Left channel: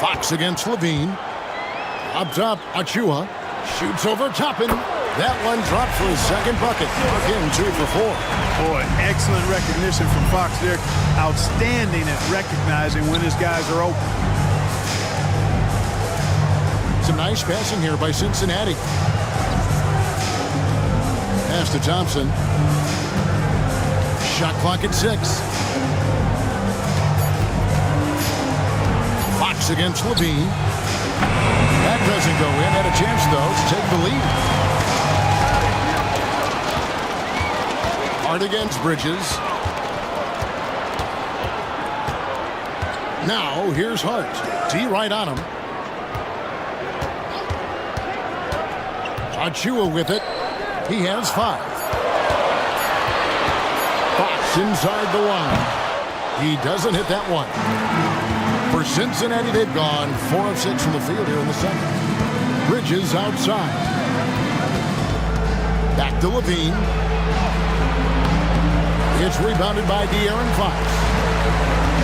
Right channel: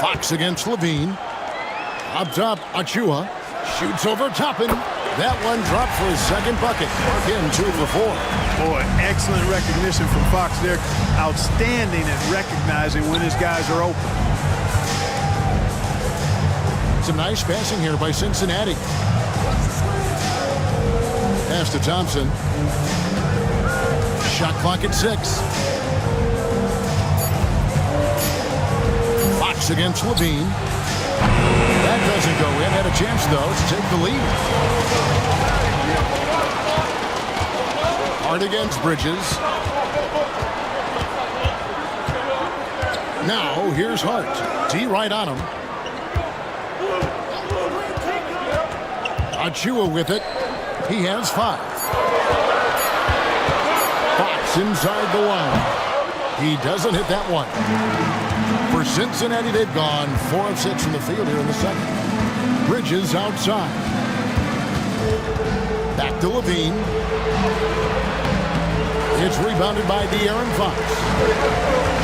Fox against Levine. Up top, Achua. Shoots over Toppin. That one dropped for his second bucket. Mark in 2 for 4. Boy, excellent recognition from Fox there. Outstanding at recognizing when his guys are open. Some nice passing here by Cincinnati. Pass to Thompson. Shot clock at 6. Fox against Levine. That doesn't go in. Had a chance, though, to take the lead. Hart against Bridges. Now, here's Hart. T right on him. Achua with it. He has 5. Fox inside the line. He doesn't hit that one. For Cincinnati, they've gone 4 of 6 from the field here in the second. Bridges outside. Back to Levine. It's rebounded by De'Aaron Fox.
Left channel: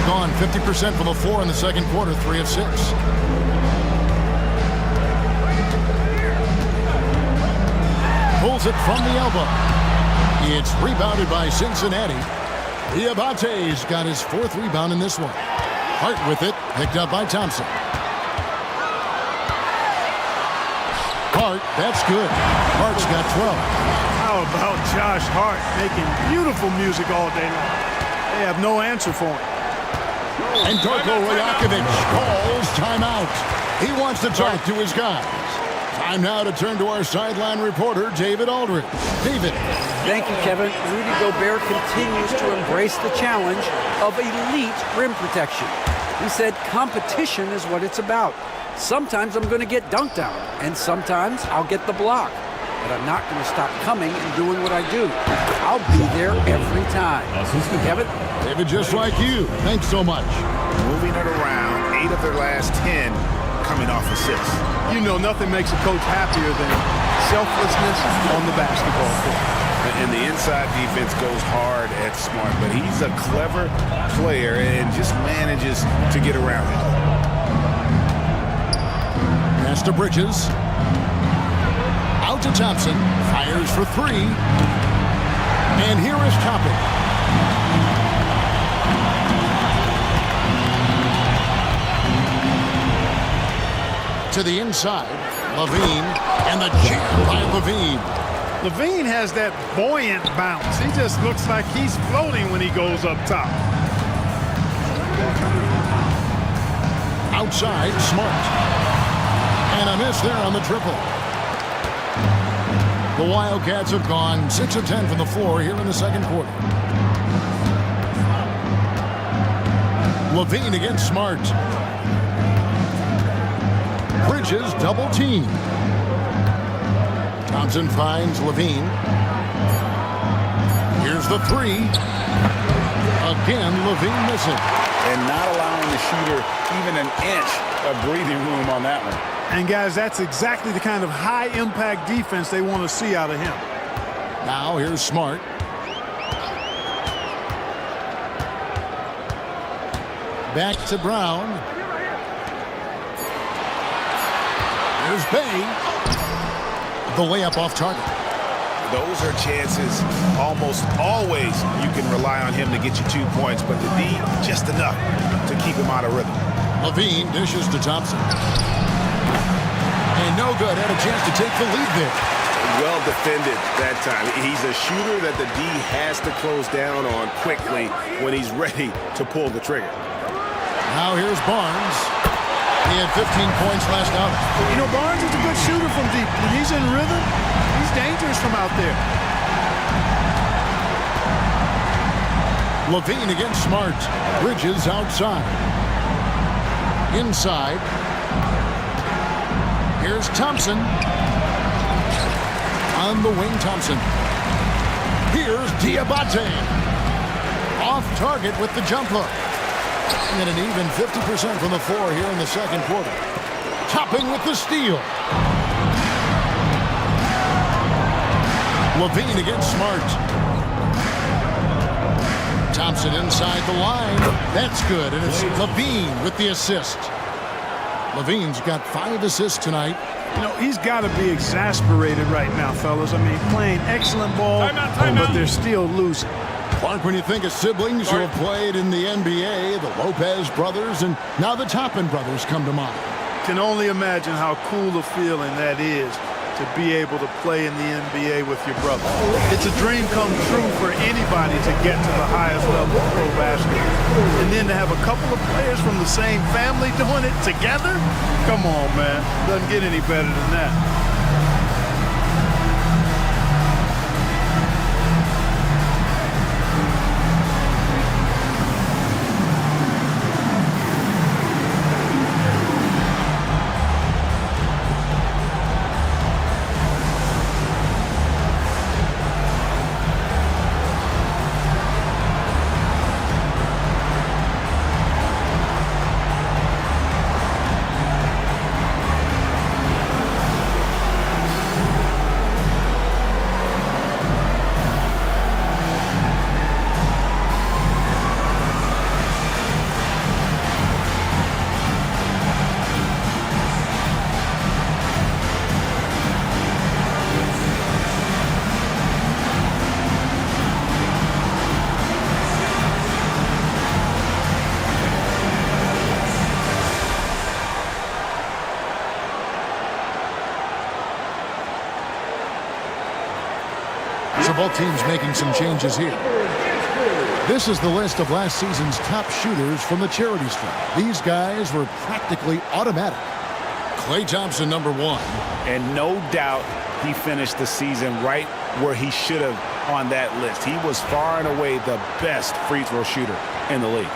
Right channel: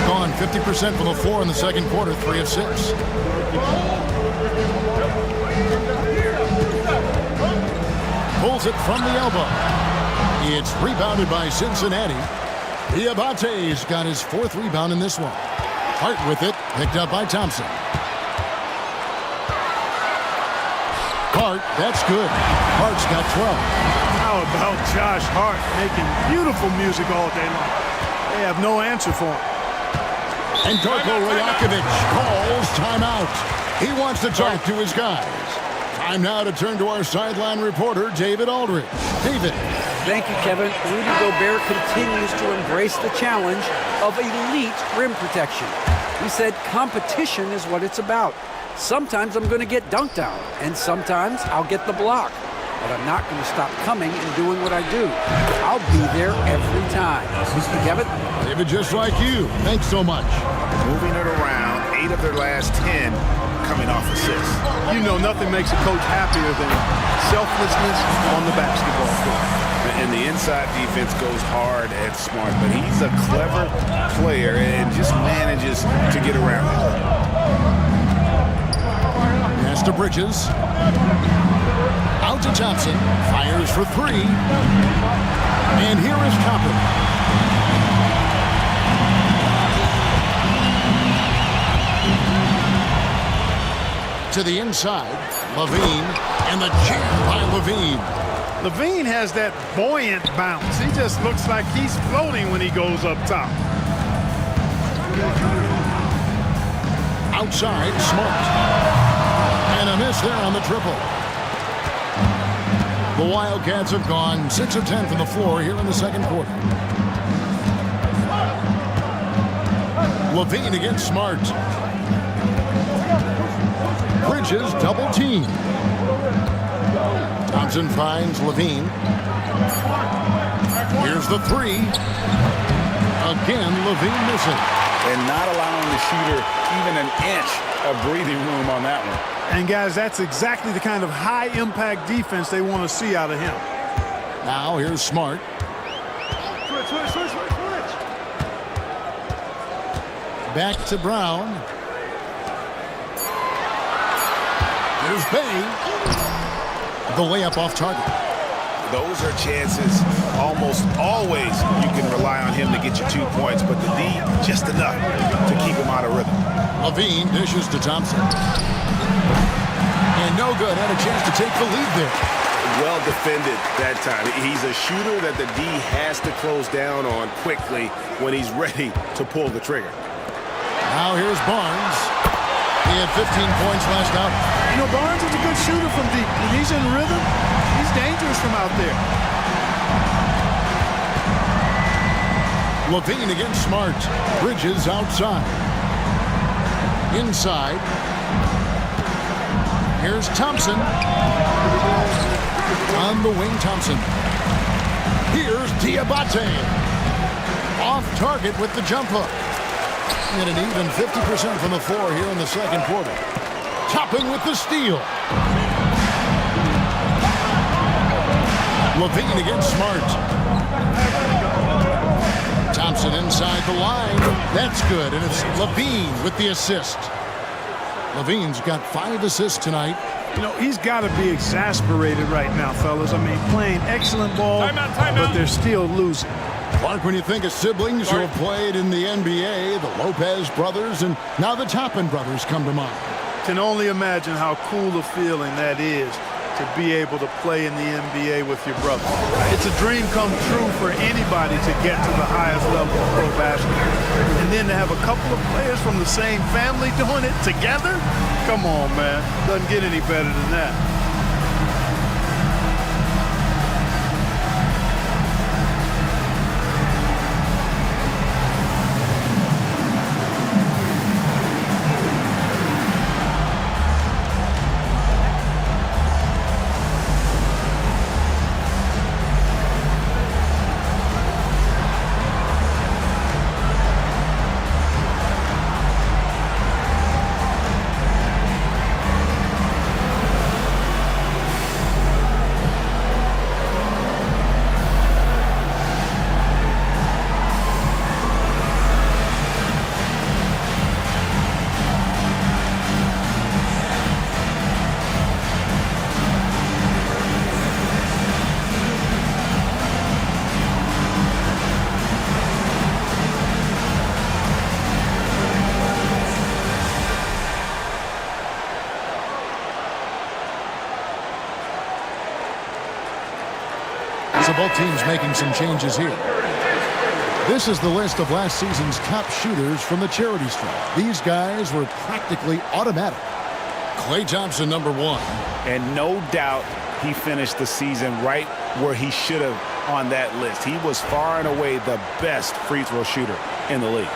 Gone 50% from the floor in the second quarter, 3 of 6. Pulls it from the elbow. It's rebounded by Cincinnati. Diabate's got his 4th rebound in this one. Hart with it, picked up by Thompson. Hart, that's good. Hart's got 12. How about Josh Hart making beautiful music all day long? They have no answer for him. And Darko Rajakovic calls timeout. He wants to talk to his guys. Time now to turn to our sideline reporter, David Aldridge. David. Thank you, Kevin. Rudy Gobert continues to embrace the challenge of elite rim protection. He said competition is what it's about. Sometimes I'm going to get dunked on, and sometimes I'll get the block. But I'm not going to stop coming and doing what I do. I'll be there every time. Kevin? David, just like you. Thanks so much. Moving it around, 8 of their last 10 coming off assists. You know nothing makes a coach happier than selflessness on the basketball court. And the inside defense goes hard at Smart, but he's a clever player and just manages to get around it. Pass to Bridges. Out to Thompson. Fires for 3. And here is Toppin. To the inside. Levine. And the jam by Levine. Levine has that buoyant bounce. He just looks like he's floating when he goes up top. Outside, Smart. And a miss there on the triple. The Wildcats have gone 6 of 10 from the floor here in the second quarter. Levine against Smart. Bridges double team. Thompson finds Levine. Here's the 3. Again, Levine missing. And not allowing the shooter even an inch of breathing room on that one. And guys, that's exactly the kind of high-impact defense they want to see out of him. Now here's Smart. Back to Brown. Here's Bay. The layup off target. Those are chances almost always you can rely on him to get you 2 points, but the D just enough to keep him out of rhythm. Levine dishes to Thompson. And no good. Had a chance to take the lead there. Well defended that time. He's a shooter that the D has to close down on quickly when he's ready to pull the trigger. Now here's Barnes. He had 15 points last outing. You know, Barnes is a good shooter from deep. When he's in rhythm, he's dangerous from out there. Levine against Smart. Bridges outside. Inside. Here's Thompson. On the wing, Thompson. Here's Diabate. Off target with the jump hook. And an even 50% from the floor here in the second quarter. Toppin with the steal. Levine against Smart. Thompson inside the line. That's good, and it's Levine with the assist. Levine's got 5 assists tonight. You know, he's got to be exasperated right now, fellas. I mean, playing excellent ball, but they're still losing. Clark, when you think of siblings who have played in the NBA, the Lopez brothers, and now the Toppin brothers come to mind. Can only imagine how cool a feeling that is to be able to play in the NBA with your brother. It's a dream come true for anybody to get to the highest level of pro basketball. And then to have a couple of players from the same family doing it together? Come on, man. Doesn't get any better than that. So both teams making some changes here. This is the list of last season's top shooters from the charity stripe. These guys were practically automatic. Klay Thompson, number 1. And no doubt he finished the season right where he should have on that list. He was far and away the best free throw shooter in the league.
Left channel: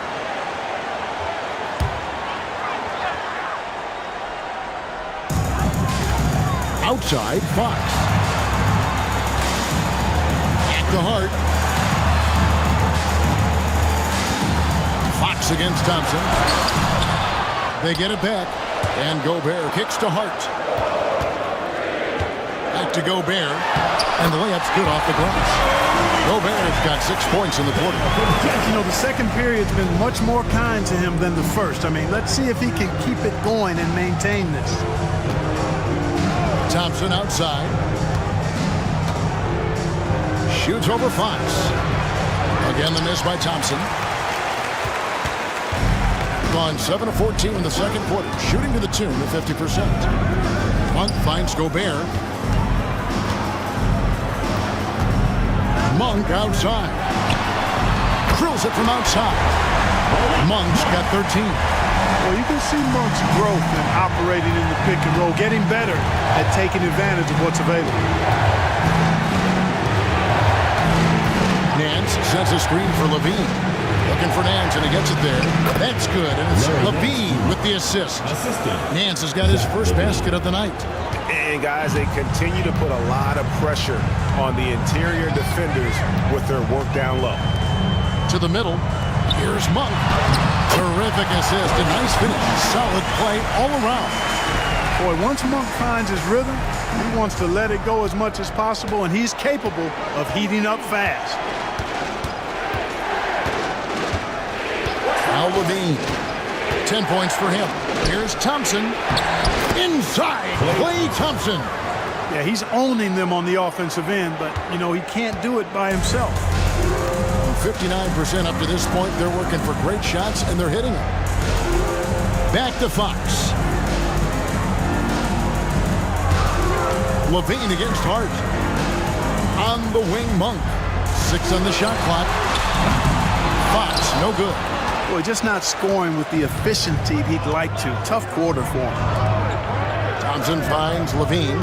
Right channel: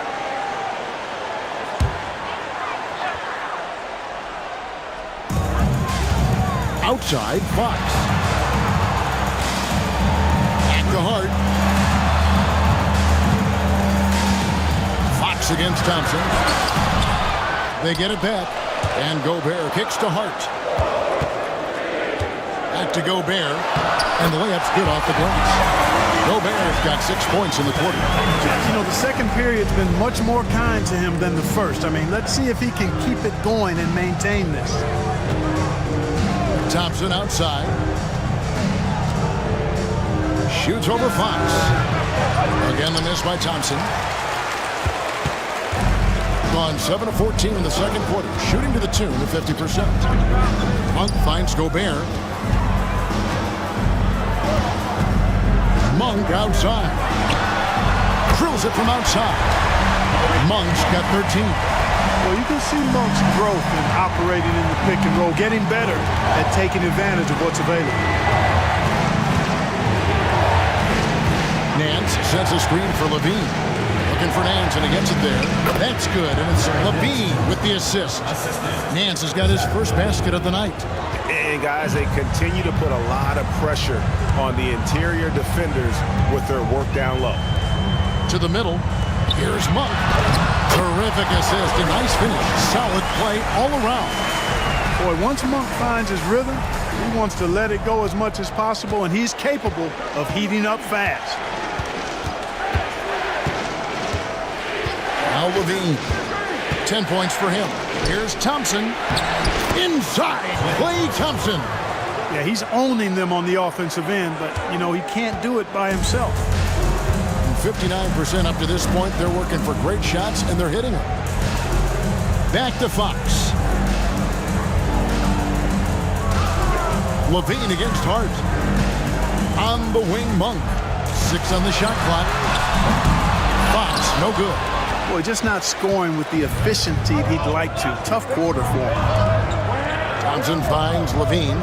Outside, Fox. Back to Hart. Fox against Thompson. They get it back. And Gobert kicks to Hart. Back to Gobert. And the layup's good off the glass. Gobert's got 6 points in the quarter. You know, the second period's been much more kind to him than the first. I mean, let's see if he can keep it going and maintain this. Thompson outside. Shoots over Fox. Again, the miss by Thompson. Gone 7 of 14 in the second quarter, shooting to the tune of 50%. Monk finds Gobert. Monk outside. Drills it from outside. Monk's got 13. Well, you can see Monk's growth in operating in the pick and roll, getting better at taking advantage of what's available. Nance sets a screen for Levine. Looking for Nance, and he gets it there. That's good, and it's Levine with the assist. Nance has got his first basket of the night. And, guys, they continue to put a lot of pressure on the interior defenders with their work down low. To the middle. Here's Monk. Terrific assist. A nice finish. Solid play all around. Boy, once Monk finds his rhythm, he wants to let it go as much as possible, and he's capable of heating up fast. Now Levine. 10 points for him. Here's Thompson. Inside. Klay Thompson. Yeah, he's owning them on the offensive end, but, you know, he can't do it by himself. 59% up to this point. They're working for great shots, and they're hitting them. Back to Fox. Levine against Hart. On the wing, Monk. 6 on the shot clock. Fox, no good. Boy, just not scoring with the efficiency he'd like to. Tough quarter for him. Thompson finds Levine.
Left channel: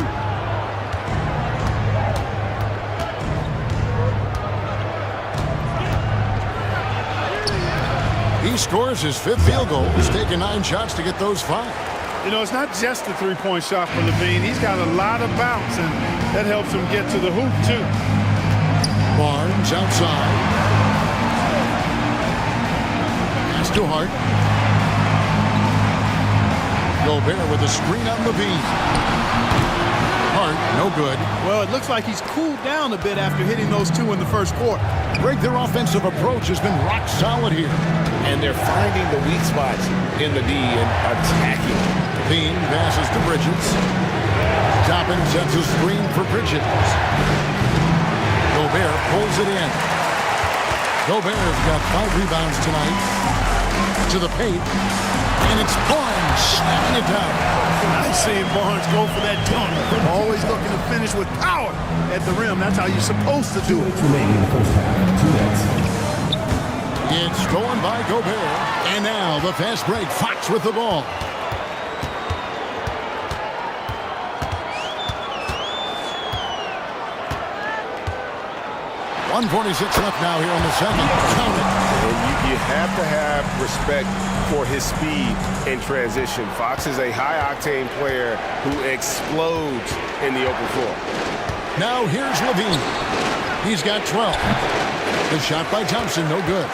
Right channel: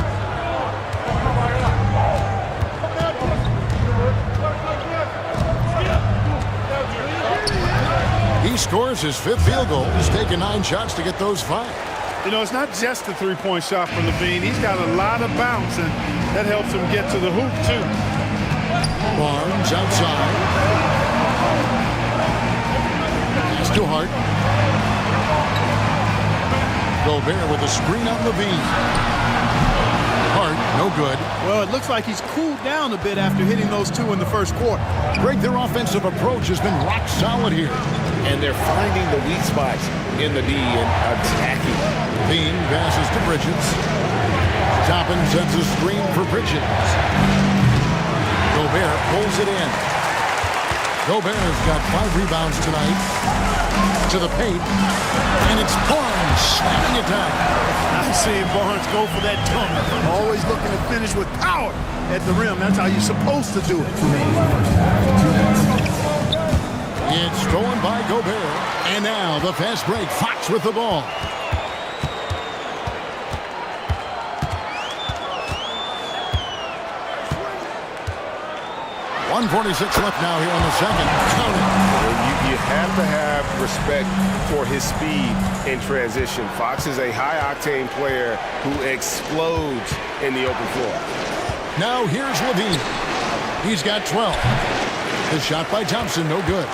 He scores his 5th field goal. He's taken 9 shots to get those 5. You know, it's not just a three-point shot for Levine. He's got a lot of bounce, and that helps him get to the hoop, too. Barnes outside. Pass to Hart. Gobert with a screen on Levine. Hart, no good. Well, it looks like he's cooled down a bit after hitting those 2 in the first quarter. Greg, their offensive approach has been rock solid here. And they're finding the weak spots in the D and attacking. Bean passes to Bridges. Toppin sets a screen for Bridges. Gobert pulls it in. Gobert's got 5 rebounds tonight. To the paint. And it's Barnes slamming it down. Nice seeing Barnes go for that dunk. Always looking to finish with power at the rim. That's how you're supposed to do it. It's stolen by Gobert. And now the fast break. Fox with the ball. .146 left now here on the second. Count it. And you have to have respect for his speed in transition. Fox is a high-octane player who explodes in the open floor. Now here's Levine. He's got 12. The shot by Thompson, no good.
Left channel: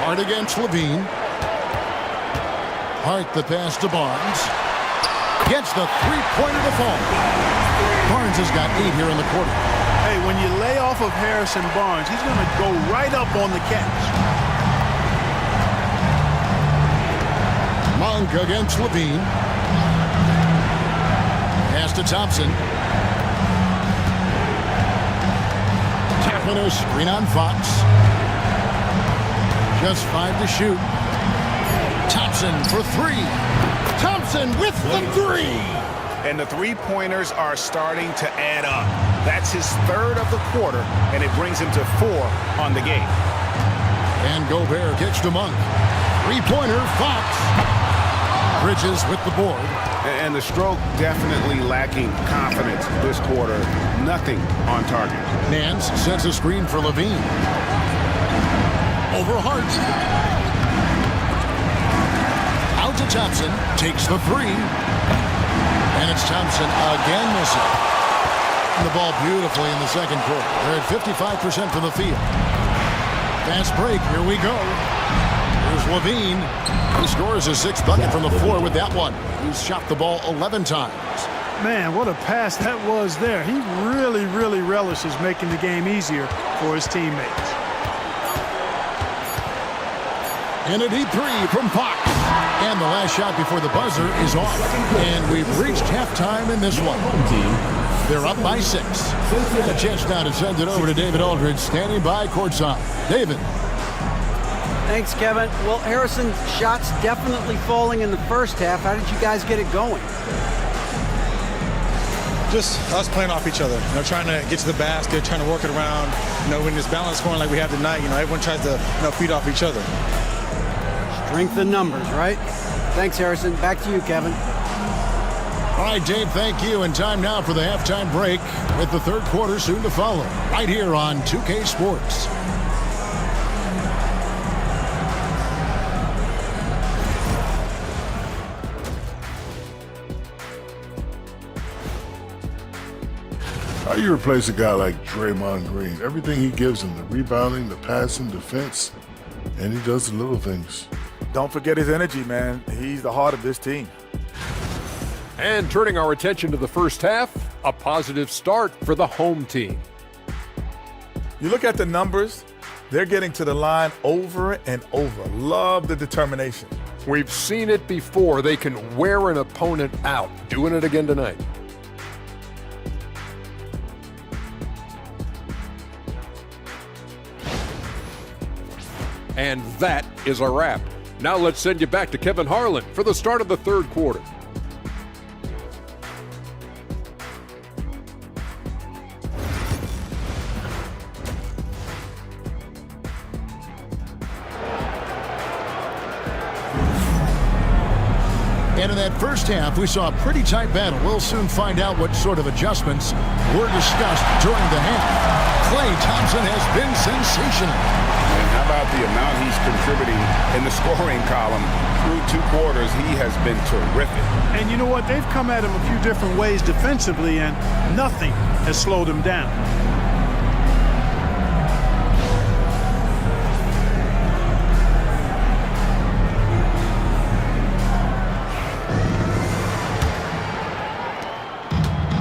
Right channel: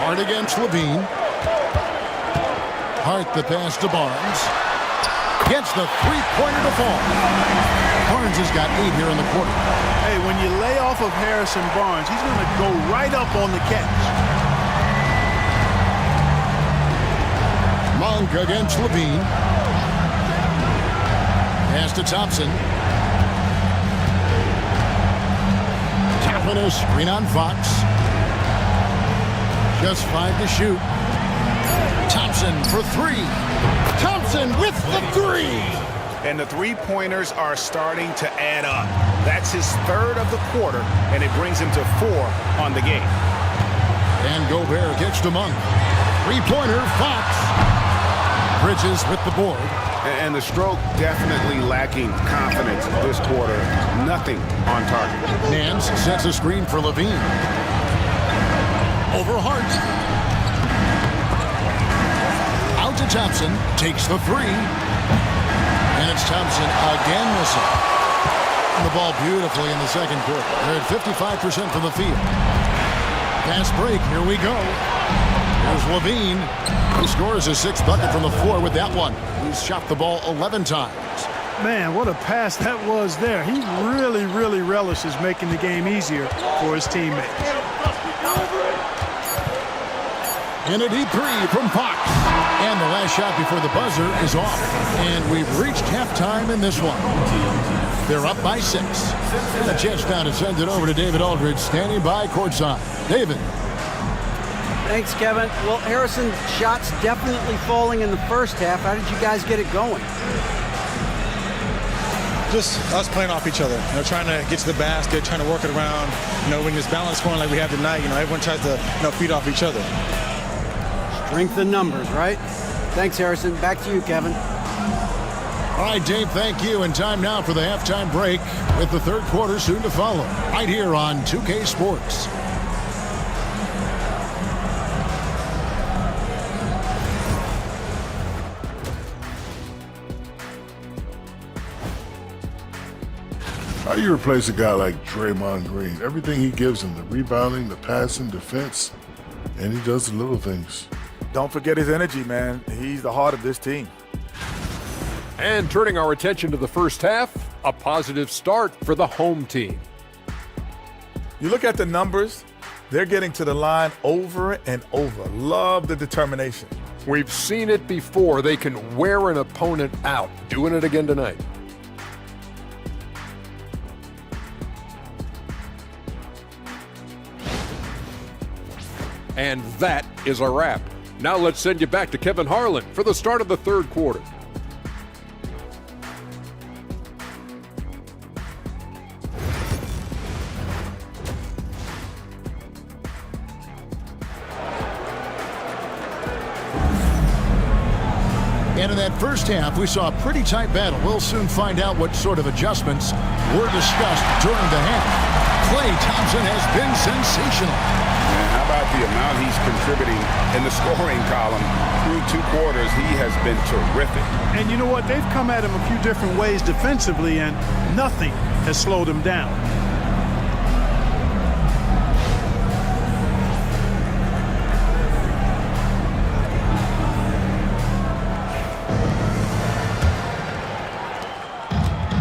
Hart against Levine. Hart the pass to Barnes. Gets the three-pointer to fall. Barnes has got 8 here in the quarter. Hey, when you lay off of Harrison Barnes, he's going to go right up on the catch. Monk against Levine. Pass to Thompson. Tapping a screen on Fox. Just 5 to shoot. Thompson for 3. Thompson with the 3. And the three-pointers are starting to add up. That's his 3rd of the quarter, and it brings him to 4 on the game. And Gobert kicks to Monk. Three-pointer, Fox. Bridges with the board. And the stroke definitely lacking confidence this quarter. Nothing on target. Nance sets a screen for Levine. Over Hart. Out to Thompson. Takes the 3. And it's Thompson again missing. And the ball beautifully in the second quarter. They're at 55% from the field. Fast break. Here we go. Here's Levine, who scores his 6th bucket from the floor with that one. He's shot the ball 11 times. Man, what a pass that was there. He really, really relishes making the game easier for his teammates. And a deep 3 from Fox. And the last shot before the buzzer is off. And we've reached halftime in this one. They're up by 6. And a chance now to send it over to David Aldridge, standing by courtside. David. Thanks, Kevin. Well, Harrison's shots definitely falling in the first half. How did you guys get it going? Just us playing off each other, trying to get to the basket, trying to work it around. When this balance scoring like we have tonight, everyone tries to feed off each other. Strength in numbers, right? Thanks, Harrison. Back to you, Kevin. All right, Dave, thank you. And time now for the halftime break with the third quarter soon to follow. Right here on 2K Sports. How do you replace a guy like Draymond Green? Everything he gives him, the rebounding, the passing, defense, and he does the little things. Don't forget his energy, man. He's the heart of this team. And turning our attention to the first half, a positive start for the home team. You look at the numbers, they're getting to the line over and over. Love the determination. We've seen it before. They can wear an opponent out. Doing it again tonight. And that is a wrap. Now let's send you back to Kevin Harlan for the start of the third quarter. And in that first half, we saw a pretty tight battle. We'll soon find out what sort of adjustments were discussed during the half. Klay Thompson has been sensational. And how about the amount he's contributing in the scoring column through 2 quarters? He has been terrific. And you know what? They've come at him a few different ways defensively, and nothing has slowed him down.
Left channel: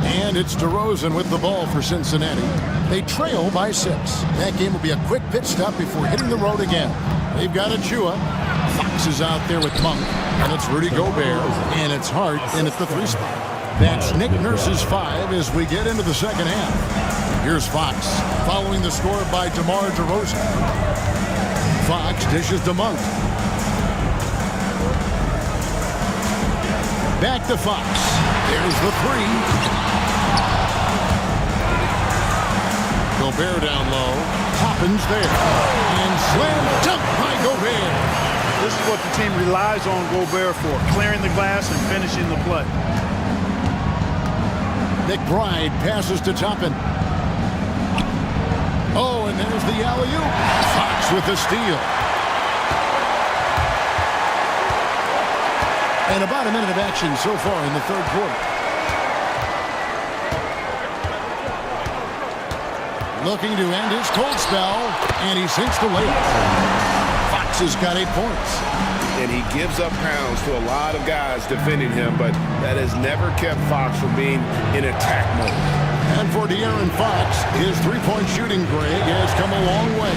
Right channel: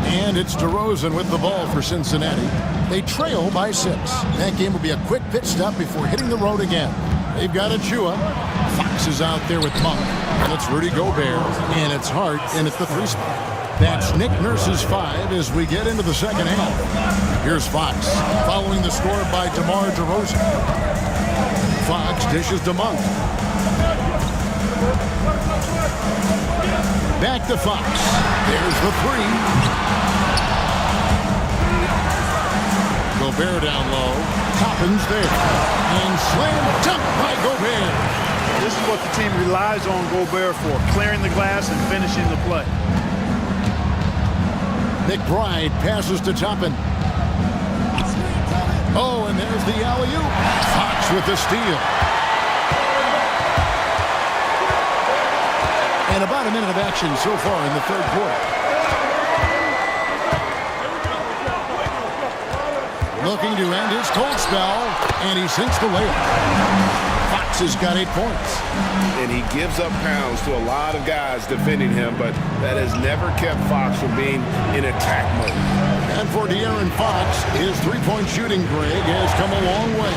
And it's DeRozan with the ball for Cincinnati. They trail by 6. That game will be a quick pit stop before hitting the road again. They've got Achua. Fox is out there with Monk. And it's Rudy Gobert. And it's Hart in at the 3 spot. That's Nick Nurse's 5 as we get into the second half. Here's Fox following the score by DeMar DeRozan. Fox dishes to Monk. Back to Fox. There's the 3. Gobert down low. Toppin's there. And slam dunk by Gobert. This is what the team relies on Gobert for, clearing the glass and finishing the play. McBride passes to Toppin. Oh, and there's the alley-oop. Fox with the steal. And about a minute of action so far in the third quarter. Looking to end his cold spell, and he sinks the layup. Fox has got 8 points. And he gives up pounds to a lot of guys defending him, but that has never kept Fox from being in attack mode. And for De'Aaron Fox, his three-point shooting, Greg, has come a long way.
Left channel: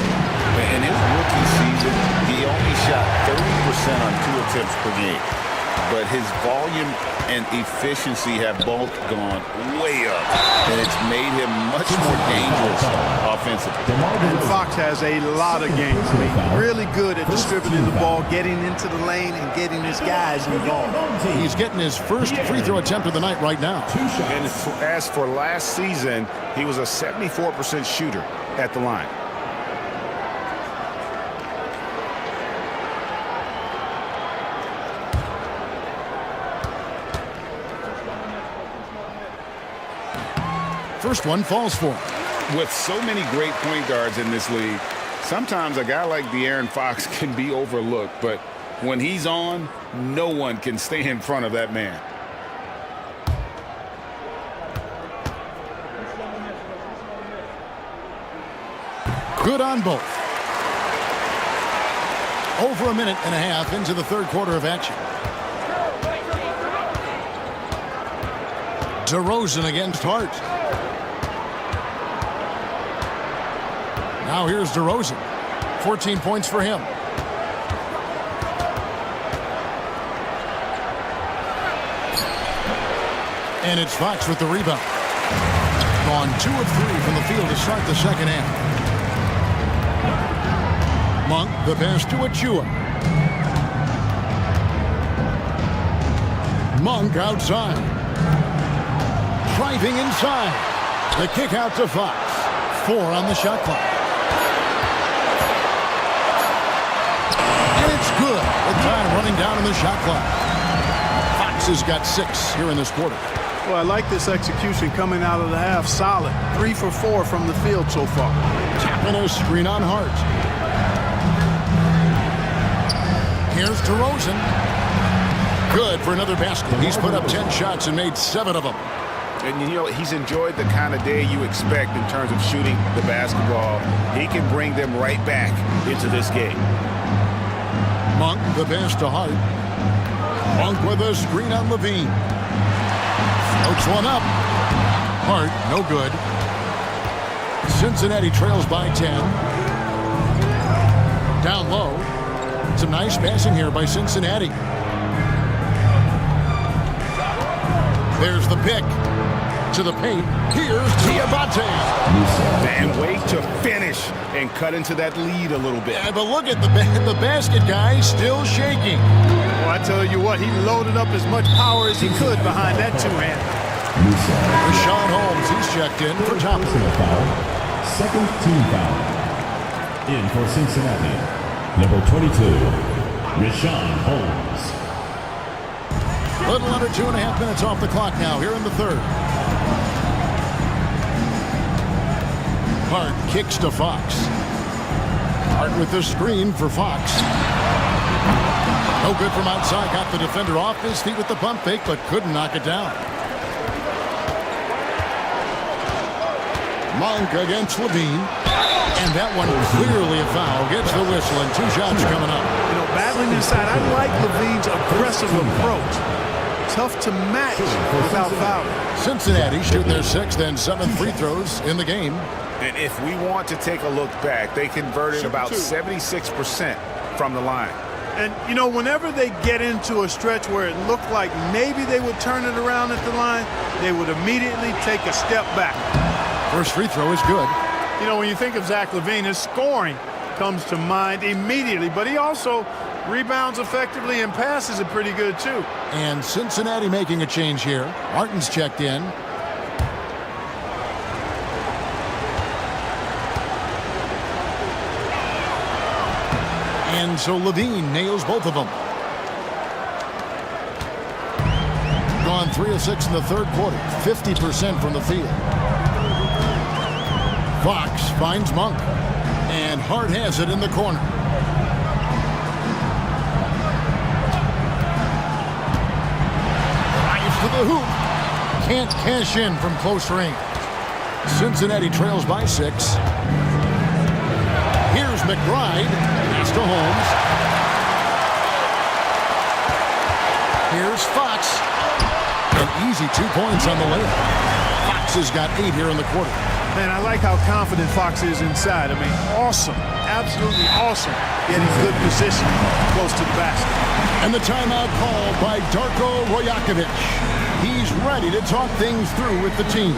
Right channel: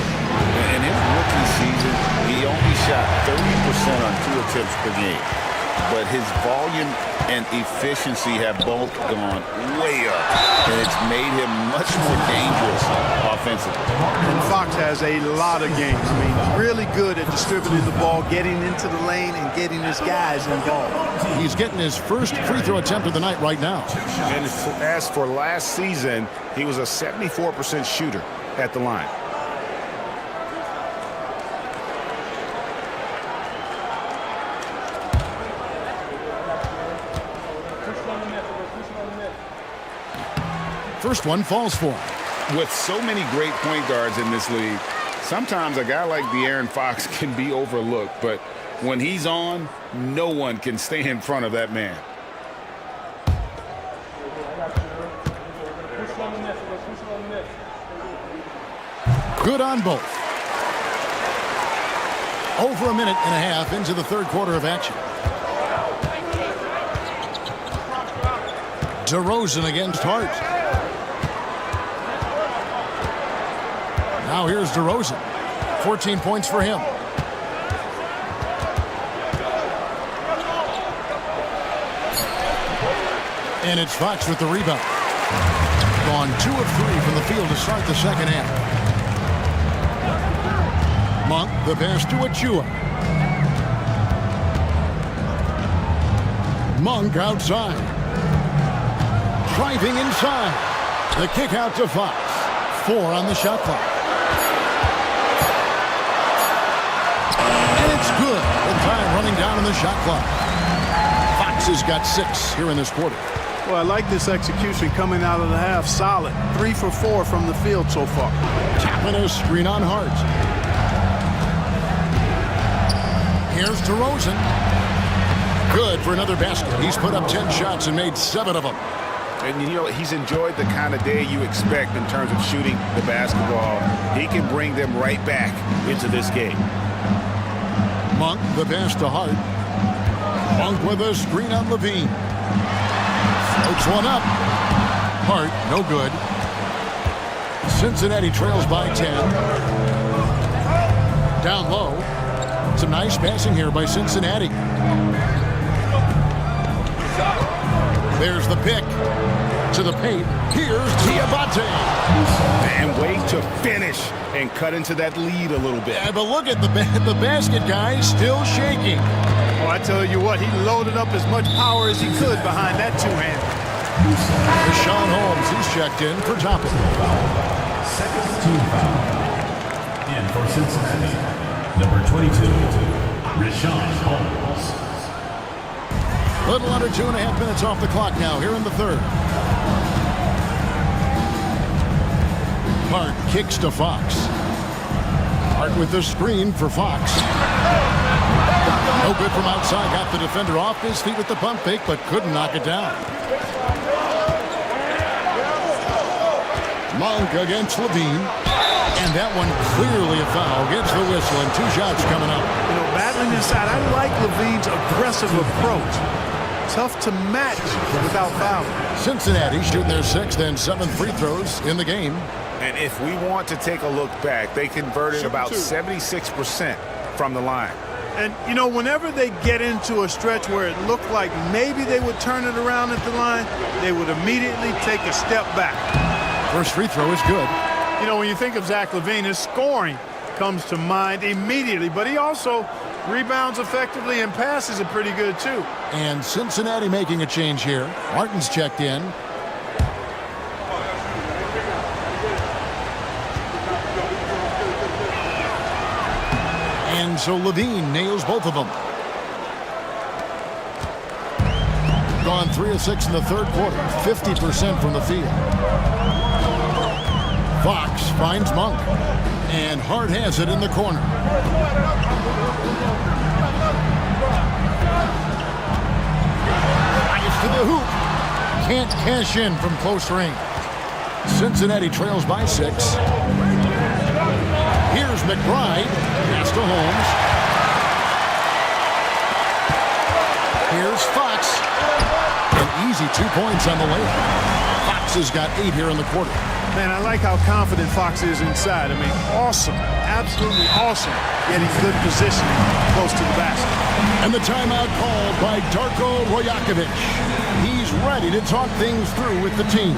In his rookie season, he only shot 30% on 2 attempts per game. But his volume and efficiency have both gone way up, and it's made him much more dangerous offensively. And Fox has a lot of game. I mean, really good at distributing the ball, getting into the lane, and getting his guys involved. He's getting his first free throw attempt of the night right now. And as for last season, he was a 74% shooter at the line. First one falls for him. With so many great point guards in this league, sometimes a guy like De'Aaron Fox can be overlooked, but when he's on, no one can stay in front of that man. Good on both. Over a minute and a half into the third quarter of action. DeRozan against Hart. Now here's DeRozan. 14 points for him. And it's Fox with the rebound. Gone 2 of 3 from the field to start the second half. Monk, the pass to Achua. Monk outside. Driving inside. The kick out to Fox. 4 on the shot clock. And it's good with time running down on the shot clock. Fox has got 6 here in this quarter. Well, I like this execution coming out of the half. Solid. 3 for 4 from the field so far. Tapping a screen on Hart. Here's DeRozan. Good for another basket. He's put up 10 shots and made 7 of them. And you know, he's enjoyed the kind of day you expect in terms of shooting the basketball. He can bring them right back into this game. Monk, the pass to Hart. Monk with a screen on Levine. Floats one up. Hart, no good. Cincinnati trails by 10. Down low. Some nice passing here by Cincinnati. There's the pick. To the paint. Here's Diabate. And way to finish and cut into that lead a little bit. Yeah, but look at the basket guy still shaking. Well, I tell you what, he loaded up as much power as he could behind that two-hander. Rashawn Holmes, he's checked in for Toppin. Second team foul. In for Cincinnati, number 22, Rashawn Holmes. Little under 2.5 minutes off the clock now here in the third. Hart kicks to Fox. Hart with the screen for Fox. No good from outside. Got the defender off his feet with the pump fake, but couldn't knock it down. Monk against Levine. And that one clearly a foul. Gets the whistle and 2 shots coming up. You know, battling inside, I like Levine's aggressive approach. Tough to match without fouling. Cincinnati shooting their 6th and 7th free throws in the game. And if we want to take a look back, they converted about 76% from the line. And, you know, whenever they get into a stretch where it looked like maybe they would turn it around at the line, they would immediately take a step back. First free throw is good. You know, when you think of Zach LaVine, his scoring comes to mind immediately, but he also rebounds effectively and passes it pretty good, too. And Cincinnati making a change here. Martin's checked in. And so LaVine nails both of them. Gone 3 of 6 in the third quarter, 50% from the field. Fox finds Monk, and Hart has it in the corner. Drives to the hoop. Can't cash in from close range. Cincinnati trails by 6. Here's McBride. Pass to Holmes. Here's Fox. An easy 2 points on the layup. Fox has got 8 here in the quarter. Man, I like how confident Fox is inside. I mean, awesome. Absolutely awesome. Getting good positioning close to the basket. And the timeout called by Darko Rojakovic. He's ready to talk things through with the team.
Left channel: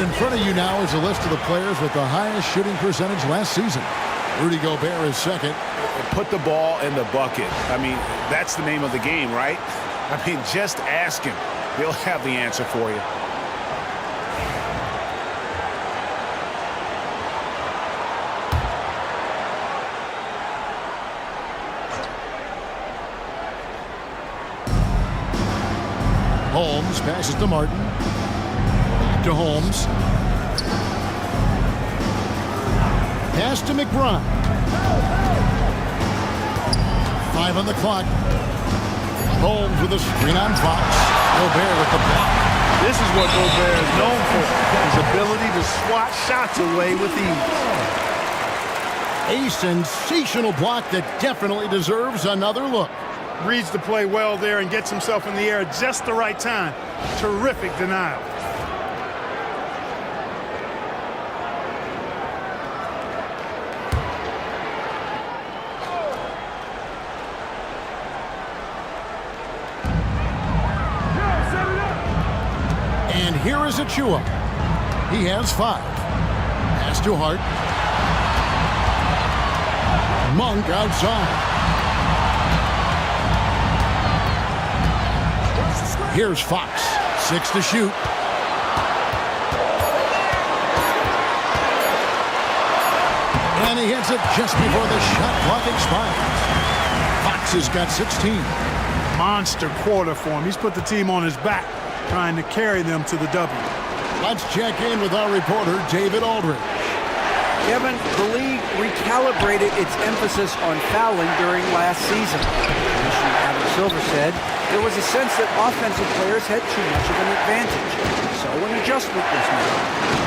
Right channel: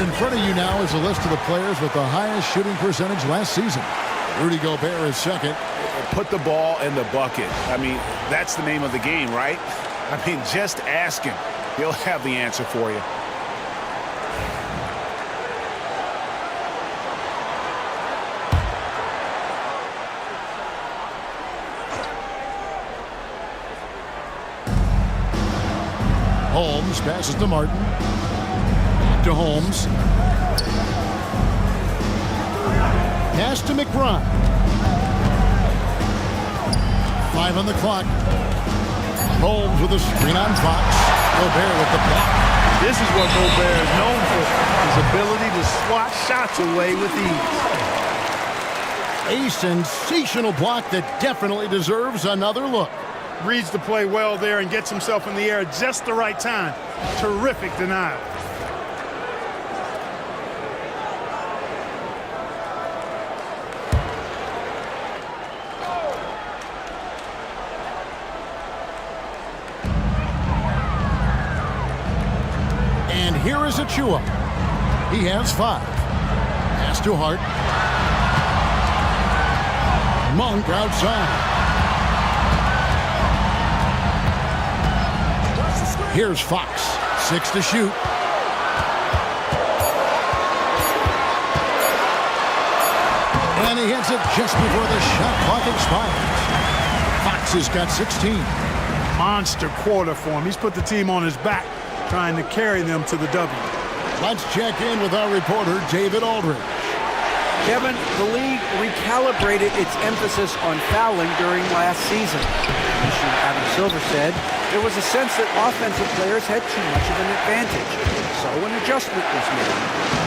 In front of you now is a list of the players with the highest shooting percentage last season. Rudy Gobert is second. Put the ball in the bucket. I mean, that's the name of the game, right? I mean, just ask him. He'll have the answer for you. Holmes passes to Martin. Back to Holmes. Pass to McBride. 5 on the clock. Holmes with a screen on Fox. Gobert with the block. This is what Gobert is known for. His ability to swat shots away with ease. A sensational block that definitely deserves another look. Reads the play well there and gets himself in the air at just the right time. Terrific denial. And here is Achua. He has 5. Pass to Hart. Monk outside. Here's Fox. 6 to shoot. And he hits it just before the shot clock expires. Fox has got 16. Monster quarter for him. He's put the team on his back, trying to carry them to the W. Let's check in with our reporter, David Aldridge. Kevin, the league recalibrated its emphasis on fouling during last season. Commissioner Adam Silver said there was a sense that offensive players had too much of an advantage, so an adjustment was made.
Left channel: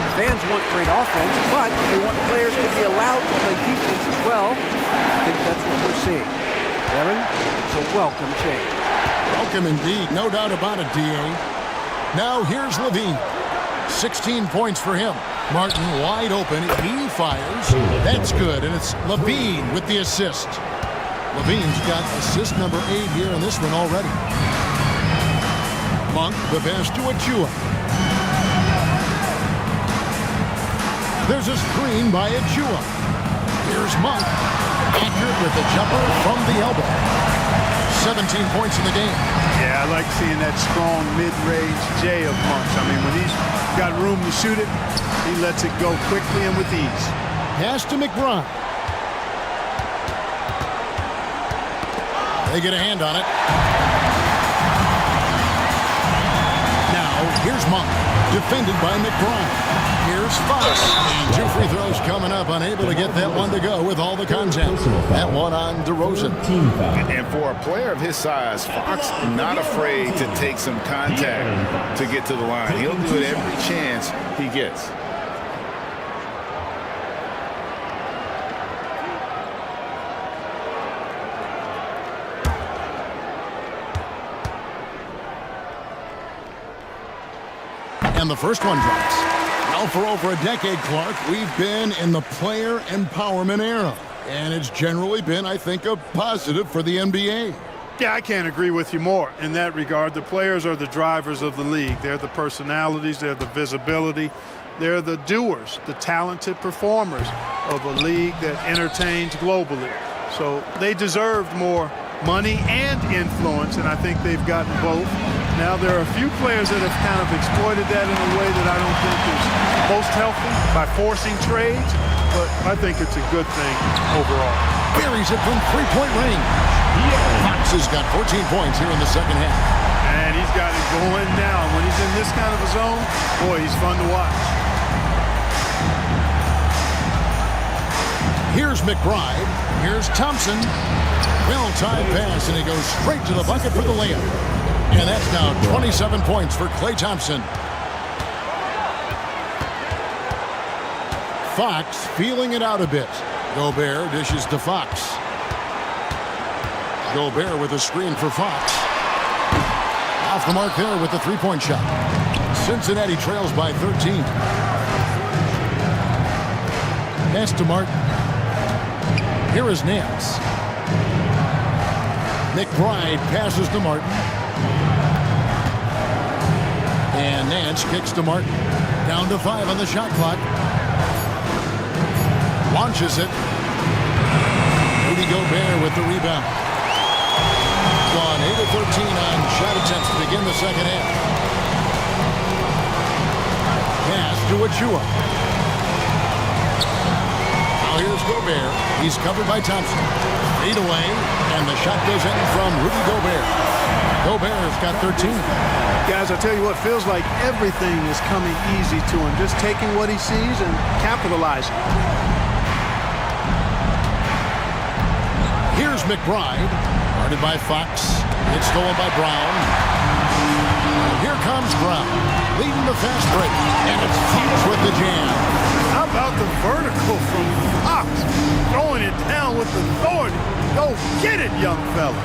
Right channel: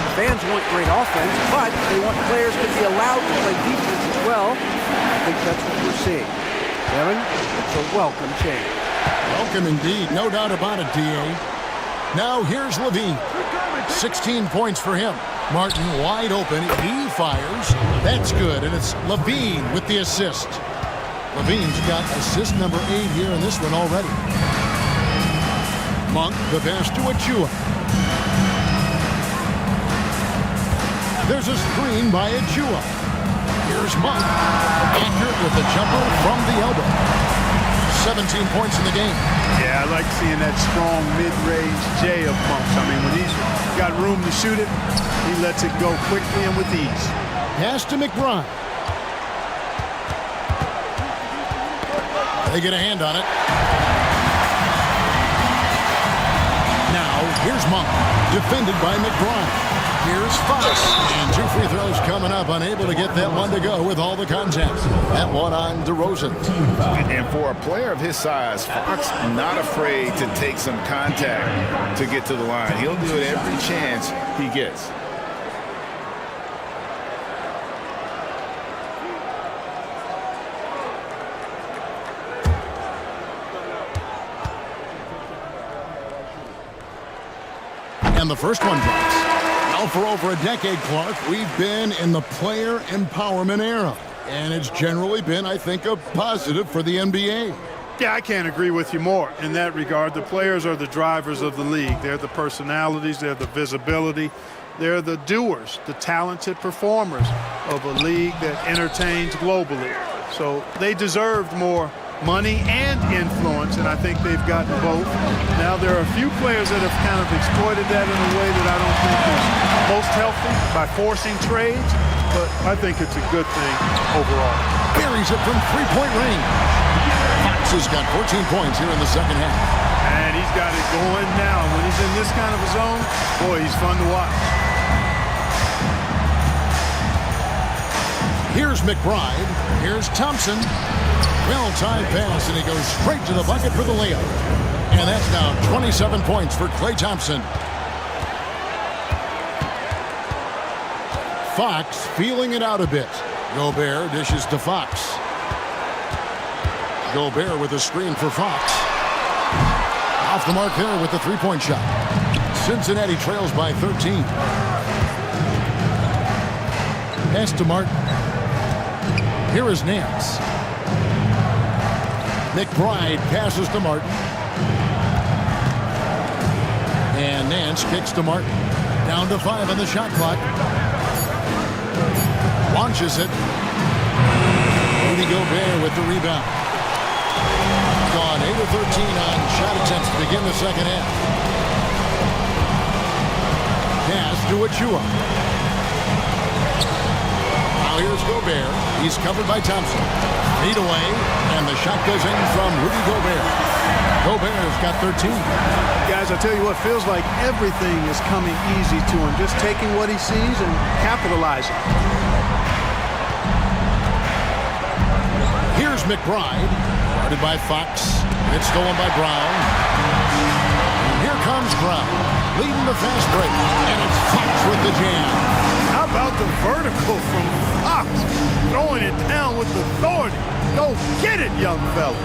The fans want great offense, but they want players to be allowed to play defense as well. I think that's what we're seeing. Kevin? It's a welcome change. Welcome indeed, no doubt about it, D.A. Now here's Levine. 16 points for him. Martin wide open. He fires. That's good, and it's Levine with the assist. Levine's got assist number 8 here in this one already. Monk, the pass to Achua. There's a screen by Achua. Here's Monk. Accurate with the jumper from the elbow. 17 points in the game. Yeah, I like seeing that strong mid-range J of Monk's. I mean, when he's got room to shoot it, he lets it go quickly and with ease. Pass to McBride. They get a hand on it. Now, here's Monk, defended by McBride. Here's Fox, and 2 free throws coming up, unable to get that one to go with all the contact. That one on DeRozan. And for a player of his size, Fox not afraid to take some contact to get to the line. He'll do it every chance he gets. And the first one drops. Now for over a decade, Clark, we've been in the player empowerment era. And it's generally been, I think, a positive for the NBA. Yeah, I can't agree with you more in that regard. The players are the drivers of the league. They're the personalities, they're the visibility, they're the doers, the talented performers of a league that entertains globally. So they deserved more money and influence, and I think they've gotten both. Now, there are a few players that have kind of exploited that in a way that I don't think is most healthy by forcing trades, but I think it's a good thing overall. Buries it from three-point range. Fox has got 14 points here in the second half. And he's got it going now. When he's in this kind of a zone, boy, he's fun to watch. Here's McBride. Here's Thompson. Well-timed pass, and he goes straight to the bucket for the layup. And that's now 27 points for Klay Thompson. Fox feeling it out a bit. Gobert dishes to Fox. Gobert with a screen for Fox. Off the mark there with the three-point shot. Cincinnati trails by 13. Pass to Martin. Here is Nance. McBride passes to Martin. And Nance kicks to Martin. Down to 5 on the shot clock. Launches it. Rudy Gobert with the rebound. Gone 8 of 13 on shot attempts to begin the second half. Pass to Achua. Now here's Gobert. He's covered by Thompson. Fade away, and the shot goes in from Rudy Gobert. Gobert's got 13. Guys, I tell you what, feels like everything is coming easy to him. Just taking what he sees and capitalizing. Here's McBride, guarded by Fox. It's stolen by Brown. And here comes Brown, leading the fast break. And it's Fox with the jam. How about the vertical from Fox? Throwing it down with authority. Go get it, young fella.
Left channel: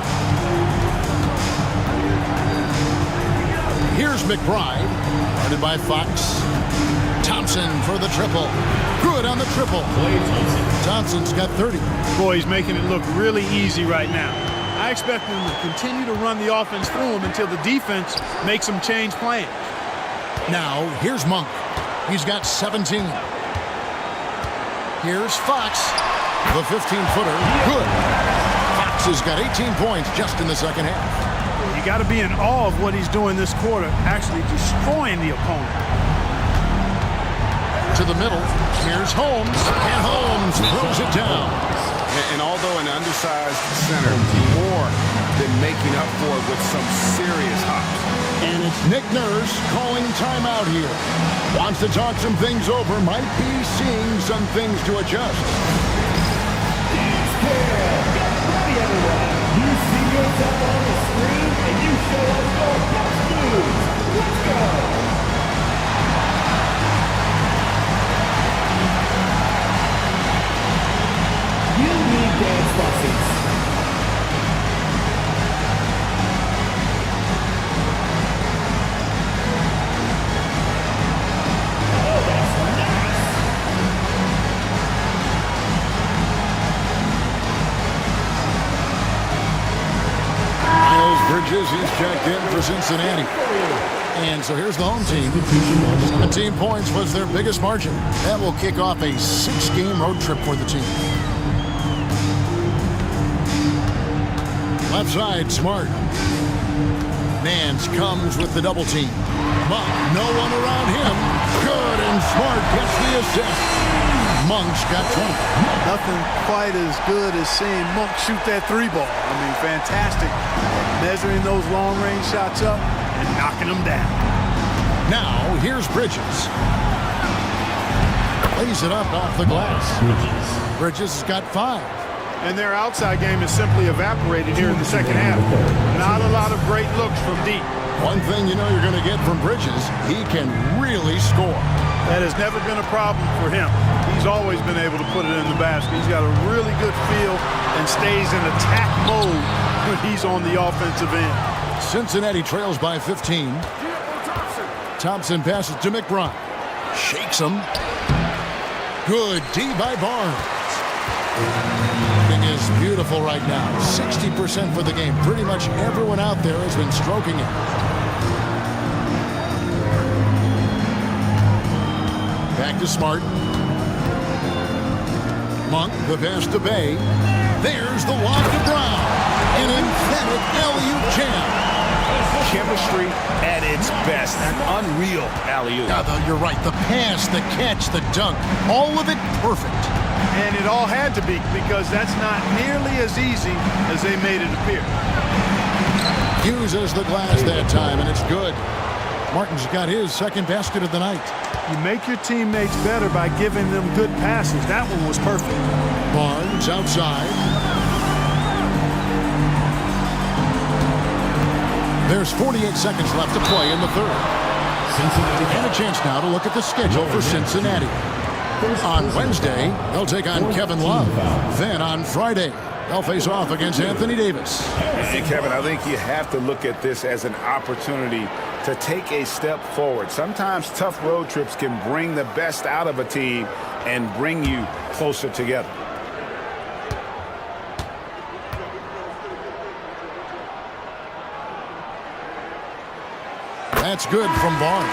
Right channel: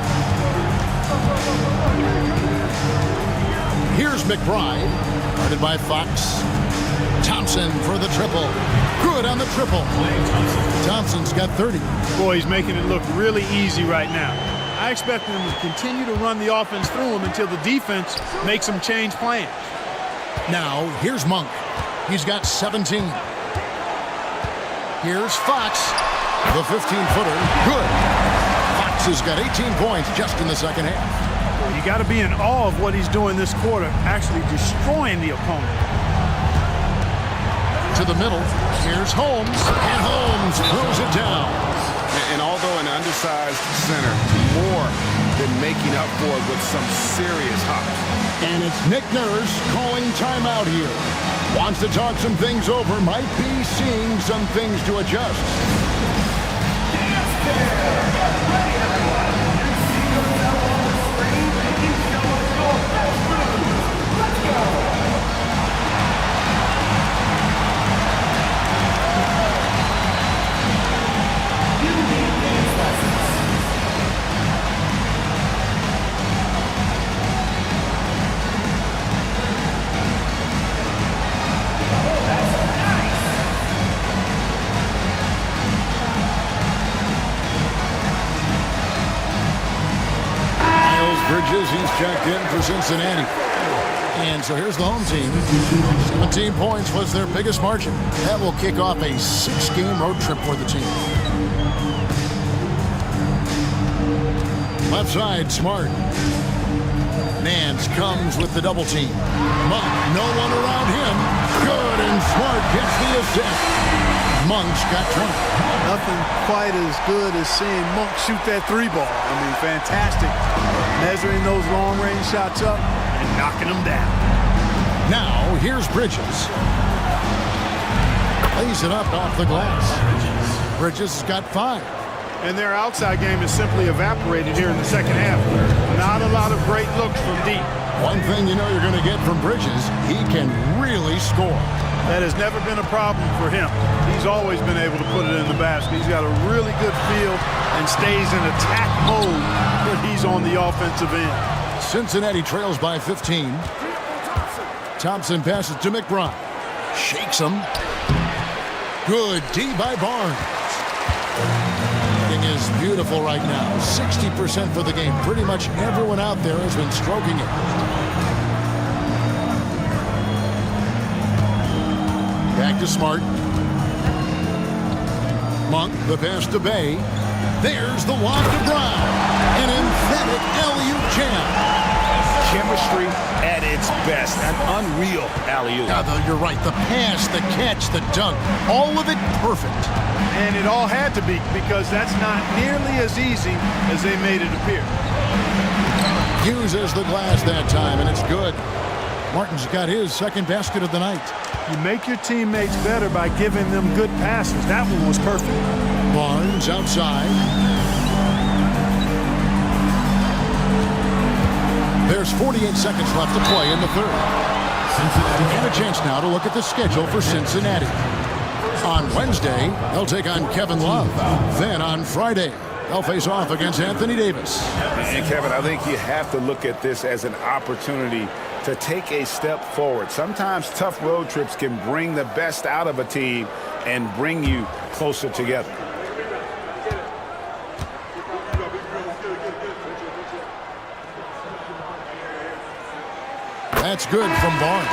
Here's McBride, guarded by Fox. Thompson for the triple. Good on the triple. Thompson's got 30. Boy, he's making it look really easy right now. I expect him to continue to run the offense through him until the defense makes him change plans. Now, here's Monk. He's got 17. Here's Fox. The 15-footer. Good. Fox has got 18 points just in the second half. Well, you got to be in awe of what he's doing this quarter, actually destroying the opponent. To the middle. Here's Holmes. And Holmes throws it down. And although an undersized center, more than making up for it with some serious hops. And it's Nick Nurse calling timeout here. Wants to talk some things over. Might be seeing some things to adjust. Bridges, he's checked in for Cincinnati. And so here's the home team. 17 points was their biggest margin. That will kick off a 6-game road trip for the team. Left side, Smart. Nance comes with the double team. Monk, no one around him. Good, and Smart gets the assist. Monk's got 20. Nothing quite as good as seeing Monk shoot that 3-ball. I mean, fantastic. Measuring those long-range shots up and knocking them down. Now, here's Bridges. Lays it up off the glass. Bridges has got 5. And their outside game is simply evaporated here in the second half. Not a lot of great looks from deep. One thing you know you're going to get from Bridges, he can really score. That has never been a problem for him. He's always been able to put it in the basket. He's got a really good feel and stays in attack mode when he's on the offensive end. Cincinnati trails by 15. Thompson passes to McBride. Shakes him. Good D by Barnes. Thing is beautiful right now. 60% for the game. Pretty much everyone out there has been stroking it. Back to Smart. Monk, the pass to Bay. There's the lob to Brown. An emphatic alley-oop jam. Chemistry at its best. An unreal alley-oop. Yeah, you're right. The pass, the catch, the dunk. All of it perfect. And it all had to be, because that's not nearly as easy as they made it appear. Uses the glass that time, and it's good. Martin's got his second basket of the night. You make your teammates better by giving them good passes. That one was perfect. Barnes outside. There's 48 seconds left to play in the third. Cincinnati. And a chance now to look at the schedule for Cincinnati. On Wednesday, they'll take on Kevin Love. Then on Friday, they'll face off against Anthony Davis. And Kevin, I think you have to look at this as an opportunity to take a step forward. Sometimes tough road trips can bring the best out of a team and bring you closer together. That's good from Barnes.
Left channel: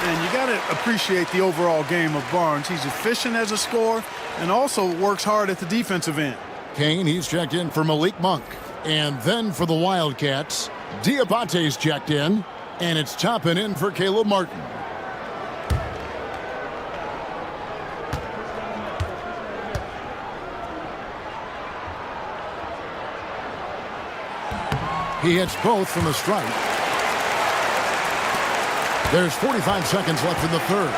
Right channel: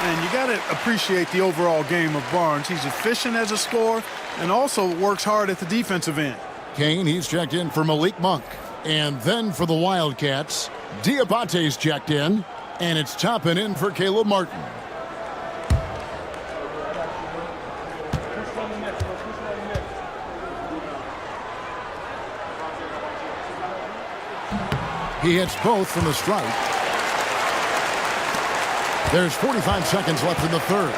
And you got to appreciate the overall game of Barnes. He's efficient as a scorer and also works hard at the defensive end. Kane, he's checked in for Malik Monk. And then for the Wildcats, Diabate's checked in. And it's Toppin in for Caleb Martin. He hits both from the stripe. There's 45 seconds left in the third.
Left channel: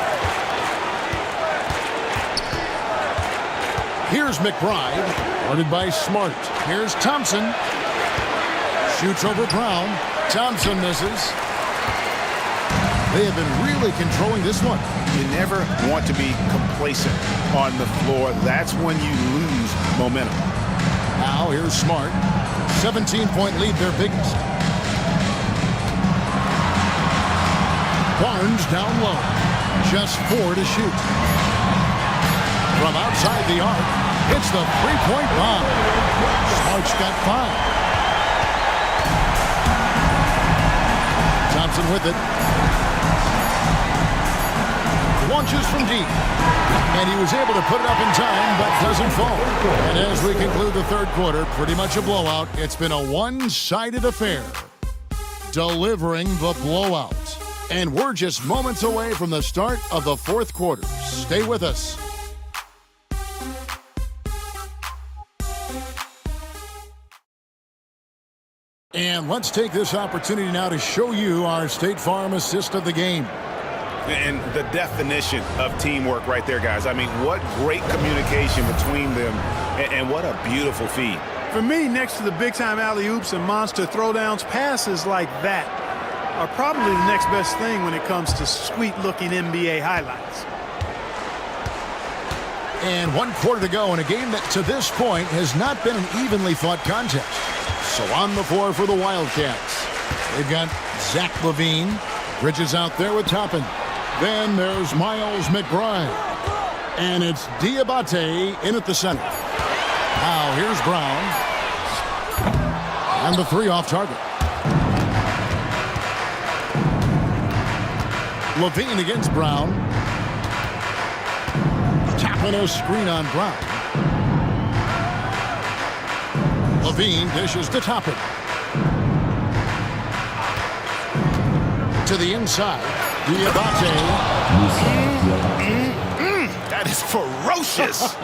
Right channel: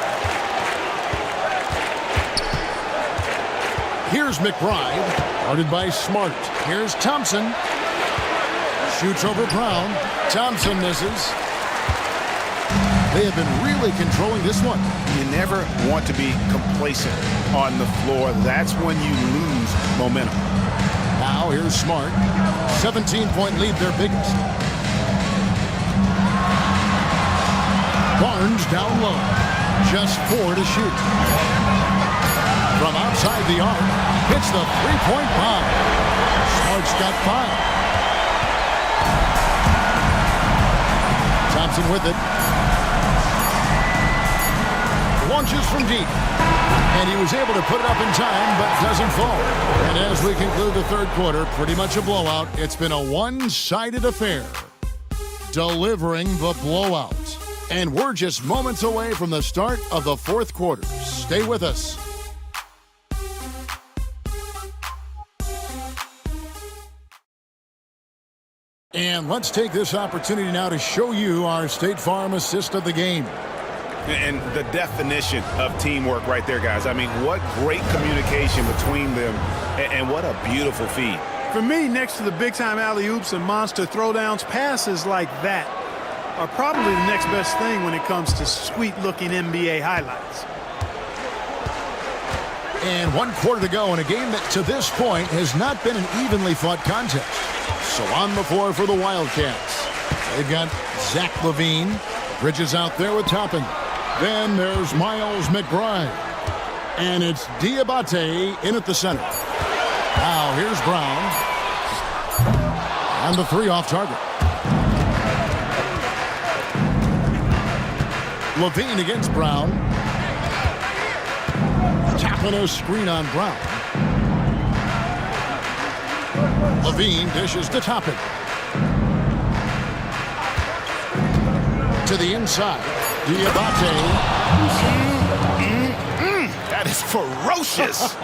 Here's McBride, guarded by Smart. Here's Thompson. Shoots over Brown. Thompson misses. They have been really controlling this one. You never want to be complacent on the floor. That's when you lose momentum. Now here's Smart. 17-point lead, their biggest. Barnes down low. Just 4 to shoot. From outside the arc, hits the three-point bomb. Smart's got 5. Thompson with it. Launches from deep. And he was able to put it up in time, but doesn't fall. And as we conclude the third quarter, pretty much a blowout. It's been a one-sided affair. Delivering the blowout. And we're just moments away from the start of the fourth quarter. Stay with us. And let's take this opportunity now to show you our State Farm assist of the game. And the definition of teamwork right there, guys. I mean, what great communication between them, and what a beautiful feed. For me, next to the big-time alley-oops and monster throwdowns, passes like that are probably the next best thing when it comes to sweet-looking NBA highlights. And 1 quarter to go in a game that, to this point, has not been an evenly fought contest. So on the floor for the Wildcats. They've got Zach LaVine. Bridges out there with Toppin. Then there's Miles McBride. And it's Diabate in at the center. Now here's Brown. And the 3 off target. Levine against Brown. Tapping a screen on Brown. Levine dishes to Toppin. To the inside. Diabate. That is ferocious.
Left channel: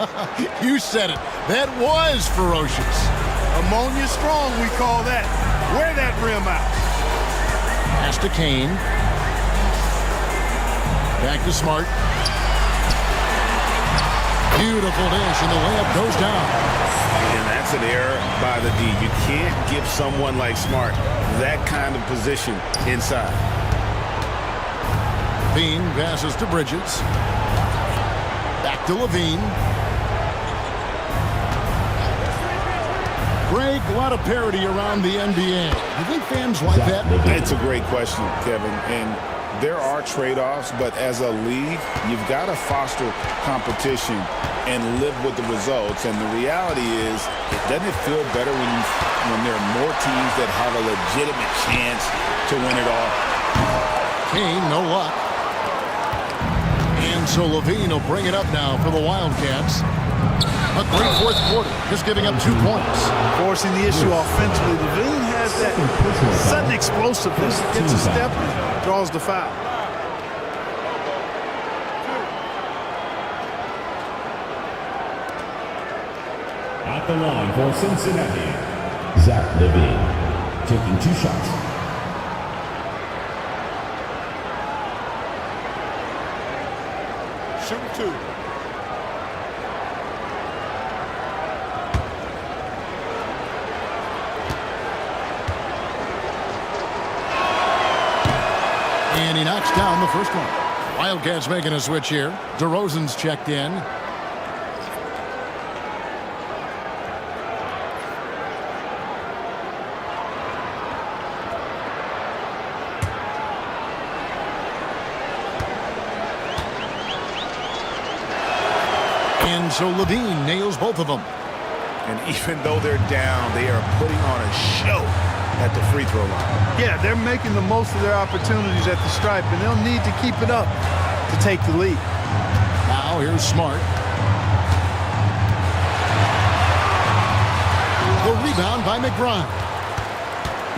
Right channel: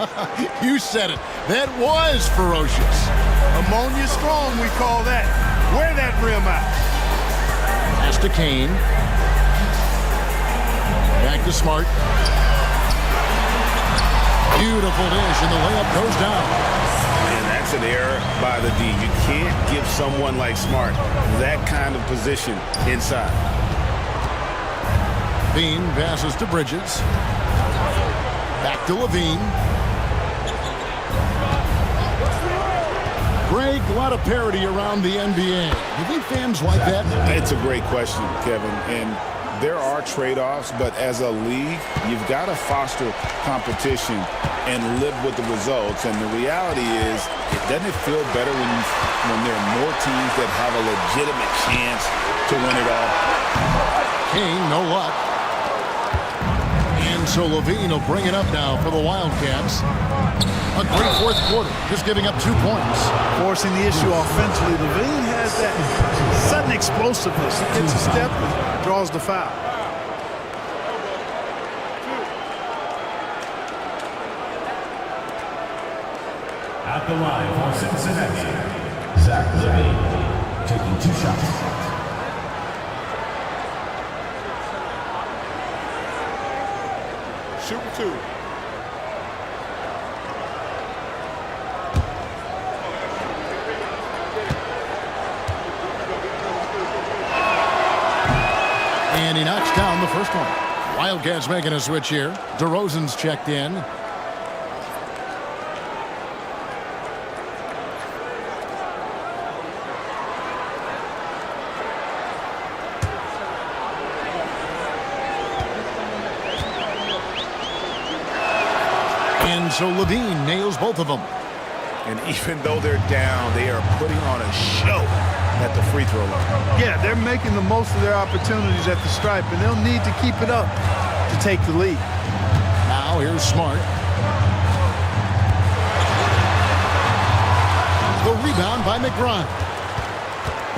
You said it. That was ferocious. Ammonia strong, we call that. Wear that rim out. Pass to Kane. Back to Smart. Beautiful dish, and the layup goes down. And that's an error by the D. You can't give someone like Smart that kind of position inside. Levine passes to Bridges. Back to Levine. Greg, a lot of parity around the NBA. Do you think fans like that? It's a great question, Kevin. And there are trade-offs, but as a league, you've got to foster competition and live with the results. And the reality is, doesn't it feel better when there are more teams that have a legitimate chance to win it all? Kane, no luck. And so Levine will bring it up now for the Wildcats. A great fourth quarter, just giving up 2 points. Forcing the issue offensively. Levine has that sudden explosiveness. He gets a step and draws the foul. At the line for Cincinnati, Zach Levine, taking 2 shots. Shooting 2. And he knocks down the first one. Wildcats making a switch here. DeRozan's checked in. And so Levine nails both of them. And even though they're down, they are putting on a show at the free throw line. Yeah, they're making the most of their opportunities at the stripe, and they'll need to keep it up to take the lead. Now here's Smart. The rebound by McBride.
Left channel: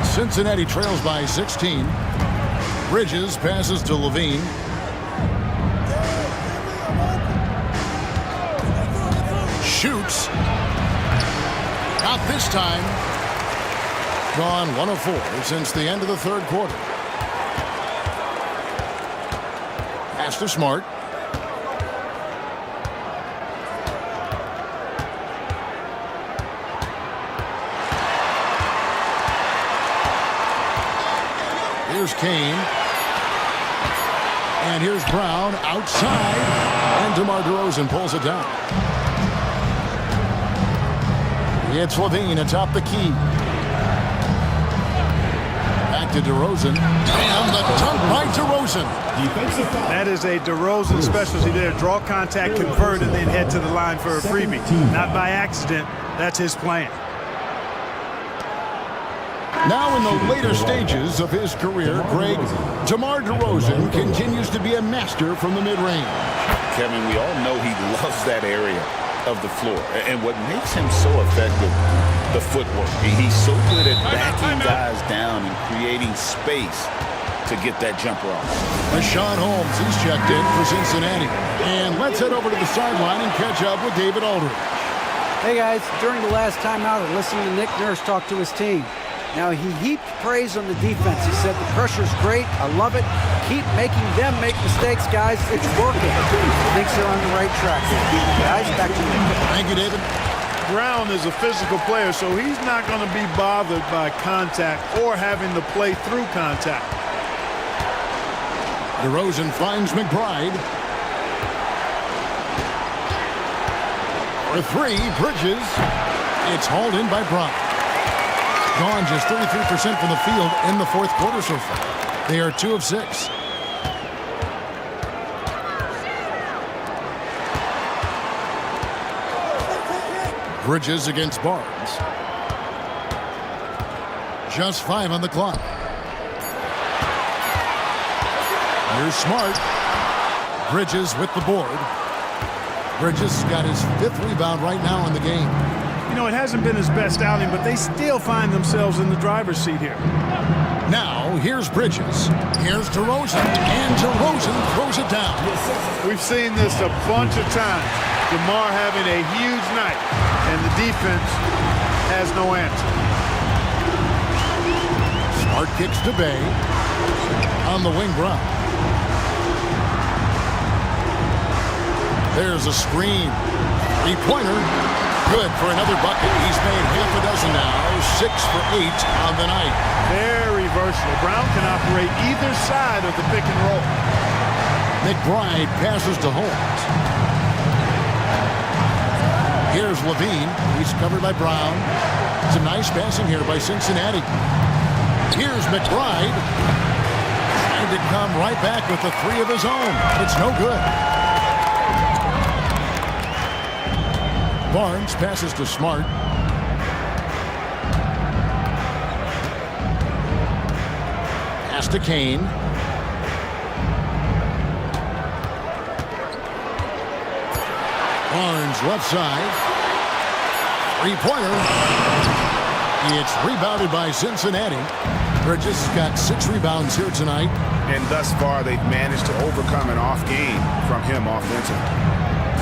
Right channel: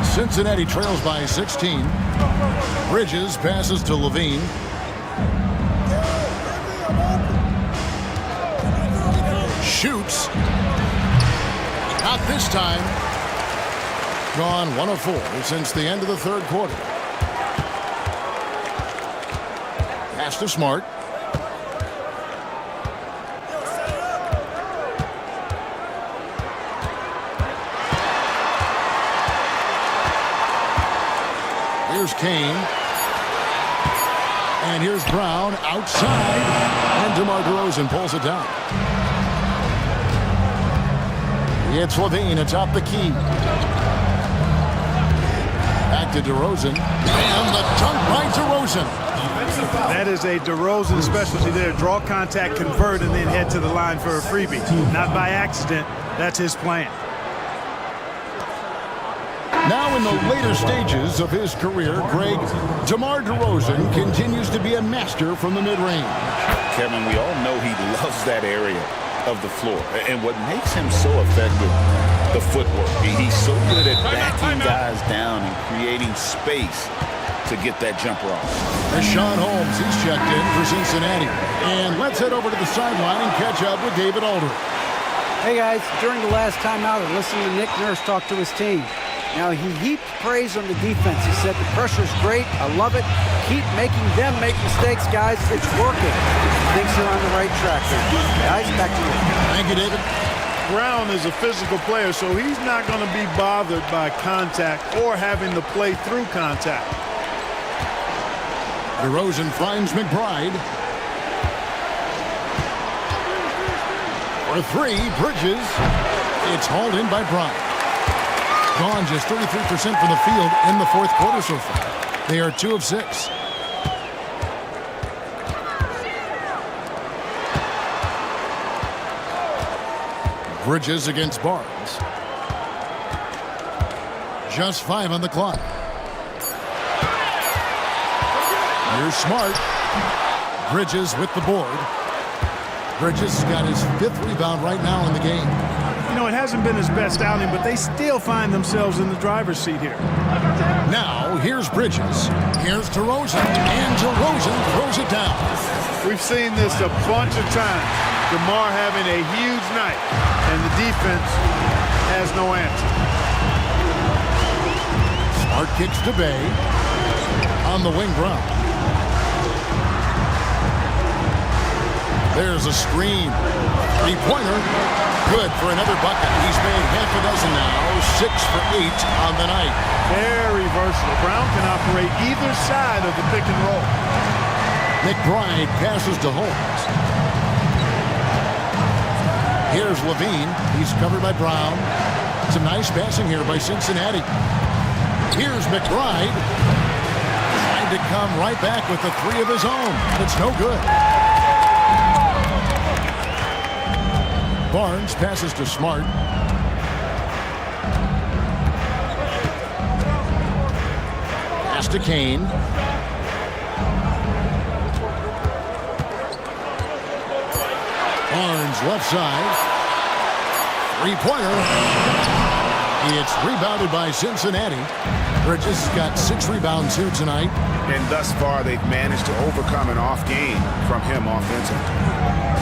Cincinnati trails by 16. Bridges passes to Levine. Shoots. Not this time. Gone 1 of 4 since the end of the third quarter. Pass to Smart. Here's Kane. And here's Brown outside. And DeMar DeRozan pulls it down. It's Levine atop the key. Back to DeRozan. And the dunk by DeRozan. That is a DeRozan specialty there. Draw contact, convert, and then head to the line for a freebie. Not by accident. That's his plan. Now in the later stages of his career, Greg, DeMar DeRozan continues to be a master from the mid-range. Kevin, we all know he loves that area of the floor. And what makes him so effective, the footwork. He's so good at backing guys down and creating space to get that jumper off. Richaun Holmes, he's checked in for Cincinnati. And let's head over to the sideline and catch up with David Aldridge. Hey guys, during the last timeout, I listened to Nick Nurse talk to his team. Now, he heaped praise on the defense. He said the pressure's great. I love it. Keep making them make mistakes, guys. It's working. Thinks they're on the right track here. Guys, back to you. Thank you, David. Brown is a physical player, so he's not going to be bothered by contact or having to play through contact. DeRozan finds McBride. For 3, Bridges. It's hauled in by Brown. Gone just 33% from the field in the fourth quarter so far. They are 2 of 6. Bridges against Barnes. Just 5 on the clock. Here's Smart. Bridges with the board. Bridges has got his 5th rebound right now in the game. You know, it hasn't been his best outing, but they still find themselves in the driver's seat here. Now, here's Bridges. Here's DeRozan. And DeRozan throws it down. We've seen this a bunch of times. DeMar having a huge night, and the defense has no answer. Smart kicks to Bay. On the wing, Brown. There's a screen. 3-pointer. Good for another bucket. He's made half a dozen now. 6 for 8 on the night. Very versatile. Brown can operate either side of the pick and roll. McBride passes to Holmes. Here's Levine. He's covered by Brown. Some nice passing here by Cincinnati. Here's McBride. Trying to come right back with the 3 of his own. But it's no good. Barnes passes to Smart. Pass to Kane. Barnes left side. 3-pointer. It's rebounded by Cincinnati. Bridges has got 6 rebounds here tonight. And thus far, they've managed to overcome an off game from him offensively.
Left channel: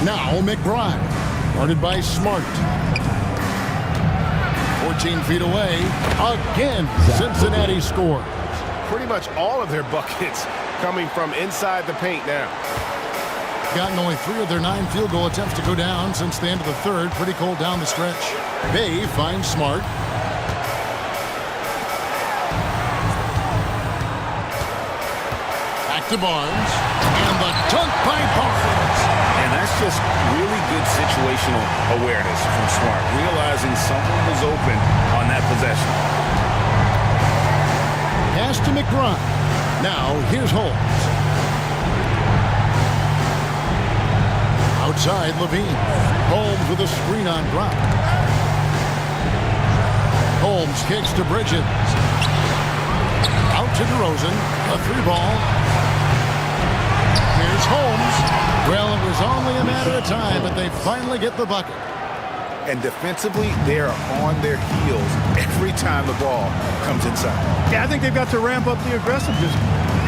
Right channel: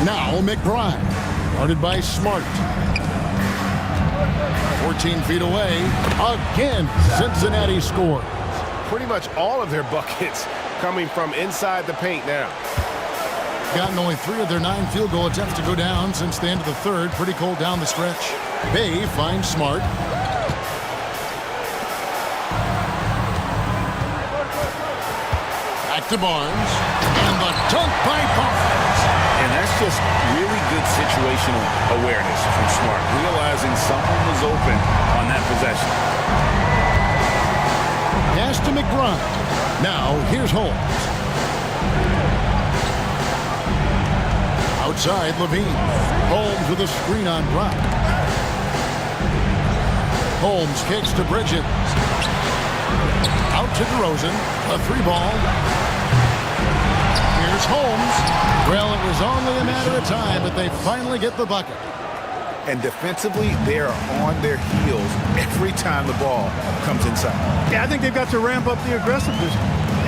Now McBride. Guarded by Smart. 14 feet away. Again, Cincinnati scores. Pretty much all of their buckets coming from inside the paint now. Gotten only 3 of their 9 field goal attempts to go down since the end of the third. Pretty cold down the stretch. Bay finds Smart. Back to Barnes. And the dunk by Barnes. And that's just really good situational awareness from Smart, realizing someone was open on that possession. Pass to McBride. Now here's Holmes. Outside Levine. Holmes with a screen on Brown. Holmes kicks to Bridges. Out to DeRozan. A 3-ball. Here's Holmes. Well, it was only a matter of time, but they finally get the bucket. And defensively, they are on their heels every time the ball comes inside. Yeah, I think they've got to ramp up the aggressiveness.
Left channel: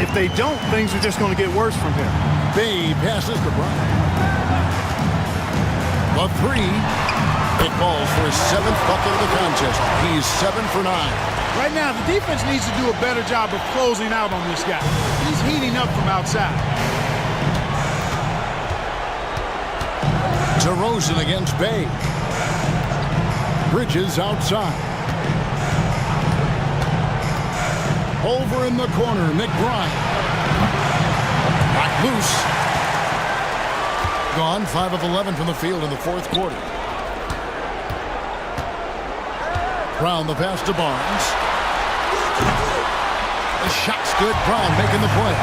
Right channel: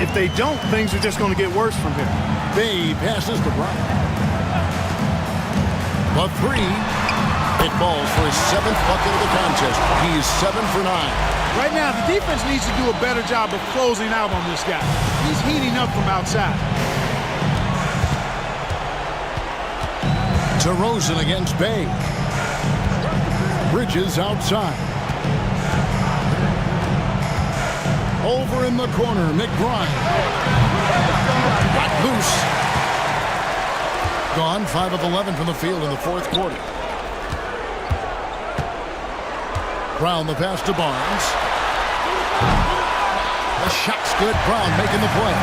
If they don't, things are just going to get worse from here. Bay passes to Brown. The 3. It falls for his 7th bucket of the contest. He's 7 for 9. Right now, the defense needs to do a better job of closing out on this guy. He's heating up from outside. DeRozan against Bay. Bridges outside. Over in the corner, McBride. Knocked loose. Gone 5 of 11 from the field in the 4th quarter. Brown the pass to Barnes. The shot's good. Brown making the play.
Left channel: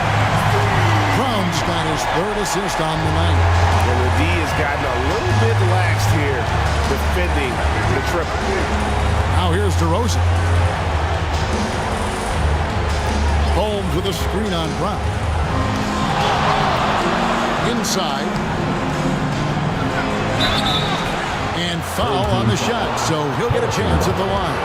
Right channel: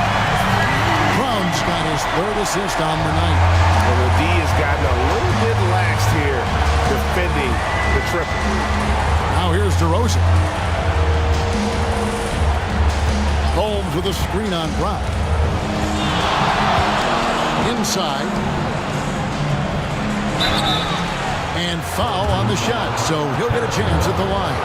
Brown's got his 3rd assist on the night. Well, the D has gotten a little bit laxed here defending the triple. Now here's DeRozan. Holmes with a screen on Brown. Inside. And foul on the shot, so he'll get a chance at the line.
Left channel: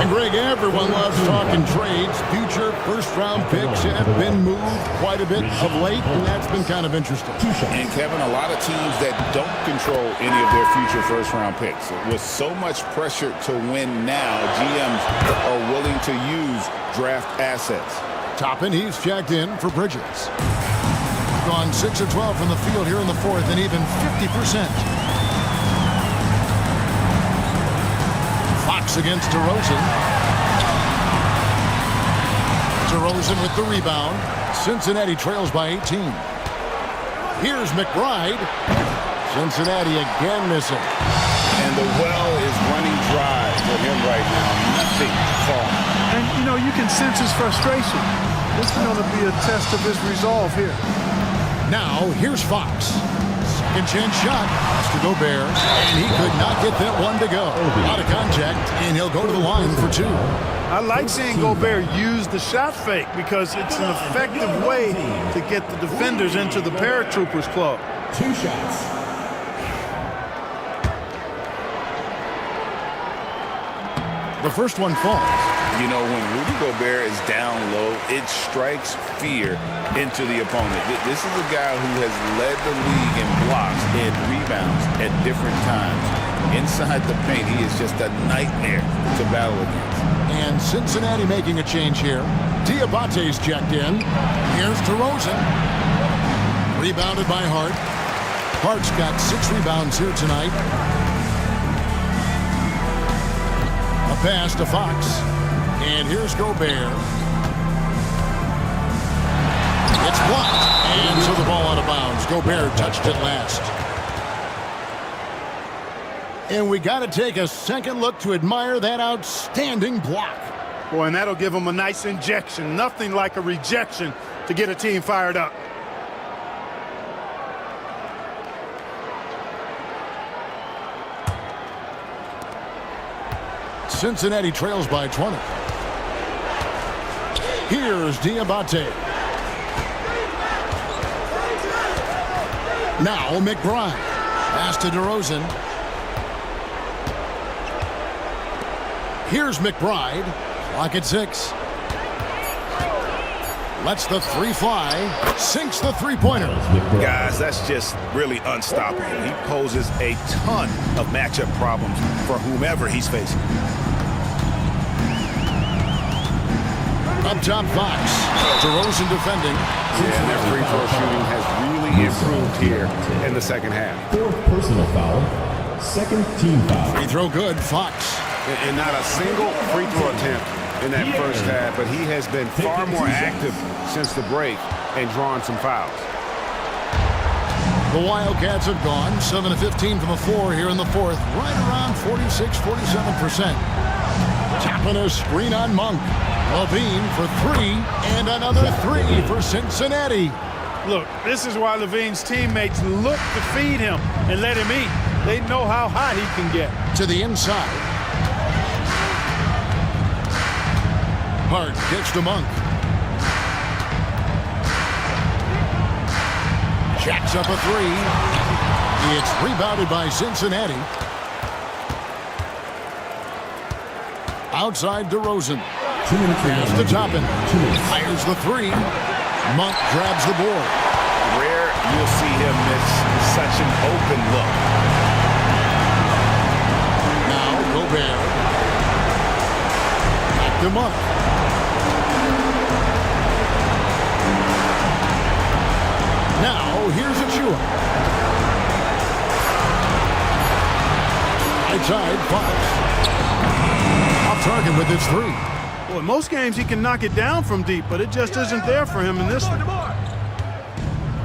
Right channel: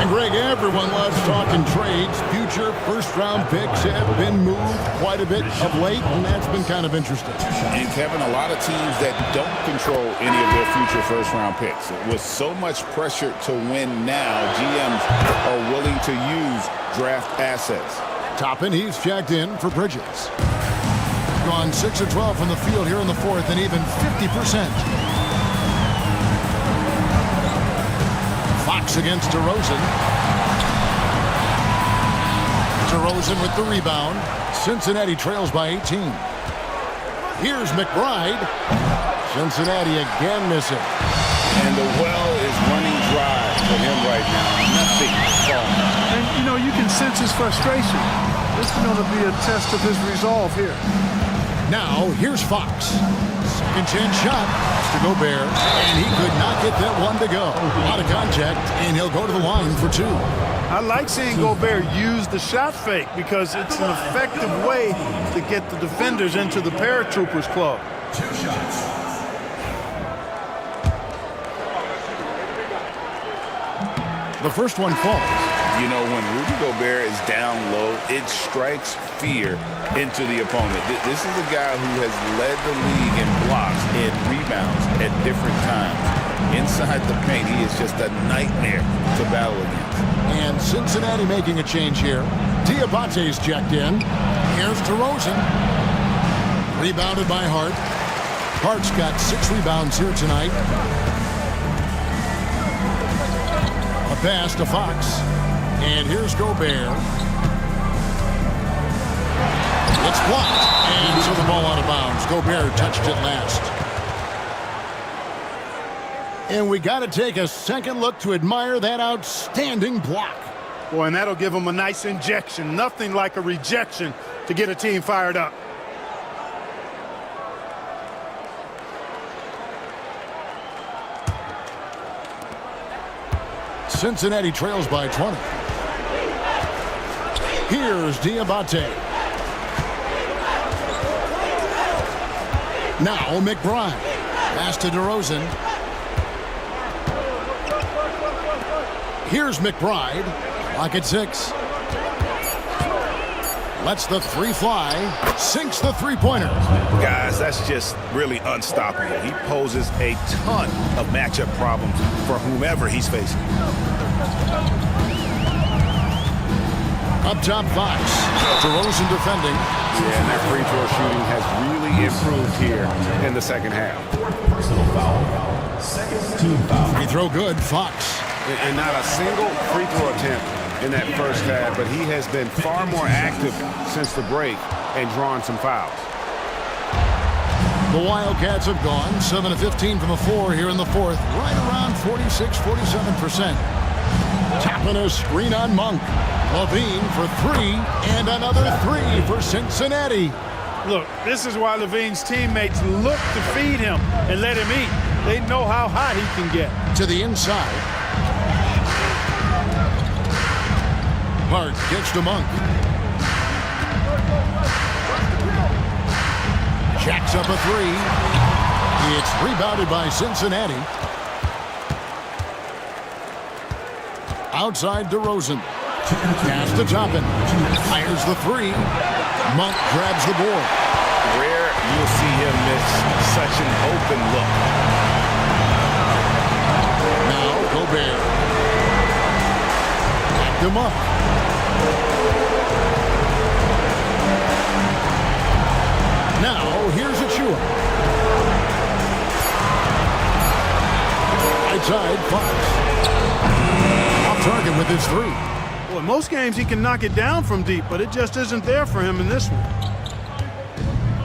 And Greg, everyone loves talking trades. Future first-round picks have been moved quite a bit of late, and that's been kind of interesting. And Kevin, a lot of teams that don't control any of their future first-round picks. With so much pressure to win now, GMs are willing to use draft assets. Toppin, he's checked in for Bridges. Gone 6 of 12 from the field here in the 4th, and even 50%. Fox against DeRozan. DeRozan with the rebound. Cincinnati trails by 18. Here's McBride. Cincinnati again missing. And the well is running dry for him right now. Nothing falling. And, you know, you can sense his frustration. This is going to be a test of his resolve here. Now, here's Fox. Second chance shot. Pass to Gobert. And he could not get that one to go. A lot of contact, and he'll go to the line for 2. I like seeing Gobert use the shot fake because it's an effective way to get the defenders into the paratroopers club. 2 shots. The first one falls. You know, when Rudy Gobert is down low, it strikes fear into the opponent. This is a guy who has led the league in blocks and rebounds at different times. Inside the paint, he is just a nightmare to battle against. And Cincinnati making a change here. Diabate's checked in. Here's DeRozan. Rebounded by Hart. Hart's got 6 rebounds here tonight. A pass to Fox. And here's Gobert. It's blocked. And so the ball out of bounds. Gobert touched it last. And we got to take a second look to admire that outstanding block. Boy, and that'll give them a nice injection. Nothing like a rejection to get a team fired up. Cincinnati trails by 20. Here's Diabate. Now McBride. Pass to DeRozan. Here's McBride. Clock at 6. Lets the 3 fly. Sinks the three-pointer. Guys, that's just really unstoppable. He poses a ton of matchup problems for whomever he's facing. Up top, Fox. DeRozan defending. Yeah, and their free throw shooting has really improved here in the second half. 4th personal foul. 2nd team foul. Free throw good, Fox. And not a single free throw attempt in that first half, but he has been far more active since the break and drawn some fouls. The Wildcats have gone 7 of 15 from the floor here in the fourth, right around 46-47%. Tapping a screen on Monk. Levine for 3, and another 3 for Cincinnati. Look, this is why Levine's teammates look to feed him and let him eat. They know how hot he can get. To the inside. Hart gets to Monk. Jacks up a 3. It's rebounded by Cincinnati. Outside DeRozan. Pass to Toppin. Fires the 3. Monk grabs the board. Rare you'll see him miss such an open look. Now Gobert. Back to Monk. Now here's Achua. Right side, Fox. Off target with his 3. Well, in most games he can knock it down from deep, but it just isn't there for him in this one.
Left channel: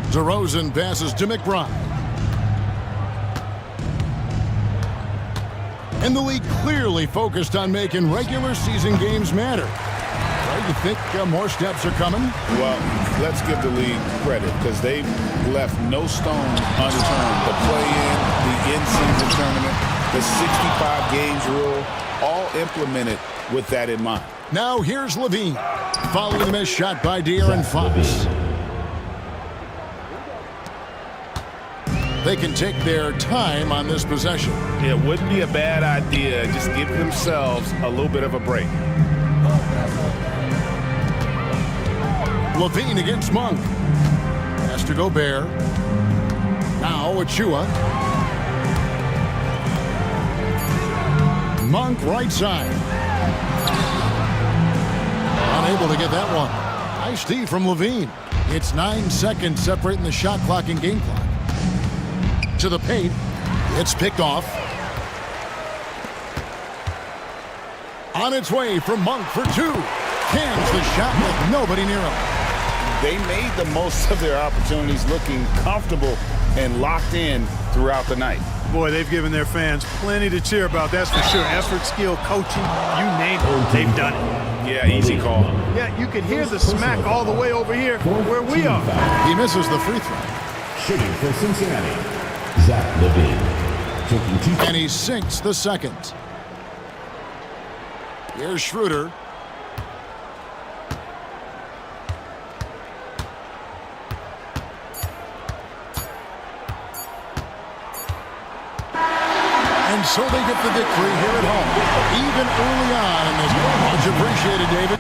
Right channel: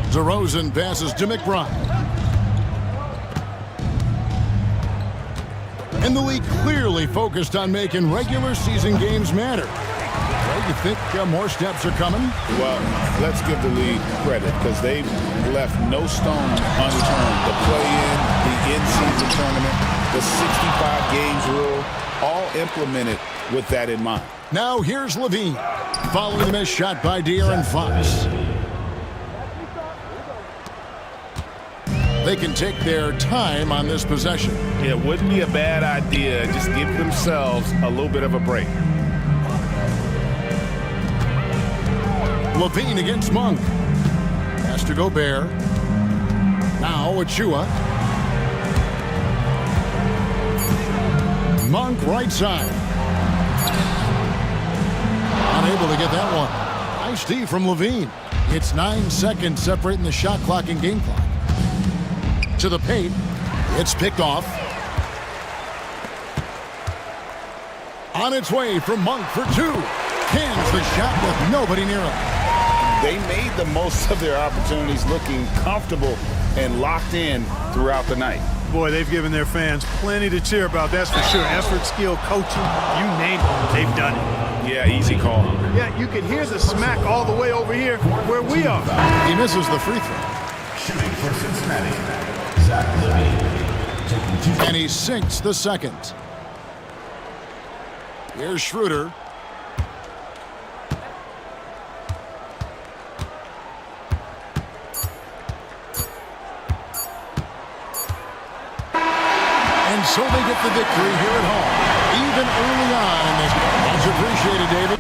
DeRozan passes to McBride. And the league clearly focused on making regular season games matter. Right, you think more steps are coming? Well, let's give the league credit because they've left no stone unturned. The play-in, the in-season tournament, the 65 games rule, all implemented with that in mind. Now here's Levine, following the missed shot by De'Aaron Fox. They can take their time on this possession. It wouldn't be a bad idea. Just give themselves a little bit of a break. Levine against Monk. Has to Gobert. Now Achua. Monk right side. Unable to get that one. Nice D from Levine. It's 9 seconds separating the shot clock and game clock. To the paint. It's picked off. On its way from Monk for 2. Cans the shot with nobody near him. They made the most of their opportunities, looking comfortable and locked in throughout the night. Boy, they've given their fans plenty to cheer about, that's for sure. Effort, skill, coaching, you name it, they've done it. Yeah, easy call. Yeah, you could hear the smack all the way over here where we are. He misses the free throw. Shooting for Cincinnati, Zach LaVine. Taking 2. And he sinks the second. Here's Schroeder. And so they get the victory here at home, even early on in this. Much appreciated, David.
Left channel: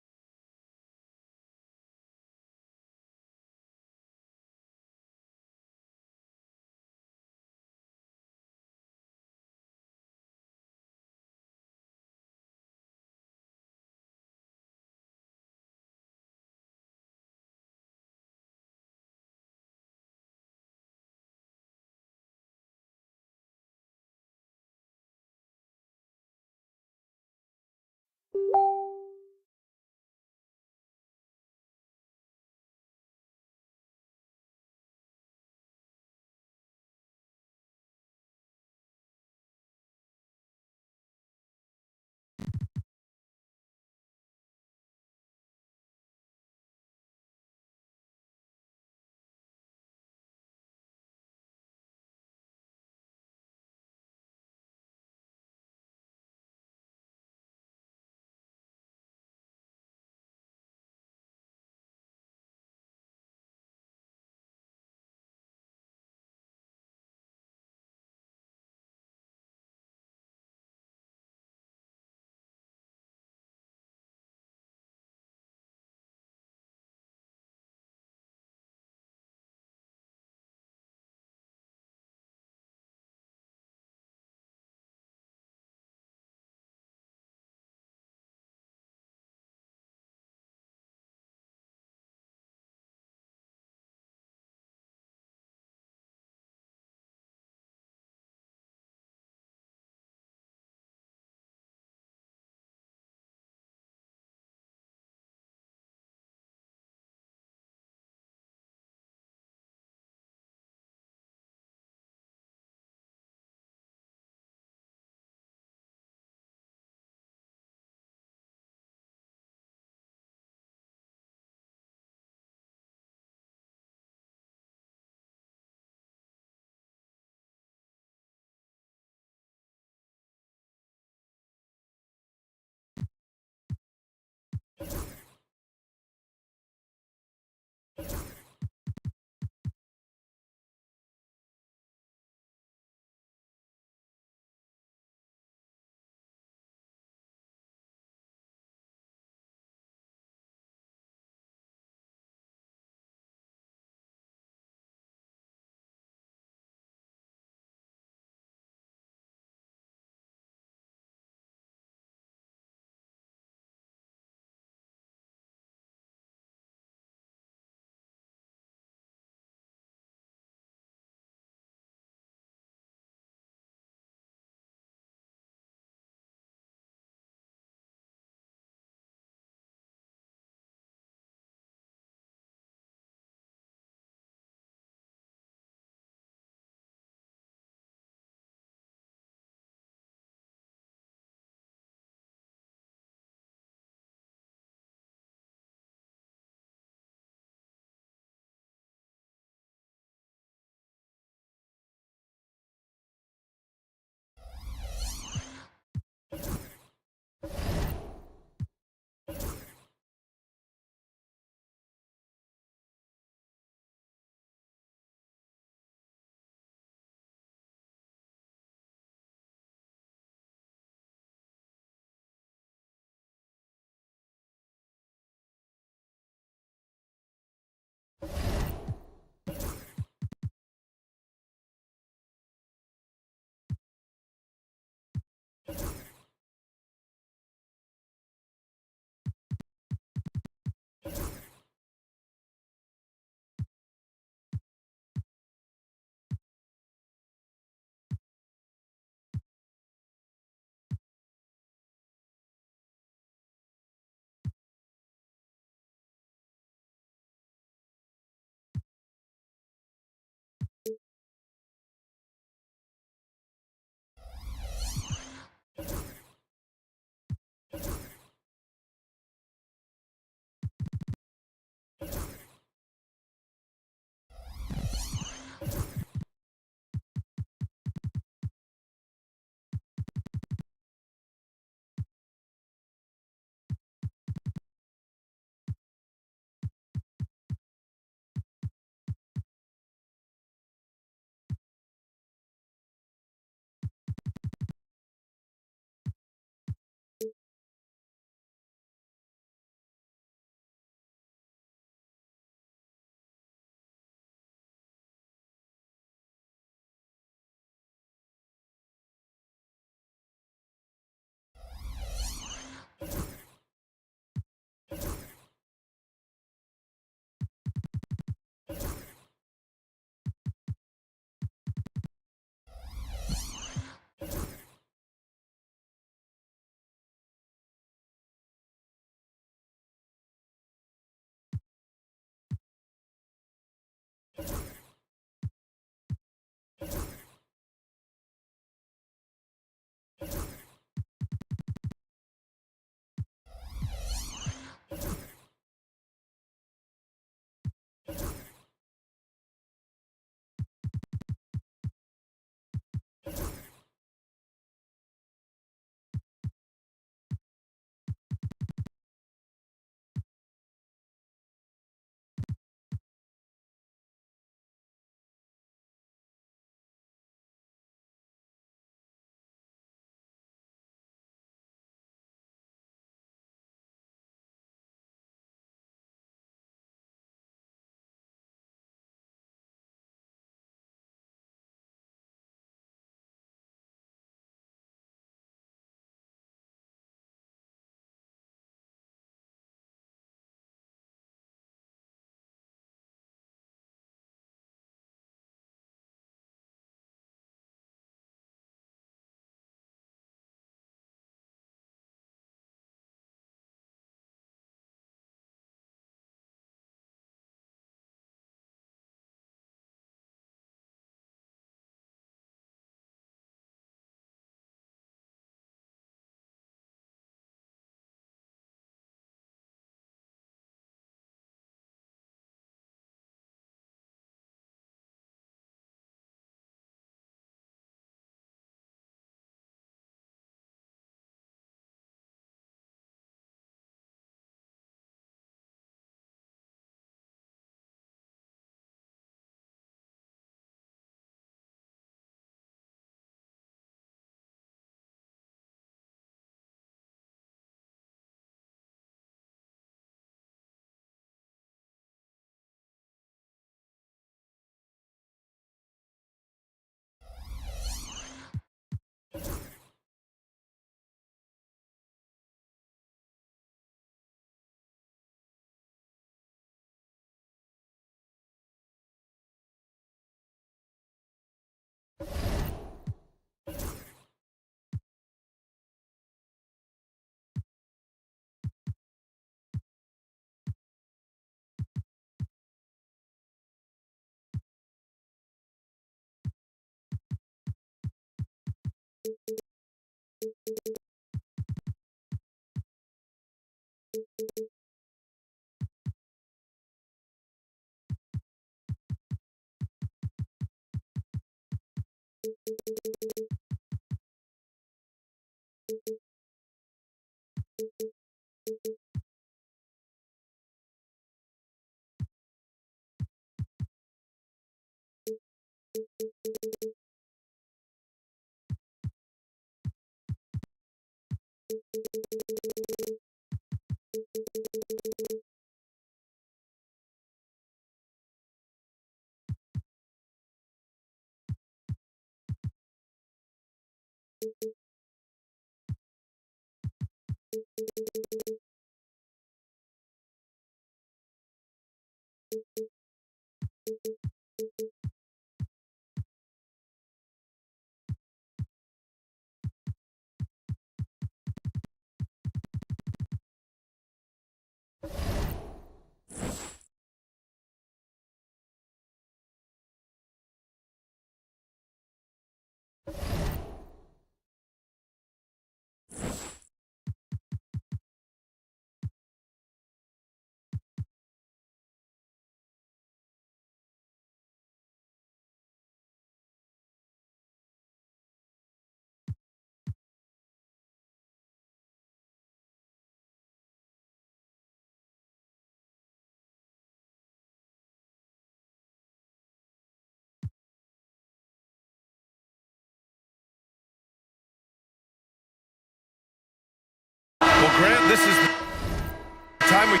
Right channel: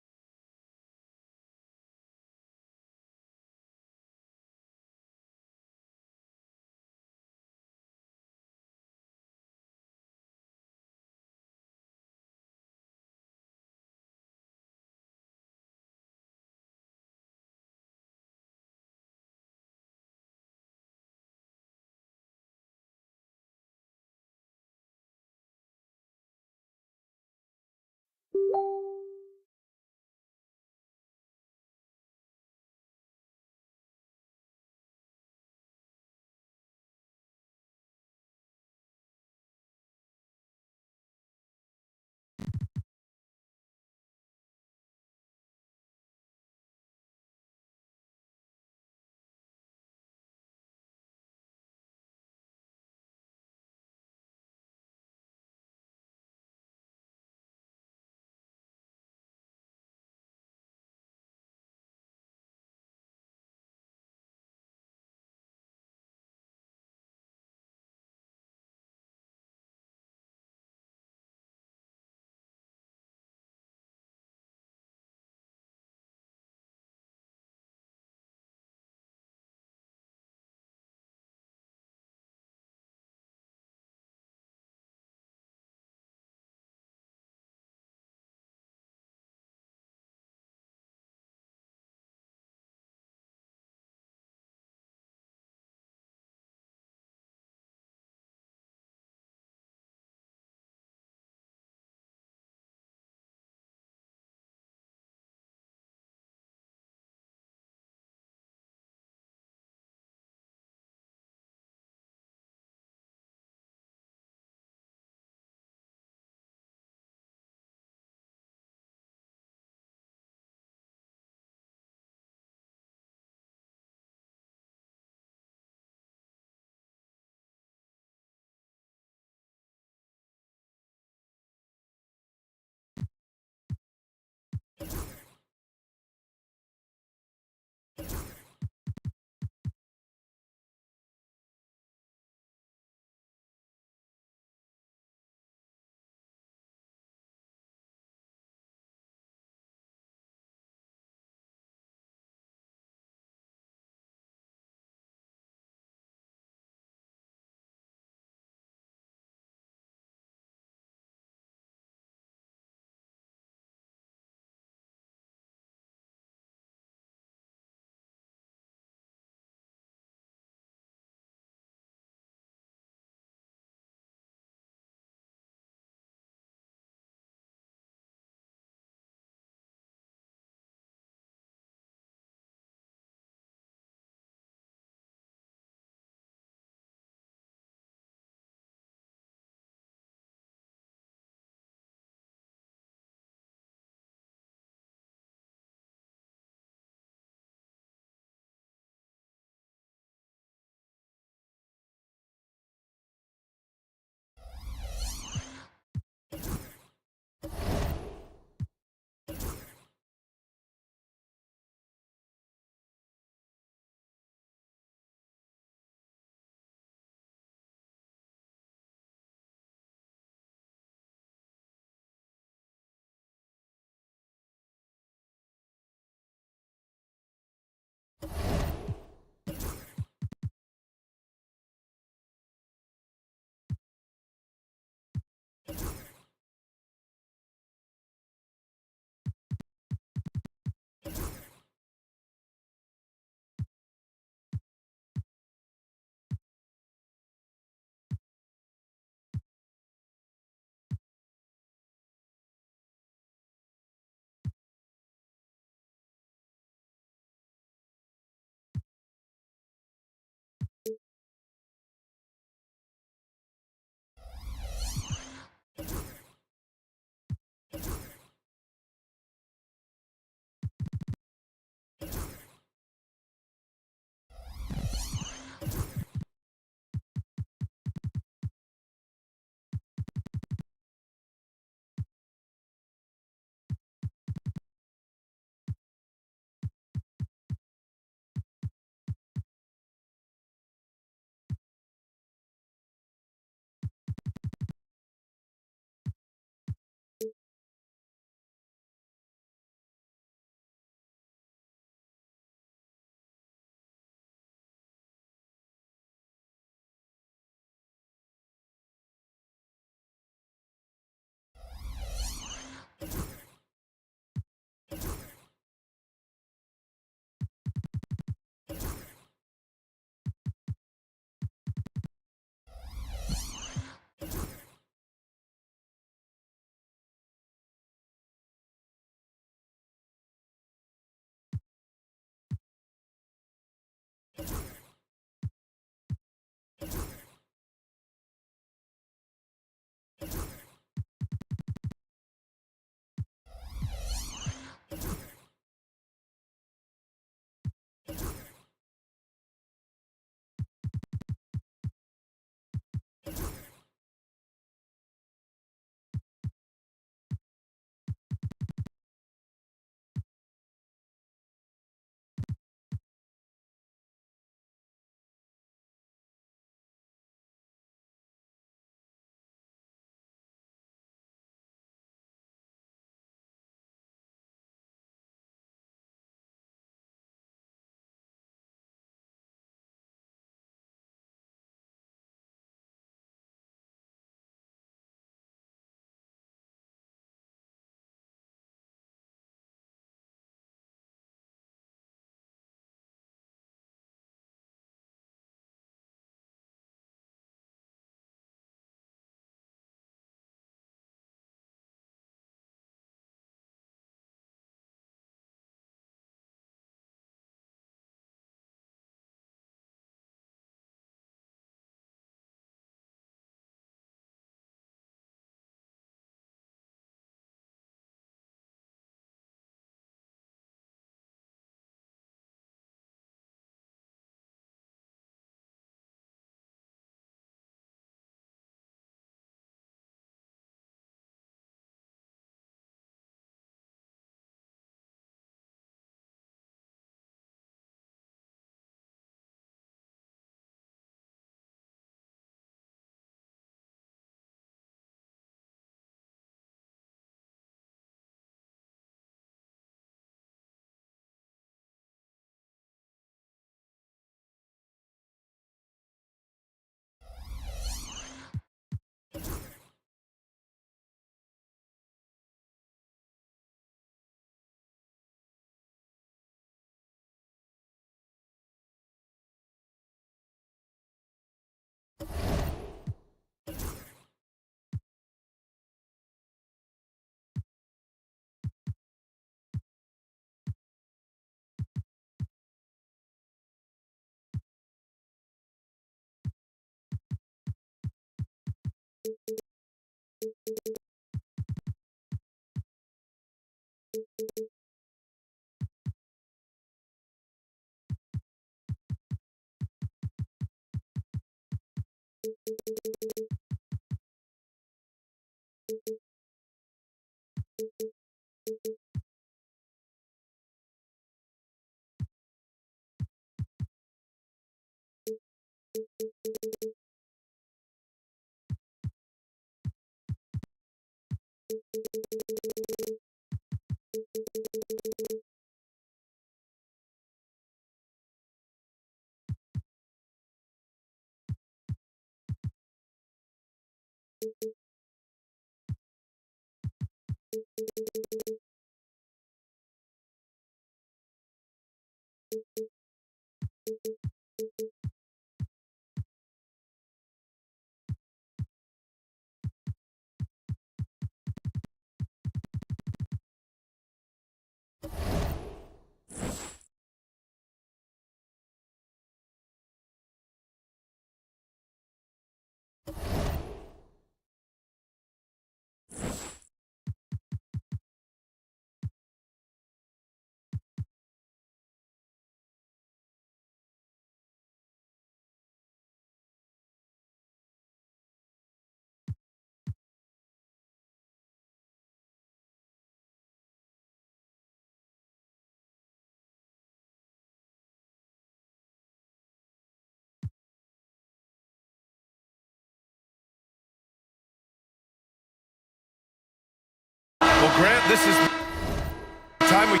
Well, Grant, this is the time of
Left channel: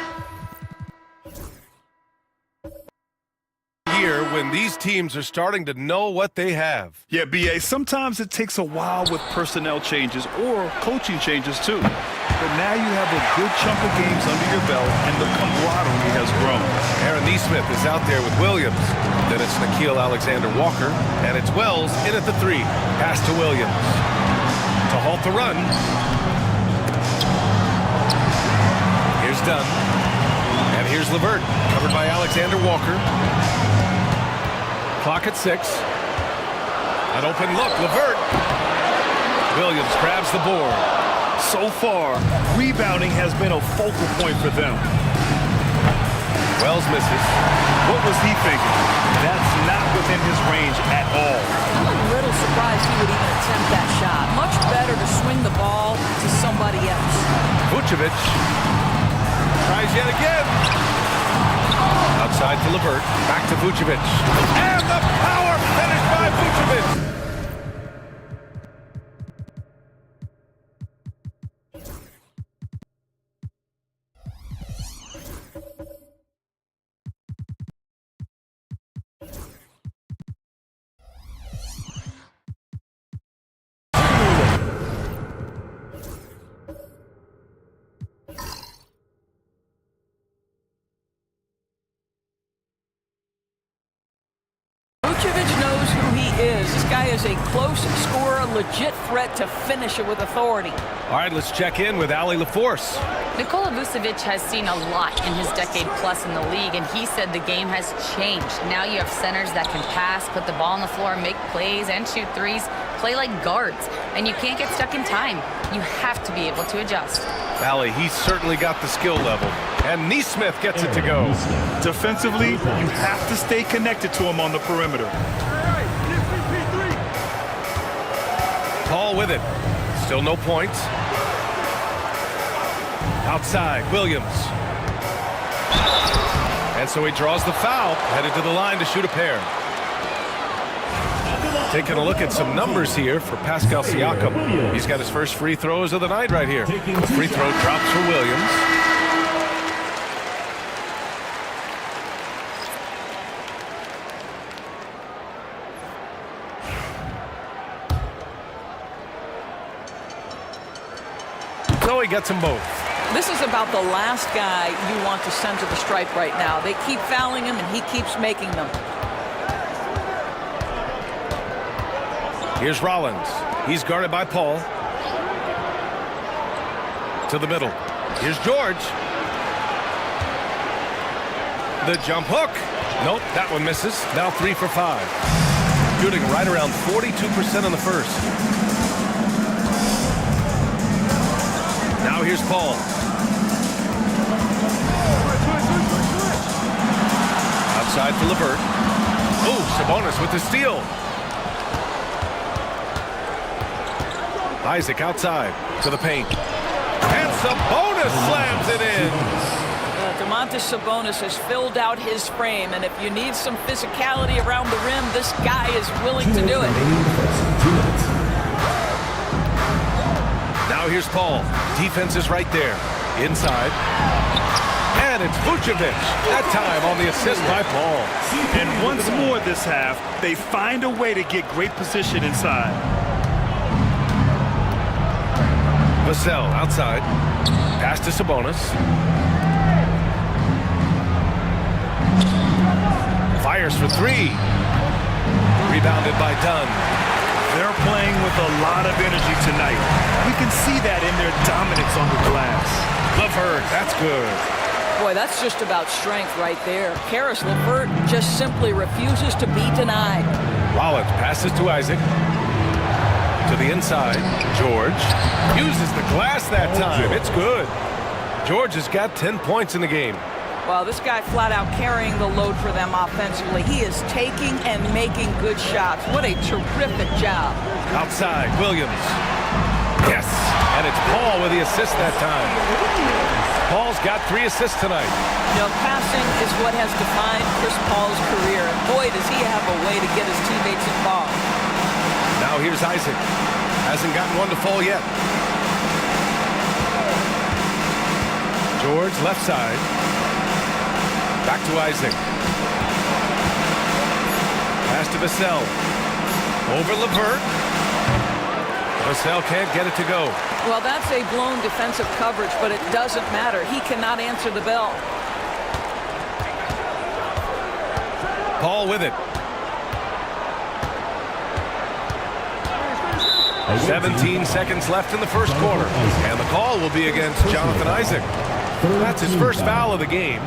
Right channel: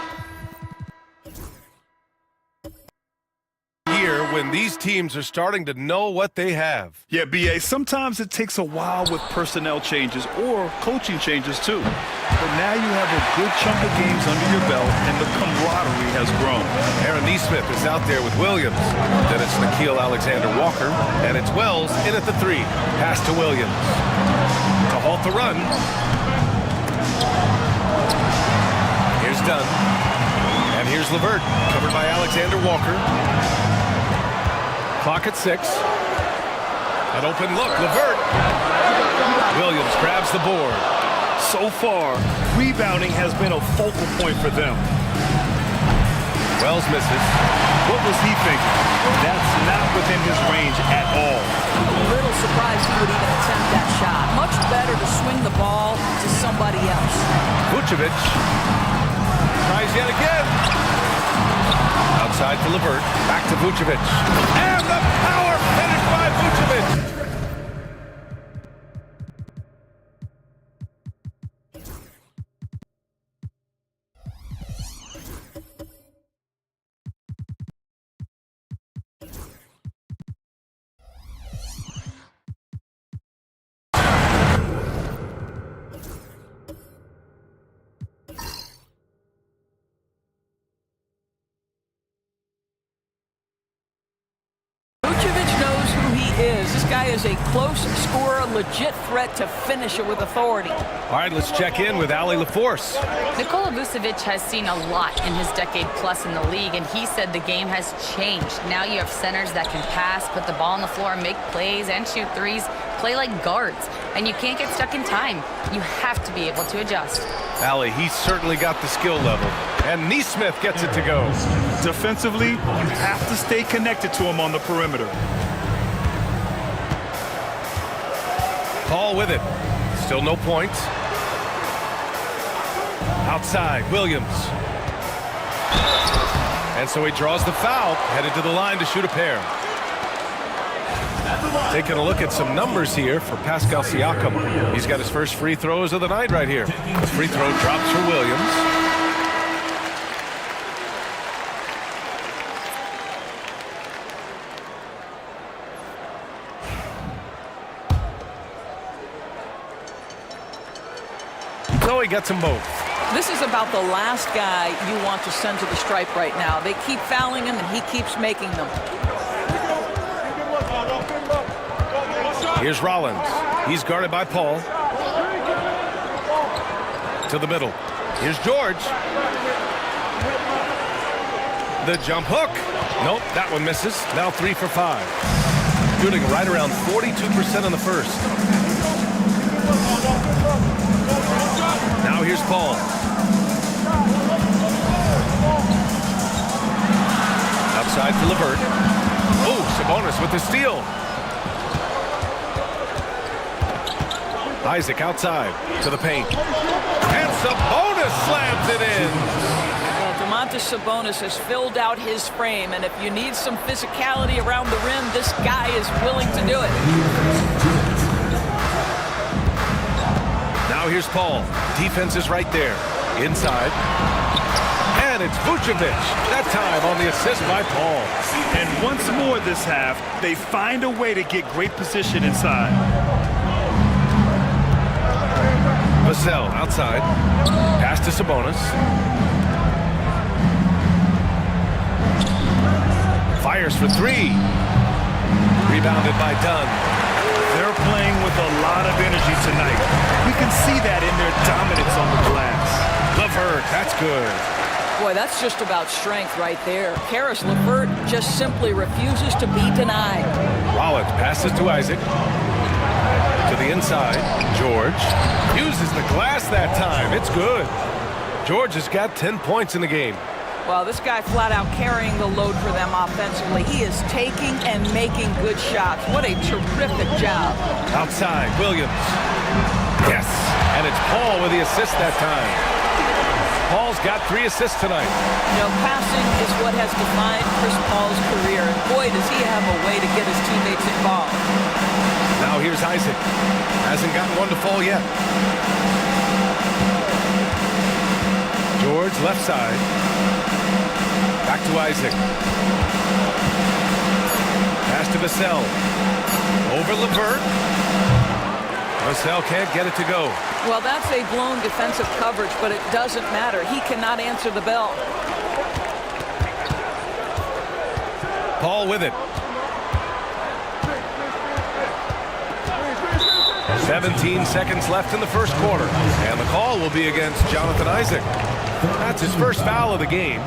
year when these teams are starting to know what they have. Yeah, B.A., sometimes it takes a while with personnel changes or coaching changes too. But now you have a good chunk of games under your belt and the camaraderie has grown. Aaron Neesmith is out there with Williams. Then it's Nickeil Alexander-Walker, and it's Wells in at the 3. Pass to Williams. To halt the run. Here's Dunn. And here's LeVert, covered by Alexander-Walker. Clock at 6. An open look, LeVert. Williams grabs the board. So far, rebounding has been a focal point for them. Wells misses. What was he thinking? That's not within his range at all. I'm a little surprised he would even attempt that shot. Much better to swing the ball to somebody else. Vucevic tries yet again. Outside for LeVert. Back to Vucevic. And the power finish by Vucevic. Vucevic knows who he is. This guy is a close scorer, a legit threat to finish it with authority. All right, let's check in with Allie LaForce. Nikola Vucevic has seen a lot in his decade plus in the league, and he said the game has changed. Now you have centers that can pass, put the ball on the floor, make plays, and shoot threes, play like guards. And you can't get stuck in time. You have to be able to adjust. Allie, he's certainly got the skill level. And Neesmith gets it to go. Defensively, you have to stay connected to him on the perimeter. Paul with it. Still no points. Outside, Williams. And so he draws the foul, headed to the line to shoot a pair. Taking a look at some numbers here for Pascal Siakam. He's got his first free throws of the night right here. The free throw drops for Williams. So he gets them both. This is about the last guy you want to send to the stripe right now. They keep fouling him, and he keeps making them. Here's Rollins. He's guarded by Paul. To the middle. Here's George. The jump hook. Nope, that one misses. Now 3 for 5. Shooting right around 42% in the first. here's Paul. Outside for LeVert. Oh, Sabonis with the steal. Isaac outside to the paint. And Sabonis slams it in. Domantas Sabonis has filled out his frame, and if you need some physicality around the rim, this guy is willing to do it. Now here's Paul. Defense is right there. Inside. And it's Vucevic. That time on the assist by Paul. And once more this half, they find a way to get great position inside. Vassell outside. Pass to Sabonis. Fires for three. Rebounded by Dunn. They're playing with a lot of energy tonight. We can see that in their dominance on the glass. LeVert, that's good. Boy, that's just about strength right there. Karis LeVert just simply refuses to be denied. Rollins passes to Isaac. To the inside. George uses the glass that time. It's good. George has got 10 points in the game. Well, this guy flat out carrying the load for them offensively. He is taking and making good shots. What a terrific job. Outside, Williams. Yes, and it's Paul with the assist that time. Paul's got 3 assists tonight. You know, passing is what has defined Chris Paul's career, and boy, does he have a way to get his teammates involved. Now here's Isaac. Hasn't gotten one to fall yet. George, left side. Back to Isaac. Pass to Vassell. Over LeVert. Vassell can't get it to go. Well, that's a blown defensive coverage, but it doesn't matter. He cannot answer the bell. Paul with it. 17 seconds left in the first quarter. And the call will be against Jonathan Isaac. That's his first foul of the game.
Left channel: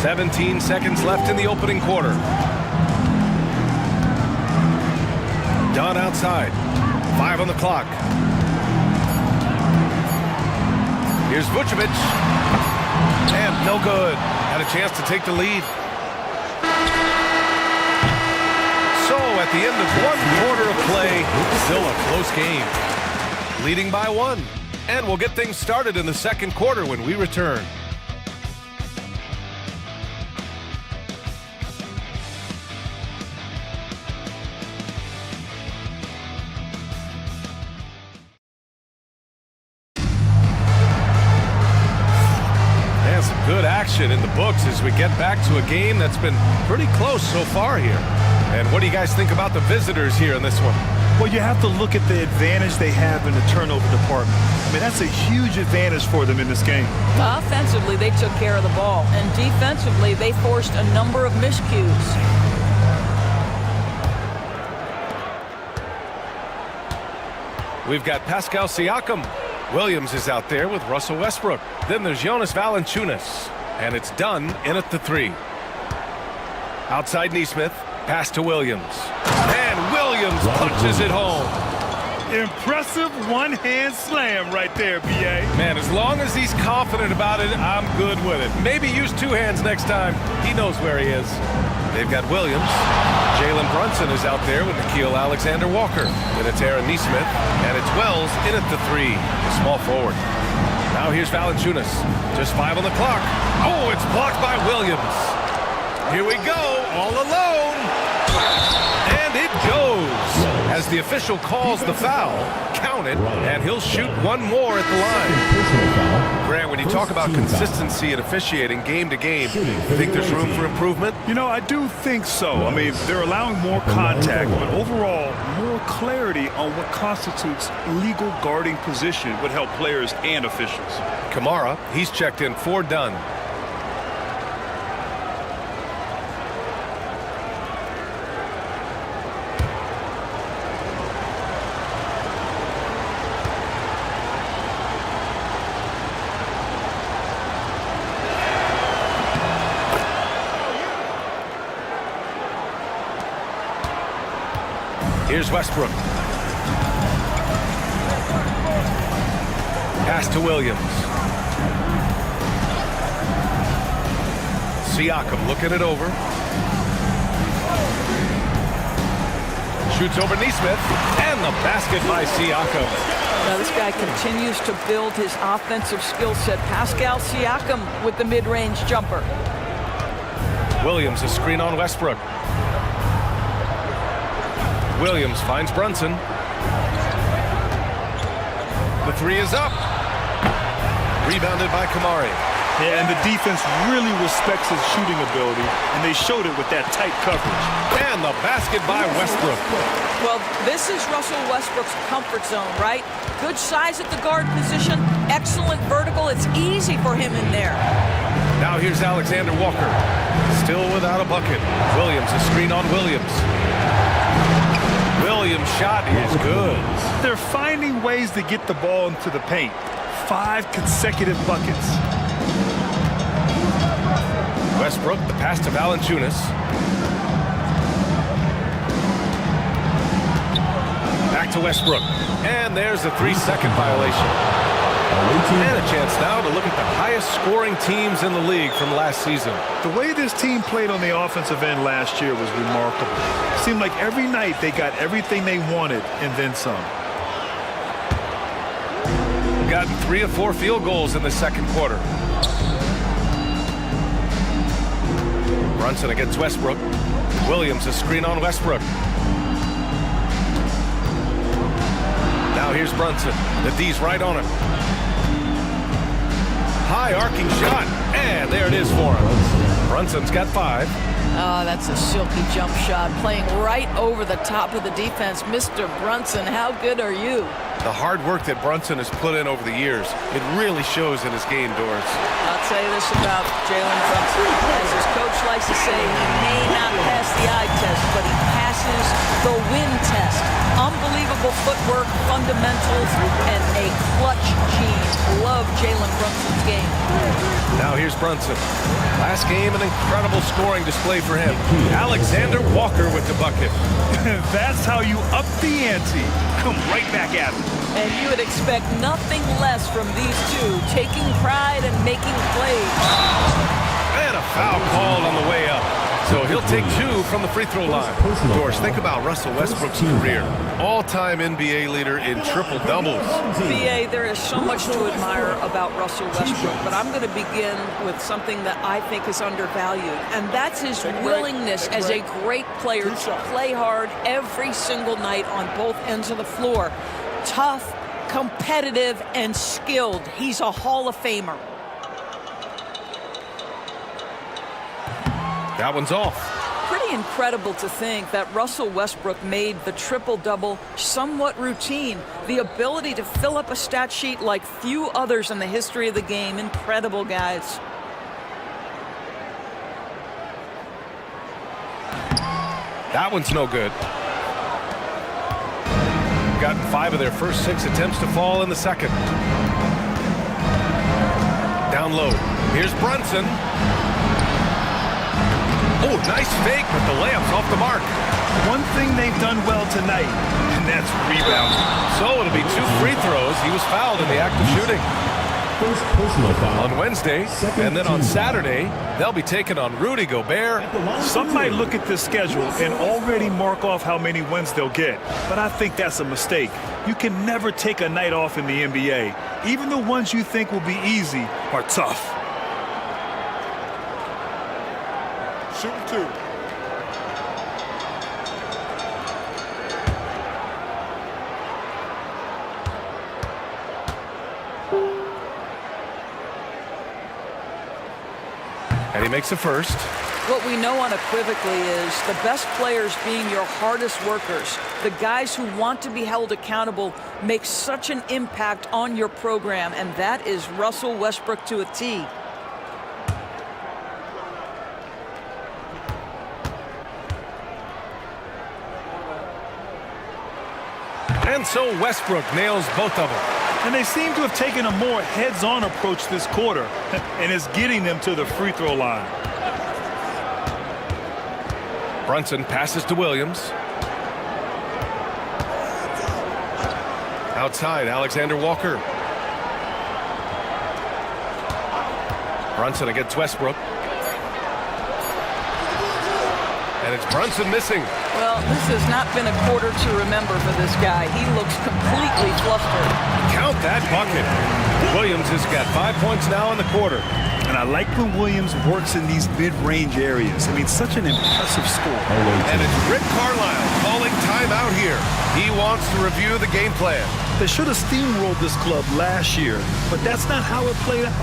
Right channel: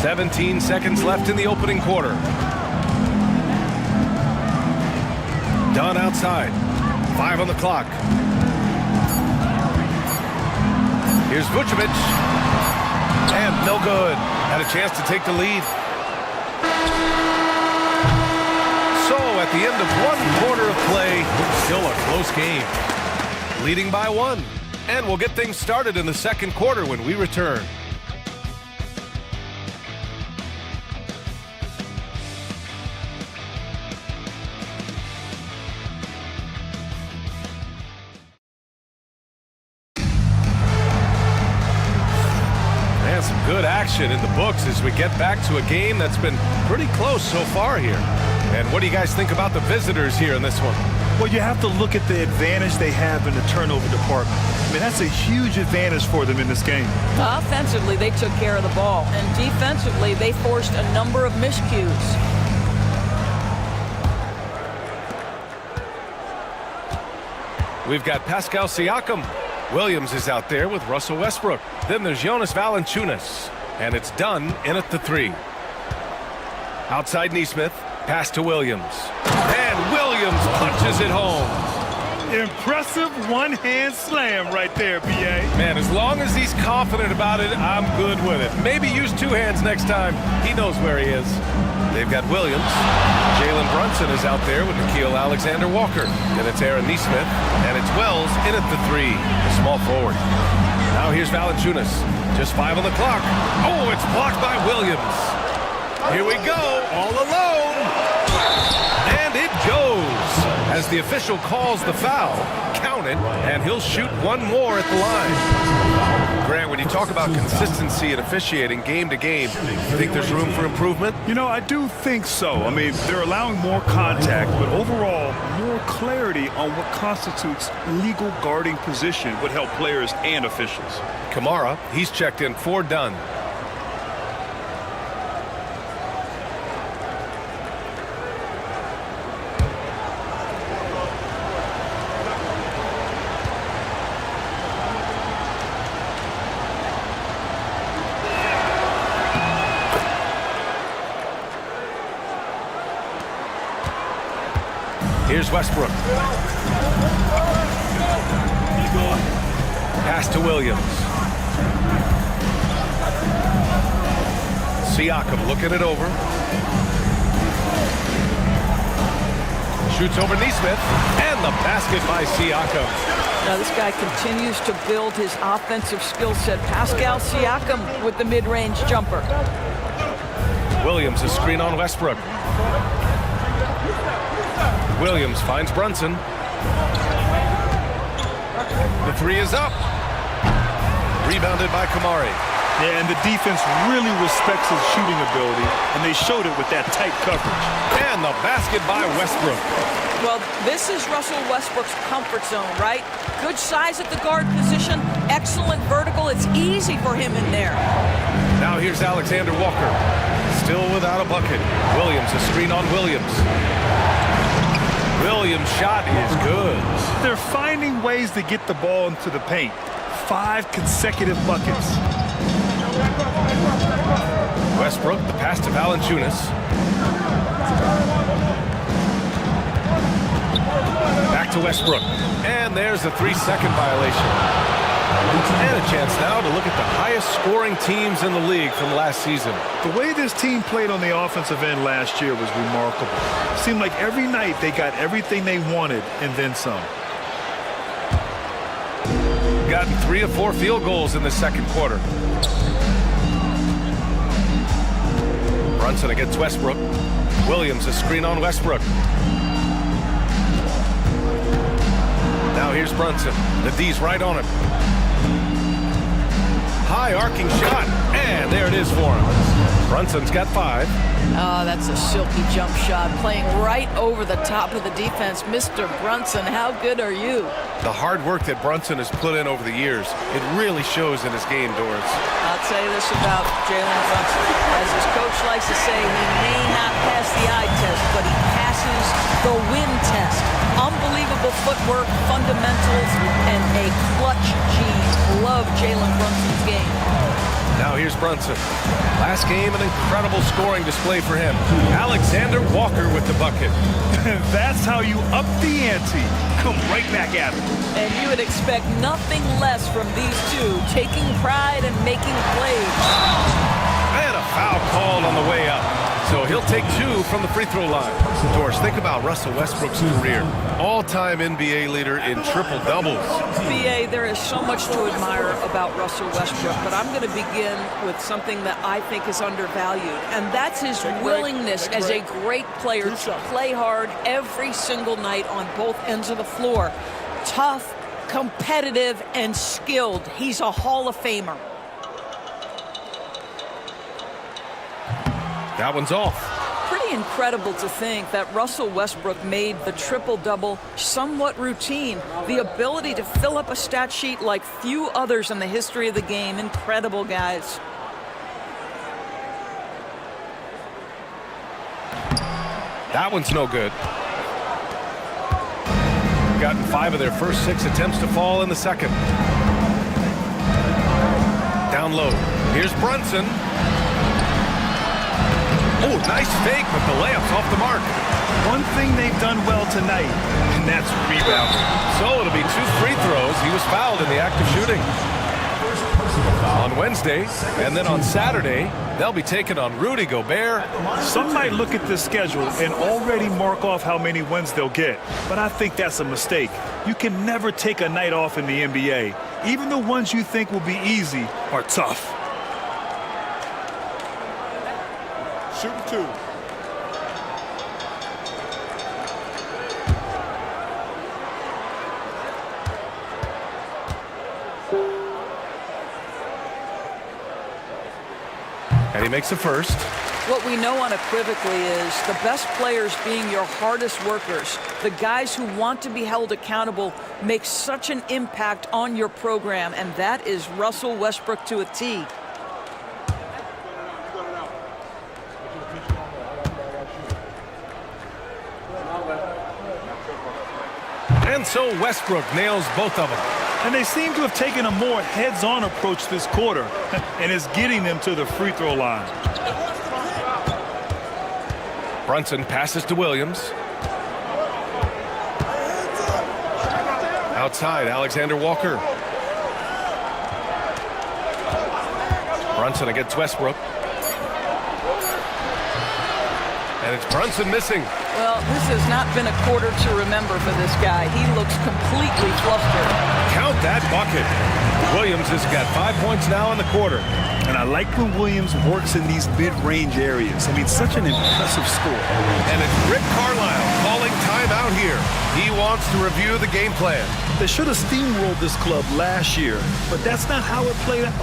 "17 seconds left in the opening quarter. Dunn outside. 5 on the clock. Here's Vucevic. And no good. Had a chance to take the lead. So at the end of 1 quarter of play, still a close game. Leading by 1. And we'll get things started in the second quarter when we return. And some good action in the books as we get back to a game that's been pretty close so far here. And what do you guys think about the visitors here in this one? Well, you have to look at the advantage they have in the turnover department. I mean, that's a huge advantage for them in this game. Offensively, they took care of the ball, and defensively, they forced a number of miscues. We've got Pascal Siakam. Williams is out there with Russell Westbrook. Then there's Jonas Valanciunas. And it's Dunn in at the 3. Outside Nesmith. Pass to Williams. And Williams punches it home. Impressive one-hand slam right there, B.A. Man, as long as he's confident about it, I'm good with it. Maybe use 2 hands next time. He knows where he is. They've got Williams. Jalen Brunson is out there with Nickeil Alexander-Walker. Then it's Aaron Nesmith. And it's Wells in at the 3, the small forward. Now here's Valanciunas. Just 5 on the clock. Oh, it's blocked by Williams. Here we go, all alone. And it goes. As the official calls the foul, count it, and he'll shoot 1 more at the line. Grant, when you talk about consistency and officiating game to game, you think there's room for improvement? You know, I do think so. I mean, they're allowing more contact, but overall, more clarity on what constitutes legal guarding position would help players and officials. Kamara, he's checked in for Dunn. Here's Westbrook. Pass to Williams. Siakam looking it over. Shoots over Neesmith, and the basket by Siakam. Now this guy continues to build his offensive skill set. Pascal Siakam with the mid-range jumper. Williams, a screen on Westbrook. Williams finds Brunson. The three is up. Rebounded by Kamari. Yeah, and the defense really respects his shooting ability, and they showed it with that tight coverage. And the basket by Westbrook. Well, this is Russell Westbrook's comfort zone, right? Good size at the guard position, excellent vertical. It's easy for him in there. Now here's Alexander Walker. Still without a bucket. Williams, a screen on Williams. Williams' shot is good. They're finding ways to get the ball into the paint. 5 consecutive buckets. Westbrook, the pass to Valanciunas. Back to Westbrook. And there's a 3-second violation. And a chance now to look at the highest scoring teams in the league from last season. The way this team played on the offensive end last year was remarkable. It seemed like every night they got everything they wanted and then some. Gotten 3 of 4 field goals in the second quarter. Brunson against Westbrook. Williams, a screen on Westbrook. Now here's Brunson. The D's right on him. High arcing shot, and there it is for him. Brunson's got 5. Oh, that's a silky jump shot, playing right over the top of the defense. Mr. Brunson, how good are you? The hard work that Brunson has put in over the years, it really shows in his game, Doris. I'll tell you this about Jalen Brunson. As his coach likes to say, he may not pass the eye test, but he passes the win test. Unbelievable footwork, fundamentals, and a clutch gene. Love Jalen Brunson's game. Now here's Brunson. Last game, an incredible scoring display for him. Alexander Walker with the bucket. That's how you up the ante. Come right back at him. And you would expect nothing less from these two, taking pride and making plays. And a foul called on the way up. So he'll take 2 from the free throw line. Doris, think about Russell Westbrook's career. All-time NBA leader in triple-doubles. BA, there is so much to admire about Russell Westbrook, but I'm going to begin with something that I think is undervalued, and that's his willingness as a great player to play hard every single night on both ends of the floor. Tough, competitive, and skilled. He's a Hall of Famer. That one's off. Pretty incredible to think that Russell Westbrook made the triple-double somewhat routine. The ability to fill up a stat sheet like few others in the history of the game. Incredible, guys. That one's no good. Gotten 5 of their first 6 attempts to fall in the second. Down low. Here's Brunson. Oh, nice fake, but the layup's off the mark. One thing they've done well tonight, and that's rebounding. So it'll be 2 free throws. He was fouled in the act of shooting. First personal foul. On Wednesday, and then on Saturday, they'll be taking on Rudy Gobert. Some might look at this schedule and already mark off how many wins they'll get, but I think that's a mistake. You can never take a night off in the NBA. Even the ones you think will be easy are tough. Shooting 2. And he makes the first. What we know unequivocally is the best players being your hardest workers. The guys who want to be held accountable make such an impact on your program, and that is Russell Westbrook to a T. And so Westbrook nails both of them. And they seem to have taken a more heads-on approach this quarter, and it's getting them to the free throw line. Brunson passes to Williams. Outside, Alexander Walker. Brunson against Westbrook. And it's Brunson missing. Well, this has not been a quarter to remember for this guy. He looks completely flustered. Count that bucket. Williams has got 5 points now in the quarter. And I like when Williams works in these mid-range areas. I mean, such an impressive score. And it's Rick Carlisle calling timeout here. He wants to review the game plan. They should have steamrolled this club last year, but that's not how it played out.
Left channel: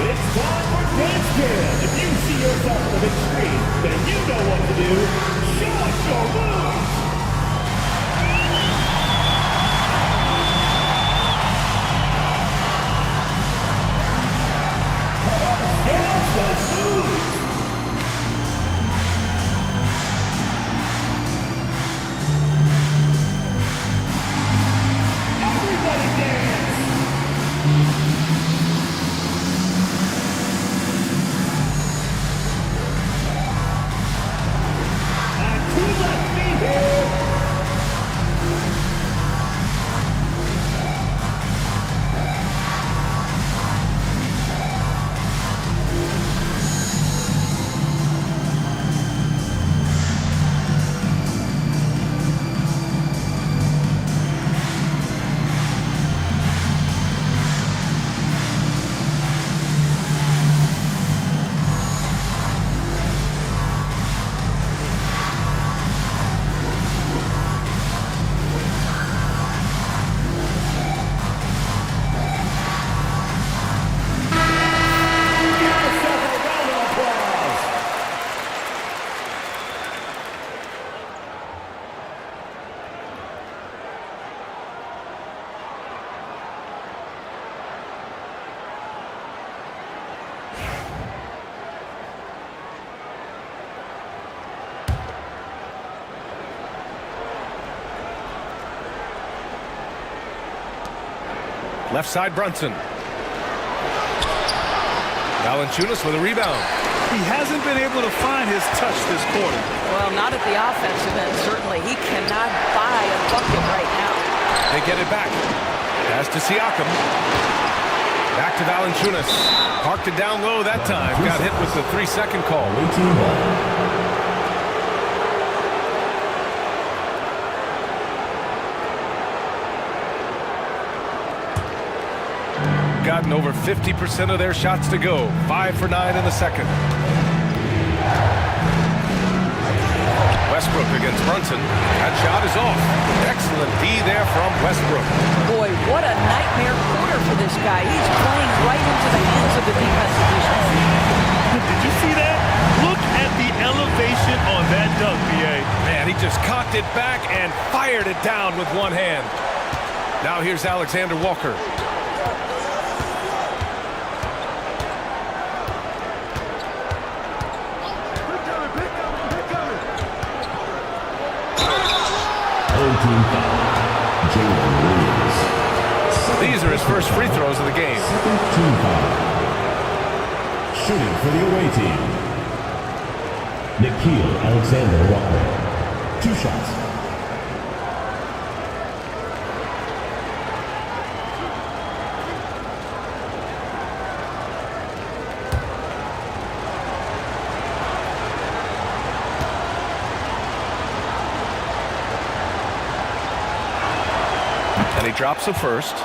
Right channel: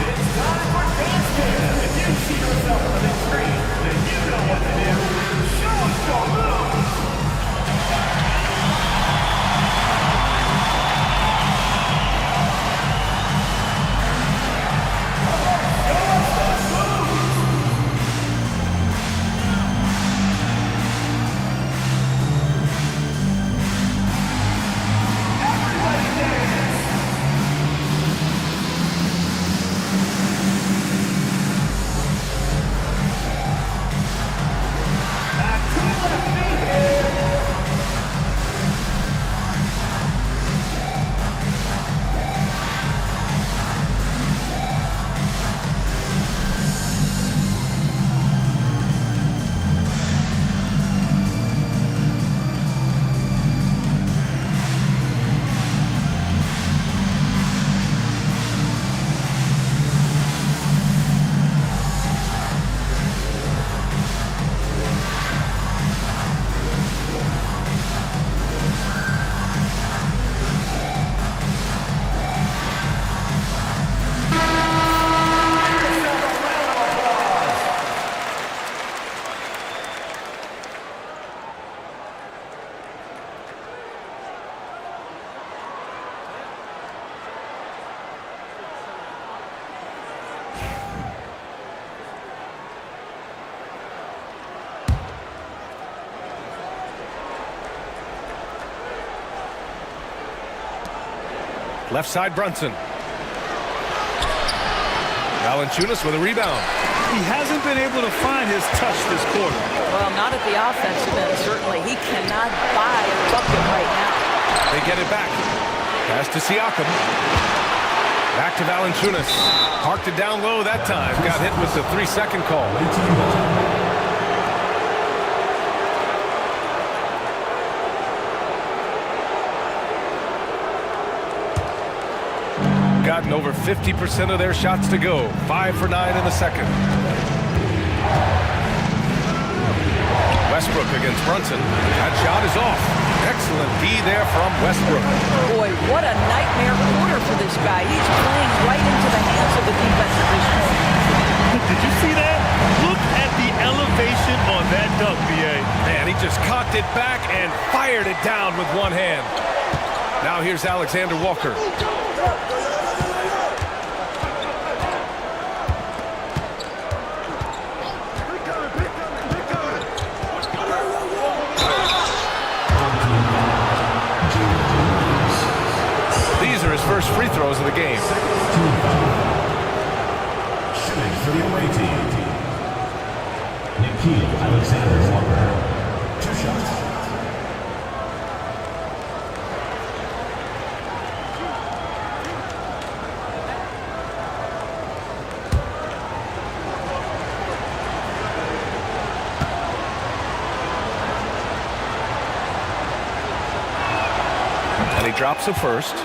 It's time for Dance Cam. If you see yourself on the big screen, then you know what to do. Show us your moves. Left side, Brunson. Valanciunas with a rebound. He hasn't been able to find his touch this quarter. Well, not at the offensive end, certainly. He cannot buy a bucket right now. They get it back. Pass to Siakam. Back to Valanciunas. Parked it down low that time. Got hit with the 3-second call. Gotten over 50% of their shots to go. 5 for 9 in the second. Westbrook against Brunson. That shot is off. Excellent D there from Westbrook. Boy, what a nightmare quarter for this guy. He's playing right into the hands of the defense at this point. Did you see that? Look at the elevation on that dunk, B.A. Man, he just cocked it back and fired it down with one hand. Now here's Alexander Walker. These are his first free throws of the game. Shooting for the away team, Nickeil Alexander-Walker. 2 shots. And he drops the first.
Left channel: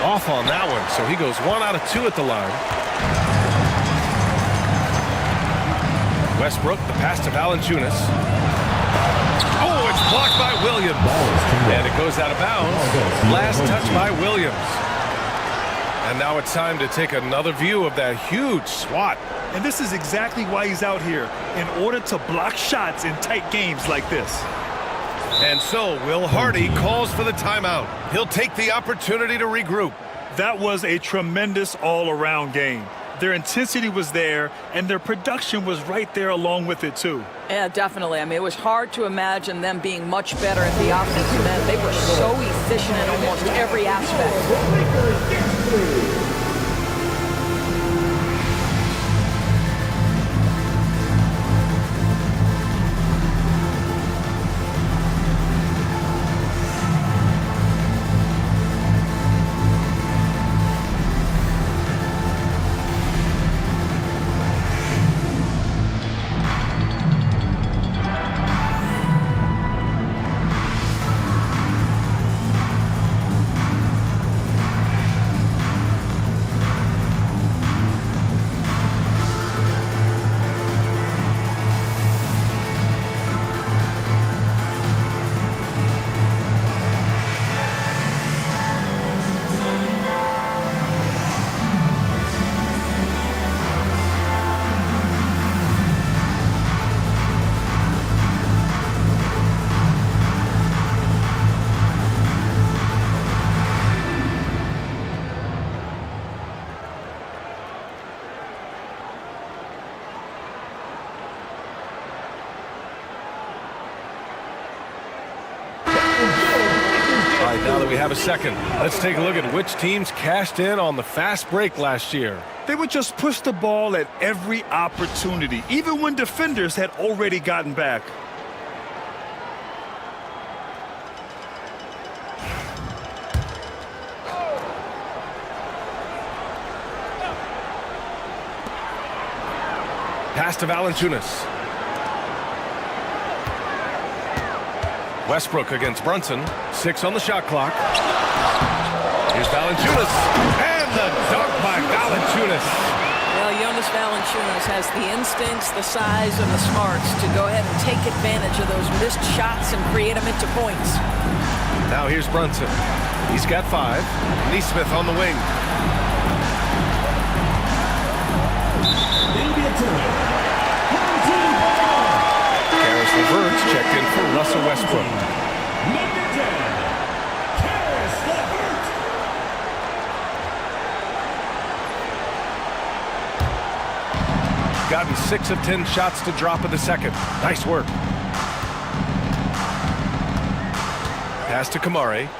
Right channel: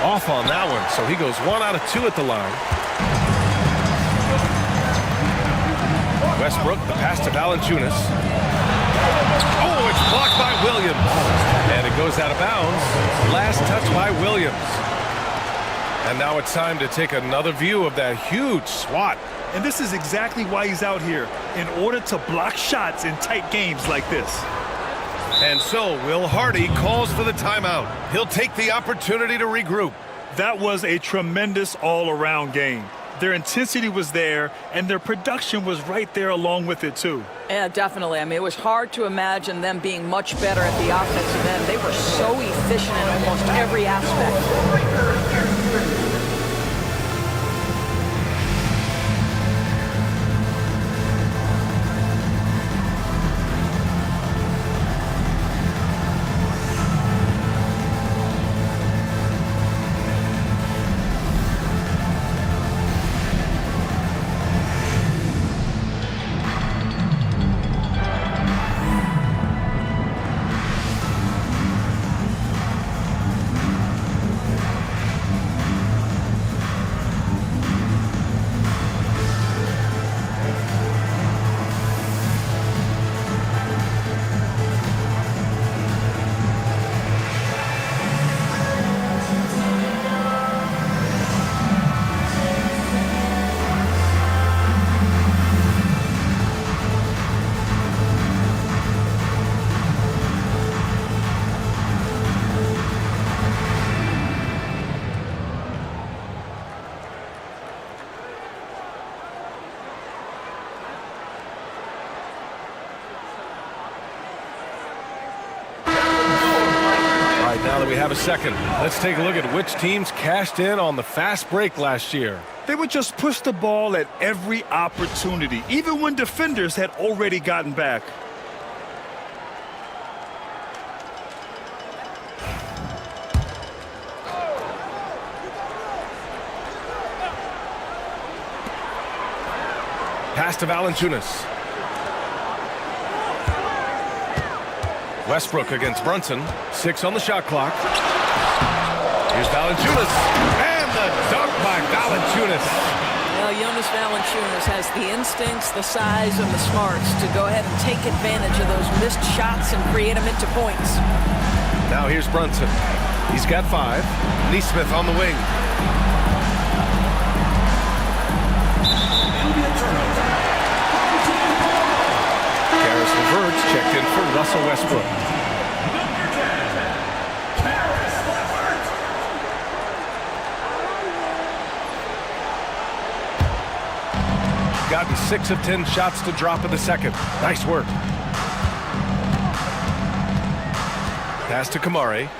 Off on that one, so he goes 1 out of 2 at the line. Westbrook, the pass to Valanciunas. Oh, it's blocked by Williams. And it goes out of bounds. Last touch by Williams. And now it's time to take another view of that huge swat. And this is exactly why he's out here, in order to block shots in tight games like this. And so Will Hardy calls for the timeout. He'll take the opportunity to regroup. That was a tremendous all-around game. Their intensity was there, and their production was right there along with it, too. Yeah, definitely. I mean, it was hard to imagine them being much better at the offensive end. They were so efficient in almost every aspect. All right, now that we have a second, let's take a look at which teams cashed in on the fast break last year. They would just push the ball at every opportunity, even when defenders had already gotten back. Pass to Valanciunas. Westbrook against Brunson. 6 on the shot clock. Here's Valanciunas. And the dunk by Valanciunas. Well, Jonas Valanciunas has the instincts, the size, and the smarts to go ahead and take advantage of those missed shots and create them into points. Now here's Brunson. He's got 5. Nesmith on the wing. It'll be a turnover. Karis LeVert's checked in for Russell Westbrook. Number 10, Karis LeVert. Gotten 6 of 10 shots to drop in the second. Nice work. Pass to Kamari.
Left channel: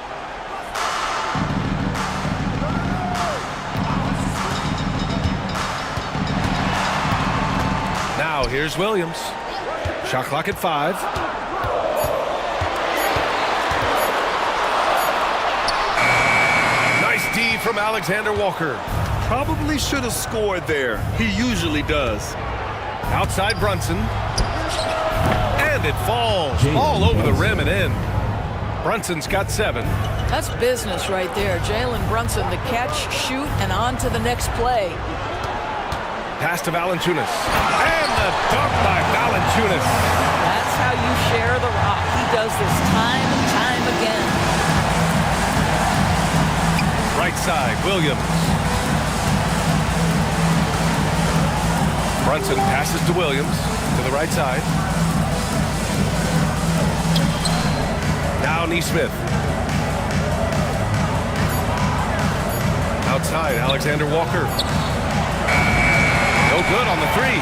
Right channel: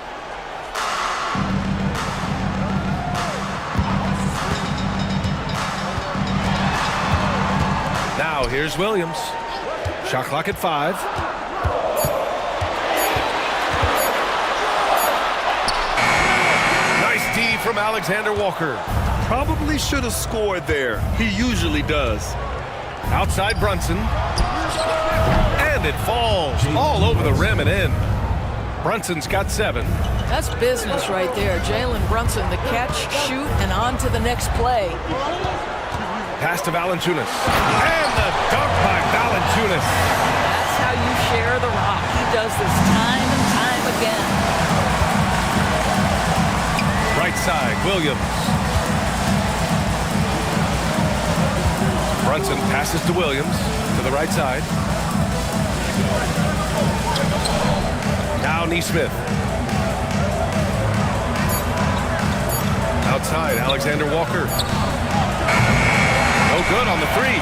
Now here's Williams. Shot clock at 5. Nice D from Alexander Walker. Probably should have scored there. He usually does. Outside Brunson. And it falls all over the rim and in. Brunson's got 7. That's business right there. Jalen Brunson, the catch, shoot, and on to the next play. Pass to Valanciunas. And the dunk by Valanciunas. That's how you share the rock. He does this time and time again. Right side, Williams. Brunson passes to Williams to the right side. Now Nesmith. Outside, Alexander Walker. No good on the 3. They've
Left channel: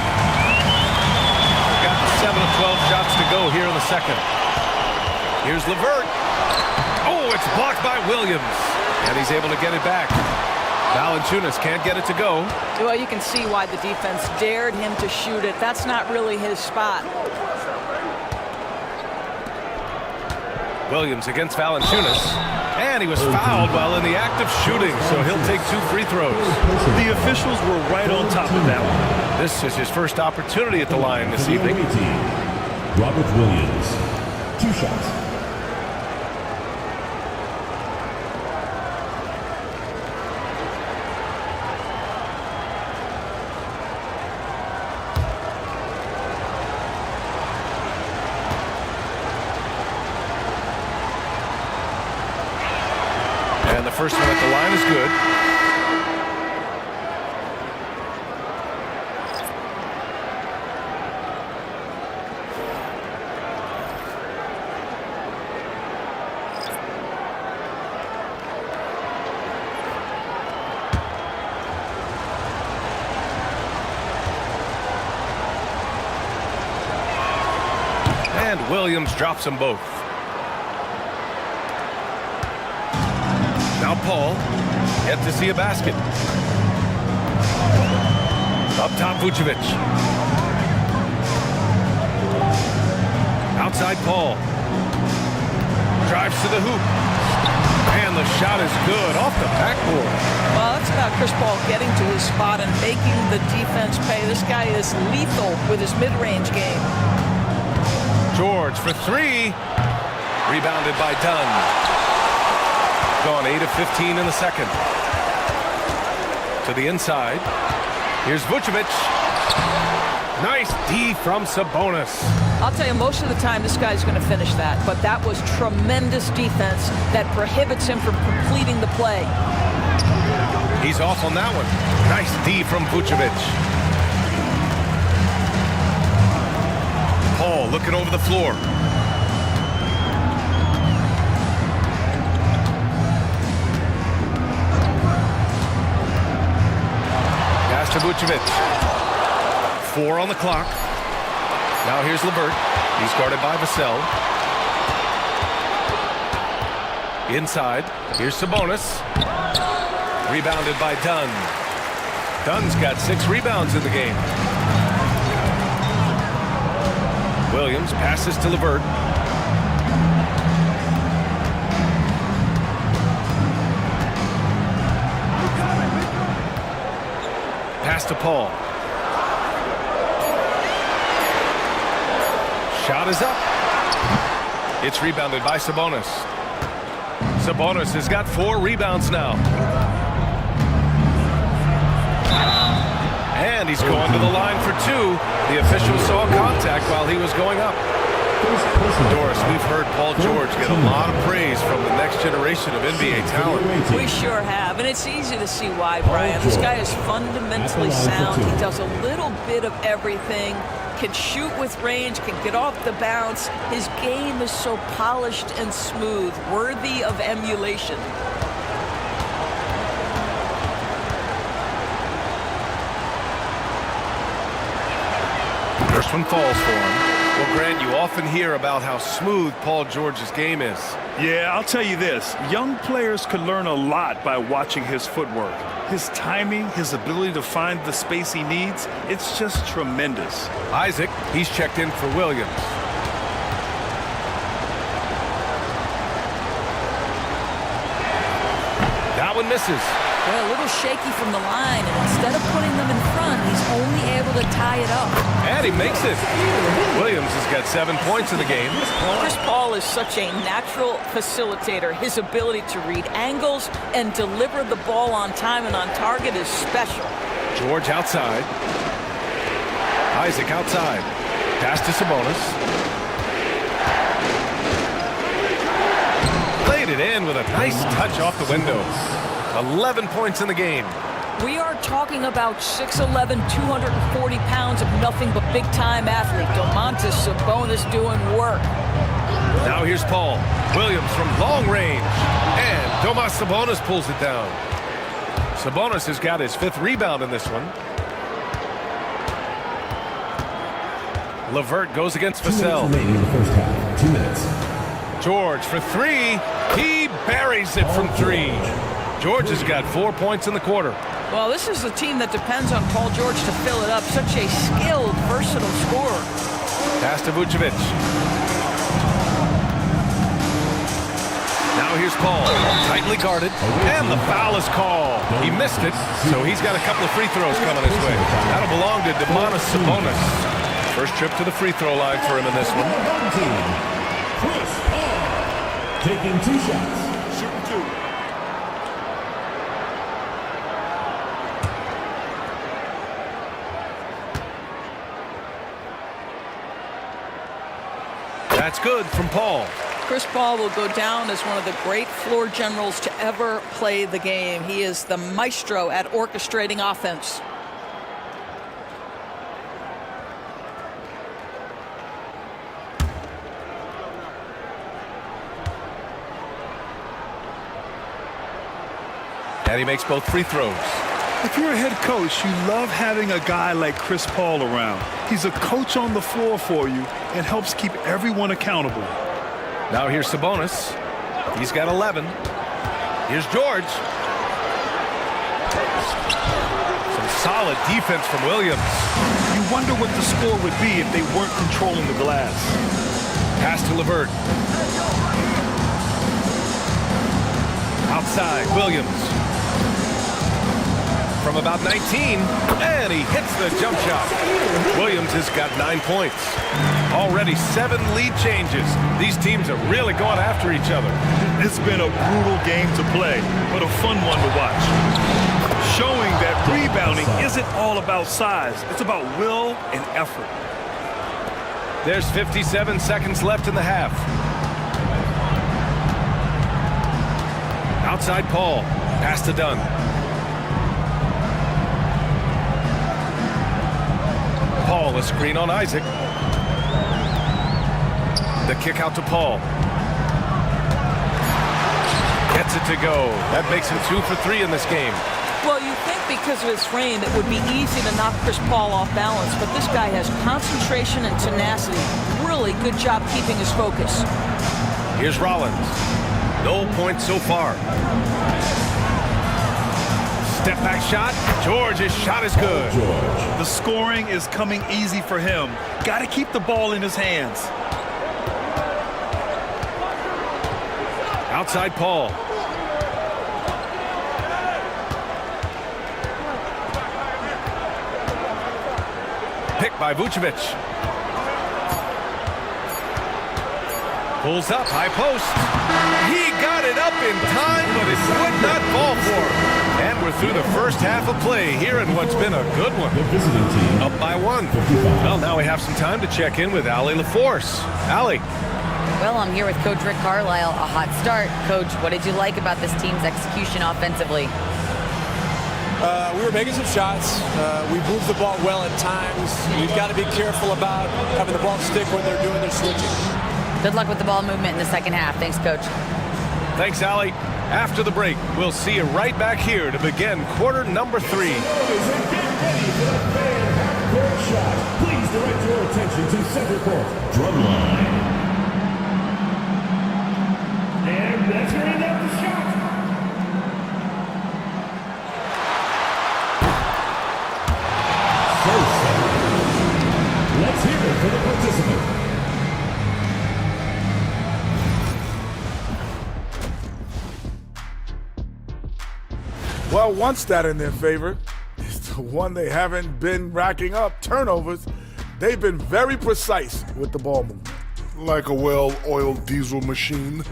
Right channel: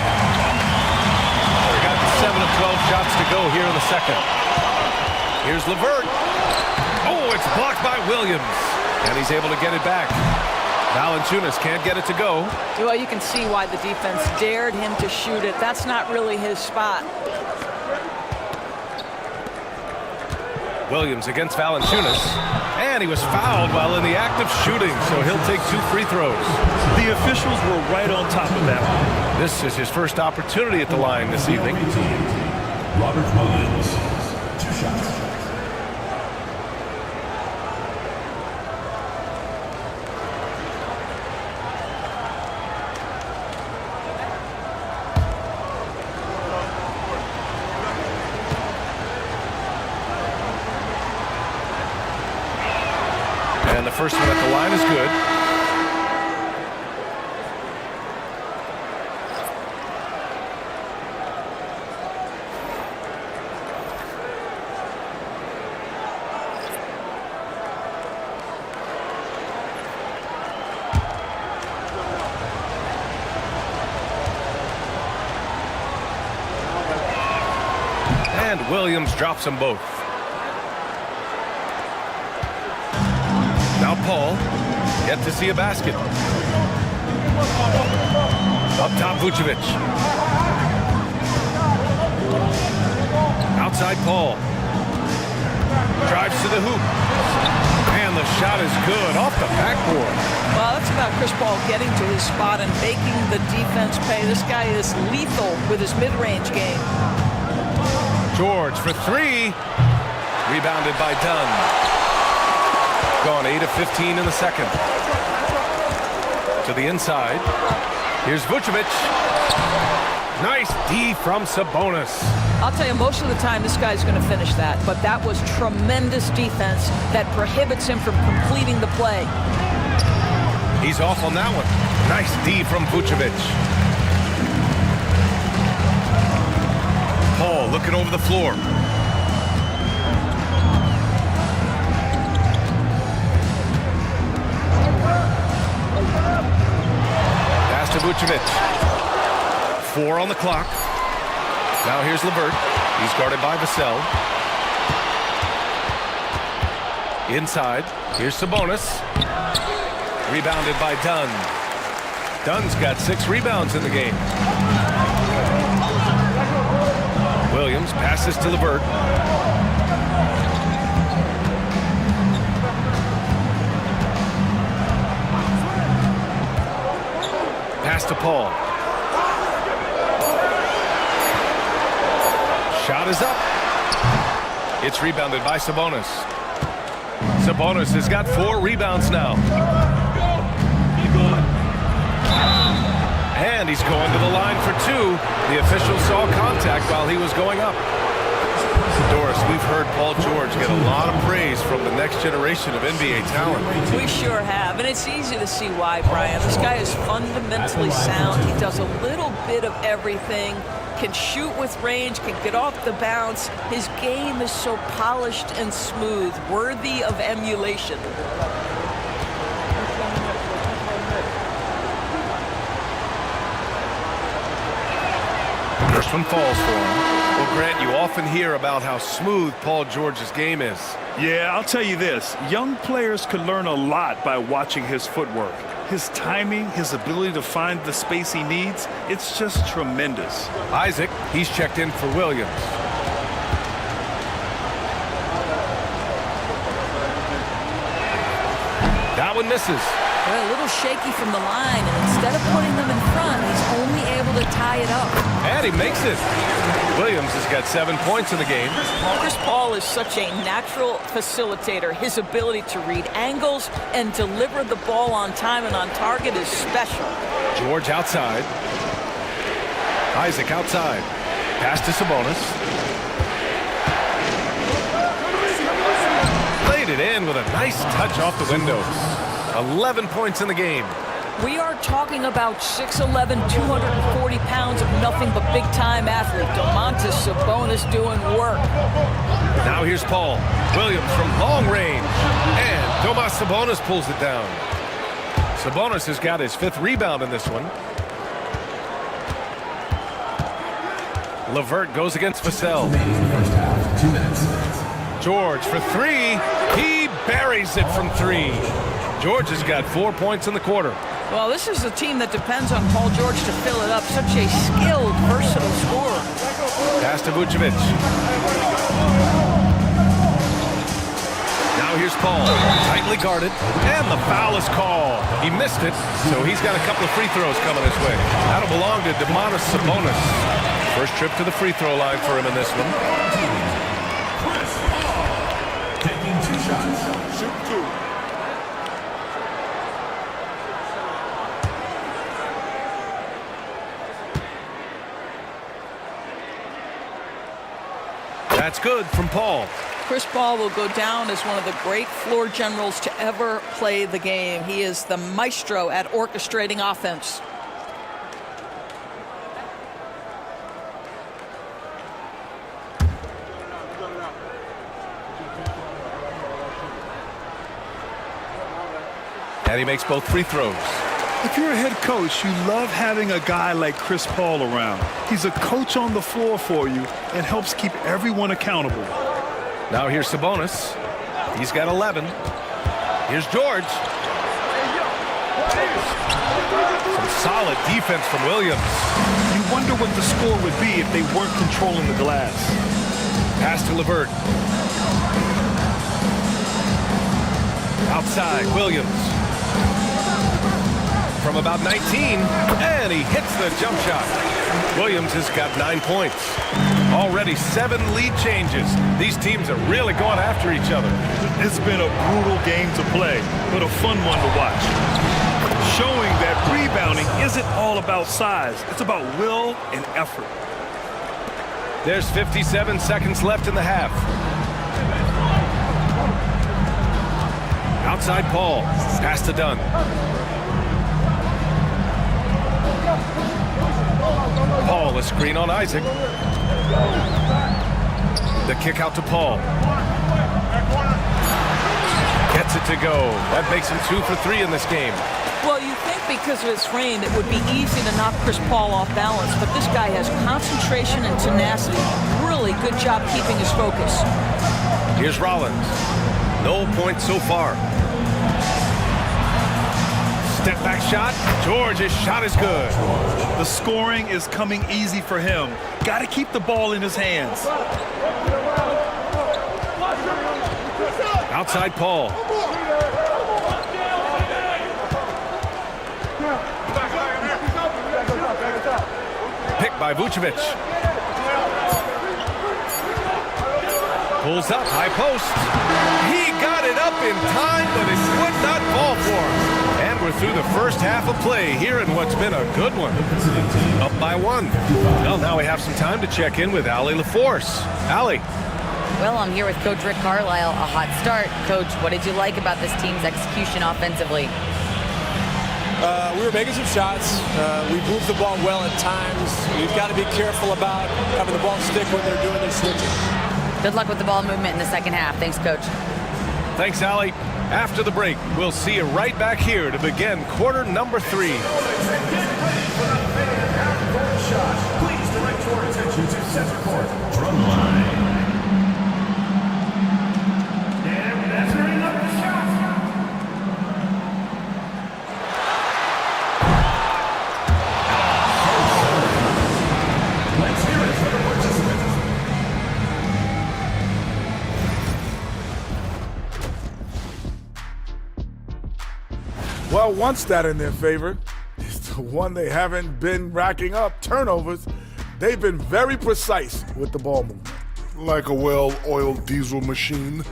got 7 of 12 shots to go here in the second. Here's LeVert. Oh, it's blocked by Williams. And he's able to get it back. Valanciunas can't get it to go. Well, you can see why the defense dared him to shoot it. That's not really his spot. Williams against Valanciunas. And he was fouled while in the act of shooting, so he'll take 2 free throws. The officials were right on top of that one. This is his first opportunity at the line this evening. Robert Williams, 2 shots. And the first one at the line is good. And Williams drops them both. Now Paul, yet to see a basket. Up top, Vucevic. Outside Paul. Drives to the hoop. And the shot is good off the backboard. Well, that's about Chris Paul getting to his spot and making the defense pay. This guy is lethal with his mid-range game. George for three. Rebounded by Dunn. Gone 8 of 15 in the second. To the inside. Here's Vucevic. Nice D from Sabonis. I'll tell you, most of the time this guy's going to finish that, but that was tremendous defense that prohibits him from completing the play. He's off on that one. Nice D from Vucevic. Paul looking over the floor. Pass to Vucevic. 4 on the clock. Now here's LeVert. He's guarded by Vassell. Inside. Here's Sabonis. Rebounded by Dunn. Dunn's got 6 rebounds in the game. Williams passes to LeVert. Pass to Paul. Shot is up. It's rebounded by Sabonis. Sabonis has got 4 rebounds now. And he's going to the line for 2. The official saw contact while he was going up. Doris, we've heard Paul George get a lot of praise from the next generation of NBA talent. We sure have, and it's easy to see why, Brian. This guy is fundamentally sound. He does a little bit of everything, can shoot with range, can get off the bounce. His game is so polished and smooth, worthy of emulation. First one falls for him. Well, Grant, you often hear about how smooth Paul George's game is. Yeah, I'll tell you this. Young players could learn a lot by watching his footwork. His timing, his ability to find the space he needs, it's just tremendous. Isaac, he's checked in for Williams. That one misses. Well, a little shaky from the line, and instead of putting them in front, he's only able to tie it up. And he makes it. Williams has got 7 points in the game. Chris Paul is such a natural facilitator. His ability to read angles and deliver the ball on time and on target is special. George outside. Isaac outside. Pass to Sabonis. Laid it in with a nice touch off the window. 11 points in the game. We are talking about 6'11", 240 pounds of nothing but big-time athlete. Domantas Sabonis doing work. Now here's Paul. Williams from long range. And Domas Sabonis pulls it down. Sabonis has got his 5th rebound in this one. LeVert goes against Vassell. 2 minutes. George for 3. He buries it from 3. George has got 4 points in the quarter. Well, this is a team that depends on Paul George to fill it up. Such a skilled, versatile scorer. Pass to Vucevic. Now here's Paul, tightly guarded, and the foul is called. He missed it, so he's got a couple of free throws coming his way. That'll belong to Domantas Sabonis. First trip to the free throw line for him in this one. Chris Paul taking 2 shots. Shooting 2. That's good from Paul. Chris Paul will go down as one of the great floor generals to ever play the game. He is the maestro at orchestrating offense. And he makes both free throws. If you're a head coach, you love having a guy like Chris Paul around. He's a coach on the floor for you and helps keep everyone accountable. Now here's Sabonis. He's got 11. Here's George. Some solid defense from Williams. You wonder what the score would be if they weren't controlling the glass. Pass to LeVert. Outside, Williams. From about 19, and he hits the jump shot. Williams has got 9 points. Already 7 lead changes. These teams are really going after each other. It's been a brutal game to play, but a fun one to watch. Showing that rebounding isn't all about size. It's about will and effort. There's 57 seconds left in the half. Outside Paul. Pass to Dunn. Paul, a screen on Isaac. The kick out to Paul. Gets it to go. That makes him 2 for 3 in this game. Well, you think because of his frame it would be easy to knock Chris Paul off balance, but this guy has concentration and tenacity. Really good job keeping his focus. Here's Rollins. No points so far. Step back shot. George's shot is good. The scoring is coming easy for him. Got to keep the ball in his hands. Outside Paul. Picked by Vucevic. Pulls up, high post. He got it up in time, but it would not fall for him. And we're through the first half of play here in what's been a good one. Up by 1. Well, now we have some time to check in with Allie LaForce. Allie. Well, I'm here with Coach Rick Carlisle. A hot start. Coach, what did you like about this team's execution offensively? We were making some shots. We moved the ball well at times. We've got to be careful about having the ball stick when they're doing their switching. Good luck with the ball movement in the second half. Thanks, Coach. Thanks, Allie. After the break, we'll see you right back here to begin quarter number 3. Please direct your attention to center court. Drumline. And that's bringing up the shot. Let's hear it for the participant. Well, one stat in their favor is the one they haven't been racking up, turnovers. They've been very precise with the ball movement. Like a well-oiled diesel machine.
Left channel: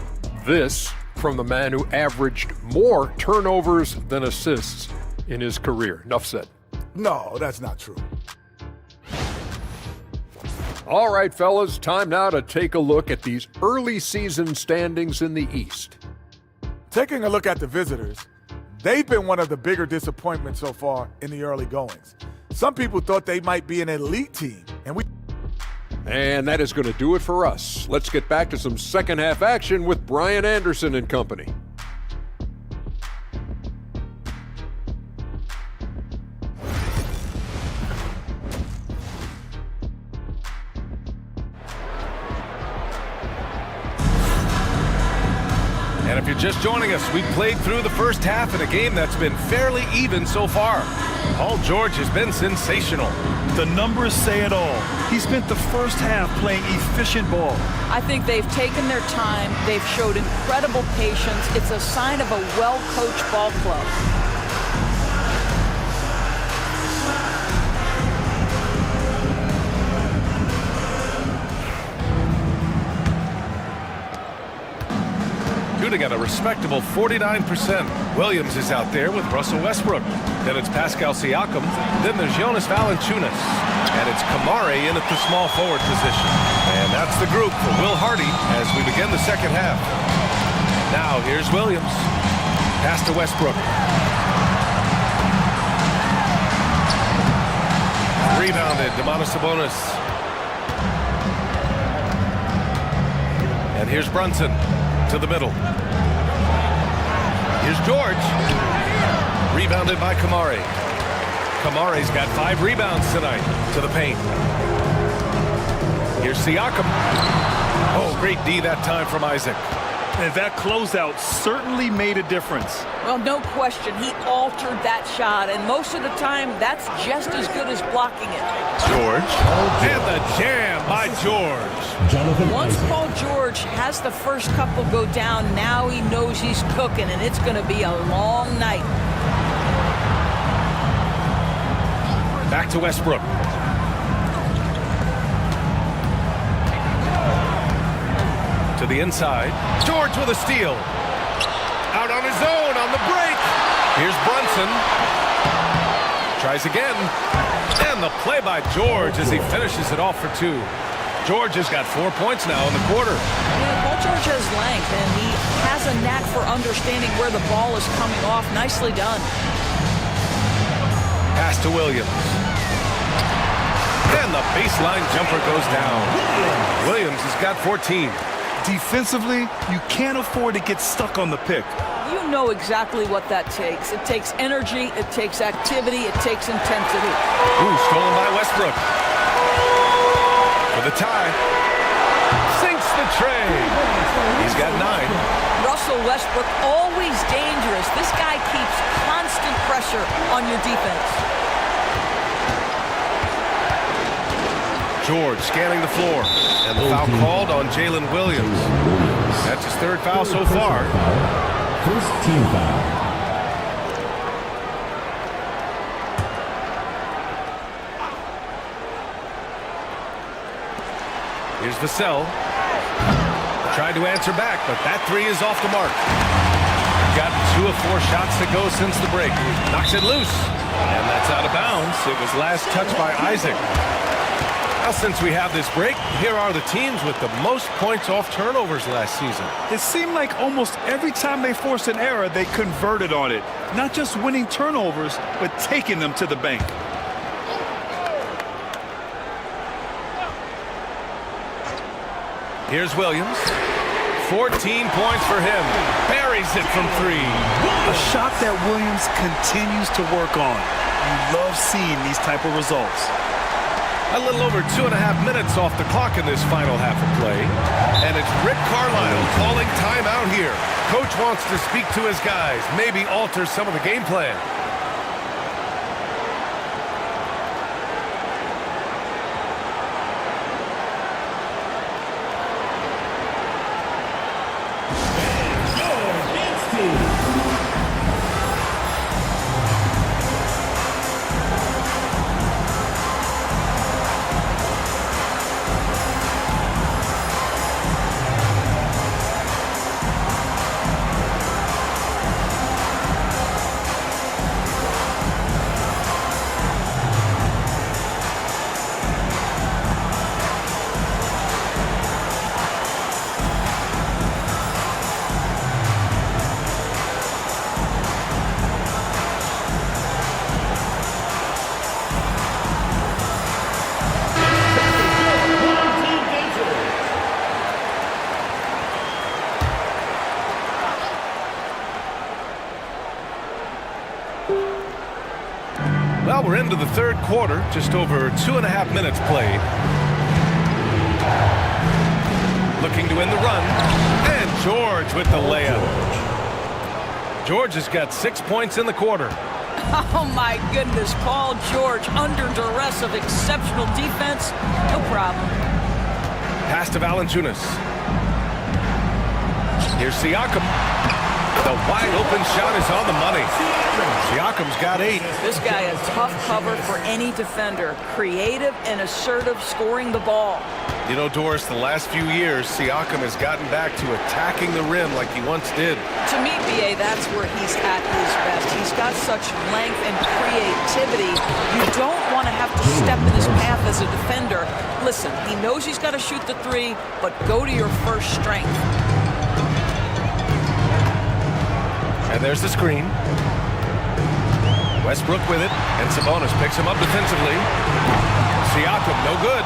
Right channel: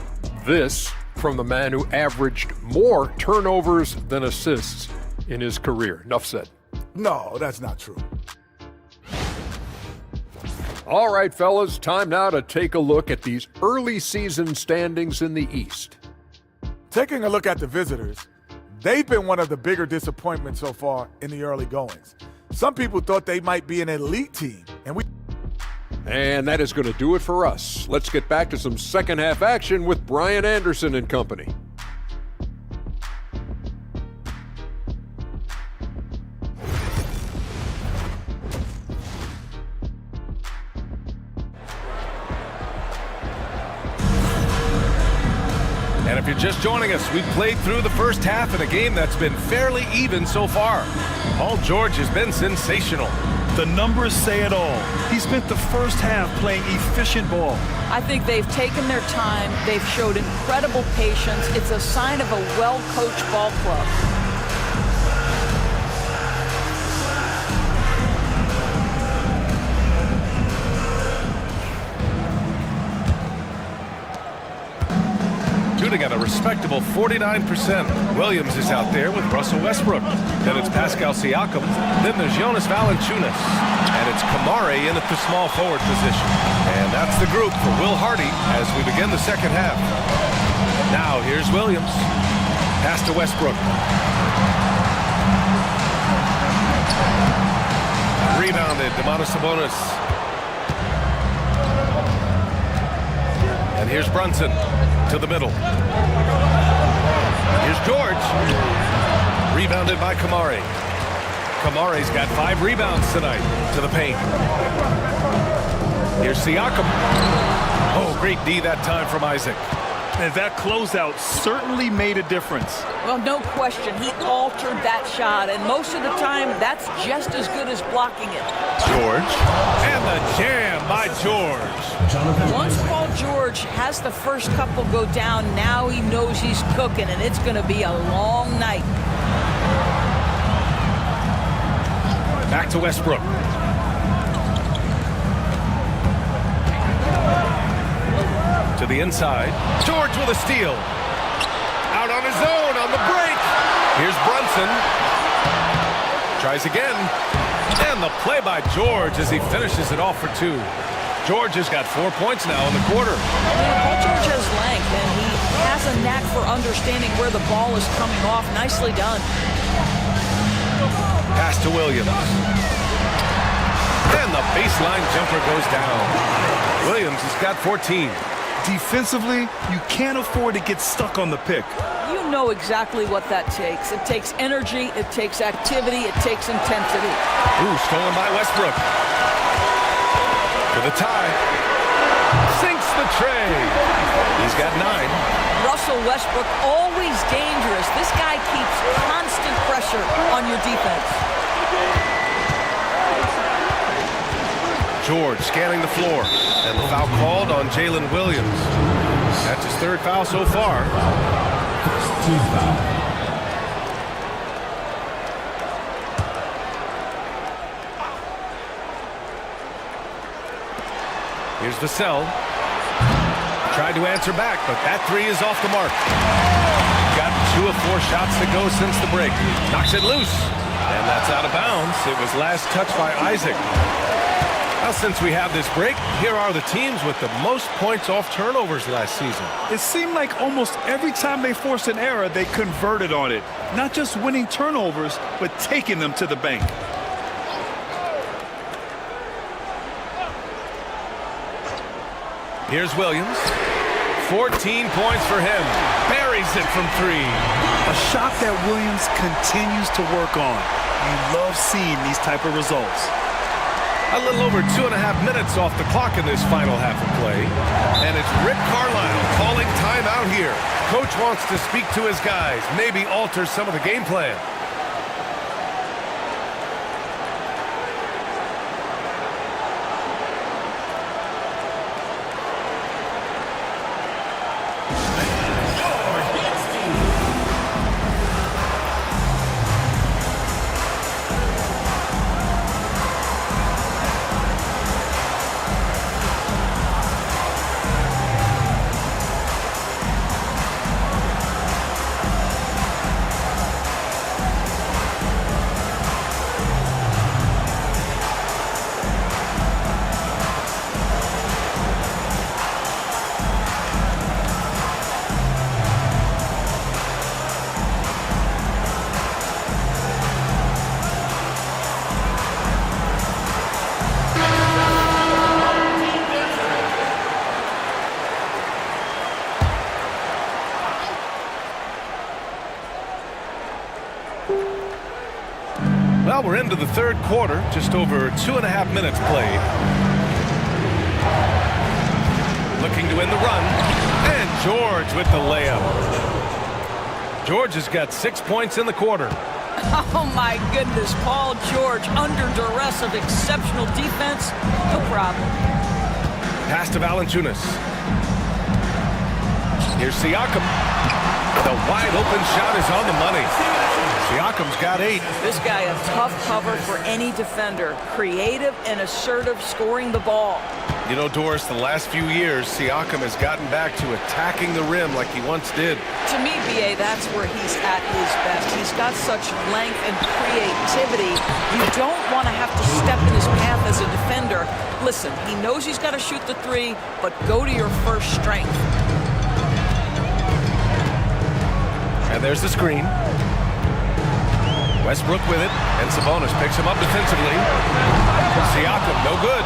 This from the man who averaged more turnovers than assists in his career. Enough said. No, that's not true. All right, fellas, time now to take a look at these early season standings in the East. Taking a look at the visitors, they've been one of the bigger disappointments so far in the early goings. Some people thought they might be an elite team, And that is going to do it for us. Let's get back to some second half action with Brian Anderson and company. And if you're just joining us, we've played through the first half in a game that's been fairly even so far. Paul George has been sensational. The numbers say it all. He spent the first half playing efficient ball. I think they've taken their time. They've showed incredible patience. It's a sign of a well-coached ball club. Shooting at a respectable 49%. Williams is out there with Russell Westbrook. Then it's Pascal Siakam. Then there's Jonas Valanciunas. And it's Kamare in at the small forward position. And that's the group for Will Hardy as we begin the second half. Now here's Williams. Pass to Westbrook. Rebounded, Domantas Sabonis. And here's Brunson to the middle. Here's George. Rebounded by Kamari. Kamari's got 5 rebounds tonight to the paint. Here's Siakam. Oh, great D that time from Isaac. And that closeout certainly made a difference. Well, no question. He altered that shot, and most of the time, that's just as good as blocking it. George. And the jam by George. Once Paul George has the first couple go down, now he knows he's cooking, and it's going to be a long night. Back to Westbrook. To the inside. George with a steal. Out on his own on the break. Here's Brunson. Tries again. And the play by George as he finishes it off for 2. George has got 4 points now in the quarter. Yeah, Paul George has length, and he has a knack for understanding where the ball is coming off. Nicely done. Pass to Williams. And the baseline jumper goes down. Williams has got 14. Defensively, you can't afford to get stuck on the pick. You know exactly what that takes. It takes energy, it takes activity, it takes intensity. Ooh, stolen by Westbrook. For the tie. Sinks the tray. He's got 9. Russell Westbrook, always dangerous. This guy keeps constant pressure on your defense. George scanning the floor. And the foul called on Jalen Williams. That's his 3rd foul so far. First team foul. Here's Vassell. Tried to answer back, but that 3 is off the mark. Gotten 2 of 4 shots to go since the break. Knocks it loose. And that's out of bounds. It was last touched by Isaac. Now, since we have this break, here are the teams with the most points off turnovers last season. It seemed like almost every time they forced an error, they converted on it. Not just winning turnovers, but taking them to the bank. Here's Williams. 14 points for him. Buries it from 3. A shot that Williams continues to work on. You love seeing these type of results. A little over 2.5 minutes off the clock in this final half of play. And it's Rick Carlisle calling timeout here. Coach wants to speak to his guys, maybe alter some of the game plan. Well, we're into the 3rd quarter, just over 2.5 minutes played. Looking to end the run, and George with the layup. George has got 6 points in the quarter. Oh, my goodness. Paul George under duress of exceptional defense. No problem. Pass to Valanciunas. Here's Siakam. The wide open shot is on the money. Siakam's got 8. This guy a tough cover for any defender. Creative and assertive scoring the ball. You know, Doris, the last few years, Siakam has gotten back to attacking the rim like he once did. To me, B.A., that's where he's at his best. He's got such length and creativity. You don't want to have to step in his path as a defender. Listen, he knows he's got to shoot the 3, but go to your first strength. And there's the screen. Westbrook with it, and Sabonis picks him up defensively. Siakam, no good.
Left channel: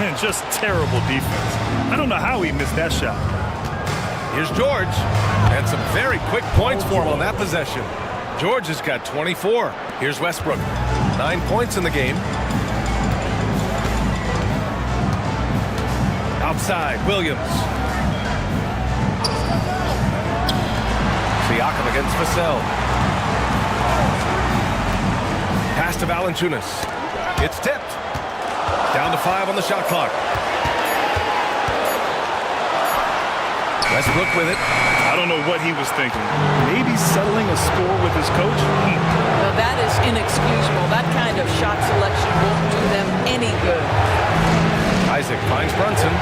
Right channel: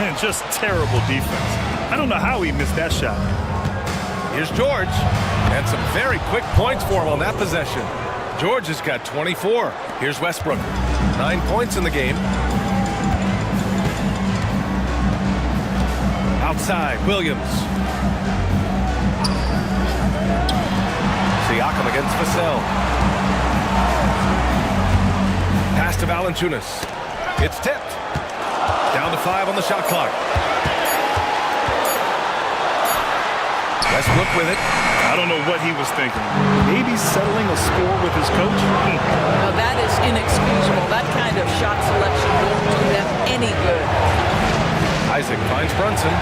And just terrible defense. I don't know how he missed that shot. Here's George, and some very quick points for him on that possession. George has got 24. Here's Westbrook. 9 points in the game. Outside, Williams. Siakam against Vassell. Pass to Valanciunas. It's tipped. Down to 5 on the shot clock. Westbrook with it. I don't know what he was thinking. Maybe settling a score with his coach? Now that is inexcusable. That kind of shot selection won't do them any good. Isaac finds Brunson.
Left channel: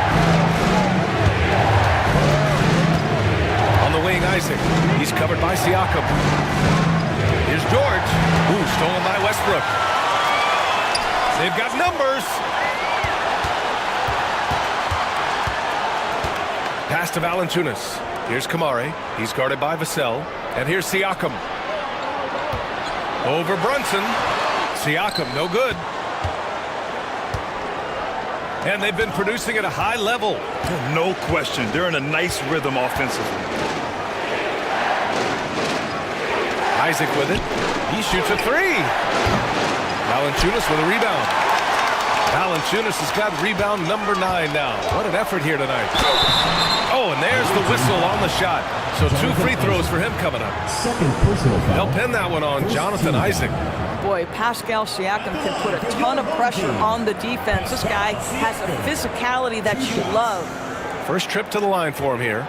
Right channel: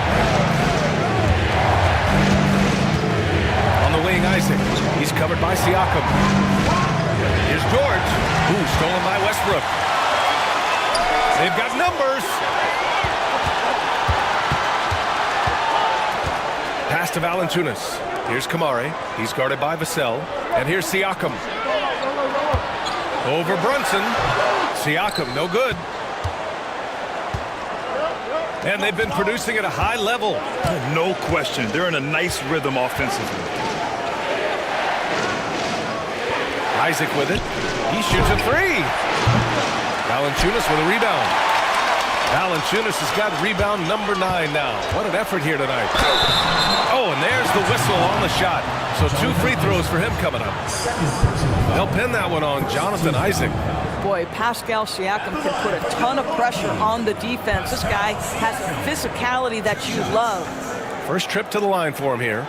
On the wing, Isaac. He's covered by Siakam. Here's George. Ooh, stolen by Westbrook. They've got numbers. Pass to Valanciunas. Here's Kamare. He's guarded by Vassell. And here's Siakam. Over Brunson. Siakam, no good. And they've been producing at a high level. No question. They're in a nice rhythm offensively. Isaac with it. He shoots a 3. Valanciunas with a rebound. Valanciunas has got rebound number 9 now. What an effort here tonight. Oh, and there's the whistle on the shot. So 2 free throws for him coming up. They'll pin that one on Jonathan Isaac. Boy, Pascal Siakam can put a ton of pressure on the defense. This guy has a physicality that you love. First trip to the line for him here.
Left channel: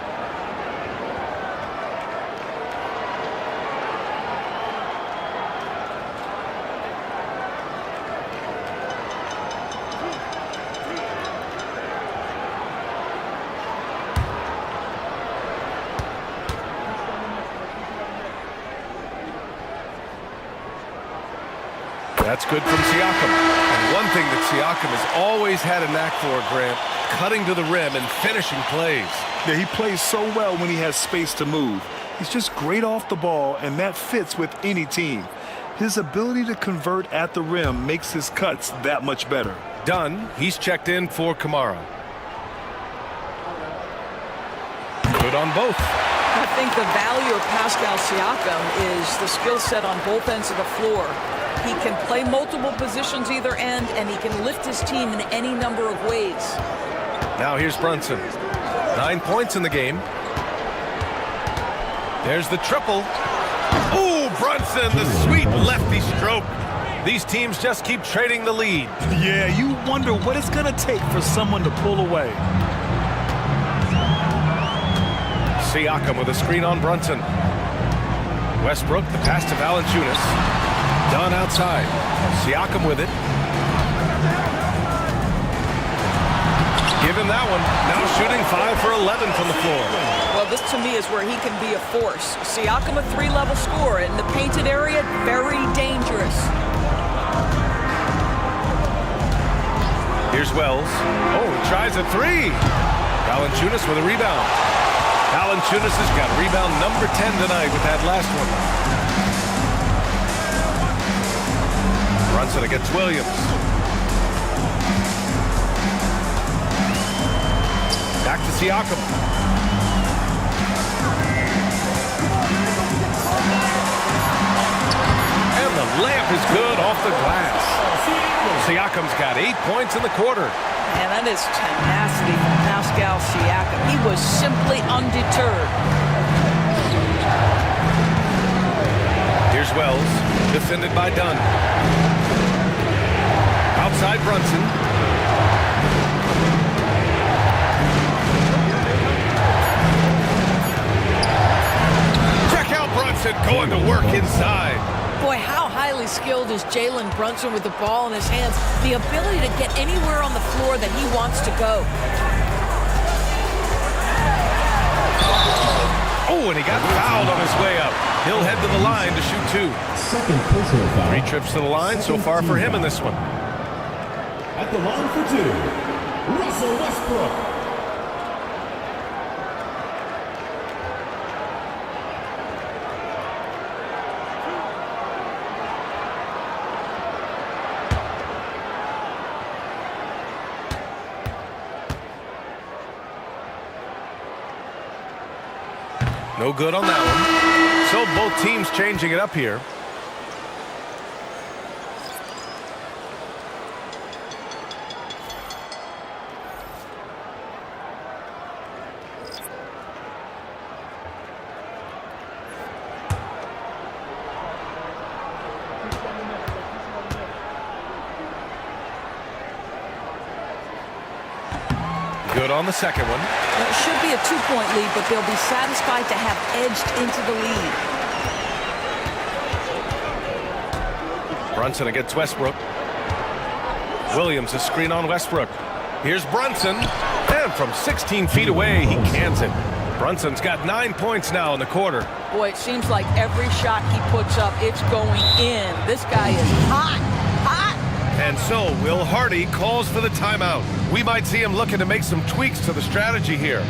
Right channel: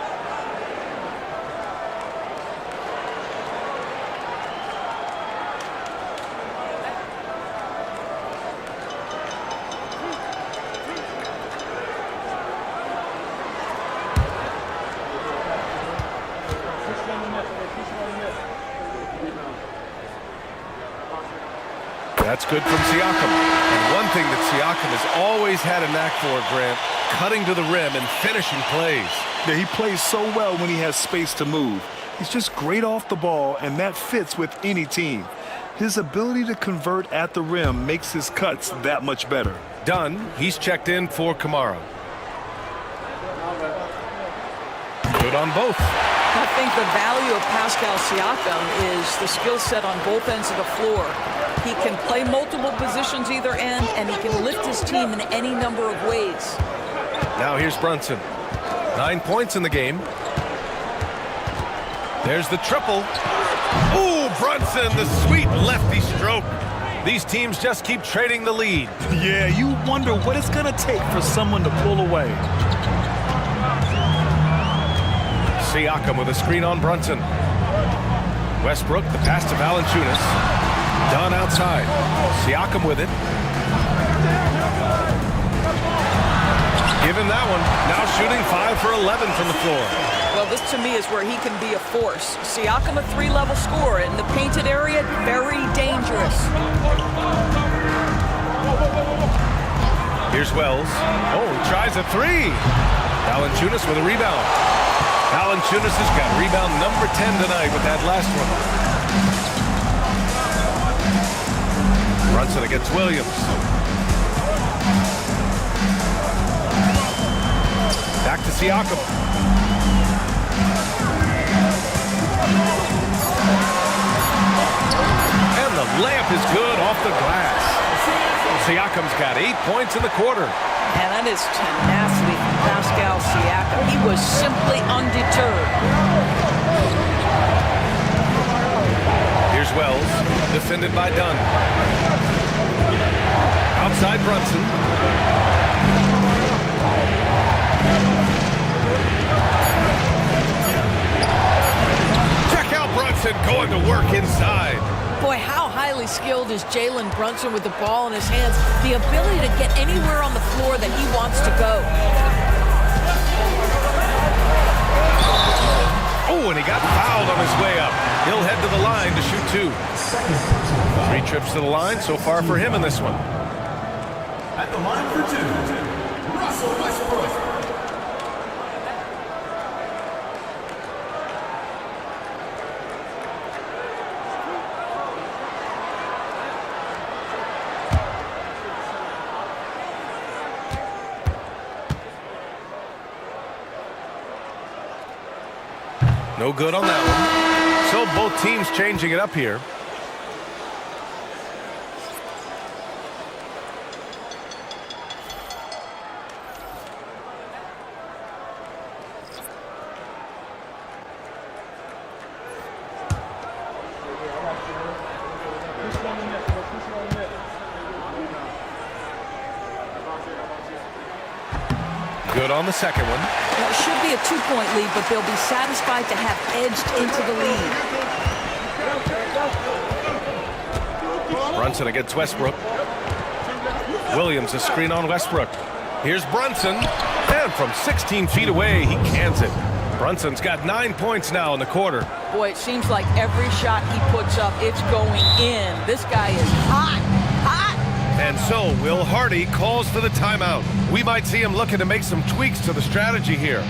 That's good from Siakam. And one thing that Siakam has always had a knack for, Grant, cutting to the rim and finishing plays. Yeah, he plays so well when he has space to move. He's just great off the ball, and that fits with any team. His ability to convert at the rim makes his cuts that much better. Dunn, he's checked in for Kamara. Good on both. I think the value of Pascal Siakam is the skill set on both ends of the floor. He can play multiple positions either end, and he can lift his team in any number of ways. Now here's Brunson. 9 points in the game. There's the triple. Ooh, Brunson, the sweet lefty stroke. These teams just keep trading the lead. Yeah, you wonder what it's going to take for someone to pull away. Siakam with a screen on Brunson. Westbrook, the pass to Valanciunas. Dunn outside. Siakam with it. Give him that one. Now shooting 5 for 11 from the floor. Well, this to me is where he can be a force. Siakam, a 3-level scorer in the painted area, very dangerous. Here's Wells. Oh, he tries a 3. Valanciunas with a rebound. Valanciunas has got rebound number 10 tonight with that last one. Brunson against Williams. Back to Siakam. And the layup is good off the glass. Siakam's got 8 points in the quarter. And that is tenacity from Pascal Siakam. He was simply undeterred. Here's Wells, defended by Dunn. Outside Brunson. Check out Brunson going to work inside. Boy, how highly skilled is Jalen Brunson with the ball in his hands. The ability to get anywhere on the floor that he wants to go. Oh, and he got fouled on his way up. He'll head to the line to shoot 2. 3 trips to the line so far for him in this one. At the line for 2, Russell Westbrook. No good on that one. So both teams changing it up here. Good on the second one. It should be a 2-point lead, but they'll be satisfied to have edged into the lead. Brunson against Westbrook. Williams, a screen on Westbrook. Here's Brunson, and from 16 feet away, he cans it. Brunson's got 9 points now in the quarter. Boy, it seems like every shot he puts up, it's going in. This guy is hot, hot. And so Will Hardy calls for the timeout. We might see him looking to make some tweaks to the strategy here.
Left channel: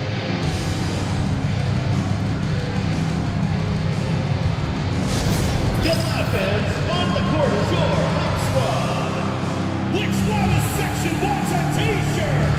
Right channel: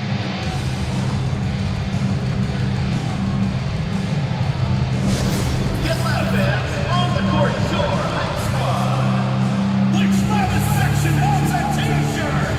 Get loud, fans. On the court, your hype squad. Which loudest section wants a t-shirt?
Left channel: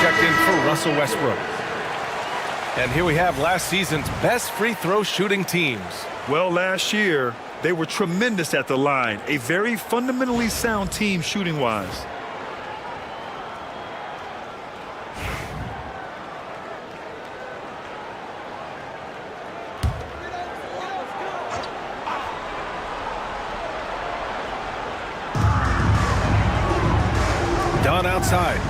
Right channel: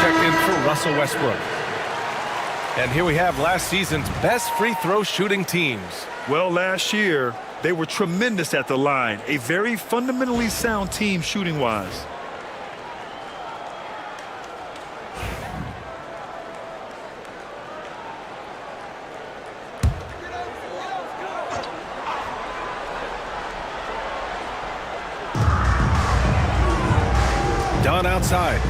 Checked in for Russell Westbrook. And here we have last season's best free throw shooting teams. Well, last year, they were tremendous at the line. A very fundamentally sound team shooting-wise. Dunn outside.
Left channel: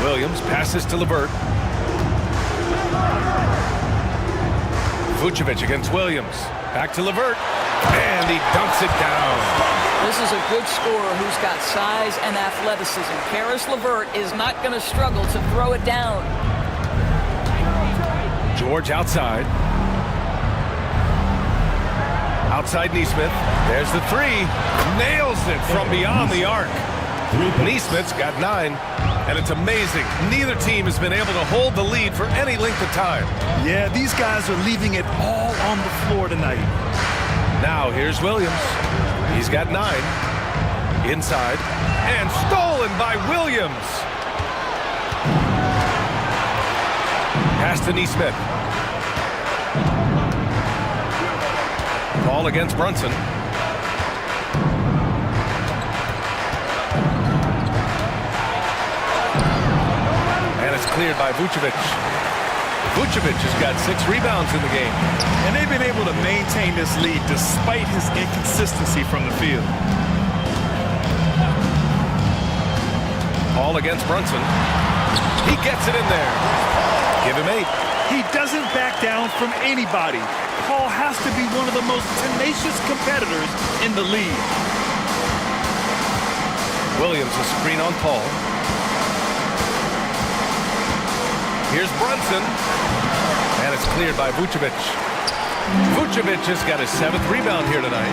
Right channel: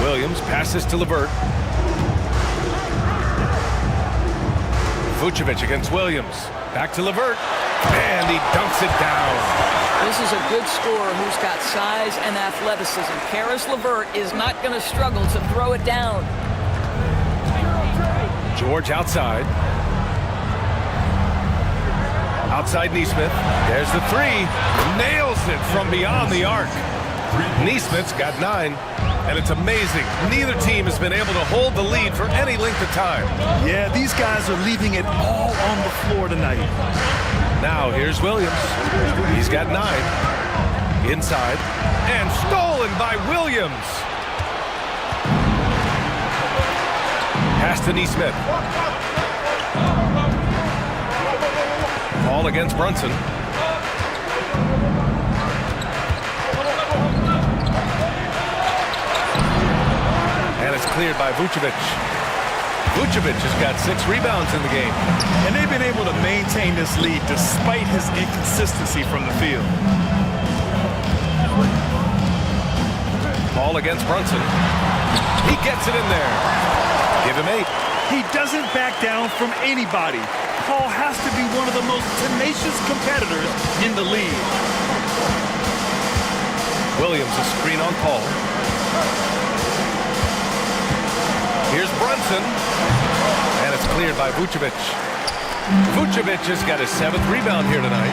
Williams passes to LeVert. Vucevic against Williams. Back to LeVert. And he dunks it down. This is a good scorer who's got size and athleticism. Karis LeVert is not going to struggle to throw it down. George outside. Outside Nesmith. There's the three. Nails it from beyond the arc. Nesmith's got 9. And it's amazing. Neither team has been able to hold the lead for any length of time. Yeah, these guys are leaving it all on the floor tonight. Now here's Williams. He's got 9. Inside. And stolen by Williams. Pass to Nesmith. Ball against Brunson. And it's cleared by Vucevic. Vucevic has got 6 rebounds in the game. And they've been able to maintain this lead despite his inconsistency from the field. Ball against Brunson. He gets it in there. Give him 8. He doesn't back down from anybody. Paul has to be one of the most tenacious competitors in the league. Williams, a screen on Paul. Here's Brunson. And it's cleared by Vucevic. Vucevic has got his 7th rebound here tonight.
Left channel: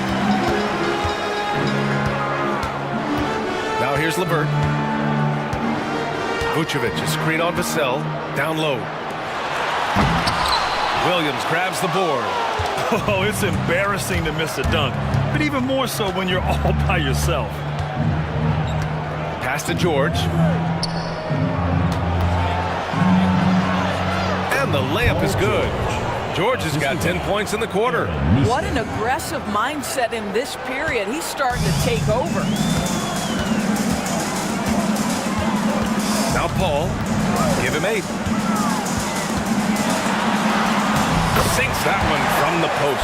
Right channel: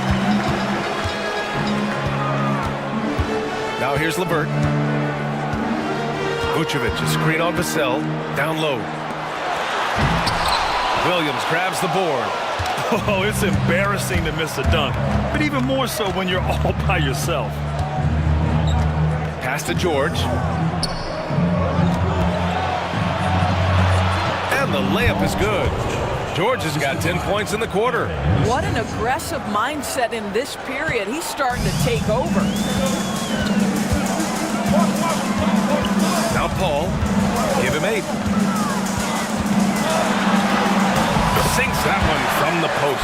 Now here's LeVert. Vucevic, a screen on Vassell. Down low. Williams grabs the board. Oh, it's embarrassing to miss a dunk, but even more so when you're all by yourself. Pass to George. And the layup is good. George has got 10 points in the quarter. What an aggressive mindset in this period. He's starting to take over. Now Paul, give him 8. Sinks that one from the post.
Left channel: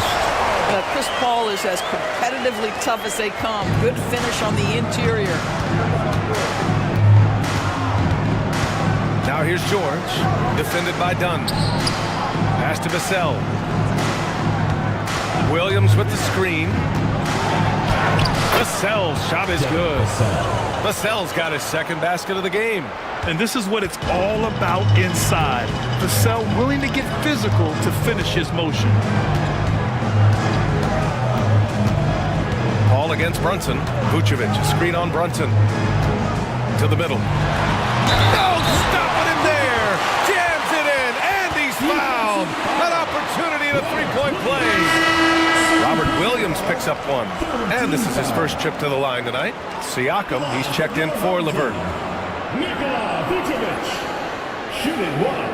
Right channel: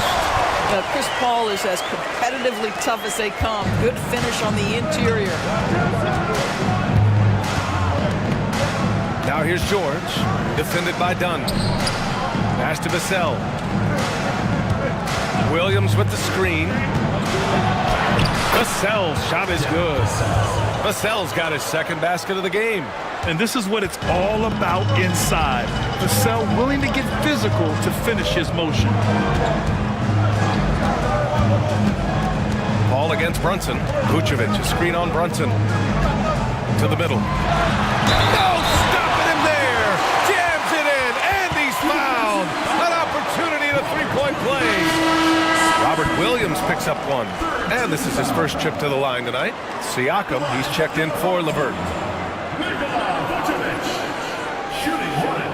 Chris Paul is as competitively tough as they come. Good finish on the interior. Now here's George, defended by Dunn. Pass to Vassell. Williams with the screen. Vassell's shot is good. Vassell's got his second basket of the game. And this is what it's all about inside. Vassell willing to get physical to finish his motion. Paul against Brunson. Vucevic, a screen on Brunson. To the middle. No, stopping him there. Jams it in, and he's fouled. An opportunity in a three-point play. Robert Williams picks up one. And this is his first trip to the line tonight. Siakam, he's checked in for LeVert. Nikola Vucevic, shooting 1.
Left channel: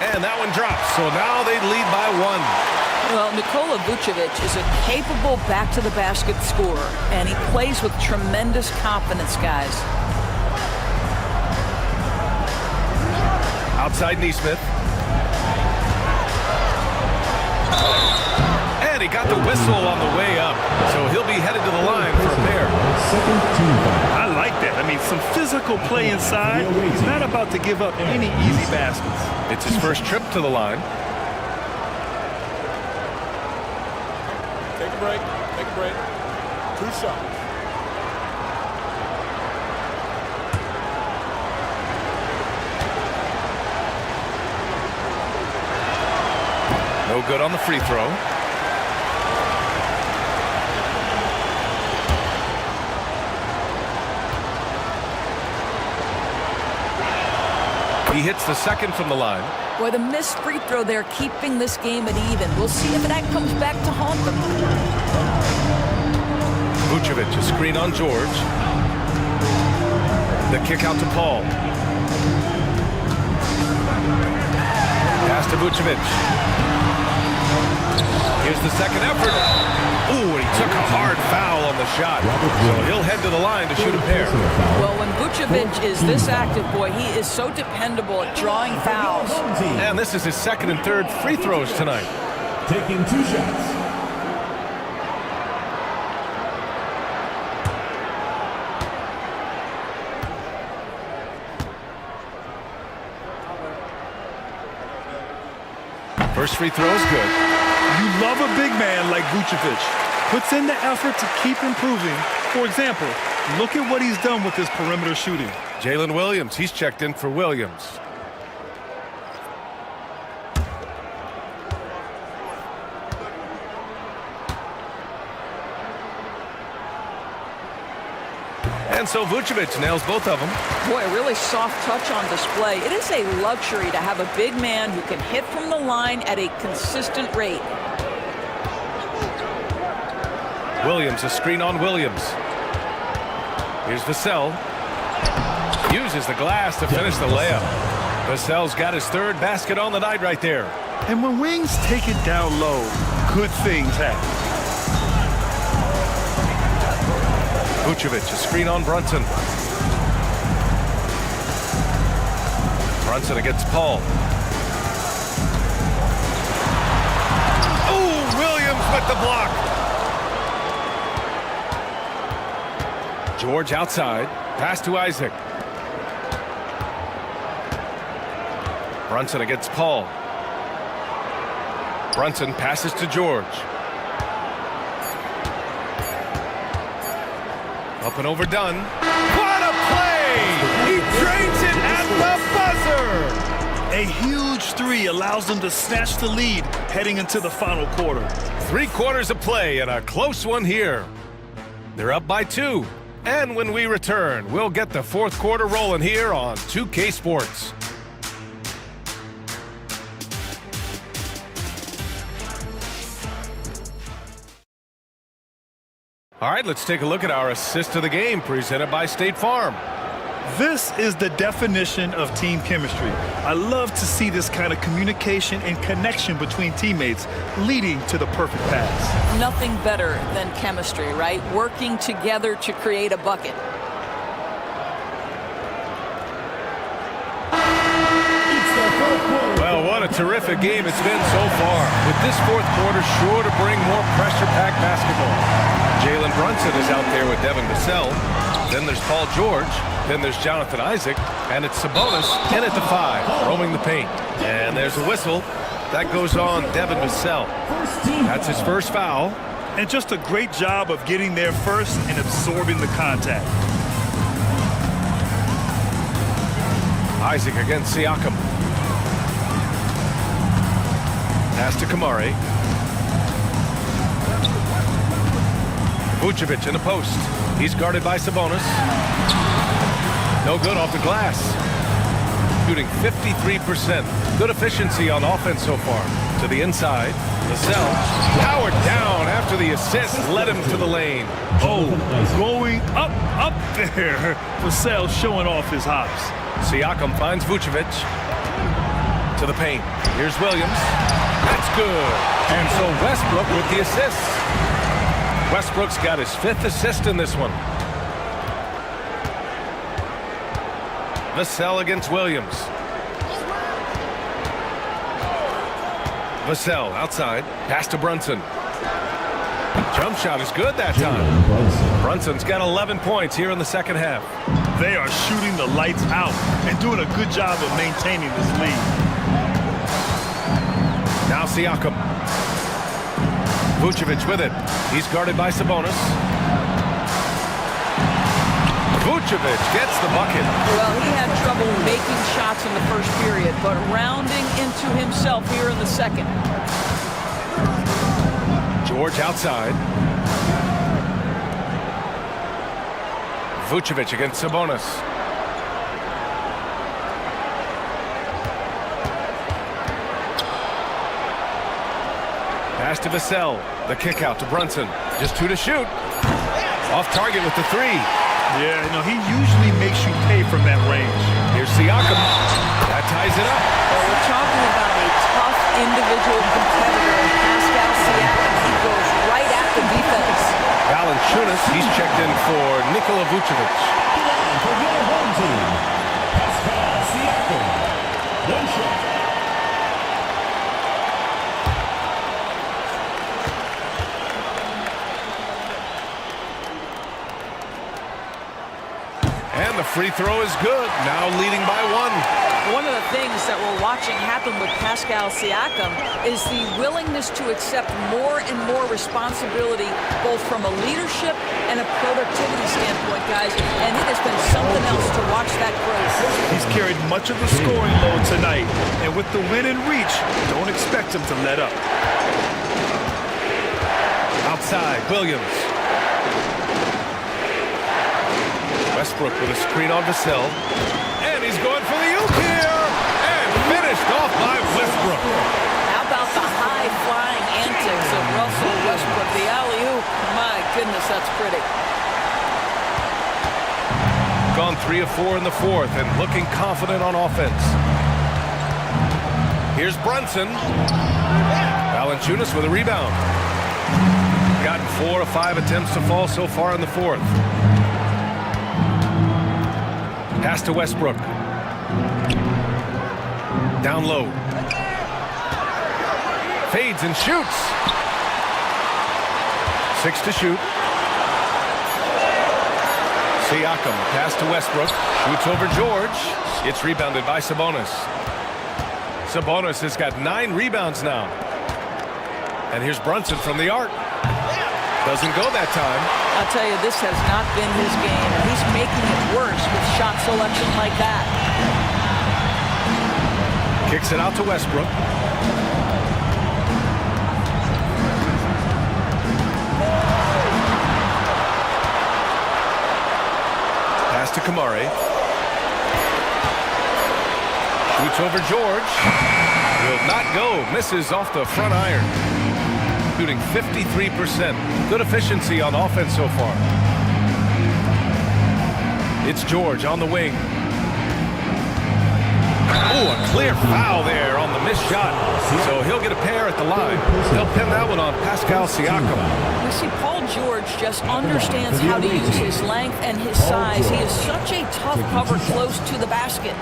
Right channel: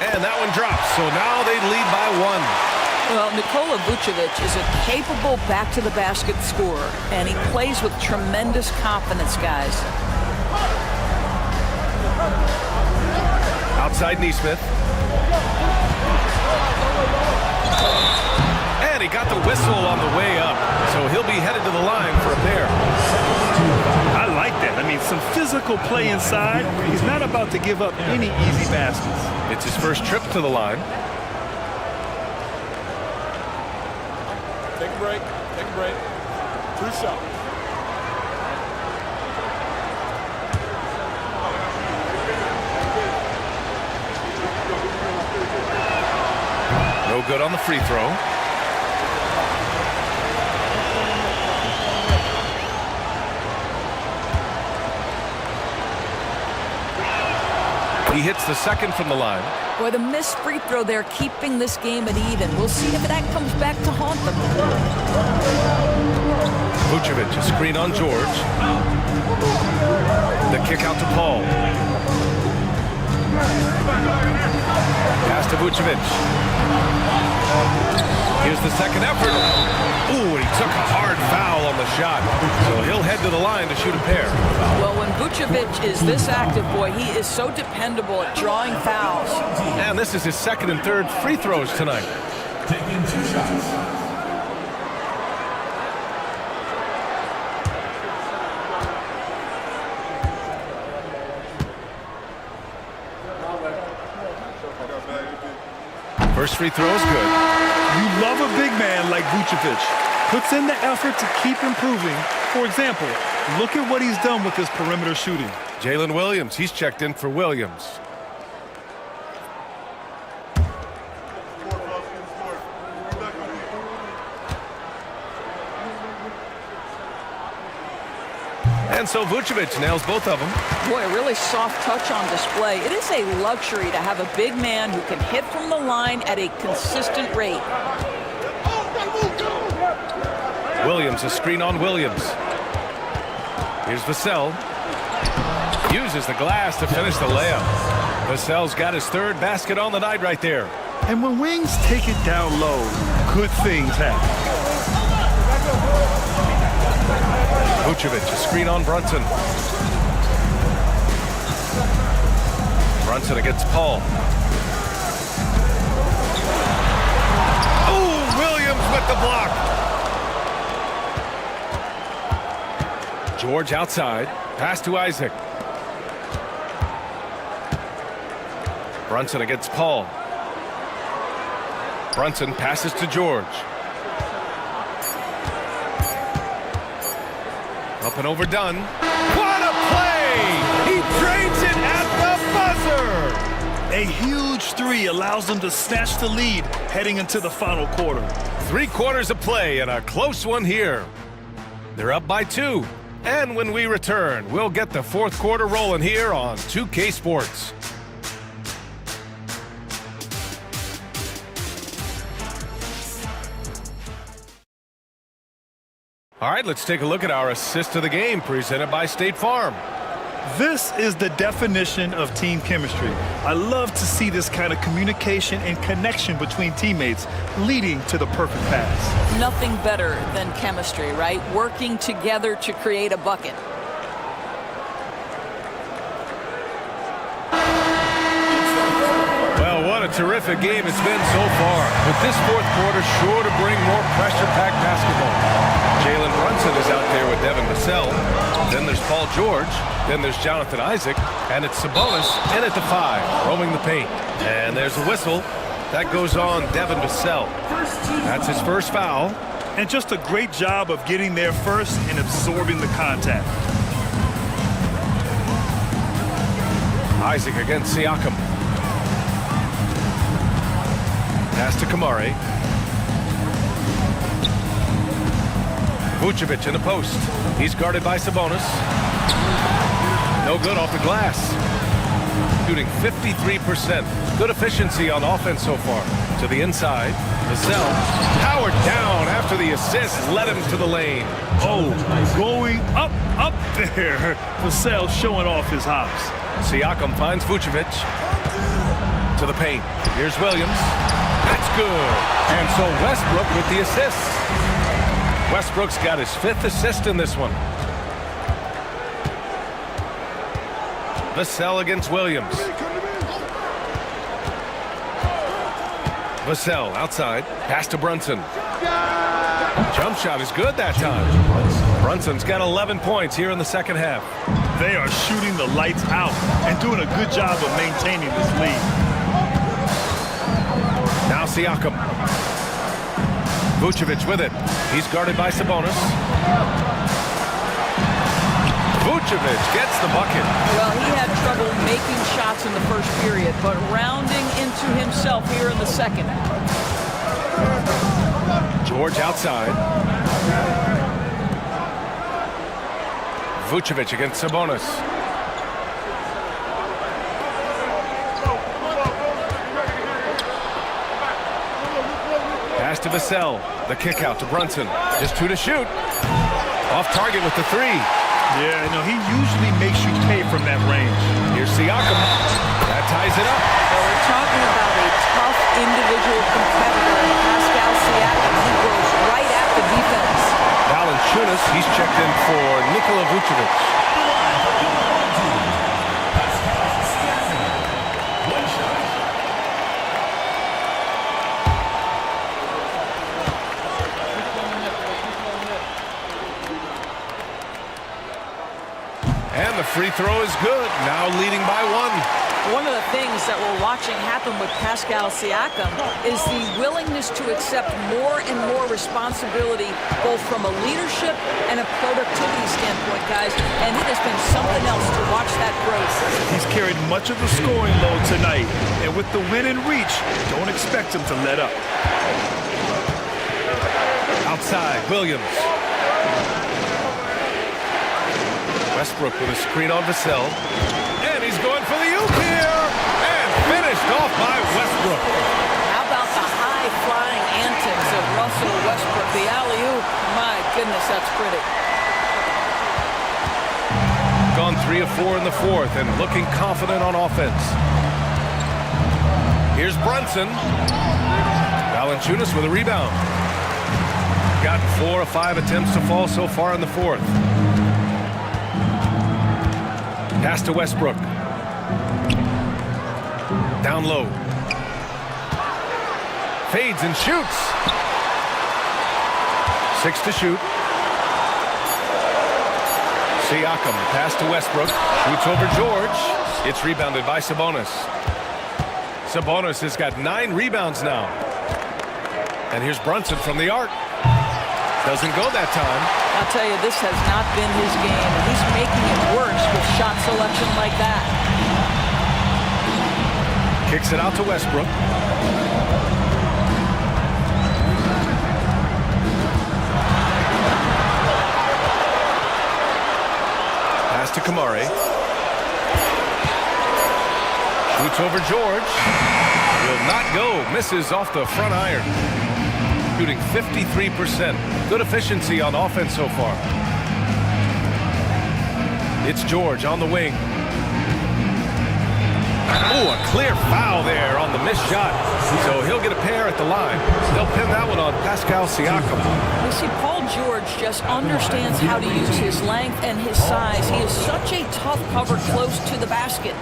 And that one drops, so now they lead by 1. Well, Nikola Vucevic is a capable back-to-the-basket scorer, and he plays with tremendous confidence, guys. Outside Neesmith. And he got the whistle on the way up, so he'll be headed to the line for a pair. I like that. I mean, some physical play inside. He's not about to give up any easy baskets. It's his first trip to the line. Take a break. Take a break. 2 shots. No good on the free throw. He hits the second from the line. Boy, the missed free throw there keeping this game at even. We'll see if that comes back to haunt them. Vucevic, a screen on George. The kick out to Paul. Pass to Vucevic. Here's the second effort. Ooh, and he took a hard foul on the shot. So he'll head to the line to shoot a pair. Well, when Vucevic is this active, boy, he is so dependable at drawing fouls. And this is his second and third free throws tonight. Taking 2 shots. First free throw is good. You love a big man like Vucevic. Puts in the effort to keep improving. For example, look at what he's done with his perimeter shooting. Jalen Williams, he's checked in for Williams. And so Vucevic nails both of them. Boy, a really soft touch on display. It is a luxury to have a big man who can hit from the line at a consistent rate. Williams, a screen on Williams. Here's Vassell. Uses the glass to finish the layup. Vassell's got his third basket on the night right there. And when wings take it down low, good things happen. Vucevic, a screen on Brunson. Brunson against Paul. Oh, Williams with the block. George outside. Pass to Isaac. Brunson against Paul. Brunson passes to George. Up and over Dunn. What a play! He drains it at the buzzer! A huge 3 allows them to snatch the lead heading into the final quarter. 3 quarters of play and a close one here. They're up by 2. And when we return, we'll get the fourth quarter rolling here on 2K Sports. All right, let's take a look at our assist of the game presented by State Farm. This is the definition of team chemistry. I love to see this kind of communication and connection between teammates leading to the perfect pass. Nothing better than chemistry, right? Working together to create a bucket. Well, what a terrific game it's been so far. With this fourth quarter sure to bring more pressure-packed basketball. Jalen Brunson is out there with Devin Vassell. Then there's Paul George. Then there's Jonathan Isaac. And it's Sabonis in at the 5, roaming the paint. And there's a whistle. That goes on Devin Vassell. That's his first foul. And just a great job of getting there first and absorbing the contact. Isaac against Siakam. Pass to Kamari. Vucevic in the post. He's guarded by Sabonis. No good off the glass. Shooting 53%. Good efficiency on offense so far. To the inside. Vassell powered down after the assist led him to the lane. Oh, going up there. Vassell showing off his hops. Siakam finds Vucevic. To the paint. Here's Williams. That's good. And so Westbrook with the assist. Westbrook's got his 5th assist in this one. Vassell against Williams. Vassell outside. Pass to Brunson. Jump shot is good that time. Brunson's got 11 points here in the second half. They are shooting the lights out and doing a good job of maintaining this lead. Now Siakam. Vucevic with it. He's guarded by Sabonis. Vucevic gets the bucket. Well, he had trouble making shots in the first period, but rounding into himself here in the second. George outside. Vucevic against Sabonis. Pass to Vassell. The kick out to Brunson. Just 2 to shoot. Off target with the 3. Yeah, no, he usually makes you pay from that range. Here's Siakam. That ties it up. Well, we're talking about a tough individual competitor in Pascal Siakam. He goes right at the defense. Valanciunas, he's checked in for Nikola Vucevic. One shot. And the free throw is good. Now leading by 1. One of the things that we're watching happen with Pascal Siakam is the willingness to accept more and more responsibility, both from a leadership and a productivity standpoint, guys. And it has been something else to watch that growth. He's carried much of the scoring load tonight. And with the win in reach, don't expect him to let up. Outside, Williams. Westbrook with a screen on Vassell. And he's going for the oop here. And finished off by Westbrook. How about the high-flying antics of Russell Westbrook? The alley-oop. My goodness, that's pretty. Gone 3 of 4 in the fourth and looking confident on offense. Here's Brunson. Valanciunas with a rebound. Gotten 4 of 5 attempts to fall so far in the fourth. Pass to Westbrook. Down low. Fades and shoots. 6 to shoot. Siakam, pass to Westbrook. Shoots over George. It's rebounded by Sabonis. Sabonis has got 9 rebounds now. And here's Brunson from the arc. Doesn't go that time. I'll tell you, this has not been his game, and he's making it worse with shot selection like that. Kicks it out to Westbrook. Pass to Kamari. Shoots over George. Will not go. Misses off the front iron. shooting 53%. Good efficiency on offense so far. It's George on the wing. Oh, a clear foul there on the missed shot. So he'll get a pair at the line. They'll pin that one on Pascal Siakam. We see Paul George just understands how to use his length and his size. He is such a tough cover close to the basket.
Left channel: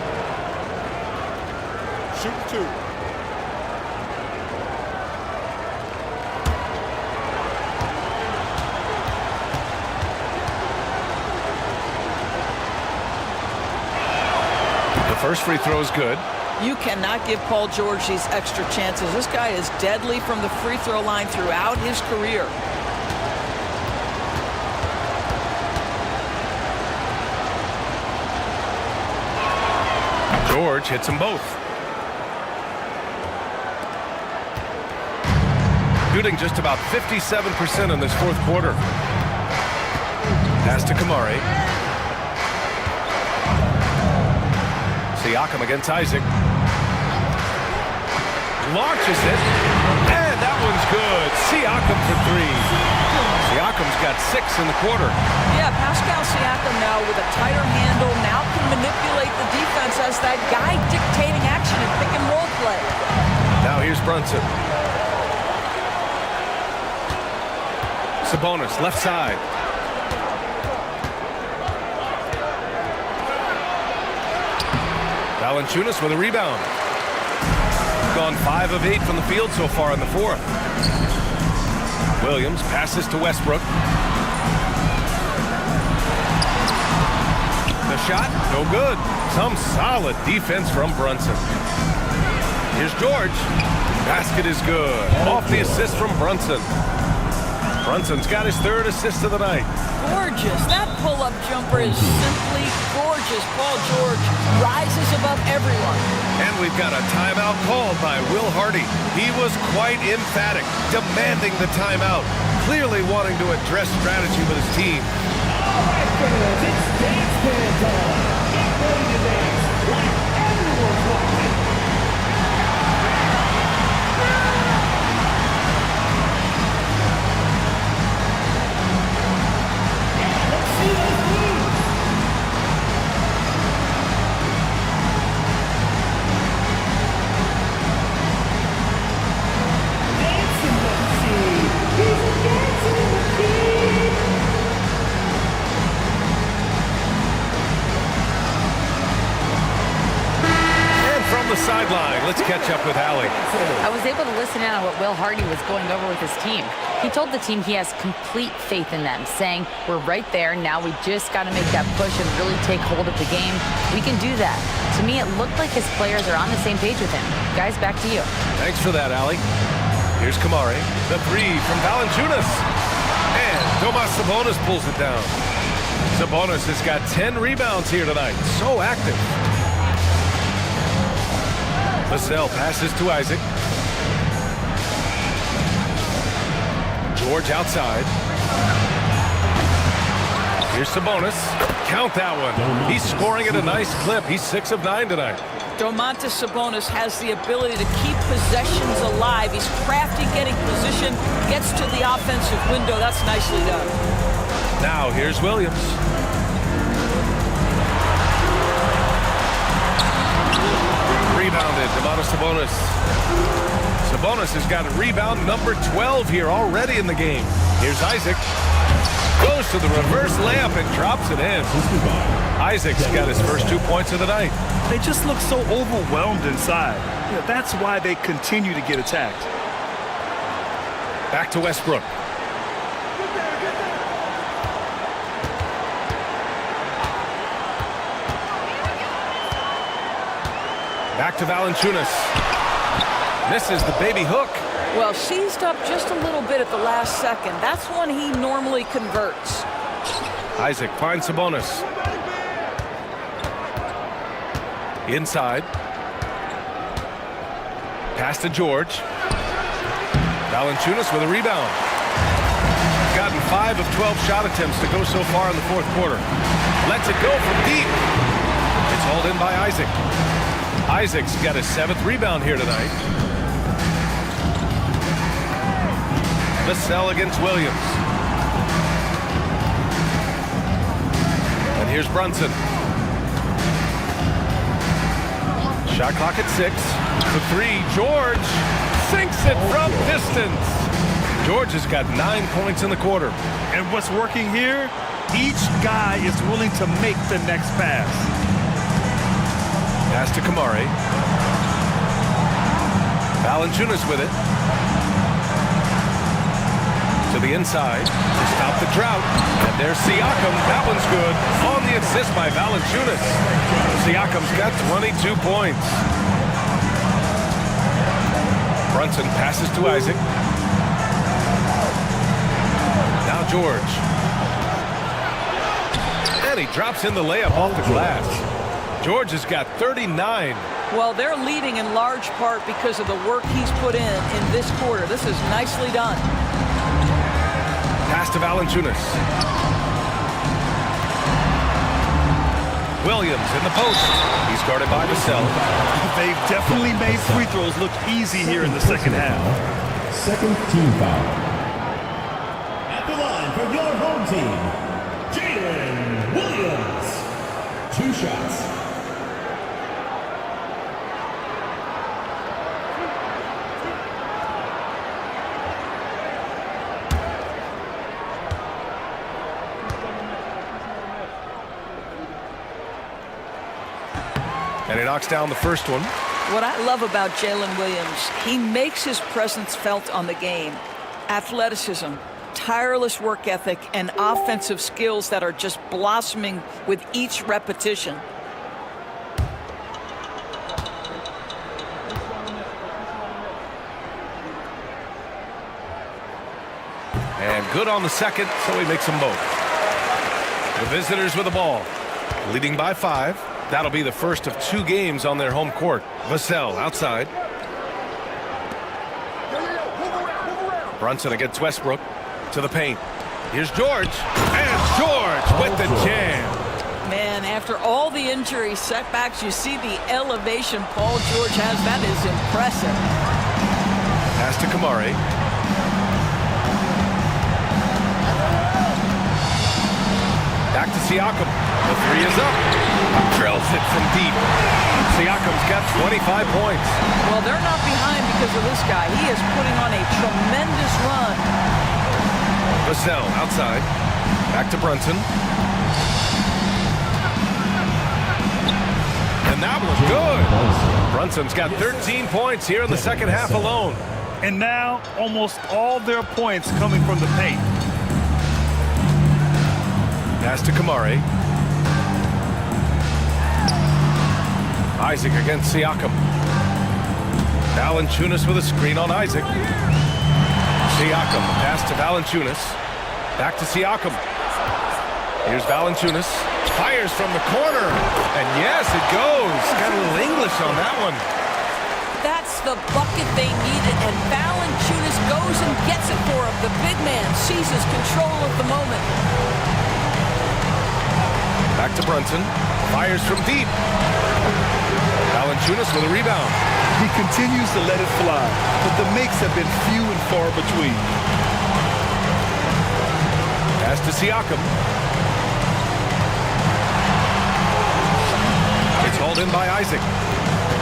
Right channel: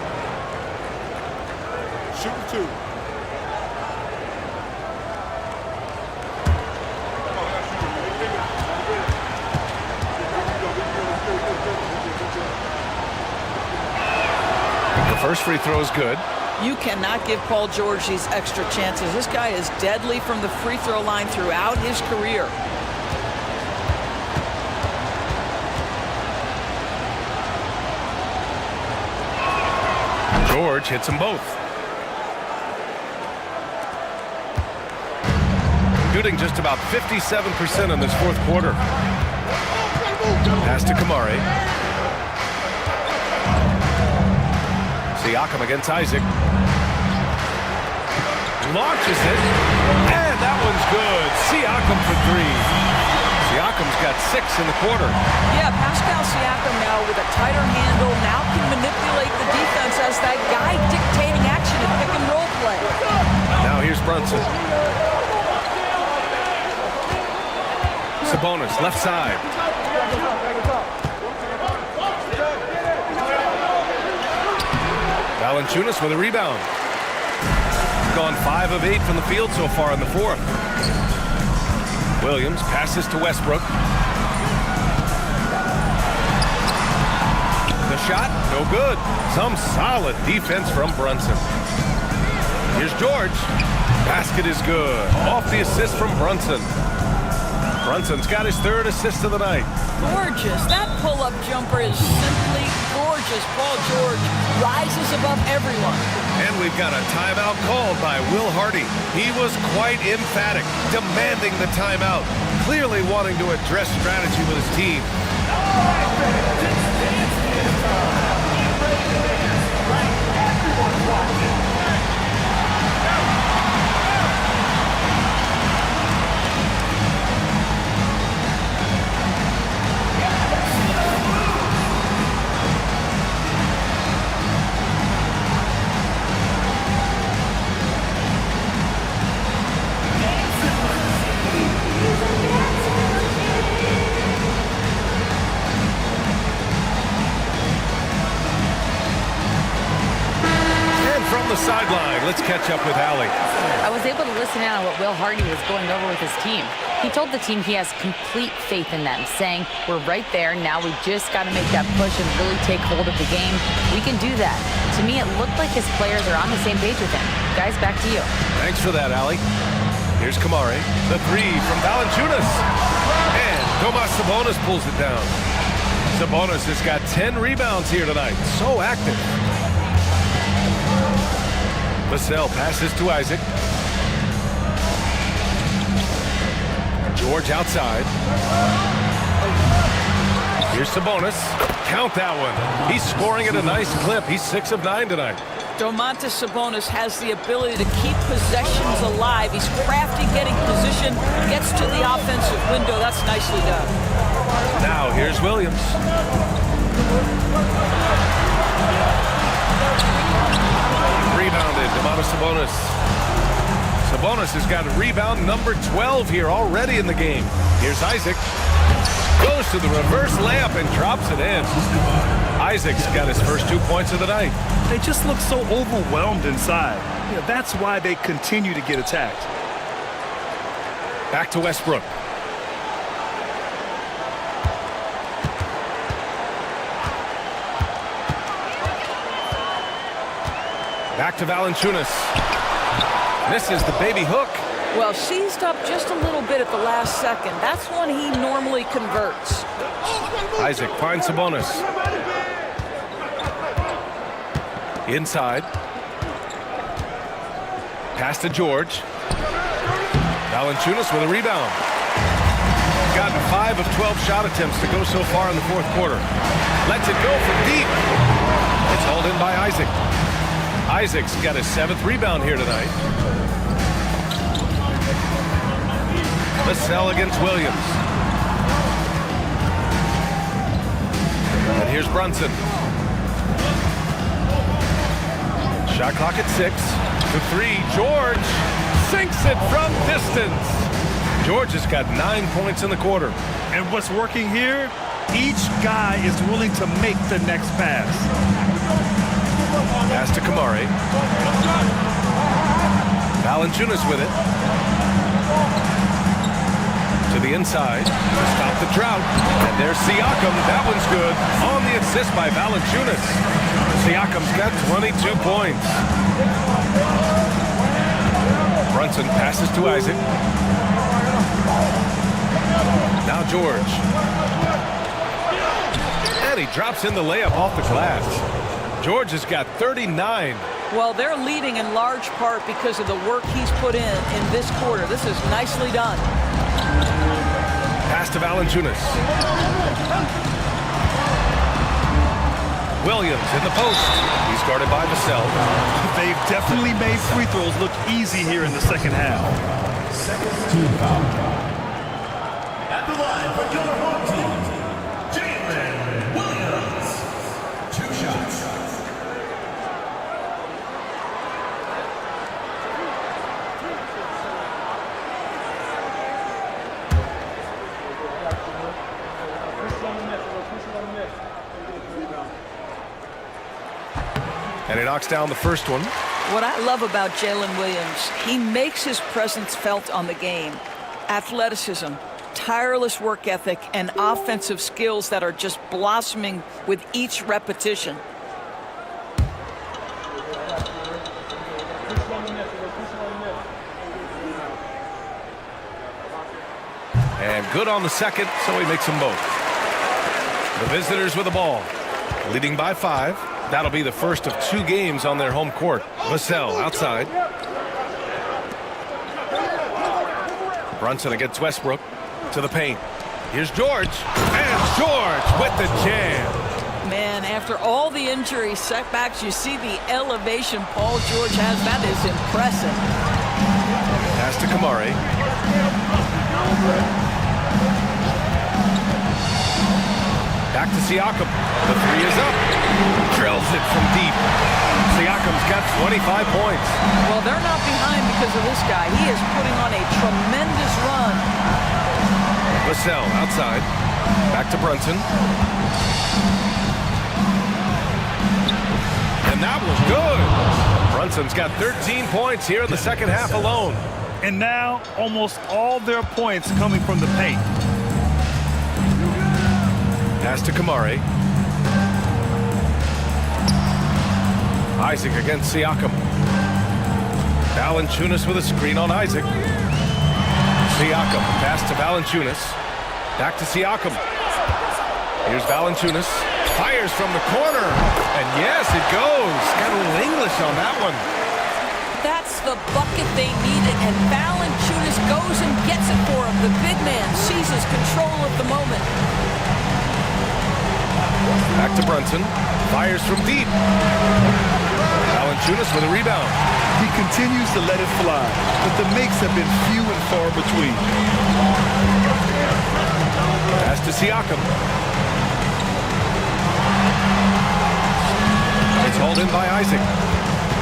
Shooting 2. The first free throw is good. You cannot give Paul George these extra chances. This guy is deadly from the free throw line throughout his career. George hits them both. Shooting just about 57% in this fourth quarter. Pass to Kamari. Siakam against Isaac. Launches it. And that one's good. Siakam for 3. Siakam's got 6 in the quarter. Yeah, Pascal Siakam now with a tighter handle, now can manipulate the defense as that guy dictating action in pick and roll play. Now here's Brunson. Sabonis, left side. Valanciunas with a rebound. Gone 5 of 8 from the field so far in the fourth. Williams passes to Westbrook. The shot, no good. Some solid defense from Brunson. Here's George. Basket is good. Off the assist from Brunson. Brunson's got his 3rd assist of the night. Gorgeous. That pull-up jumper is simply gorgeous. Paul George rises above everyone. And we've got a timeout called by Will Hardy. He was quite emphatic, demanding the timeout, clearly wanting to address strategy with his team. All right, fans, it's dance time. Get ready to dance like everyone's watching. From the sideline, let's catch up with Allie. I was able to listen in on what Will Hardy was going over with his team. He told the team he has complete faith in them, saying, we're right there, now we just got to make that push and really take hold of the game. We can do that. To me, it looked like his players are on the same page with him. Guys, back to you. Thanks for that, Allie. Here's Kamari. The 3 from Valanciunas. And Domas Sabonis pulls it down. Sabonis has got 10 rebounds here tonight. So active. Vassell passes to Isaac. George outside. Here's Sabonis. Count that one. He's scoring at a nice clip. He's 6 of 9 tonight. Domantas Sabonis has the ability to keep possessions alive. He's crafty getting position, gets to the offensive window. That's nicely done. Now here's Williams. Rebounded, Domantas Sabonis. Sabonis has got a rebound number 12 here already in the game. Here's Isaac. Goes to the reverse layup and drops it in. Isaac's got his first 2 points of the night. They just look so overwhelmed inside. That's why they continue to get attacked. Back to Westbrook. Back to Valanciunas. Misses the baby hook. Well, seized up just a little bit at the last second. That's when he normally converts. Isaac finds Sabonis. Inside. Pass to George. Valanciunas with a rebound. Gotten 5 of 12 shot attempts to go so far in the fourth quarter. Lets it go from deep. It's hauled in by Isaac. Isaac's got his 7th rebound here tonight. Vassell against Williams. And here's Brunson. Shot clock at 6. The 3, George sinks it from distance. George has got 9 points in the quarter. And what's working here? Each guy is willing to make the next pass. Pass to Kamari. Valanciunas with it. To the inside to stop the drought. And there's Siakam. That one's good. On the assist by Valanciunas. Siakam's got 22 points. Brunson passes to Isaac. Now George. And he drops in the layup off the glass. George has got 39. Well, they're leading in large part because of the work he's put in this quarter. This is nicely done. Pass to Valanciunas. Williams in the post. He's guarded by Vassell. They've definitely made free throws look easy here in the second half. Second team foul. At the line for your home team, Jalen Williams. 2 shots. And he knocks down the first one. What I love about Jalen Williams, he makes his presence felt on the game. Athleticism, tireless work ethic, and offensive skills that are just blossoming with each repetition. And good on the second, so he makes them both. The visitors with the ball, leading by 5. That'll be the first of 2 games on their home court. Vassell outside. Brunson against Westbrook to the paint. Here's George. And George with the jam. Man, after all the injury setbacks, you see the elevation Paul George has. That is impressive. Pass to Kamari. Back to Siakam. The 3 is up. Drills it from deep. Siakam's got 25 points. Well, they're not behind because of this guy. He is putting on a tremendous run. Vassell outside. Back to Brunson. And that was good. Brunson's got 13 points here in the second half alone. And now almost all their points coming from the paint. Pass to Kamari. Isaac against Siakam. Valanciunas with a screen on Isaac. Siakam, pass to Valanciunas. Back to Siakam. Here's Valanciunas. Fires from the corner. And yes, it goes. Got a little English on that one. That's the bucket they needed, and Valanciunas goes and gets it for him. The big man seizes control of the moment. Back to Brunson. Fires from deep. Valanciunas with a rebound. He continues to let it fly, but the makes have been few and far between. Pass to Siakam. It's hauled in by Isaac.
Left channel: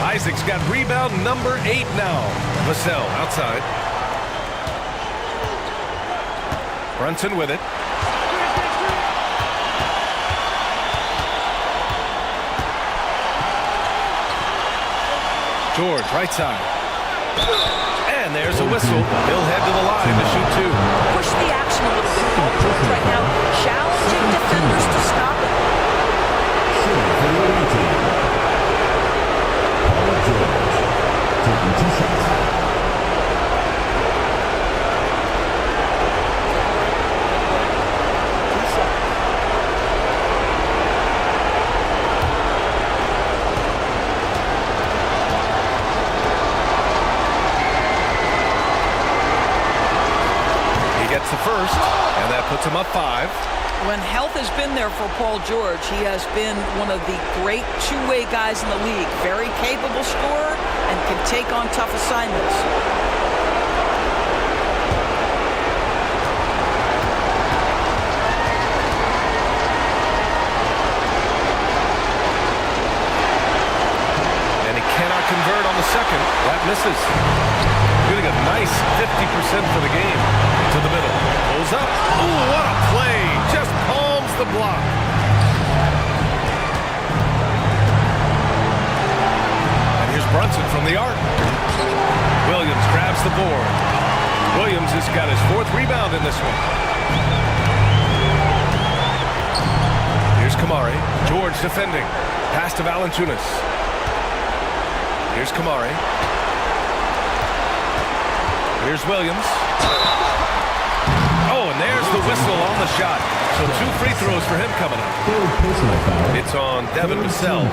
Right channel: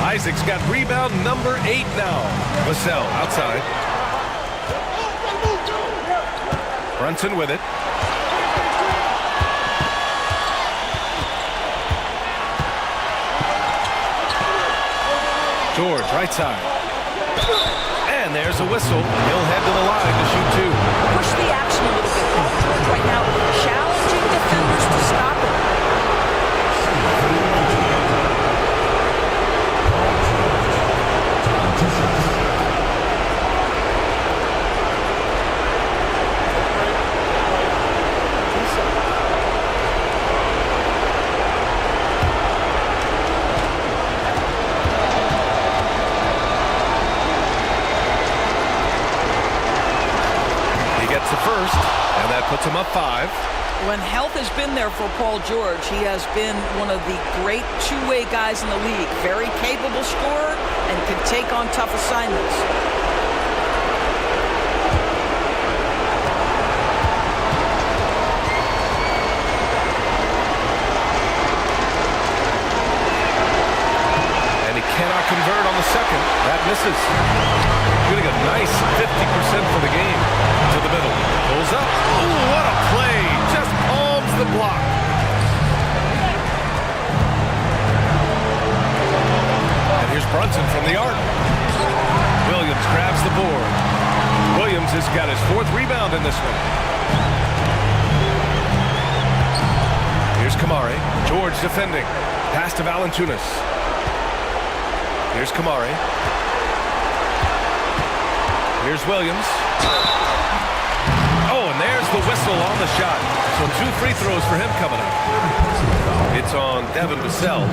Isaac's got rebound number 8 now. Vassell outside. Brunson with it. George, right side. And there's a whistle. He'll head to the line to shoot 2. Push the action a little bit. Paul George right now challenging defenders to stop it. Gets the first, and that puts him up 5. When health has been there for Paul George, he has been one of the great two-way guys in the league. Very capable scorer and can take on tough assignments. And he cannot convert on the second. That misses. Shooting a nice 50% for the game. To the middle. Pulls up. Ooh, what a play. Just palms the block. And here's Brunson from the arc. Williams grabs the board. Williams has got his 4th rebound in this one. Here's Kamari. George defending. Pass to Valanciunas. Here's Kamari. Here's Williams. Oh, and there's the whistle on the shot. So 2 free throws for him coming up. It's on Devin Vassell.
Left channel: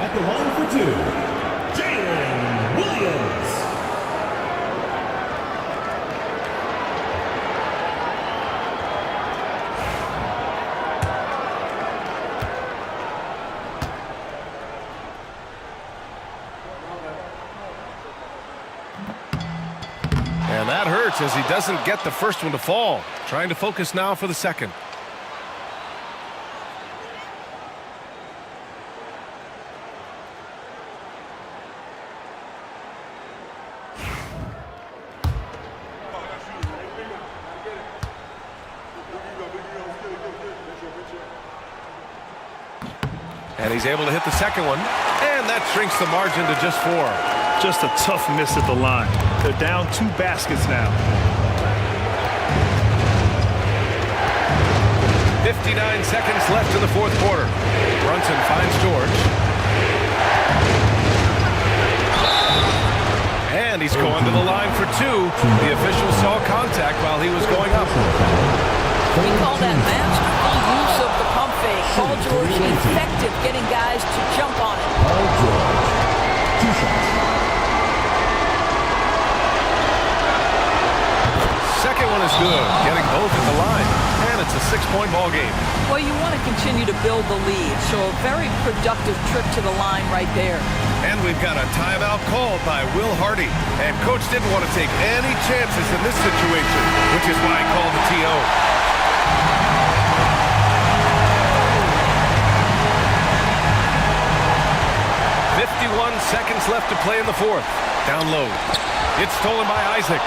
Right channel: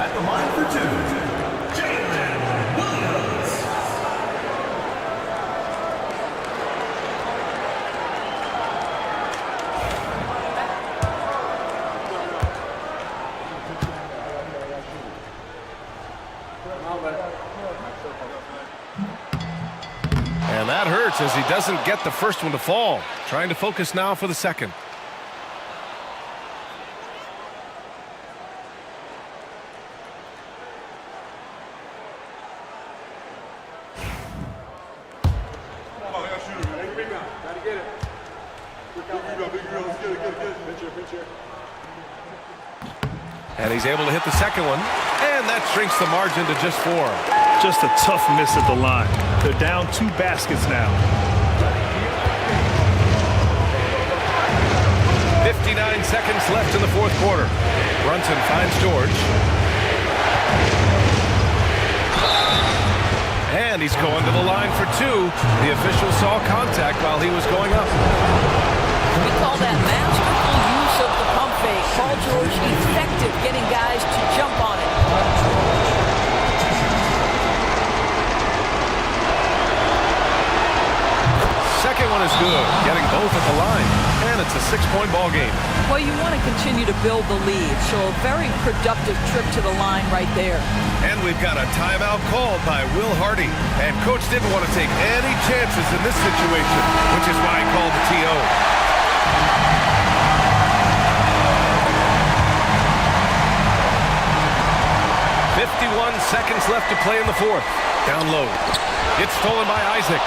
At the line for 2, Jalen Williams. And that hurts as he doesn't get the first one to fall. Trying to focus now for the second. And he's able to hit the second one. And that shrinks the margin to just 4. Just a tough miss at the line. They're down 2 baskets now. 59 seconds left in the 4th quarter. Brunson finds George. And he's going to the line for 2. The official saw contact while he was going up. We call that masterful use of the pump fake. Paul George effective getting guys to jump on it. Second one is good, getting both at the line, and it's a 6-point ball game. Well, you want to continue to build the lead, so a very productive trip to the line right there. And we've got a timeout called by Will Hardy. And Coach didn't want to take any chances in this situation, which is why he called the TO. .51 seconds left to play in the 4th. Down low. It's stolen by Isaac.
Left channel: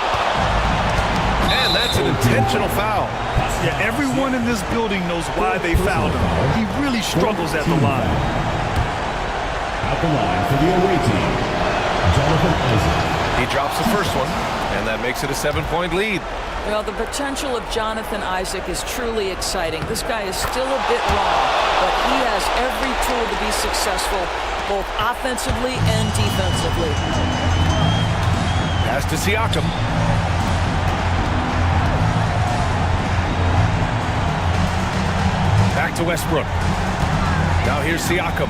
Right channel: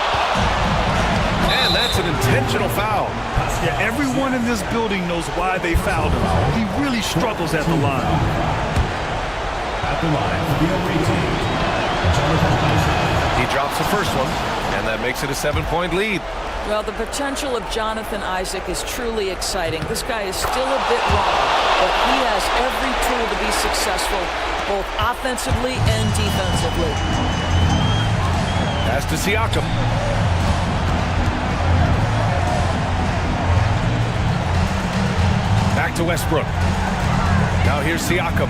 And that's an intentional foul. Yeah, everyone in this building knows why they fouled him. He really struggles at the line. At the line for the away team, Jonathan Isaac. He drops the first one, and that makes it a 7-point lead. Well, the potential of Jonathan Isaac is truly exciting. This guy is still a bit raw, but he has every tool to be successful, both offensively and defensively. Pass to Siakam. Back to Westbrook. Now here's Siakam.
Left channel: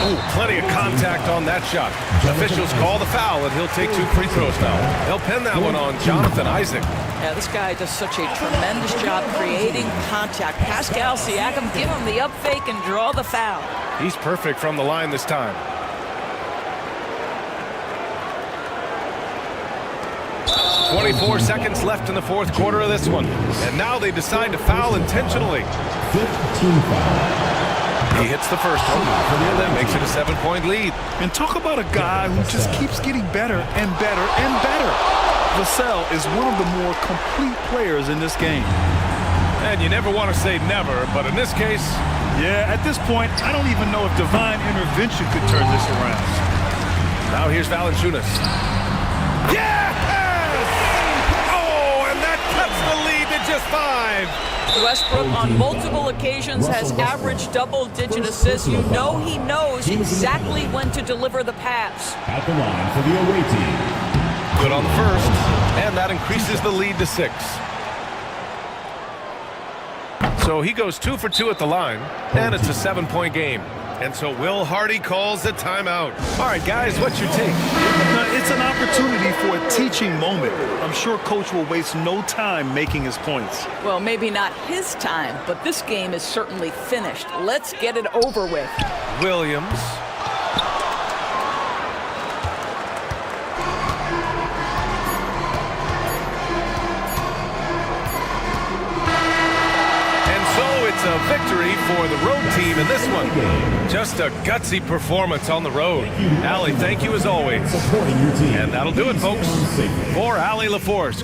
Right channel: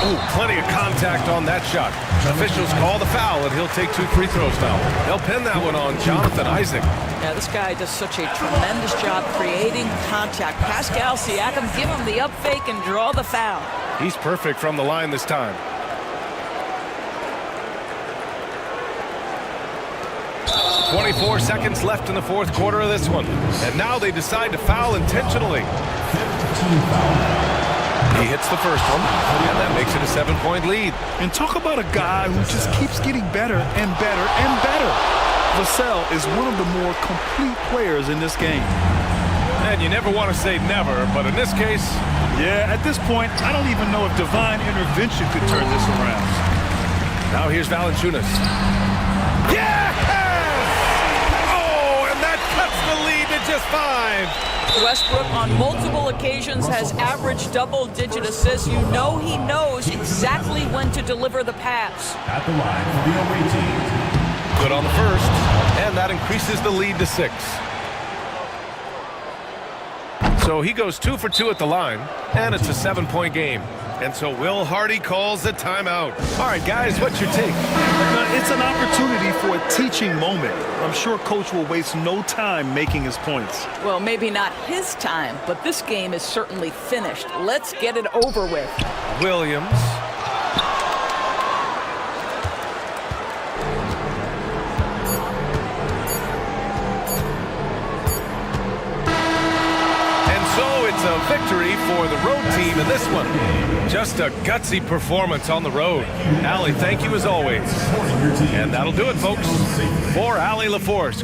Oh, plenty of contact on that shot. Officials call the foul, and he'll take 2 free throws now. They'll pin that one on Jonathan Isaac. Yeah, this guy does such a tremendous job creating contact. Pascal Siakam, give him the up fake and draw the foul. He's perfect from the line this time. .24 seconds left in the 4th quarter of this one. And now they decide to foul intentionally. 15 foul. He hits the first one, and that makes it a 7-point lead. And talk about a guy who just keeps getting better and better and better. Vassell is one of the more complete players in this game. And you never want to say never, but in this case... Yeah, at this point, I don't even know if divine intervention could turn this around. Now here's Valanciunas. Yes! Oh, and that cuts the lead to just 5. Westbrook on multiple occasions has averaged double-digit assists. You know he knows exactly when to deliver the pass. At the line for the away team. Good on the first, and that increases the lead to 6. So he goes 2 for 2 at the line, and it's a 7-point game. And so Will Hardy calls a timeout. All right, guys, what's your take? It's an opportunity for a teaching moment. I'm sure Coach will waste no time making his points. Well, maybe not his time, but this game is certainly finished. Let's get it over with. Williams. So it's a victory for the road team in this one. Just a gutsy performance on the road. Allie, thank you as always. And that'll do it, folks. For Allie LaForce.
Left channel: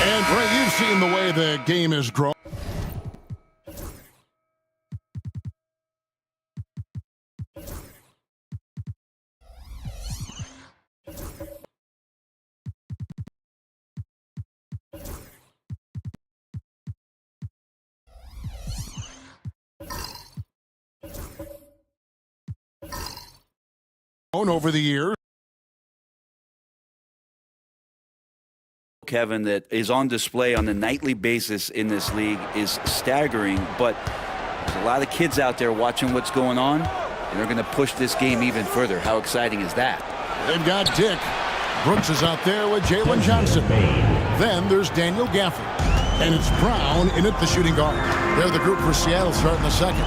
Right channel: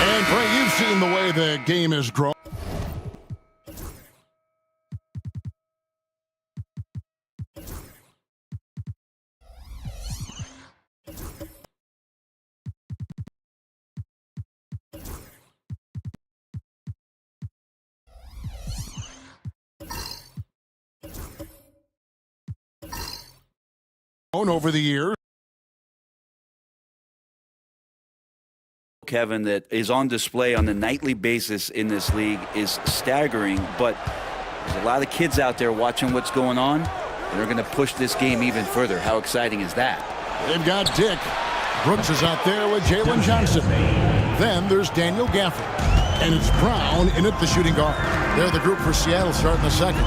And, Bray, you've seen the way the game has grown. Over the years. Kevin, that is on display on a nightly basis in this league is staggering, but there's a lot of kids out there watching what's going on, and they're going to push this game even further. How exciting is that? They've got Dick. Brooks is out there with Jalen Johnson. Then there's Daniel Gafford. And it's Brown in at the shooting guard. They're the group for Seattle starting the second.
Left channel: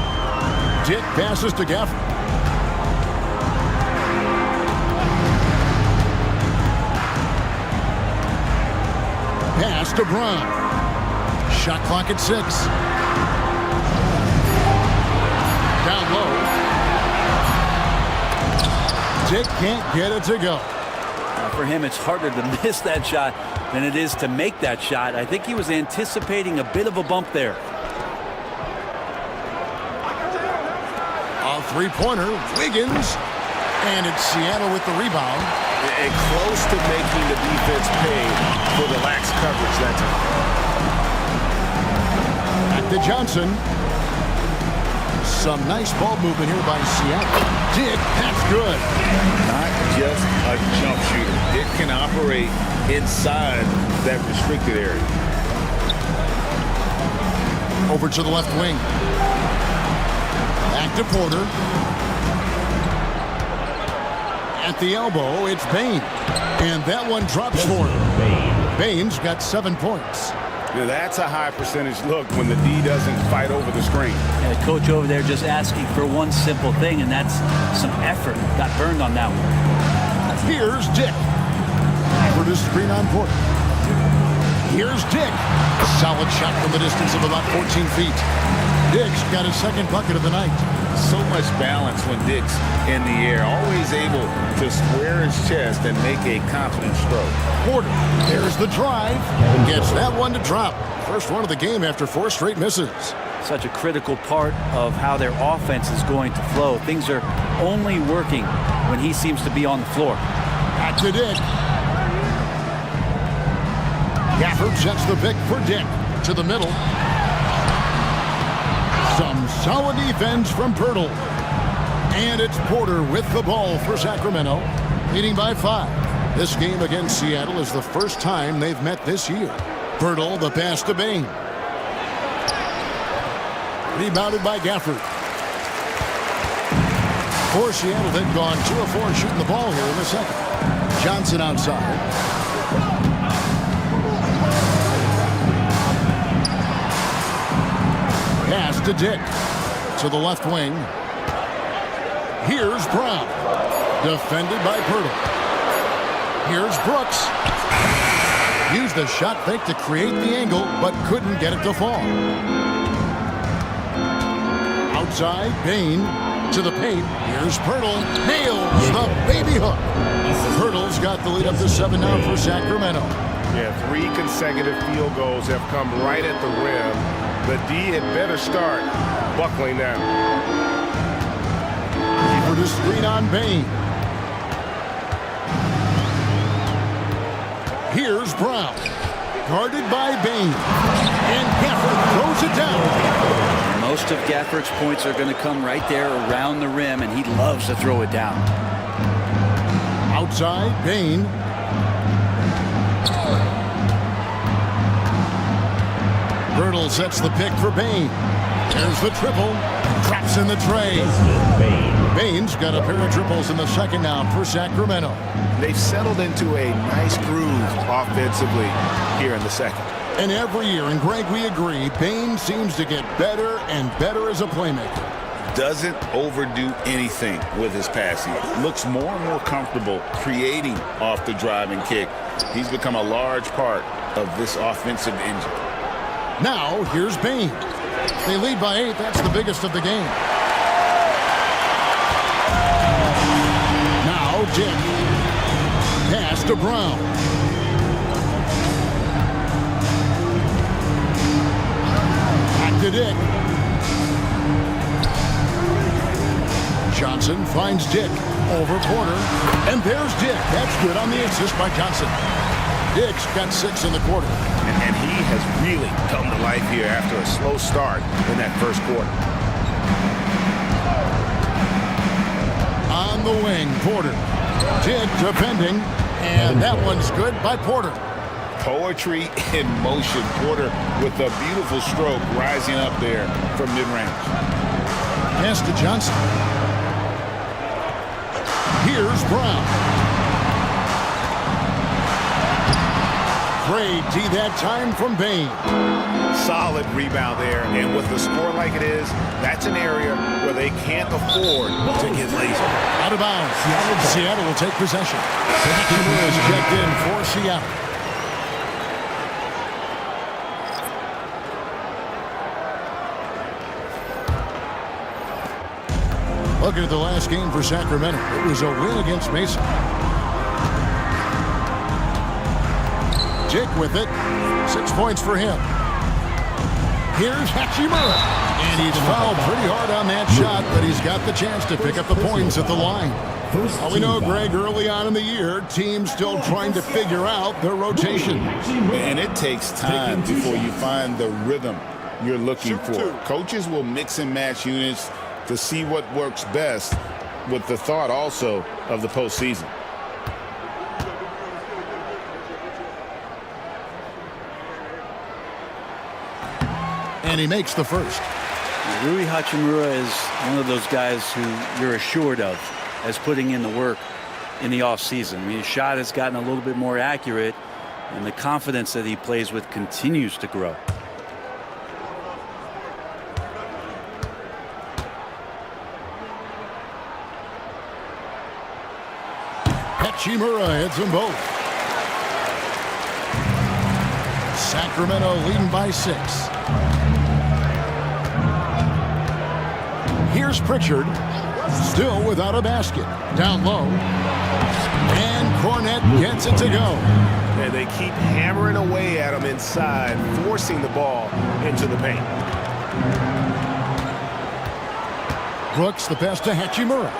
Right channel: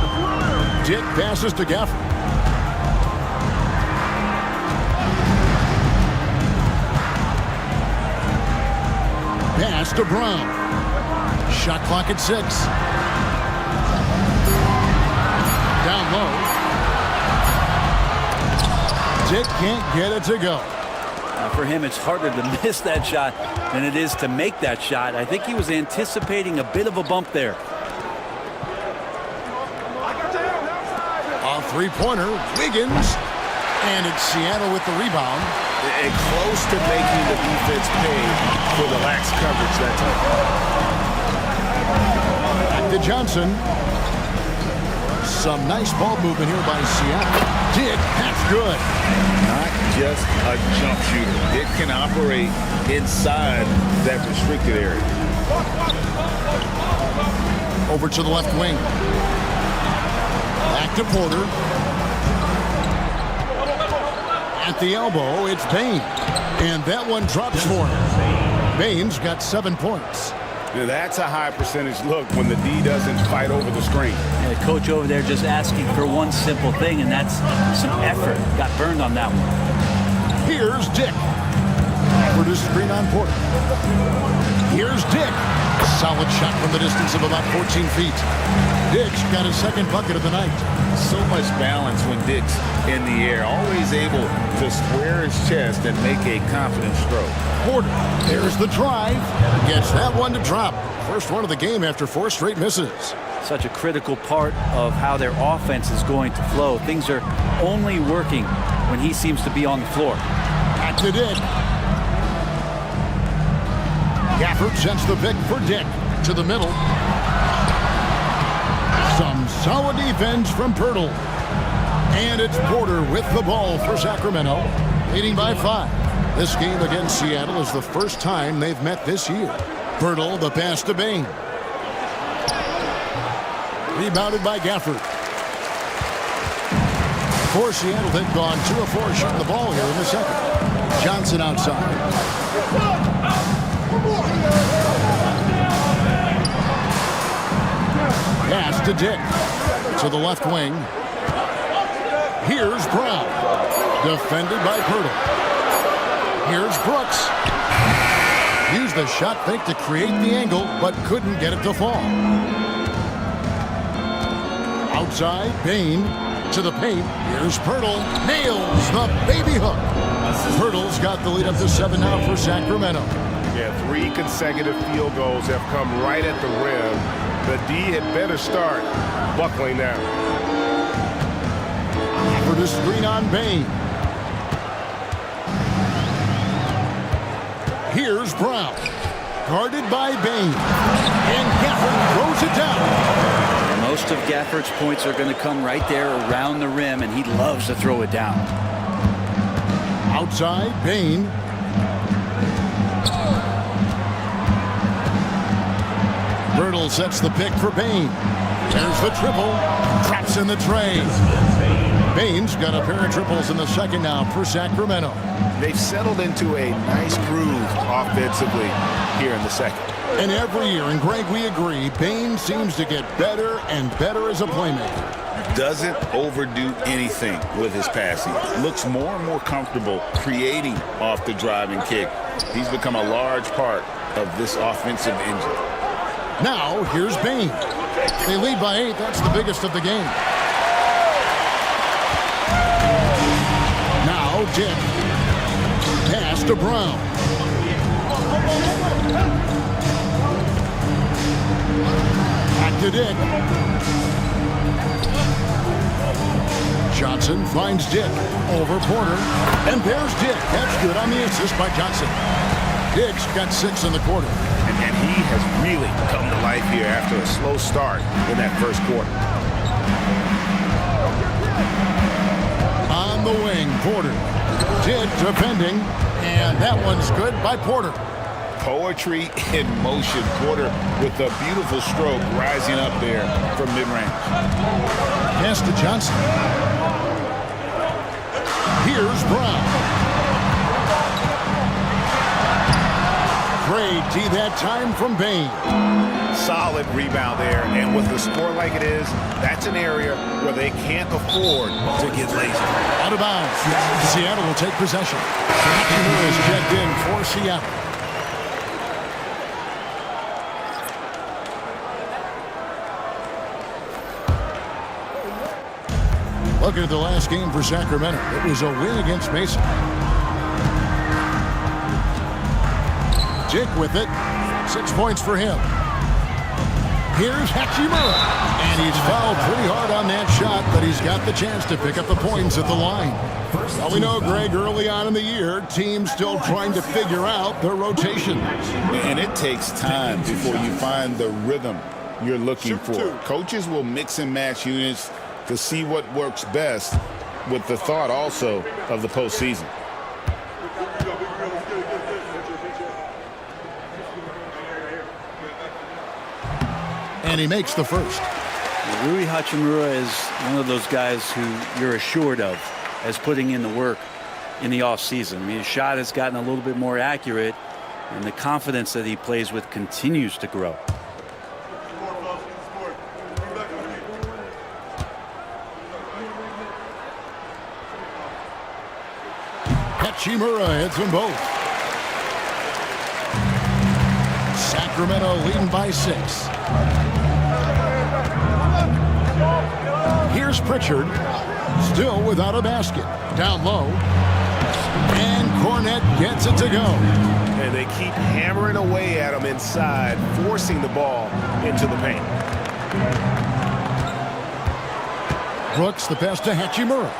Dick passes to Gafford. Pass to Brown. Shot clock at 6. Down low. Dick can't get it to go. For him, it's harder to miss that shot than it is to make that shot. I think he was anticipating a bit of a bump there. A three-pointer, Wiggins. And it's Seattle with the rebound. And close to making the defense pay for the lax coverage that time. Back to Johnson. Some nice ball movement here by Seattle. Dick, that's good. Not just a jump shooter. It can operate inside that restricted area. Over to the left wing. Back to Porter. At the elbow, it's Bain. And that one drops for him. Bain's got 7 points. Now that's a high percentage look when the D doesn't fight over the screen. And the coach over there just asking for one simple thing, and that's some effort. Got burned on that one. Here's Dick. For the screen on Porter. Here's Dick. Solid shot from the distance of about 14 feet. Dick's got his second bucket of the night. So much balance when Dick's in the air, always able to square his chest and make a confident stroke. Porter, there's the drive, gets that one to drop. First one of the game after 4 straight misses. Such a critical part of how their offense is going to flow. Things are only working when he seems to be on the floor. Back to Dick. Gafford sends the pick for Dick to the middle. Some solid defense from Pirtle. And it's Porter with the ball for Sacramento, leading by 5. This game against Seattle is the first time they've met this year. Pirtle, the pass to Bain. Rebounded by Gafford. For Seattle, they've gone 2 of 4 shooting the ball here in the second. Johnson outside. Pass to Dick. To the left wing. Here's Brown. Defended by Pirtle. Here's Brooks. Used the shot fake to create the angle, but couldn't get it to fall. Outside, Bain to the paint. Here's Pirtle. Nails the baby hook. Pirtle's got the lead up to 7 now for Sacramento. Yeah, 3 consecutive field goals have come right at the rim. The D had better start buckling now. For the screen on Bain. Here's Brown. Guarded by Bain. And Gafford throws it down. Most of Gafford's points are going to come right there around the rim, and he loves to throw it down. Outside, Bain. Pirtle sets the pick for Bain. There's the triple. Drops in the tray. Bain's got a pair of triples in the second now for Sacramento. They've settled into a nice groove offensively here in the second. And every year, and Greg, we agree, Bain seems to get better and better as a playmaker. Doesn't overdo anything with his passing. Looks more and more comfortable creating off the driving kick. He's become a large part of this offensive engine. Now, here's Bain. They lead by 8. That's the biggest of the game. Now, Dick. Pass to Brown. Back to Dick. Johnson finds Dick over Porter. And there's Dick. That's good on the assist by Johnson. Dick's got 6 in the quarter. And he has really come to life here after a slow start in that first quarter. On the wing, Porter. Dick defending. And that one's good by Porter. Poetry in motion. Porter with a beautiful stroke rising up there from mid-range. Pass to Johnson. Here's Brown. Great D that time from Bain. Solid rebound there, and with the score like it is, that's an area where they can't afford to get lazy. Out of bounds. Seattle will take possession. Hachimura is checked in for Seattle. Looking at the last game for Sacramento, it was a win against Mesa. Dick with it. 6 points for him. Here's Hachimura. And he's fouled pretty hard on that shot, but he's got the chance to pick up the points at the line. Well, we know, Greg, early on in the year, teams still trying to figure out their rotation. And it takes time before you find the rhythm you're looking for. Coaches will mix and match units to see what works best, with the thought also of the postseason. And he makes the first. Well, Rui Hachimura is one of those guys who you're assured of as putting in the work in the offseason. I mean, his shot has gotten a little bit more accurate, and the confidence that he plays with continues to grow. Hachimura hits them both. Sacramento leading by 6. Here's Pritchard, still without a basket. Down low. And Cornette gets it to go. And they keep hammering away at him inside, forcing the ball into the paint. Brooks, the pass to Hachimura.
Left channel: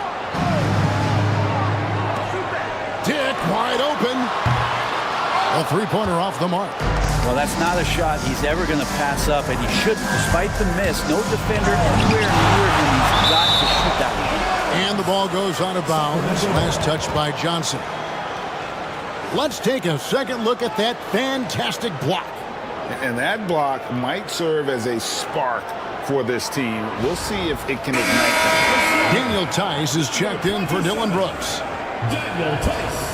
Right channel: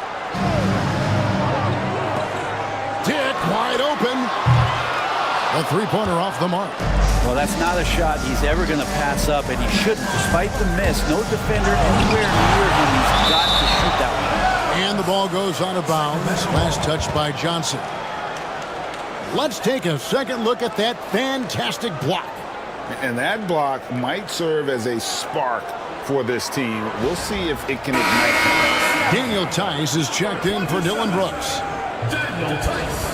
Dick wide open. A three-pointer off the mark. Well, that's not a shot he's ever going to pass up, and he shouldn't. Despite the miss, no defender anywhere near him. He's got to shoot that one. And the ball goes out of bounds. Last touch by Johnson. Let's take a second look at that fantastic block. And that block might serve as a spark for this team. We'll see if it can ignite them. Daniel Tice is checked in for Dylan Brooks. Daniel Tice.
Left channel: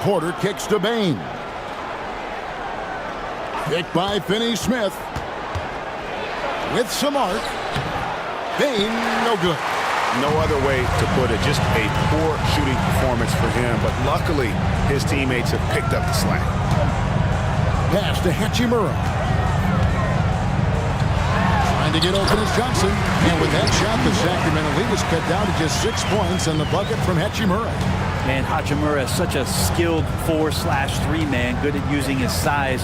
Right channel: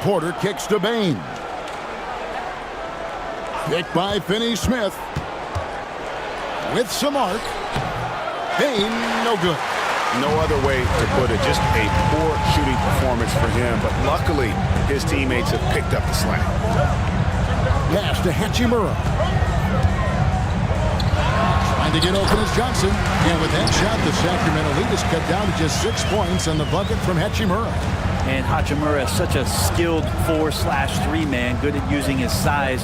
Porter kicks to Bain. Picked by Finney-Smith. With some arc. Bain, no good. No other way to put it. Just a poor shooting performance for him. But luckily, his teammates have picked up the slack. Pass to Hachimura. Trying to get open is Johnson. And with that shot, the Sacramento lead is cut down to just 6 points on the bucket from Hachimura. And Hachimura is such a skilled 4/3 man, good at using his size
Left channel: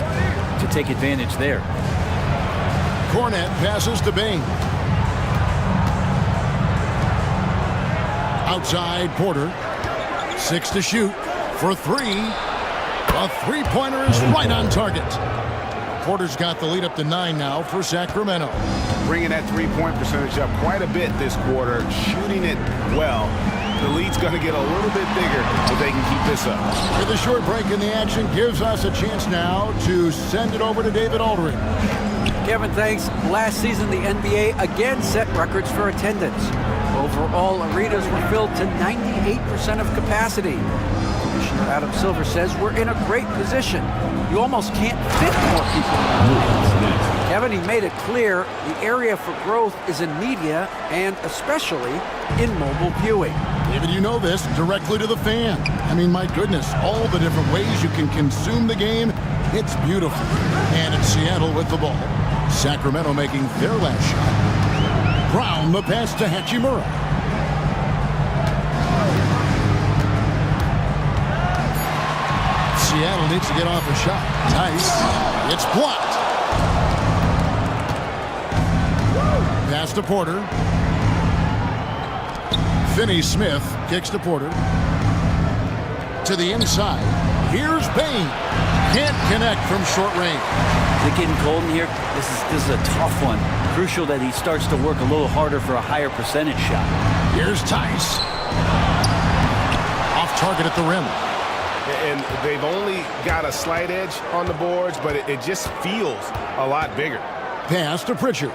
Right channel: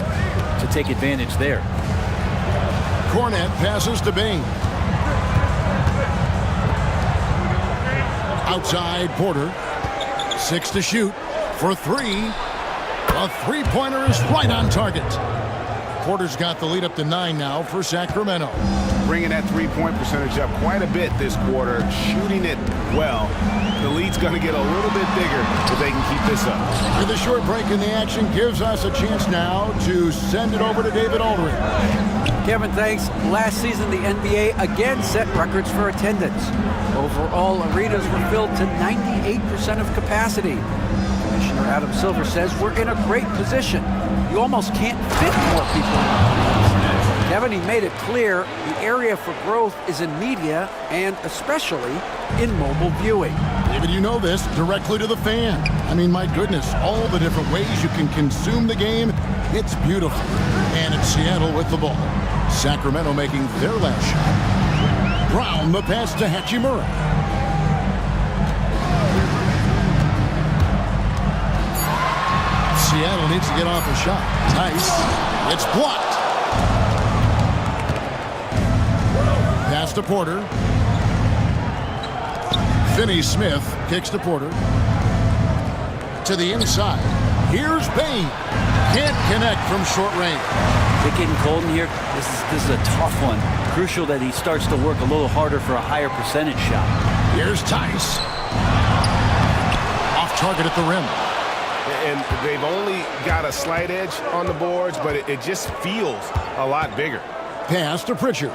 to take advantage there. Cornette passes to Bain. Outside Porter. 6 to shoot for 3. A three-pointer is right on target. Porter's got the lead up to 9 now for Sacramento. Bringing that three-point percentage up quite a bit this quarter, shooting it well. The lead's going to get a little bit bigger if they can keep this up. With a short break in the action, gives us a chance now to send it over to David Aldridge. Kevin, thanks. Last season, the NBA again set records for attendance. Overall, arenas were filled to 98% of capacity. Commissioner Adam Silver says we're in a great position. You almost can't fit more people in the arenas. Kevin, he made it clear the area for growth is in media and especially in mobile viewing. David, you know this, directly to the fan. I mean, my goodness, all the different ways you can consume the game, it's beautiful. And it's Seattle with the ball. Sacramento making their last shot. Brown, the pass to Hachimura. Seattle needs to get off a shot. Tice, it's blocked. Pass to Porter. Finney-Smith kicks to Porter. To the inside. Here's Bain. Can't connect from short range. Is it getting cold in here? This is a tough one. Crucial that he starts to work a little harder for a higher percentage shot. Here's Tice. Off target at the rim. And they've only got a slight edge on the boards, but it just feels a lot bigger. Pass to Pritchard.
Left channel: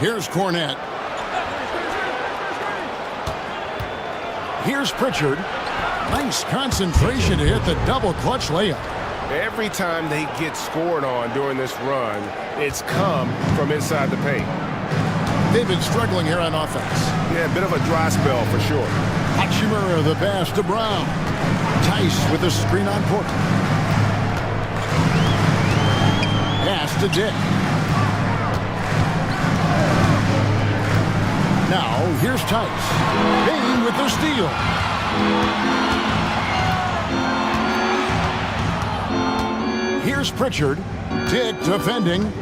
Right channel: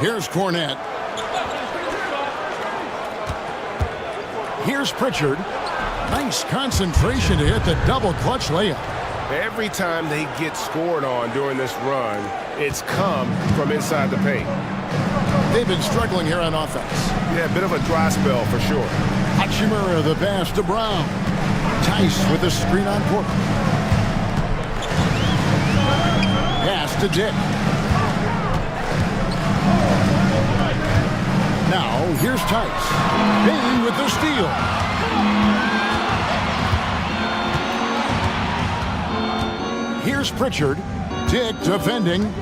Here's Cornette. Here's Pritchard. Nice concentration to hit the double clutch layup. Every time they get scored on during this run, it's come from inside the paint. They've been struggling here on offense. Yeah, a bit of a dry spell for sure. Hachimura, the pass to Brown. Tice with the screen on Porter. Pass to Dick. Now, here's Tice. Bain with the steal. Here's Pritchard. Dick defending.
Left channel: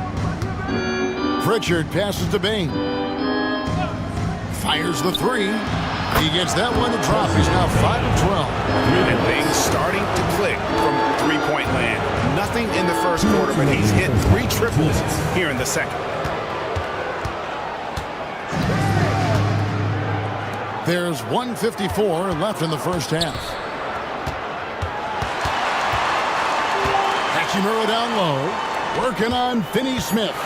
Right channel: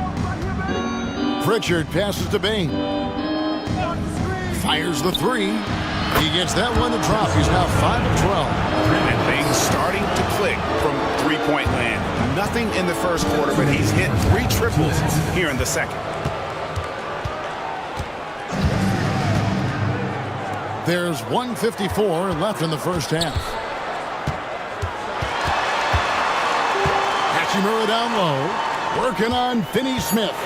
Pritchard passes to Bain. Fires the three. He gets that one to drop. He's now 5 of 12. And things starting to click from three-point land. Nothing in the first quarter, but he's hit 3 triples here in the second. There's 1:54 left in the first half. Hachimura down low, working on Finney-Smith.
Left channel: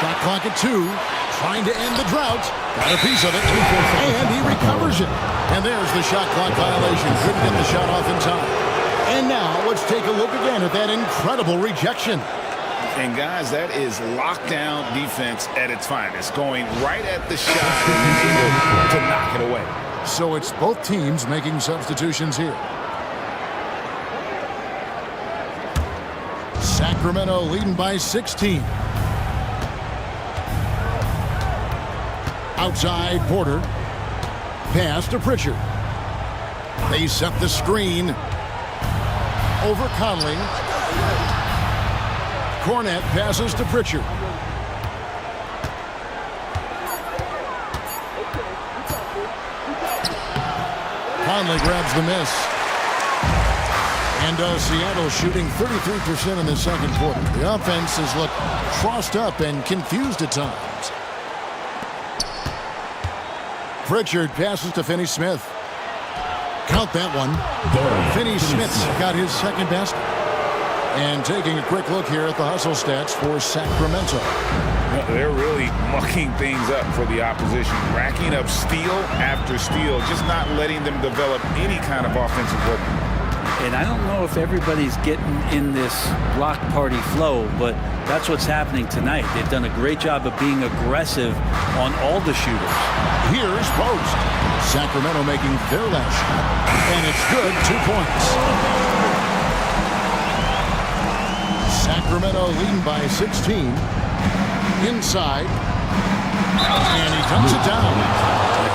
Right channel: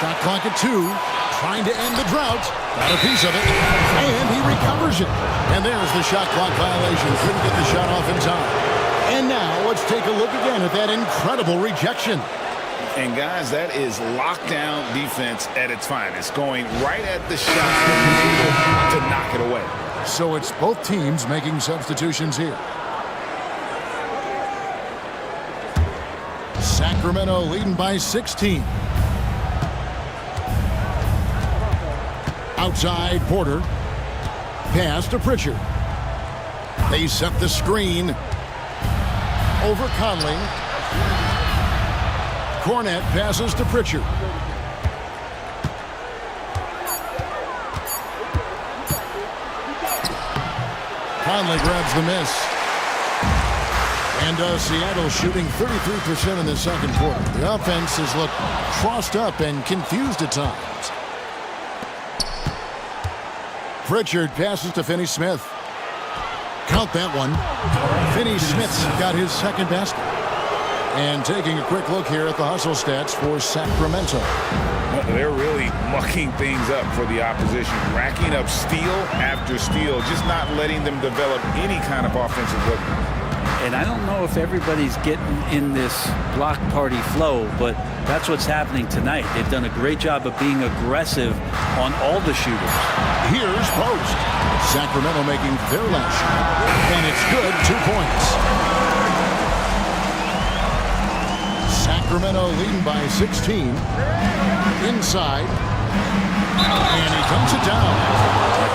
Shot clock at 2, trying to end the drought. Got a piece of it, and he recovers it. And there's the shot clock violation. Couldn't get the shot off in time. And now let's take a look again at that incredible rejection. And guys, that is lockdown defense at its finest, going right at the shot and able to knock it away. So it's both teams making substitutions here. Sacramento leading by 16. Outside, Porter. Pass to Pritchard. They set the screen. Over Conley. Cornette passes to Pritchard. Conley grabs the miss. And Seattle shooting 33% in the second quarter. The offense has looked crossed up and confused at times. Pritchard passes to Finney-Smith. Count that one. Finney-Smith's got his second basket. And taking a quick look here at the hustle stats for Sacramento. They're really mucking things up for the opposition, racking up steal after steal, just not letting them develop any kind of offensive rhythm. And I don't know if everybody's getting in this block party flow, but that's what's happening tonight. They've done a great job of being aggressive on all the shooters. Here's Post. Sacramento making their last shot, and it's good, 2 points. Sacramento leading by 16. Inside. And he dumps it down.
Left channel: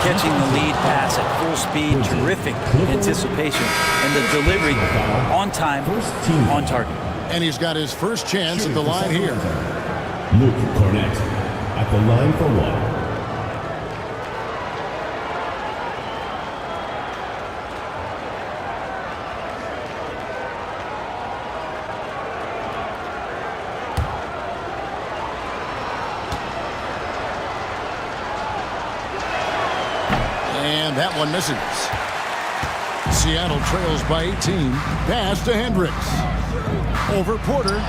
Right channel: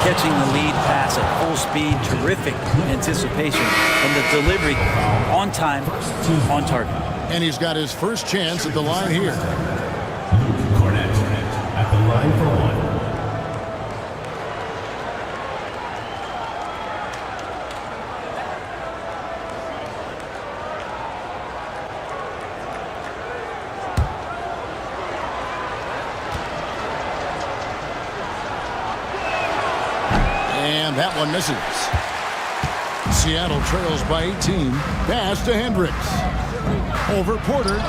Catching the lead pass at full speed, terrific anticipation, and the delivery on time, on target. And he's got his first chance at the line here. Luke Cornette at the line for one. And that one misses. Seattle trails by 18. Pass to Hendricks. Over Porter.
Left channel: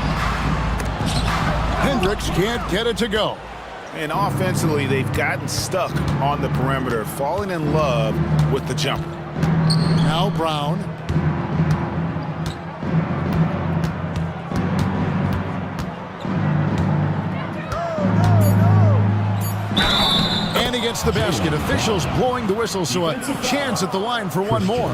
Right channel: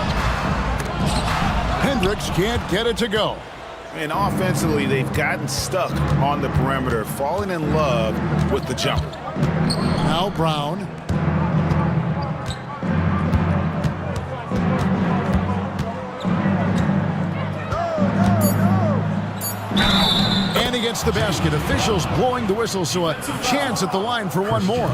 Hendricks can't get it to go. And offensively, they've gotten stuck on the perimeter, falling in love with the jumper. Now Brown. And he gets the basket. Officials blowing the whistle, so a chance at the line for one more.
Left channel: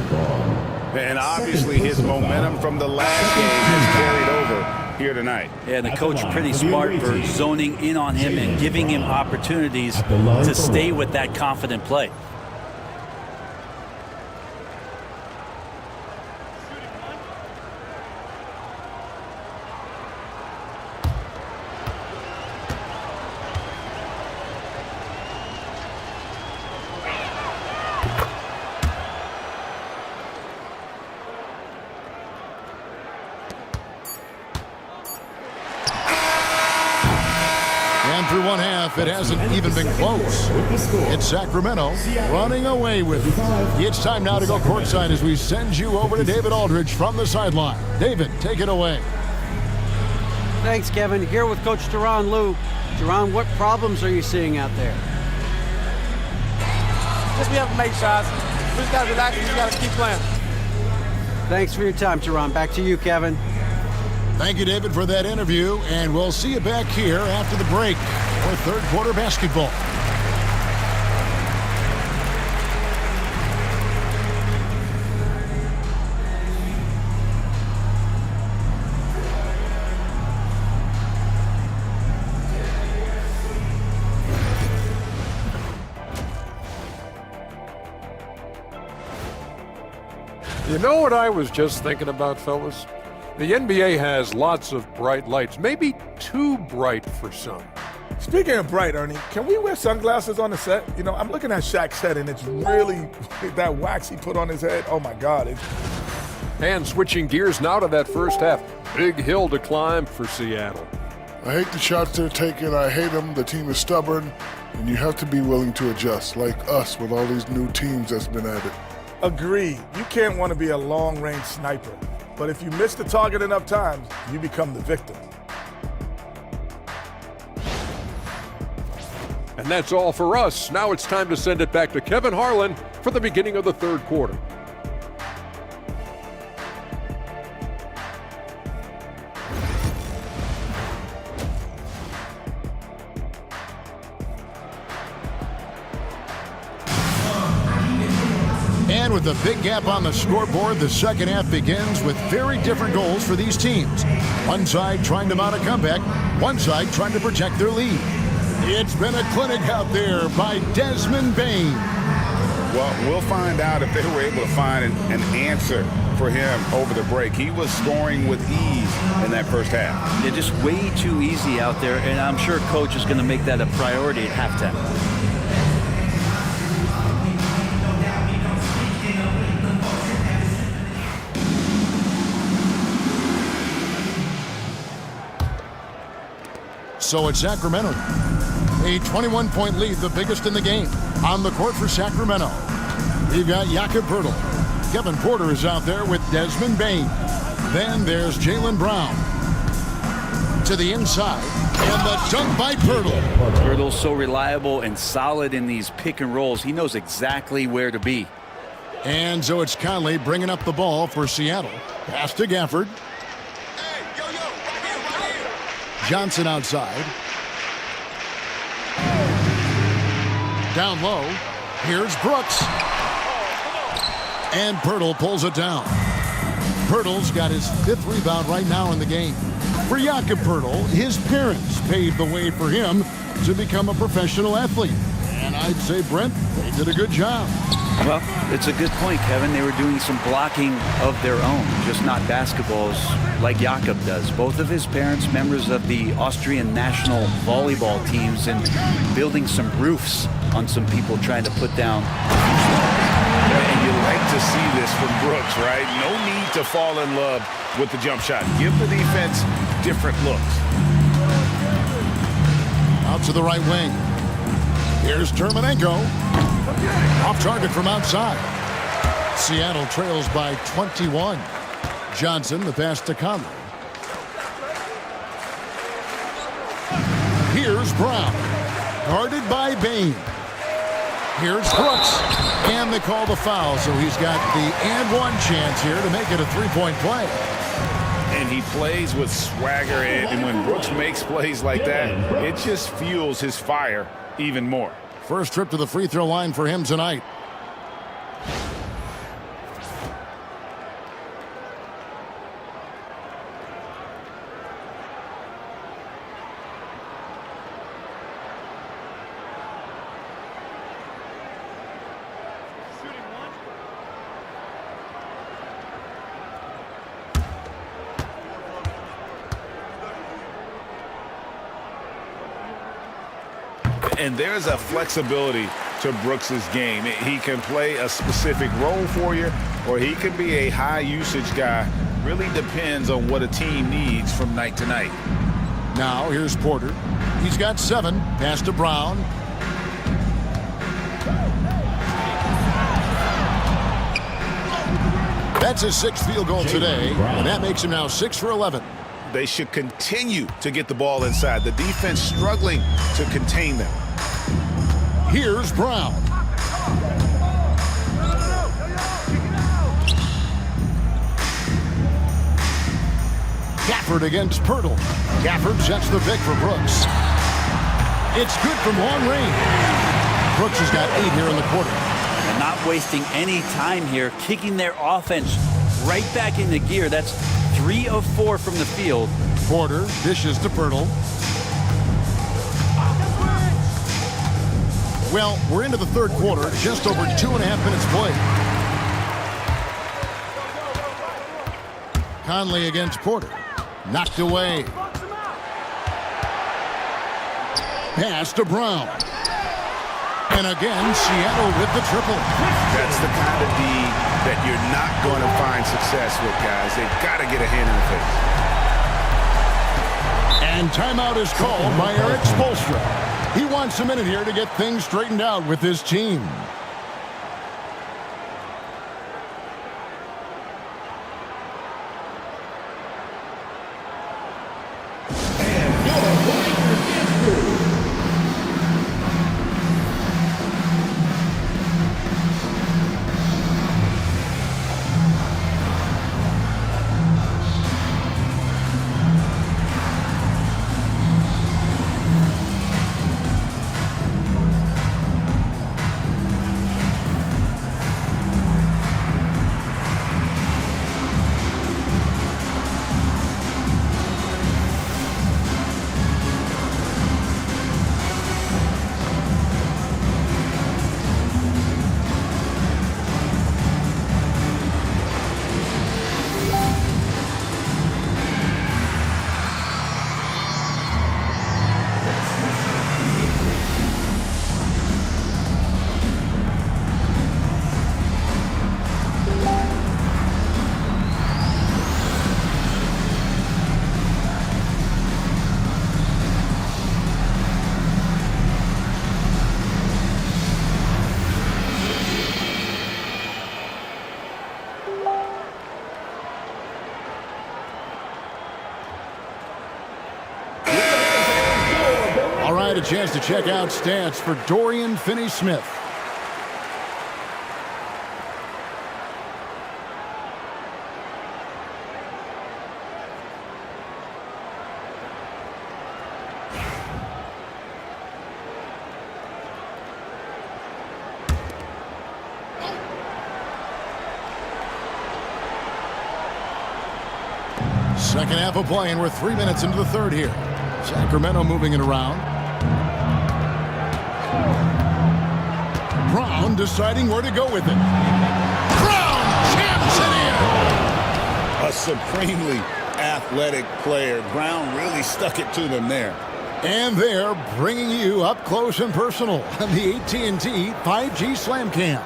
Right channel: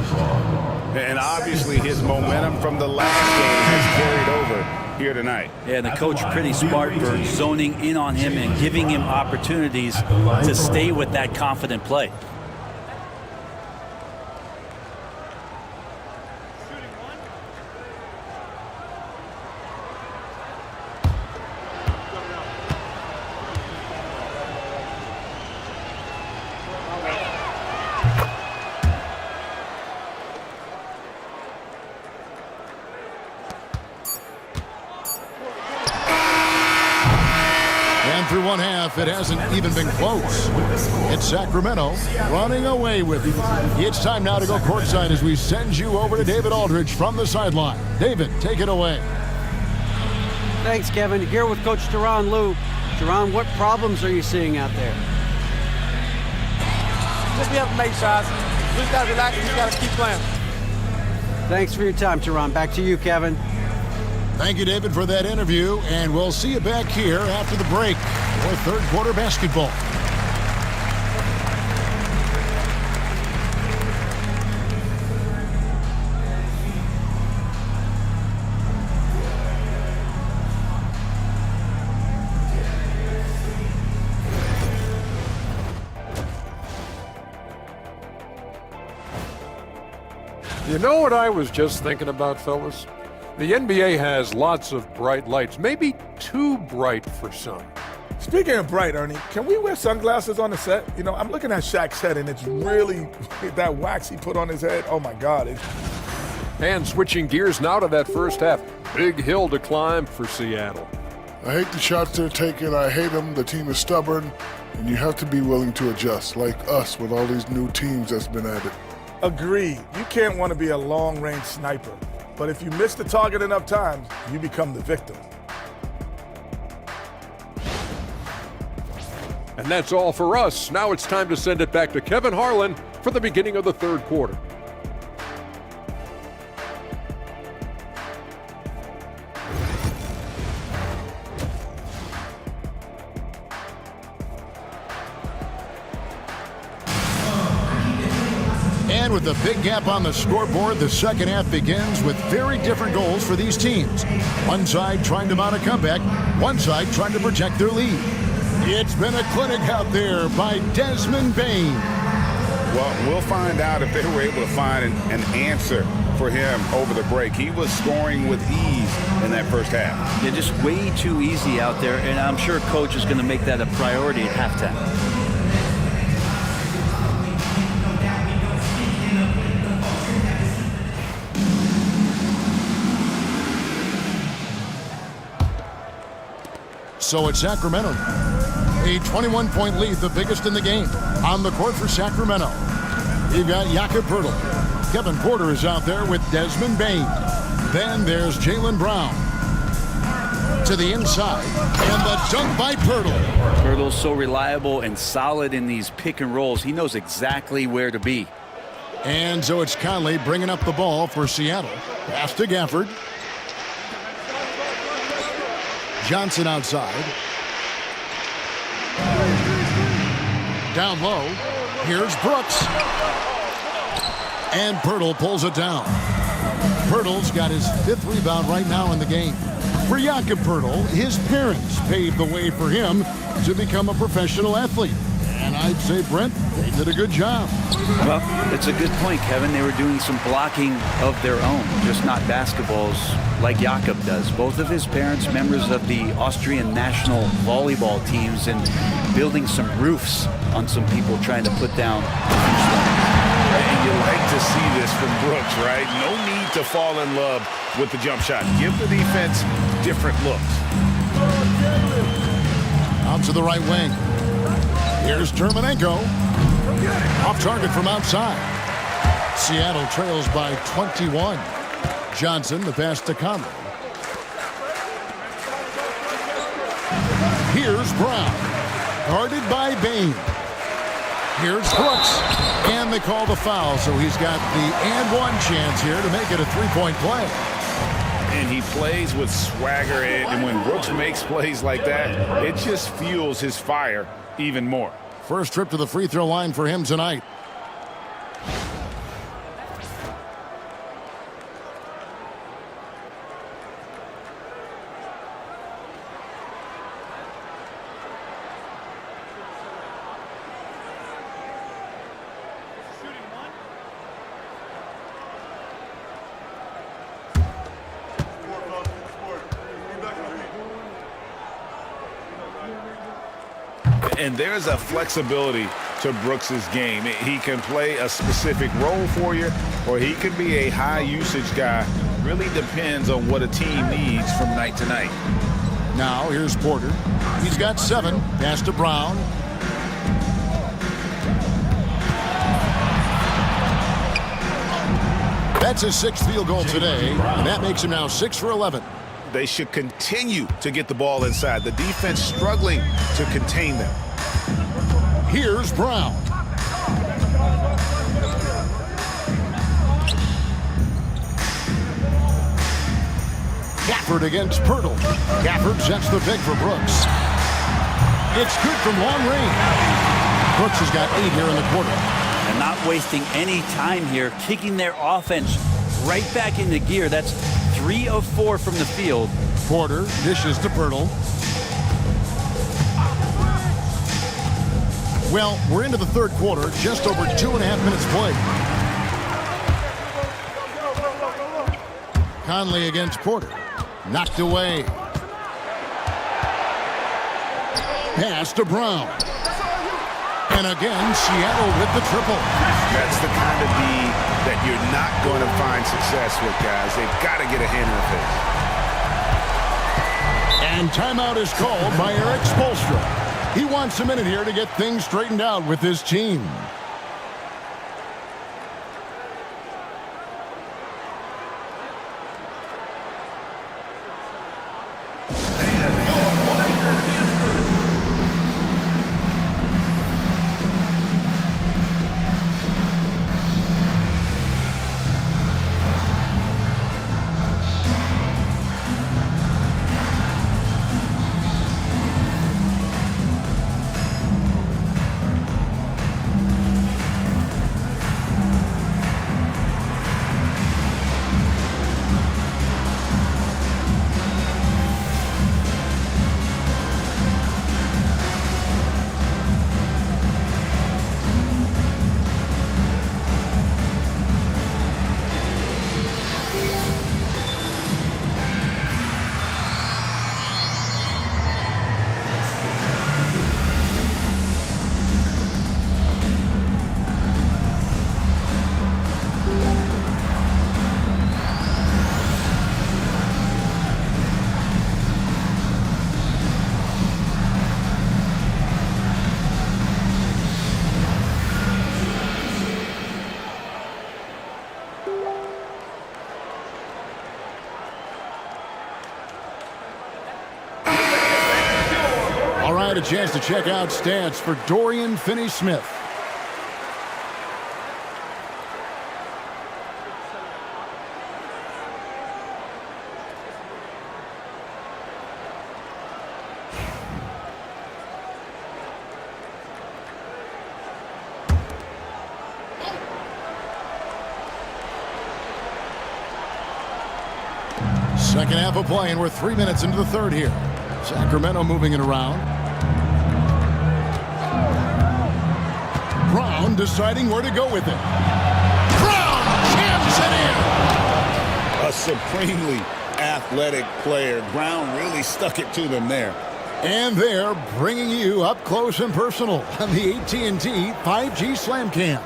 And obviously his momentum from the last game has carried over here tonight. Yeah, and the coach pretty smart for zoning in on him and giving him opportunities to stay with that confident play. And through one half, it hasn't even been close. It's Sacramento running away with it. It's time now to go courtside as we send you over to David Aldridge from the sideline. David, take it away. Thanks, Kevin. Here with Coach Teron Lou. Teron, what problems are you seeing out there? Just be able to make shots. We just got to relax and we just got to keep playing. Thanks for your time, Teron. Back to you, Kevin. Thank you, David, for that interview, and we'll see you back here after the break for third quarter basketball. You know what I was just thinking about, fellas? The NBA has lots of bright lights, maybe too bright for some. Speaking of bright, Ernie, can we wear sunglasses on the set? You know, I'm looking at Shaq's head, and it's really that wax he put on his head. Oh, my God. And switching gears now to that first half. Big hill to climb for Seattle. I hate the shots they're taking. I hate them. The team is stubborn, and you have to be willing to adjust, like us with all these new teams that's been added. Agreed. You can't want to be a long-range sniper. But if you miss the target enough times, you become the victim. And that's all for us. Now it's time to send it back to Kevin Harlan for the beginning of the third quarter. And with a big gap on the scoreboard, the second half begins with very different goals for these teams. One side trying to mount a comeback, one side trying to protect their lead. It's been a clinic out there by Desmond Bain. Well, we'll find out if they were able to find an answer for him over the break. He was scoring with ease in that first half. Yeah, just way too easy out there, and I'm sure coach is going to make that a priority at halftime. So it's Sacramento. A 21-point lead, the biggest in the game. On the court for Sacramento, you've got Jakob Poeltl. Kevin Porter is out there with Desmond Bain. Then there's Jaylen Brown. To the inside, and the dunk by Poeltl. Poeltl's so reliable and solid in these pick and rolls. He knows exactly where to be. And so it's Conley bringing up the ball for Seattle. Pass to Gafford. Johnson outside. Down low. Here's Brooks. And Poeltl pulls it down. Poeltl's got his 5th rebound right now in the game. For Jakob Poeltl, his parents paved the way for him to become a professional athlete. And I'd say, Brent, they did a good job. Well, it's a good point, Kevin. They were doing some blocking of their own, just not basketballs like Jakob does. Both of his parents, members of the Austrian national volleyball teams, and building some roofs on some people trying to put down. And you like to see this from Brooks, right? No need to fall in love with the jump shot. Give the defense different looks. Out to the right wing. Here's Terminenko. Off target from outside. Seattle trails by 21. Johnson, the pass to Conley. Here's Brown. Guarded by Bain. Here's Brooks. And they call the foul, so he's got the and one chance here to make it a three-point play. And he plays with swagger, and when Brooks makes plays like that, it just fuels his fire even more. First trip to the free throw line for him tonight. And there's a flexibility to Brooks's game. He can play a specific role for you, or he can be a high-usage guy. Really depends on what a team needs from night to night. Now, here's Porter. He's got 7. Pass to Brown. That's his 6th field goal today, and that makes him now 6 for 11. They should continue to get the ball inside. The defense struggling to contain them. Here's Brown. Gafford against Poeltl. Gafford sets the pick for Brooks. It's good from long range. Brooks has got 8 here in the quarter. And not wasting any time here, kicking their offense right back into gear. That's 3 of 4 from the field. Porter dishes to Poeltl. Well, we're into the third quarter, just over 2.5 minutes played. Conley against Porter. Knocked away. Pass to Brown. And again, Seattle with the triple. That's the kind of D that you're not going to find success with, guys. They've got to get a hand in the face. And timeout is called by Eric Spoelstra. He wants a minute here to get things straightened out with his team. All right, a chance to check out stats for Dorian Finney-Smith. Second half of play, and we're 3 minutes into the third here. Sacramento moving it around. Brown deciding where to go with it. Brown jams it in. A supremely athletic player. Brown really stuck it to them there. And they're bringing you up close and personal on the AT&T 5G Slam Cam.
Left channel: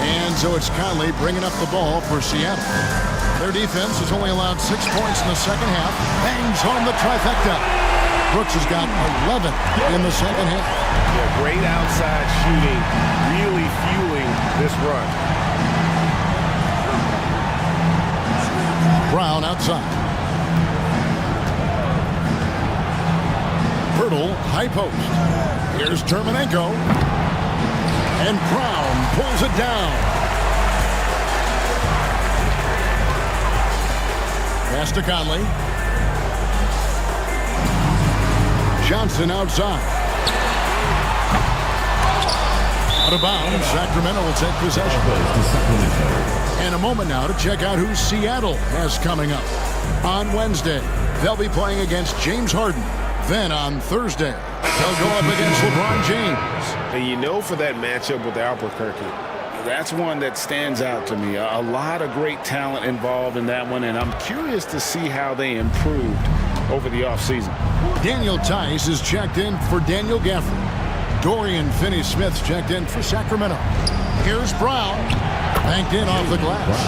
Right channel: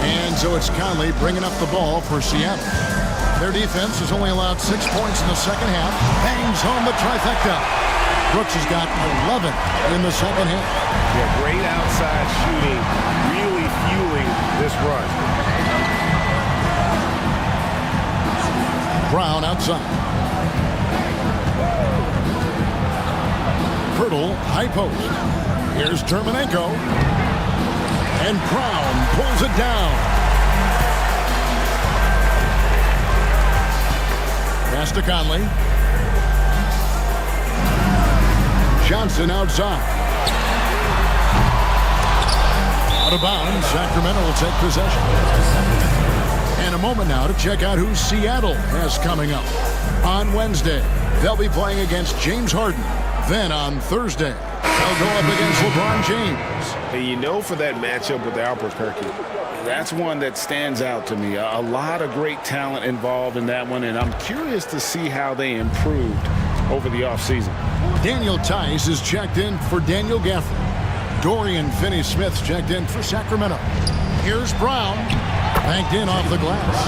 And so it's Conley bringing up the ball for Seattle. Their defense has only allowed 6 points in the second half. Bangs home the trifecta. Brooks has got 11 in the second half. Yeah, great outside shooting, really fueling this run. Brown outside. Pirtle, high post. Here's Terminenko. And Brown pulls it down. Pass to Conley. Johnson outside. Out of bounds, Sacramento will take possession. And a moment now to check out who Seattle has coming up. On Wednesday, they'll be playing against James Harden. Then on Thursday, they'll go up against LeBron James. And you know, for that matchup with Albuquerque, That's one that stands out to me. A lot of great talent involved in that one, and I'm curious to see how they improved over the offseason. Daniel Tice is checked in for Daniel Gafford. Dorian Finney-Smith's checked in for Sacramento. Here's Brown, banked in off the glass.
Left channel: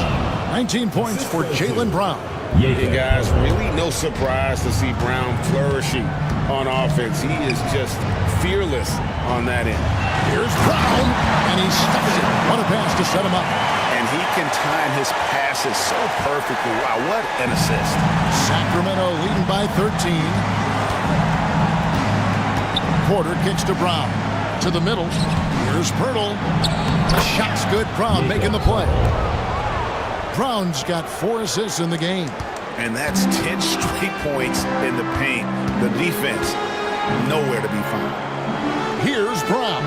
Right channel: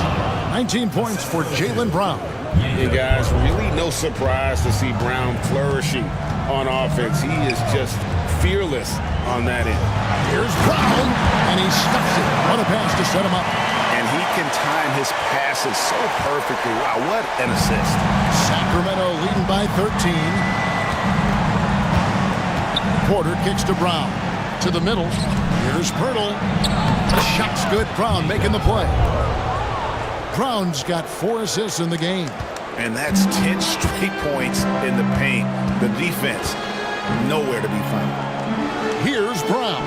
19 points for Jaylen Brown. And guys, really no surprise to see Brown flourishing on offense. He is just fearless on that end. Here's Brown, and he stuffs it. What a pass to set him up. And he can time his passes so perfectly. Wow, what an assist. Sacramento leading by 13. Porter kicks to Brown. To the middle. Here's Pirtle. The shot's good. Brown making the play. Brown's got 4 assists in the game. And that's 10 straight points in the paint. The defense, nowhere to be found. Here's Brown.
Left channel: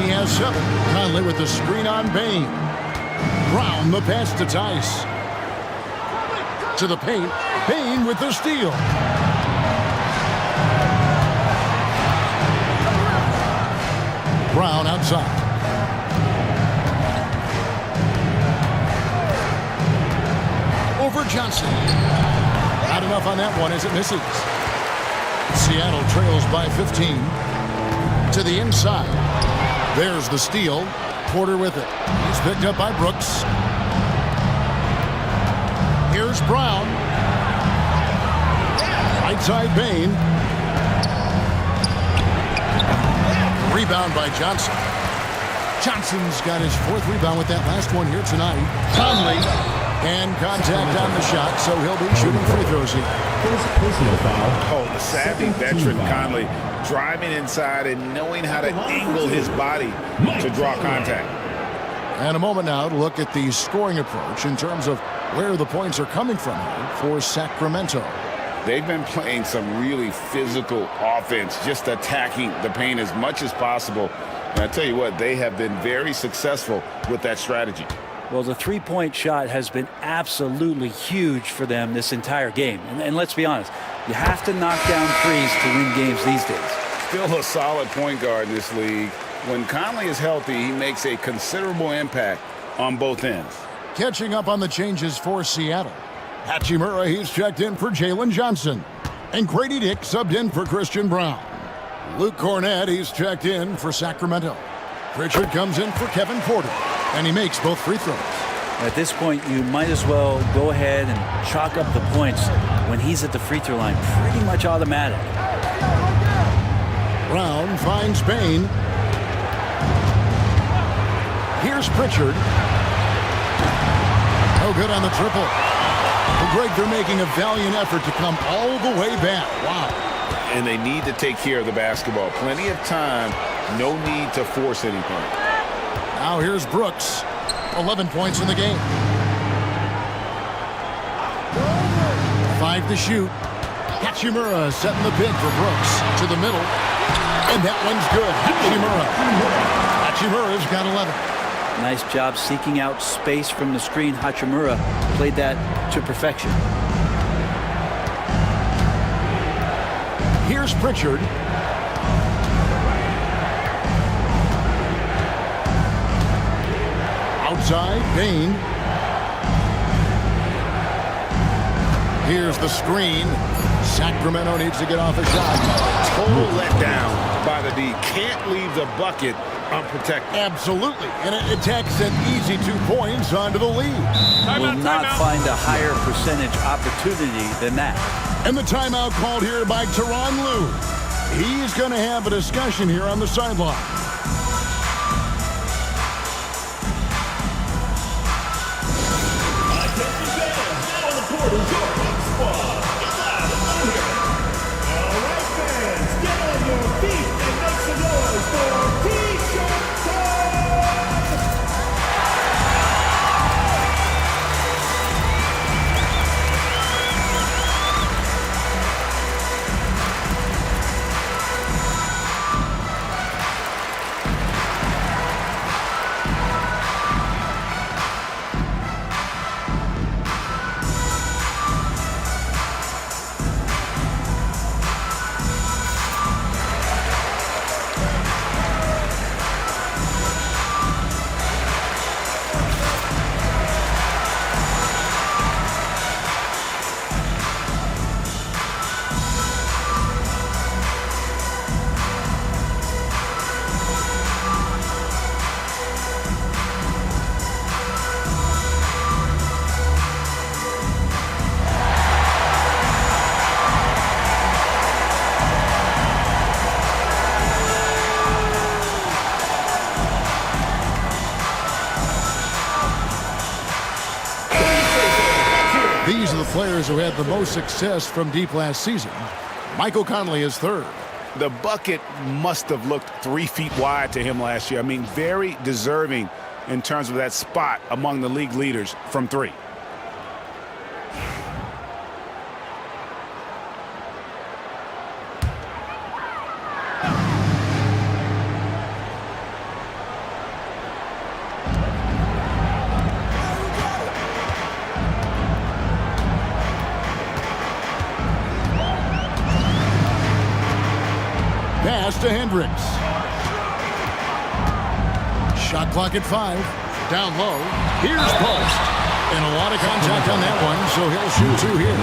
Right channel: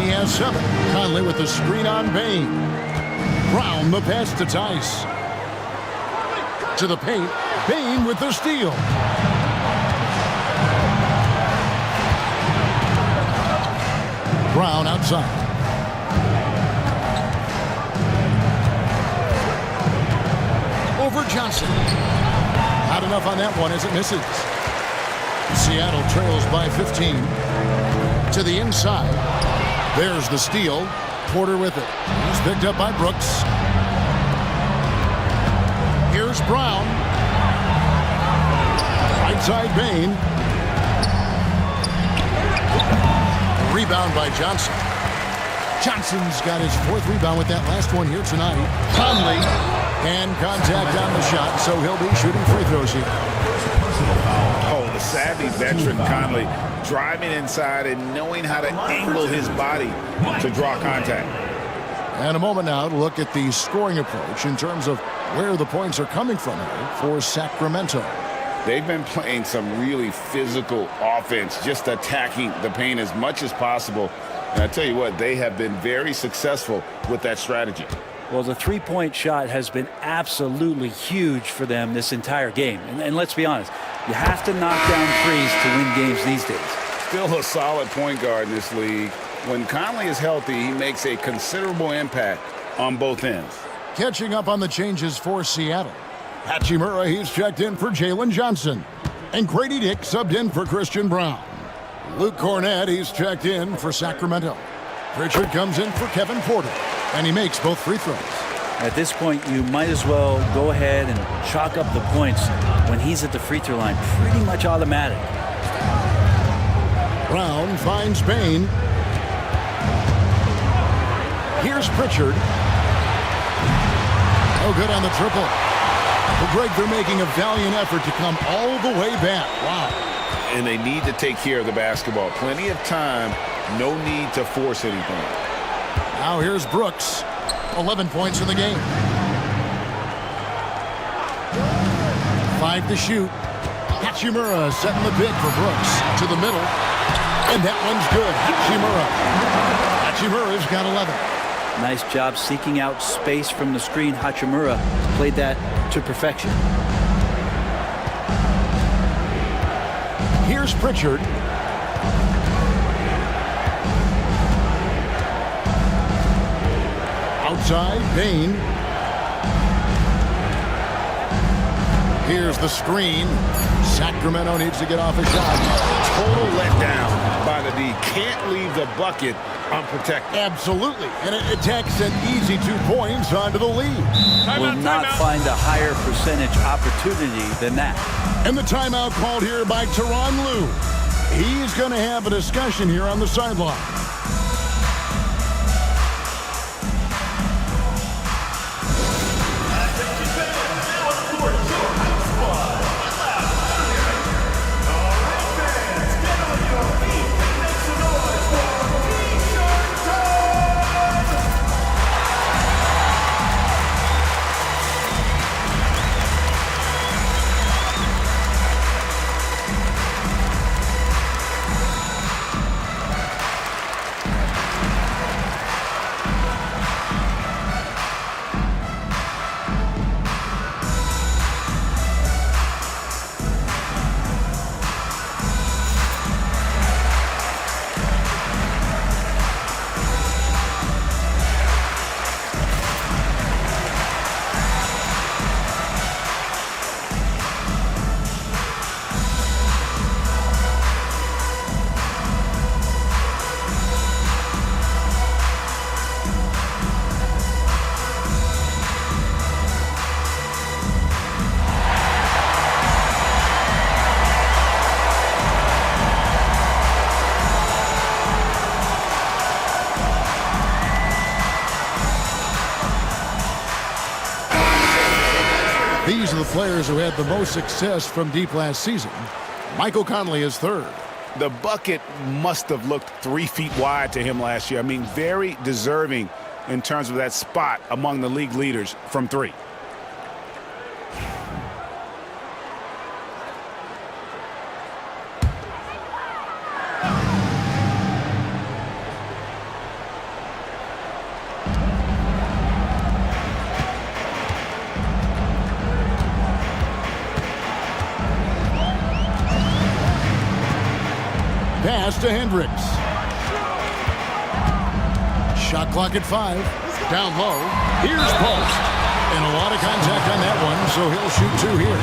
He has 7. Conley with the screen on Bain. Brown the pass to Tice. To the paint. Bain with the steal. Brown outside. Over Johnson. Not enough on that one as it misses. Seattle trails by 15. To the inside. There's the steal. Porter with it. He's picked up by Brooks. Here's Brown. Right side Bain. The rebound by Johnson. Johnson's got his 4th rebound with that last one here tonight. Conley. And contact on the shot, so he'll be shooting free throws here. Oh, the savvy veteran Conley driving inside and knowing how to angle his body to draw contact. And a moment now to look at the scoring approach in terms of where the points are coming from here for Sacramento. They've been playing some really physical offense, just attacking the paint as much as possible. And I tell you what, they have been very successful with that strategy. Well, the three-point shot has been absolutely huge for them this entire game. And let's be honest, you have to knock down threes to win games these days. Still a solid point guard in this league. When Conley is healthy, he makes a considerable impact on both ends. Catching up on the changes for Seattle. Hachimura, he's checked in for Jalen Johnson. And Grady Dick subbed in for Christian Brown. Luke Cornett, he's checked in for Sacramento. Pritchard comes in for Kevin Porter. And he makes both free throws. At this point, you might as well go ahead and chalk up the points when he's at the free throw line. Pretty much automatic. Brown finds Bain. Here's Pritchard. Oh, good on the triple. Well, Greg, they're making a valiant effort to come all the way back. Wow. And they need to take care of the basketball. Plenty of time. No need to force anything. Now here's Brooks. 11 points in the game. 5 to shoot. Hachimura setting the pick for Brooks. To the middle. And that one's good. Hachimura's got 11. Nice job seeking out space from the screen. Hachimura played that to perfection. Here's Pritchard. Outside, Bain. Here's the screen. Sacramento needs to get off a shot. Total letdown by the D. Can't leave the bucket unprotected. Absolutely. And it takes an easy 2 points onto the lead. Will not find a higher percentage opportunity than that. And the timeout called here by Tyronn Lue. He's going to have a discussion here on the sideline. These are the players who had the most success from deep last season. Michael Conley is third. The bucket must have looked 3 feet wide to him last year. I mean, very deserving in terms of that spot among the league leaders from 3. Pass to Hendricks. Shot clock at 5. Down low. Here's post. And a lot of contact on that one, so he'll shoot 2 here.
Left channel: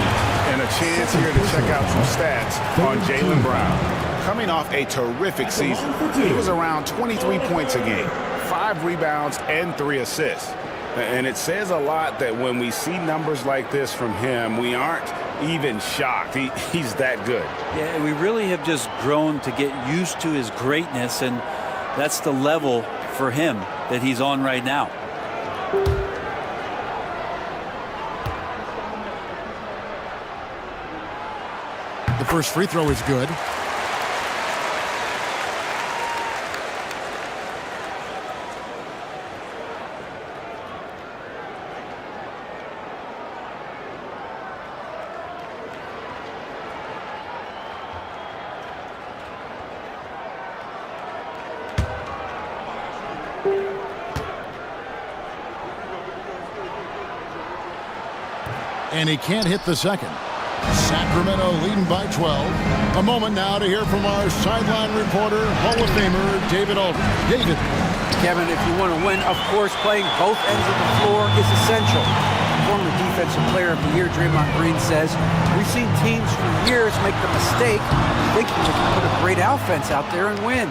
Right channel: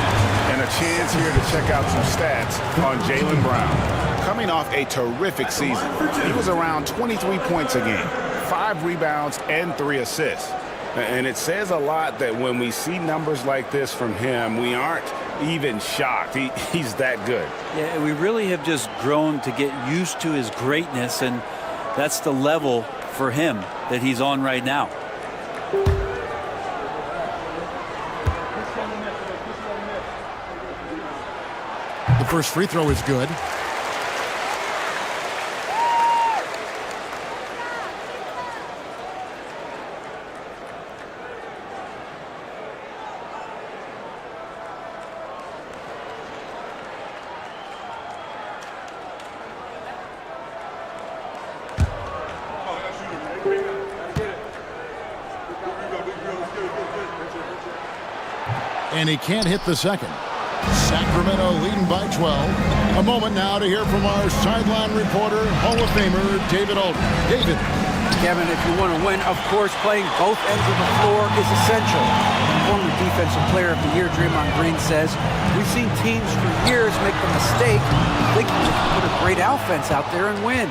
And a chance here to check out some stats on Jaylen Brown. Coming off a terrific season, he was around 23 points a game, 5 rebounds, and 3 assists. And it says a lot that when we see numbers like this from him, we aren't even shocked. He's that good. Yeah, we really have just grown to get used to his greatness, and that's the level for him that he's on right now. The first free throw is good. And he can't hit the second. Sacramento leading by 12. A moment now to hear from our sideline reporter, Hall of Famer David Aldridge. David. Kevin, if you want to win, of course, playing both ends of the floor is essential. Former Defensive Player of the Year Draymond Green says, we've seen teams for years make the mistake of thinking they can put a great offense out there and win.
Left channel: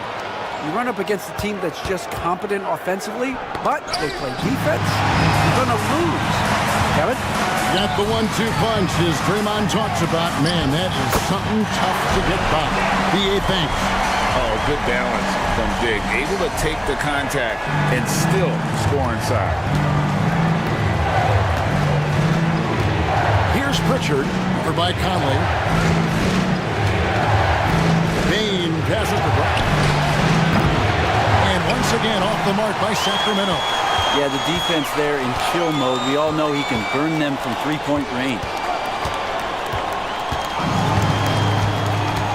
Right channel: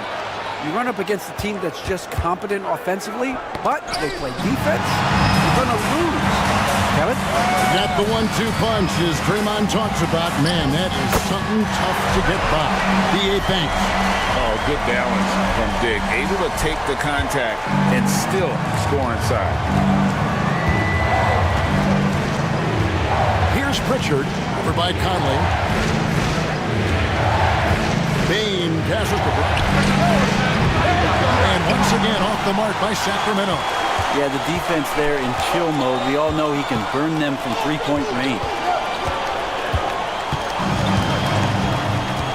You run up against a team that's just competent offensively, but they play defense, you're going to lose. Kevin? Got the 1-2 punch as Draymond talks about. Man, that is something tough to get by. B.A. thanks. Oh, good balance from Dick. Able to take the contact and still score inside. Here's Pritchard, over by Conley. Bain passes to Brown. And once again off the mark by Sacramento. Yeah, the defense there in chill mode. We all know he can burn them from three-point range.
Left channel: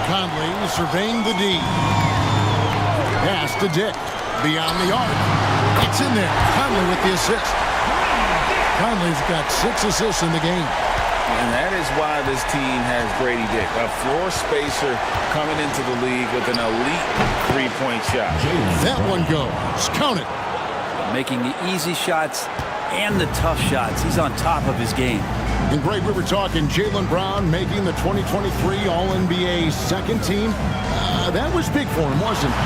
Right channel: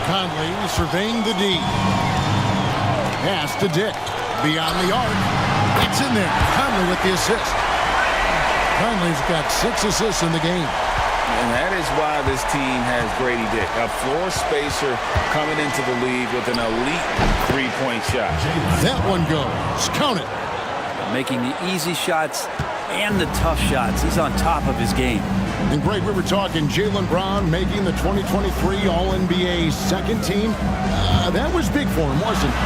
Conley surveying the D. Pass to Dick. Beyond the arc. It's in there. Conley with the assist. Conley's got 6 assists in the game. And that is why this team has Grady Dick, a floor spacer coming into the league with an elite three-point shot. That one goes. Count it. Making the easy shots and the tough shots. He's on top of his game. And Greg, we were talking Jaylen Brown making the 2023 All-NBA second team. That was big for him, wasn't it?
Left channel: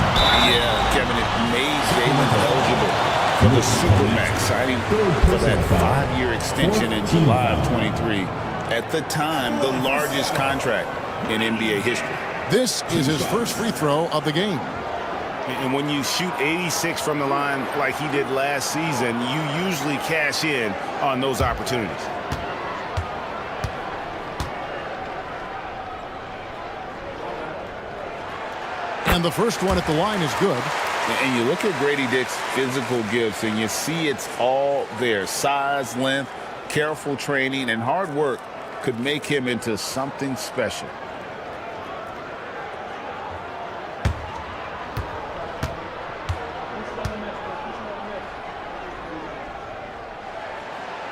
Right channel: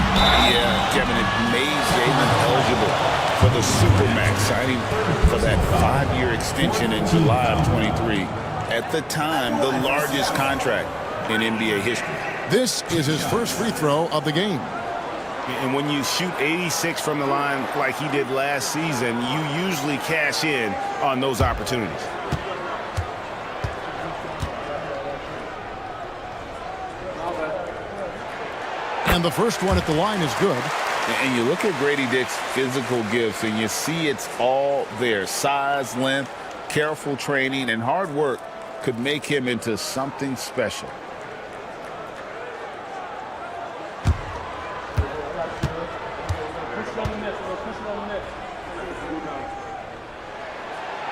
Yeah, Kevin, it made Jaylen eligible for the Supermax, signing for that 5-year extension in July of 23. At the time, the largest contract in NBA history. This is his first free throw of the game. And when you shoot 86 from the line like he did last season, you usually cash in on those opportunities. And the first one at the line is good. And you look at Grady Dick's physical gifts, and you see it's all there. Size, length, careful training, and hard work could make him into something special.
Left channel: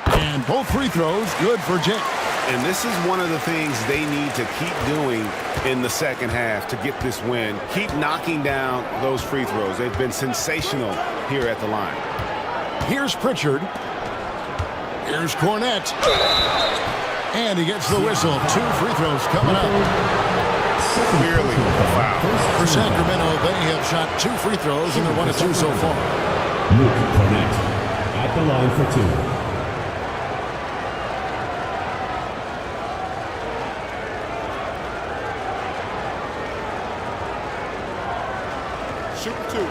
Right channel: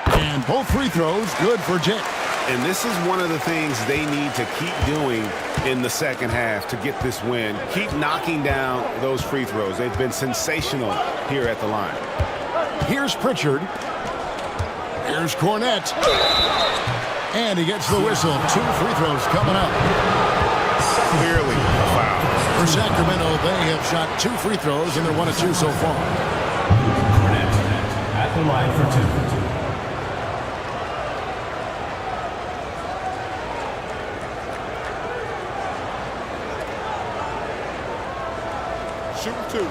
And both free throws good for Dick. And this is one of the things they need to keep doing in the second half to get this win. Keep knocking down those free throws. They've been sensational here at the line. Here's Pritchard. Here's Cornette. And he gets the whistle. 2 free throws coming up. Clearly a foul. For Sacramento, they have shot 2 free throws, and they're 1 of 2 so far. Luke Cornette at the line for 2. Shoot 2.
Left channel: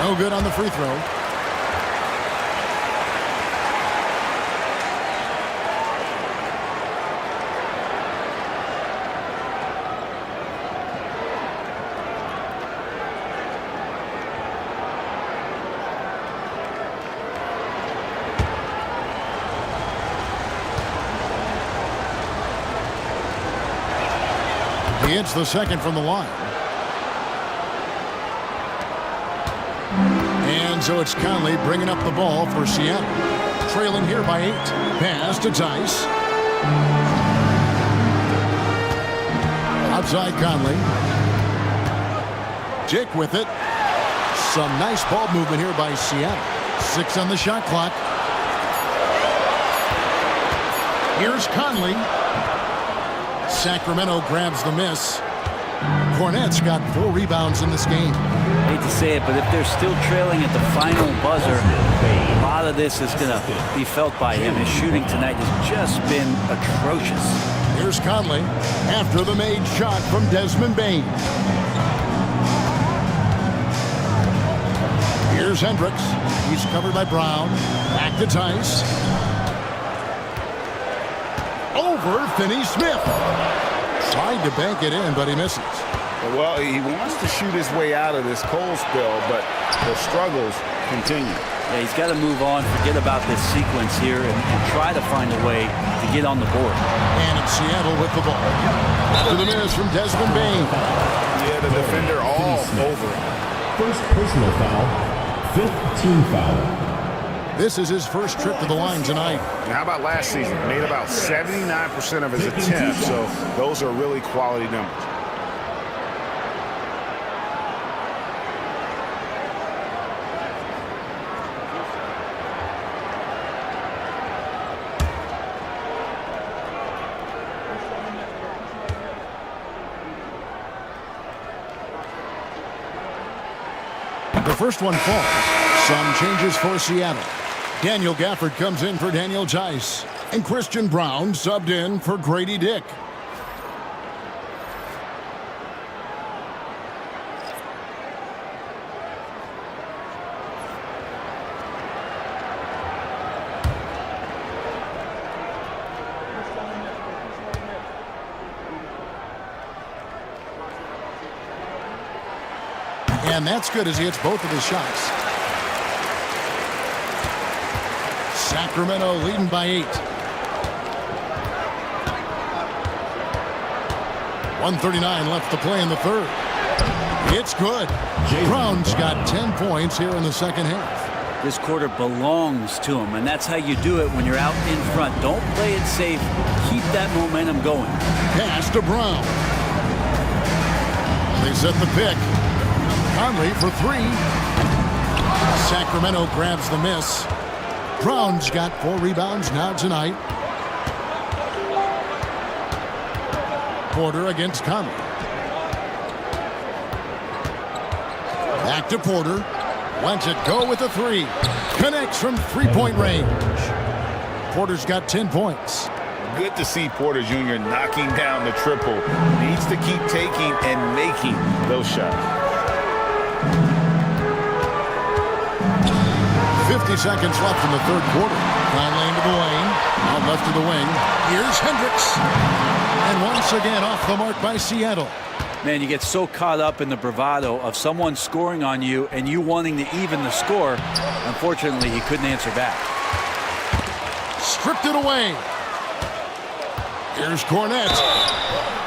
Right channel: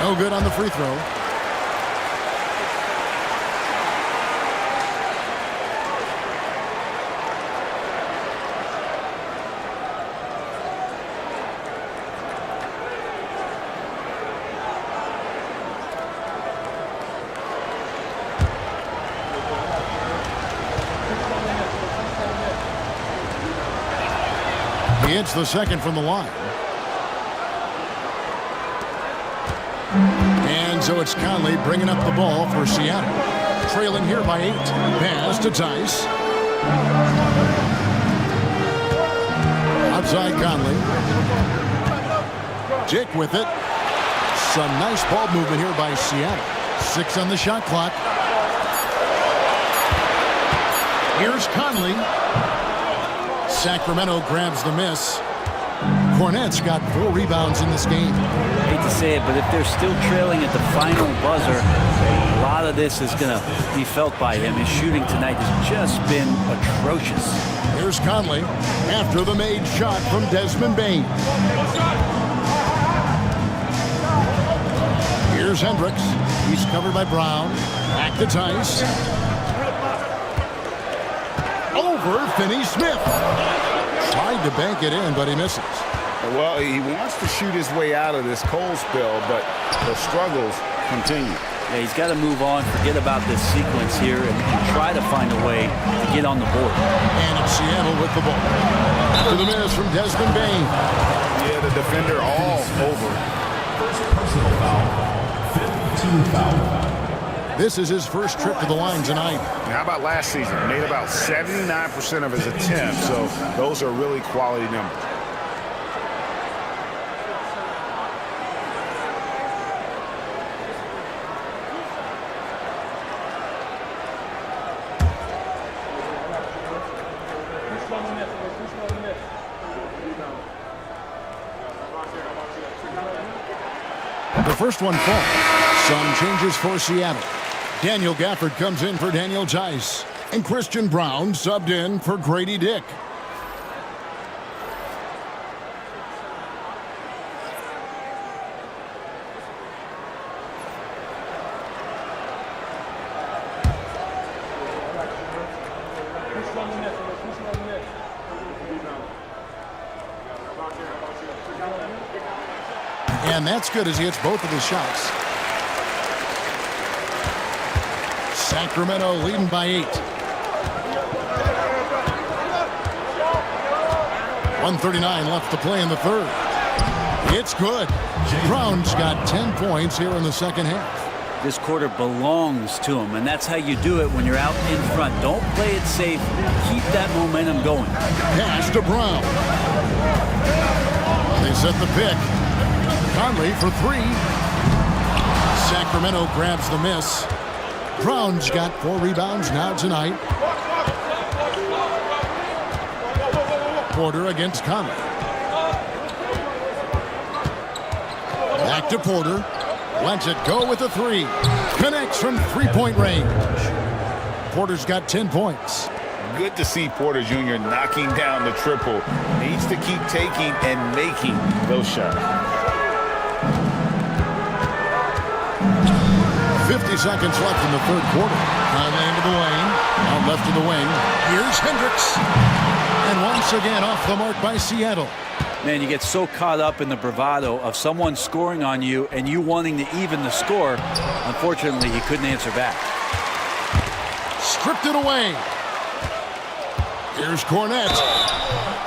No good on the free throw. He hits the second from the line. And so it's Conley bringing up the ball for Seattle. Trailing here by 8. Pass to Tice. Outside Conley. Dick with it. Some nice ball movement here by Seattle. 6 on the shot clock. Here's Conley. Sacramento grabs the miss. Cornette's got 4 rebounds in this game. Hate to say it, but if they're still trailing at the final buzzer, a lot of this is going to be felt by him. His shooting tonight has just been atrocious. Here's Conley after the made shot from Desmond Bain. Here's Hendricks. He's covered by Brown. Back to Tice. Over Finney-Smith. Tried to bank it in, but he misses. Well, he wants to shoot his way out of this cold spell, but the struggles continue. Yeah, he's got to move on, forget about this sequence here, and try to find a way to get on the board. And it's Seattle with the ball. After the miss from Desmond Bain. Yeah, the defender all over. First personal foul, 5th team foul. This is his first trip to the line tonight. And how about last season? Made about 79% of his attempts, so those are really quality numbers. The first one falls. Some changes for Seattle. Daniel Gafford comes in for Daniel Tice. And Christian Brown subbed in for Grady Dick. And that's good as he hits both of his shots. Sacramento leading by 8. 1:39 left to play in the third. It's good. Brown's got 10 points here in the second half. This quarter belongs to him, and that's how you do it when you're out in front. Don't play it safe. Keep that momentum going. Pass to Brown. They set the pick. Conley for 3. Sacramento grabs the miss. Brown's got 4 rebounds now tonight. Porter against Conley. Back to Porter. Lets it go with a 3. Connects from three-point range. Porter's got 10 points. Good to see Porter Jr. knocking down the triple. Needs to keep taking and making those shots. 50 seconds left in the third quarter. Conley into the lane. Out left to the wing. Here's Hendricks. And once again off the mark by Seattle. Man, you get so caught up in the bravado of someone scoring on you and you wanting to even the score. Unfortunately, he couldn't answer back. Stripped it away. Here's Cornette.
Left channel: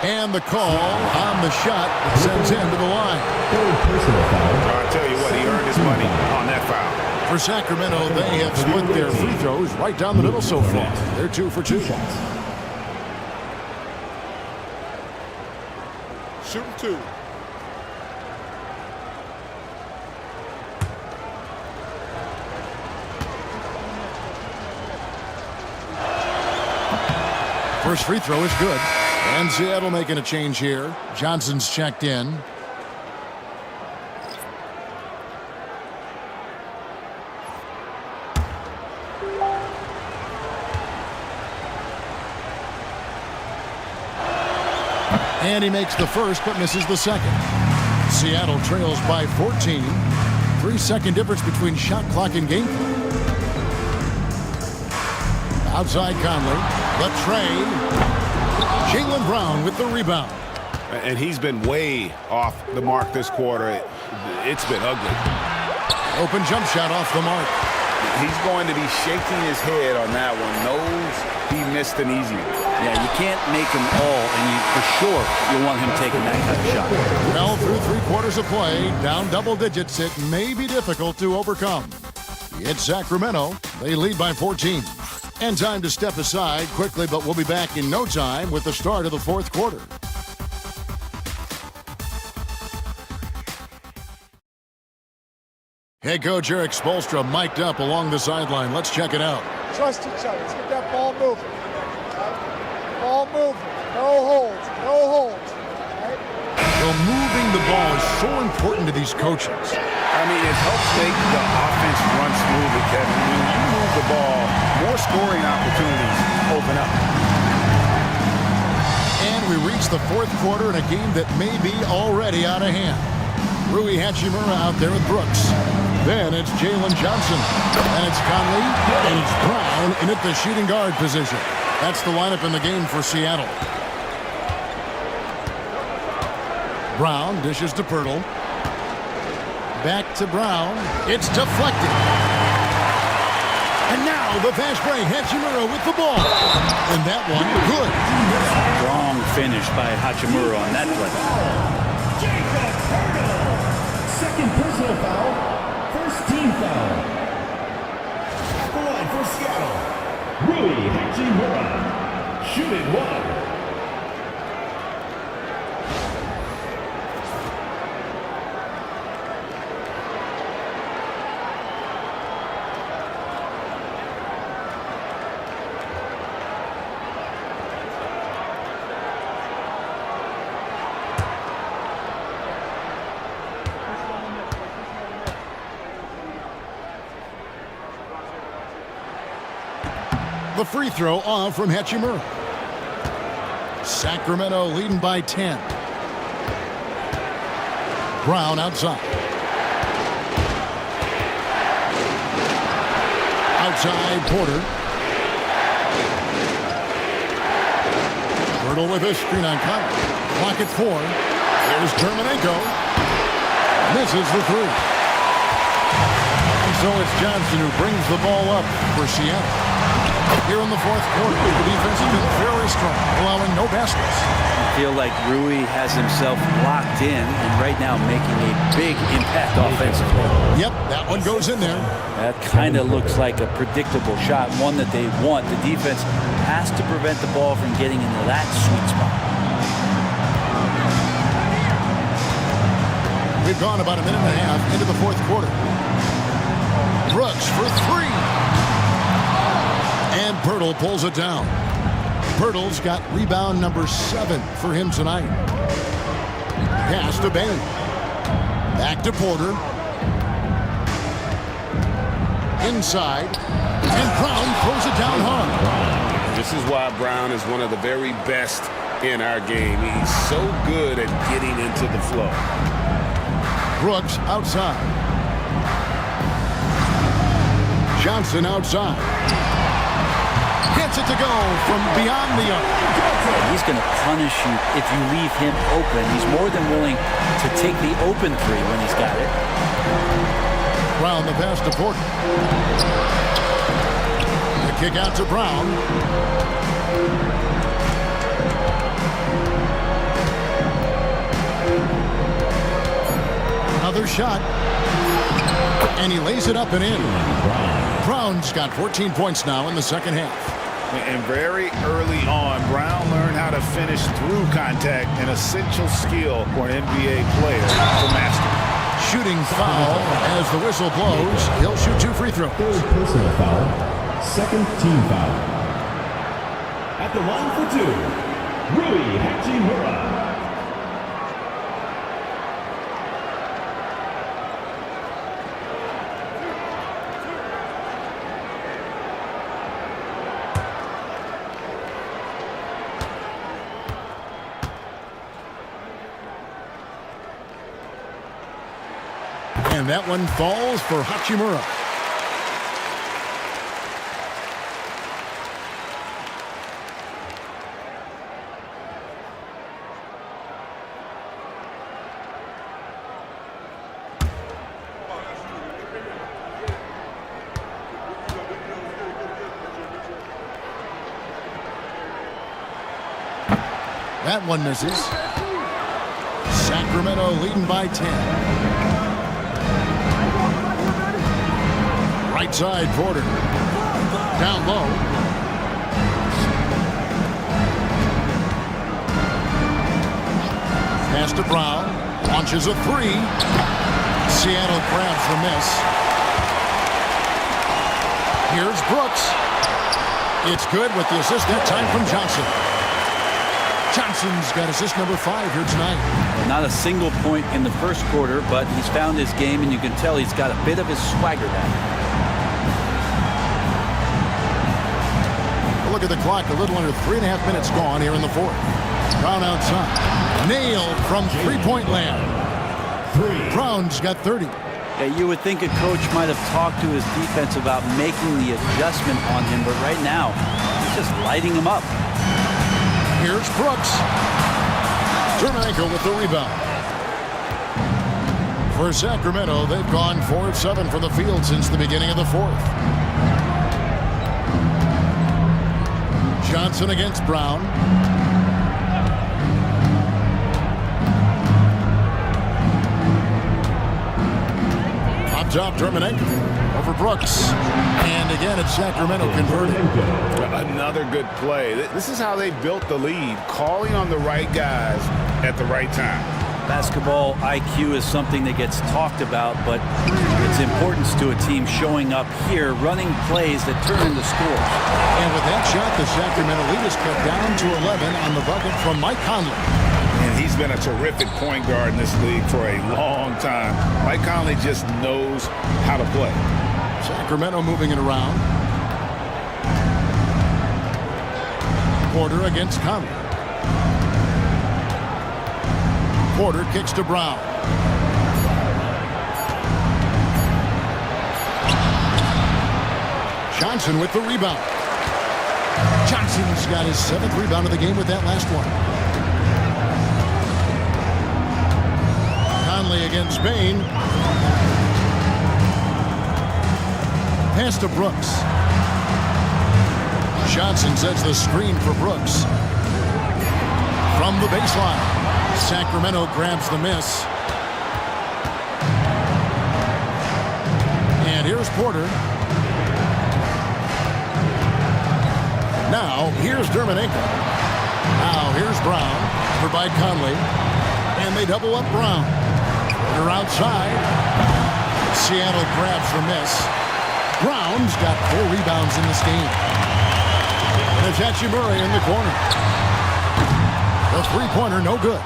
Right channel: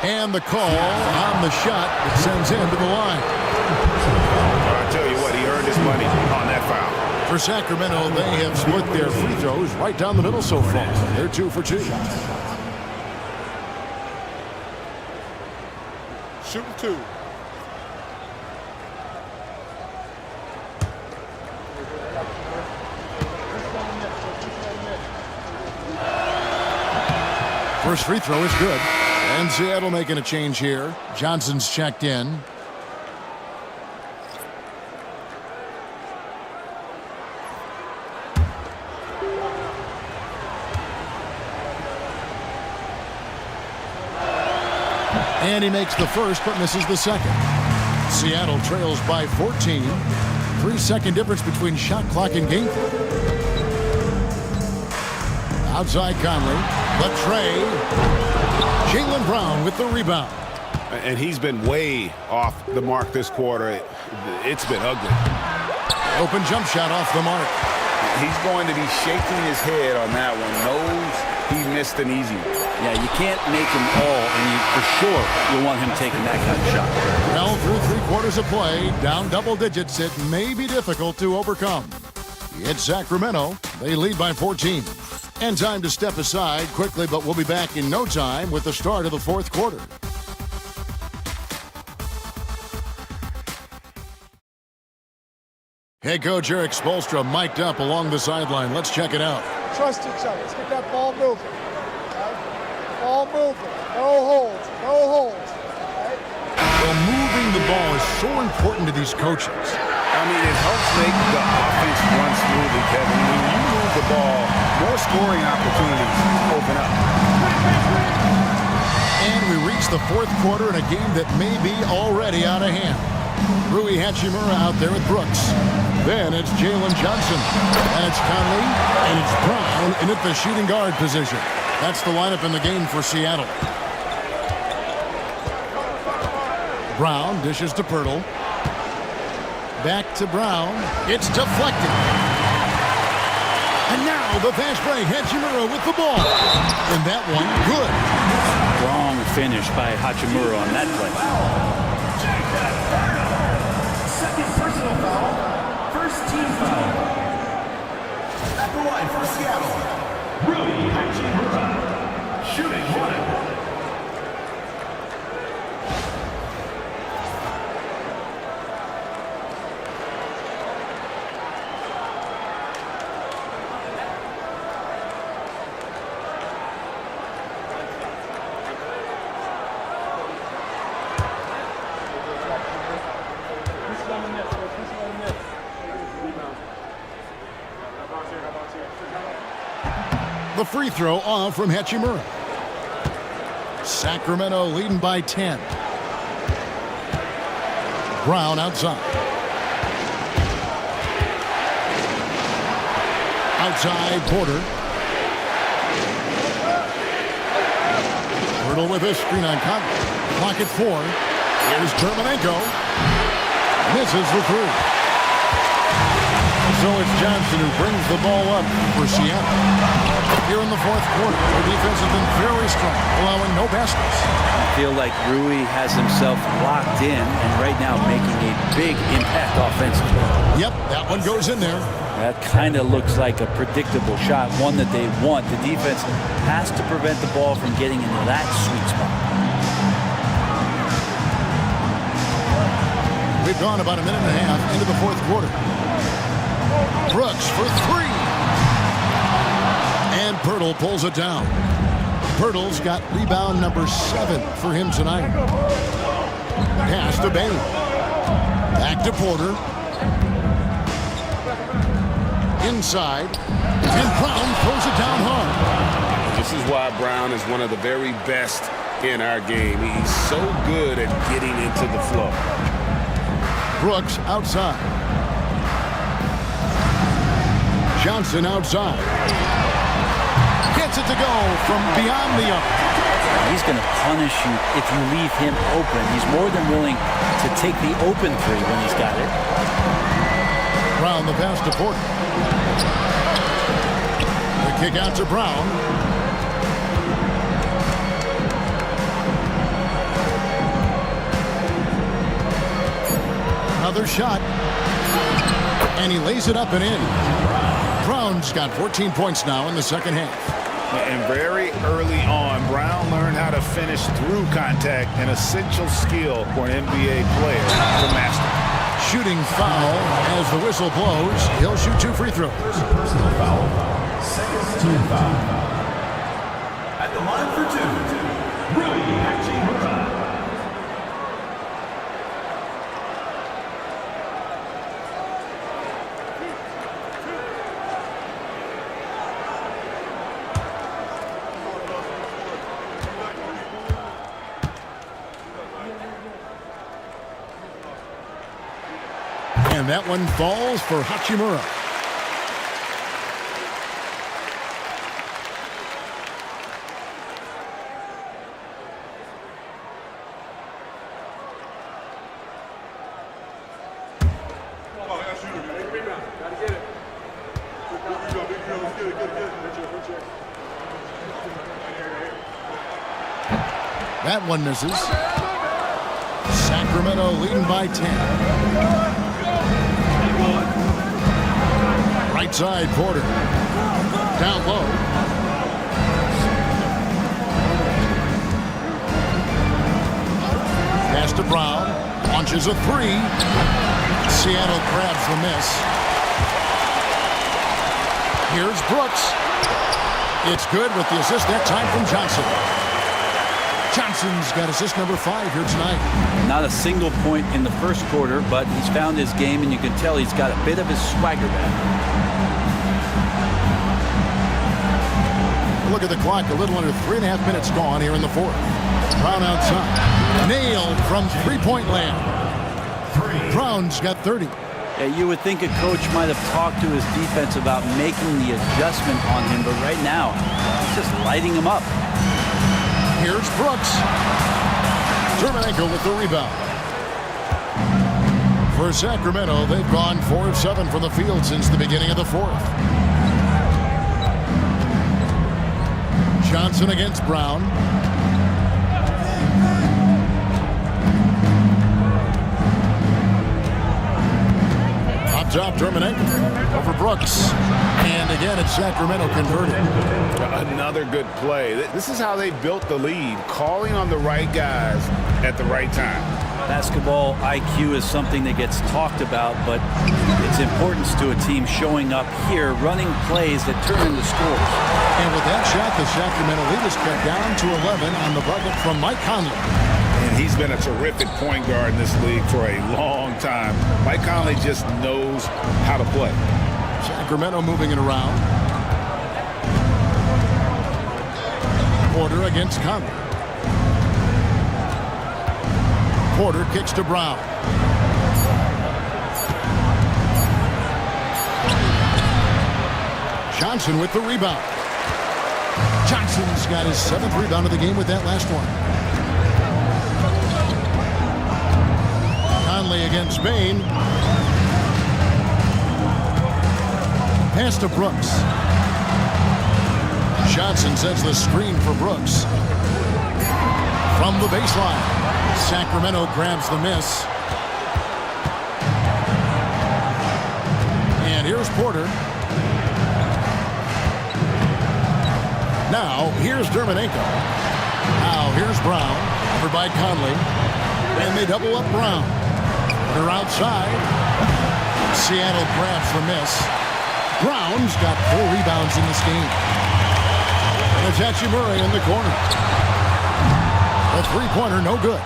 And the call on the shot that sends him to the line. I'll tell you what, he earned his money on that foul. For Sacramento, they have split their free throws right down the middle so far. They're 2 for 2. Shooting 2. First free throw is good. And Seattle making a change here. Johnson's checked in. And he makes the first but misses the second. Seattle trails by 14. 3-second difference between shot clock and game clock. Outside Conley. But Trey. Jaylen Brown with the rebound. And he's been way off the mark this quarter. It's been ugly. Open jump shot off the mark. He's going to be shaking his head on that one. Knows he missed an easy one. Yeah, you can't make them all, and for sure you want him taking that kind of shot. Well, through 3 quarters of play, down double digits, it may be difficult to overcome. It's Sacramento. They lead by 14. And time to step aside quickly, but we'll be back in no time with the start of the fourth quarter. Head coach Eric Spoelstra mic'd up along the sideline. Let's check it out. Trust each other. Let's get that ball moving. Okay? Ball moving. No holds. No holds. Right? Well, moving the ball is so important to these coaches. I mean, it helps make the offense run smoothly, Kevin. When you move the ball, more scoring opportunities open up. And we reach the fourth quarter in a game that may be already out of hand. Rui Hachimura out there with Brooks. Then it's Jalen Johnson. And it's Conley. And it's Brown in at the shooting guard position. That's the lineup in the game for Seattle. Brown dishes to Pirtle. Back to Brown. It's deflected. And now the fast break. Hachimura with the ball. And that one, good. Strong finish by Hachimura on that play. Second personal foul. First team foul. At the line for Seattle, Rui Hachimura. Shooting 1. The free throw off from Hachimura. Sacramento leading by 10. Brown outside. Outside Porter. Hurdle with a screen on Conley. Clock at 4. Here's Terminenko. Misses the three. And so it's Johnson who brings the ball up for Seattle. Here in the fourth quarter, the defense has been very strong, allowing no baskets. I feel like Rui has himself locked in and right now making a big impact offensively. Yep, that one goes in there. That kind of looks like a predictable shot, one that they want. The defense has to prevent the ball from getting into that sweet spot. We've gone about a minute and a half into the fourth quarter. Brooks for three. And Pirtle pulls it down. Pirtle's got rebound number 7 for him tonight. Pass to Bain. Back to Porter. Inside. And Brown throws it down hard. This is why Brown is one of the very best in our game. He's so good at getting into the flow. Brooks outside. Johnson outside. Gets it to go from beyond the arc. He's going to punish you if you leave him open. He's more than willing to take the open three when he's got it. Brown the pass to Porter. The kick out to Brown. Another shot. And he lays it up and in. Brown's got 14 points now in the second half. And very early on, Brown learned how to finish through contact, an essential skill for an NBA player to master. Shooting foul as the whistle blows. He'll shoot 2 free throws. Third personal foul. Second team foul. At the line for 2, Rui Hachimura. And that one falls for Hachimura. That one misses. Sacramento leading by 10. Right side, Porter. Down low. Pass to Brown. Launches a three. Seattle grabs the miss. Here's Brooks. It's good with the assist that time from Johnson. Johnson's got assist number 5 here tonight. Not a single point in the first quarter, but he's found his game, and you can tell he's got a bit of his swagger back. Look at the clock, a little under 3.5 minutes gone here in the fourth. Brown outside. Nailed from three-point land. Brown's got 30. Yeah, you would think a coach might have talked to his defense about making the adjustment on him, but right now, he's just lighting him up. Here's Brooks. Terminenko with the rebound. For Sacramento, they've gone 4 of 7 from the field since the beginning of the fourth. Johnson against Brown. Up top, Terminenko over Brooks. And again, it's Sacramento converted. Another good play. This is how they built the lead, calling on the right guys at the right time. Basketball IQ is something that gets talked about, but its importance to a team showing up here, running plays that turn into scores. And with that shot, the Sacramento lead is cut down to 11 on the bucket from Mike Conley. And he's been a terrific point guard in this league for a long time. Mike Conley just knows how to play. Sacramento moving it around. Porter against Conley. Porter kicks to Brown. Johnson with the rebound. Johnson's got his 7th rebound of the game with that last one. Conley against Bain. Pass to Brooks. Johnson sets the screen for Brooks. From the baseline, Sacramento grabs the miss. And here's Porter. Now, here's Dermonenko. Now, here's Brown. Covered by Conley. And they double up Brown. Porter outside. Seattle grabs the miss. Brown's got 4 rebounds in this game. And it's Hachimura in the corner. The three-pointer, no good.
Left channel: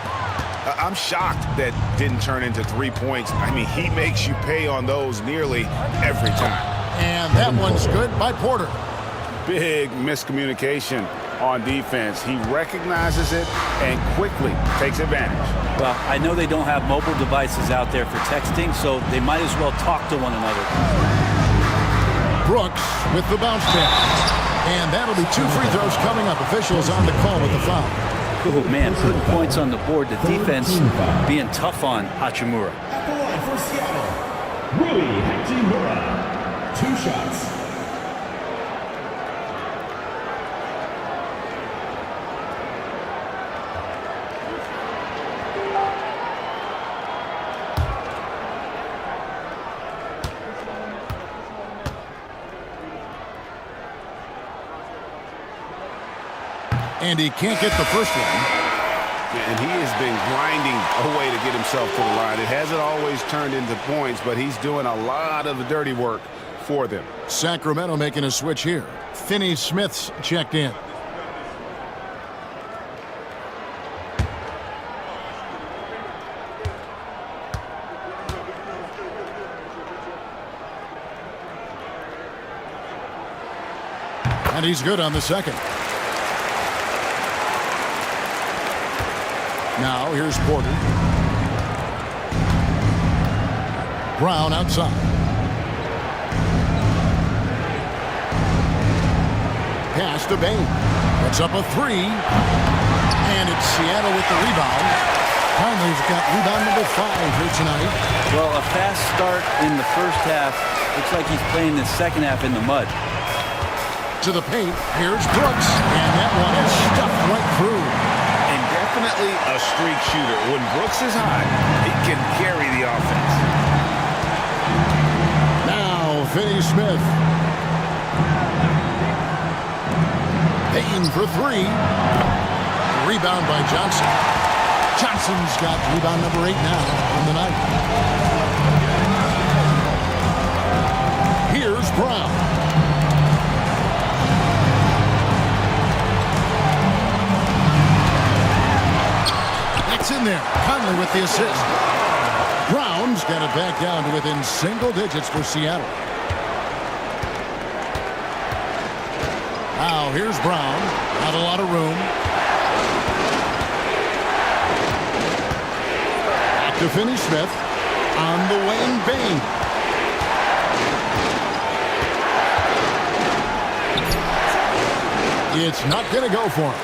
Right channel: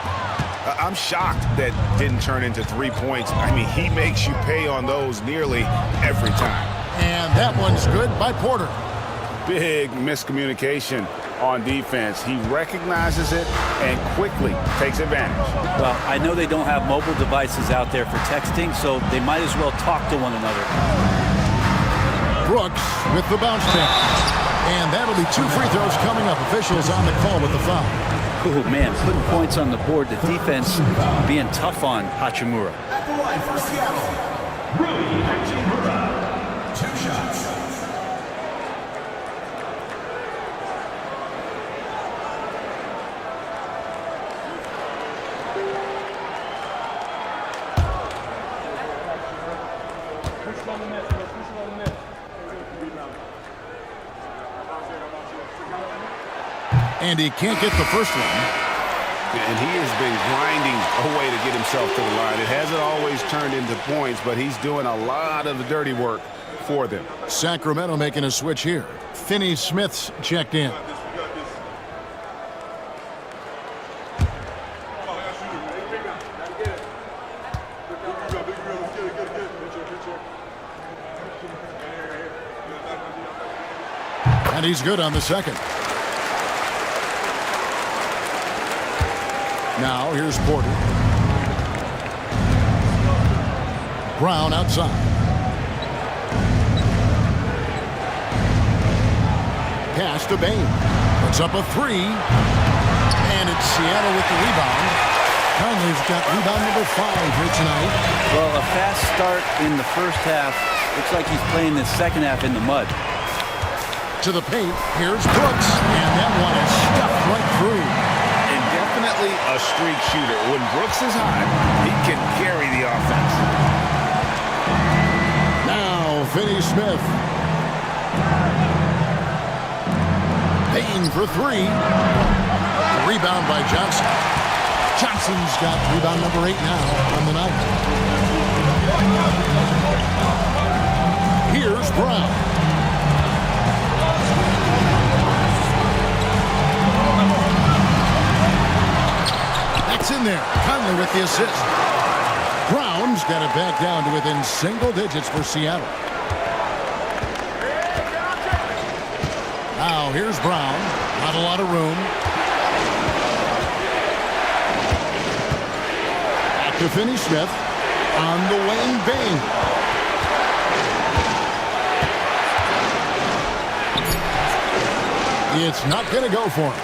I'm shocked that didn't turn into 3 points. I mean, he makes you pay on those nearly every time. And that one's good by Porter. Big miscommunication on defense. He recognizes it and quickly takes advantage. Well, I know they don't have mobile devices out there for texting, so they might as well talk to one another. Brooks with the bounce pass. And that'll be 2 free throws coming up. Officials on the call with the foul. Oh, man, putting points on the board. The defense being tough on Hachimura. At the line for Seattle, Rui Hachimura. 2 shots. And he can't get the first one. And he has been grinding a way to get himself to the line. It hasn't always turned into points, but he's doing a lot of the dirty work for them. Sacramento making a switch here. Finney Smith's checked in. And he's good on the second. Now, here's Porter. Brown outside. Pass to Bain. Puts up a 3. And it's Seattle with the rebound. Conley's got rebound number 5 here tonight. Well, a fast start in the first half. Looks like he's playing the second half in the mud. To the paint. Here's Brooks. And that one is stuffed right through. And definitely a streak shooter. When Brooks is hot, he can carry the offense. Now, Finney Smith. Bain for 3. Rebound by Johnson. Johnson's got rebound number 8 now on the night. Here's Brown. That's in there. Conley with the assist. Brown's got it back down to within single digits for Seattle. Now here's Brown. Not a lot of room. Back to Finney Smith. On the wing, Bain. It's not going to go for him.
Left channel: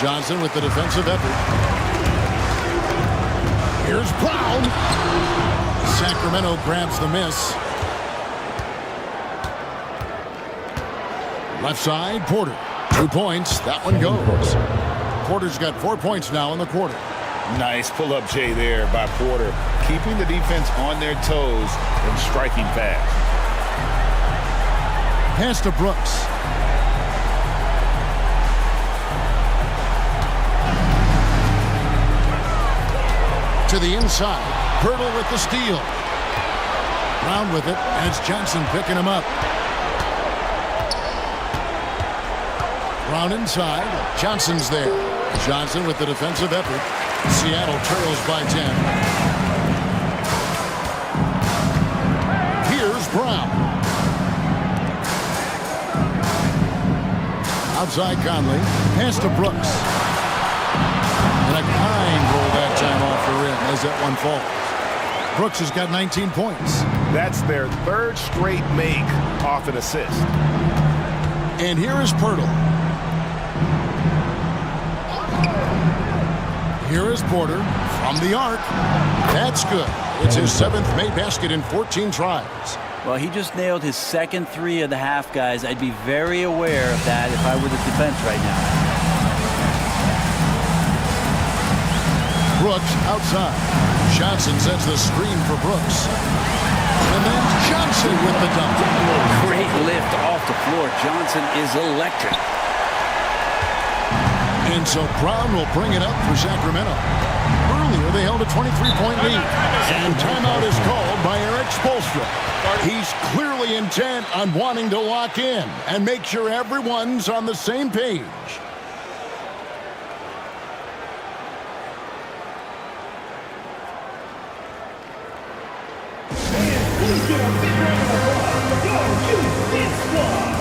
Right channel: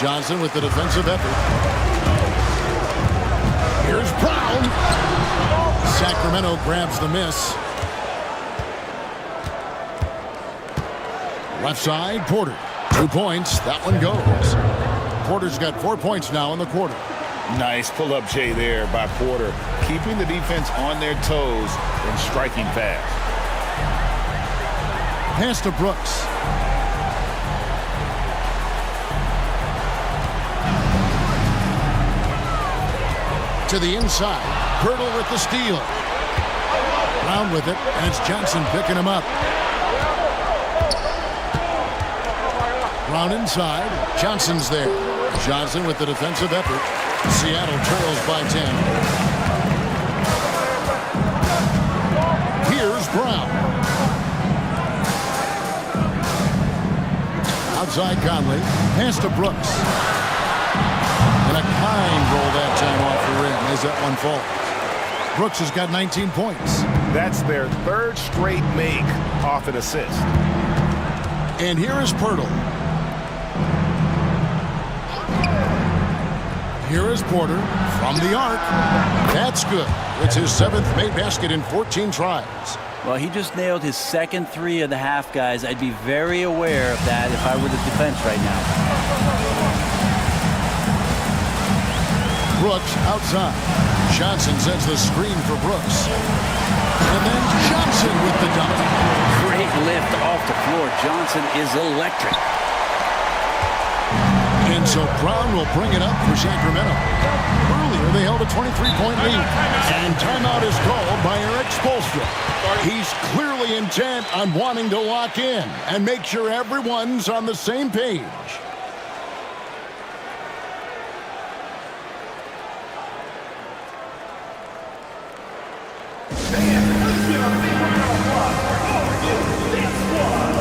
Johnson with the defensive effort. Here's Brown. Sacramento grabs the miss. Left side, Porter. 2 points. That one goes. Porter's got 4 points now in the quarter. Nice pull-up J there by Porter, keeping the defense on their toes and striking fast. Pass to Brooks. To the inside. Hurdle with the steal. Brown with it, and it's Johnson picking him up. Brown inside. Johnson's there. Johnson with the defensive effort. Seattle trails by 10. Here's Brown. Outside Conley. Pass to Brooks. And a kind roll that time off the rim as that one falls. Brooks has got 19 points. That's their third straight make off an assist. And here is Pirtle. Here is Porter from the arc. That's good. It's his 7th made basket in 14 tries. Well, he just nailed his second 3 of the half, guys. I'd be very aware of that if I were the defense right now. Brooks outside. Johnson sets the screen for Brooks. And then Johnson with the dunk. Great lift off the floor. Johnson is electric. And so Brown will bring it up for Sacramento. Earlier, they held a 23-point lead. And timeout is called by Eric Spoelstra. He's clearly intent on wanting to lock in and make sure everyone's on the same page. Please give a big round of applause for your UC squad.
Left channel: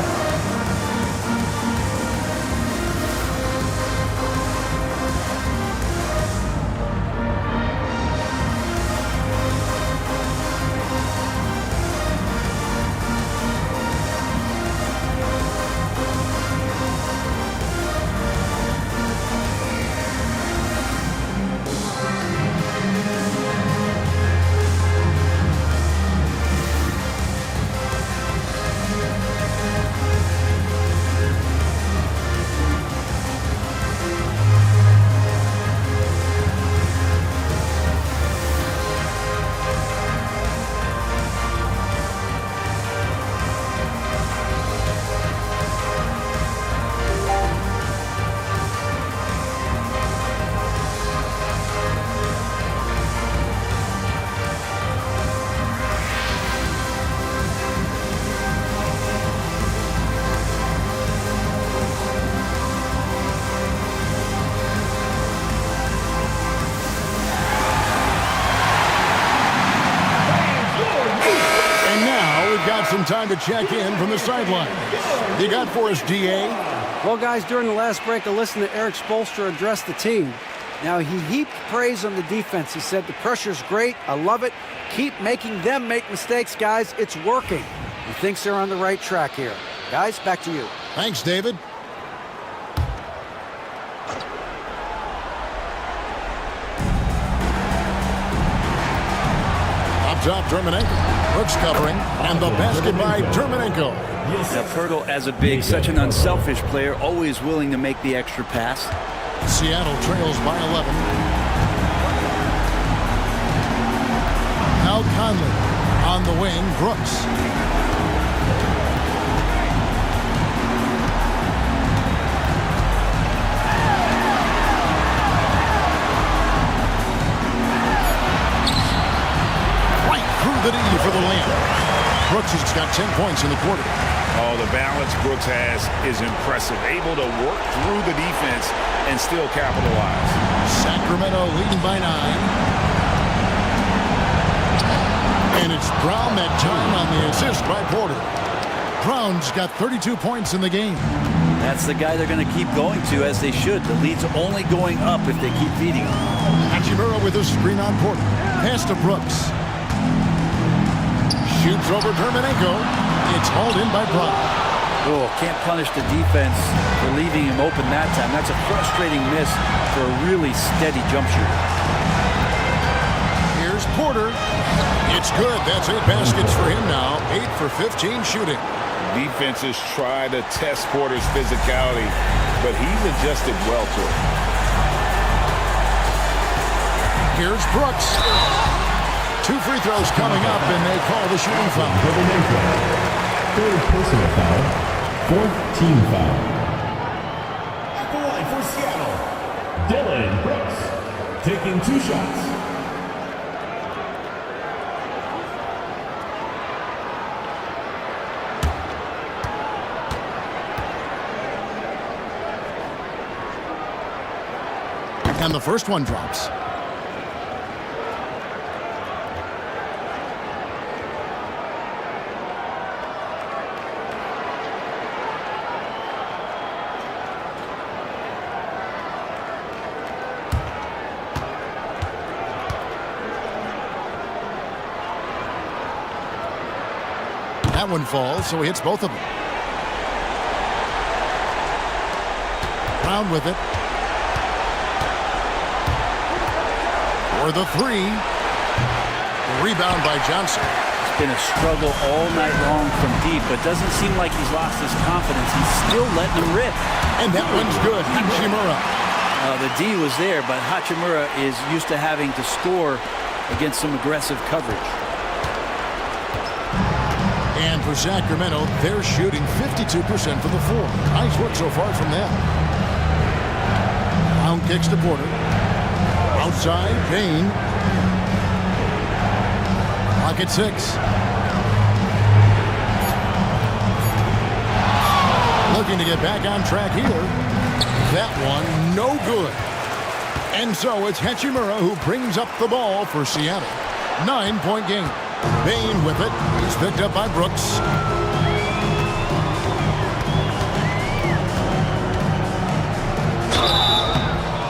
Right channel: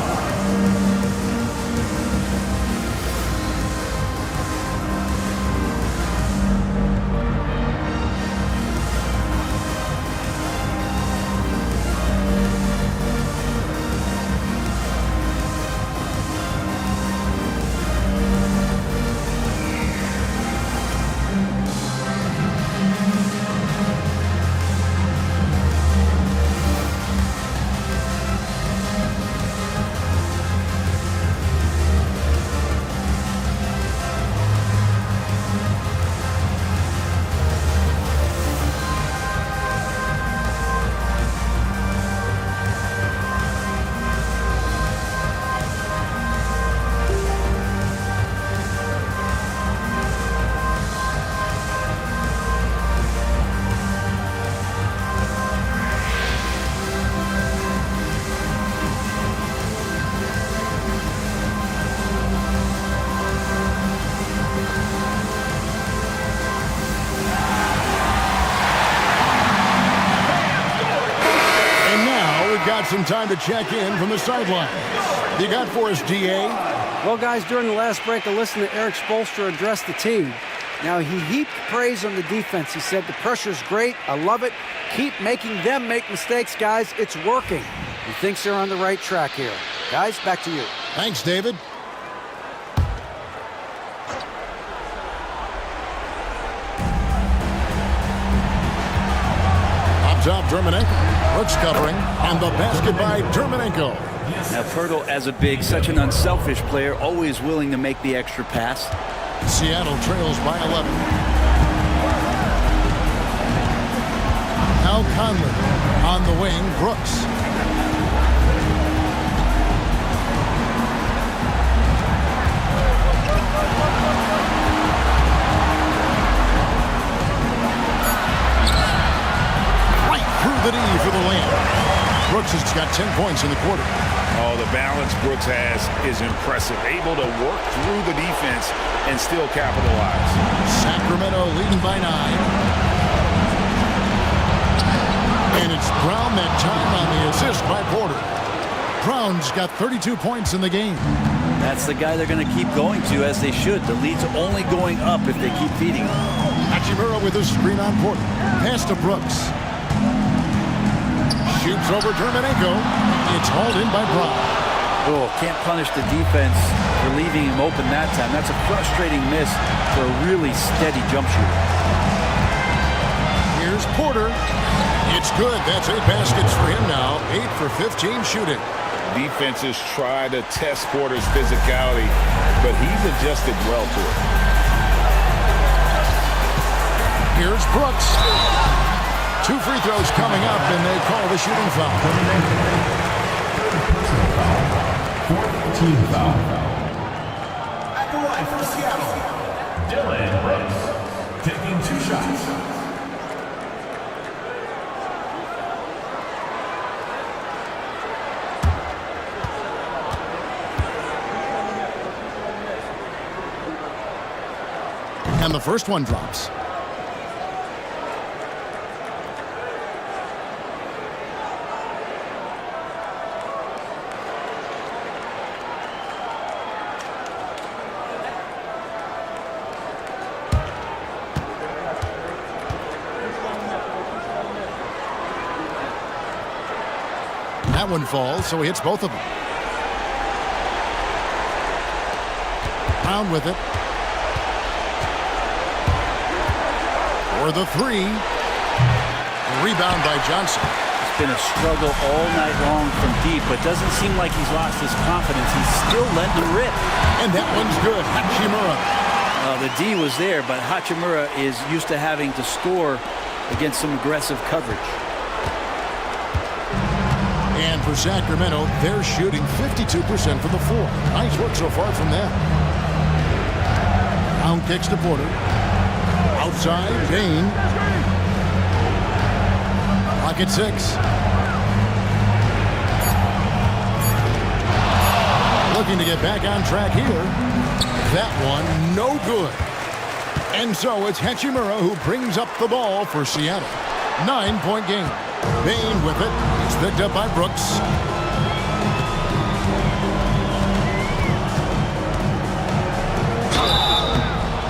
We've got some time to check in from the sidelines. You got for us, DA? Well, guys, during the last break, I listened to Eric Spoelstra address the team. Now, he heaped praise on the defense. He said, the pressure's great. I love it. Keep making them make mistakes, guys. It's working. He thinks they're on the right track here. Guys, back to you. Thanks, David. Up top, Dermanenko. Brooks covering, and the basket by Dermanenko. Now, Pirtle, as a big, such an unselfish player, always willing to make the extra pass. Seattle trails by 11. Now Conley on the wing. Brooks. Through the D for the layup. Brooks has got 10 points in the quarter. Oh, the balance Brooks has is impressive. Able to work through the defense and still capitalize. Sacramento leading by 9. And it's Brown that time on the assist by Porter. Brown's got 32 points in the game. That's the guy they're going to keep going to, as they should. The lead's only going up if they keep feeding him. Hachimura with a screen on Porter. Pass to Brooks. Shoots over Dermanenko. It's hauled in by Brown. Oh, can't punish the defense for leaving him open that time. That's a frustrating miss for a really steady jump shooter. Here's Porter. It's good. That's 8 baskets for him now. 8 for 15 shooting. Defenses try to test Porter's physicality, but he's adjusted well to it. Here's Brooks. 2 free throws coming up, and they call the shooting foul. Third personal foul. 4th team foul. At the line for Seattle, Dylan Brooks taking 2 shots. And the first one drops. That one falls, so he hits both of them. Brown with it. For the three. The rebound by Johnson. It's been a struggle all night long from deep, but doesn't seem like he's lost his confidence. He's still letting them rip. And that one's good. Hachimura. The D was there, but Hachimura is used to having to score against some aggressive coverage. And for Sacramento, they're shooting 52% from the floor. Nice work so far from them. Brown kicks to Porter. Outside, Bain. Clock at 6. Looking to get back on track here. That one, no good. And so it's Hachimura who brings up the ball for Seattle. 9-point game. Bain with it. He's picked up by Brooks.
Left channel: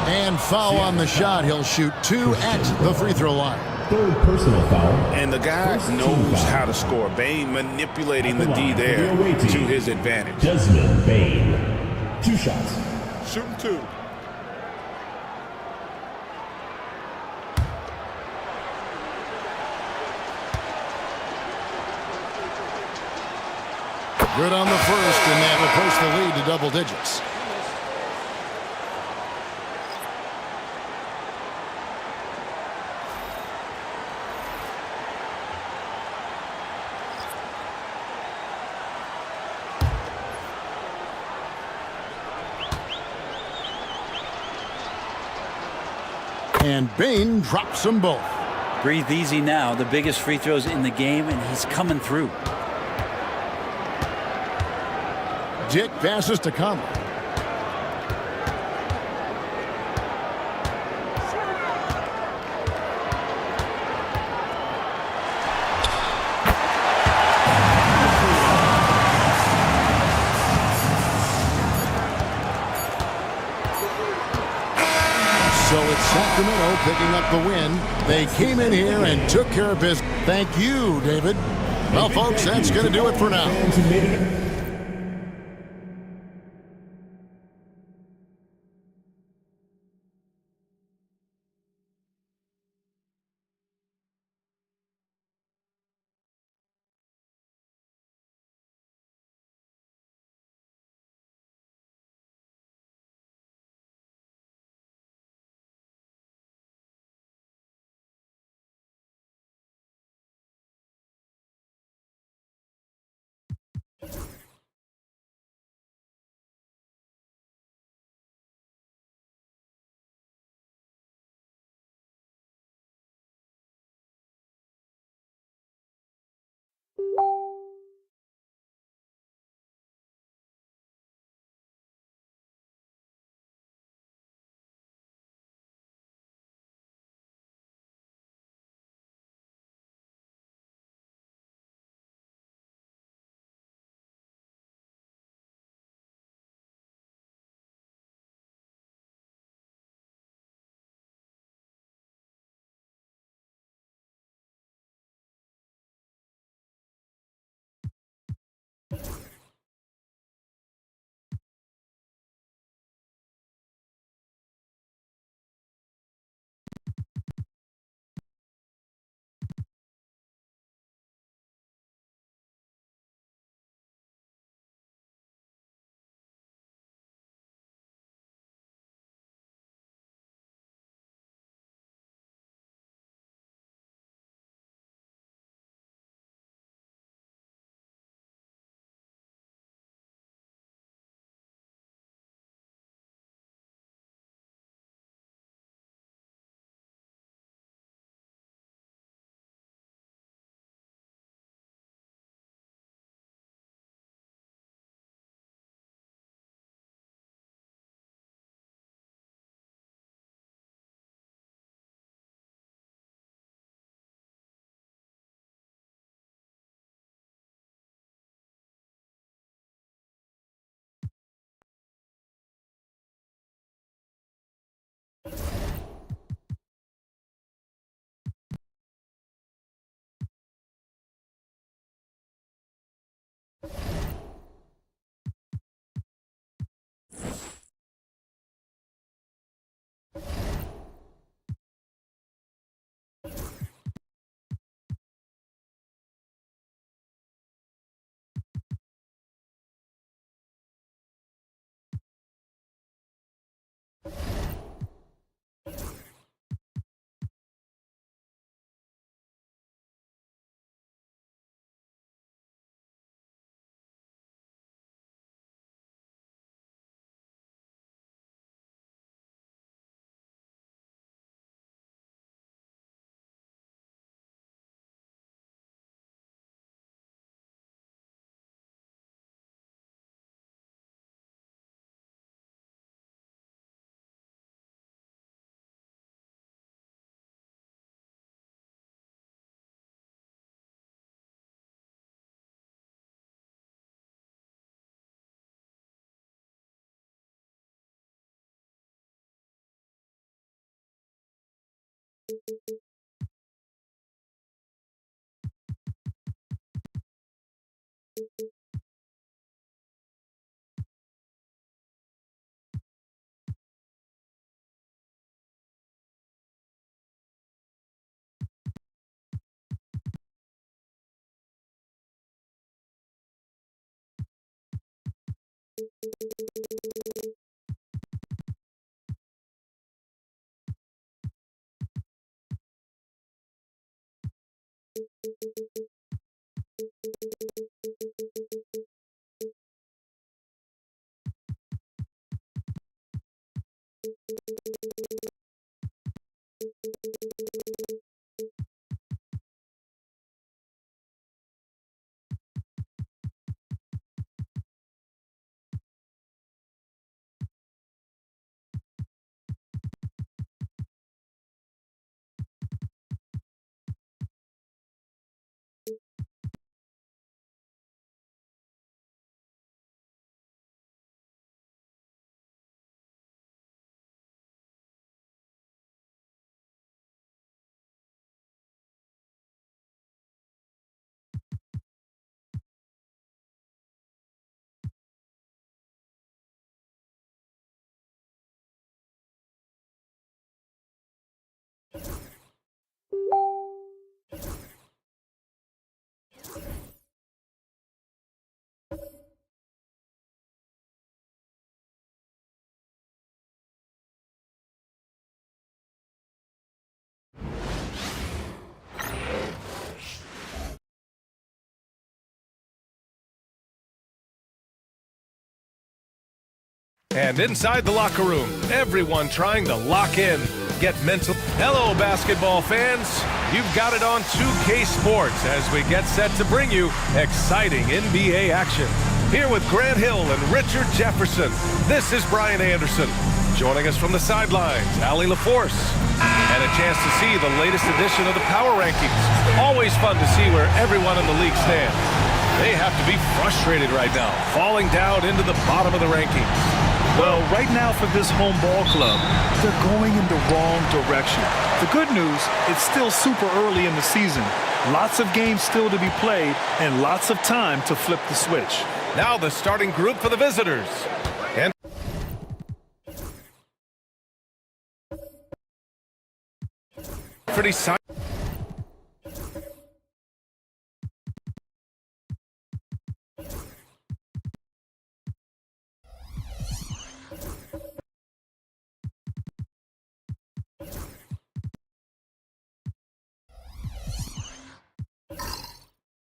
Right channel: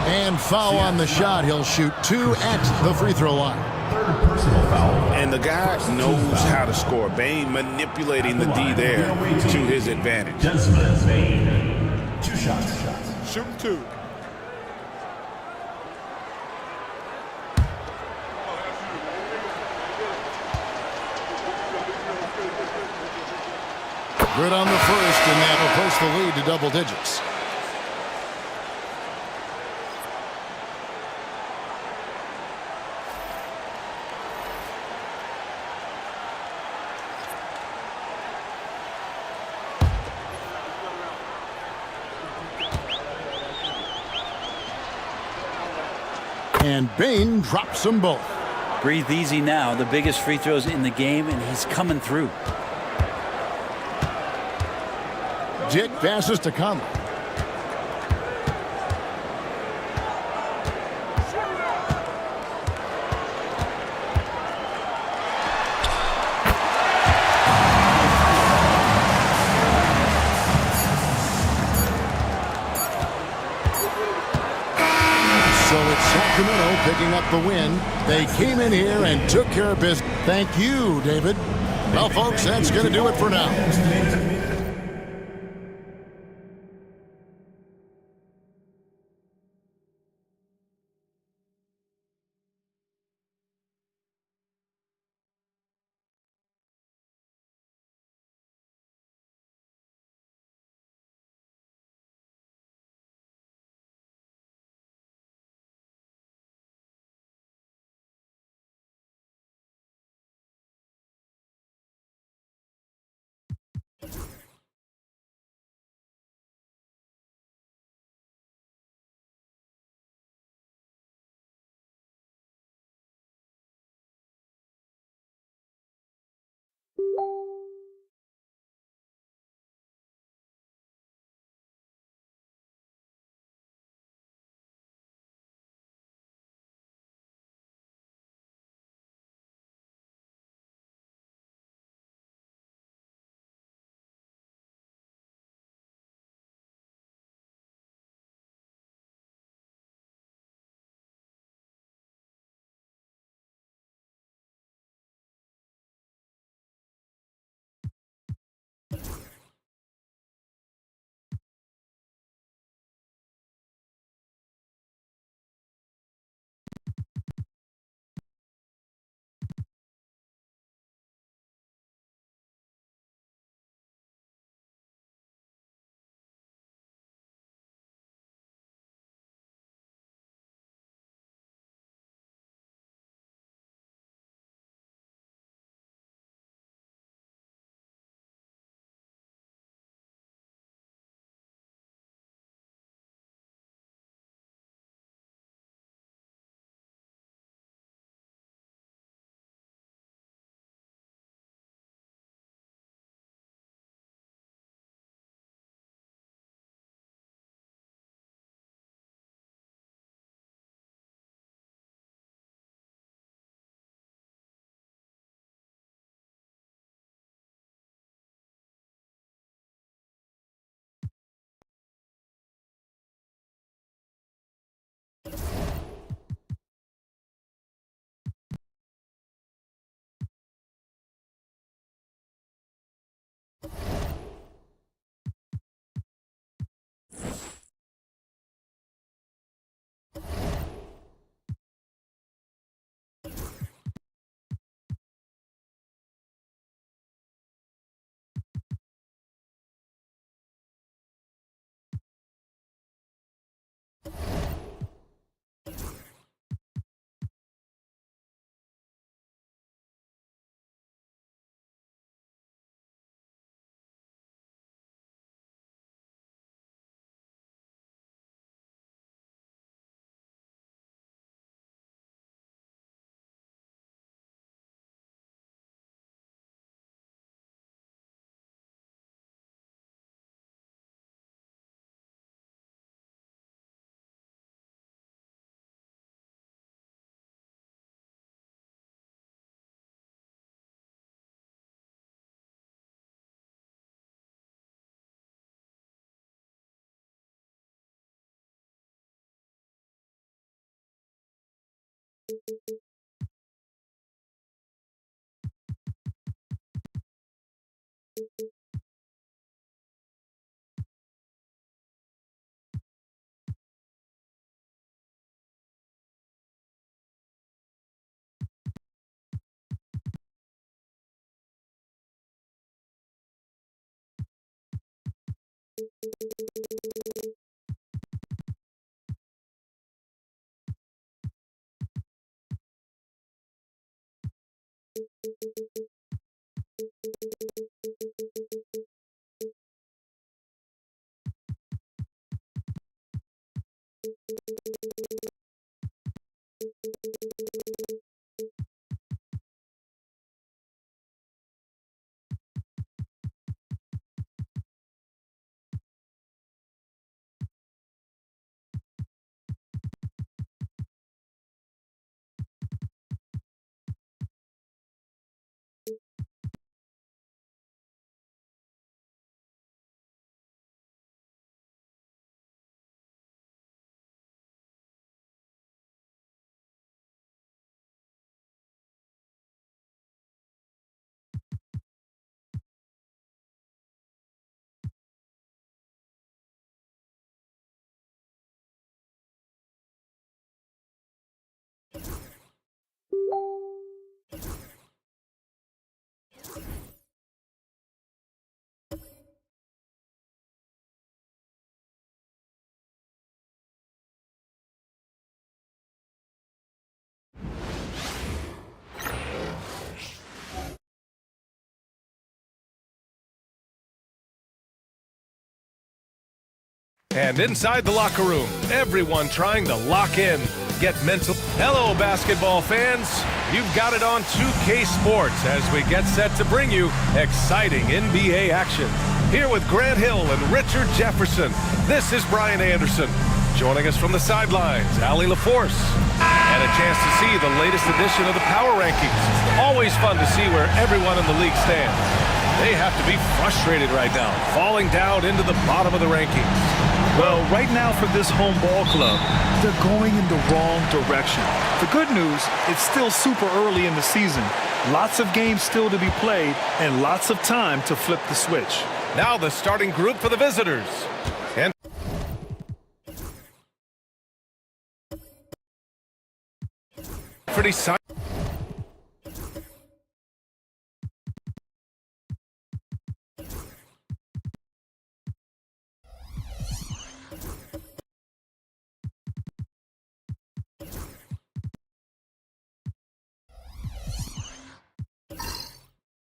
And foul on the shot. He'll shoot 2 at the free throw line. Third personal foul. And the guy knows how to score. Bain manipulating the D there to his advantage. Desmond Bain. 2 shots. Shooting 2. Good on the first, and that'll push the lead to double digits. And Bain drops them both. Breathe easy now. The biggest free throws in the game, and he's coming through. Dick passes to Conley. So it's Sacramento picking up the win. They came in here and took care of business. Thank you, David. Well, folks, that's going to do it for now. And inside the locker room, everyone trying to lock in, get mental. Hello, basketball fans. You've got it on 2K Sports as we get set to bring you exciting NBA action. Here with Grant Hill and Richard Jefferson, this is Brian Anderson. Joining us from the sidelines, Allie LaForce. And a chance to see the latest edition of the Power Rankings. Always fun to see where everyone in the league stands. They have to be frustrated right now, falling down into the bottom of the rankings. Well, right now for this home ball club, they're going in the wrong direction. The good news, it's still super early in the season. Lots of games still to be played and lots of time to flip the switch. Now the starting group for the visitors. And pretty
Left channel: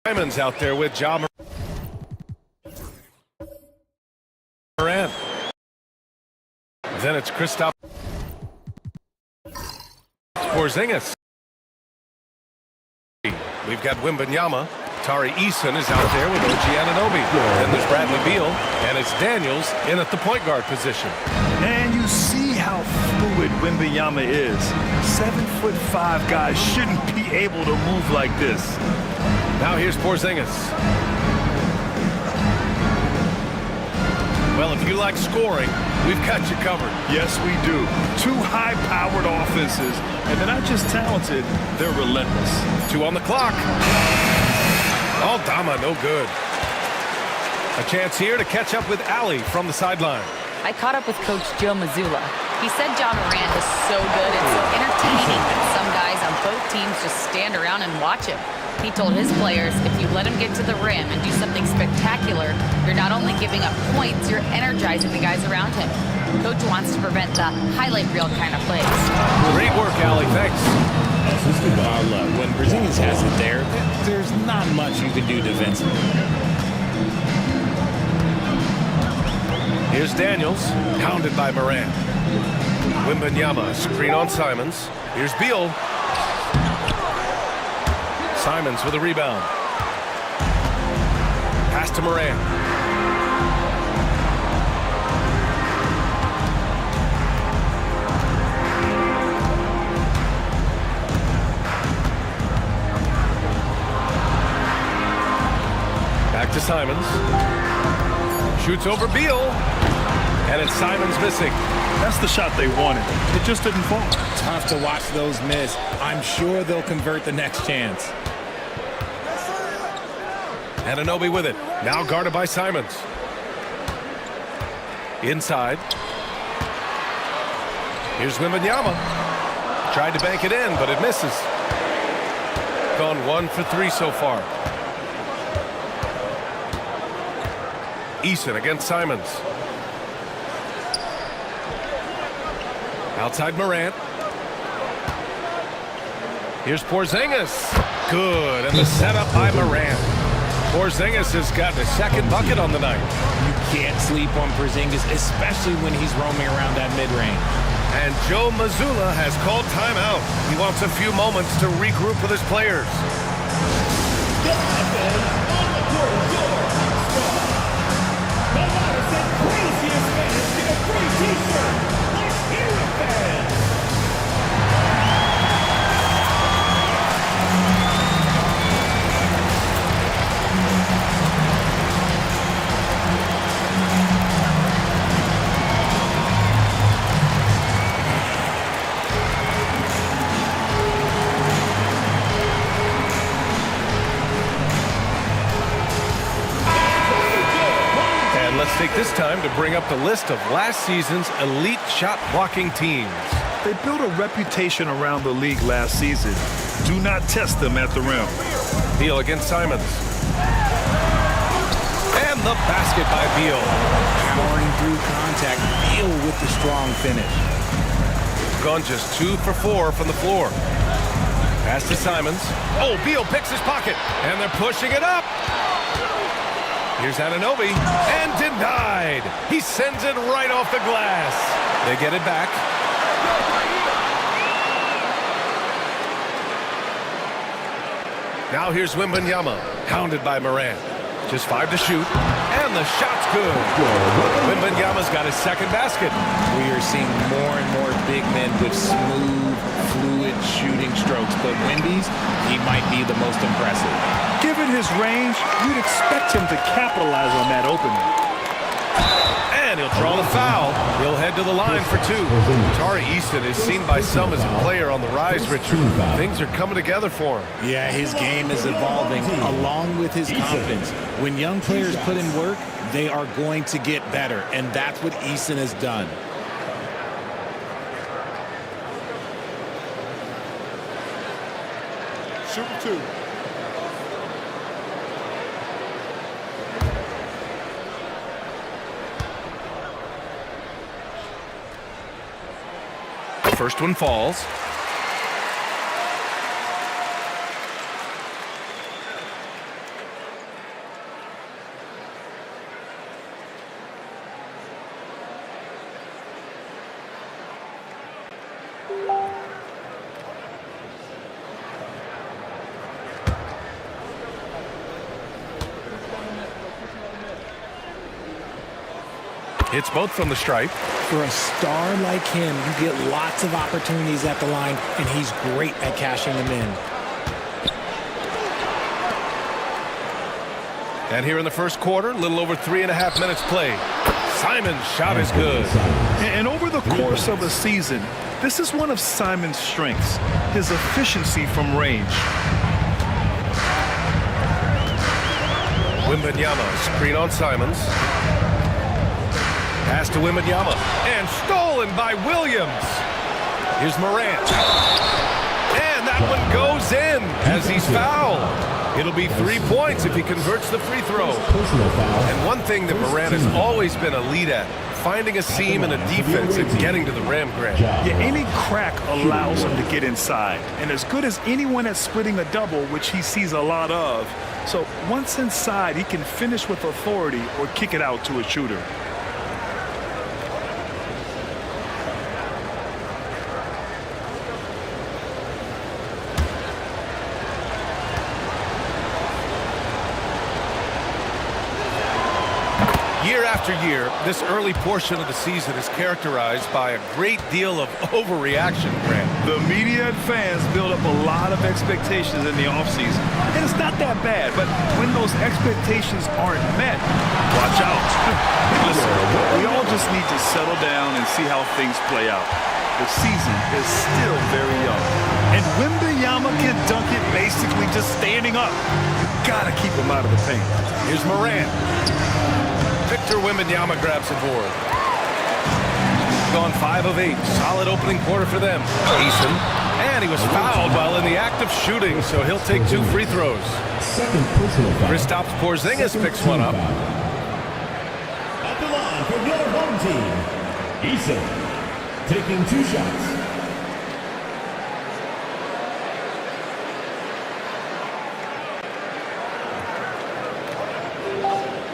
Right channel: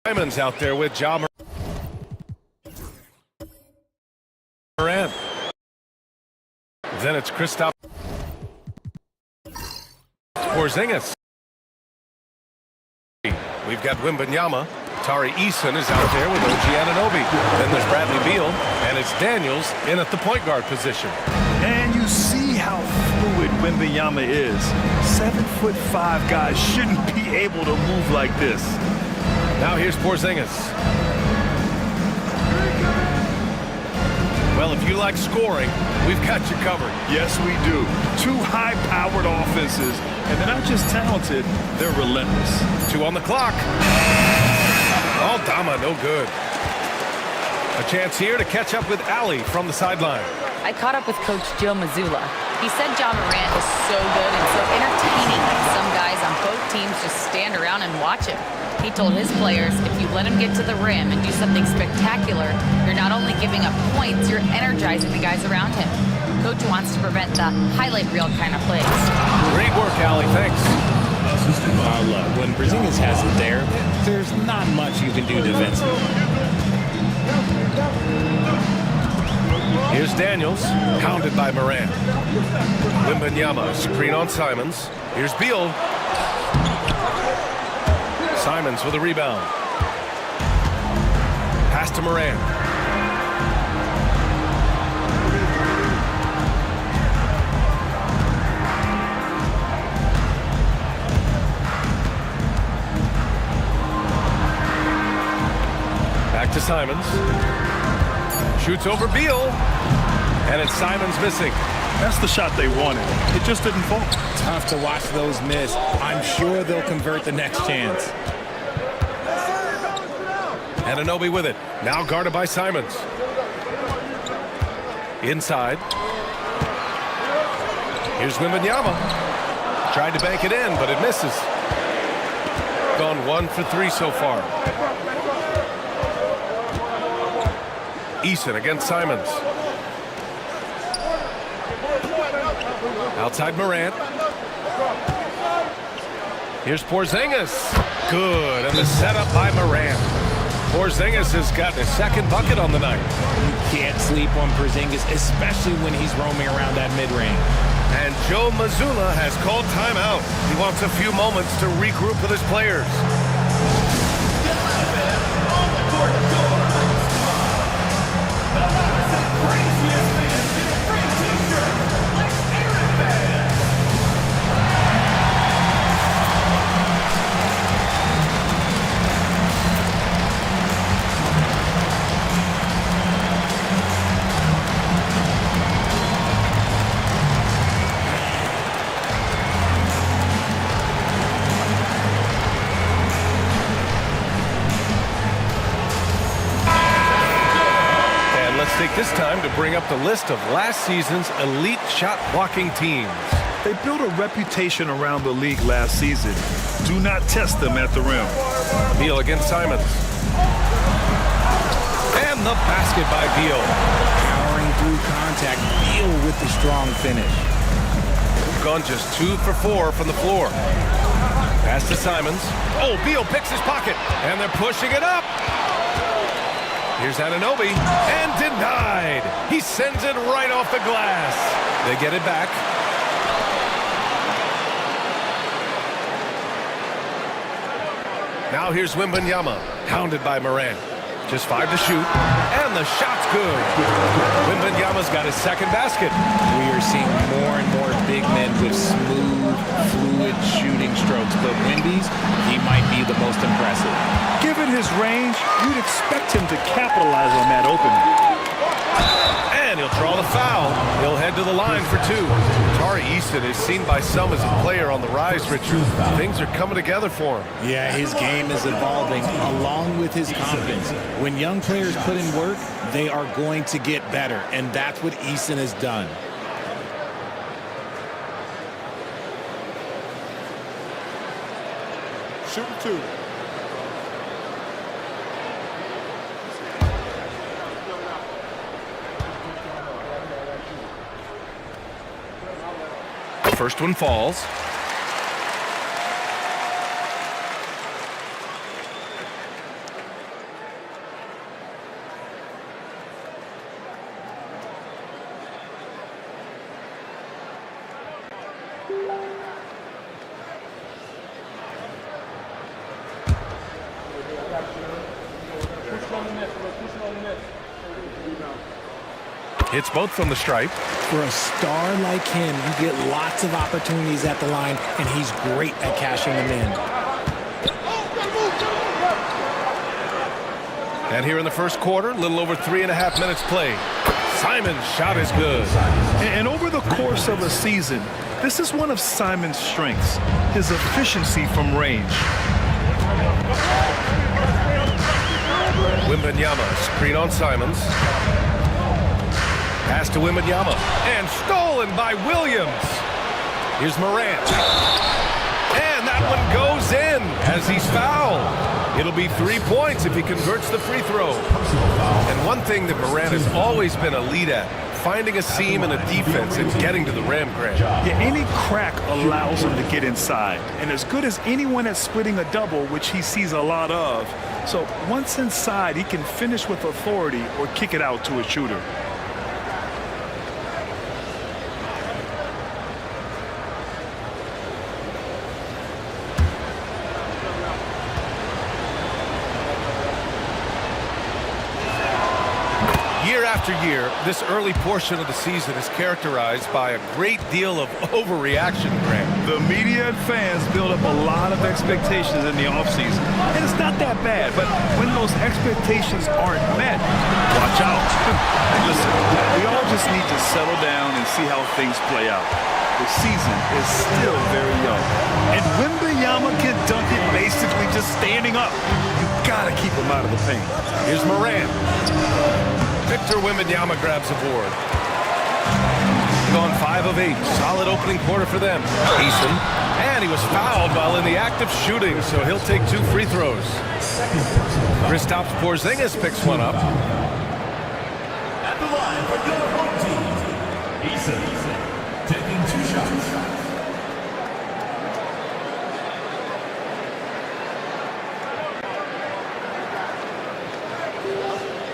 Simons out there with Ja Morant. Then it's Kristaps Porzingis. We've got Wembanyama. Tari Eason is out there with OG Anunoby. Then there's Bradley Beal, and it's Daniels in at the point guard position. And you see how fluid Wembanyama is. 7'5" guys shouldn't be able to move like this. Now here's Porzingis. Well, if you like scoring, we've got you covered. Yes, we do. Two high-powered offenses, and they're not just talented, they're relentless. 2 on the clock. Aldama, no good. A chance here to catch up with Allie from the sideline. I caught up with Coach Joe Mazzulla. He said Ja Morant is so good and so entertaining that some guys on both teams just stand around and watch him. He told his players, if you let him get to the rim and do something spectacular, you're not only giving up points, you're energizing the guys around him. Coach wants to prevent the highlight reel kind of plays. Great work, Allie. Thanks. Look, when Porzingis has it there, there's not much you can do defensively. Here's Daniels, pounded by Morant. Wembanyama, screen on Simons. Here's Beal. Simons with a rebound. Pass to Morant. Back to Simons. Shoots over Beal. And it's Simons missing. That's the shot they wanted. It just didn't fall. Tough to watch those miss. I'm sure they'll convert the next chance. Anunoby with it. Now guarded by Simons. Inside. Here's Wembanyama. Tried to bank it in, but it misses. Gone 1 for 3 so far. Eason against Simons. Outside Morant. Here's Porzingis. Good, and the setup by Morant. Porzingis has gotten his second bucket on the night. You can't sleep on Porzingis, especially when he's roaming around that mid-range. And Joe Mazzulla has called timeout. He wants a few moments to regroup with his players. Let's take this time to bring up the list of last season's elite shot blocking teams. They built a reputation around the league last season. Do not test them at the rim. Beal against Simons. And the basket by Beal. Powering through contact. Beal with the strong finish. Gone just 2 for 4 from the floor. Pass to Simons. Oh, Beal picks his pocket. And they're pushing it up. Here's Anunoby, and denied. He sends it right off the glass. They get it back. Now here's Wembanyama, hounded by Morant. Just 5 to shoot, and the shot's good. Wembanyama's got his second basket. We are seeing more and more big men with smooth, fluid shooting strokes, but Wemby's, he might be the most impressive. Given his range, you'd expect him to capitalize on that opening. And he'll draw the foul. He'll head to the line for 2. Tari Eason is seen by some as a player on the rise, Richard. Things are coming together for him. Yeah, his game is evolving along with his confidence. When young players put in work, they are going to get better, and that's what Eason has done. Shoot 2. First one falls. Hits both from the stripe. For a star like him, you get lots of opportunities at the line, and he's great at cashing them in. And here in the first quarter, a little over 3.5 minutes played. Simon's shot is good. And over the course of a season, this is one of Simon's strengths, his efficiency from range. Wembanyama, screen on Simons. Pass to Wembanyama, and stolen by Williams. Here's Morant. And that one goes in as he's fouled. It'll be 3 points if he converts the free throw. And one thing that Morant has always been elite at, finding a seam in a defense and getting to the rim, Grant. Yeah, any crack allows him to get inside. And as good as anyone at splitting a double, which he sees a lot of. So once inside, he can finish with authority or kick it out to a shooter. Year after year, this early portion of the season is characterized by a great deal of overreaction, Grant. The media and fans build up a lot of expectations in the offseason. And it's not that bad, but when those expectations aren't met, watch out. Listen, we all just need to settle down and see how things play out. The season is still very young. And Wembanyama can dunk it basically just standing up. You gotta keep him out of the paint. Here's Morant. Victor Wembanyama grabs a board. Gone 5 of 8. Solid opening quarter for them. Eason. And he was fouled while in the act of shooting, so he'll take 2 free throws. Kristaps Porzingis picks one up. At the line for your home team, Eason. taking 2 shots.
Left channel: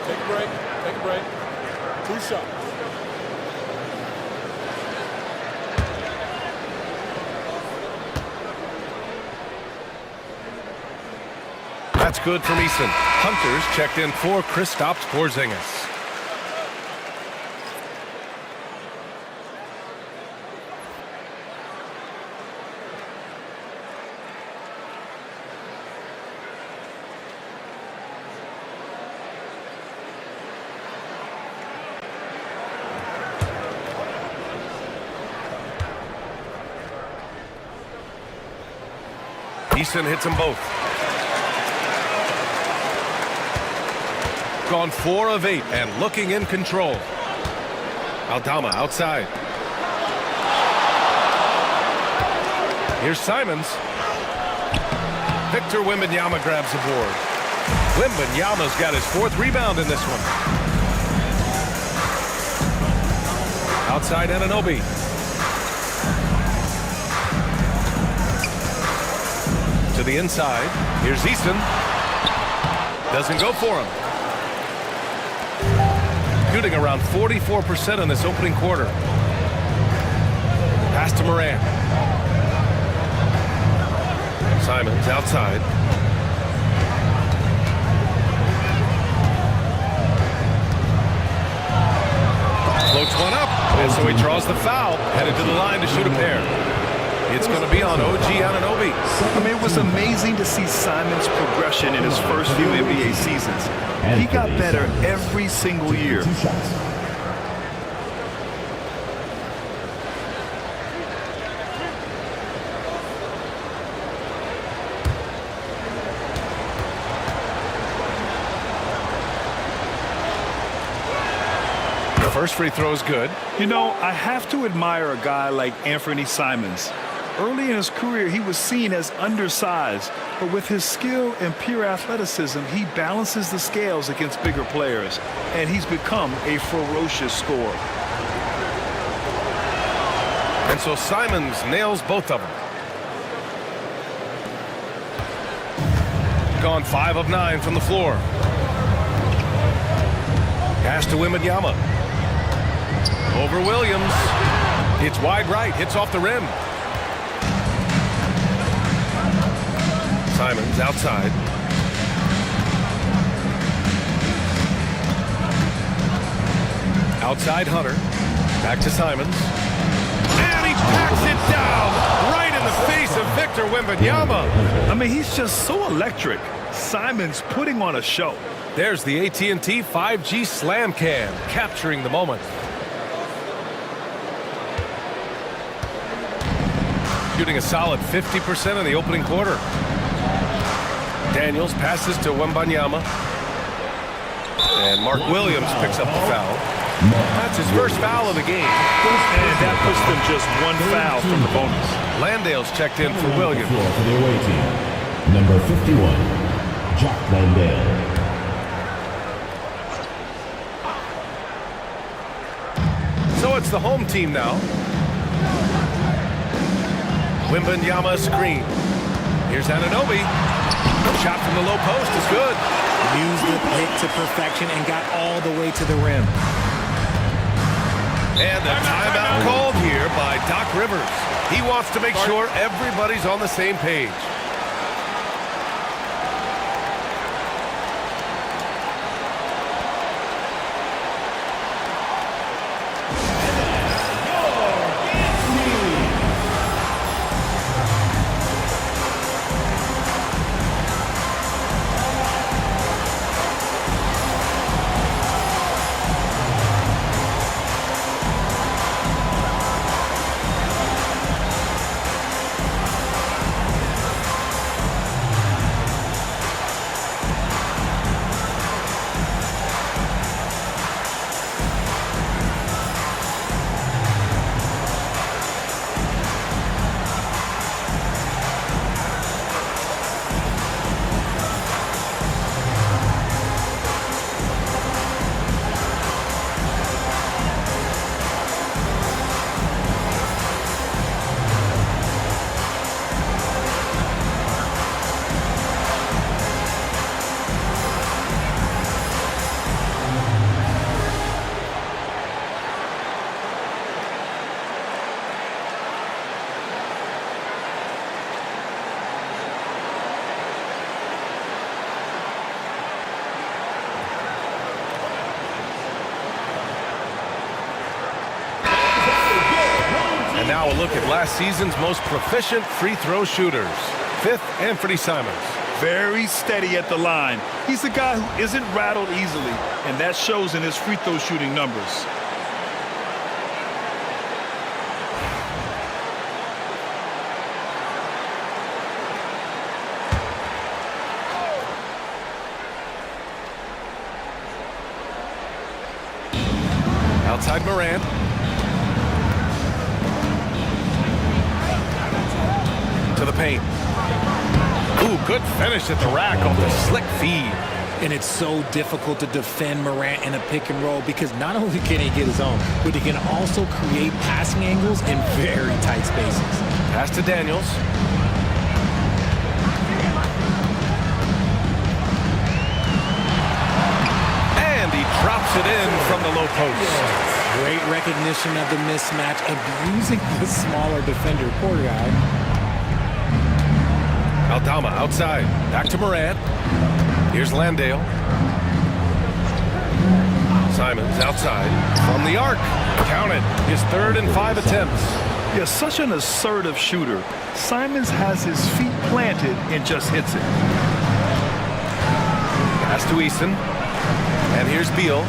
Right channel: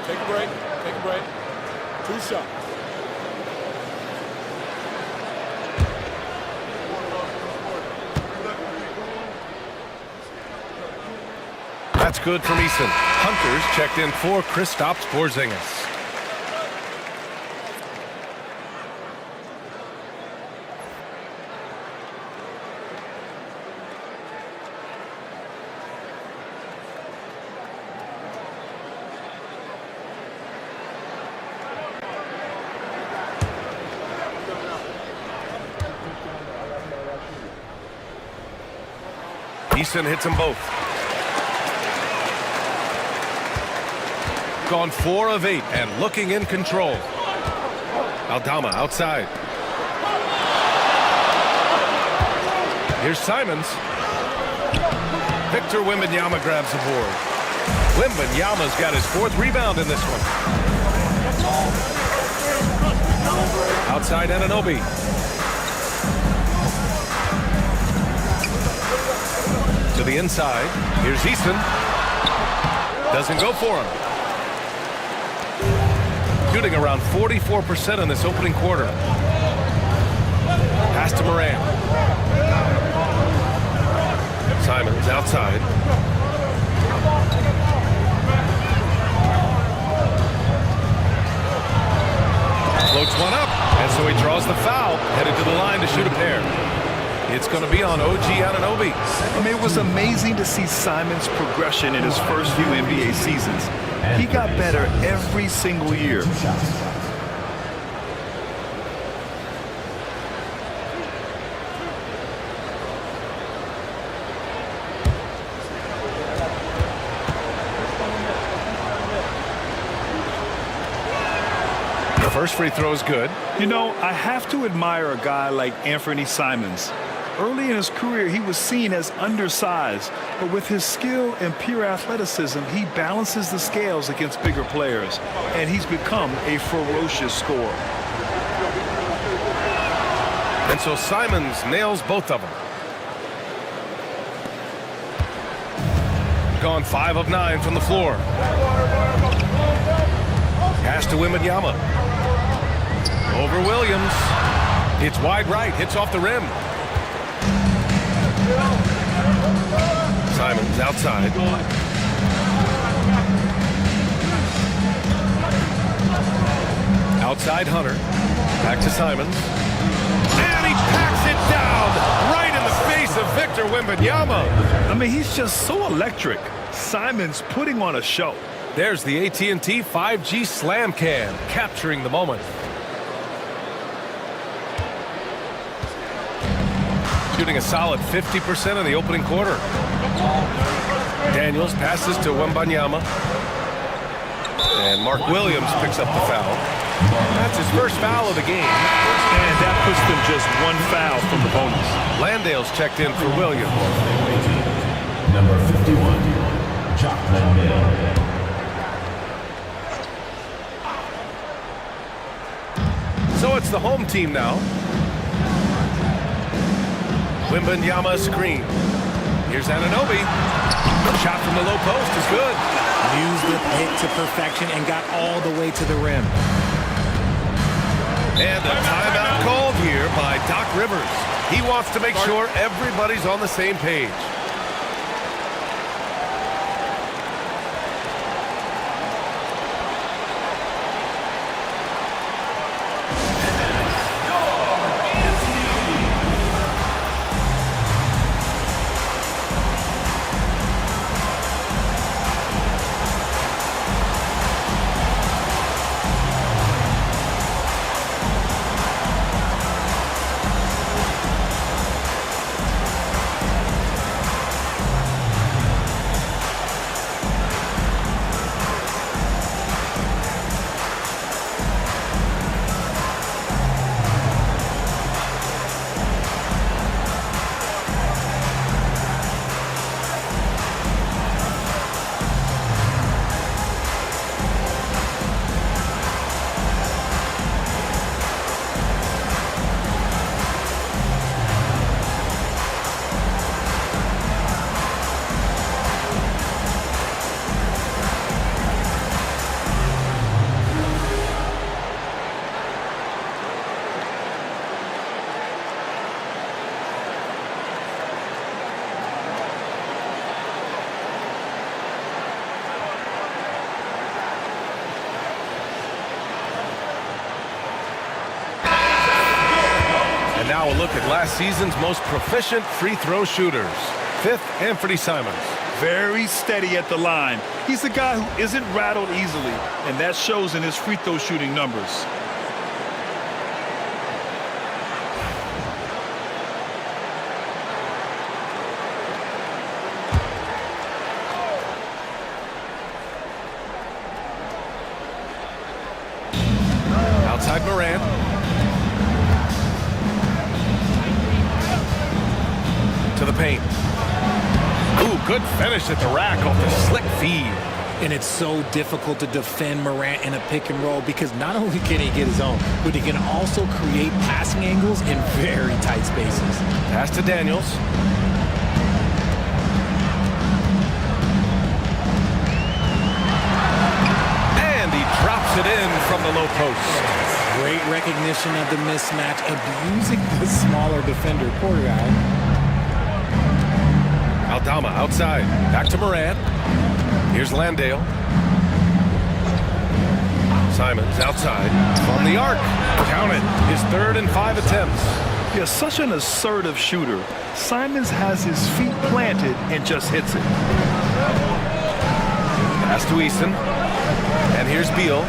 Take a break. Take a break. 2 shots. That's good from Eason. Hunter's checked in for Kristaps Porzingis. Eason hits them both. Gone 4 of 8 and looking in control. Aldama outside. Here's Simons. Victor Wembanyama grabs the board. Wembanyama's got his 4th rebound in this one. Outside Anunoby. To the inside. Here's Eason. Doesn't go for him. Shooting around 44% in this opening quarter. Pass to Moran. Simons outside. Floats one up, and so he draws the foul, headed to the line to shoot a pair. It's going to be on OG Anunoby. I mean, it was amazing to see Simon's progression in his first few NBA seasons. He got better every single year. The first free throw is good. You know, I have to admire a guy like Anthony Simons. Early in his career, he was seen as undersized, but with his skill and pure athleticism, he balances the scales against bigger players, and he's become a ferocious scorer. And so Simons nails both of them. Gone 5 of 9 from the floor. Pass to Wembanyama. Over Williams. It's wide right, hits off the rim. Simons outside. Outside Hunter. Back to Simons. And he packs it down right in the face of Victor Wembanyama. I mean, he's just so electric. Simons putting on a show. There's the AT&T 5G Slam Cam, capturing the moment. Shooting a solid 50% in the opening quarter. Daniels passes to Wembanyama. And Mark Williams picks up the foul. That's his first foul of the game. And that puts them just 1 foul from the bonus. Landale's checked in for Williams. Number 51, Jock Landale. So it's the home team now. Wembanyama screen. Here's Anunoby. Shot from the low post is good. Used the pick to perfection and got all the way to the rim. And a timeout called here by Doc Rivers. He wants to make sure everybody's on the same page. And now a look at last season's most proficient free throw shooters. 5th, Anthony Simons. Very steady at the line. He's a guy who isn't rattled easily, and that shows in his free throw shooting numbers. Outside Morant. To the paint. Ooh, good finish at the rack off the slick feed. And it's so difficult to defend Morant in a pick and roll because not only can he get his own, but he can also create passing angles in very tight spaces. Pass to Daniels. And he drops it in from the low post. Great recognition of the mismatch, abusing the smaller defender. Poor guy. Aldama outside. Back to Morant. Here's Landale. Simons outside. From the arc. Count it. His 3rd and 5 attempts. Yeah, such an assertive shooter. Simons has his feet planted and just hits it. Pass to Eason. And here's Beal.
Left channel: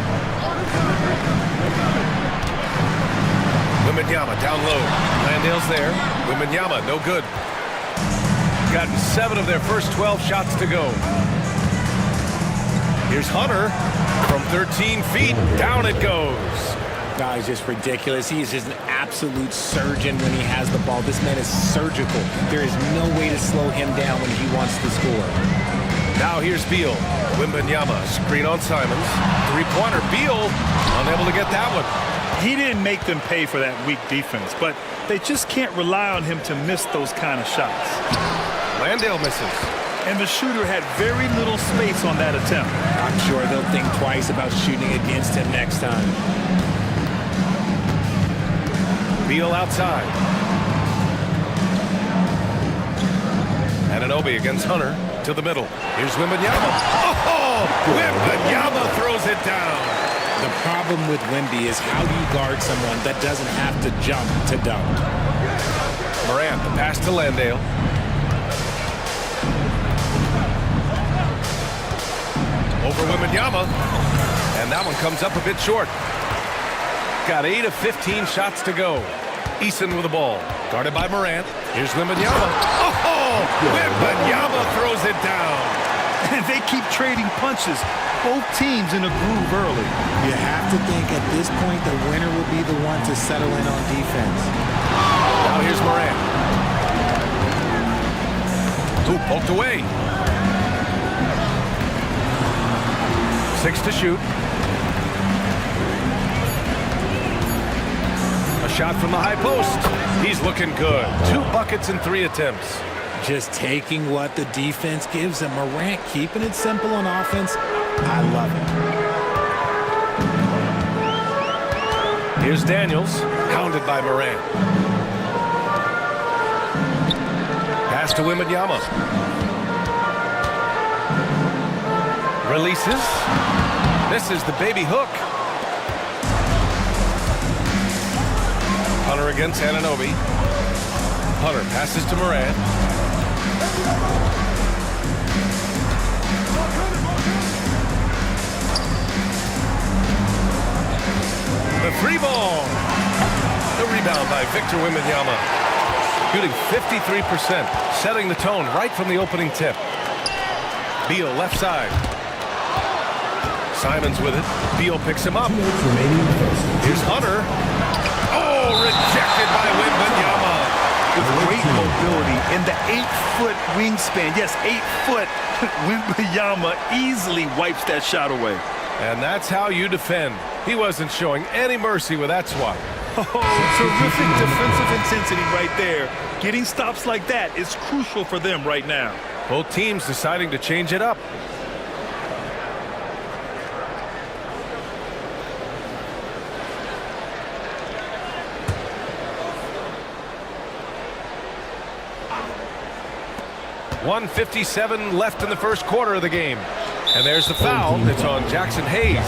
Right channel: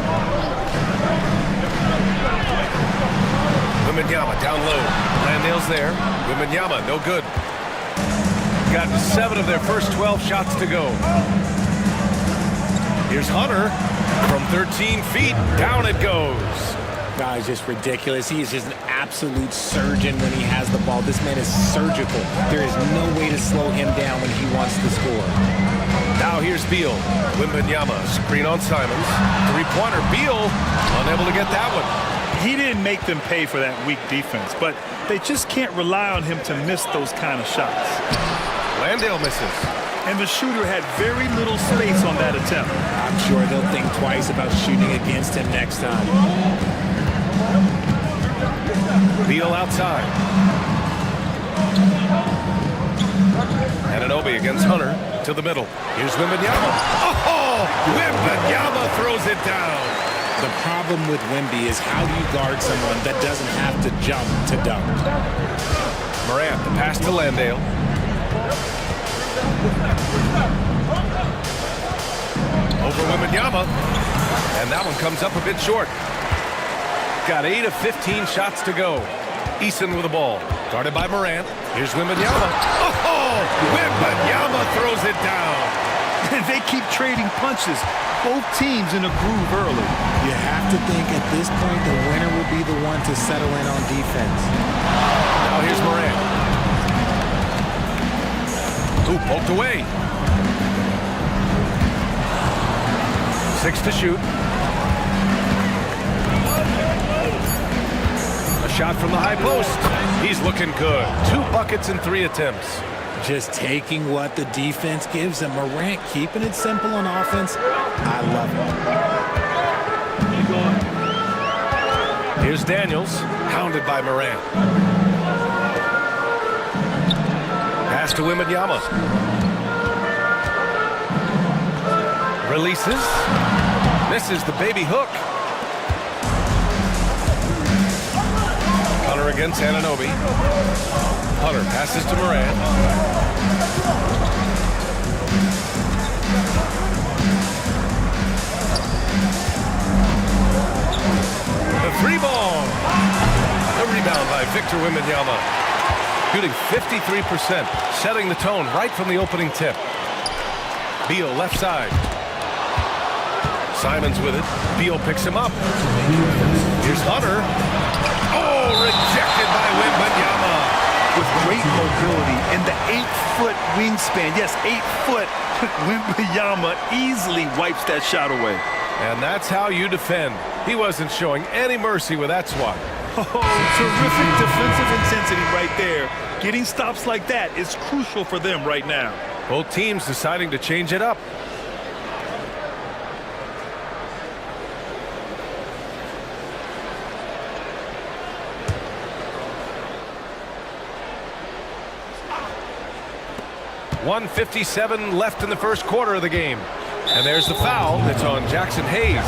Wembanyama down low. Landale's there. Wembanyama, no good. Got 7 of their first 12 shots to go. Here's Hunter from 13 feet. Down it goes. No, it's just ridiculous. He is just an absolute surgeon when he has the ball. This man is surgical. There is no way to slow him down when he wants to score. Now here's Beal. Wembanyama, screen on Simons. 3-pointer. Beal unable to get that one. He didn't make them pay for that weak defense, but they just can't rely on him to miss those kind of shots. Landale misses. And the shooter had very little space on that attempt. I'm sure they'll think twice about shooting against him next time. Beal outside. Anunoby against Hunter to the middle. Here's Wembanyama. Oh! Wembanyama throws it down. The problem with Wemby is how do you guard someone that doesn't have to jump to dunk? Morant, the pass to Landale. Over Wembanyama. And that one comes up a bit short. Got 8 of 15 shots to go. Eason with the ball. Guarded by Morant. Here's Wembanyama. Oh! Wembanyama throws it down. And they keep trading punches. Both teams in a groove early. You have to think at this point the winner will be the one to settle in on defense. Now here's Morant. Ooh, poked away. 6 to shoot. A shot from the high post. He's looking good. 2 buckets in 3 attempts. Just taking what the defense gives him. Morant keeping it simple on offense. I love it. Here's Daniels, hounded by Morant. Pass to Wembanyama. Releases. Misses the baby hook. Hunter against Anunoby. Hunter passes to Morant. The 3-ball. The rebound by Victor Wembanyama. Shooting 53%, setting the tone right from the opening tip. Beal left side. Simons with it. Beal picks him up. Here's Hunter. Oh, rejected by Wembanyama. With great mobility and the 8-foot wingspan. Yes, 8 foot. Wembanyama easily wipes that shot away. And that's how you defend. He wasn't showing any mercy with that swat. Oh, terrific defensive intensity right there. Getting stops like that is crucial for them right now. Both teams deciding to change it up. .157 left in the first quarter of the game. And there's the foul. It's on Jackson Hayes.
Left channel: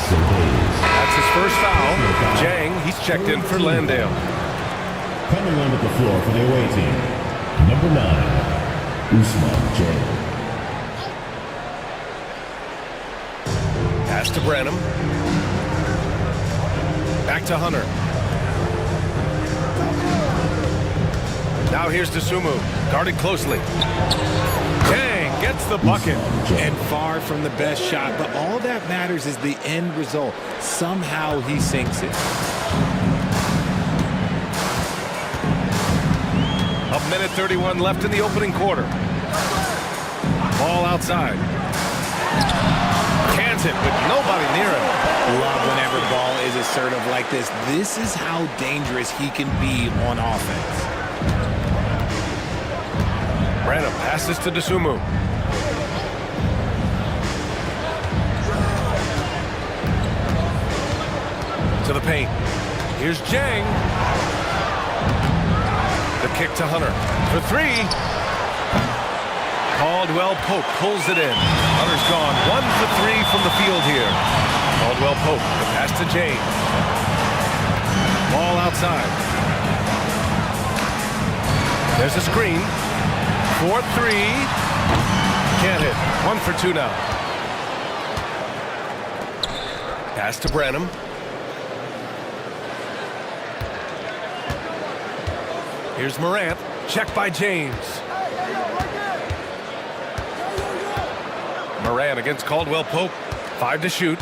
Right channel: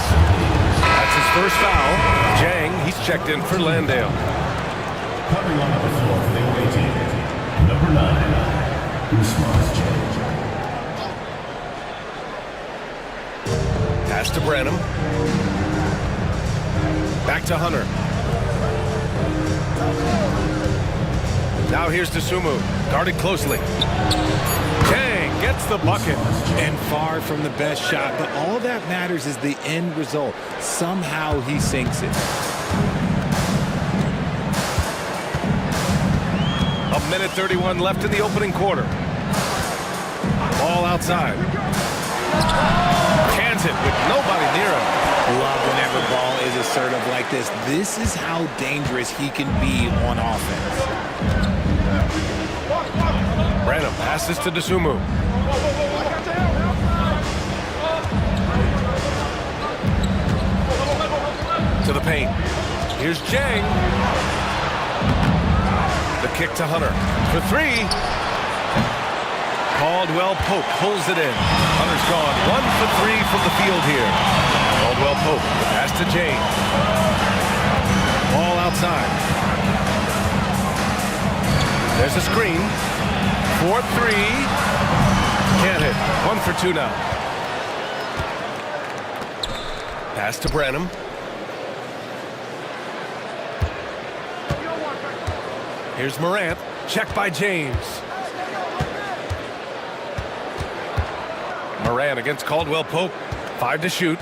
That's his first foul. Jang, he's checked in for Landale. Coming onto the floor for the away team, number 9, Usman James. Pass to Branham. Back to Hunter. Now here's Dosunmu, guarded closely. Chang gets the bucket. And far from the best shot, but all that matters is the end result. Somehow he sinks it. A minute 31 left in the opening quarter. Ball outside. Cans it with nobody near him. Love whenever ball is assertive like this. This is how dangerous he can be on offense. Branham passes to Dosunmu. To the paint. Here's Jang. The kick to Hunter for 3. Caldwell Pope pulls it in. Hunter's gone 1 for 3 from the field here. Caldwell Pope, the pass to Jang. Ball outside. There's a screen. 4-3. Can't hit. 1 for 2 now. Pass to Branham. Here's Morant. Checked by James. Morant against Caldwell Pope. 5 to shoot.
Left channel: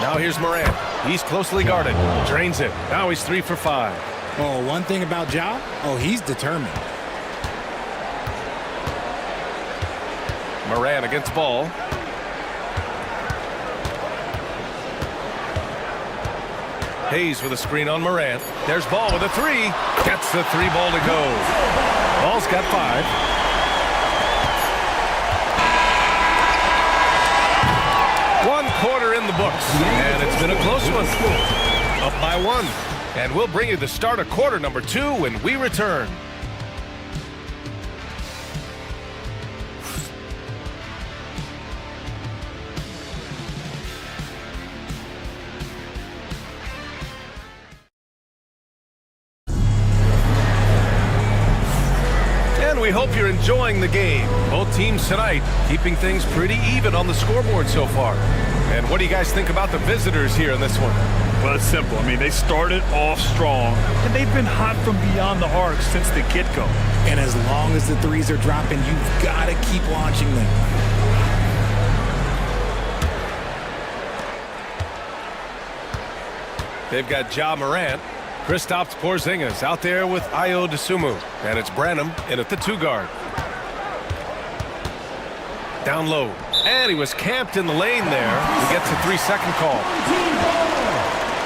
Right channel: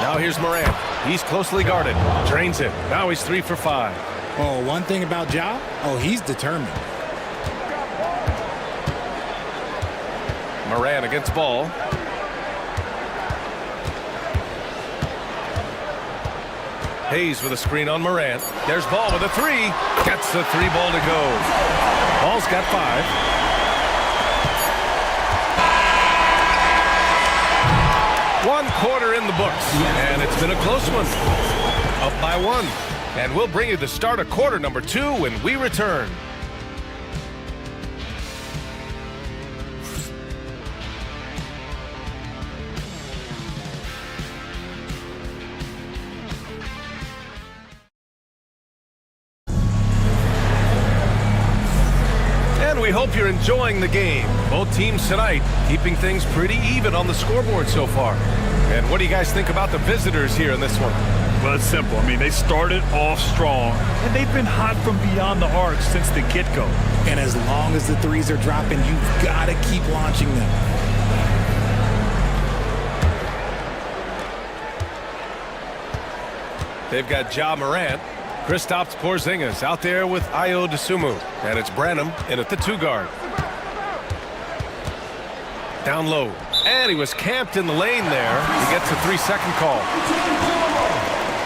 Now here's Morant. He's closely guarded. Drains it. Now he's 3 for 5. Oh, one thing about Ja, he's determined. Morant against Ball. Hayes with a screen on Morant. There's Ball with a 3. Gets the 3 ball to go. Ball's got 5. One quarter in the books, and it's been a close one. Up by 1. And we'll bring you the start of quarter number 2 when we return. And we hope you're enjoying the game. Both teams tonight keeping things pretty even on the scoreboard so far. And what do you guys think about the visitors here in this one? Well, it's simple. I mean, they started off strong, and they've been hot from beyond the arc since the get-go. And as long as the threes are dropping, you've got to keep launching them. They've got Ja Morant. Kristaps Porzingis out there with Ayo Dosunmu. And it's Branham in at the 2 guard. Down low. And he was camped in the lane there. He gets a 3-second call.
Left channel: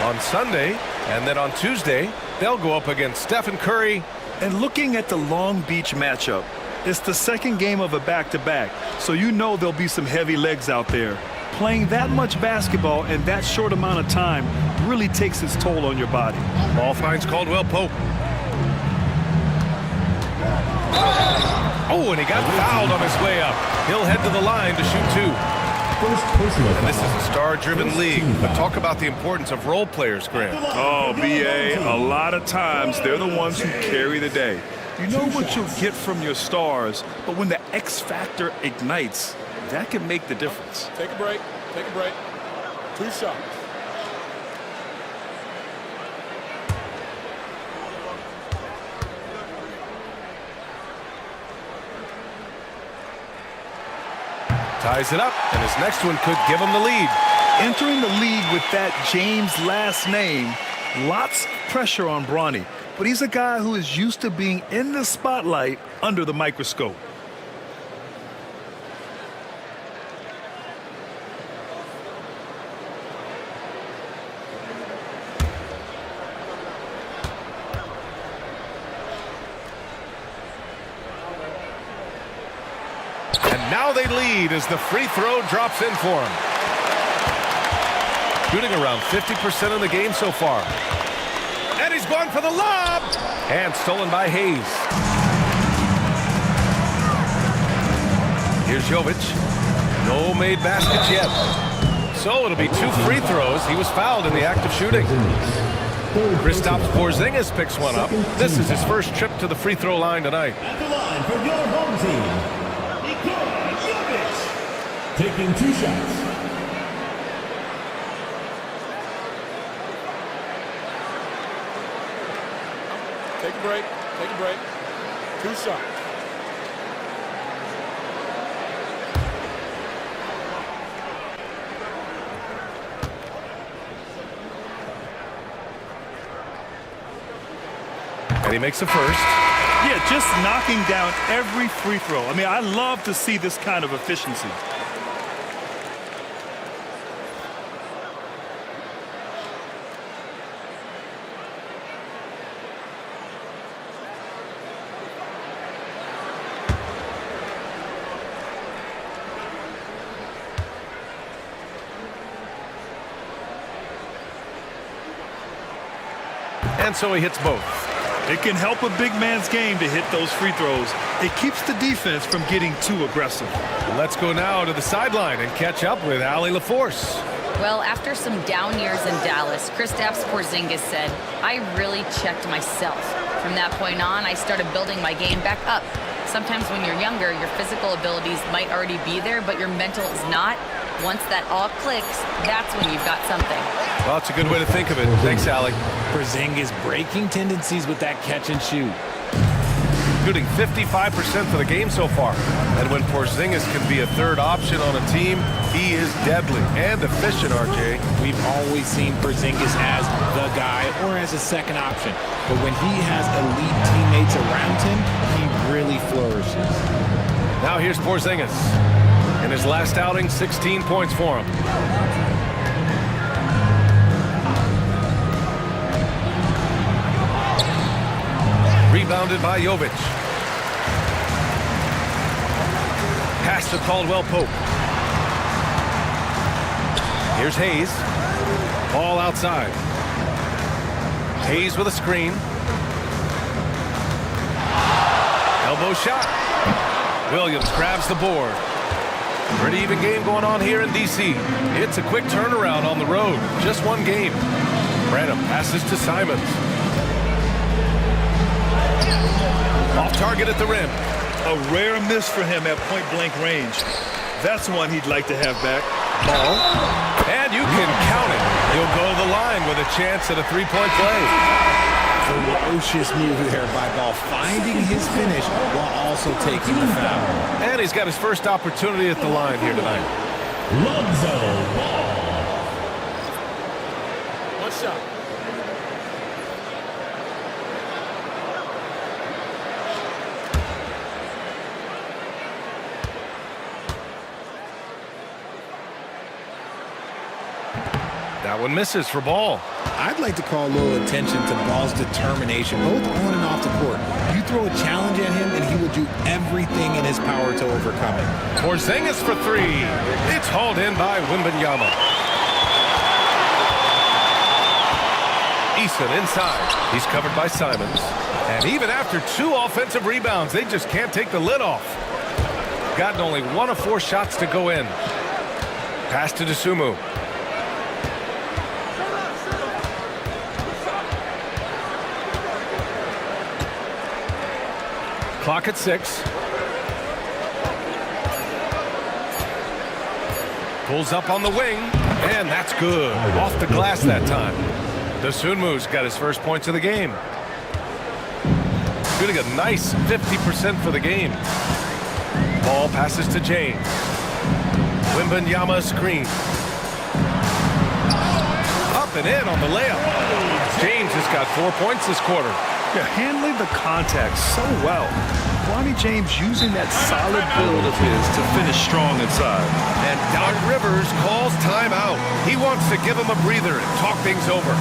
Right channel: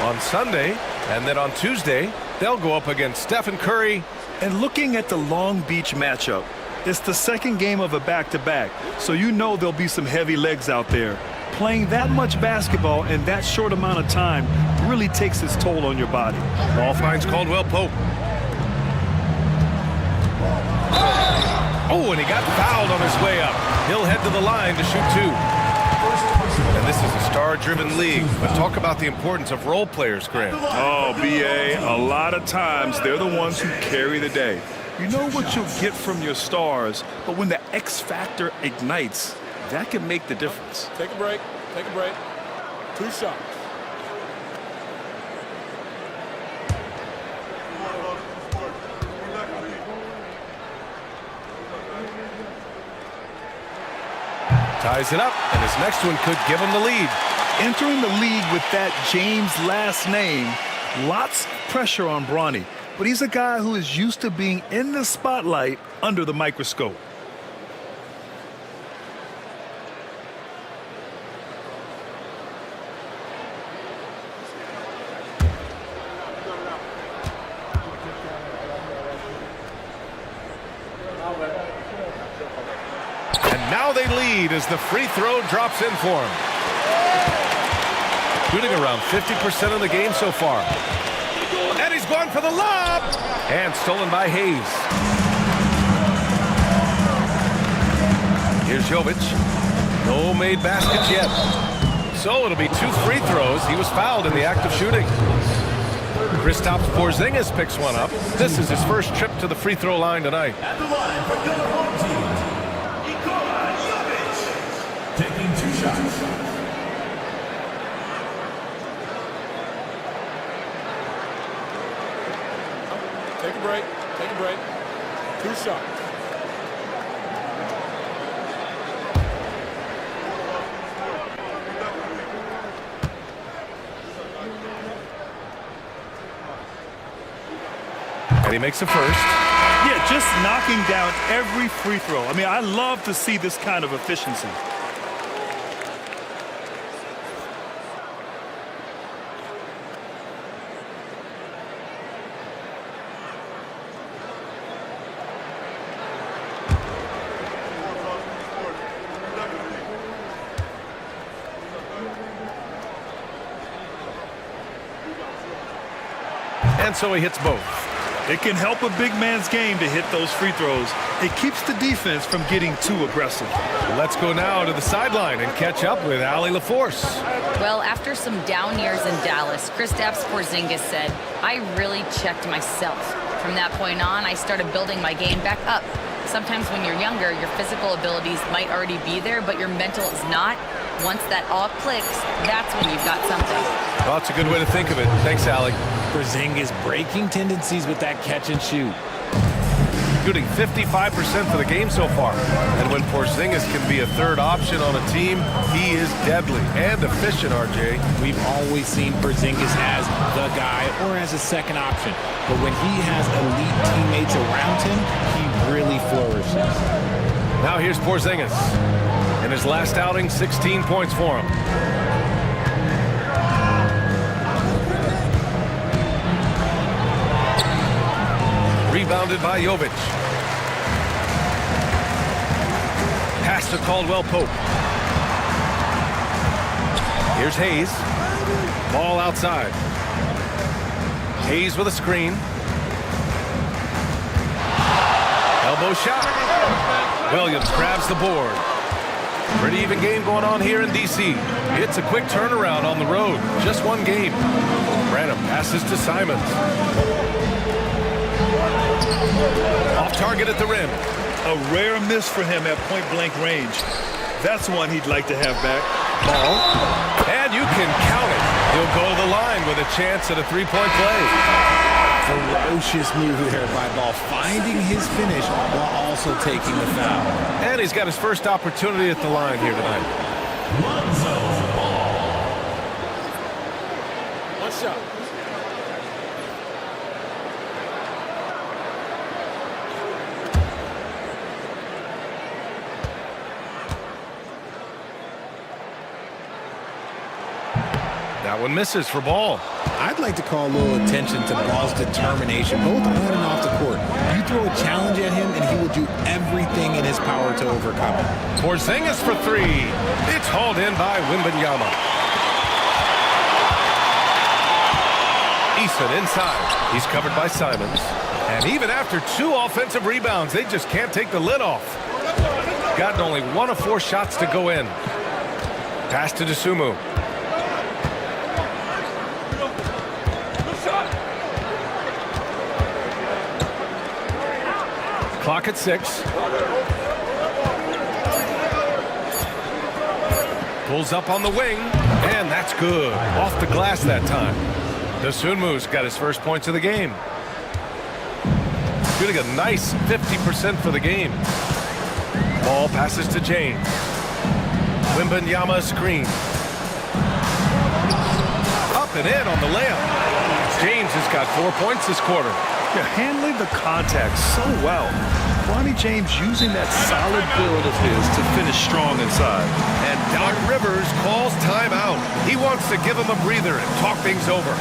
On Sunday, and then on Tuesday, they'll go up against Stephen Curry. And looking at the Long Beach matchup, it's the second game of a back-to-back, so you know there'll be some heavy legs out there. Playing that much basketball in that short amount of time really takes its toll on your body. Ball finds Caldwell Pope. Oh, and he got fouled on his way up. He'll head to the line to shoot 2. And this is a star-driven league, but talk about the importance of role players, Graham. Oh, B.A., a lot of times they're the ones who carry the day. You know what you'll get from your stars, but when the X factor ignites, that can make the difference. Take a break. Take a break. 2 shots. Ties it up, and his next one could give him the lead. Entering the league with that James last name, lots of pressure on Bronny, but he's a guy who is used to being in the spotlight under the microscope. Now they lead as the free throw drops in for him. Shooting around 50% of the game so far. And he's gone for the lob. And stolen by Hayes. Here's Jovic. No made baskets yet. So it'll be 2 free throws. He was fouled in the act of shooting. Kristaps Porzingis picks one up. This is his first trip to the free throw line tonight. At the line for your home team, Nikola Jovic, taking 2 shots. Take a break. Take a break. 2 shots. And he makes the first. Yeah, just knocking down every free throw. I mean, I love to see this kind of efficiency. And so he hits both. It can help a big man's game to hit those free throws. It keeps the defense from getting too aggressive. Let's go now to the sideline and catch up with Allie LaForce. Well, after some down years in Dallas, Kristaps Porzingis said, "I really checked myself. From that point on, I started building my game back up. Sometimes when you're younger, your physical abilities might already be there, but your mental is not. Once that all clicks, that's when you've got something." Well, that's a good way to think of it. Thanks, Allie. Porzingis breaking tendencies with that catch and shoot. Shooting 55% for the game so far. And when Porzingis can be a third option on a team, he is deadly and efficient, RJ. We've always seen Porzingis as the guy or as a second option. But when he has elite teammates around him, he really flourishes. Now here's Porzingis. In his last outing, 16 points for him. Rebounded by Jovic. Pass to Caldwell Pope. Here's Hayes. Ball outside. Hayes with a screen. Elbow shot. Williams grabs the board. Pretty even game going on here in D.C. It's a quick turnaround on the road. Just one game. Branham passes to Simons. Off target at the rim. A rare miss for him at point-blank range. That's one he'd like to have back. Ball. And you can count it. He'll go to the line with a chance at a three-point play. Ferocious move there by Ball, finding his finish while also taking the foul. And he's got his first opportunity at the line here tonight. Lonzo Ball. 1 shot. That one misses for Ball. I'd like to call a little attention to Ball's determination, both on and off the court. You throw a challenge at him, and he will do everything in his power to overcome it. Porzingis for 3. It's hauled in by Wembanyama. Eason inside. He's covered by Simons. And even after 2 offensive rebounds, they just can't take the lid off. Gotten only 1 of 4 shots to go in. Pass to Dosunmu. Clock at 6. Pulls up on the wing, and that's good. Off the glass that time. Dosunmu's got his first points of the game. Shooting a nice 50% for the game. Ball passes to James. Wembanyama screen. Up and in on the layup. James has got 4 points this quarter. They're handling the contact so well. Bronny James using that solid build of his to finish strong inside. And Doc Rivers calls timeout. He wants to give him a breather and talk things over.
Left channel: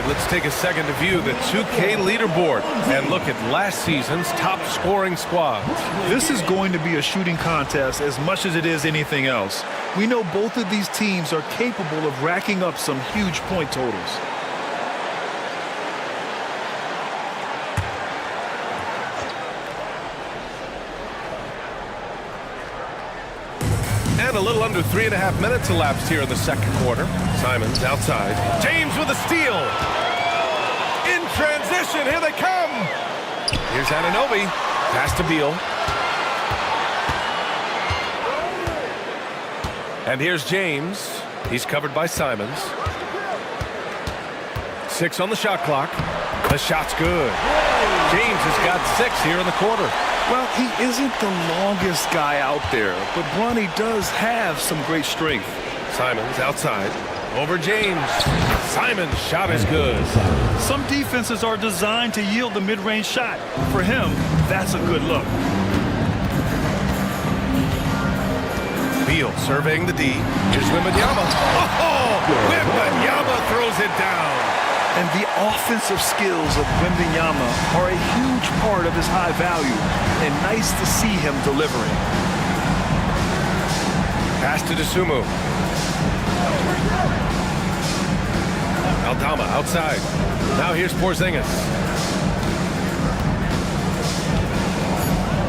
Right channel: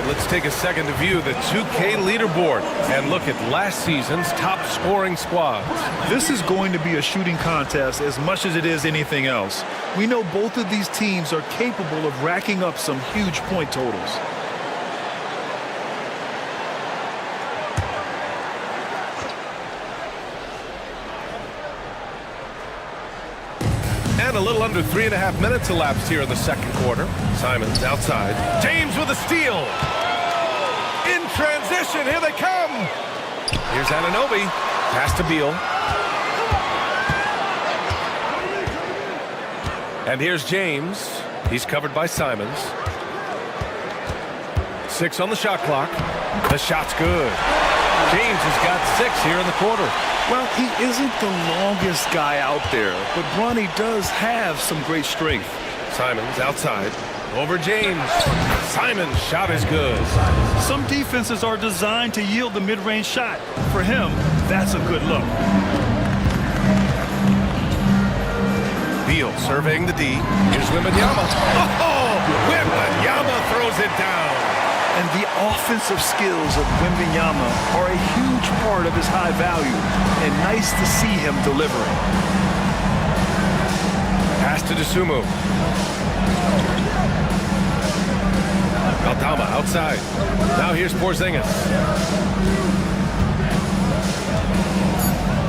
right, let's take a second to view the 2K leaderboard and look at last season's top scoring squads. This is going to be a shooting contest as much as it is anything else. We know both of these teams are capable of racking up some huge point totals. And a little under 3.5 minutes elapsed here in the second quarter. Simons outside. James with a steal. In transition, here they come. Here's Anunoby. Pass to Beal. And here's James. He's covered by Simons. 6 on the shot clock. The shot's good. James has got 6 here in the quarter. Well, he isn't the longest guy out there, but Bronny does have some great strength. Simons outside. Over James. Simons' shot is good. Some defenses are designed to yield the mid-range shot. For him, that's a good look. Beal surveying the D. Here's Wembanyama. Oh! Wembanyama throws it down. And the offensive skills of Wembanyama are a huge part of his high value, and nice to see him delivering. Pass to Dosunmu. Aldama outside. Now here's Porzingis.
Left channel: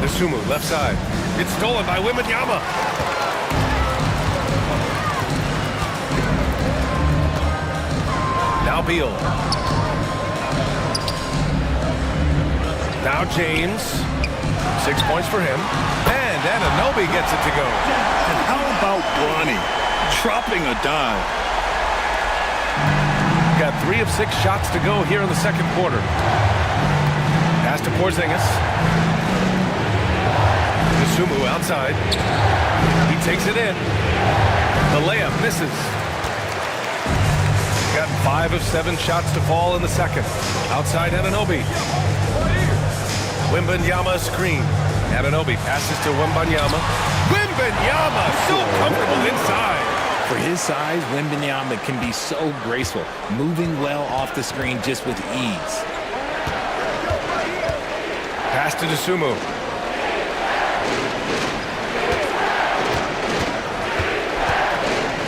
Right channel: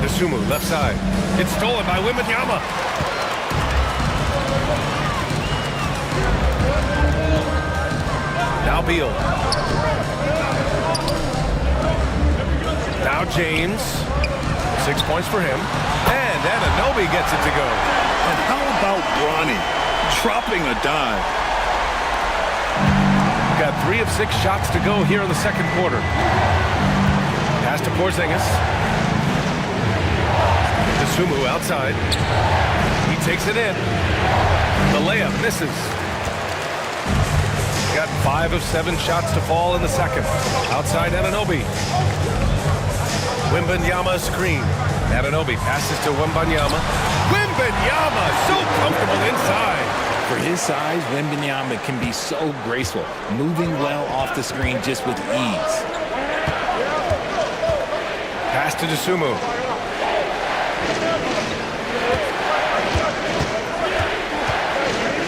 Dosunmu left side. It's stolen by Wembanyama. Now Beal. Now James. 6 points for him. And Anunoby gets it to go. And how about Bronny dropping a dime? Got 3 of 6 shots to go here in the second quarter. Pass to Porzingis. Dosunmu outside. He takes it in. The layup misses. Got 5 of 7 shots to fall in the second. Outside Anunoby. Wembanyama screen. Anunoby passes to Wembanyama. Wembanyama so comfortable inside. For his size, Wembanyama can be so graceful, moving well off the screen just with ease. Pass to Dosunmu.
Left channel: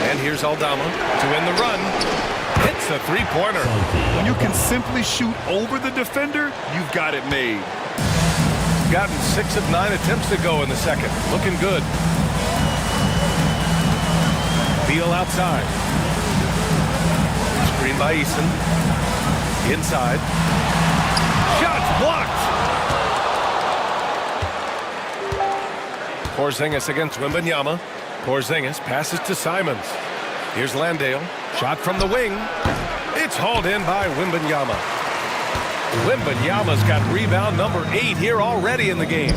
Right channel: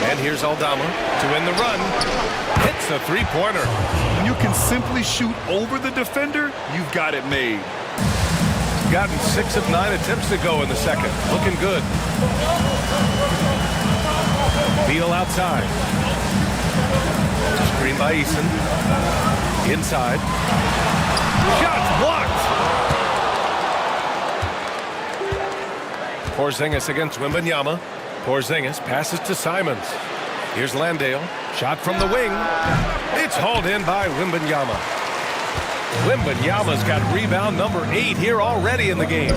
And here's Aldama to win the run. Hits a three-pointer. When you can simply shoot over the defender, you've got it made. Gotten 6 of 9 attempts to go in the second. Looking good. Beal outside. Screen by Eason. Inside. Shots blocked. Porzingis against Wembanyama. Porzingis passes to Simons. Here's Landale. Shot from the wing. It's hauled in by Wembanyama. Wembanyama's got rebound number 8 here already in the game.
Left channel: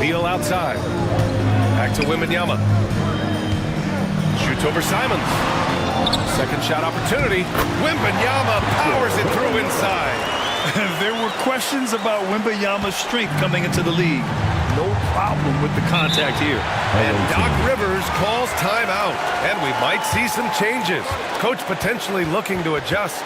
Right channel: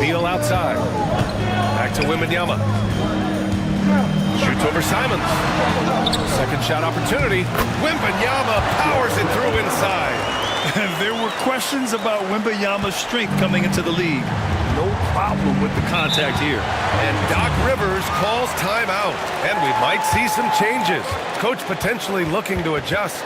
Beal outside. Back to Wembanyama. Shoots over Simons. Second shot opportunity. Wembanyama powers it through inside. There were questions about Wembanyama's strength coming into the league. No problem with the contact here. And Doc Rivers calls timeout. And we might see some changes. Coach potentially looking to adjust.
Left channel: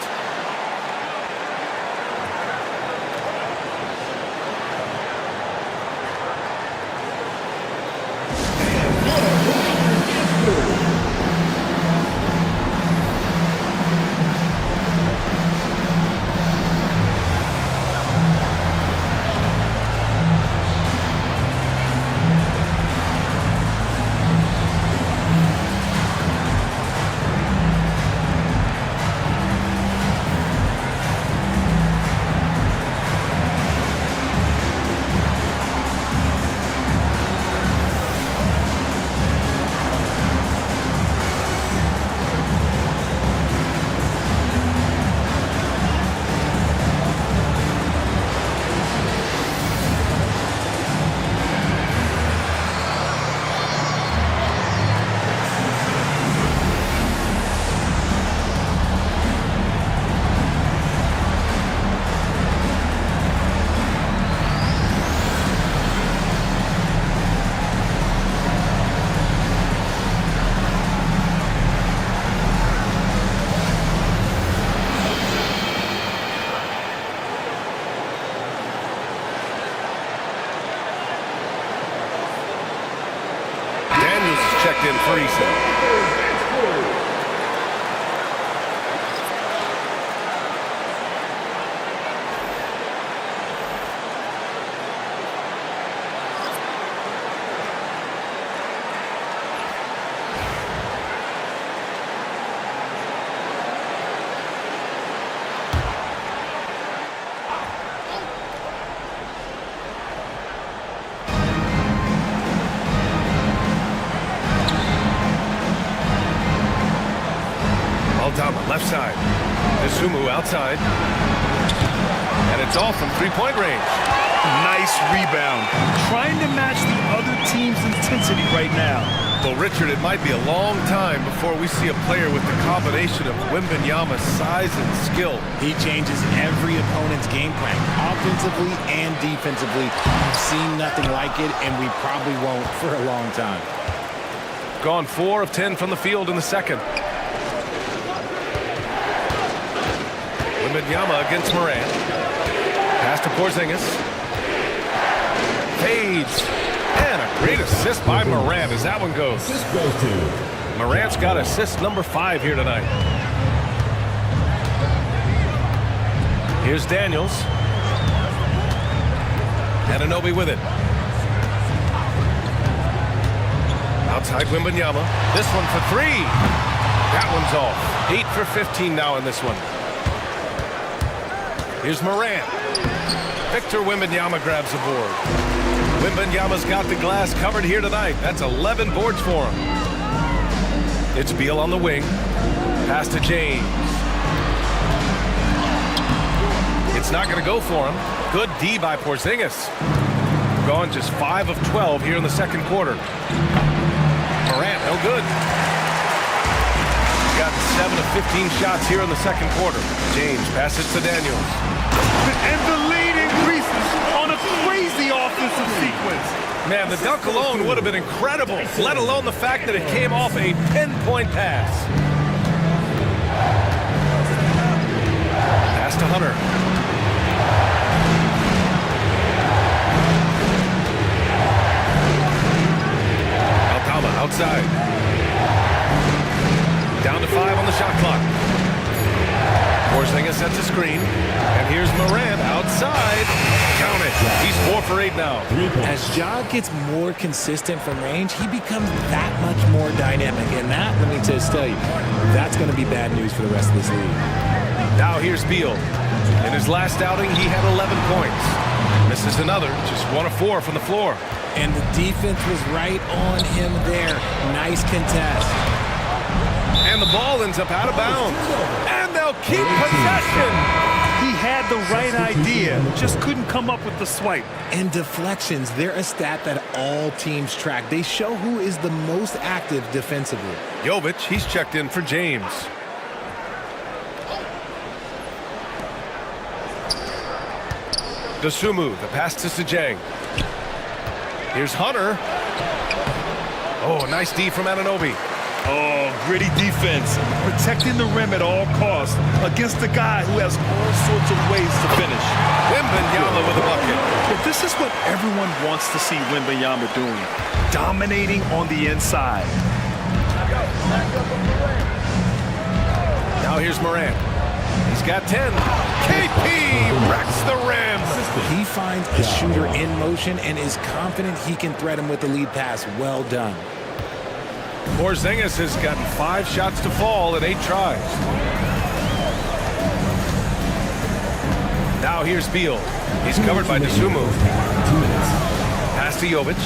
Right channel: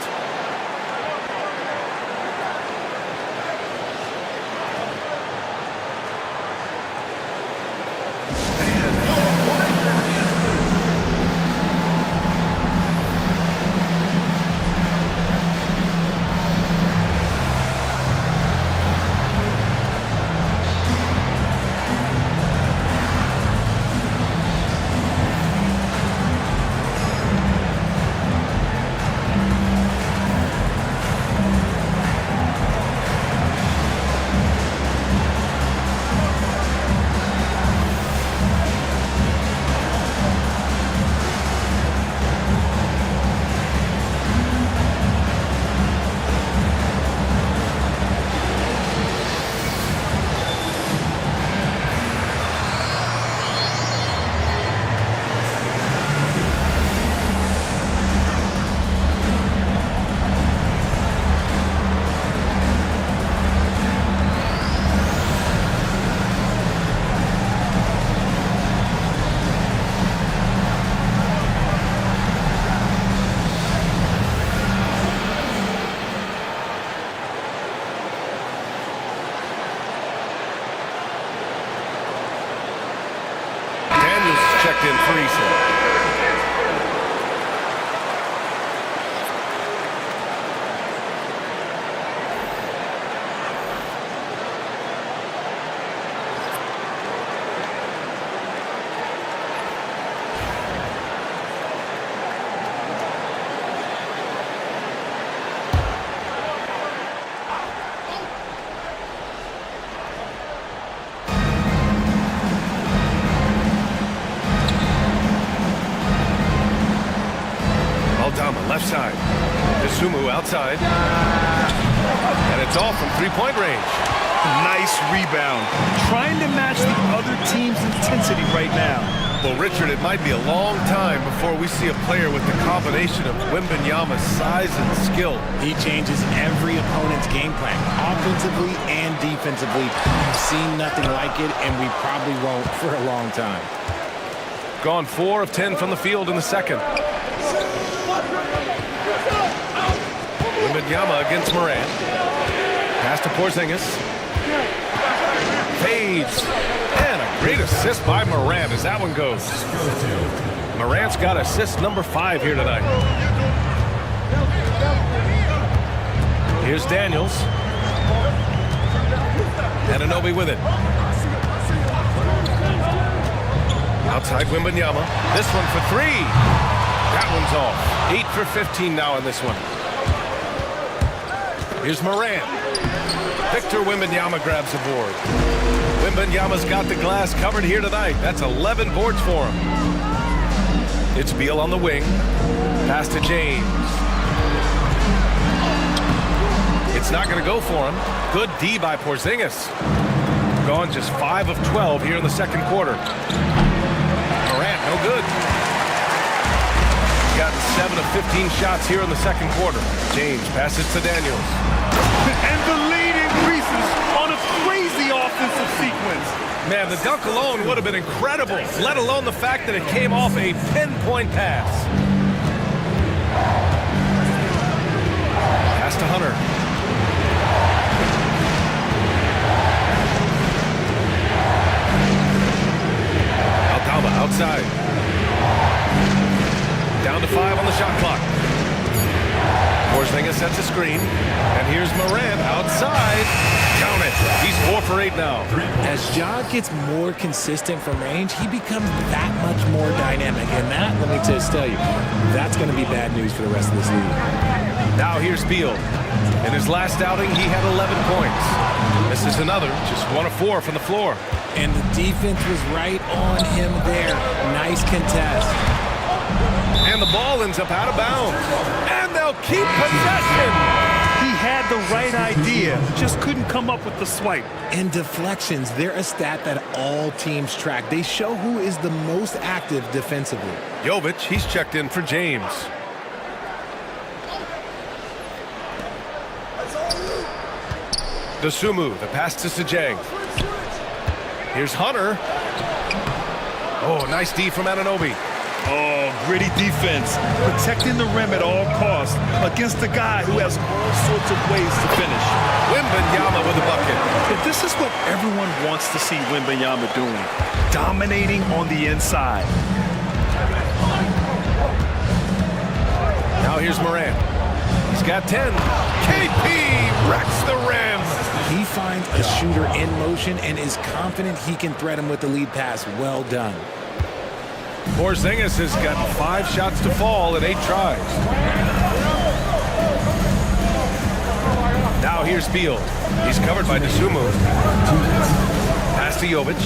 checked in for Eason. Aldama, left side. Isumu outside. And it's off from three-point range. Nice rebound. Trying to match the other team's intensity right now. Well, Richard, it might be a long time before we see a player with the combination of Wembanyama's size and skill. He changes every opponent's game plan, offensively and defensively. You've seen nothing like it, and we probably won't for a long time. Gone 4 of 10 from the field in the second. Wembanyama against Morant. Pass to Porzingis. Fades. And a great assist by Morant as that one goes. Morant's got assist number 5 here tonight. Here's Daniels. Anunoby with it. Outside Wembanyama. This one for 3. That one's off. 8 for 15 now in this one. Here's Morant. Victor Wembanyama grabs the board. Wembanyama's got the glass covered here tonight. That's 11 boards for him. It's Beal on the wing. Pass to James. It's not going to go for him. Good D by Porzingis. Gone just 5 of 12 here in the second quarter. Morant, no good. Gotten 7 of 15 shots here in the second quarter. James passes to Daniels. And the lead increases on a crazy offensive sequence. Man, the dunk alone would have been incredible, let alone the fact that it came off a pinpoint pass. Pass to Hunter. Aldama outside. Down to 5 on the shot clock. Porzingis sets a screen. And here's Morant outside. Count it. He's 4 for 8 now. As Ja gets more consistent from range, he becomes that much more dynamic. And that, let me just tell you, that's going to be bad news for the rest of this league. Now here's Beal. In his last outing, he had 11 points. Misses another, just 1 of 4 from the floor. And the defense was right on him there. Nice contest. And the ball ends up out of bounds. And they'll keep possession. He had the right idea, just couldn't come up with the swipe. And deflections, they're a stat that all teams track. They show who is the most active defensively. Jovic, he's checked in for James. Dosunmu, the pass to Sejang. Here's Hunter. Oh, nice D from Anunoby. Oh, gritty defense, protecting the rim at all costs against a guy who has all sorts of ways to finish. Wembanyama with a bucket. If this is what everyone wants to see Wembanyama doing, dominating on the inside. Now here's Morant. He's got 10. KP wrecks the rim. He finds a shooter in motion and is confident he can threat him with the lead pass. Well done. Porzingis has gotten 5 shots to fall in 8 tries. Now here's Beal. He's covered by Dosunmu. Pass to Jovic.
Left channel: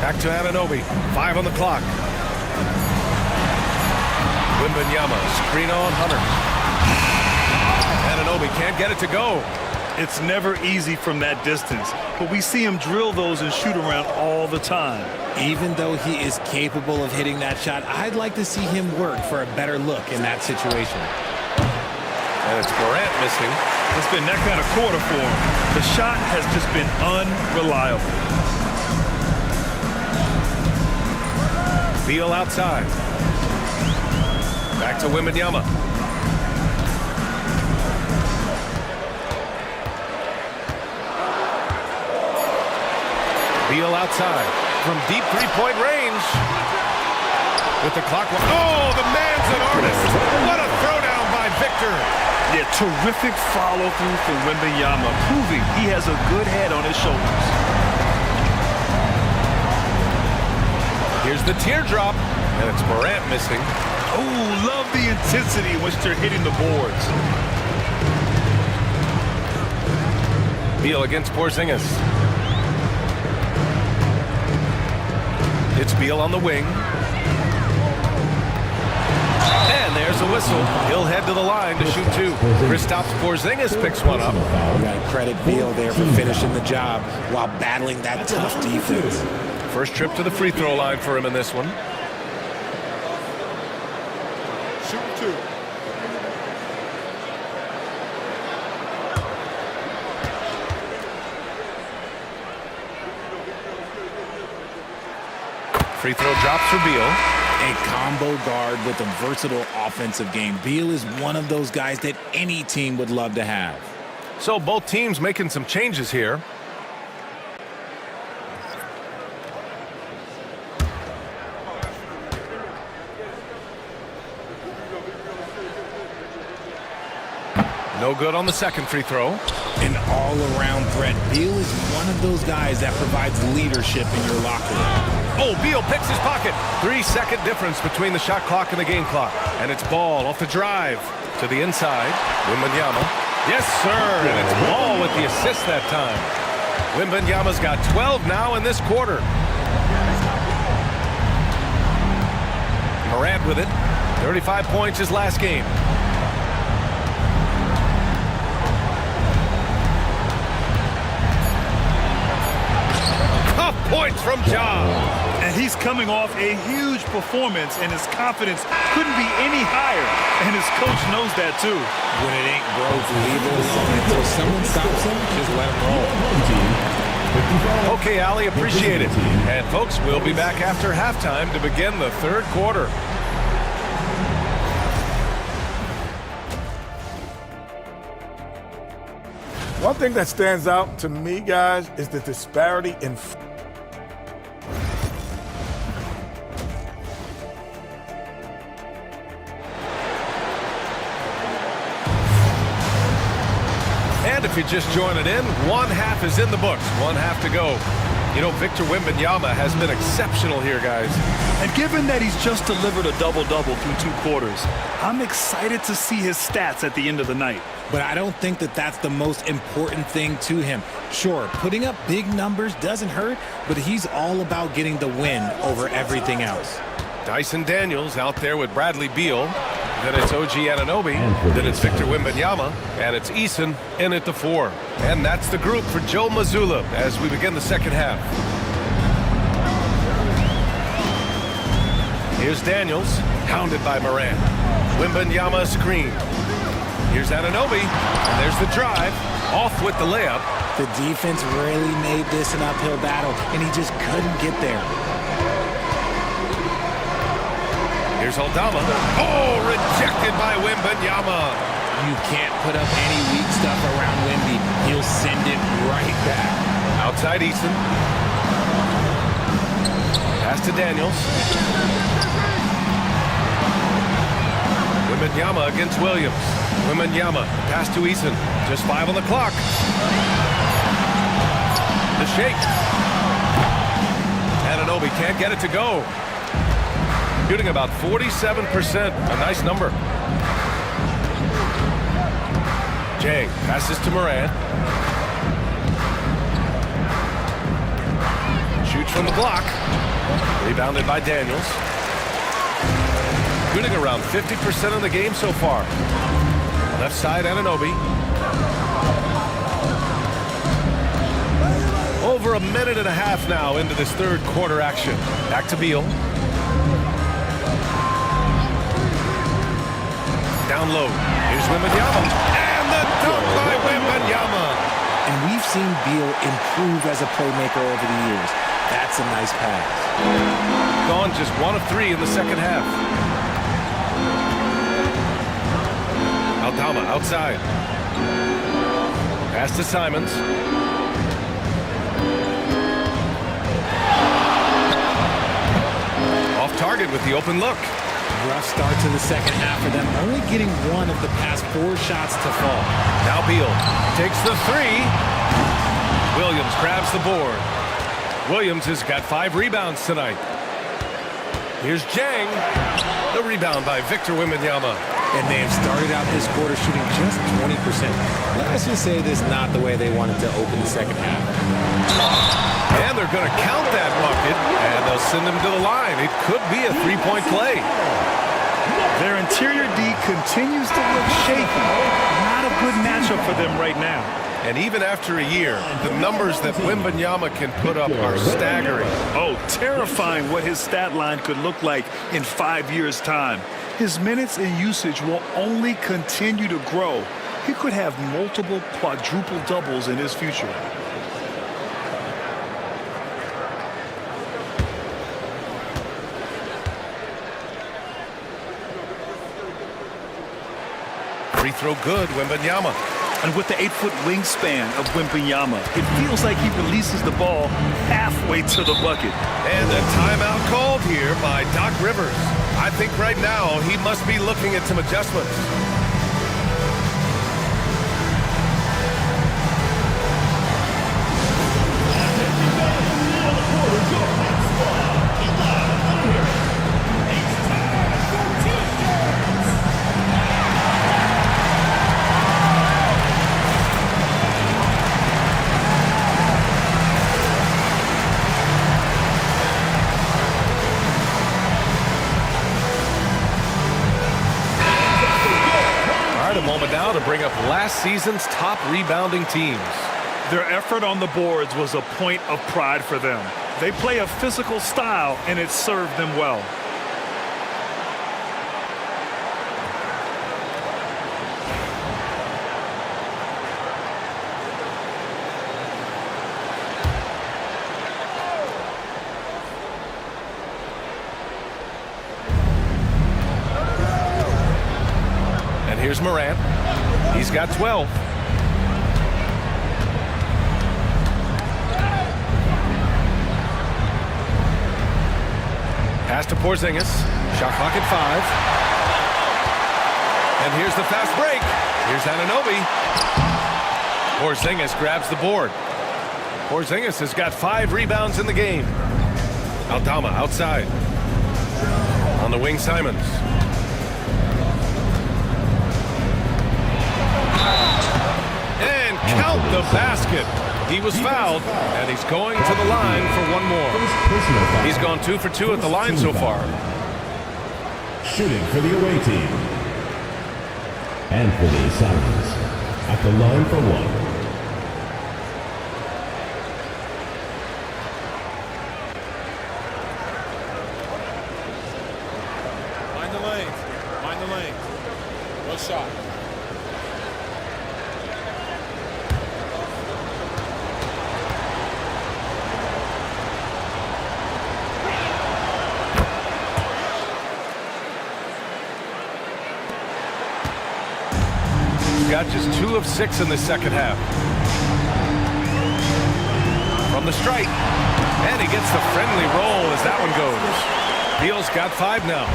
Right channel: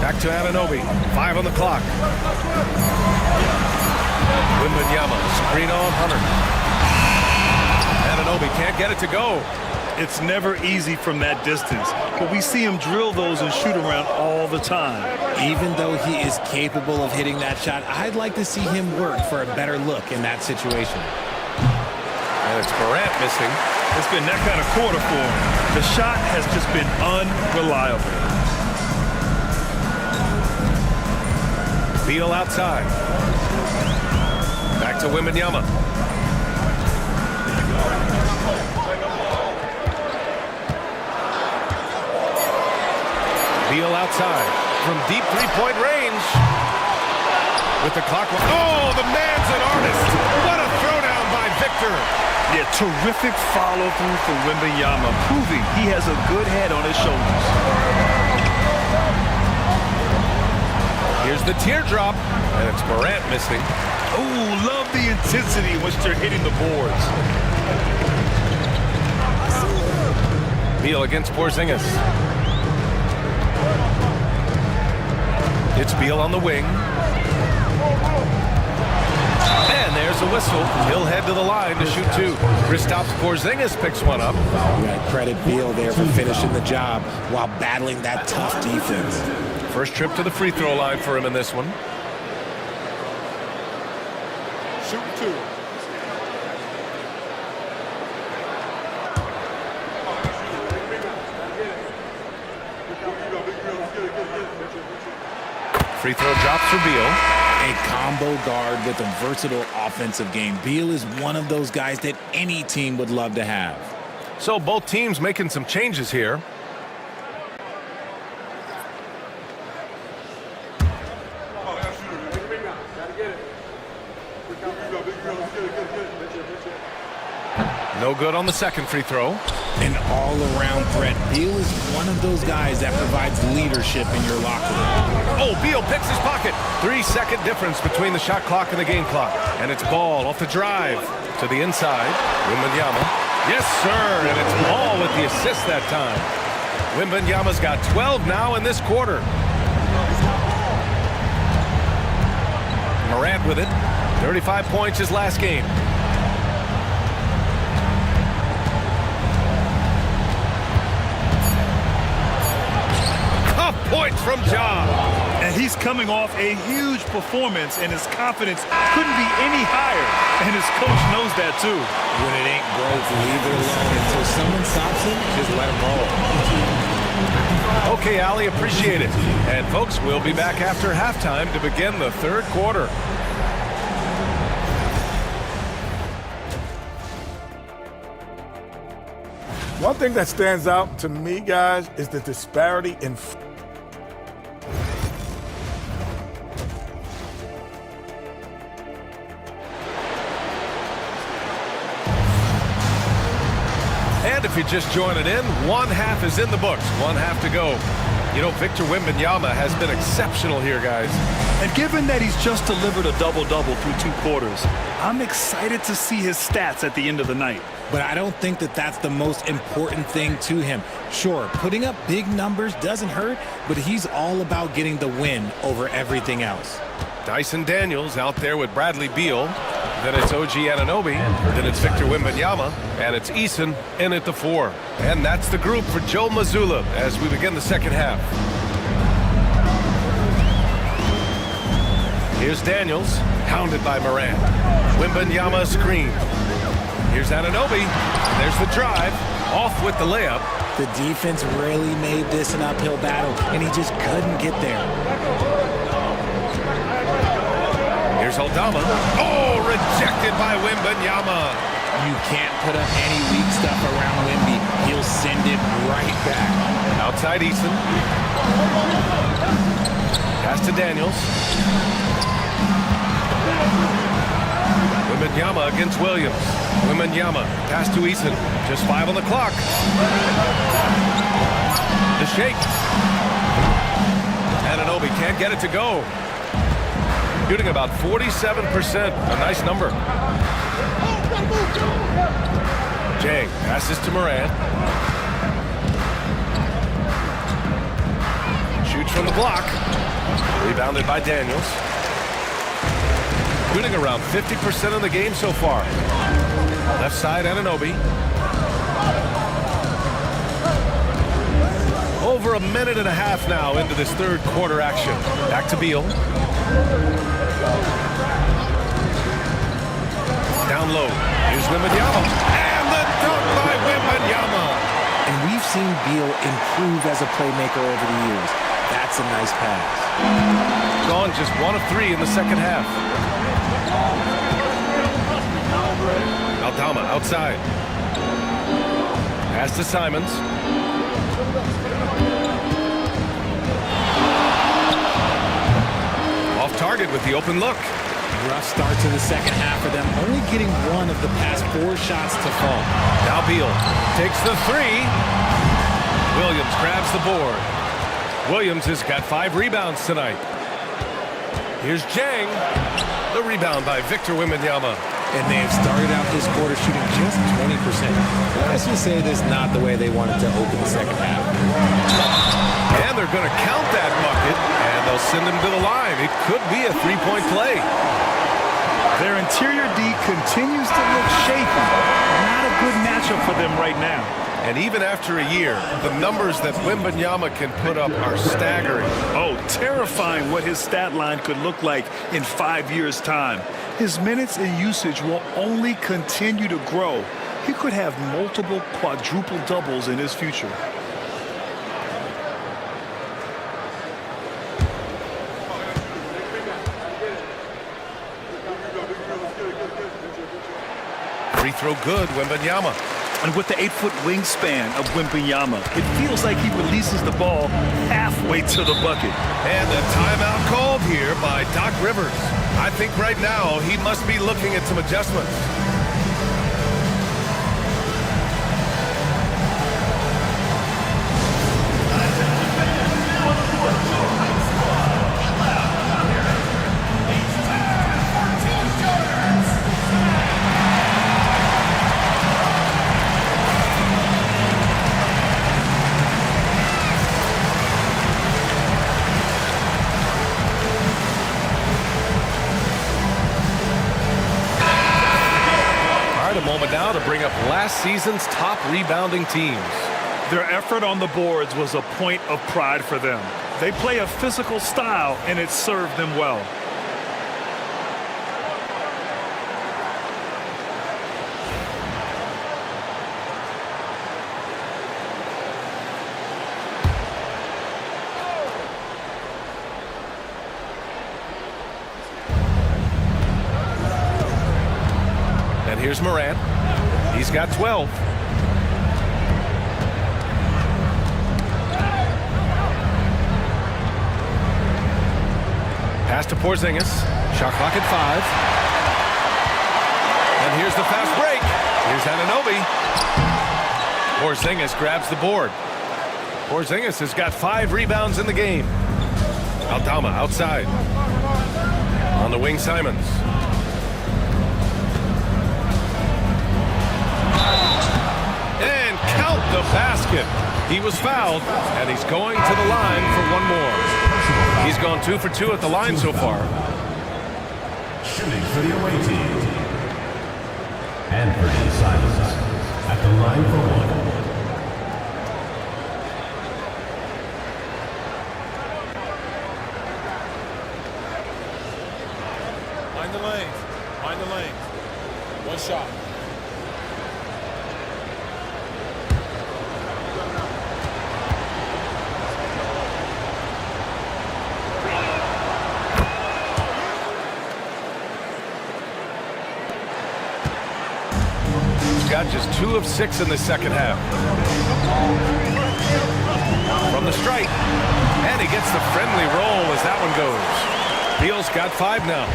Back to Anunoby. 5 on the clock. Wembanyama, screen on Hunter. Anunoby can't get it to go. It's never easy from that distance, but we see him drill those and shoot around all the time. Even though he is capable of hitting that shot, I'd like to see him work for a better look in that situation. And it's Morant missing. It's been that kind of quarter for him. The shot has just been unreliable. Beal outside. Back to Wembanyama. Beal outside from deep three-point range. With the clock. Oh, the man's an artist. What a throwdown by Victor. Yeah, terrific follow-through from Wembanyama, proving he has a good head on his shoulders. Here's the teardrop, and it's Morant missing. Oh, love the intensity in which they're hitting the boards. Beal against Porzingis. It's Beal on the wing. And there's a whistle. He'll head to the line to shoot two. Kristaps Porzingis picks one up. You got to credit Beal there for finishing the job while battling that tough defense. First trip to the free throw line for him in this one. Shooting two. Free throw drops for Beal. A combo guard with a versatile offensive game. Beal is one of those guys that any team would love to have. So both teams making some changes here. No good on the second free throw. An all-around threat. Beal is one of those guys that provides leadership in your locker room. Oh, Beal picks his pocket. 3-second difference between the shot clock and the game clock. And it's Ball off the drive to the inside. Wembanyama. Yes, sir. And it's Ball with the assist that time. Wembanyama's got 12 now in this quarter. Morant with it. 35 points his last game. Points from Ja. And he's coming off a huge performance, and his confidence couldn't be any higher. And his coach knows that, too. When it ain't broke, leave it alone. Until someone stops him, just let him roll. Okay, Ali, appreciate it. And, folks, we'll be back after halftime to begin the third quarter. One thing that stands out to me, guys, is the disparity in And if you're just joining in, one half is in the books, one half to go. You know, Victor Wembanyama has been exceptional here, guys. And given that he's just delivered a double-double through 2 quarters, I'm excited to see his stats at the end of the night. But I don't think that that's the most important thing to him. Sure, putting up big numbers doesn't hurt, but he's all about getting the win over everything else. Dyson Daniels out there with Bradley Beal. Then it's OG Anunoby. Then it's Victor Wembanyama. And it's Eason in at the 4. And that's the group for Joe Mazzulla as we begin the second half. Here's Daniels, hounded by Morant. Wembanyama screen. Here's Anunoby, and there's the drive. Off with the layup. The defense really made this an uphill battle, and he just couldn't get there. Here's Aldama. Oh, rejected by Wembanyama. You can't put up any weak stuff around Wemby. He'll send it right back. Outside Eason. Pass to Daniels. Wembanyama against Williams. Wembanyama, pass to Eason. Just 5 on the clock. The shake. Anunoby can't get it to go. Shooting about 47%, a nice number. Jay passes to Morant. Shoots from the block. Rebounded by Daniels. Shooting around 50% of the game so far. Left side, Anunoby. Over a minute and a half now into this third quarter action. Back to Beal. Down low. Here's Wembanyama. And the dunk by Wembanyama. And we've seen Beal improve as a playmaker over the years. That's a nice pass. Gone just 1 of 3 in the second half. Aldama outside. Pass to Simons. Off target with the open look. Rough start to the second half for them, only getting one of the past 4 shots to fall. Now Beal takes the 3. Williams grabs the board. Williams has got 5 rebounds tonight. Here's Jang. The rebound by Victor Wembanyama. And they have started out this quarter shooting just 20%. Let's just say this is not the way they wanted to open the second half. And they're going to count that bucket, and they'll send him to the line. It could be a 3-point play. Their interior D continues to look shaky. Not a good matchup for them right now. And even after a year, the numbers that Wembanyama can put up are staggering. Oh, terrifying what his stat line could look like in 5 years' time. His minutes and usage will only continue to grow. He could have multiple quadruple doubles in his future. Free throw good, Wembanyama. And with the 8-foot wingspan of Wembanyama, it feels like he releases the ball halfway to the bucket. And a timeout called here by Doc Rivers. I think right now he must be looking at some adjustments. A moment now to bring up last season's top rebounding teams. Their effort on the boards was a point of pride for them. They play a physical style, and it served them well. And here's Morant. He's got 12. Pass to Porzingis. Shot clock at 5. And here's the fast break. Here's Anunoby. Porzingis grabs the board. Porzingis has got 5 rebounds in the game. Aldama outside. On the wing, Simons. And count the basket. He was fouled, and he's going to the line for one more. He's gone 2 for 2 at the line so far. Shooting for the away team. Anthony Simons at the line for 1. Mind the lanes. Mind the lanes. One shot. Got just 2 of 6 in the second half. From the stripe. And he gets the friendly roll as that one goes. Beal's got 5 now.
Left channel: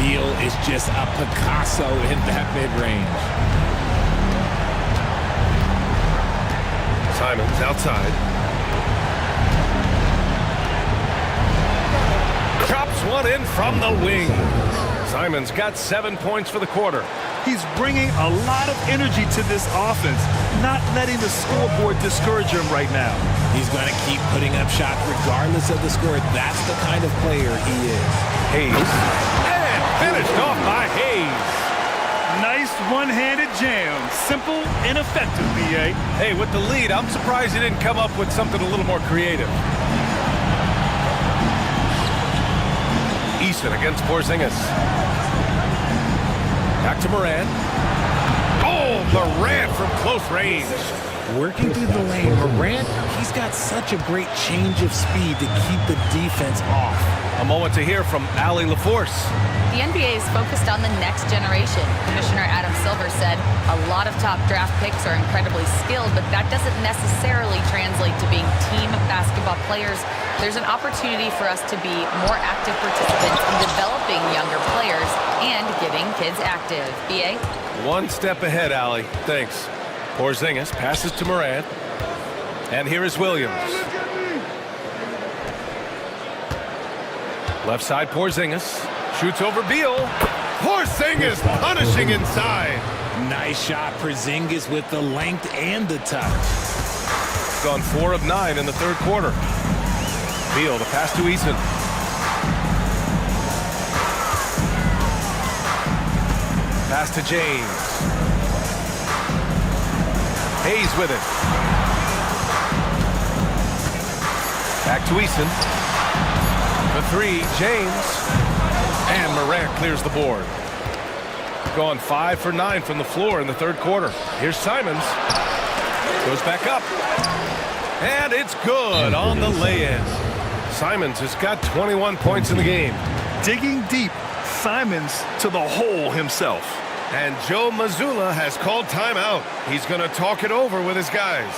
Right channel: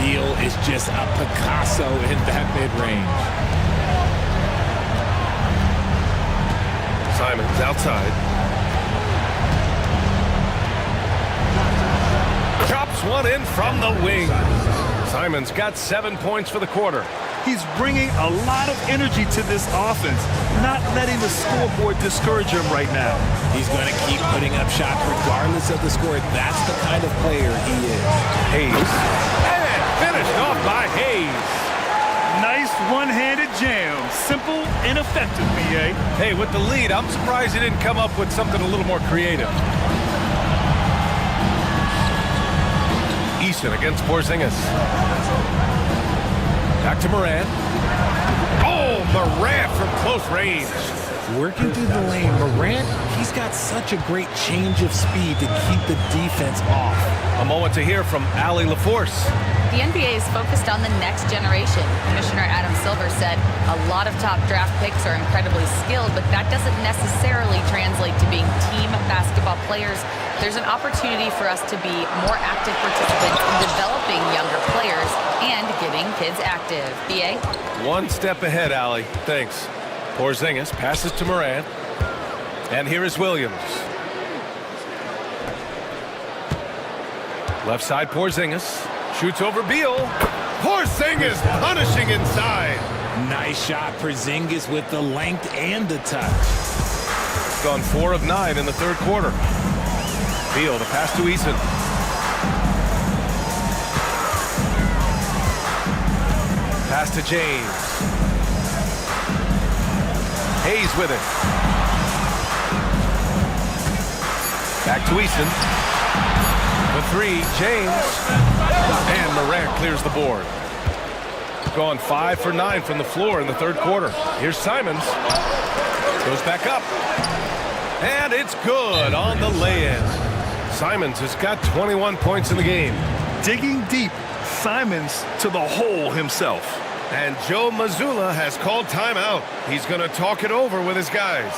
Beal is just a Picasso in that mid-range. Simons outside. Chops one in from the wing. Simons got 7 points for the quarter. He's bringing a lot of energy to this offense, not letting the scoreboard discourage him right now. He's going to keep putting up shots regardless of the score. That's the kind of player he is. Hayes. And finished off by Hayes. Nice one-handed jam. Simple and effective, B.A. Hey, with the lead, I'm surprised he didn't come up with something a little more creative. Eason against Porzingis. Back to Morant. Oh, Morant from close range. Working through the lane, Morant, he's got such a great change of speed to keep the defense off. A moment to hear from Allie LaForce. The NBA is focused on the next generation. Commissioner Adam Silver said a lot of top draft picks are incredibly skilled, but that doesn't necessarily translate to being team basketball players. There's an opportunity for us to be more active participants in developing younger players and getting kids active. B.A.? One step ahead, Allie. Thanks. Porzingis passes to Morant. And here is Williams. Left side, Porzingis. Shoots over Beal. Porzingis punishing inside. Nice shot, Porzingis with the length and the touch. Gone 4 of 9 in the third quarter. Beal, the pass to Eason. Pass to James. Hayes with it. Back to Eason. The 3, James. And Morant clears the board. Gone 5 for 9 from the floor in the third quarter. Here's Simons. Goes back up. And it's good on the lay-in. Simons has got 21 points in the game. Digging deep, Simons to the hole himself. And Joe Mazzulla has called timeout. He's going to talk it over with his guys.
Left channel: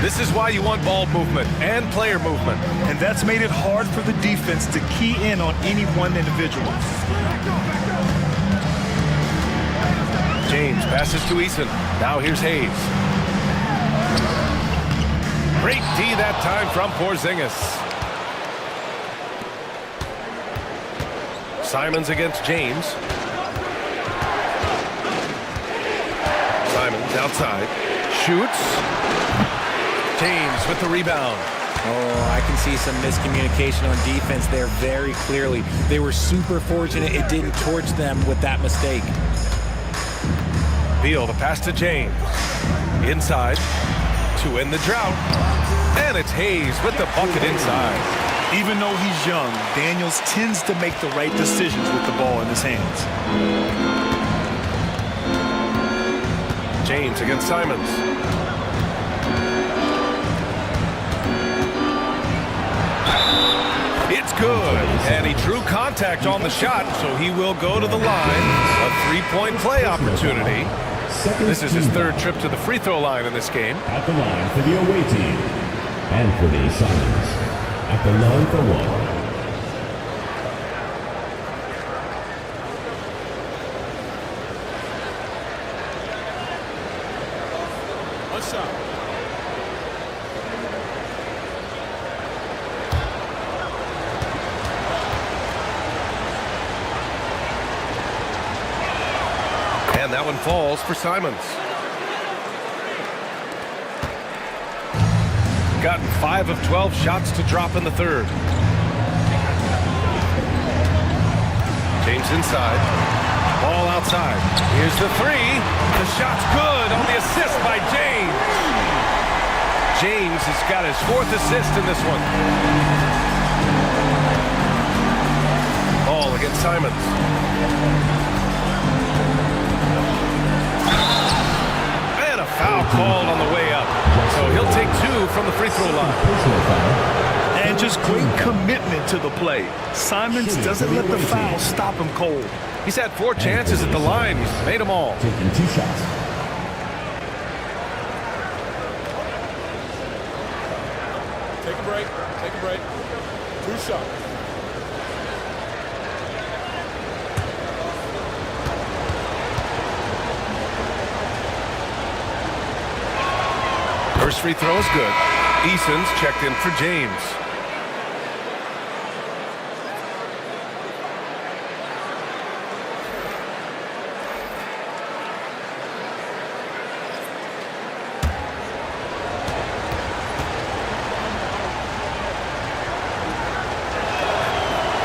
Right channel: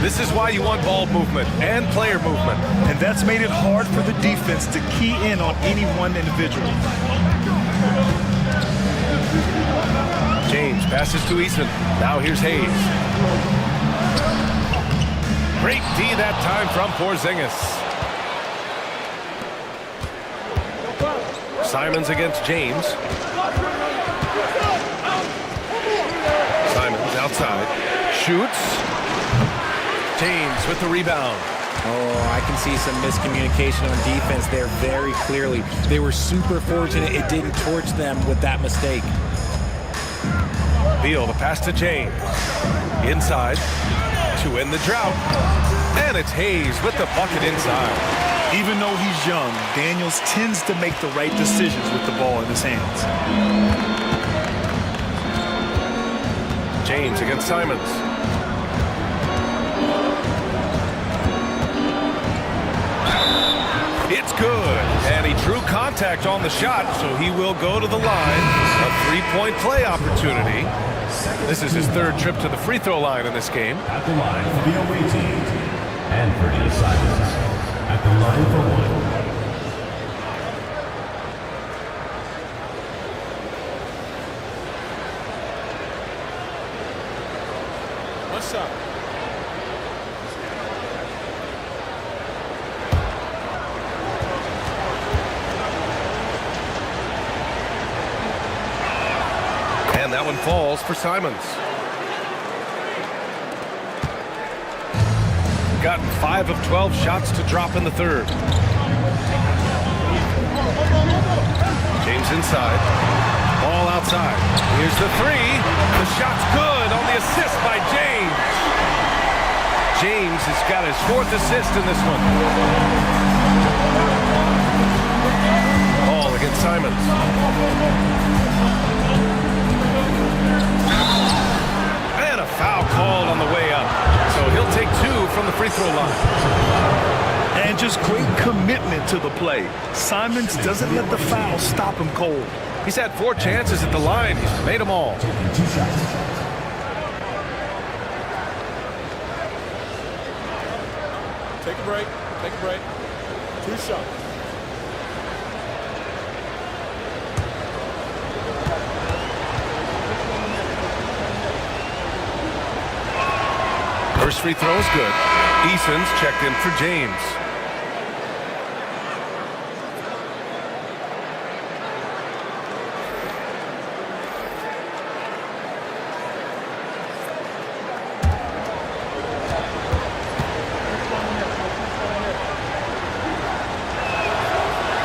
This is why you want ball movement and player movement. And that's made it hard for the defense to key in on any one individual. James passes to Eason. Now here's Hayes. Great D that time from Porzingis. Simons against James. Simons outside. Shoots. James with the rebound. Oh, I can see some miscommunication on defense there very clearly. They were super fortunate it didn't torch them with that mistake. Beal, the pass to James. Inside to end the drought. And it's Hayes with the bucket inside. Even though he's young, Daniels tends to make the right decisions with the ball in his hands. James against Simons. It's good, and he drew contact on the shot, so he will go to the line. A three-point play opportunity. This is his third trip to the free throw line in this game. At the line for the away team, Anthony Simons. At the line for one. What's up? And that one falls for Simons. Gotten 5 of 12 shots to drop in the third. James inside. Ball outside. Here's the three. The shot's good on the assist by James. James has got his 4th assist in this one. Ball against Simons. And a foul called on the way up. So he'll take 2 from the free throw line. And just great commitment to the play. Simons doesn't let the foul stop him cold. He's had 4 chances at the line. He's made them all. Taking 2 shots. Take a break. Take a break. 2 shots. First free throw is good. Eason's checked in for James.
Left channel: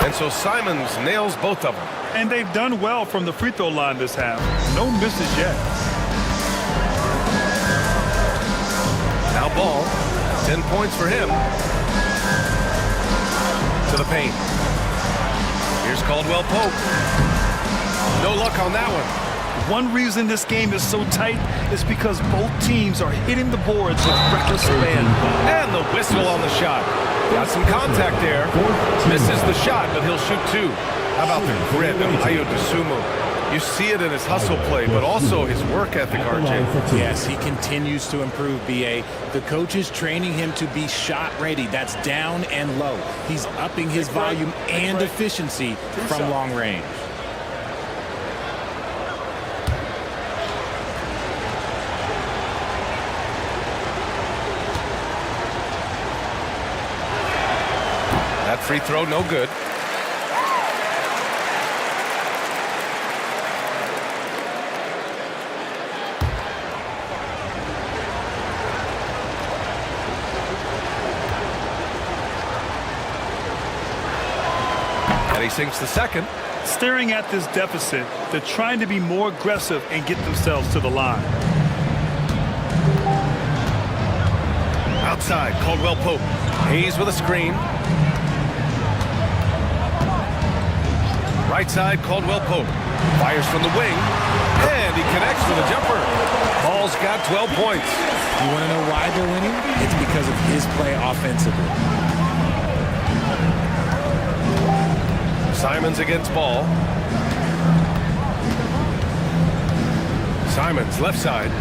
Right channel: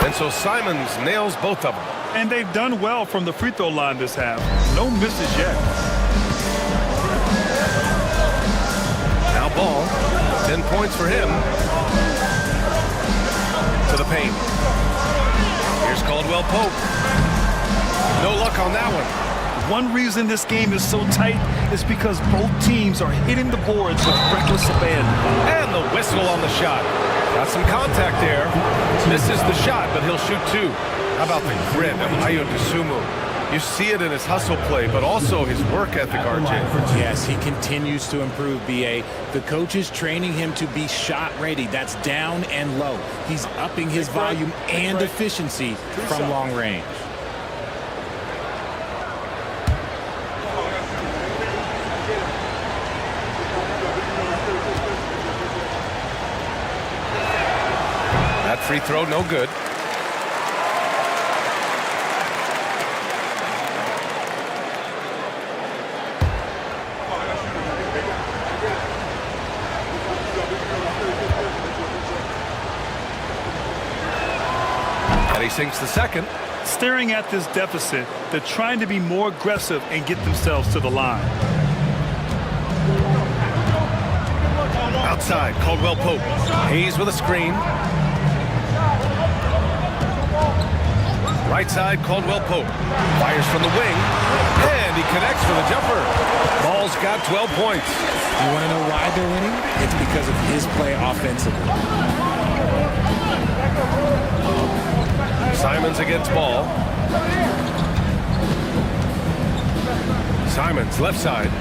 And so Simons nails both of them. And they've done well from the free throw line this half. No misses yet. Now Ball, 10 points for him. To the paint. Here's Caldwell Pope. No luck on that one. One reason this game is so tight is because both teams are hitting the boards with reckless abandon. And the whistle on the shot. Got some contact there. Misses the shot, but he'll shoot 2. How about the grit of Ayo Dosunmu? You see it in his hustle play, but also his work ethic, RJ. Yes, he continues to improve, BA. The coach is training him to be shot ready. That's down and low. He's upping his volume and efficiency from long range. That free throw, no good. And he sinks the second. Staring at this deficit, they're trying to be more aggressive and get themselves to the line. Outside, Caldwell Pope. Hayes with a screen. Right side, Caldwell Pope. Fires from the wing. And he connects with a jumper. Ball's got 12 points. You want to know why they're winning? It's because of his play offensively. Simons against Ball. Simons, left side.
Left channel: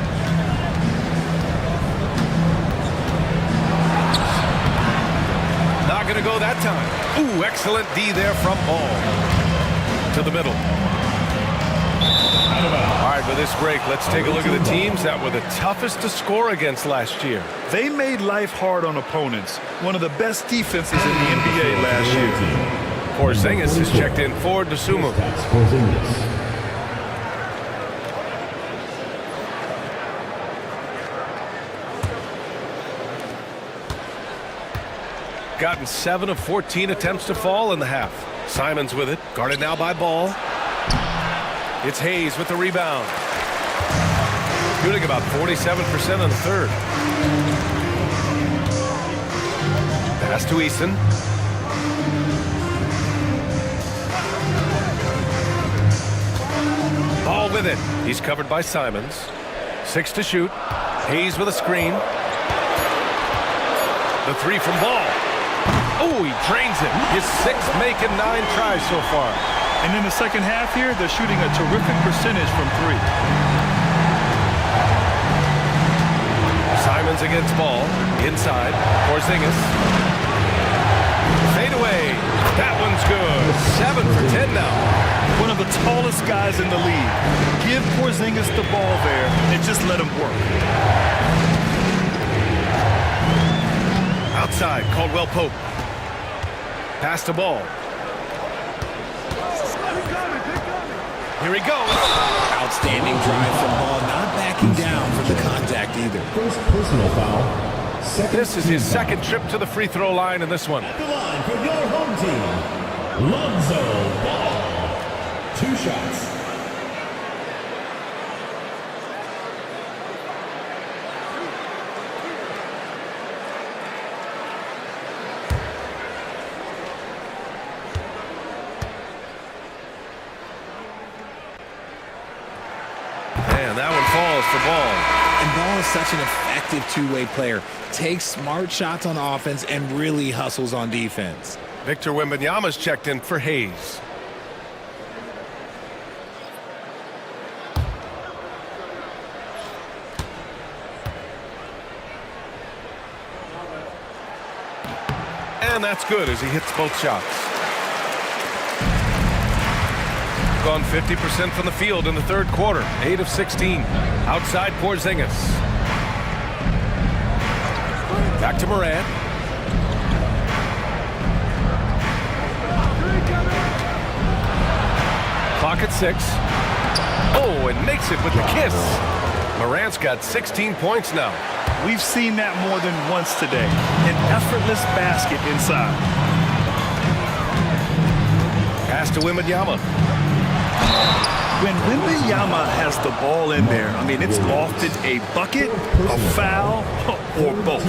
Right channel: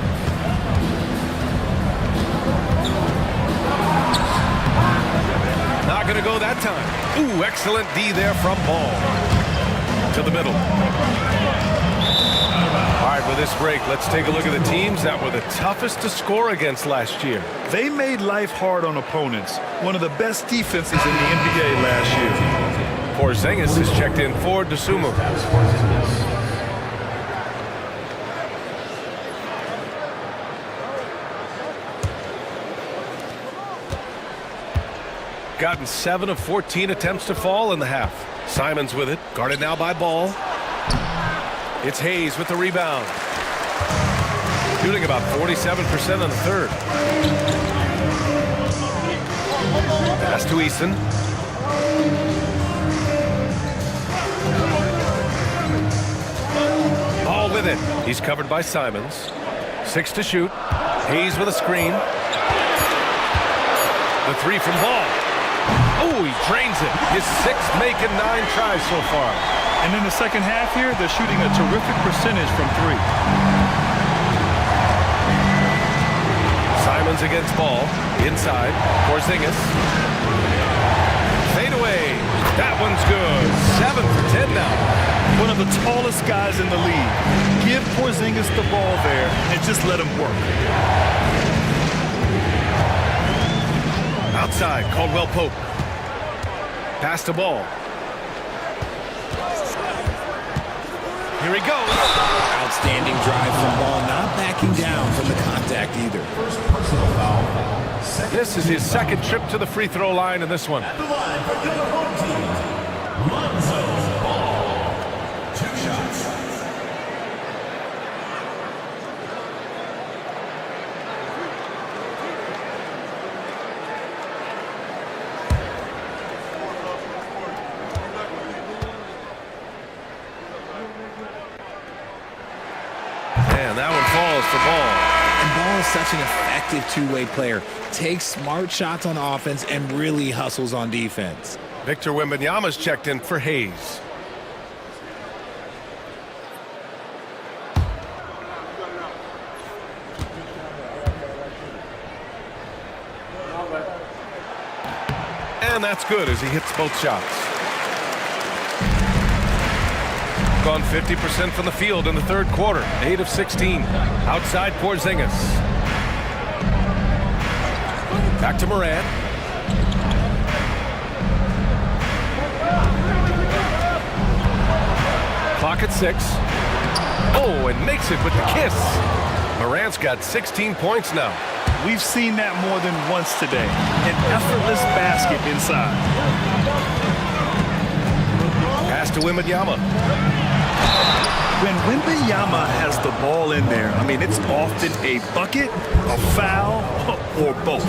Not going to go that time. Ooh, excellent D there from Ball. To the middle. All right, with this break, let's take a look at the teams that were the toughest to score against last year. They made life hard on opponents. One of the best defenses in the NBA last year. Porzingis is checked in for Dosunmu. Gotten 7 of 14 attempts to fall in the half. Simons with it, guarded now by Ball. It's Hayes with the rebound. Shooting about 47% in the third. Pass to Eason. Ball with it. He's covered by Simons. 6 to shoot. Hayes with a screen. The 3 from Ball. Oh, he drains it. His 6th make in 9 tries so far. And in the second half here, they're shooting a terrific percentage from 3. Simons against Ball. Inside. Porzingis. Fade away. That one's good. 7 for 10 now. One of the tallest guys in the league. Give Porzingis the ball there and just let him work. Outside, Caldwell Pope. Pass to Ball. Here he goes. Outstanding drive from Ball, not backing down from the contact either. First personal foul. This is his 2nd trip to the free throw line in this one. At the line for your home team, Lonzo Ball. 2 shots. for Ball. And Ball is such an effective two-way player. Takes smart shots on offense and really hustles on defense. Victor Wembanyama's checked in for Hayes. And that's good as he hits both shots. Gone 50% from the field in the third quarter. 8 of 16. Outside Porzingis. Back to Morant. Clock at 6. Oh, and makes it with the kiss. Morant's got 16 points now. We've seen that more than once today. An effortless basket inside. Pass to Wembanyama. When Wembanyama has the ball in there, I mean, it's often a bucket, a foul, or both.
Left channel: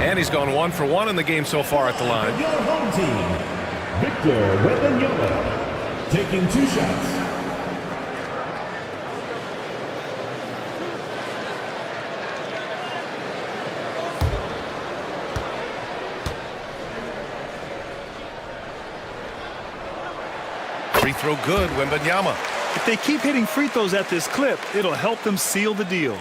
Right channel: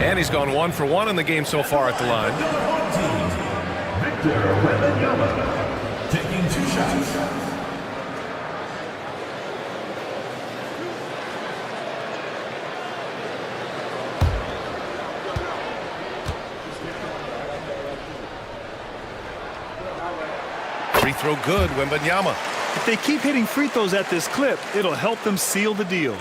And he's gone 1 for 1 in the game so far at the line. Home team, Victor Wembanyama, taking 2 shots. Free throw good, Wembanyama. If they keep hitting free throws at this clip, it'll help them seal the deal.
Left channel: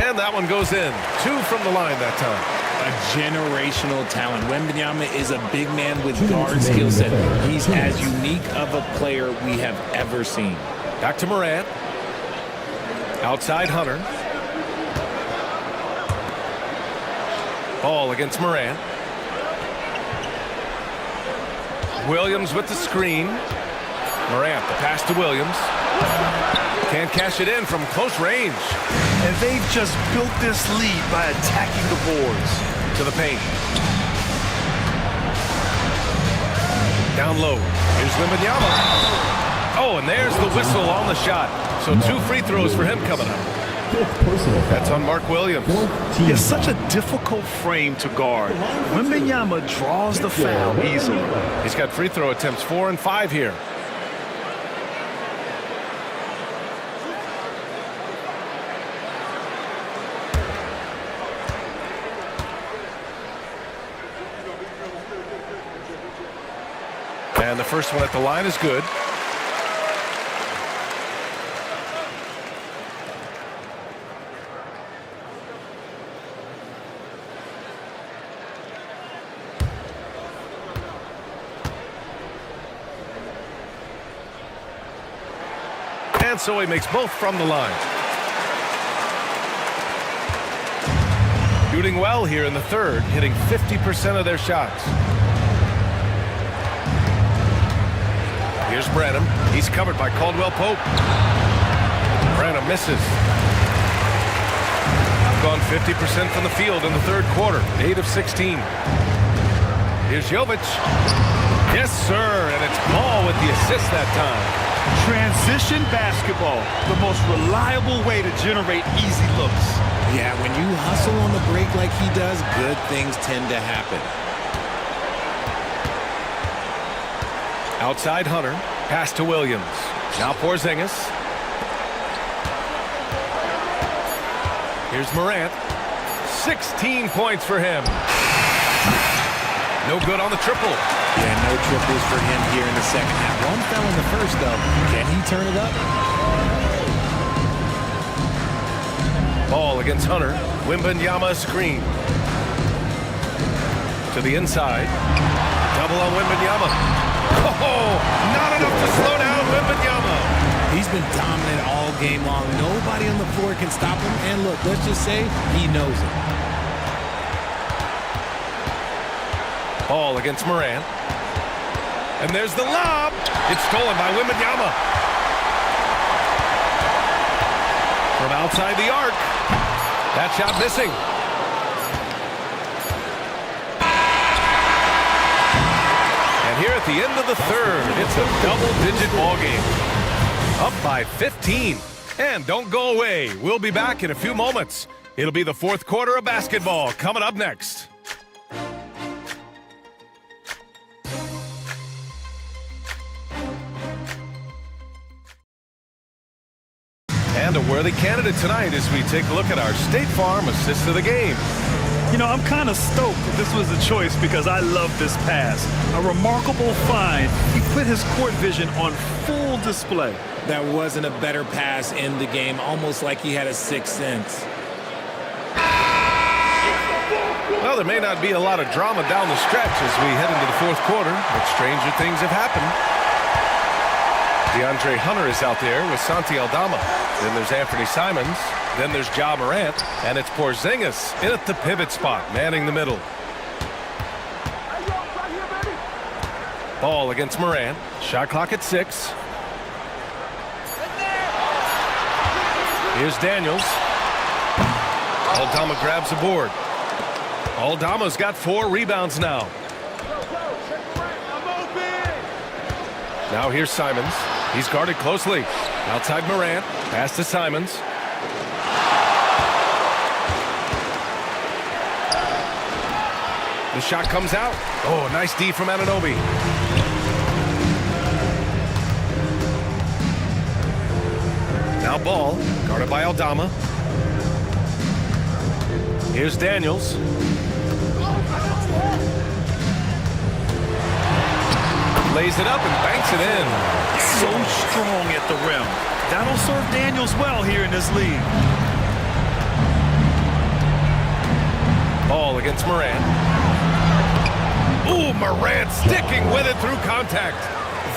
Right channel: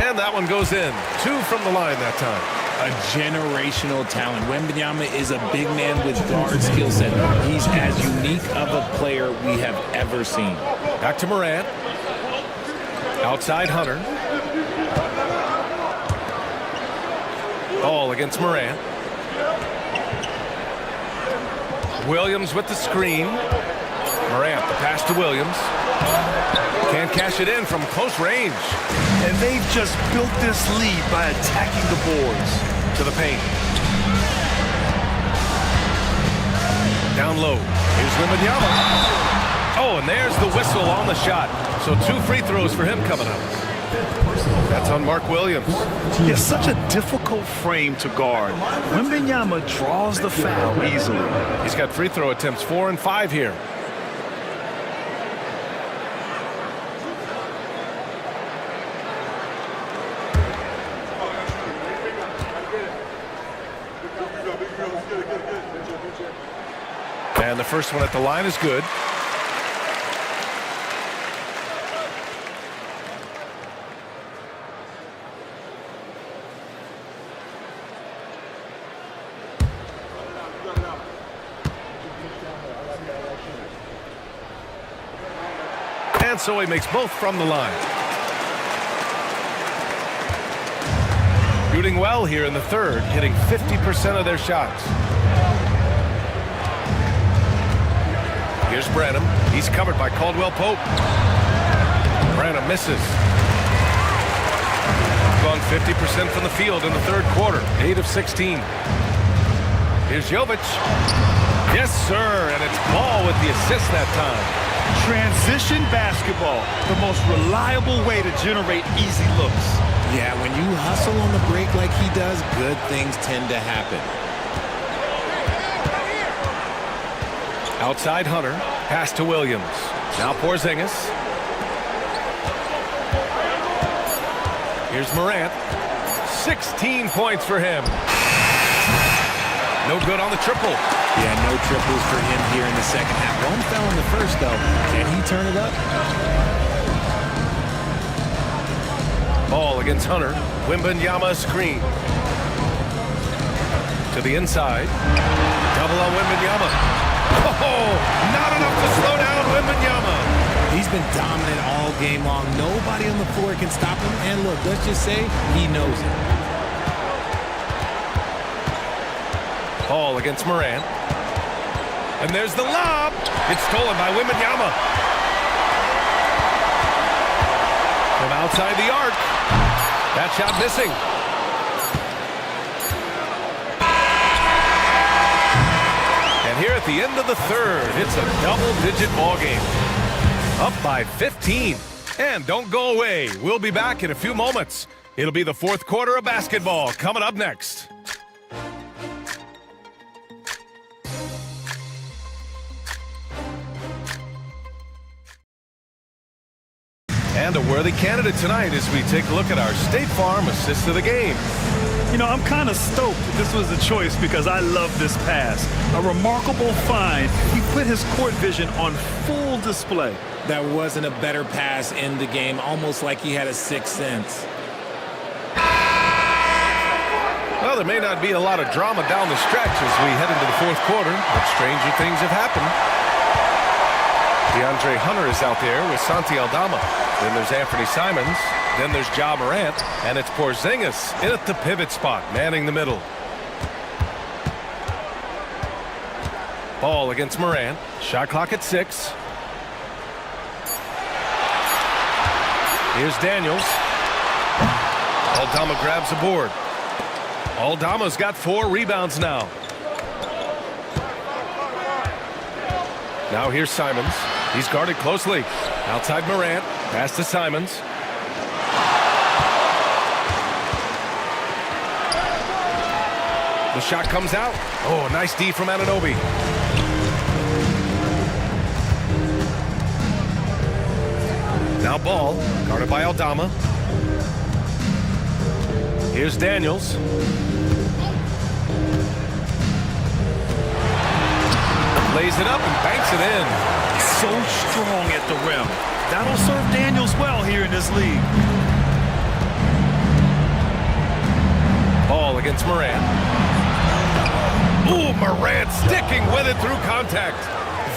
And that one goes in. 2 from the line that time. A generational talent. Wembanyama is a big man with guard skill set. He's as unique of a player we have ever seen. Back to Morant. Outside Hunter. Ball against Morant. Williams with the screen. Morant, the pass to Williams. Can't cash it in from close range. And they've just built this lead by attacking the boards. To the paint. Down low. Here's Wembanyama. Oh, and there's the whistle on the shot. So 2 free throws for him coming up. That's on Mark Williams. It's such a difficult frame to guard. Wembanyama draws the foul easily. He's got free throw attempts 4 and 5 here. And the first one at the line is good. And so he makes both from the line. Shooting well here in the third, hitting 50% of their shots. Here's Branham. He's covered by Caldwell Pope. Branham misses. Gone 50% from the field in the third quarter. 8 of 16. Here's Jovic. Yes, sir. And it's Ball with the assist that time. Transition basketball, the most reliable way to generate easy looks. Yeah, when you hustle on the break like he does, good things tend to happen. Outside Hunter. Pass to Williams. Now Porzingis. Here's Morant. 16 points for him. No good on the triple. Yeah, no triples for him here in the second half. One fell in the first, though. Can he turn it up? Ball against Hunter. Wembanyama screen. To the inside. Double on Wembanyama. Oh, not enough to slow down Wembanyama. He's been dominant all game long. Nobody on the floor can stop him. And look, let's just say he knows it. Ball against Morant. And there's the lob. It's stolen by Wembanyama. From outside the arc. That shot missing. And here at the end of the third, it's a double-digit ball game. Up by 15. And don't go away. We'll be back in a few moments. It'll be the fourth quarter of basketball coming up next. And a worthy candidate tonight as we take a look at our State Farm assist of the game. You know, I'm kind of stoked this was a choice because I love this pass. A remarkable find. He put his court vision on full display. That wasn't a better pass in the game, almost like he had a sixth sense. Well, there may not be a lot of drama down the stretch as we head into the fourth quarter, but stranger things have happened. DeAndre Hunter is out there with Santi Aldama. Then there's Anthony Simons. Then there's Ja Morant. And it's Porzingis in at the pivot spot, manning the middle. Ball against Morant. Shot clock at 6. Here's Daniels. Aldama grabs the board. Aldama's got 4 rebounds now. Now here's Simons. He's guarded closely. Outside Morant. Pass to Simons. The shot comes out. Oh, nice D from Anunoby. Now Ball, guarded by Aldama. Here's Daniels. Lays it up and banks it in. So strong at the rim. That'll serve Daniels well here in this league. Ball against Morant. Ooh, Morant sticking with it through contact.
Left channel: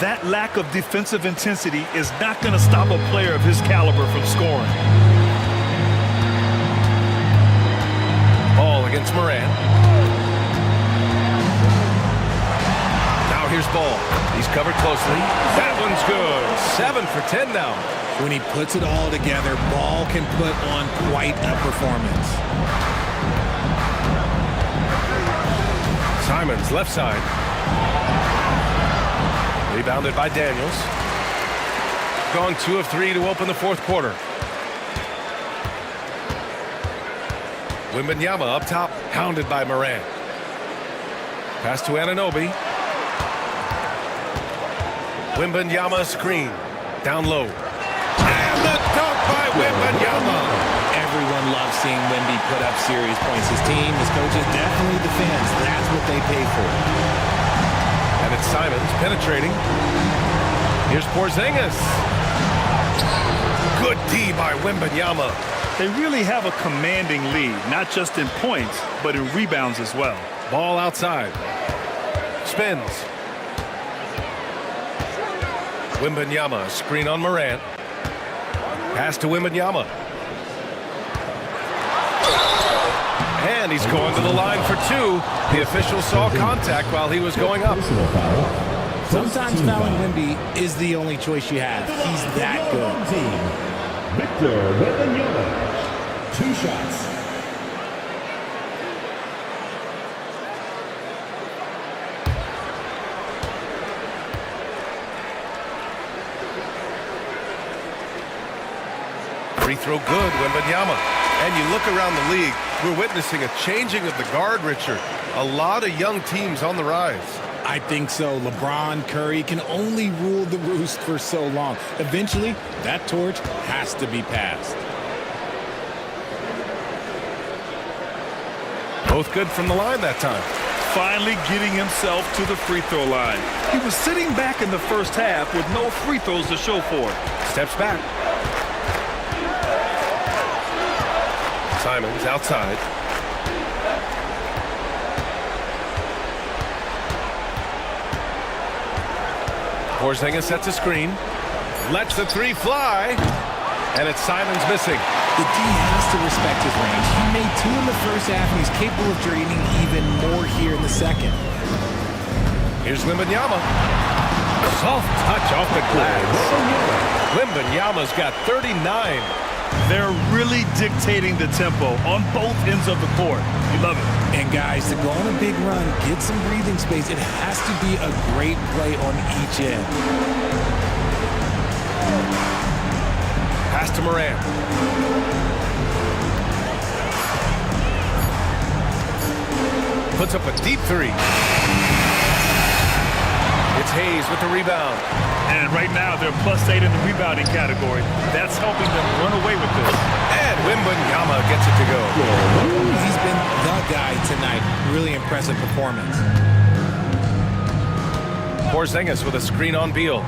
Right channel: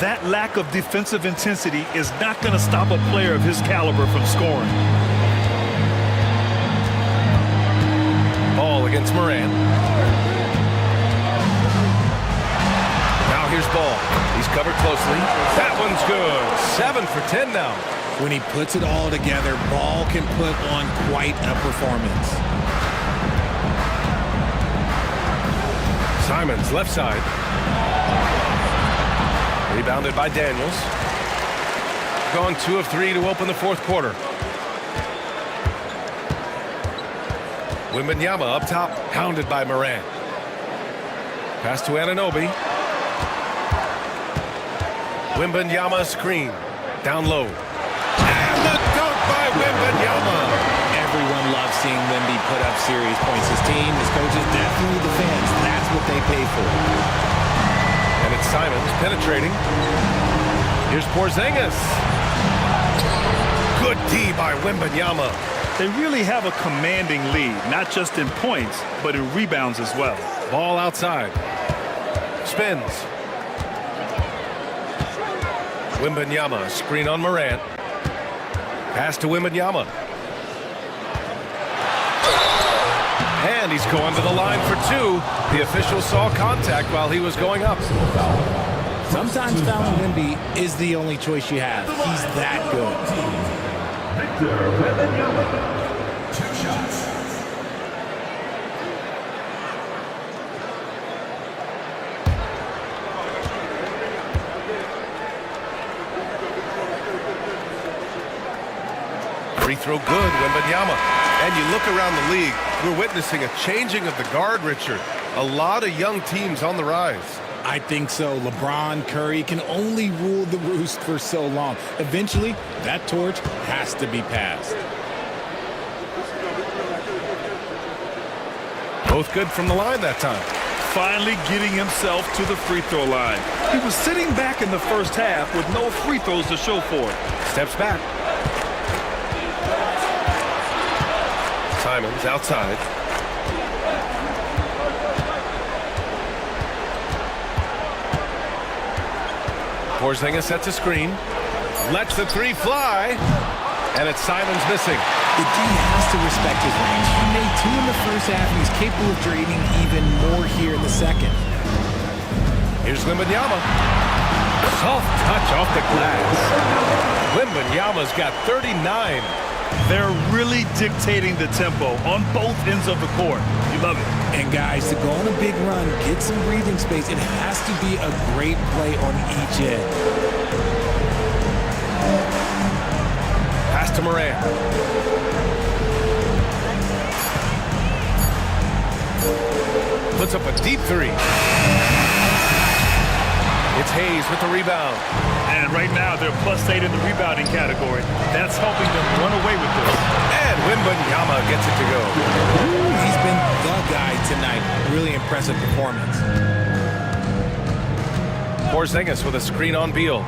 That lack of defensive intensity is not going to stop a player of his caliber from scoring. Ball against Morant. Now here's Ball. He's covered closely. That one's good. 7 for 10 now. When he puts it all together, Ball can put on quite a performance. Simons left side. Rebounded by Daniels. Gone 2 of 3 to open the fourth quarter. Wembanyama up top, hounded by Morant. Pass to Anunoby. Wembanyama screen. Down low. And the dunk by Wembanyama. Everyone loves seeing Wemby put up serious points. His team, his coaches, definitely the fans. That's what they pay for. And it's Simons penetrating. Here's Porzingis. Good D by Wembanyama. They really have a commanding lead, not just in points, but in rebounds as well. Ball outside. Spins. Wembanyama, screen on Morant. Pass to Wembanyama. And he's going to the line for 2. The official saw contact while he was going up. Sometimes fouling Wemby is the only choice you have. He's that good. Victor Wembanyama. 2 shots. Free throw good, Wembanyama. And you look around the league, we're witnessing a changing of the guard, Richard. A lot of young teams on the rise. I think so. LeBron, Curry can only rule the roost for so long. Eventually, that torch has to be passed. Both good from the line that time. Finally getting himself to the free throw line. He was sitting back in the first half with no free throws to show for it. Steps back. Simons outside. Porzingis sets a screen. Lets the 3 fly. And it's Simons missing. The D has to respect his range. He made 2 in the first half, and he's capable of draining even more here in the second. Here's Wembanyama. Soft touch off the glass. Wembanyama's got 39. They're really dictating the tempo on both ends of the court. You love it. And guys, to go on a big run, get some breathing space, it has to be a great play on each end. Pass to Morant. Puts up a deep three. It's Hayes with the rebound. And right now, they're +8 in the rebounding category. That's helping them run away with this. And Wembanyama gets it to go. Ooh, he's been the guy tonight. Really impressive performance. Porzingis with a screen on Beal.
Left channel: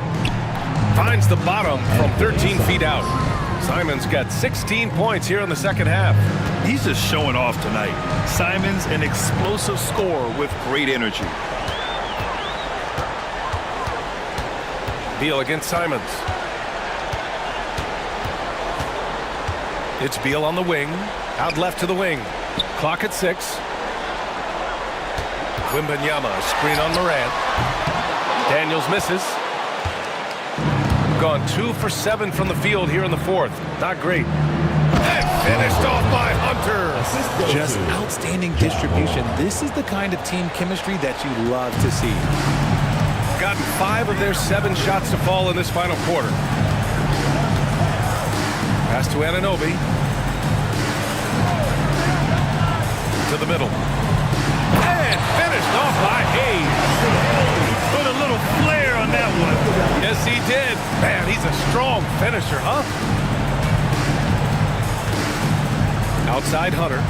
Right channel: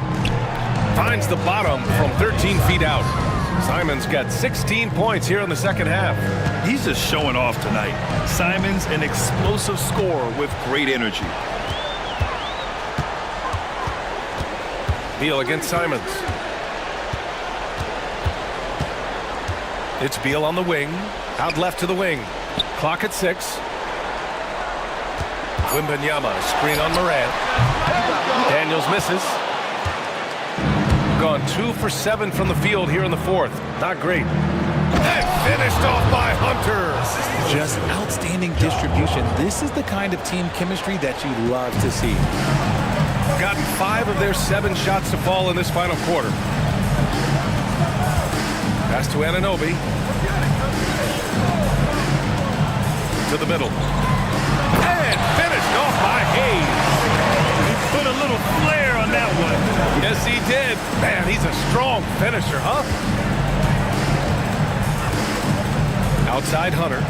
Finds the bottom from 13 feet out. Simons got 16 points here in the second half. He's just showing off tonight. Simons, an explosive scorer with great energy. Beal against Simons. It's Beal on the wing. Out left to the wing. Clock at 6. Wembanyama, screen on Morant. Daniels misses. Gone 2 for 7 from the field here in the fourth. Not great. And finished off by Hunter. Just outstanding distribution. This is the kind of team chemistry that you love to see. Gotten 5 of their 7 shots to fall in this final quarter. Pass to Anunoby. To the middle. And finished off by Hayes. He put a little flair on that one. Yes, he did. Man, he's a strong finisher, huh? Outside Hunter.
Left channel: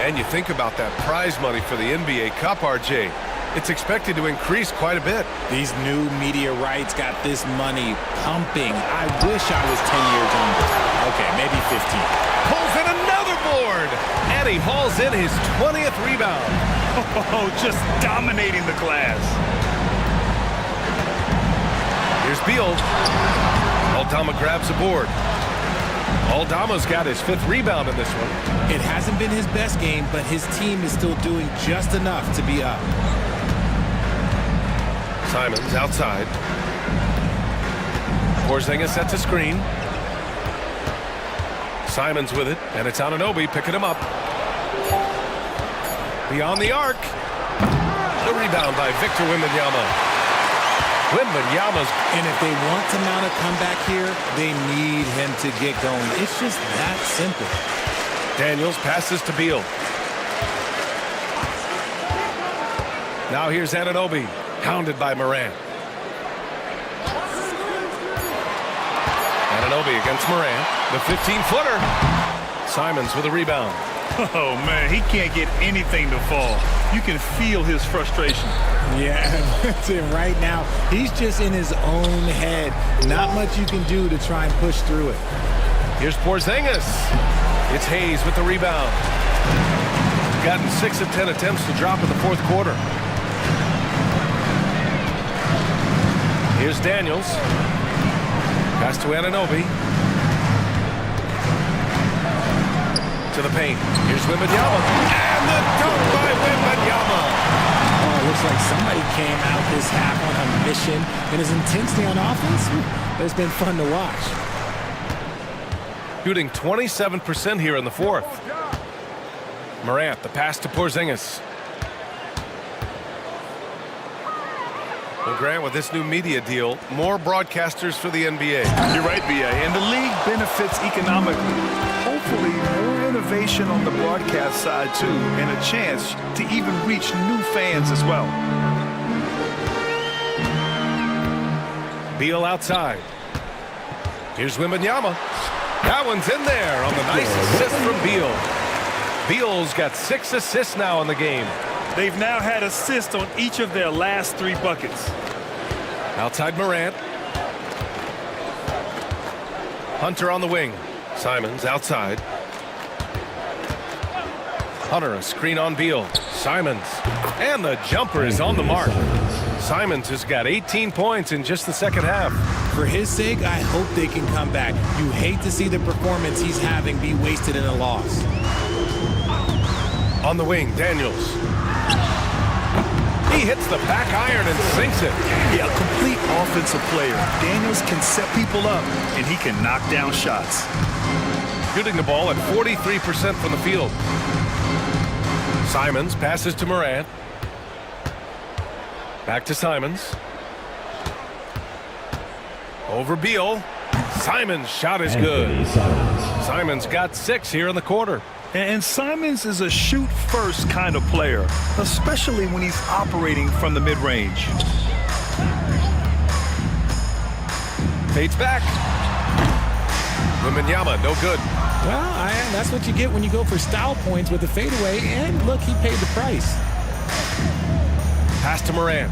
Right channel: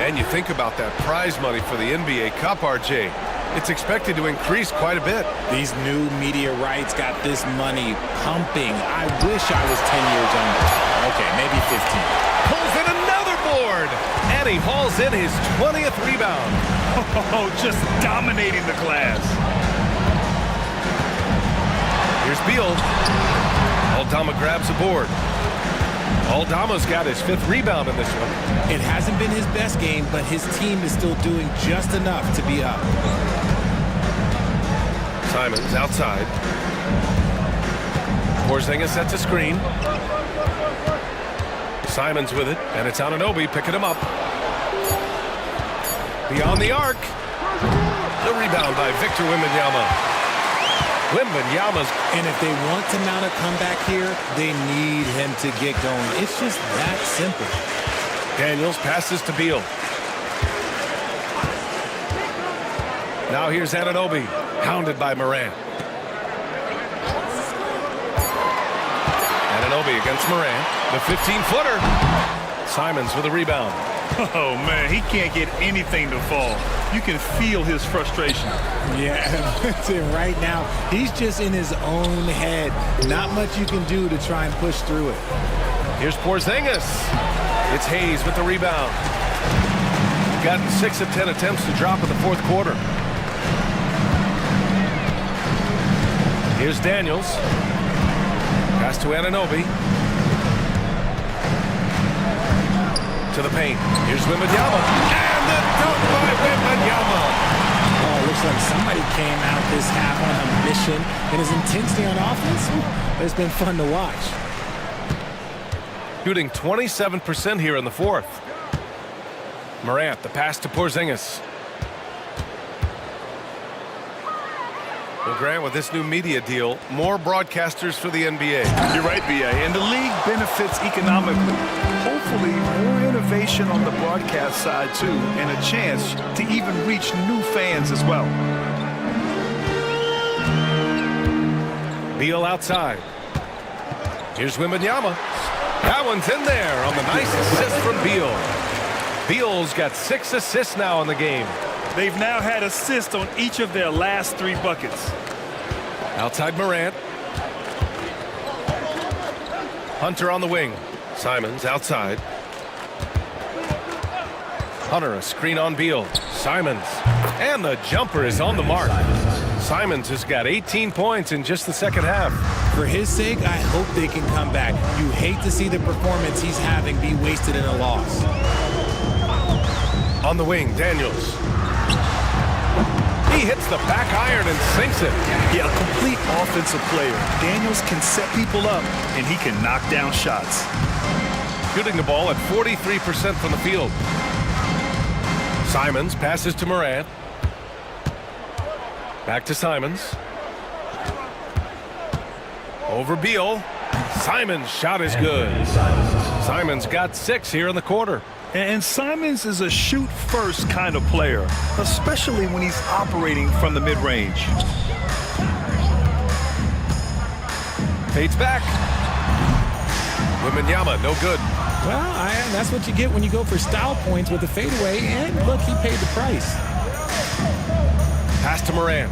And you think about that prize money for the NBA Cup, RJ. It's expected to increase quite a bit. These new media rights got this money pumping. I wish I was 10 years younger. Okay, maybe 15. Pulls in another board. And he hauls in his 20th rebound. Oh, just dominating the glass. Here's Beal. Aldama grabs a board. Aldama's got his 5th rebound in this one. It hasn't been his best game, but his team is still doing just enough to be up. Simons outside. Porzingis sets a screen. Simons with it, and it's Anunoby picking him up. Beyond the arc. The rebound by Victor Wembanyama. Wembanyama's. And if they want to mount a comeback here, they need him to get going. It's just that simple. Daniels passes to Beal. Now here's Anunoby, hounded by Morant. Anunoby against Morant. The 15-footer. Simons with a rebound. Oh, man, he can't get anything to fall. You can feel his frustration. Yeah, that's it right now. He's just in his own head. Not much you can do to try and push through it. Here's Porzingis. It's Hayes with the rebound. Gotten 6 of 10 attempts to drop in the fourth quarter. Here's Daniels. Pass to Anunoby. To the paint. Here's Wembanyama. And the dunk by Wembanyama. Oh, looks like somebody came out this half on a mission. And his intensity on offense, it's been fun to watch. Shooting 27% here in the fourth. Morant, the pass to Porzingis. Well, Grant, with this new media deal, more broadcasters for the NBA. You're right, B.A. And the league benefits economically. Hopefully, more innovation on the broadcast side, too, and a chance to even reach new fans as well. Beal outside. Here's Wembanyama. That one's in there on the nice assist from Beal. Beal's got 6 assists now in the game. They've now had assists on each of their last 3 buckets. Outside Morant. Hunter on the wing. Simons outside. Hunter, a screen on Beal. Simons. And the jumper is on the mark. Simons has got 18 points in just the second half. For his sake, I hope they can come back. You hate to see the performance he's having be wasted in a loss. On the wing, Daniels. He hits the back iron and sinks it. Yeah, a complete offensive player. Daniels can set people up, and he can knock down shots. Shooting the ball at 43% from the field. Simons passes to Morant. Back to Simons. Over Beal. Simons' shot is good. Simons got 6 here in the quarter. And Simons is a shoot-first kind of player, especially when he's operating from the mid-range. Fades back. Wembanyama, no good. Well, that's what you get when you go for style points with a fadeaway. And look, he paid the price. Pass to Moran.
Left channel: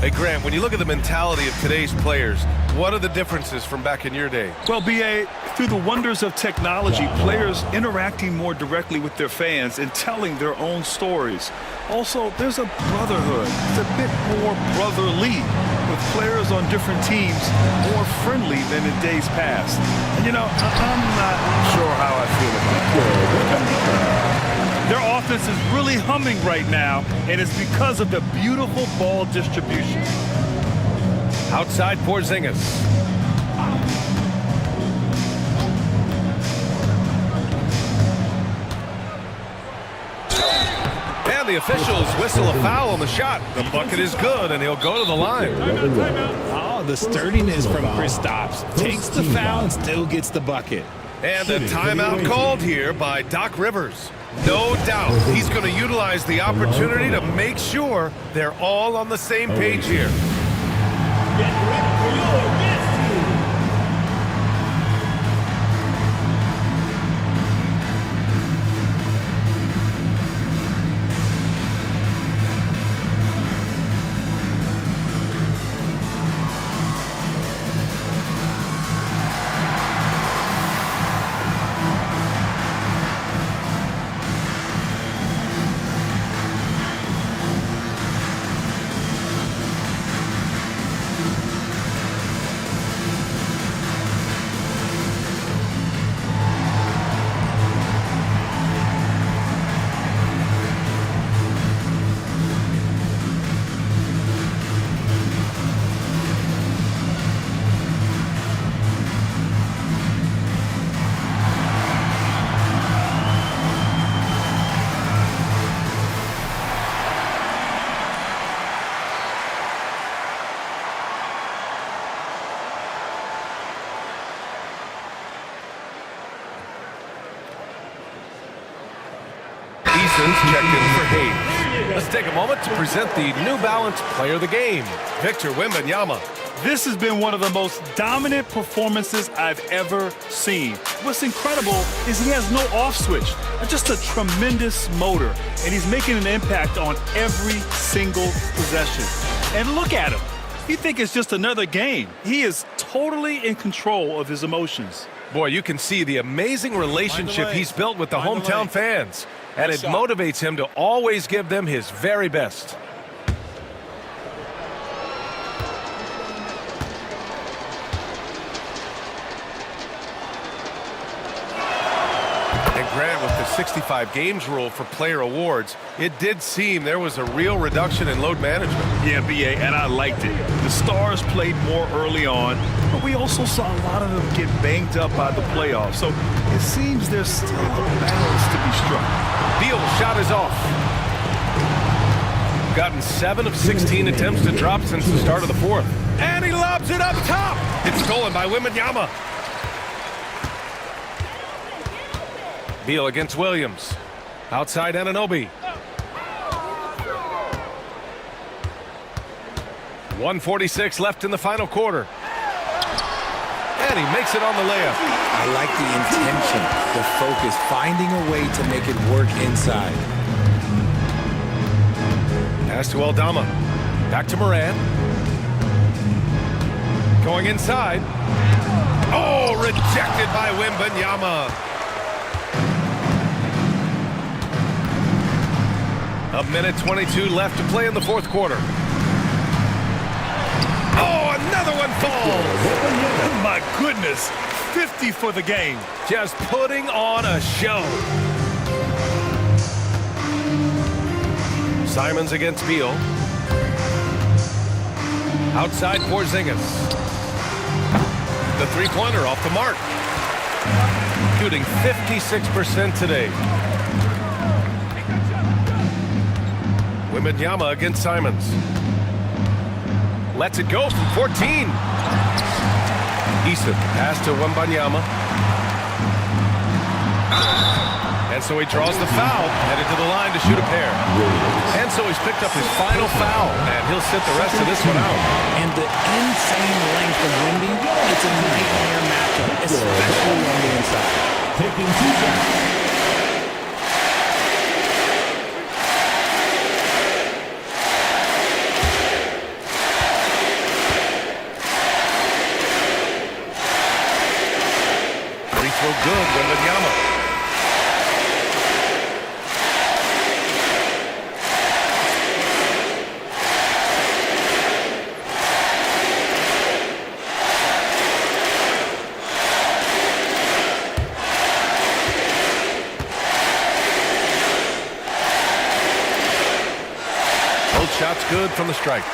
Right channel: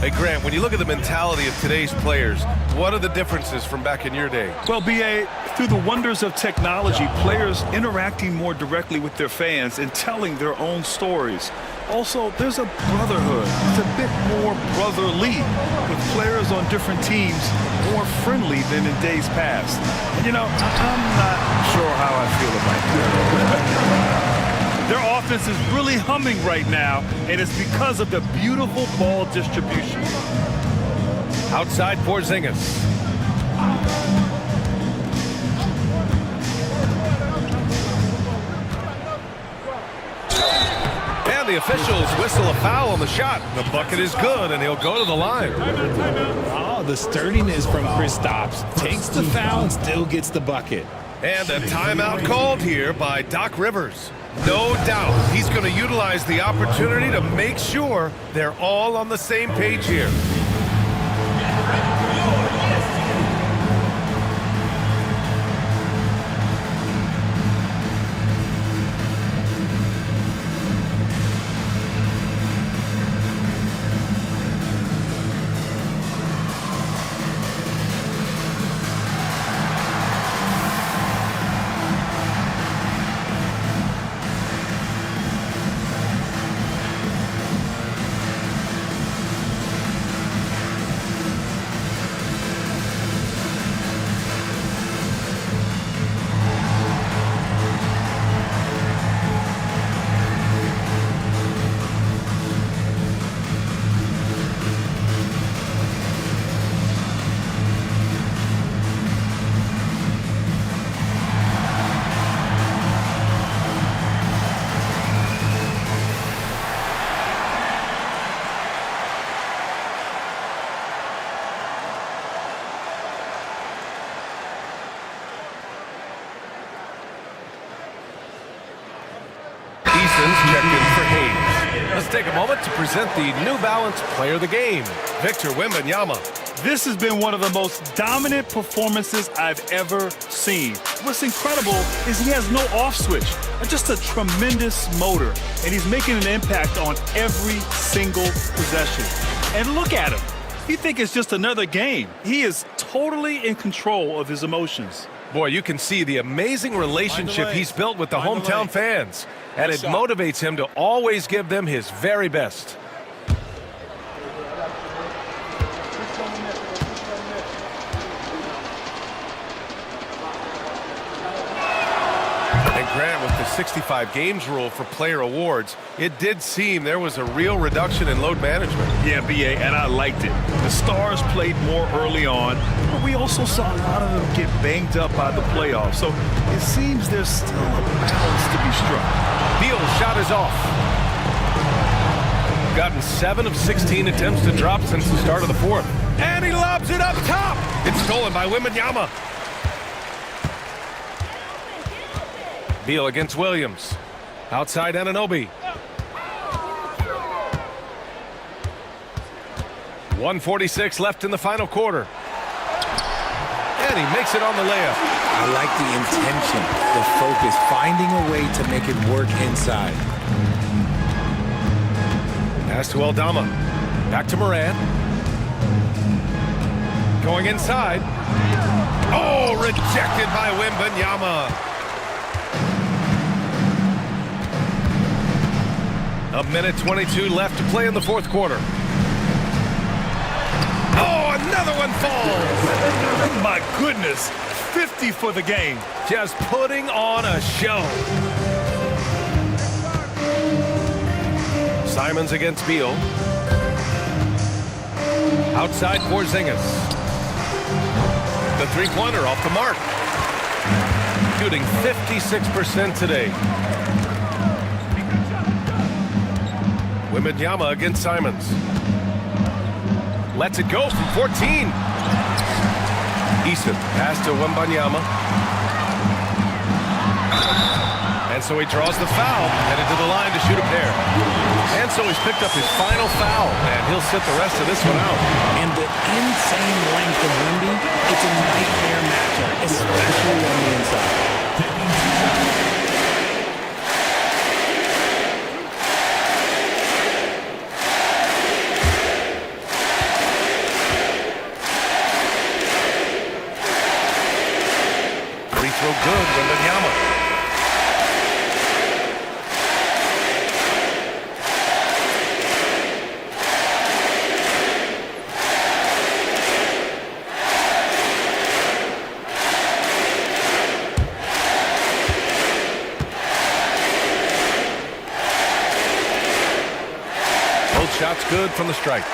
Hey, Grant, when you look at the mentality of today's players, what are the differences from back in your day? Well, B.A., through the wonders of technology, players interacting more directly with their fans and telling their own stories. Also, there's a brotherhood. It's a bit more brotherly, with players on different teams more friendly than in days past. And, you know, I'm not sure how I feel about that. Their offense is really humming right now, and it's because of the beautiful ball distribution. Outside Porzingis. And the officials whistle a foul on the shot. The bucket is good, and he'll go to the line. Oh, the sturdiness from Kristaps. Takes the foul and still gets the bucket. And a timeout called here by Doc Rivers. No doubt he's going to utilize the opportunity to make sure they're all on the same page here. Checked in for Hayes. Let's take a moment to present the New Balance Player of the Game, Victor Wembanyama. This has been one of the most dominant performances I've ever seen. What's incredible is he has no off switch, just a tremendous motor, and he's making an impact on every single possession. And look at him. You think it's just another game. He is totally in control of his emotions. Boy, you can see the amazing relationship he's built with the hometown fans, and it motivates him to always give them his very best. And Grant, with the 65 games rule for player awards, it did seem there was a real reduction in load management. Yeah, B.A., and I liked it. The stars played more early on, but we also saw a lot of them get banged up by the playoffs. So it seems there's still a balance to be struck. Beal's shot is off. Gotten 7 of 16 attempts to drop since the start of the fourth. And he lobs it up top. It's stolen by Wembanyama. Beal against Williams. Outside Anunoby. 1:46 left in the final quarter. And he makes it on the layup. I like the intention, the focus, finding a way to make it work inside. Pass to Aldama. Back to Moran. Going inside. Oh, rejected by Wembanyama. A minute 22 left to play in the fourth quarter. Oh, another one falls. My goodness, 50 for the game. Just putting on a show. Simons against Beal. Outside Porzingis. The three-pointer off the mark. Shooting 56% today. Wembanyama against Simons. Lets it go from 14. Eason, pass to Wembanyama. And so he draws the foul, headed to the line to shoot a pair. And so he's picked up his final foul, and he'll sit the rest of this one out. And the insane length of Wemby, it's a nightmare matchup, especially on the inside. Taking 2 shots. Free throw good, Wembanyama. Both shots good from the stripe.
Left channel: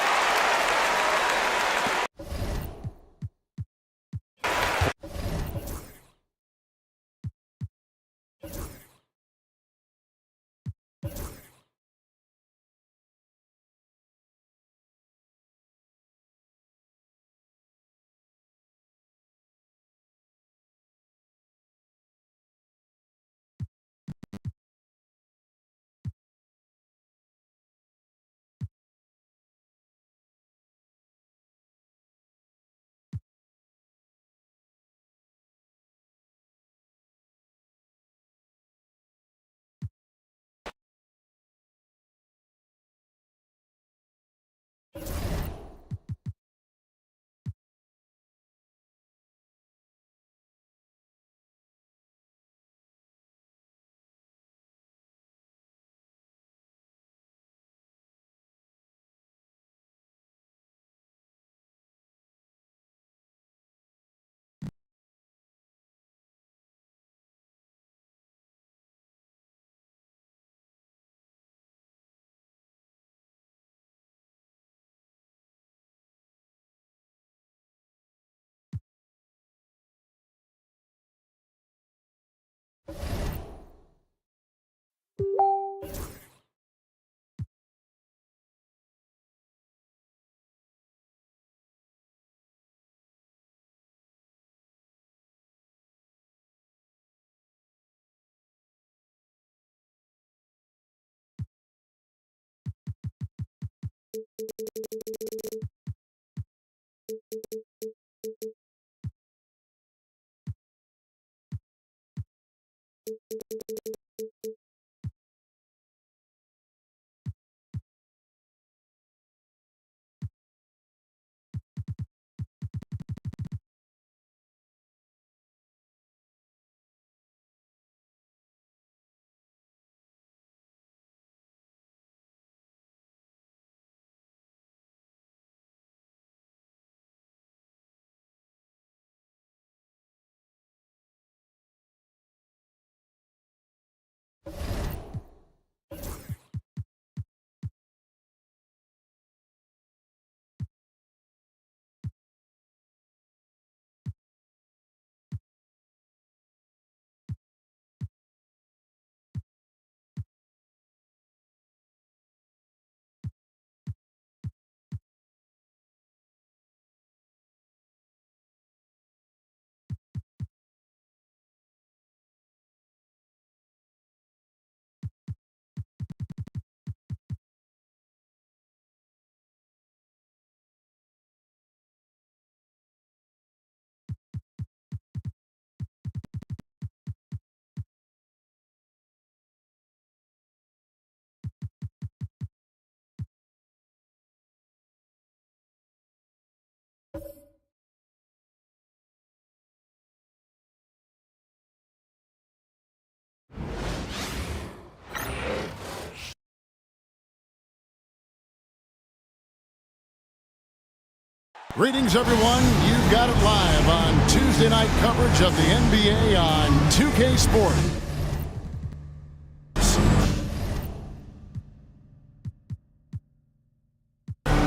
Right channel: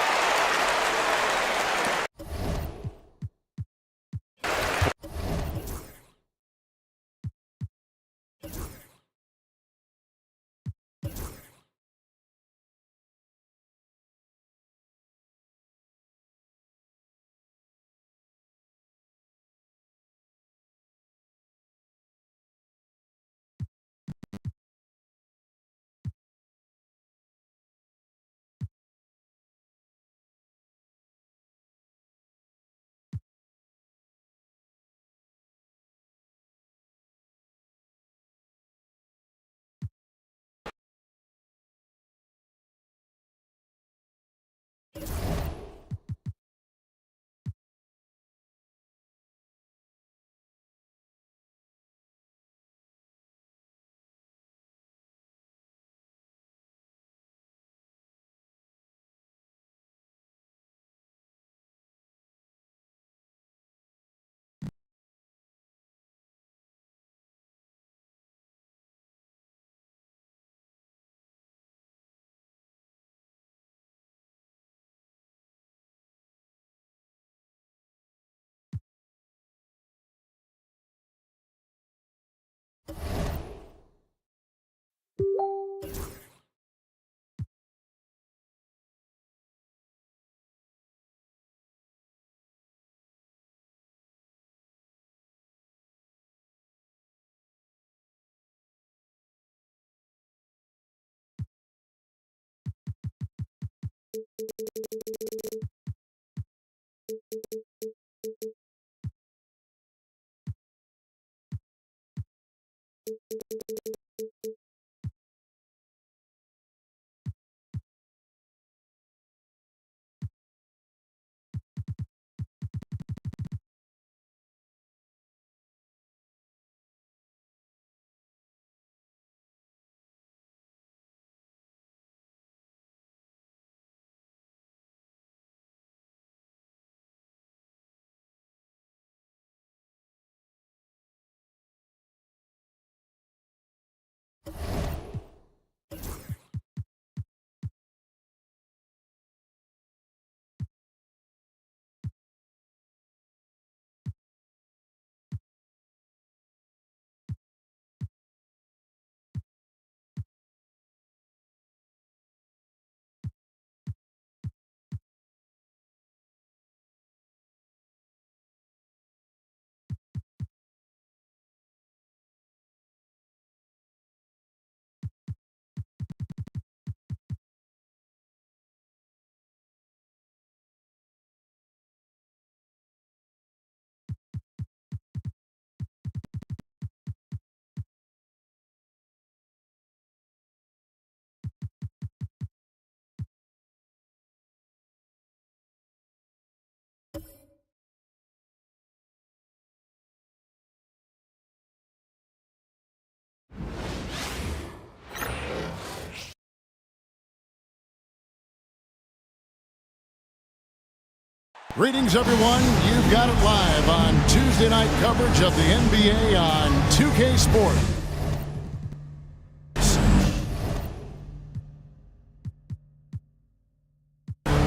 Greetings, everyone. You've got it live on Tuesday night coverage of the NBA on 2K Sport.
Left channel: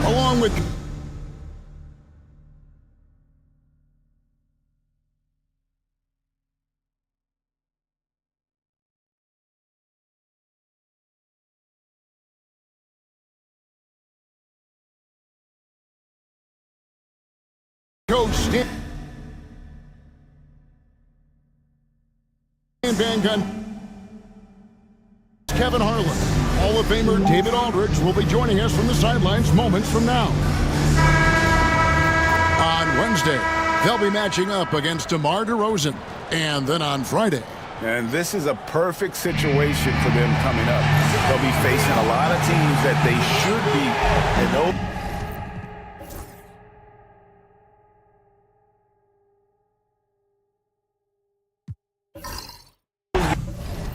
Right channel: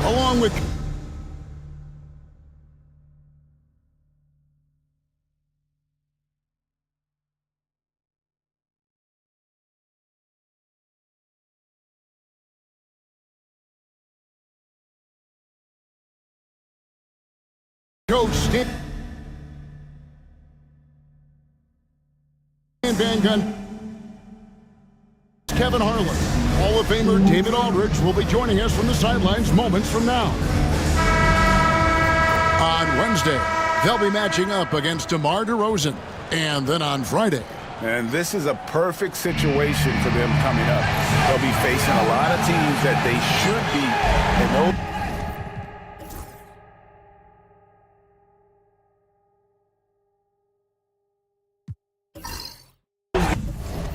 Along with Coach And Van Gunn. Kevin Harlan. Hall of Famer David Aldridge will be joining us from the sidelines moments from now. On Wednesday, they'll be matching up against DeMar DeRozan. And then on Friday. And this is a perfect situation for them coming up. They'll be facing a lot of teams that they should be. And those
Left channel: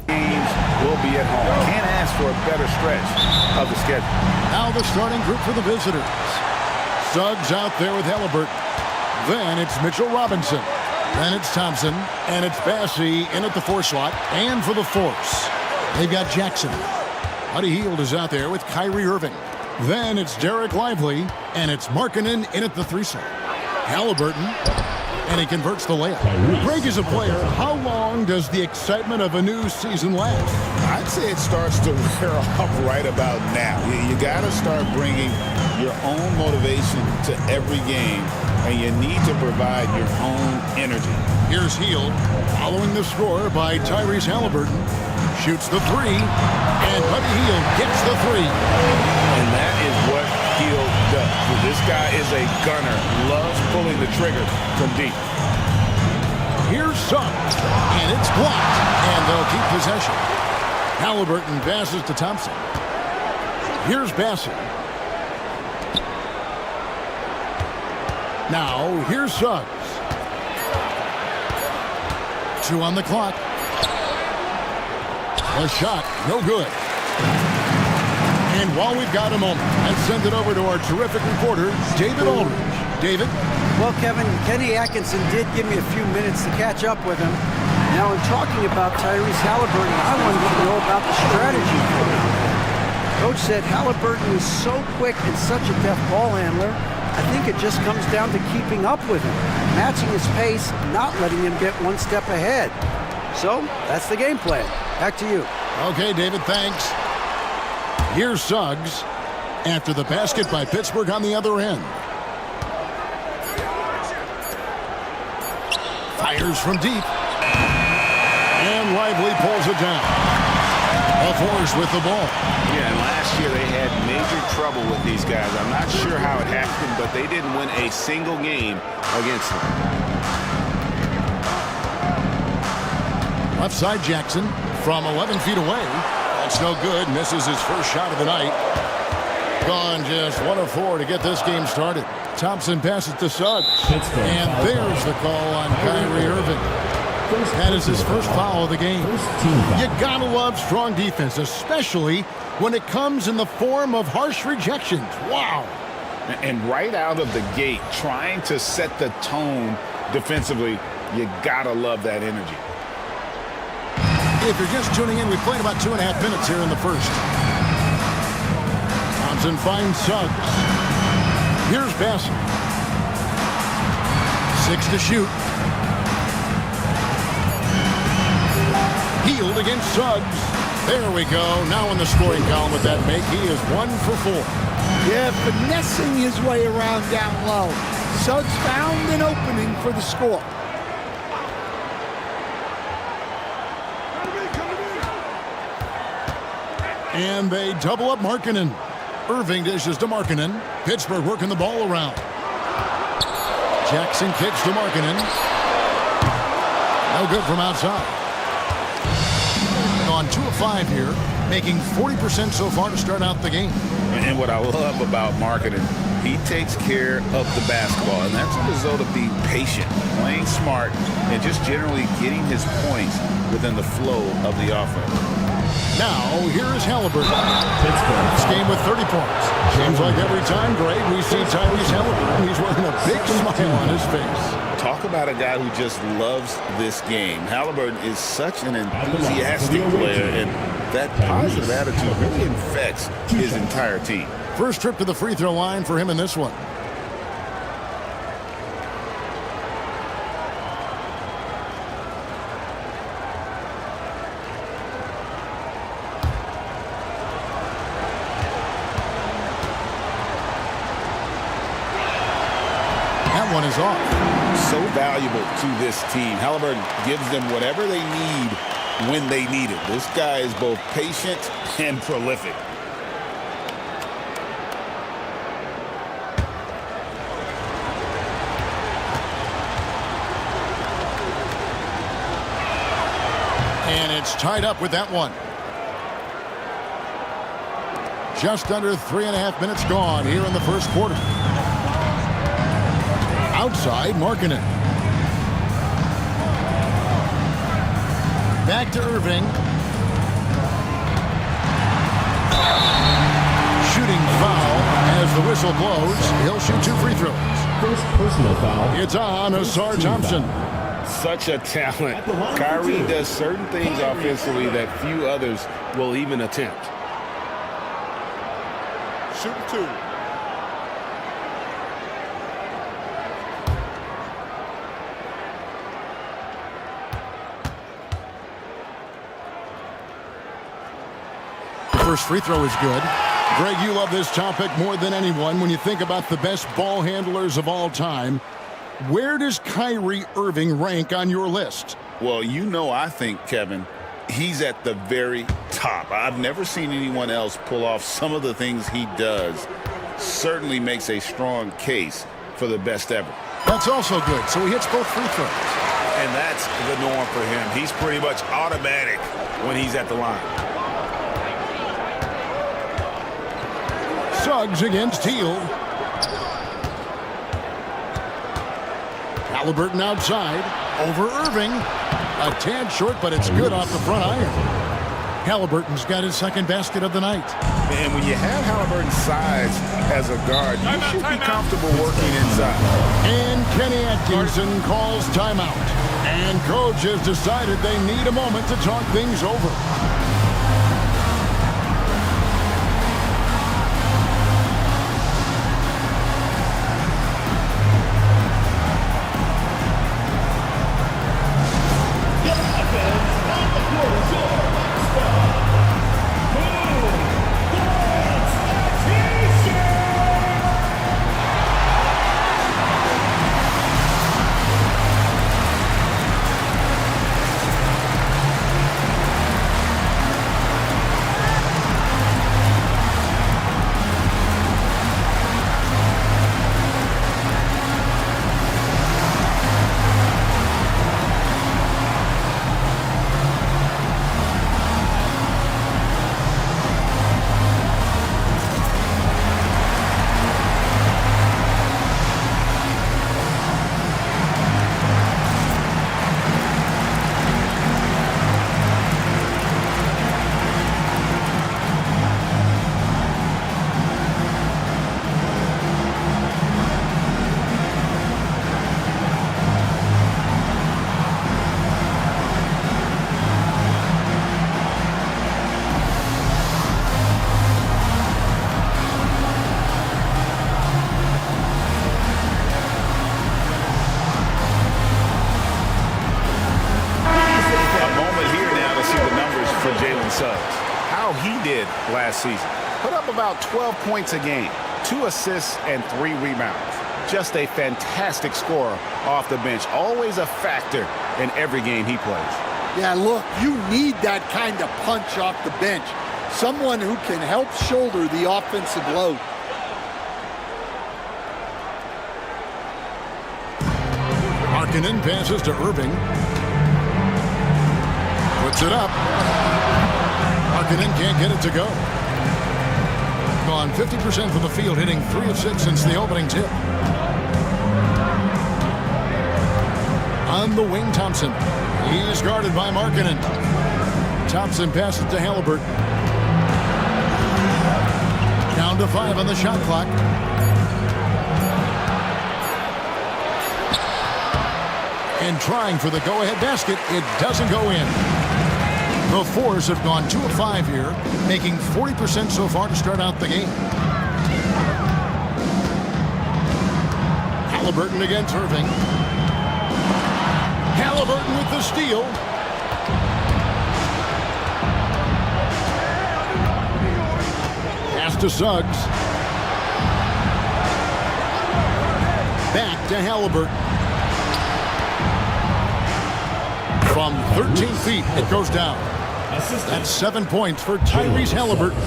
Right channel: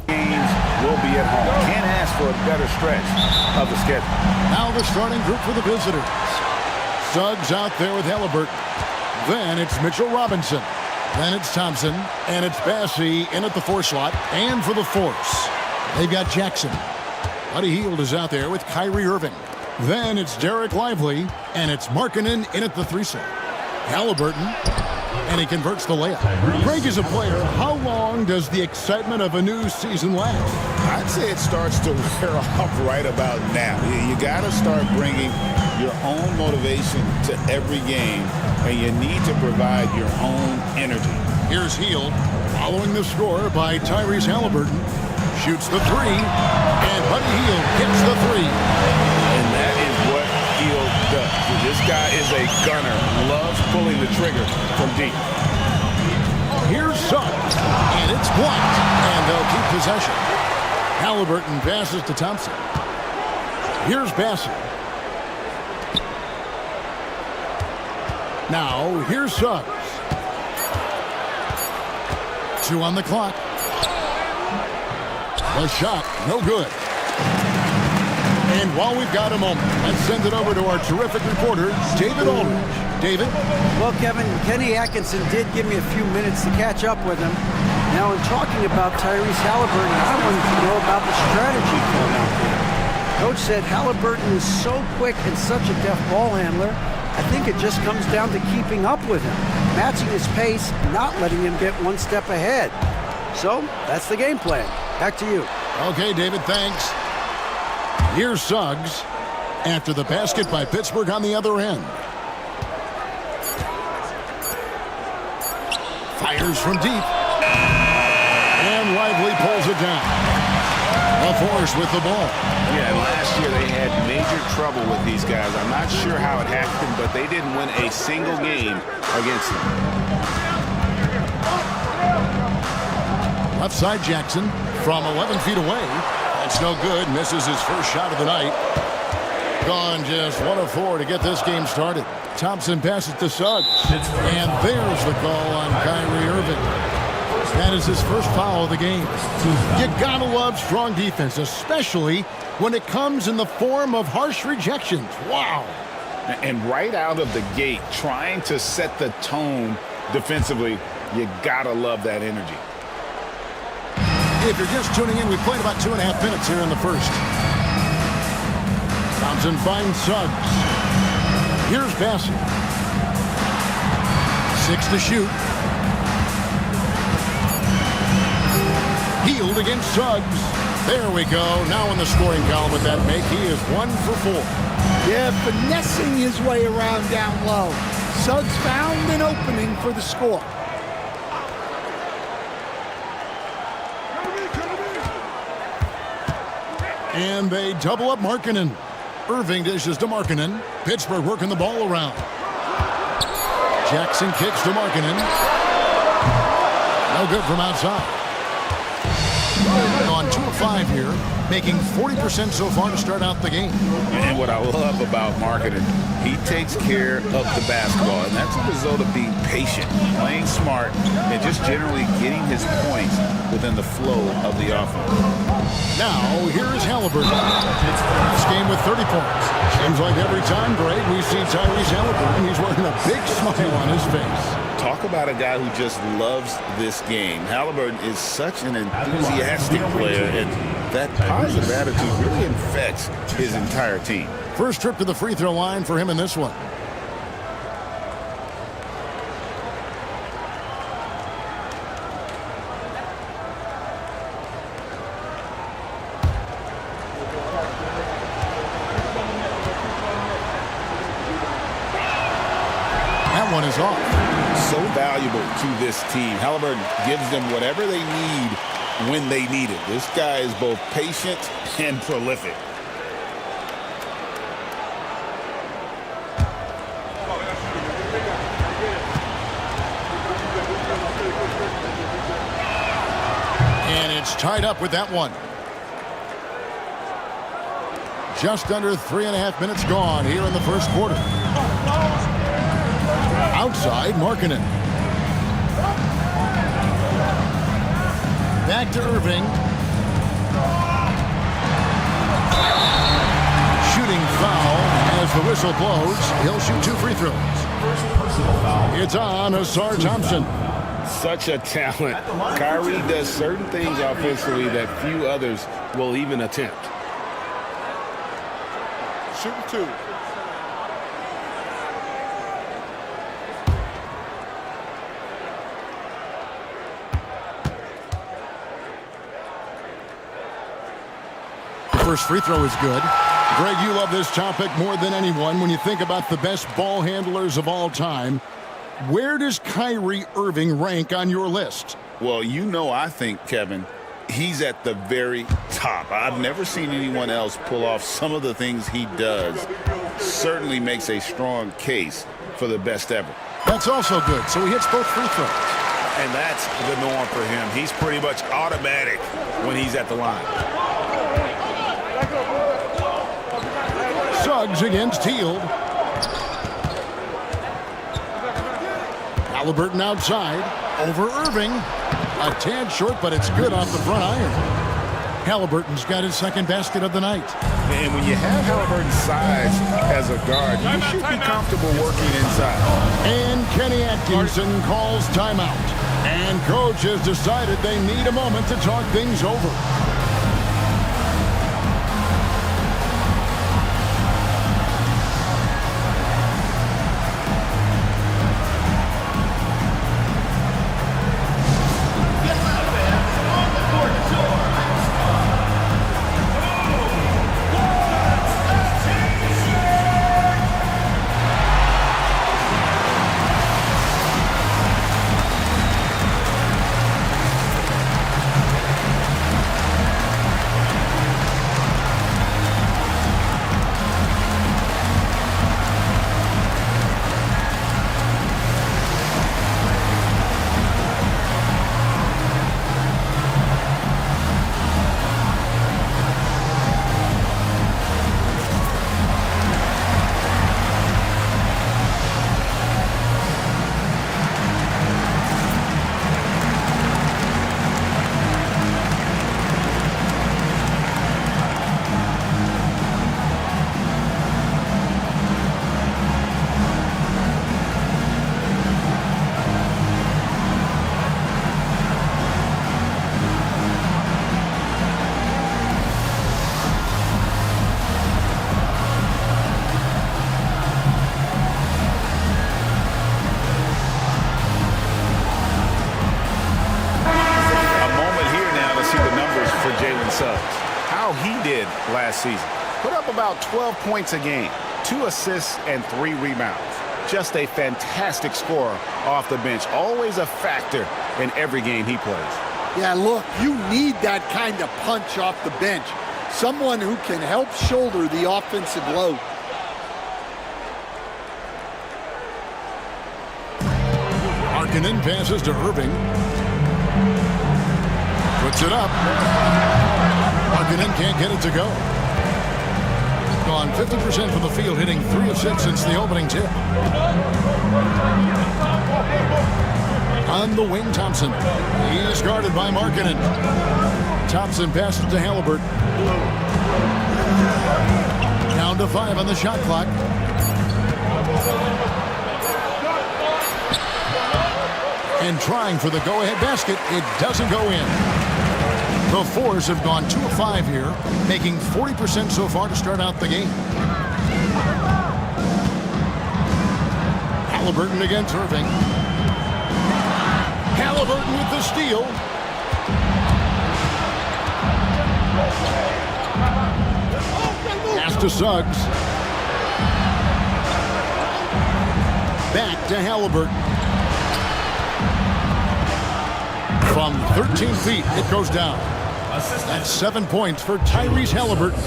games will be at home. Can't ask for a better stretch of the schedule. Now the starting group for the visitors. Suggs out there with Halliburton. Then it's Mitchell Robinson. Then it's Thompson. And it's Bassey in at the 4 slot. And for the force, they've got Jackson. Buddy Hield is out there with Kyrie Irving. Then it's Derek Lively. And it's Markkanen in at the 3 slot. Halliburton. And he converts the layup. Greg is a player. How long does the excitement of a new season last? I'd say it starts to wear off right about now. You got to start bringing your own motivation to every game, and you need to provide your own energy. Here's Hield, following the score by Tyrese Halliburton. Shoots the 3, and Buddy Hield gets the 3. And that is what Hield does. This guy is a gunner, loves pulling the trigger from deep. Here's Suggs, and it's blocked, and they'll keep possession. Halliburton passes to Thompson. Here's Bassey. Now, here's Suggs. 2 on the clock. The shot, no good. And while we've got a moment, let's send it over to our terrific reporter, David Aldridge. David? Well, Kevin, Kenny Atkinson did give me a few minutes to catch up with him. Now, in talking about Tyrese Halliburton, I wanted to know about the strategy for him out there. Coach said Halliburton is so quick and such a deft ball handler, I think it just comes down to keeping up with him, matching his pace, not letting him get one step ahead. So, that's the game plan. Back to you. Okay, David, thanks. Here's Suggs after the basket by Pittsburgh on the other end. Fires from deep. And Lively pulls it down. A force with the ball. Yeah, and last year they had major trouble with these guys. I'm not sure how it happened, but they didn't win a single game against them. Left side Jackson from 11 feet away. That's no good. Misses his first shot of the night. Gone just 1 of 4 to get this game started. Thompson passes to Suggs. And there's the call on Kyrie Irving. That is his first foul of the game. You gotta love strong defense, especially when it comes in the form of harsh rejections. Wow. And right out of the gate, trying to set the tone defensively, you gotta love that energy. If you're just tuning in, we played about 2.5 minutes here in the first. Thompson finds Suggs. Here's Bassey. 6 to shoot. Hield against Suggs. There we go. Now in the scoring column with that make, he is 1 for 4. Yeah, finessing his way around down low. Suggs found an opening for the score. And they double up Markkanen. Irving dishes to Markkanen. Pittsburgh working the ball around. Jackson kicks to Markkanen. No good from outside. On 2 of 5 here, making 40% so far to start out the game. And what I love about Markkanen, he takes care of the basketball, and that's a result of being patient, playing smart, and just generally getting his points within the flow of the offense. Now, here is Halliburton. This game with 30 points. Seems like every time, Greg, we see Tyrese Halliburton, he's wearing a big smile on his face. Talk about a guy who just loves this game. Halliburton is such an enthusiastic player, and that positive attitude really infects his entire team. First trip to the free throw line for him in this one. That one is off. So valuable to this team. Halliburton gives them whatever they need when they need it. This guy is both patient and prolific. And it's tied up with that one. Just under 3.5 minutes gone here in the first quarter. Outside, Markkanen. Back to Irving. Shooting foul as the whistle blows. He'll shoot 2 free throws. First personal foul. It's on Asar Thompson. Such a talent. Kyrie does certain things offensively that few others will even attempt. Shooting 2. The first free throw is good. Greg, you love this topic more than anyone. When you think about the best ball handlers of all time, where does Kyrie Irving rank on your list? Well, you know, I think, Kevin, he's at the very top. I've never seen anyone else pull off some of the things he does. Certainly makes a strong case for the best ever. That's also good. So he hits both free throws. And that's the norm for him. He's pretty much automatic when he's at the line. Suggs against Teal. Halliburton outside. Over Irving. A tad short, but it's good off the front iron. Halliburton's got his second basket of the night. And when you have Halliburton's size as a guard, you should be comfortable working inside. And Kenny Atkinson calls timeout. And coach has decided they need a moment to talk things over. For Jalen Suggs. How he did last season. Put up about 12 points a game, 2 assists and 3 rebounds. Just a fantastic scorer off the bench. Always a factor in every game he plays. Yeah, look, you need that kind of punch off the bench. Someone who can help shoulder the offensive load. Markkanen passes to Irving. Puts it up. Markkanen can't get it to go. Gone 50% from the field, hitting 3 of 6 since the opening tip. On the wing, Thompson. He's guarded by Markkanen. Thompson passes to Halliburton. Down to 5 on the shot clock. And trying for the go-ahead basket, it doesn't go in. The Fours have gone 2 of 5 here, making 40% so far to start out the game. Halliburton against Irving. Halliburton with the steal. Pass to Suggs. Back to Halliburton. From 13 feet, it goes down. That's 7 points for Tyrese Halliburton.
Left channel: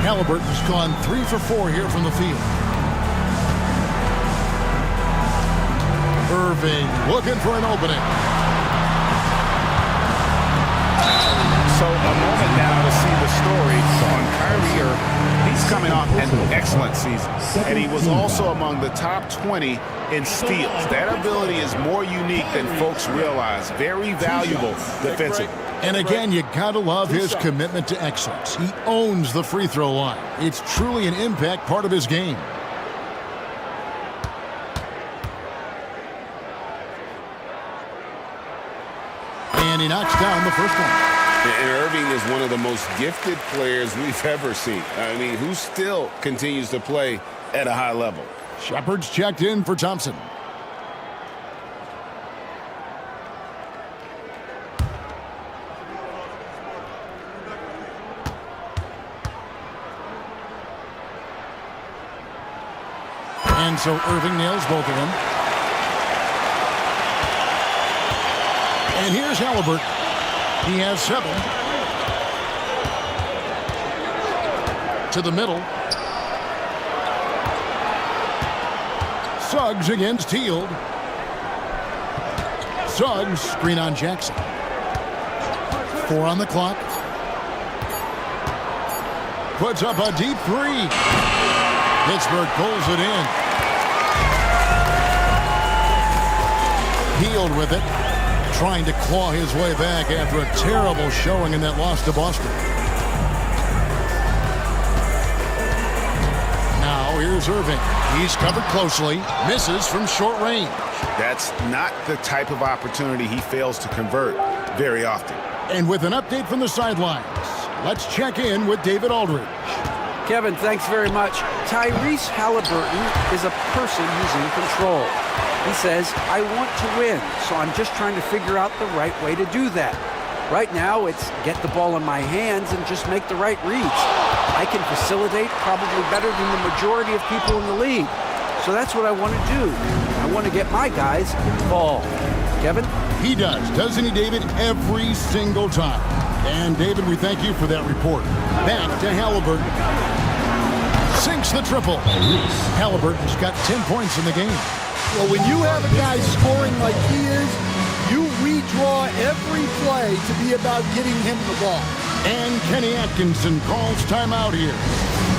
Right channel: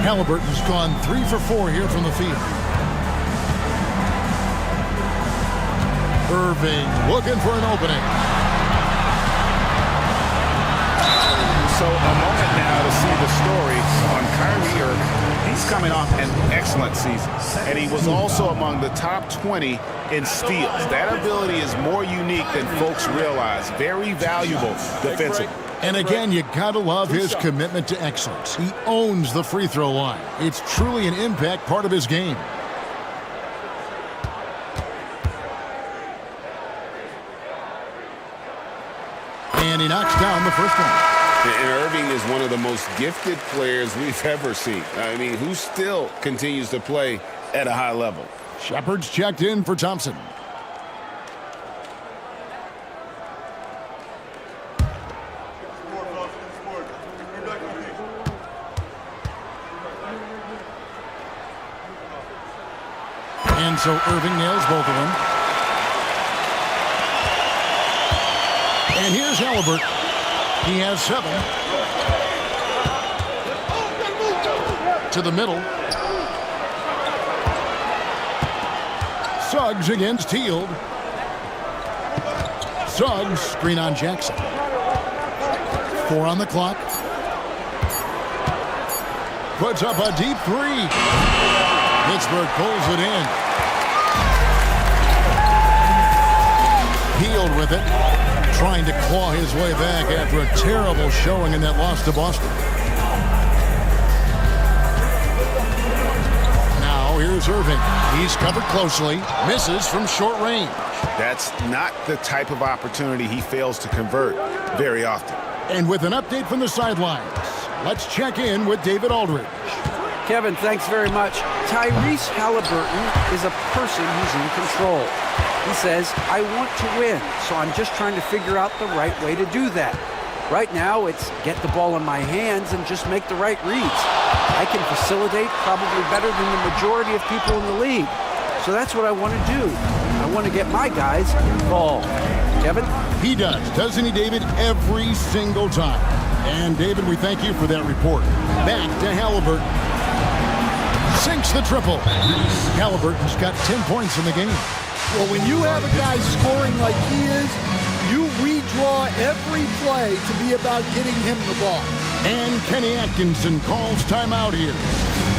Halliburton's gone 3 for 4 here from the field. Irving looking for an opening. So a moment now to see the story on Kyrie Irving. He's coming off an excellent season, and he was also among the top 20 in steals. That ability is more unique than folks realize. Very valuable defensively. And again, you gotta love his commitment to excellence. He owns the free throw line. It's truly an impact part of his game. And he knocks down the first one. And Irving is one of the most gifted players we've ever seen. I mean, who still continues to play at a high level. Shepard's checked in for Thompson. And so Irving nails both of them. And here's Halliburton. He has 7. To the middle. Suggs against Hield. Suggs, screen on Jackson. 4 on the clock. Puts up a deep 3. Pittsburgh pulls it in. Hield with it, trying to claw his way back after a terrible showing in that loss to Boston. Now here's Irving. He's covered closely, misses from short range. That's not the type of opportunity he fails to convert very often. And with an update from the sidelines, let's check in with David Aldridge. Kevin, thanks very much. Tyrese Halliburton is a person who's in control. He says, I want to win, so I'm just trying to figure out the right way to do that. Right now, it's get the ball in my hands and just make the right reads. I can facilitate probably better than the majority of people in the league. So that's what I want to do. I want to get my guys involved. Kevin? He does, doesn't he, David? Every single time. And, David, we thank you for that report. Back to Halliburton. Sinks the triple. Halliburton's got 10 points in the game. Well, when you have a guy scoring like he is, you redraw every play to be about getting him the ball. And Kenny Atkinson calls timeout here.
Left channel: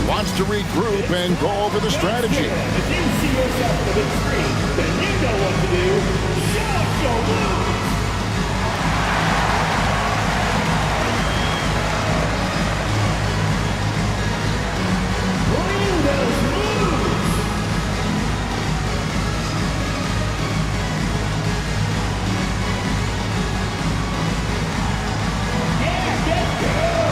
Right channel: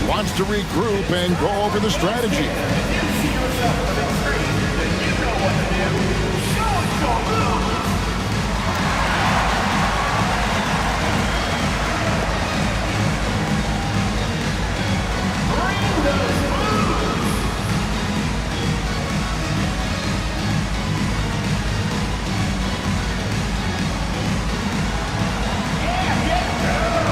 Wants to regroup and go over the strategy. If you see yourself with a screen, then you know what to do. Show us your move. Bring those moves. Yeah, get go.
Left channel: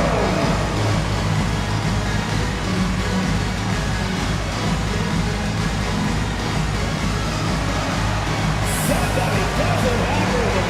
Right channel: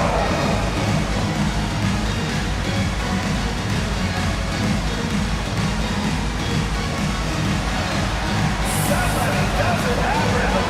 Somebody doesn't have rhythm.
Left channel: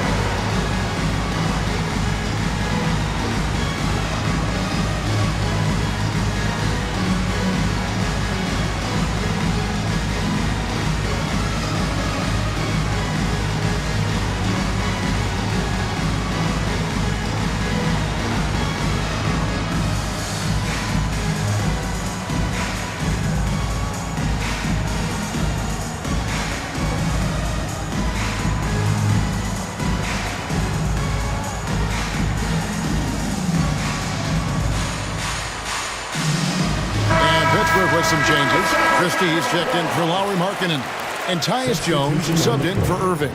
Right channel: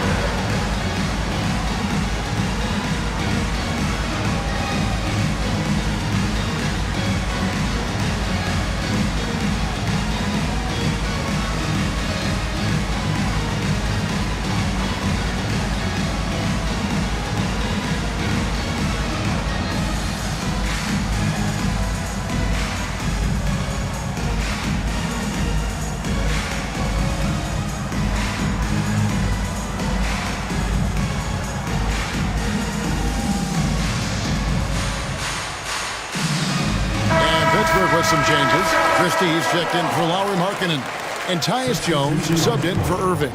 Pittsburgh with some changes. Christie's checked in for Lauri Markkanen. And Tyus Jones subbed in for Irving.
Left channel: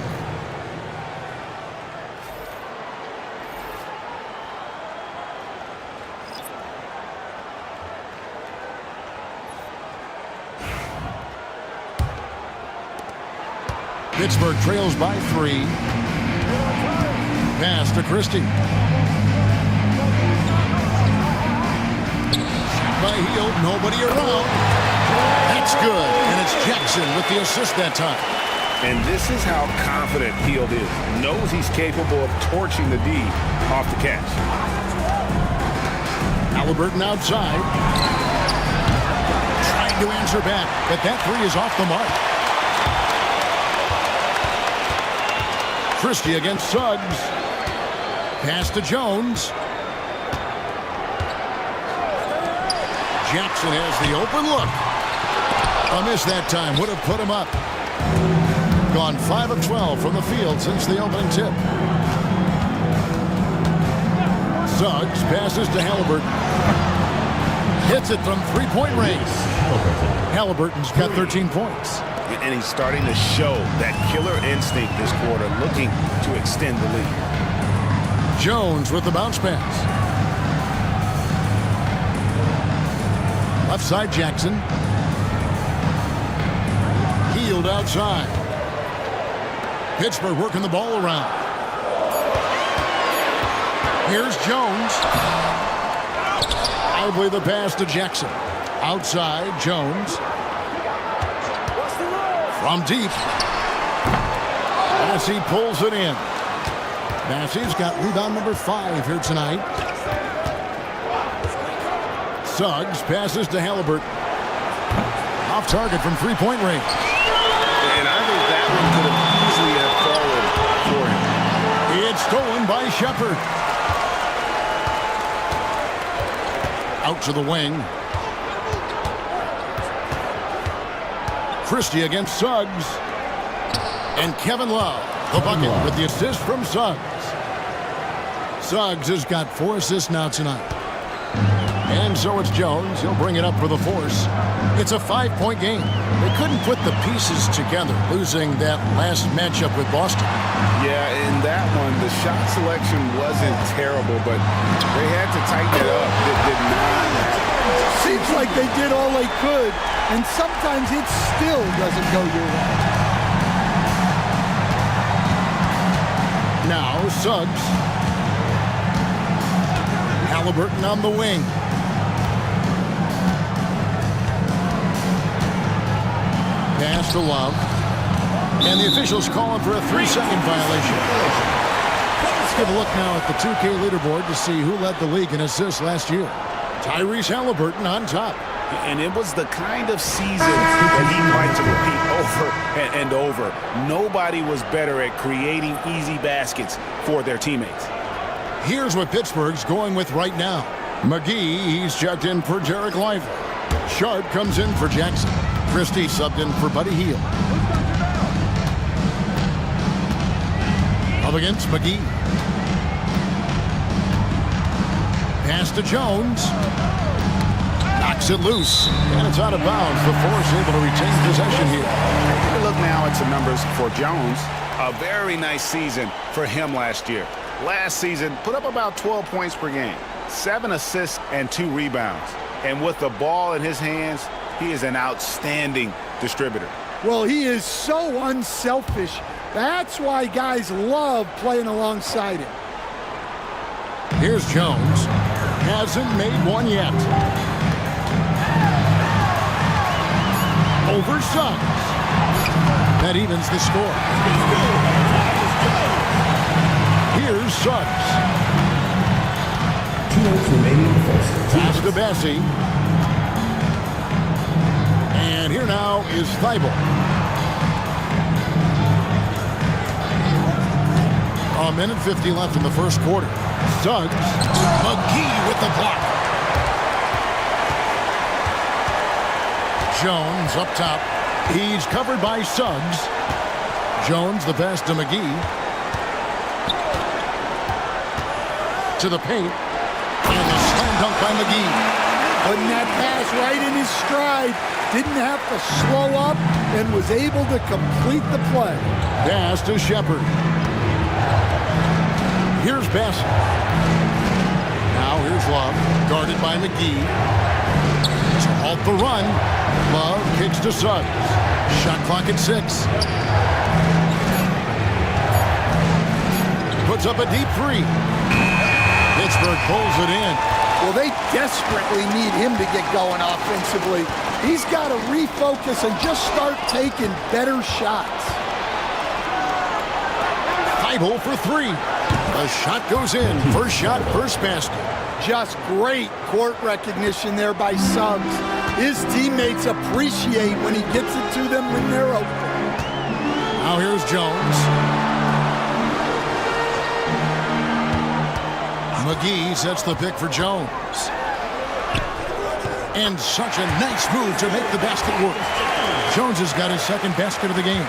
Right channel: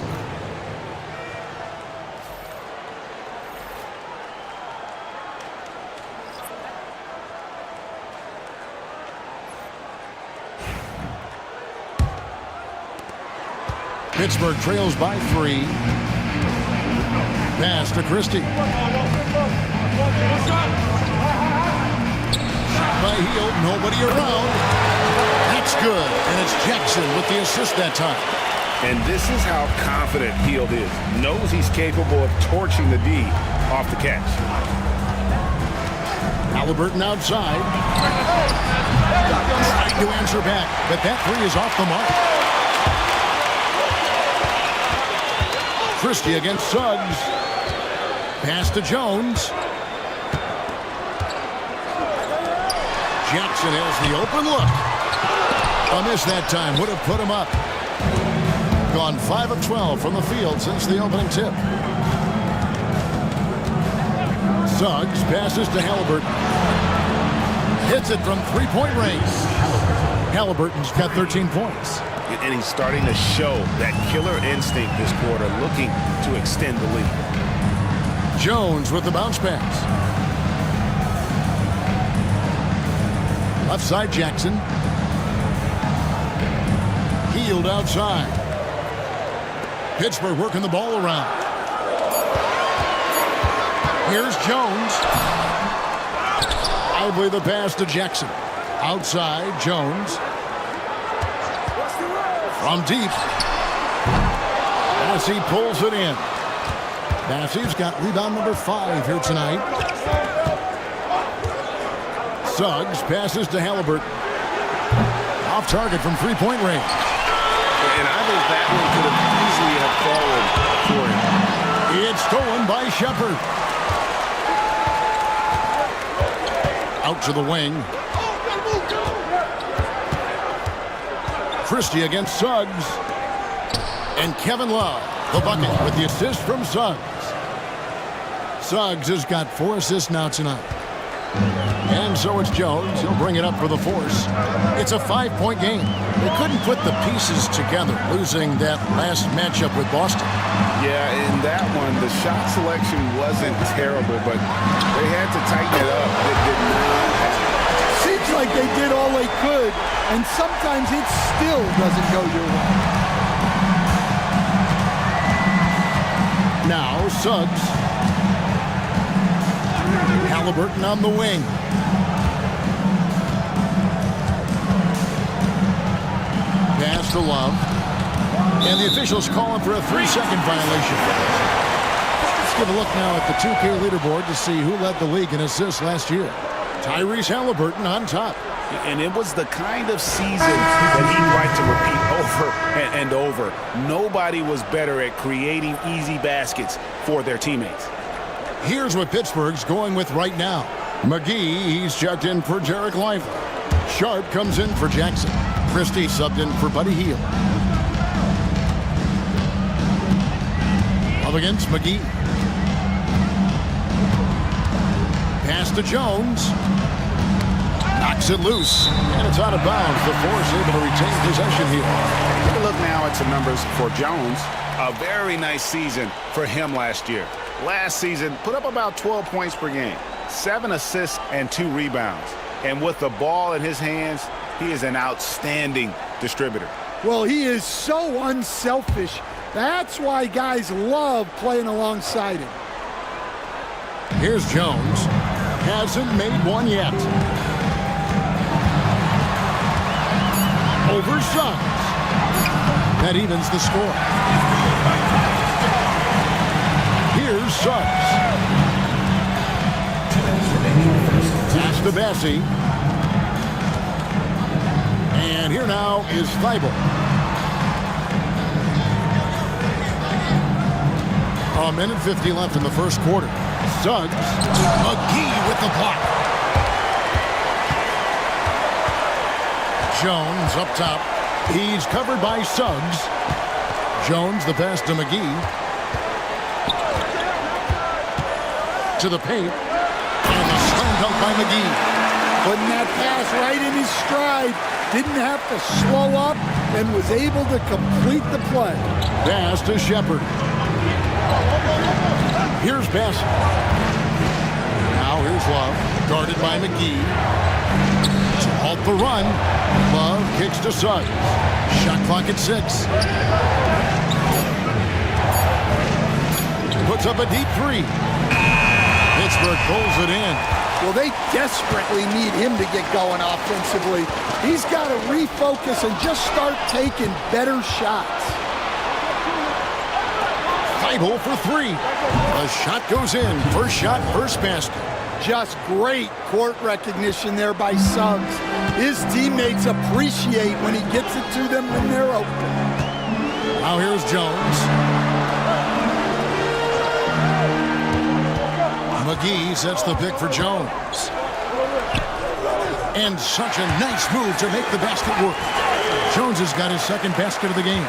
Pittsburgh trails by 3. Pass to Christie. By Hield, nobody around. That's good, and it's Jackson with the assist that time. And this is how confident Hield is. Knows he's capable of torching the D off the catch. Halliburton outside. Trying to answer back, but that 3 is off the mark. Christie against Suggs. Pass to Jones. Jackson has the open look. A miss that time. Would have put him up. Gone 5 of 12 from the field since the opening tip. Suggs passes to Halliburton. Hits it from three-point range. Halliburton's got 13 points. And he's starting to show that killer instinct this quarter, looking to extend the lead. Jones with the bounce pass. Left side Jackson. Healed outside. Pittsburgh working the ball around. Here's Jones. Lively the pass to Jackson. Outside Jones. From deep. Bassey pulls it in. Bassey's got rebound number 5 here tonight. Suggs passes to Halliburton. Off target from three-point range. And I think that one could have easily have fallen for him. It's stolen by Shepard. Out to the wing. Christie against Suggs. And Kevin Love, the bucket with the assist from Suggs. Suggs has got 4 assists now tonight. And so it's Jones. He'll bring it up for the force. It's a 5-point game. They couldn't put the pieces together, losing that last matchup with Boston. Yeah, in that one, the shot selection wasn't terrible, but they had to tighten it up. It did not happen. Seems like they did all they could, and sometimes it still doesn't go your way. Now Suggs. Halliburton on the wing. Pass to Love. And the officials calling for a 3-second violation. Let's give a look now at the 2K leaderboard to see who led the league in assists last year. Tyrese Halliburton on top. And it was the kind of season that he'd like to repeat over and over. Nobody was better at creating easy baskets for their teammates. Here's what Pittsburgh's going with right now. McGee, he's checked in for Jarek Lively. Sharp comes in for Jackson. Christie subbed in for Buddy Hield. Up against McGee. Pass to Jones. Knocks it loose. And it's out of bounds. The Force able to retain possession here. Take a look now at some numbers for Jones. A very nice season for him last year. Last season, put up about 12 points per game. 7 assists and 2 rebounds. And with the ball in his hands, he is an outstanding distributor. Well, he is so unselfish. That's why guys love playing alongside him. Here's Jones. Hasn't made one yet. Over Suggs. That evens the score. Here's Suggs. 2 minutes remaining in the first. Pass to Bassey. And here now is Thibault. A minute 50 left in the first quarter. Suggs. McGee with the block. Jones up top. He's covered by Suggs. Jones the pass to McGee. To the paint. And a slam dunk by McGee. Putting that pass right in his stride. Didn't have to slow up and was able to complete the play. Pass to Shepard. Here's Bassett. Now here's Love. Guarded by McGee. To halt the run. Love kicks to Suggs. Shot clock at 6. Puts up a deep 3. Pittsburgh pulls it in. Well, they desperately need him to get going offensively. He's got to refocus and just start taking better shots. Thibault for 3. The shot goes in. First shot, first basket. Just great court recognition there by Suggs. His teammates appreciate when he gets it to them when they're open. Now here's Jones. McGee sets the pick for Jones. And such a nice move to make the basket work. Jones has got his second basket of the game.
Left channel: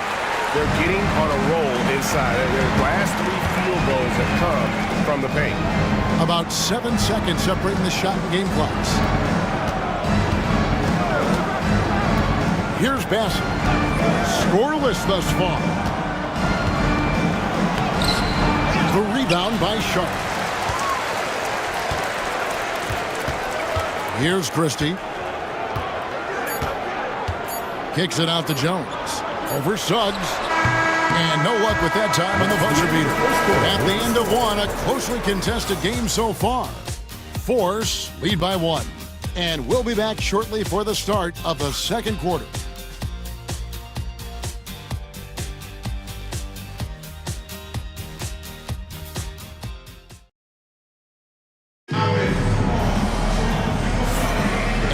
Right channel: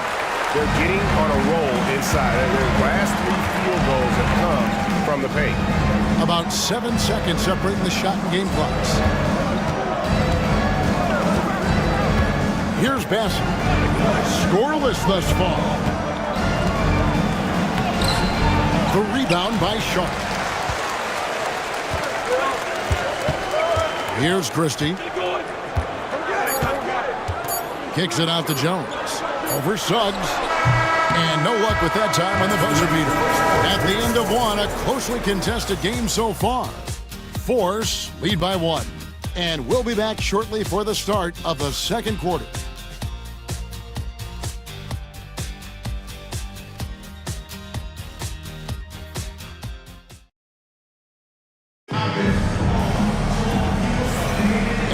They're getting on a roll inside. Their last 3 field goals have come from the paint. About 7 seconds separating the shot and game clocks. Here's Bassett. Scoreless thus far. The rebound by Sharp. Here's Christie. Kicks it out to Jones. Over Suggs. And no luck with that time on the buzzer beater. At the end of one, a closely contested game so far. Force lead by 1. And we'll be back shortly for the start of the second quarter.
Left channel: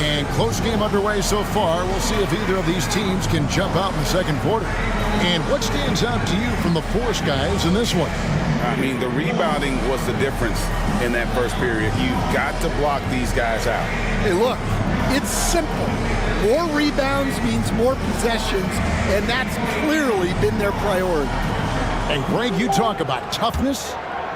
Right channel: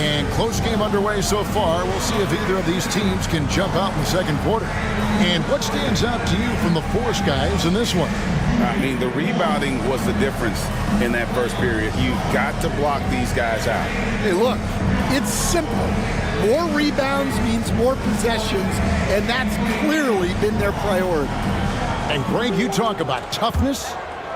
And close game underway so far. We'll see if either of these teams can jump out in the second quarter. And what stands out to you from the Force guys in this one? I mean, the rebounding was the difference in that first period. You've got to block these guys out. Hey, look, it's simple. More rebounds means more possessions, and that's clearly been their priority. And Greg, you talk about toughness,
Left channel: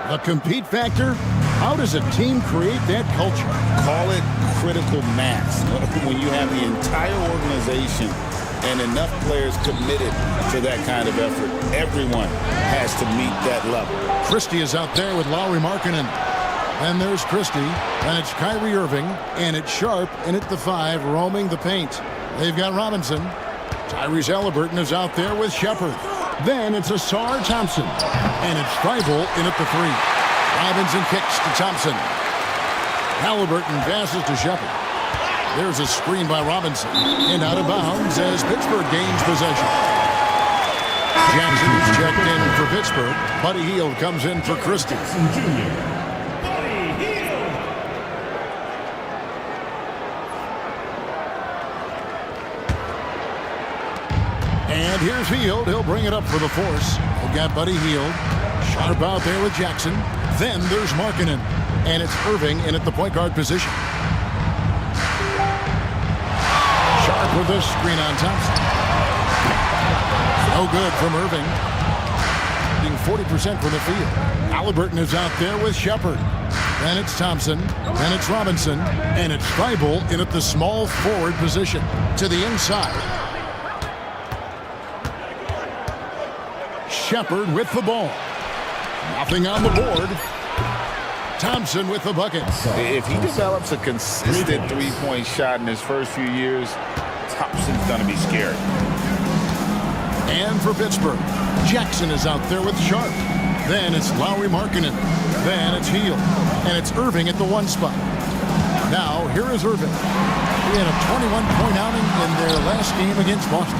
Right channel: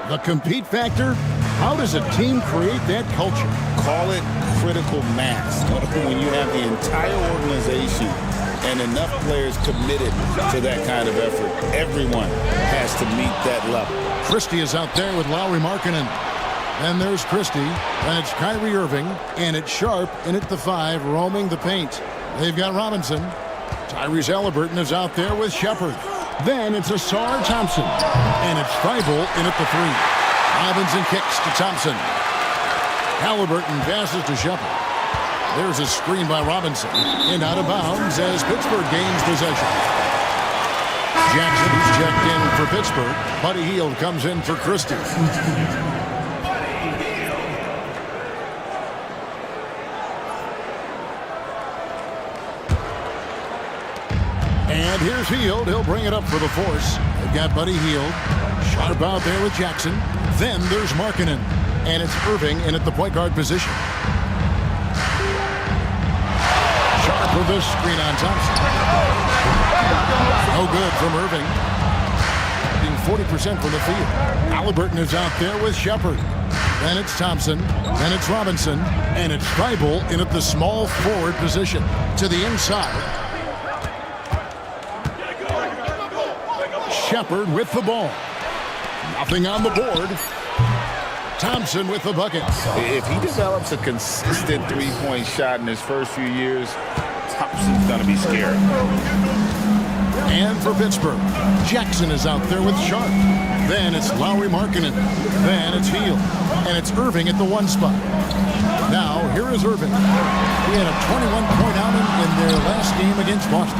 the compete factor. How does a team create that culture? Call it critical mass. When you have the entire organization and enough players committed to that kind of effort, everyone has to meet that level. Christie is out there with Lauri Markkanen. Then there's Christie. Then it's Kyrie Irving. And it's Sharp in at the 5, roaming the paint. They've got Robinson. Tyrese Halliburton is out there with Shepard. Then it's Asar Thompson. And it's Thibault in at the 3. Robinson kicks to Thompson. Halliburton passes to Shepard. There's a screen by Robinson. And out of bounds as Pittsburgh gains possession. Jackson, who's checked in for Pittsburgh. Buddy Hield comes in for Christie. And here's Hield. He'll bring it up for the Force. They've got Buddy Hield. Sharp out there with Jackson. Then there's Markkanen. And it's Irving in at the point guard position. Sharp with this screen on Thompson. No good from Irving. 40% from the field. Halliburton is out there with Shepard. Then it's Thompson. Then it's Robinson. And it's Thibault in at the small forward position. To the inside. Shepard with the ball. Nothing on the board. Thompson with the bucket. If he develops a consistent three-point shot in his first few years, Thompson's going to be scared. And for Pittsburgh, Jackson is out there with Sharp. Then it's Lauri Markkanen. Then it's Hield. And it's Irving at the 1 spot. Now, here is Irving. He had a 21-point outing in their last game against Boston.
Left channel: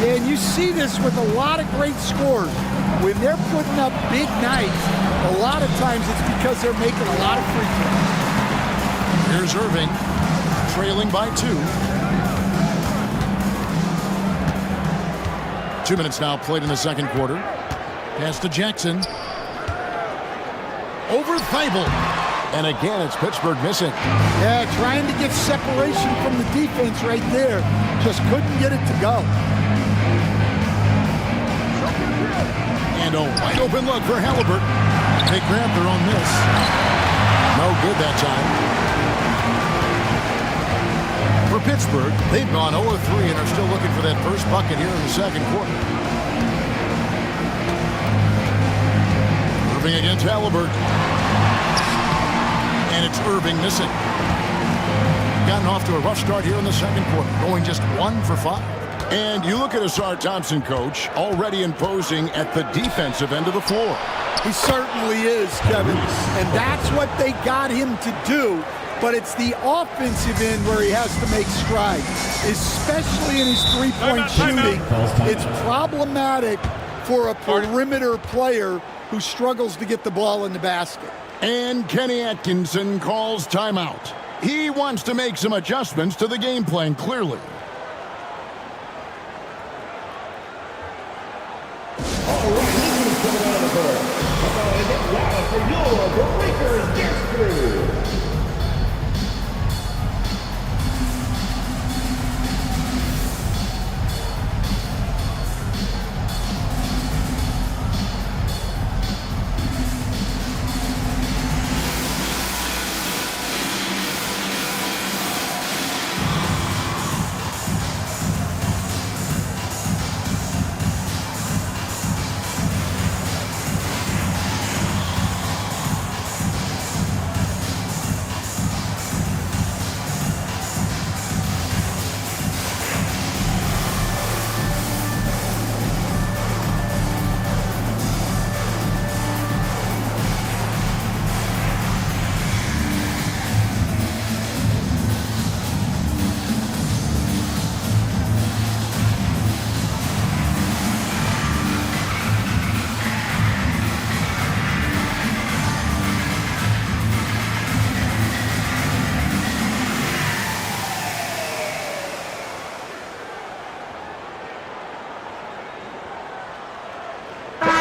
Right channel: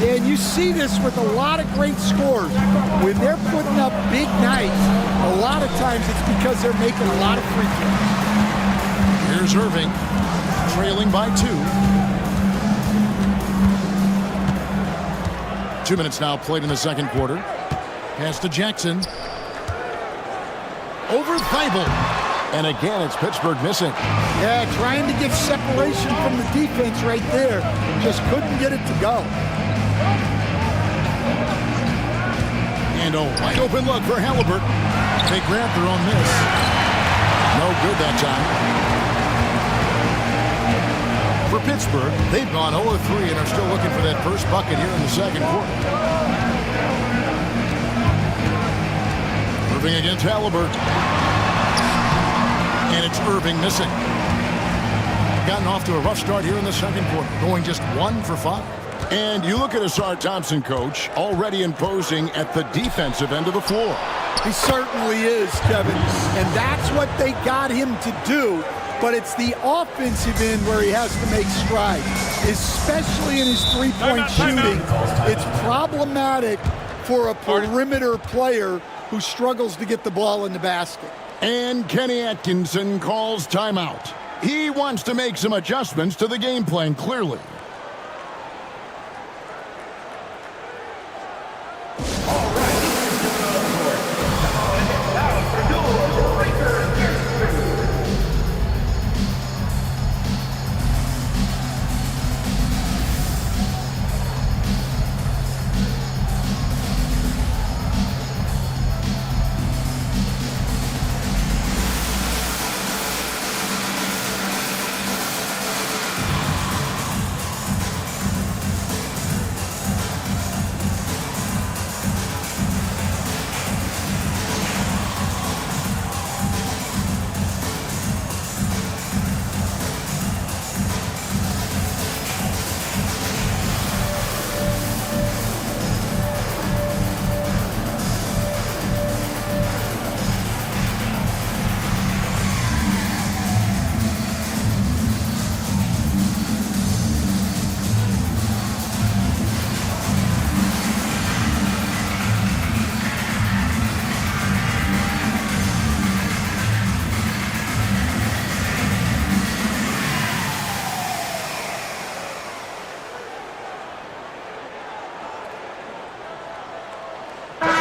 Yeah, and you see this with a lot of great scores. When they're putting up big nights, a lot of times it's because they're making a lot of free throws. Here's Irving, trailing by 2. 2 minutes now played in the second quarter. Pass to Jackson. Over Thibault. And again, it's Pittsburgh missing. Yeah, trying to get separation from the defense right there. Just couldn't get it to go. And a wide open look for Halliburton. They grab their own miss. No good that time. For Pittsburgh, they've gone 0-3 and are still looking for that first bucket here in the second quarter. Irving against Halliburton. And it's Irving missing. Gotten off to a rough start here in the second quarter, going just 1 for 5. And you look at Asar Thompson, coach, already imposing at the defensive end of the floor. He certainly is, Kevin. And that's what they got him to do. But it's the offensive end where he has to make strides, especially in his three-point shooting. It's problematic for a perimeter player who struggles to get the ball in the basket. And Kenny Atkinson calls timeout. He wants to make some adjustments to the game plan, clearly.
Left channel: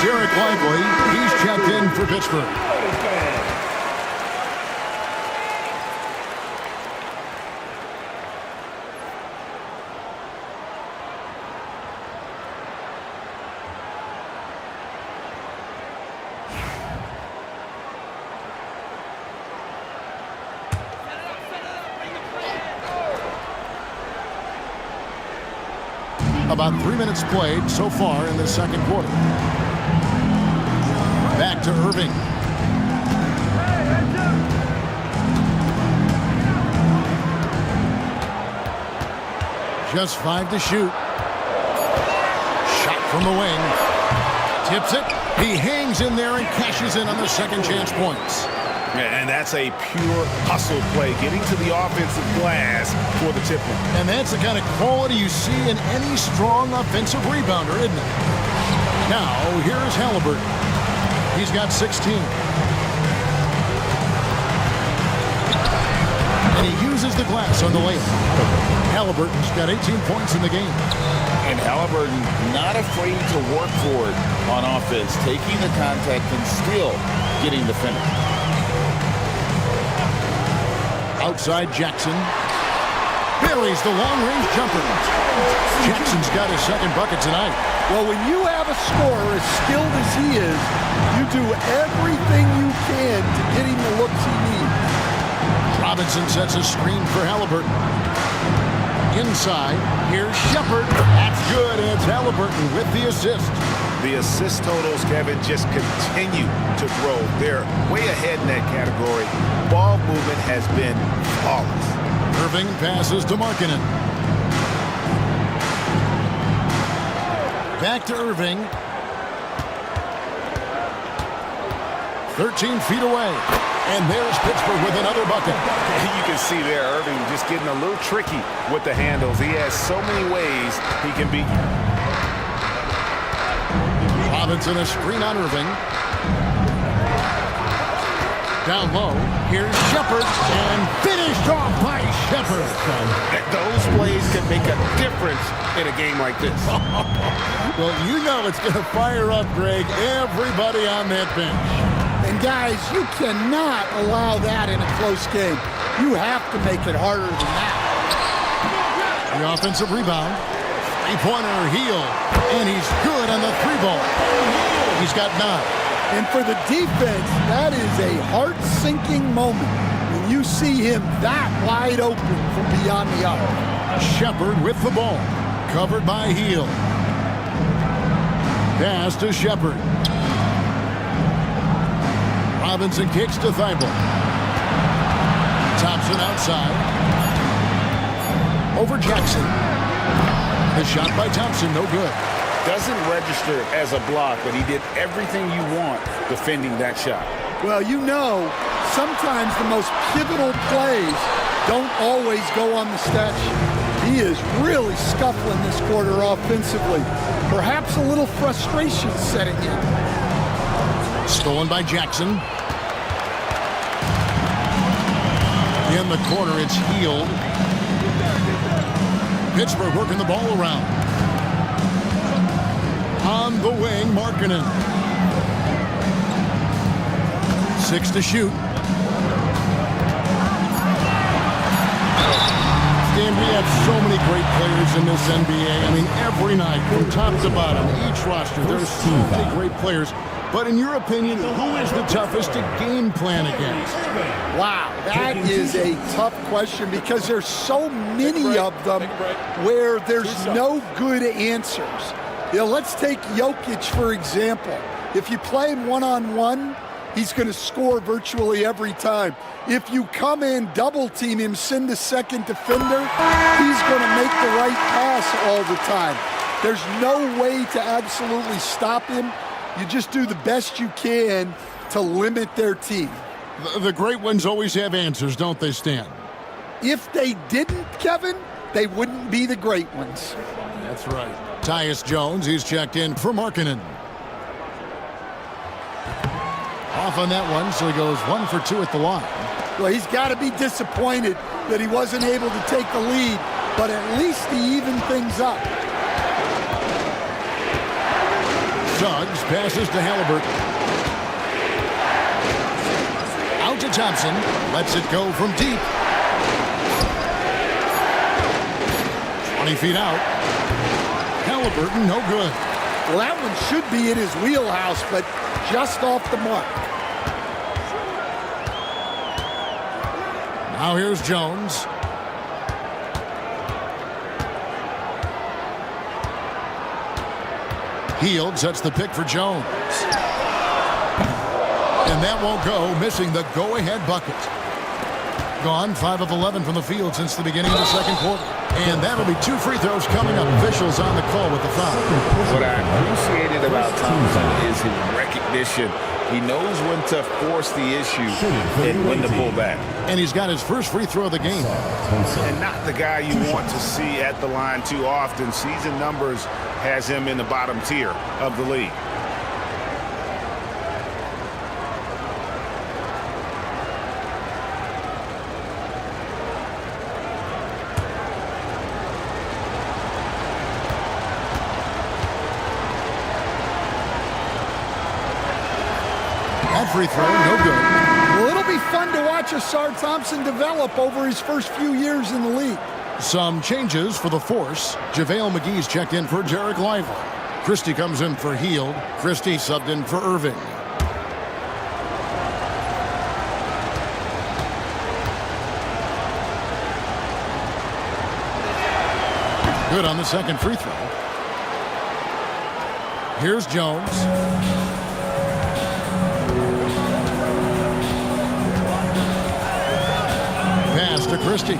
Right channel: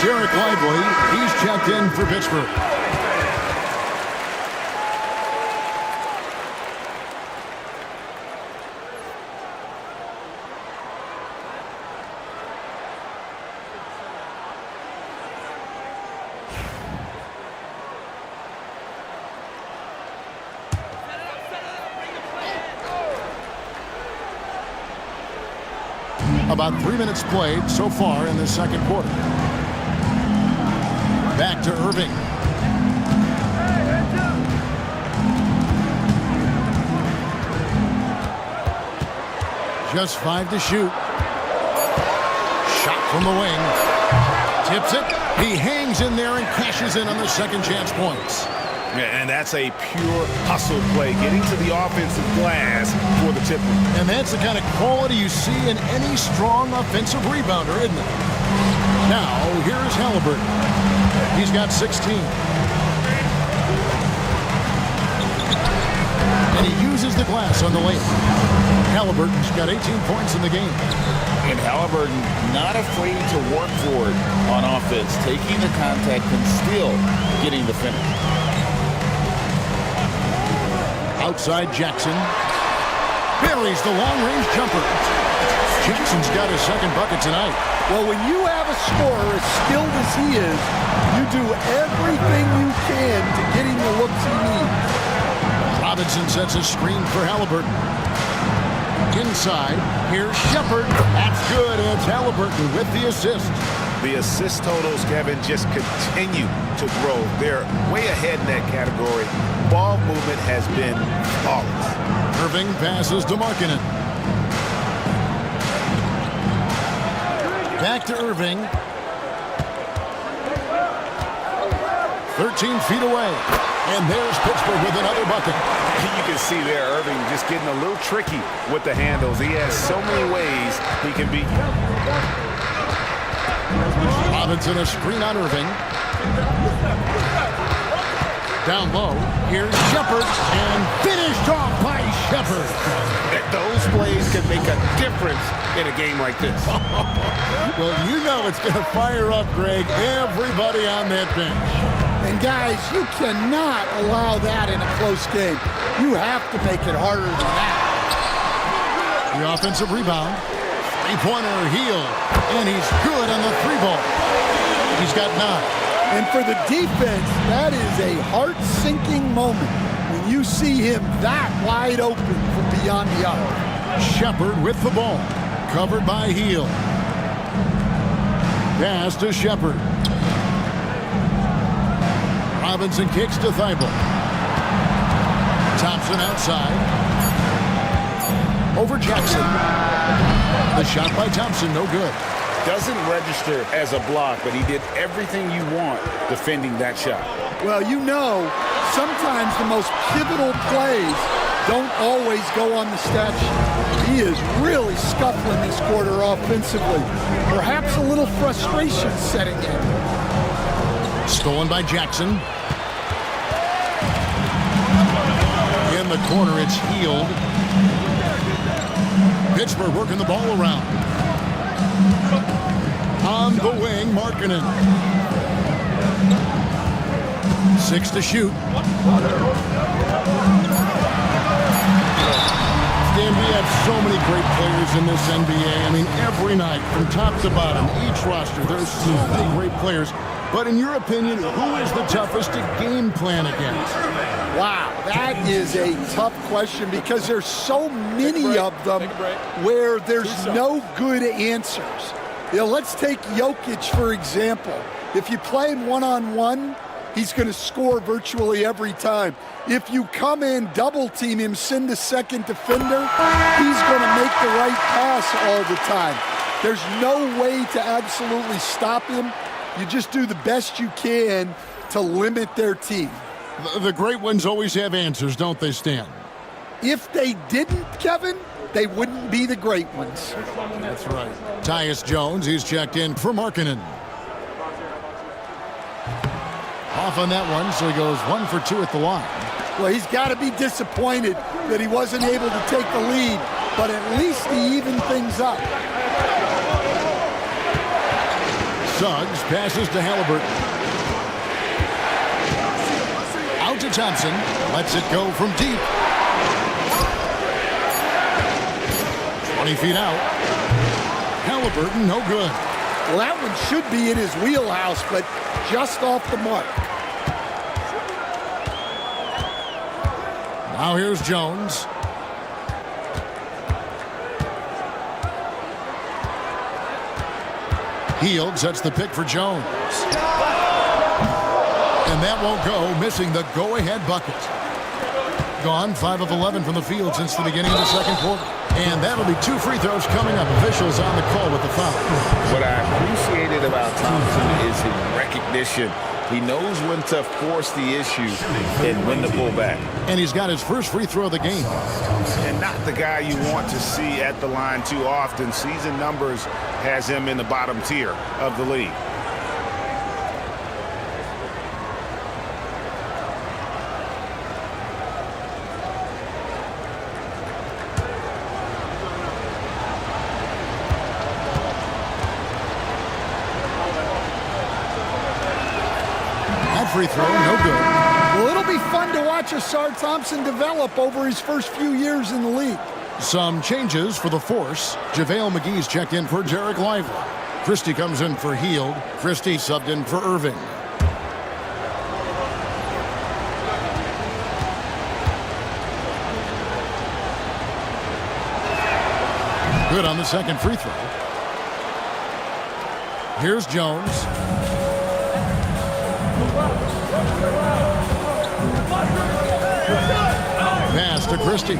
Derek Lively, he's checked in for Pittsburgh. About 3 minutes played so far in this second quarter. Back to Irving. Just 5 to shoot. Shot from the wing. Tips it. He hangs in there and cashes in on the second chance points. And that's a pure hustle play, getting to the offensive glass for the tip-in. And that's the kind of quality you see in any strong offensive rebounder, isn't it? Now, here's Halliburton. He's got 16. And he uses the glass on the layup. Halliburton's got 18 points in the game. And Halliburton not afraid to work for it on offense, taking the contact and still getting the finish. Outside Jackson. Buries the long-range jumper. Jackson's got his second bucket tonight. Well, when you have a scorer as skilled as he is, you do everything you can to get him the looks he needs. Robinson sets a screen for Halliburton. Inside, here's Shepard. That's good, and it's Halliburton with the assist. The assist totals, Kevin, just continue to grow. They're way ahead in that category. Ball movement has been flawless. Irving passes to Markkanen. Back to Irving. 13 feet away. And there's Pittsburgh with another bucket. You can see there Irving just getting a little tricky with the handles. He has so many ways he can beat you. Robinson a screen on Irving. Down low, here's Shepard, and finished off by Shepard. Those plays can make a difference in a game like this. Well, you know it's going to fire up, Greg, everybody on that bench. And guys, you cannot allow that in a close game. You have to make it harder than that. The offensive rebound. Three-pointer, Heel, and he's good on the three ball. He's got 9. And for the defense, that is a heart-sinking moment when you see him that wide open from beyond the arc. Shepard with the ball, covered by Heel. Pass to Shepard. Robinson kicks to Thibault. Thompson outside. Over Jackson. The shot by Thompson, no good. Doesn't register as a block, but he did everything you want defending that shot. Well, you know, sometimes the most pivotal plays don't always go on the stat sheet. He is really scuffling this quarter offensively. Perhaps a little frustration setting in. Stolen by Jackson. In the corner, it's Healed. Pittsburgh working the ball around. On the wing, Markkanen. 6 to shoot. Stan, we have so many great players in this NBA. I mean, every night, from top to bottom, each roster, there's so many great players. But in your opinion, who is the toughest to game plan against? Wow, that is a tough question because there's so many of them where there's no good answers. You know, let's take Jokic, for example. If you play him one-on-one, he's going to score virtually every time. If you come in, double-team him, send a second defender, he's going to make the right pass all the time. There's no way to absolutely stop him. You just do the best you can to limit their team. The great ones always have answers, don't they, Stan? If they didn't, Kevin, they wouldn't be the great ones. That's right. Tyus Jones, he's checked in for Markkanen. Off on that one, so he goes 1 for 2 at the line. Well, he's got to be disappointed that he wasn't able to take the lead, but at least he evened things up. Suggs passes to Halliburton. Out to Thompson. Lets it go from deep. 20 feet out. Halliburton, no good. Well, that one should be in his wheelhouse, but just off the mark. Now here's Jones. Hield sets the pick for Jones. And that won't go, missing the go-ahead bucket. Gone 5 of 11 from the field since the beginning of the second quarter. And that'll be 2 free throws coming up. Officials on the call with the foul. What I appreciated about Thompson is his recognition. He knows when to force the issue and when to pull back. And he's got his first free throw of the game. And not the guy you want to see at the line too often. Season numbers has him in the bottom tier of the league. That free throw, no good. Well, it'll be fun to watch Asar Thompson develop over his first few years in the league. Some changes for the Force. JaVale McGee's checked in for Derek Lively. Christie comes in for Hield. Christie subbed in for Irving. Good on the second free throw. Here's Jones. Pass to Christie.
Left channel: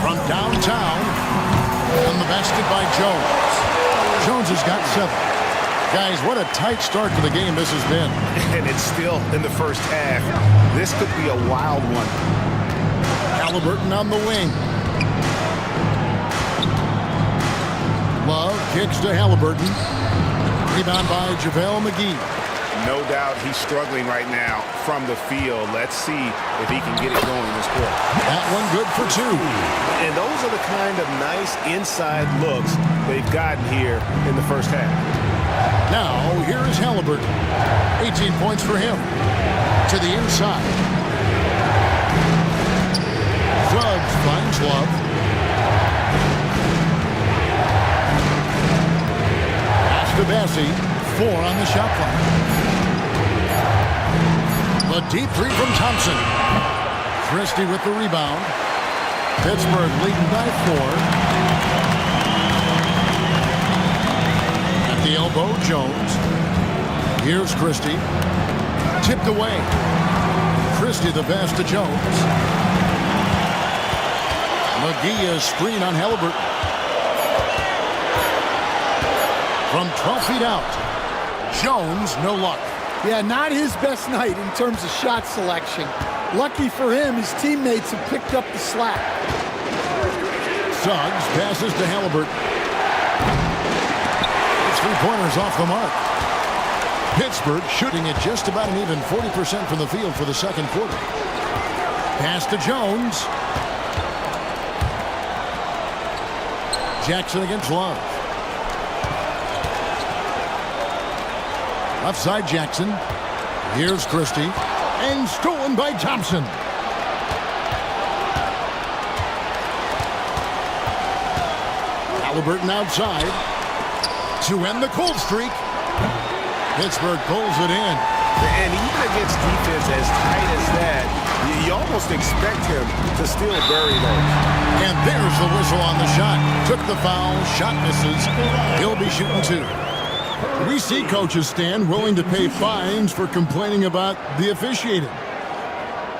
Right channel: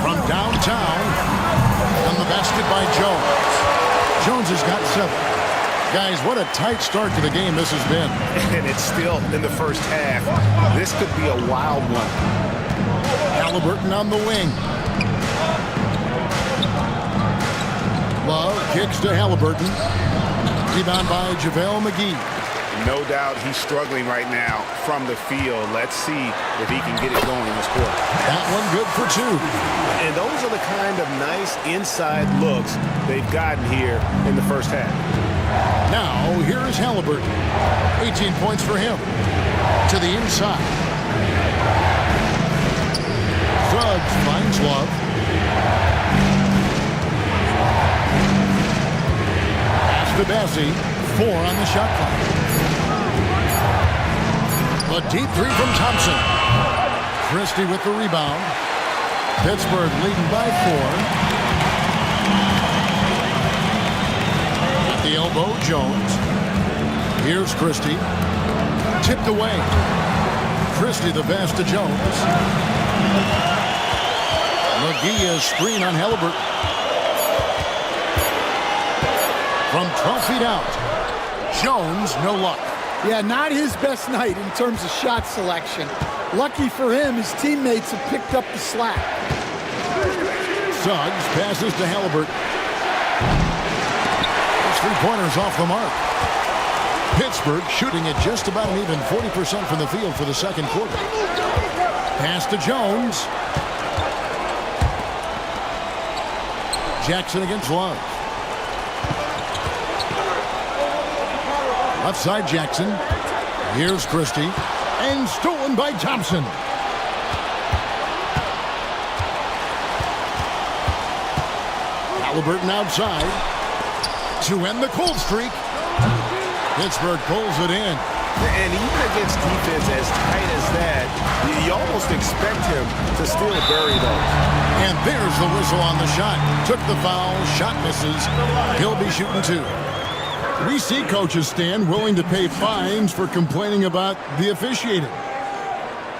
From downtown, on the basket by Jones. Jones has got 7. Guys, what a tight start to the game this has been. And it's still in the first half. This could be a wild one. Halliburton on the wing. Love kicks to Halliburton. Rebound by JaVale McGee. No doubt he's struggling right now from the field. Let's see if he can get it going this quarter. That one good for 2. And those are the kind of nice inside looks they've gotten here in the first half. Now, here is Halliburton. 18 points for him. To the inside. Suggs finds Love. Pass to Bassie. 4 on the shot clock. The deep 3 from Thompson. Christie with the rebound. Pittsburgh leading by 4. At the elbow, Jones. Here's Christie. Tipped away. Christie the pass to Jones. McGee is screen on Halliburton. From 12 feet out. Jones, no luck. Yeah, not his best night in terms of shot selection. Lucky for him, his teammates have picked up the slack. Suggs passes to Halliburton. Those 3-pointers off the mark. Pittsburgh shooting at just about an even 40% from the field for the second quarter. Pass to Jones. Jackson against Love. Left side Jackson. Here's Christie. And stolen by Thompson. Halliburton outside. To end the cold streak. Pittsburgh pulls it in. And even against defense as tight as that, you almost expect him to still bury those. And there's the whistle on the shot. Took the foul. Shot misses. He'll be shooting 2. We see coaches stand willing to pay fines for complaining about the officiating.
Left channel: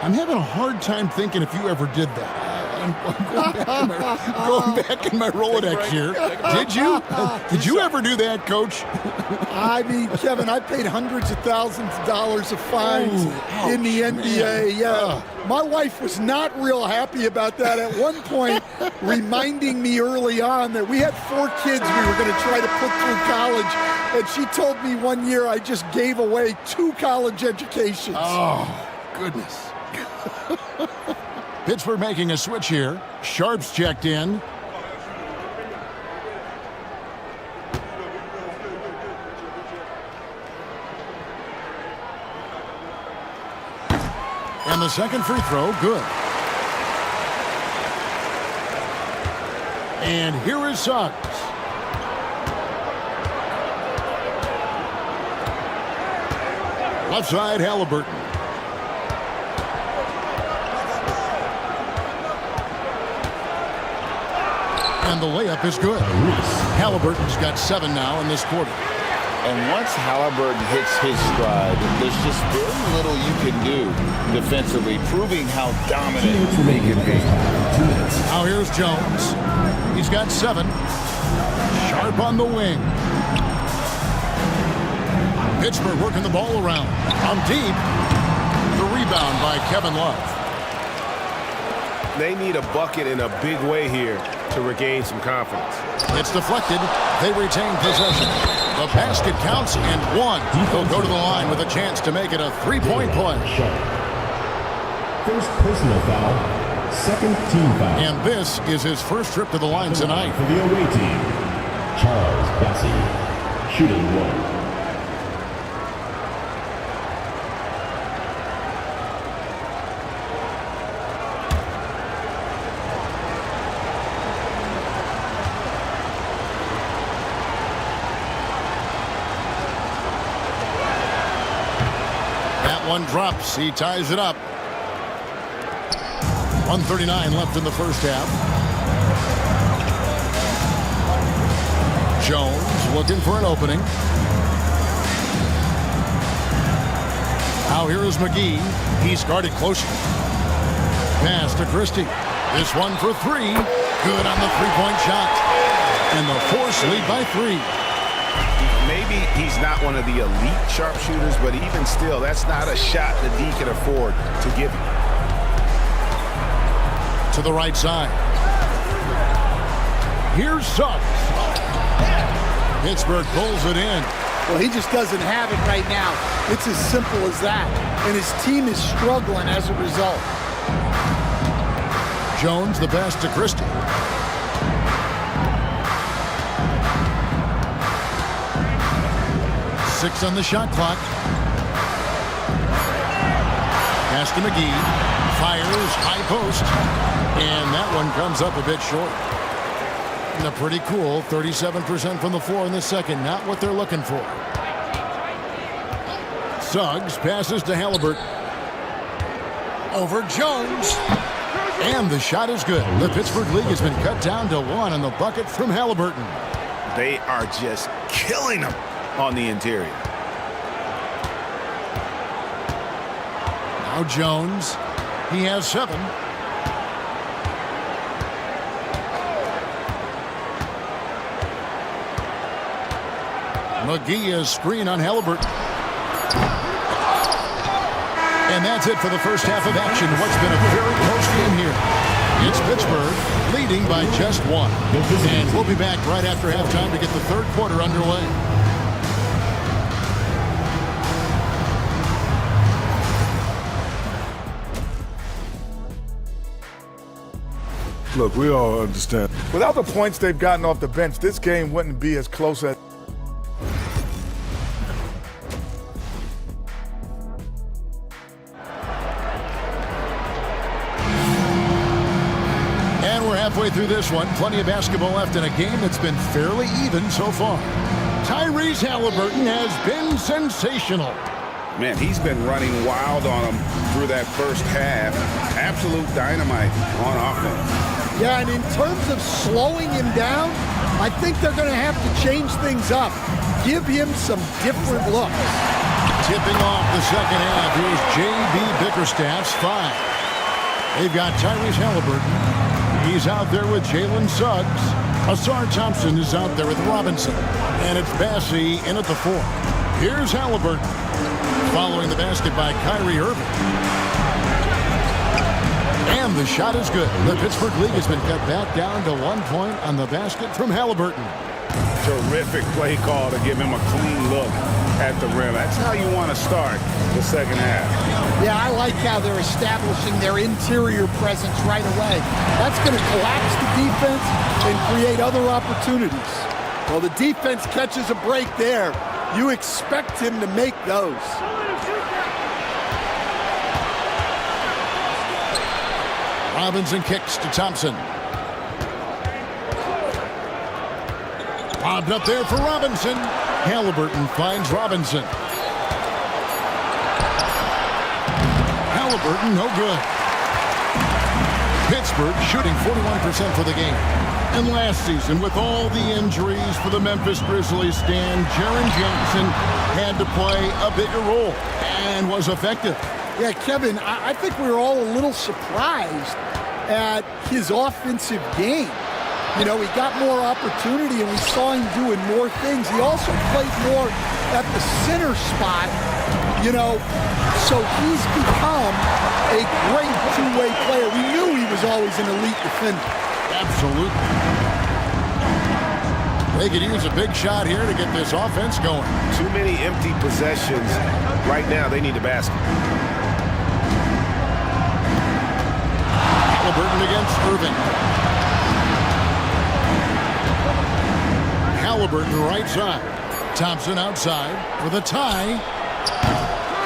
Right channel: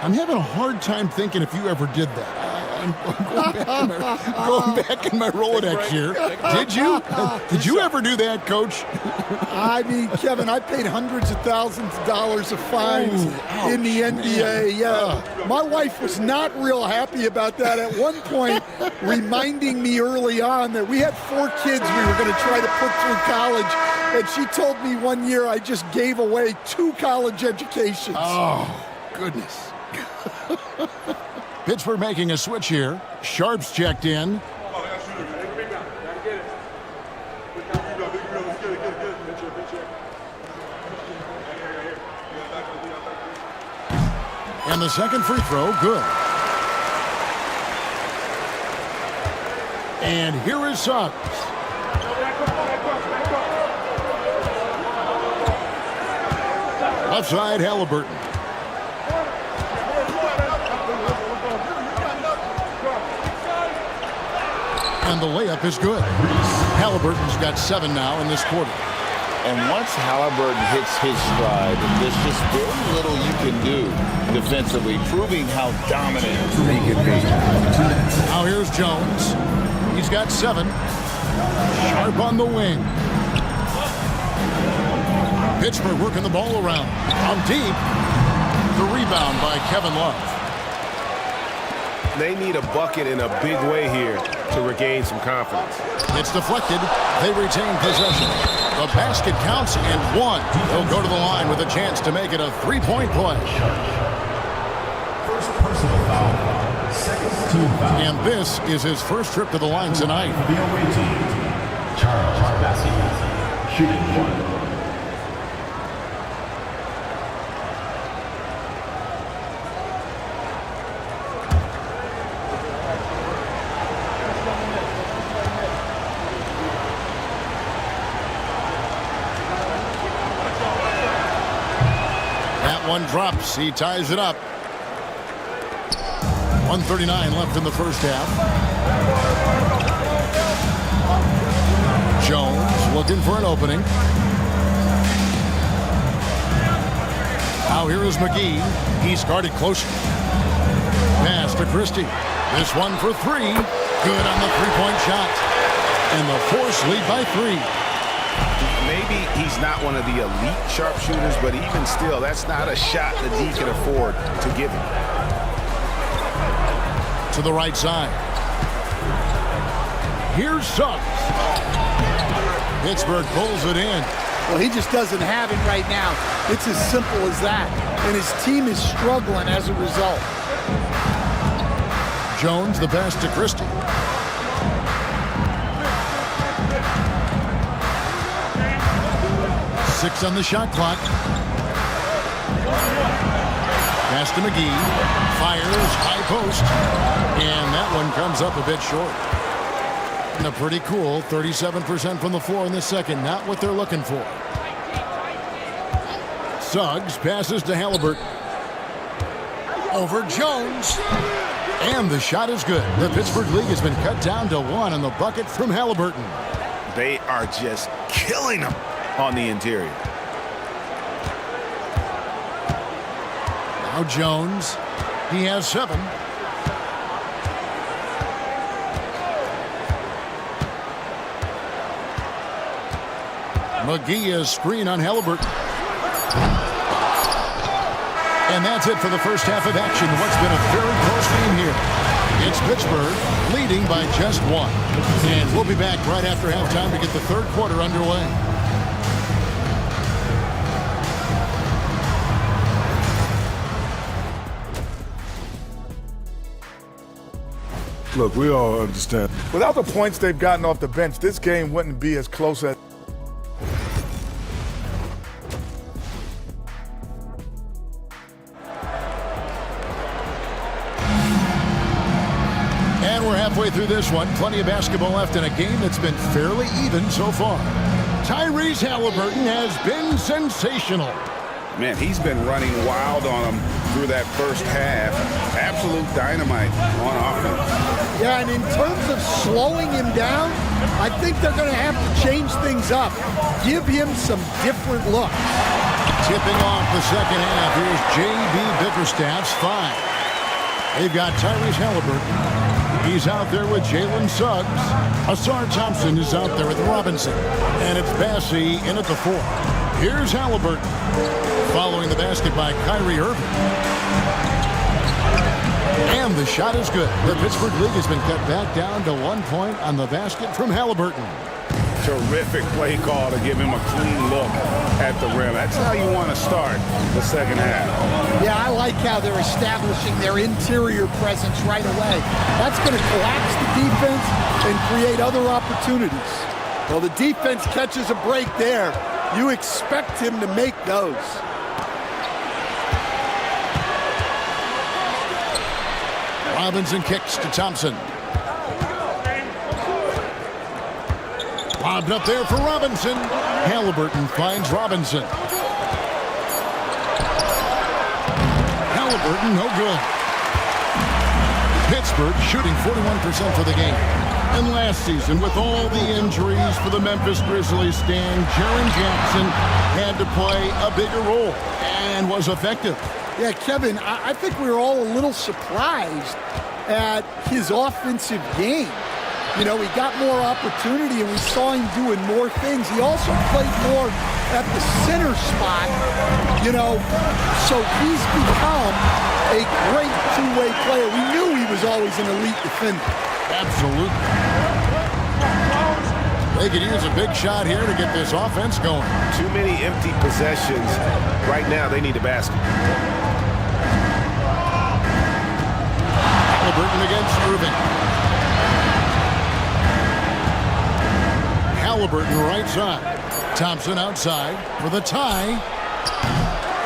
I'm having a hard time thinking if you ever did that. I'm going back in my Rolodex here. Did you? Did you ever do that, Coach? I mean, Kevin, I paid hundreds of thousands of dollars of fines in the NBA. Man. Yeah, my wife was not real happy about that at one point, reminding me early on that we had 4 kids we were going to try to put through college. And she told me one year I just gave away 2 college educations. Oh, goodness. Pittsburgh making a switch here. Sharp's checked in. And the second free throw, good. And here is Suggs. Left side, Halliburton. And the layup is good. Halliburton's got 7 now in this quarter. And once Halliburton hits his stride, there's just very little you can do defensively, proving how dominant he can be. Now here's Jones. He's got 7. Sharp on the wing. Pittsburgh working the ball around. From deep. The rebound by Kevin Love. They need a bucket in a big way here to regain some confidence. It's deflected. They retain possession. The basket counts and 1. They'll go to the line with a chance to make it a 3-point play. First personal foul, second team foul. And this is his first trip to the line tonight. For the away team, Charles Bassey, shooting 1. One drops. He ties it up. 1:39 left in the first half. Jones looking for an opening. Now here is McGee. He's guarded closer. Pass to Christie. This one for 3. Good on the three-point shot. And the Force lead by 3. Maybe he's not one of the elite sharpshooters, but even still, that's not a shot the D can afford to give him. To the right side. Here's Suggs. Pittsburgh pulls it in. Well, he just doesn't have it right now. It's as simple as that. And his team is struggling as a result. Jones, the pass to Christie. Six on the shot clock. Pass to McGee. Fires, high post. And that one comes up a bit short. And a pretty cool 37% from the floor in the second. Not what they're looking for. Suggs passes to Halliburton. Over Jones. And the shot is good. The Pittsburgh League has been cut down to 1 on the bucket from Halliburton. They are just killing them on the interior. Now Jones. He has 7. McGee is screen on Halliburton. And that's it for the first half of action. What's been a very close game here. It's Pittsburgh leading by just 1. And we'll be back right after halftime to get the third quarter underway. Look, we all understand. Without the points they've gotten off the bench, this game wouldn't be as close as. And we're halfway through this one. Plenty of basketball left in a game that's been fairly even so far. Tyrese Halliburton has been sensational. Man, he's been running wild on him through that first half. Absolute dynamite on offense. Yeah, and in terms of slowing him down, I think they're going to have to change things up. Give him some different looks. Tipping off the second half, here's J.B. Bickerstaff's 5. They've got Tyrese Halliburton. He's out there with Jalen Suggs. Asar Thompson is out there with Robinson. And it's Bassey in at the 4. Here's Halliburton. Following the basket by Kyrie Irving. And the shot is good. The Pittsburgh League has been cut back down to 1 point on the basket from Halliburton. Terrific play call to give him a clean look at the rim. That's how you want to start the second half. Yeah, I like how they're establishing their interior presence right away. That's going to collapse the defense and create other opportunities. Well, the defense catches a break there. You expect him to make those. Robinson kicks to Thompson. Lobbed up there for Robinson. Halliburton finds Robinson. Halliburton, no good. Pittsburgh shooting 41% for the game. And last season, with all the injuries for the Memphis Grizzlies, Stan, Jaren Jackson had to play a bigger role and was effective. Yeah, Kevin, I think we were all a little surprised at his offensive game. You know, he got more opportunity and we saw him doing more things. He also played more at the center spot, you know, so he's become a great two-way player. We knew he was always an elite defender. Absolutely. They could use a big shot here to get this offense going. Too many empty possessions. Right now, they need a basket. Halliburton against Irving. Halliburton right side. Thompson outside for the tie.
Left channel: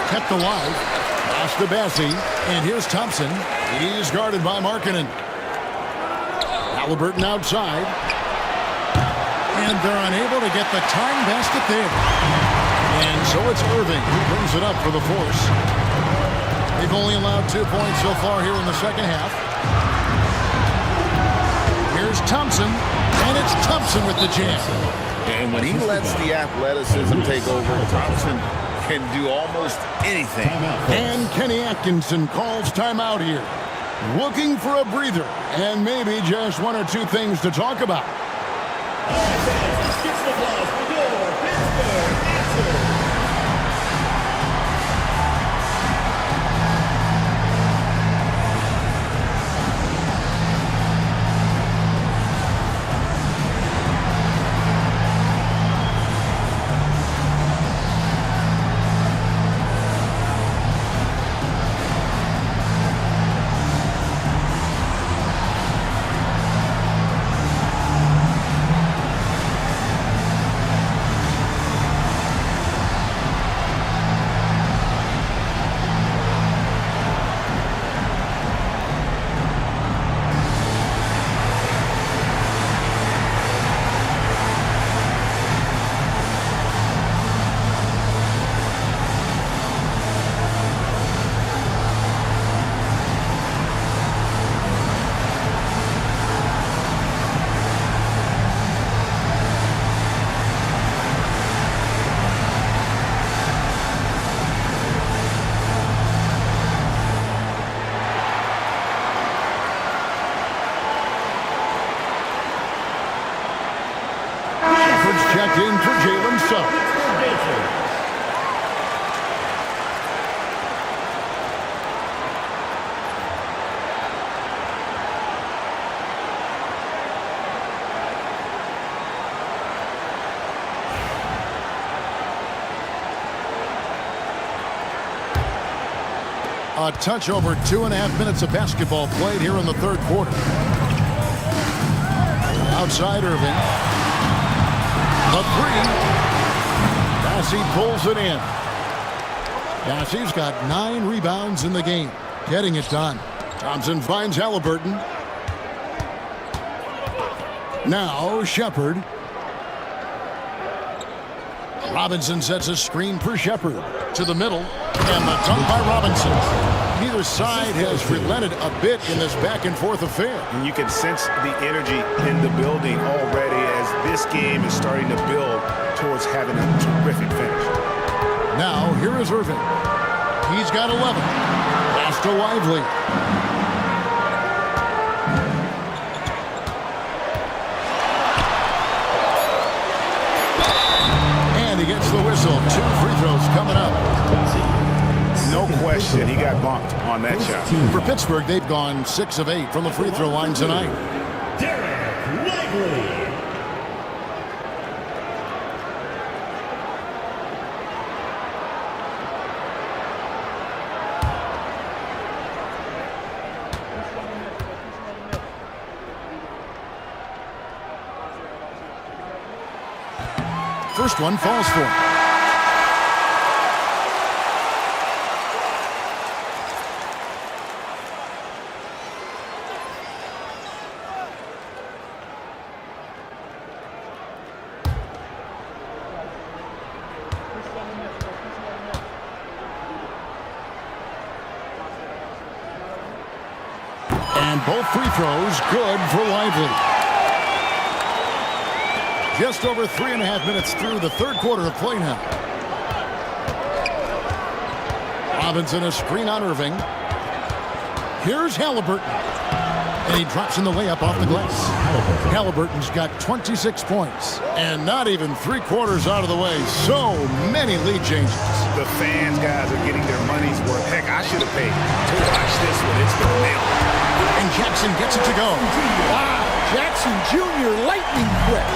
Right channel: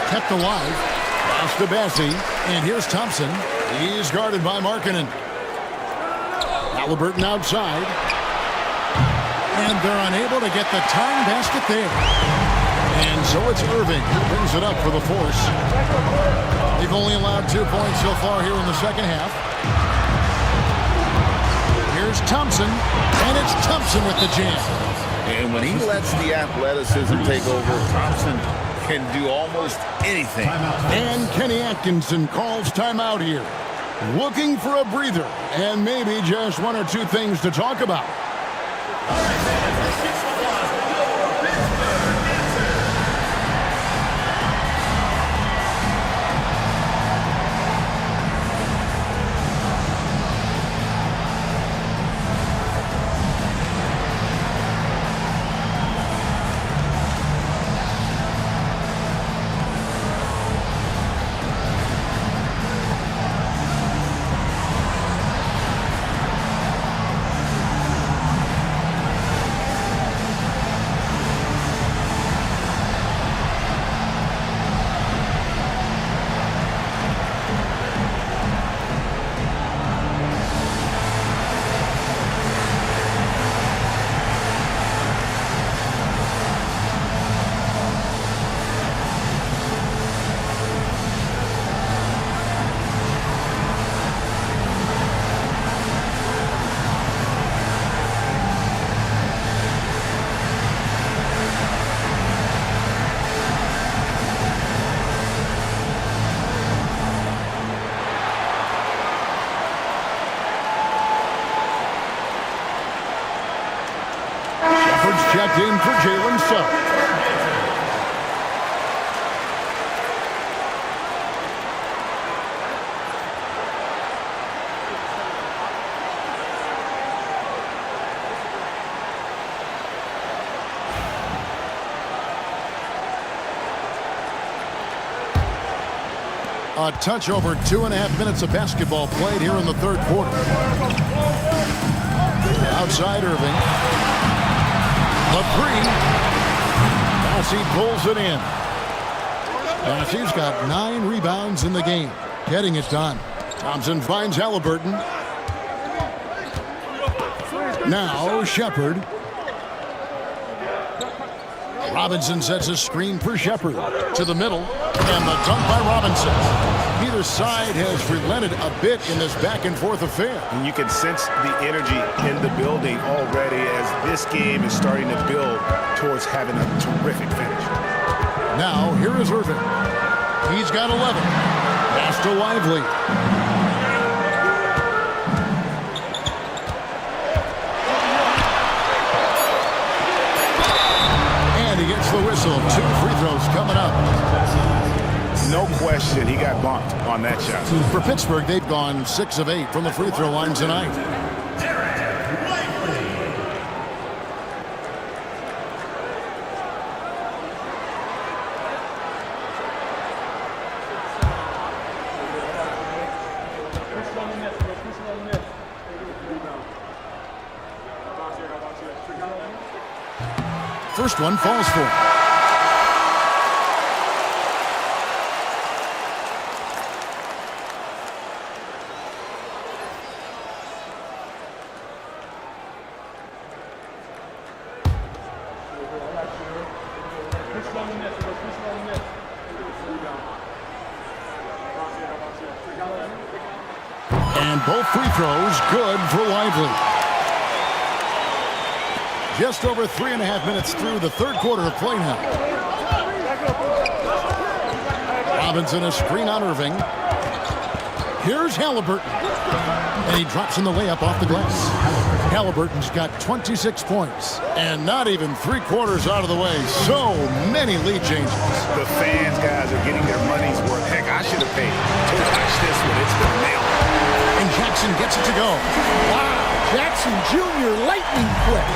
Kept alive. Pass to Bassie. And here's Thompson. He's guarded by Markkanen. Halliburton outside. And they're unable to get the tying basket there. And so it's Irving who brings it up for the Force. They've only allowed 2 points so far here in the second half. Here's Thompson. And it's Thompson with the jam. And when he lets the athleticism take over, Thompson can do almost anything. And Kenny Atkinson calls timeout here. Looking for a breather and maybe just one or two things to talk about. Checked in for Jalen Suggs. A touch over 2.5 minutes of basketball played here in the third quarter. Outside Irving. The three. Bassie pulls it in. Bassie's got 9 rebounds in the game. Getting it done. Thompson finds Halliburton. Now Shepherd. Robinson sets a screen for Shepherd. To the middle. And the dunk by Robinson. Neither side has relented a bit in this back-and-forth affair. And you can sense the energy in the building already as this game is starting to build towards having a terrific finish. Now, here is Irving. He's got 11. Pass to Lively. And he gets the whistle. 2 free throws coming up. No question, he got bumped on that shot. For Pittsburgh, they've gone 6 of 8 from the free throw line tonight. First one falls for him. And both free throws good for Lively. Just over 3.5 minutes through the third quarter of play now. Robinson, a screen on Irving. Here's Halliburton. And he drops in the layup off the glass. Halliburton's got 26 points. And not even 3/4 out of the way. So many lead changes. The fans, guys, are getting their money's worth. Heck, I should have paid to watch this one. It's been a nail biter. And Jackson gets it to go. Wow, Jackson Jr. lightning quick.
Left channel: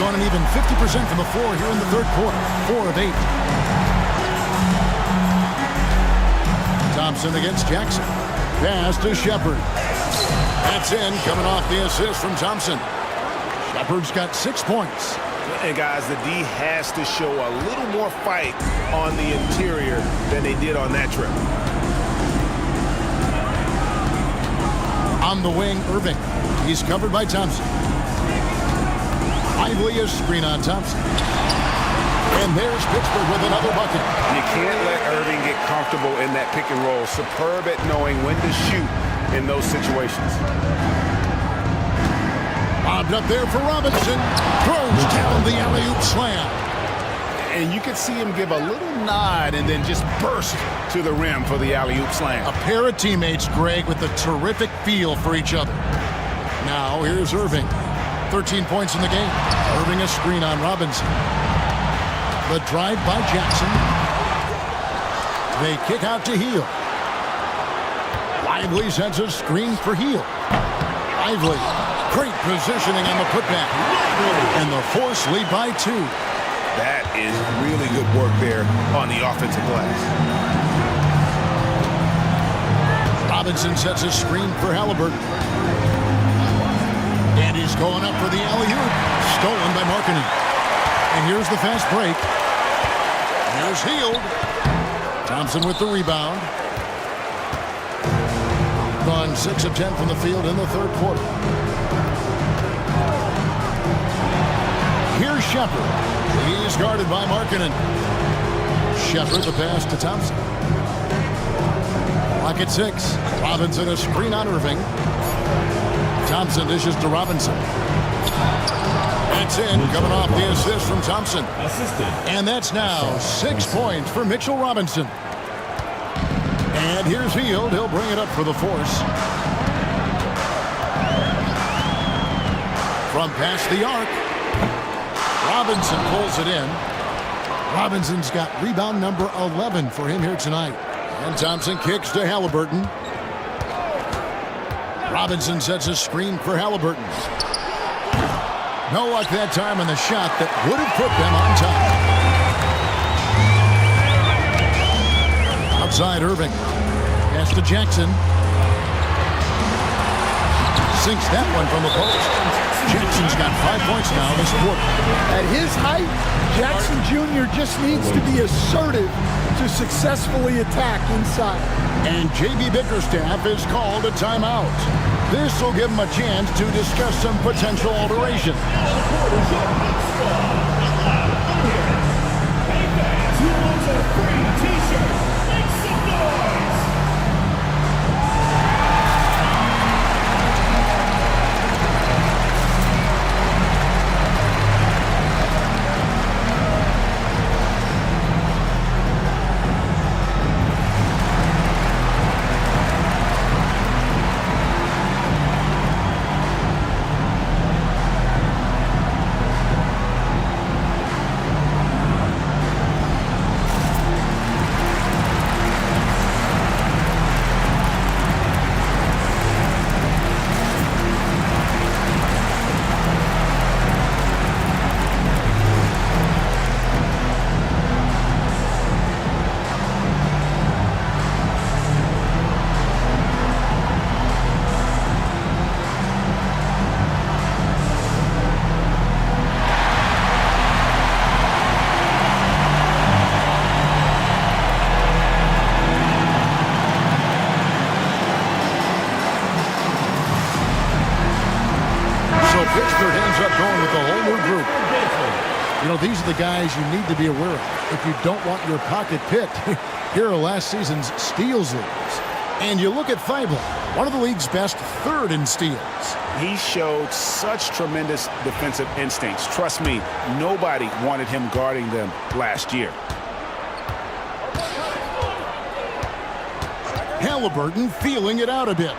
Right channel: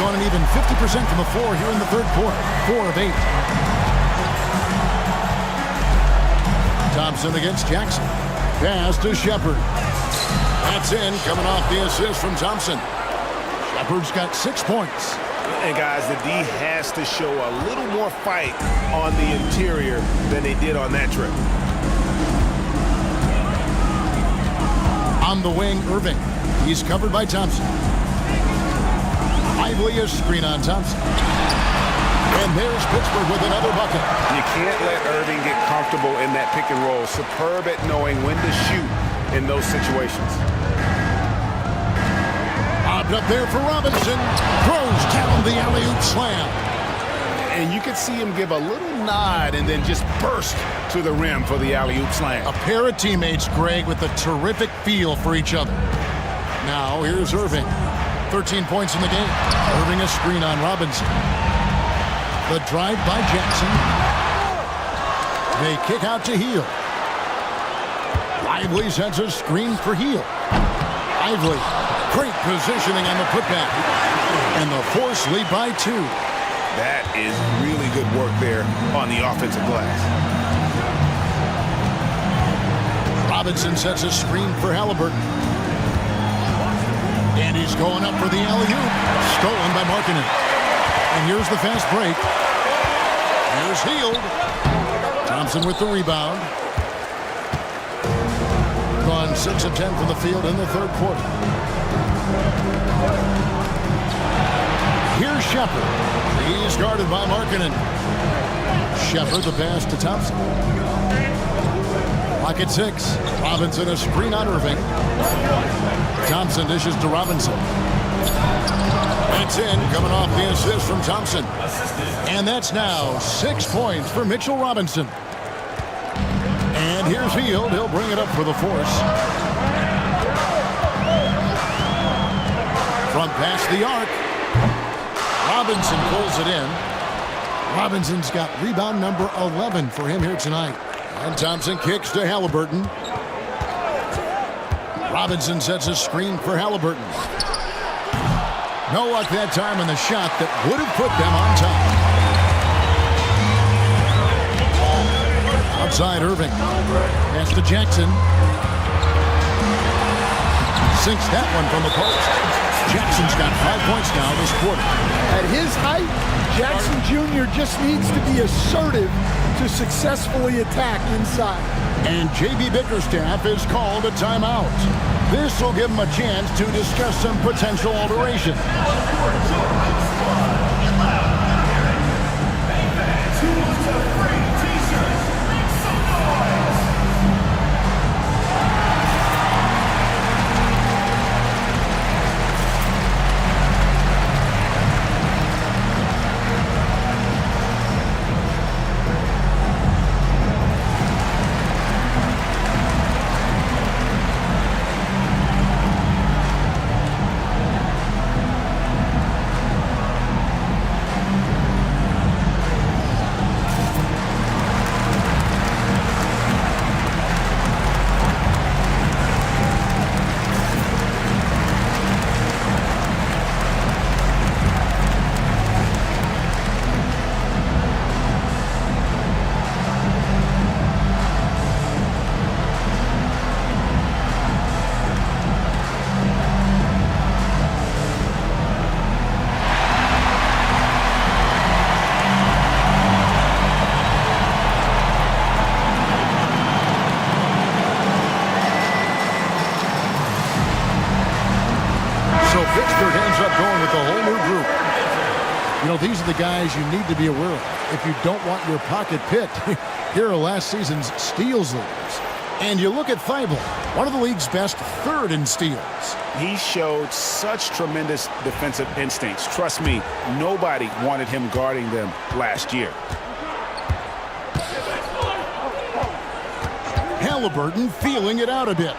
Gone an even 50% from the floor here in the third quarter. 4 of 8. Thompson against Jackson. Pass to Shepard. That's in, coming off the assist from Thompson. Shepard's got 6 points. And guys, the D has to show a little more fight on the interior than they did on that trip. On the wing, Irving. He's covered by Thompson. Lively a screen on Thompson. And there's Pittsburgh with another bucket. You can't let Irving get comfortable in that pick and roll. Superb at knowing when to shoot in those situations. Lobbed up there for Robinson. Throws down the alley-oop slam. And you could see him give a little nod and then just burst to the rim for the alley-oop slam. A pair of teammates, Greg, with a terrific feel for each other. Now, here's Irving. 13 points in the game. Irving a screen on Robinson. The drive by Jackson. They kick out to Heel. Lively sends a screen for Heel. Lively, great positioning on the putback. And the Force lead by 2. That is really good work there on the offensive glass. Robinson sets a screen for Halliburton. And he's going up for the alley-oop. Stolen by Markkanen. And here's the fast break. Here's Hield. Thompson with the rebound. Gone 6 of 10 from the field in the third quarter. Here's Shepard. He's guarded by Markkanen. Shepard the pass to Thompson. Clock at 6. Robinson a screen on Irving. Thompson dishes to Robinson. That's in, coming off the assist from Thompson. And that's now 6 points for Mitchell Robinson. And here's Hield. He'll bring it up for the Force. From past the arc. Robinson pulls it in. Robinson's got rebound number 11 for him here tonight. And Thompson kicks to Halliburton. Robinson sets a screen for Halliburton. No luck that time on the shot that would have put them on top. Outside Irving. Pass to Jackson. Sinks that one from the post. Jackson's got 5 points now this quarter. At his height, Jackson Jr. just needs to be assertive to successfully attack inside. And J.B. Bickerstaff is called a timeout. This will give him a chance to discuss some potential alterations. So Pittsburgh ends up going with the whole new group. You know, these are the guys you need to be aware of if you don't want your pocket picked. Here are last season's steals leaders. And you look at Thibault, one of the league's best, third in steals. He showed such tremendous defensive instincts. Trust me, nobody wanted him guarding them last year. Halliburton feeling it out a bit.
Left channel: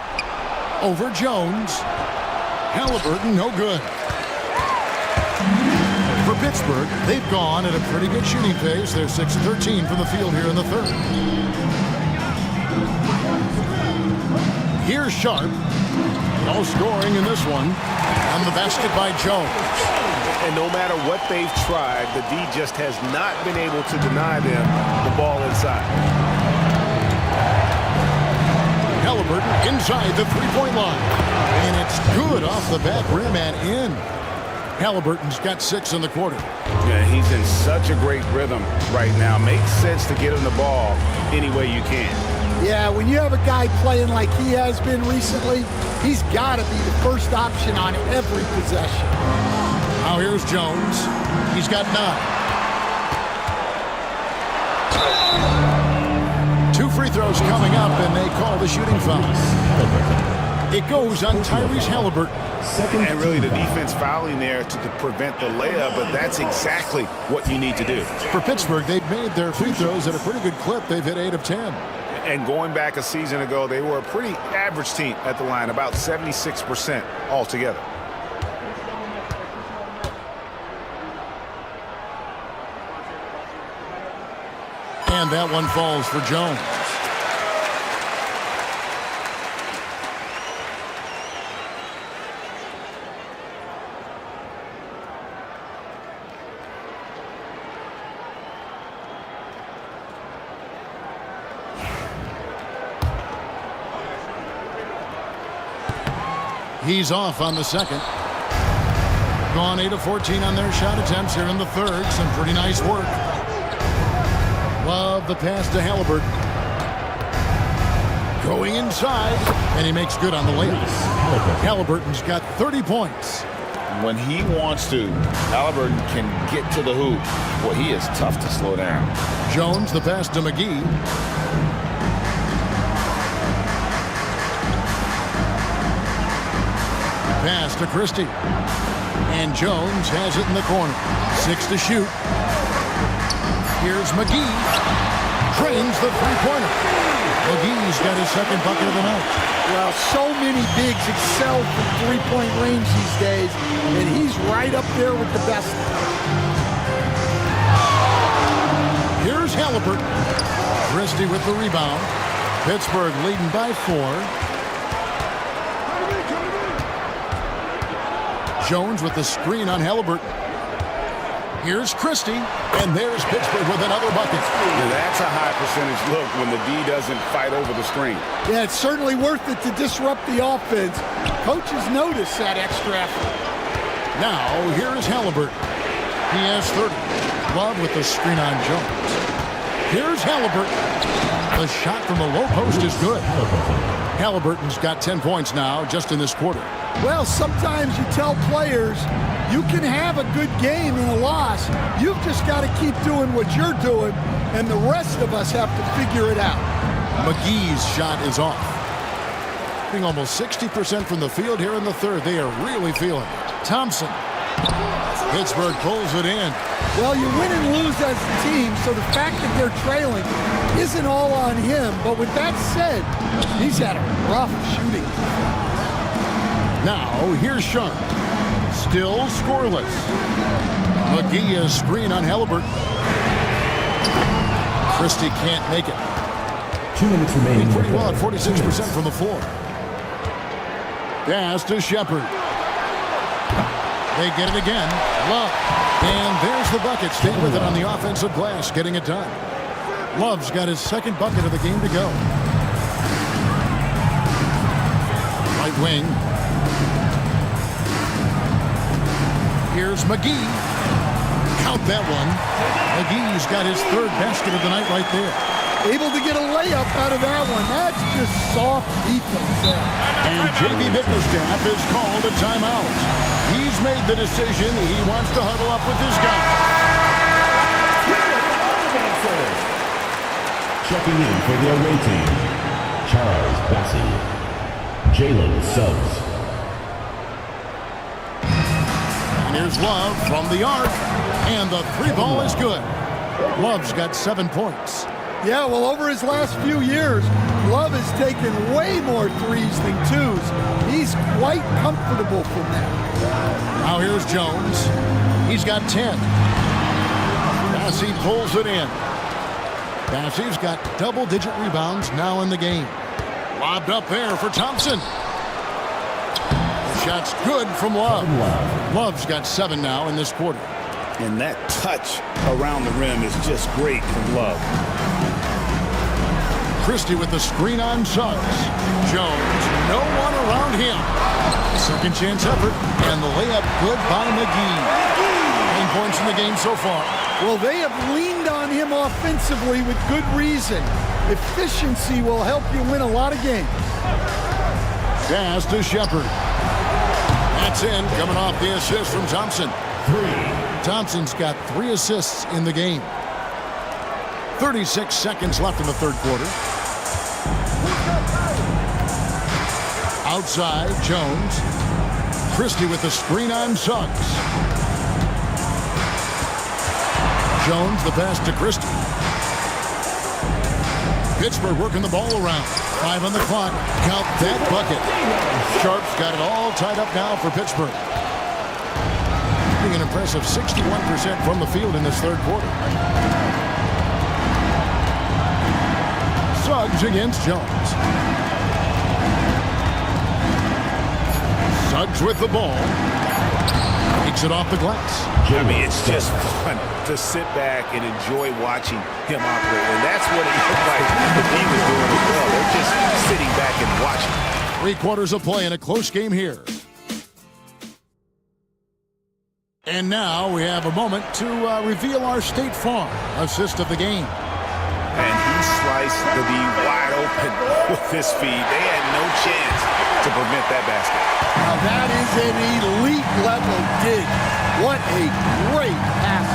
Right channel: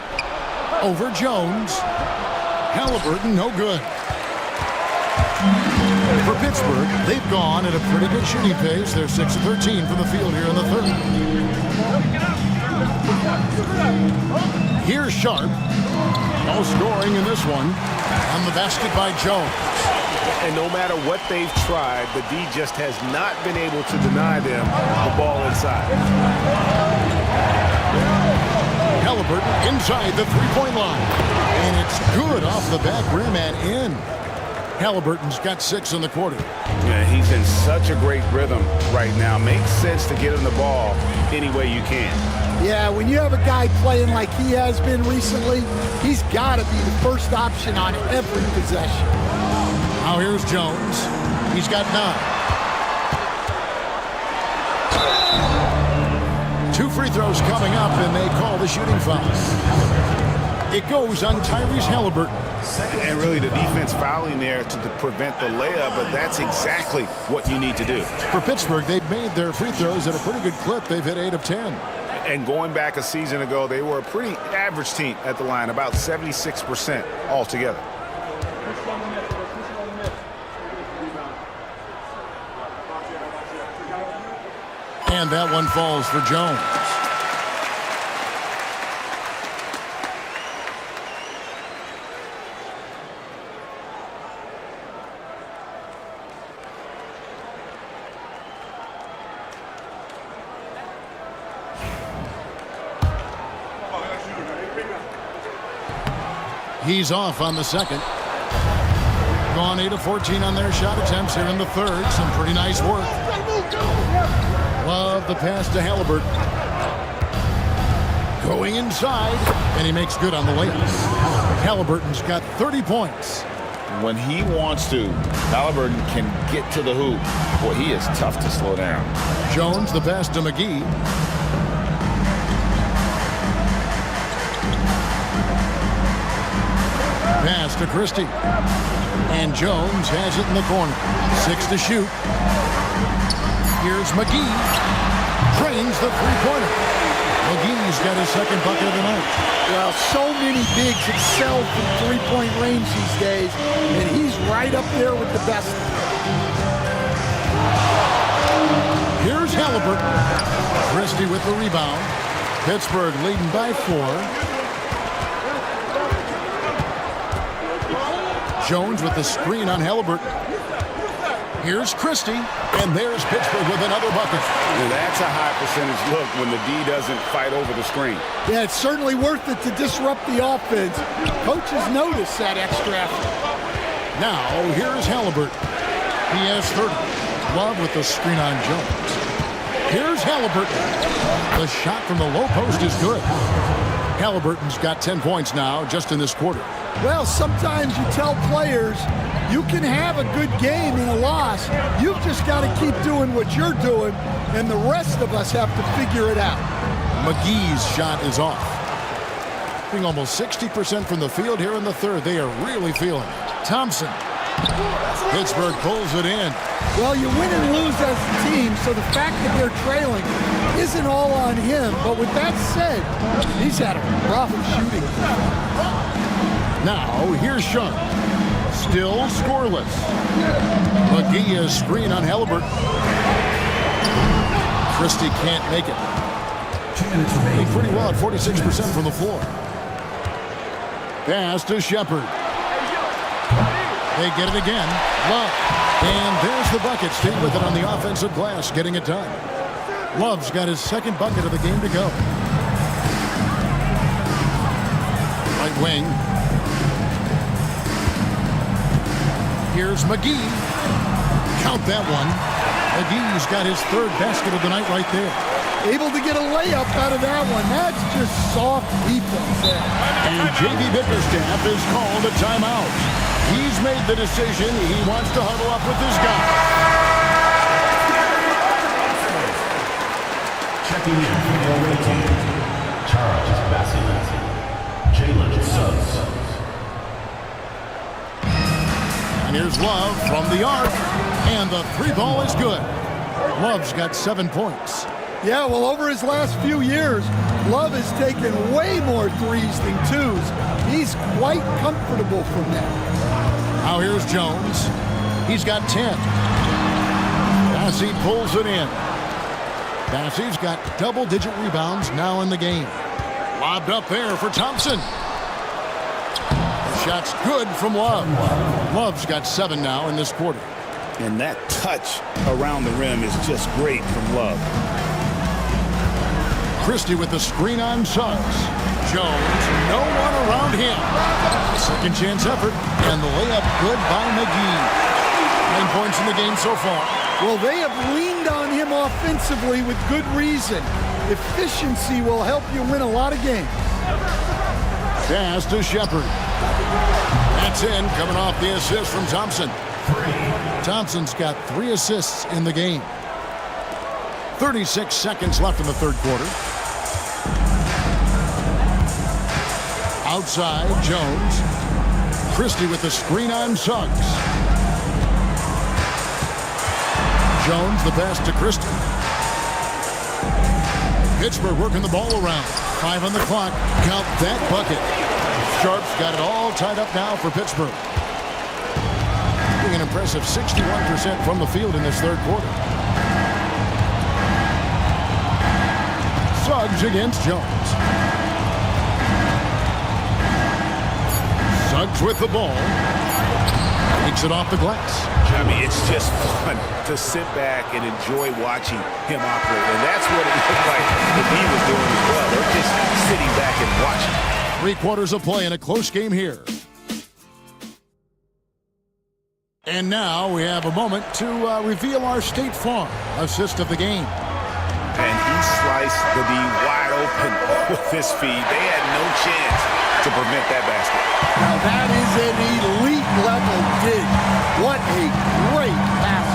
Over Jones. Halliburton, no good. For Pittsburgh, they've gone at a pretty good shooting pace. They're 6 of 13 from the field here in the third. Here's Sharp. No scoring in this one. On the basket by Jones. And no matter what they've tried, the D just has not been able to deny them the ball inside. Halliburton inside the three-point line. And it's good off the back rim and in. Halliburton's got 6 in the quarter. Yeah, he's in such a great rhythm right now. Makes sense to get him the ball any way you can. Yeah, when you have a guy playing like he has been recently, he's got to be the first option on every possession. Now here's Jones. He's got 9. 2 free throws coming up, and they call the shooting foul. It goes on Tyrese Halliburton. And really the defense fouling there to prevent the layup, but that's exactly what you need to do. For Pittsburgh, they've made their free throws at a pretty good clip. They've hit 8 of 10. And going back a season ago, they were a pretty average team at the line, about 76% altogether. And that one falls for Jones. He's off on the second. Gone 8 of 14 on their shot attempts here in the third. Some pretty nice work. Love the pass to Halliburton. Going inside, and he makes good on the layup. Halliburton's got 30 points. When he wants to, Halliburton can get to the hoop. Boy, he is tough to slow down. Jones, the pass to McGee. Pass to Christie. And Jones has it in the corner. 6 to shoot. Here's McGee. Drains the three-pointer. McGee's got his second bucket of the night. Well, so many bigs excel from three-point range these days, and he's right up there with the best. Here's Halliburton. Christie with the rebound. Pittsburgh leading by 4. Jones with the screen on Halliburton. Here's Christie, and there's Pittsburgh with another bucket. Now that's a high percentage look when the D doesn't fight over the screen. Yeah, it's certainly worth it to disrupt the offense. Coaches notice that extra effort. Now, here's Halliburton. He has 30. Love with the screen on Jones. Here's Halliburton. The shot from the low post is good. Halliburton's got 10 points now just in this quarter. Well, sometimes you tell players you can have a good game in a loss. You've just got to keep doing what you're doing, and the rest of us have to figure it out. McGee's shot is off. Being almost 60% from the field here in the third. They are really feeling it. Thompson. Pittsburgh pulls it in. Well, you win and lose as a team, so the fact that they're trailing isn't all on him. But with that said, he's had a rough shooting. Now, here's Sharp. Still scoreless. McGee has screen on Halliburton. Christie can't make it. 2 minutes remaining. Pretty well at 46% from the floor. Pass to Shepard. They get it again. Love. And there's the bucket. Stay with it on the offensive glass, getting it done. Love's got his second bucket of the game to go. Right wing. Here's McGee. Count that one. McGee's got his third basket of the night right there. able to get a layup out of that one. That's just soft defense there. And J.B. Bickerstaff is called a timeout. He's made the decision. He wants to huddle up with his guy. Checking in for the away team, Charles Bassey, Jalen Suggs. And here's Love from the arc. And the three ball is good. Love's got 7 points. Yeah, well, over his last few years, Love has taken way more threes than twos. He's quite comfortable from that. Now here's Jones. He's got 10. Bassey pulls it in. Bassey's got double-digit rebounds now in the game. Lobbed up there for Thompson. The shot's good from Love. Love's got 7 now in this quarter. And that touch around the rim is just great from Love. Christie with the screen on Suggs. Jones, no one around him. Second chance effort, and the layup good by McGee. 9 points in the game so far. Well, they have leaned on him offensively with good reason. Efficiency will help you win a lot of games. Pass to Shepard. That's in, coming off the assist from Thompson. Thompson's got 3 assists in the game. 36 seconds left in the third quarter. Outside, Jones. Christie with the screen on Suggs. Jones, the pass to Christie. Pittsburgh working the ball around. 5 on the clock. Count that bucket. Sharp's got it all tied up now for Pittsburgh. An impressive 61% from the field in this third quarter. Suggs against Jones. Suggs with the ball. Takes it off the glass. I mean, it's just fun to sit back and enjoy watching him operate. And that's what it looked like the D was doing as well. They're just sitting back and watching. 3 quarters of play in a close game here. And now we have a moment to reveal our State Farm assist of the game. And he sliced the D wide open with this feed. They had no chance to prevent that basket. Now that is an elite level dig. What a great pass.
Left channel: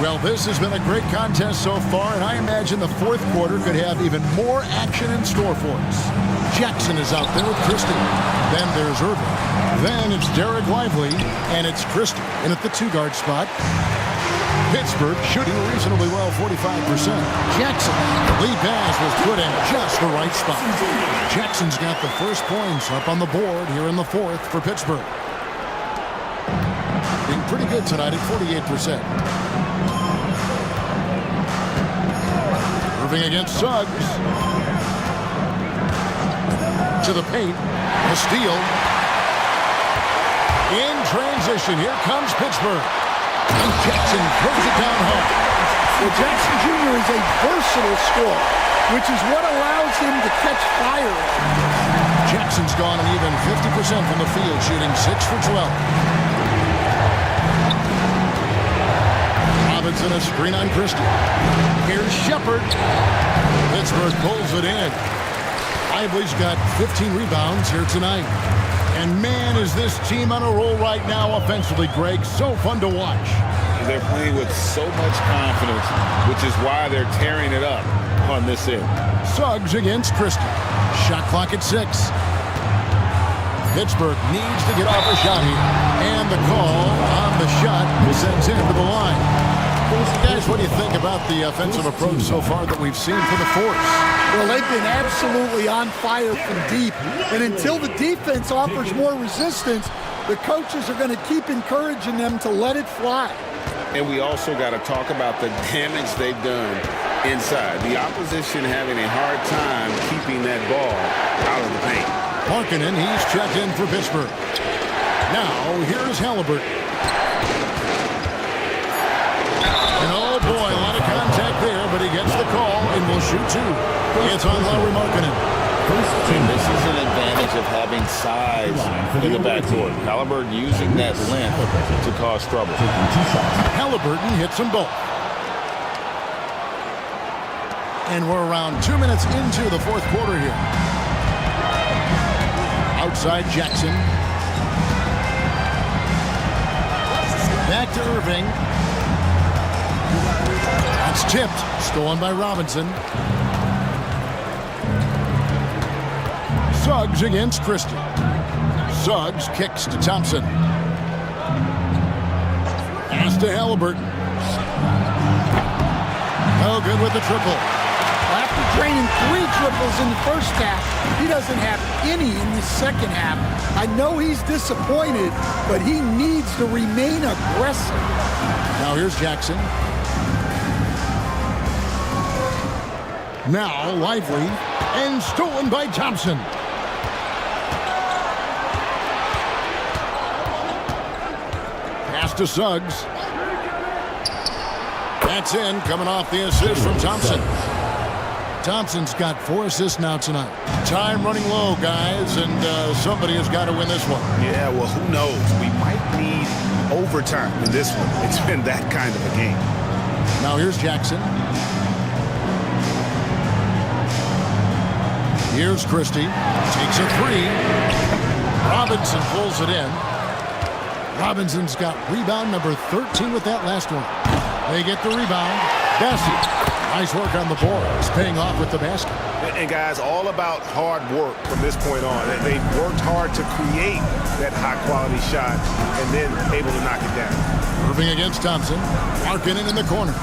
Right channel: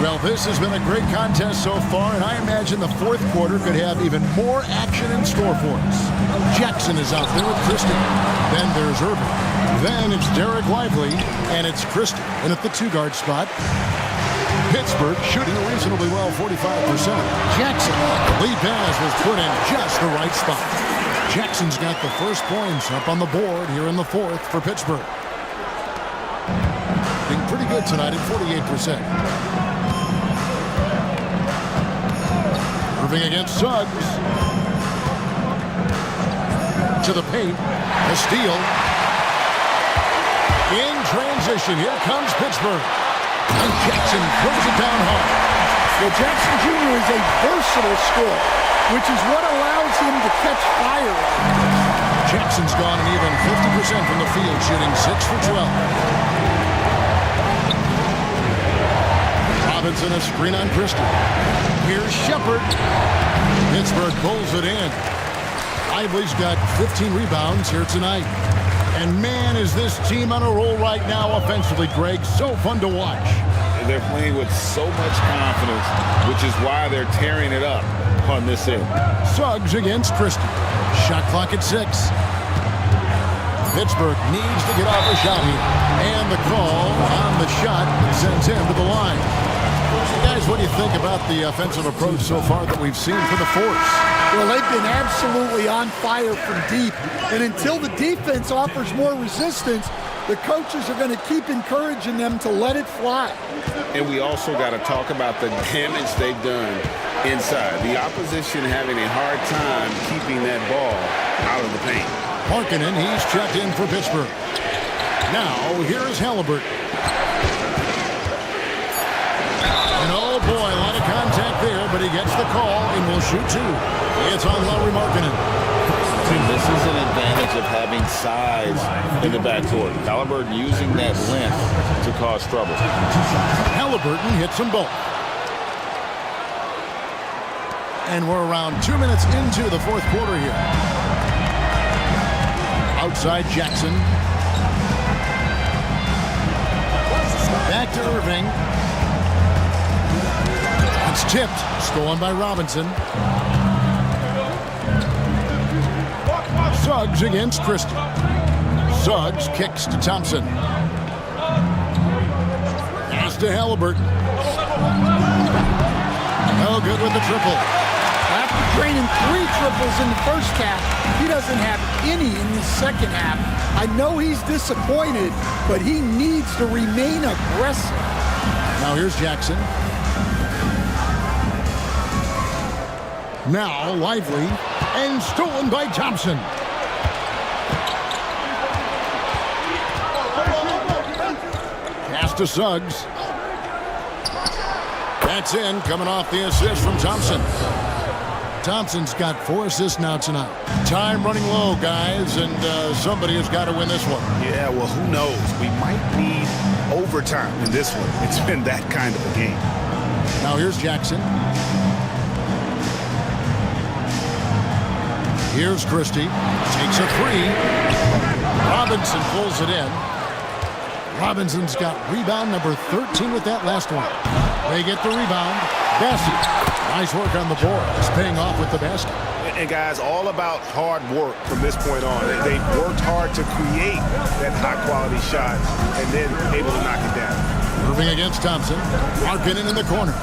Well, this has been a great contest so far, and I imagine the fourth quarter could have even more action in store for us. Jackson is out there with Christie. Then there's Irving. Then it's Derek Lively, and it's Christie in at the 2-guard spot. Pittsburgh shooting reasonably well, 45%. Jackson, the lead pass was put in just the right spot. Jackson's got the first points up on the board here in the fourth for Pittsburgh. Being pretty good tonight at 48%. Irving against Suggs. To the paint. A steal. In transition, here comes Pittsburgh. And Jackson throws it down hard. Well, Jackson Jr. is a versatile scorer, which is what allows him to catch fire like this. Jackson's gone an even 50% from the field, shooting 6 for 12. Robinson a screen on Christie. Here's Shepard. Pittsburgh pulls it in. Lively's got 15 rebounds here tonight. And man, is this team on a roll right now offensively, Greg. So fun to watch. They're playing with so much confidence, which is why they're tearing it up on this end. Suggs against Christie. Shot clock at 6. Pittsburgh needs to get off a shot here. And the call on the shot that sends him to the line. Guys, what do you think about the offensive approach so far that we've seen for the Force? Well, they've been absolutely on fire from deep. And until the defense offers more resistance, the coaches are going to keep encouraging them to let it fly. And we also got to talk about the damage they've done inside. The opposition having a hard time keeping that ball out of the paint. Markkanen, he's checked in for Pittsburgh. Now, here's Halliburton. And oh boy, a lot of contact there, but he gets the call and will shoot 2. It's on Lauri Markkanen. And this is an advantage of having size in the backcourt. Halliburton using that length to cause trouble. Halliburton hits them both. And we're around 2 minutes into the fourth quarter here. Outside Jackson. Back to Irving. It's tipped. Stolen by Robinson. Suggs against Christie. Suggs kicks to Thompson. Pass to Halliburton. No good with the triple. After draining 3 triples in the first half, he doesn't have any in the second half. I know he's disappointed, but he needs to remain aggressive. Now here's Jackson. Now Lively, and stolen by Thompson. Pass to Suggs. That's in, coming off the assist from Thompson. Thompson's got 4 assists now tonight. Time running low, guys, and somebody has got to win this one. Yeah, well, who knows? We might need overtime in this one. It's been that kind of a game. Now here's Jackson. Here's Christie. Takes a 3. Robinson pulls it in. Robinson's got rebound number 13 with that last one. They get the rebound. Bassett. Nice work on the boards, paying off with the basket. And guys, all about hard work from this point on. They've worked hard to create that high-quality shot and then able to knock it down. Irving against Thompson. Markkanen in the corner.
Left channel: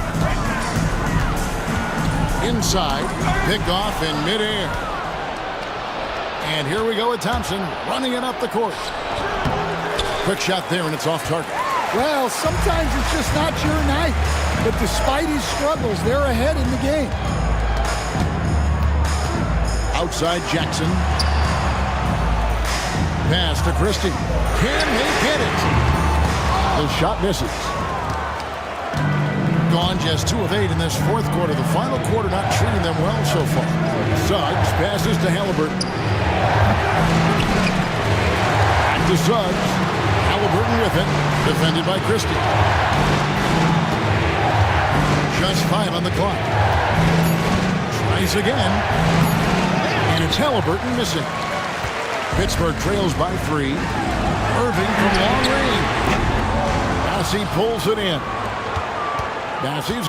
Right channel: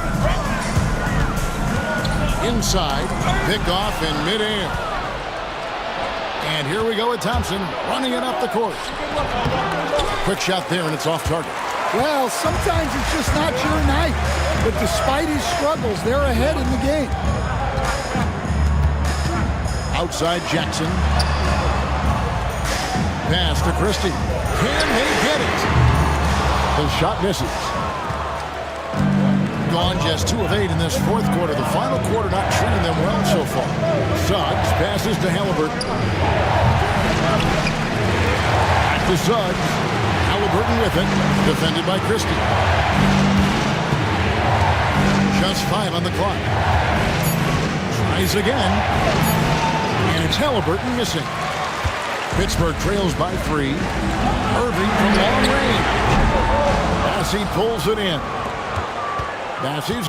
Inside, picked off in midair. And here we go with Thompson running it up the court. Quick shot there, and it's off target. Well, sometimes it's just not your night. But despite his struggles, they're ahead in the game. Outside Jackson. Pass to Christie. Can they get it? The shot misses. Gone just 2 of 8 in this fourth quarter. The final quarter not treating them well so far. Suggs passes to Halliburton. Back to Suggs. Halliburton with it. Defended by Christie. Just 5 on the clock. Tries again. And it's Halliburton missing. Pittsburgh trails by 3. Irving from long range. Bassey pulls it in. Bassey's.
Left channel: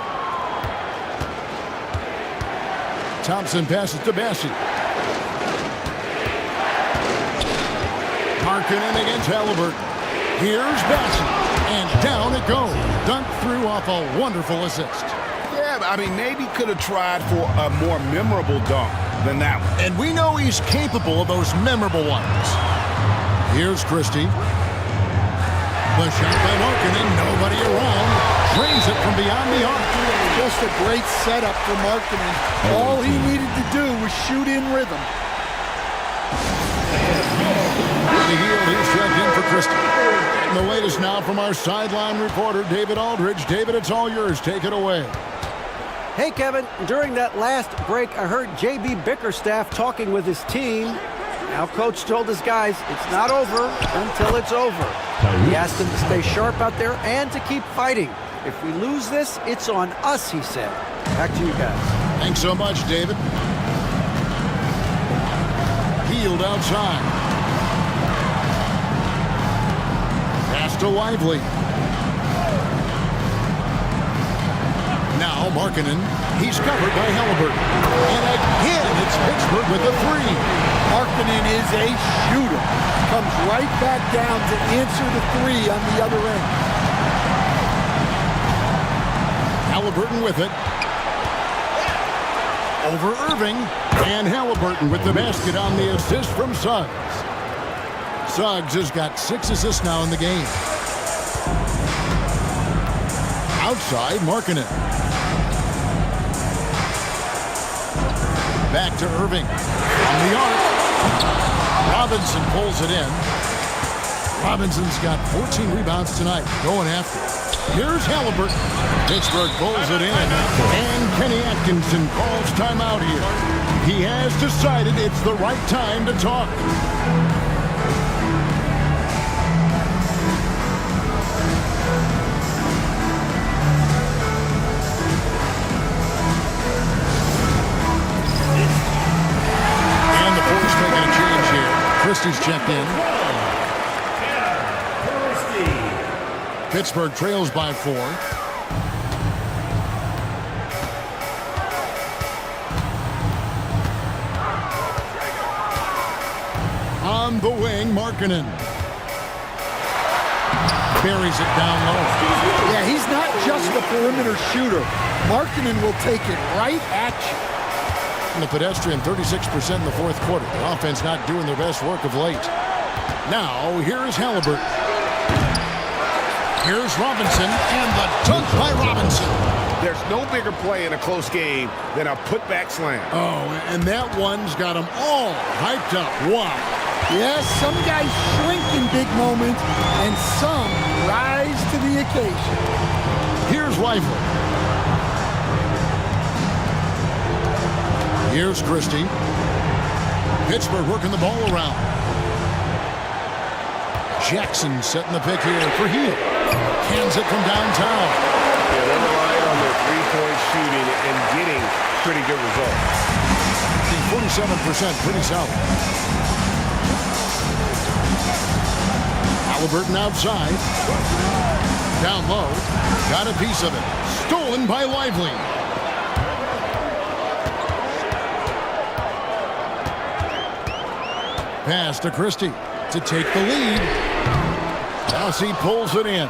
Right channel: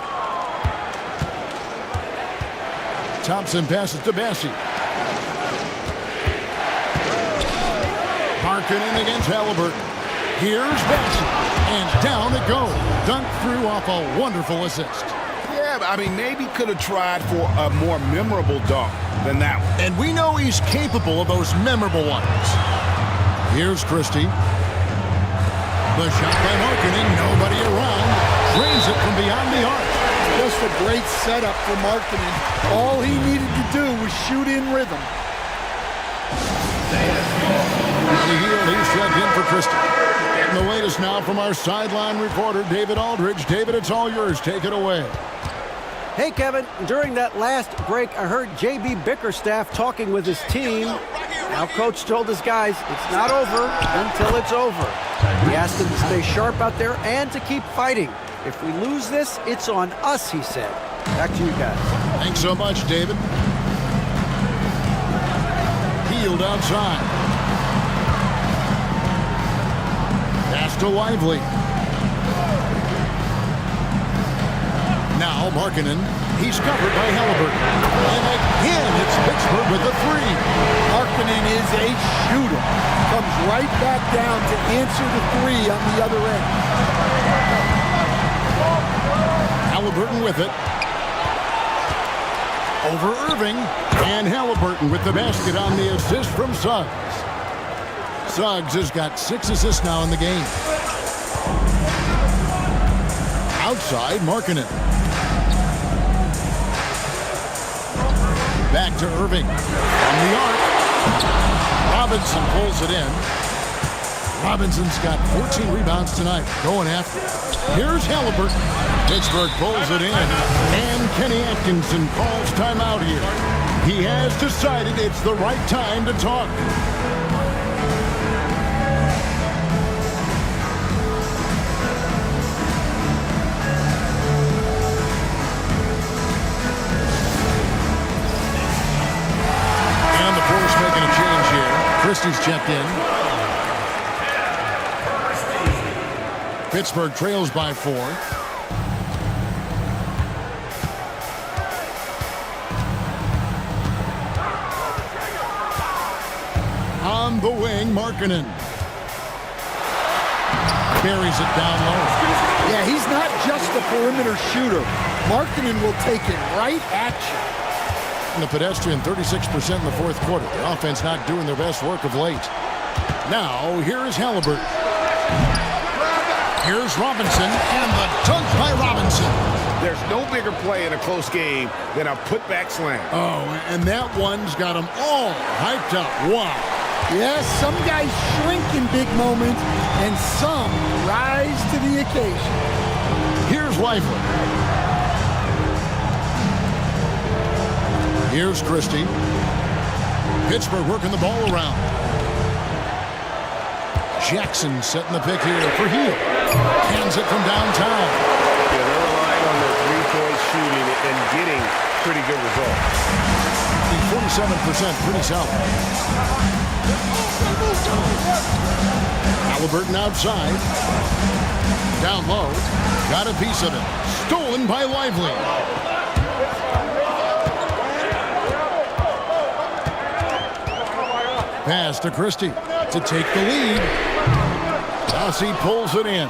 Thompson passes to Bassey. Markkanen against Halliburton. Here's Bassey. And down it goes. Dunked through off a wonderful assist. Yeah, I mean, maybe could have tried for a more memorable dunk than that one. And we know he's capable of those memorable ones. Here's Christie. The shot by Markkanen. Nobody around. Drains it from beyond the arc. Just a great setup for Markkanen. All he needed to do was shoot in rhythm. Johnny Hield, he's checked in for Christie. And the latest now from our sideline reporter, David Aldridge. David, it's all yours. Take it away. Hey, Kevin, during that last break, I heard J.B. Bickerstaff talking with his team. Now, Coach told his guys it's not over until it's over. He asked them to stay sharp out there and to keep fighting. If we lose this, it's on us, he said. Back to you guys. Thanks so much, David. Hield outside. Pass to Lively. Now Markkanen. He's covered by Halliburton. And again, it's Pittsburgh with a 3. Markkanen is a shooter. Comes right back down to answer the 3 on the other end. Halliburton with it. Over Irving. And Halliburton with the basket on the assist from Suggs. Suggs has got 6 assists now in the game. Outside, Markkanen. Back to Irving. From the arc. Robinson pulls it in. Robinson's got 14 rebounds tonight. Going after it. Here's Halliburton. Pittsburgh pulls it in. And Kenny Atkinson calls timeout here. He has decided it's the right time to talk. And the Force making a change here. Christie's checked in. Pittsburgh trails by 4. On the wing, Markkanen. Buries it down low. Yeah, he's not just a perimeter shooter. Markkanen will take it right at you. And the pedestrian 36% in the fourth quarter. The offense not doing their best work of late. Now, here is Halliburton. Here's Robinson, and the dunk by Robinson. There's no bigger play in a close game than a putback slam. Oh, and that one's got them all hyped up. Wow. Yes, some guys shrink in big moments, and some rise to the occasion. Here's Lively. Here's Christie. Pittsburgh working the ball around. Jackson setting the pick here for Hield. Cans it from downtown. Yeah, they're relying on their three-point shooting and getting pretty good results. I think 47%, pretty solid. Halliburton outside. Down low. Got a piece of it. Stolen by Lively. Pass to Christie to take the lead. He pulls it in.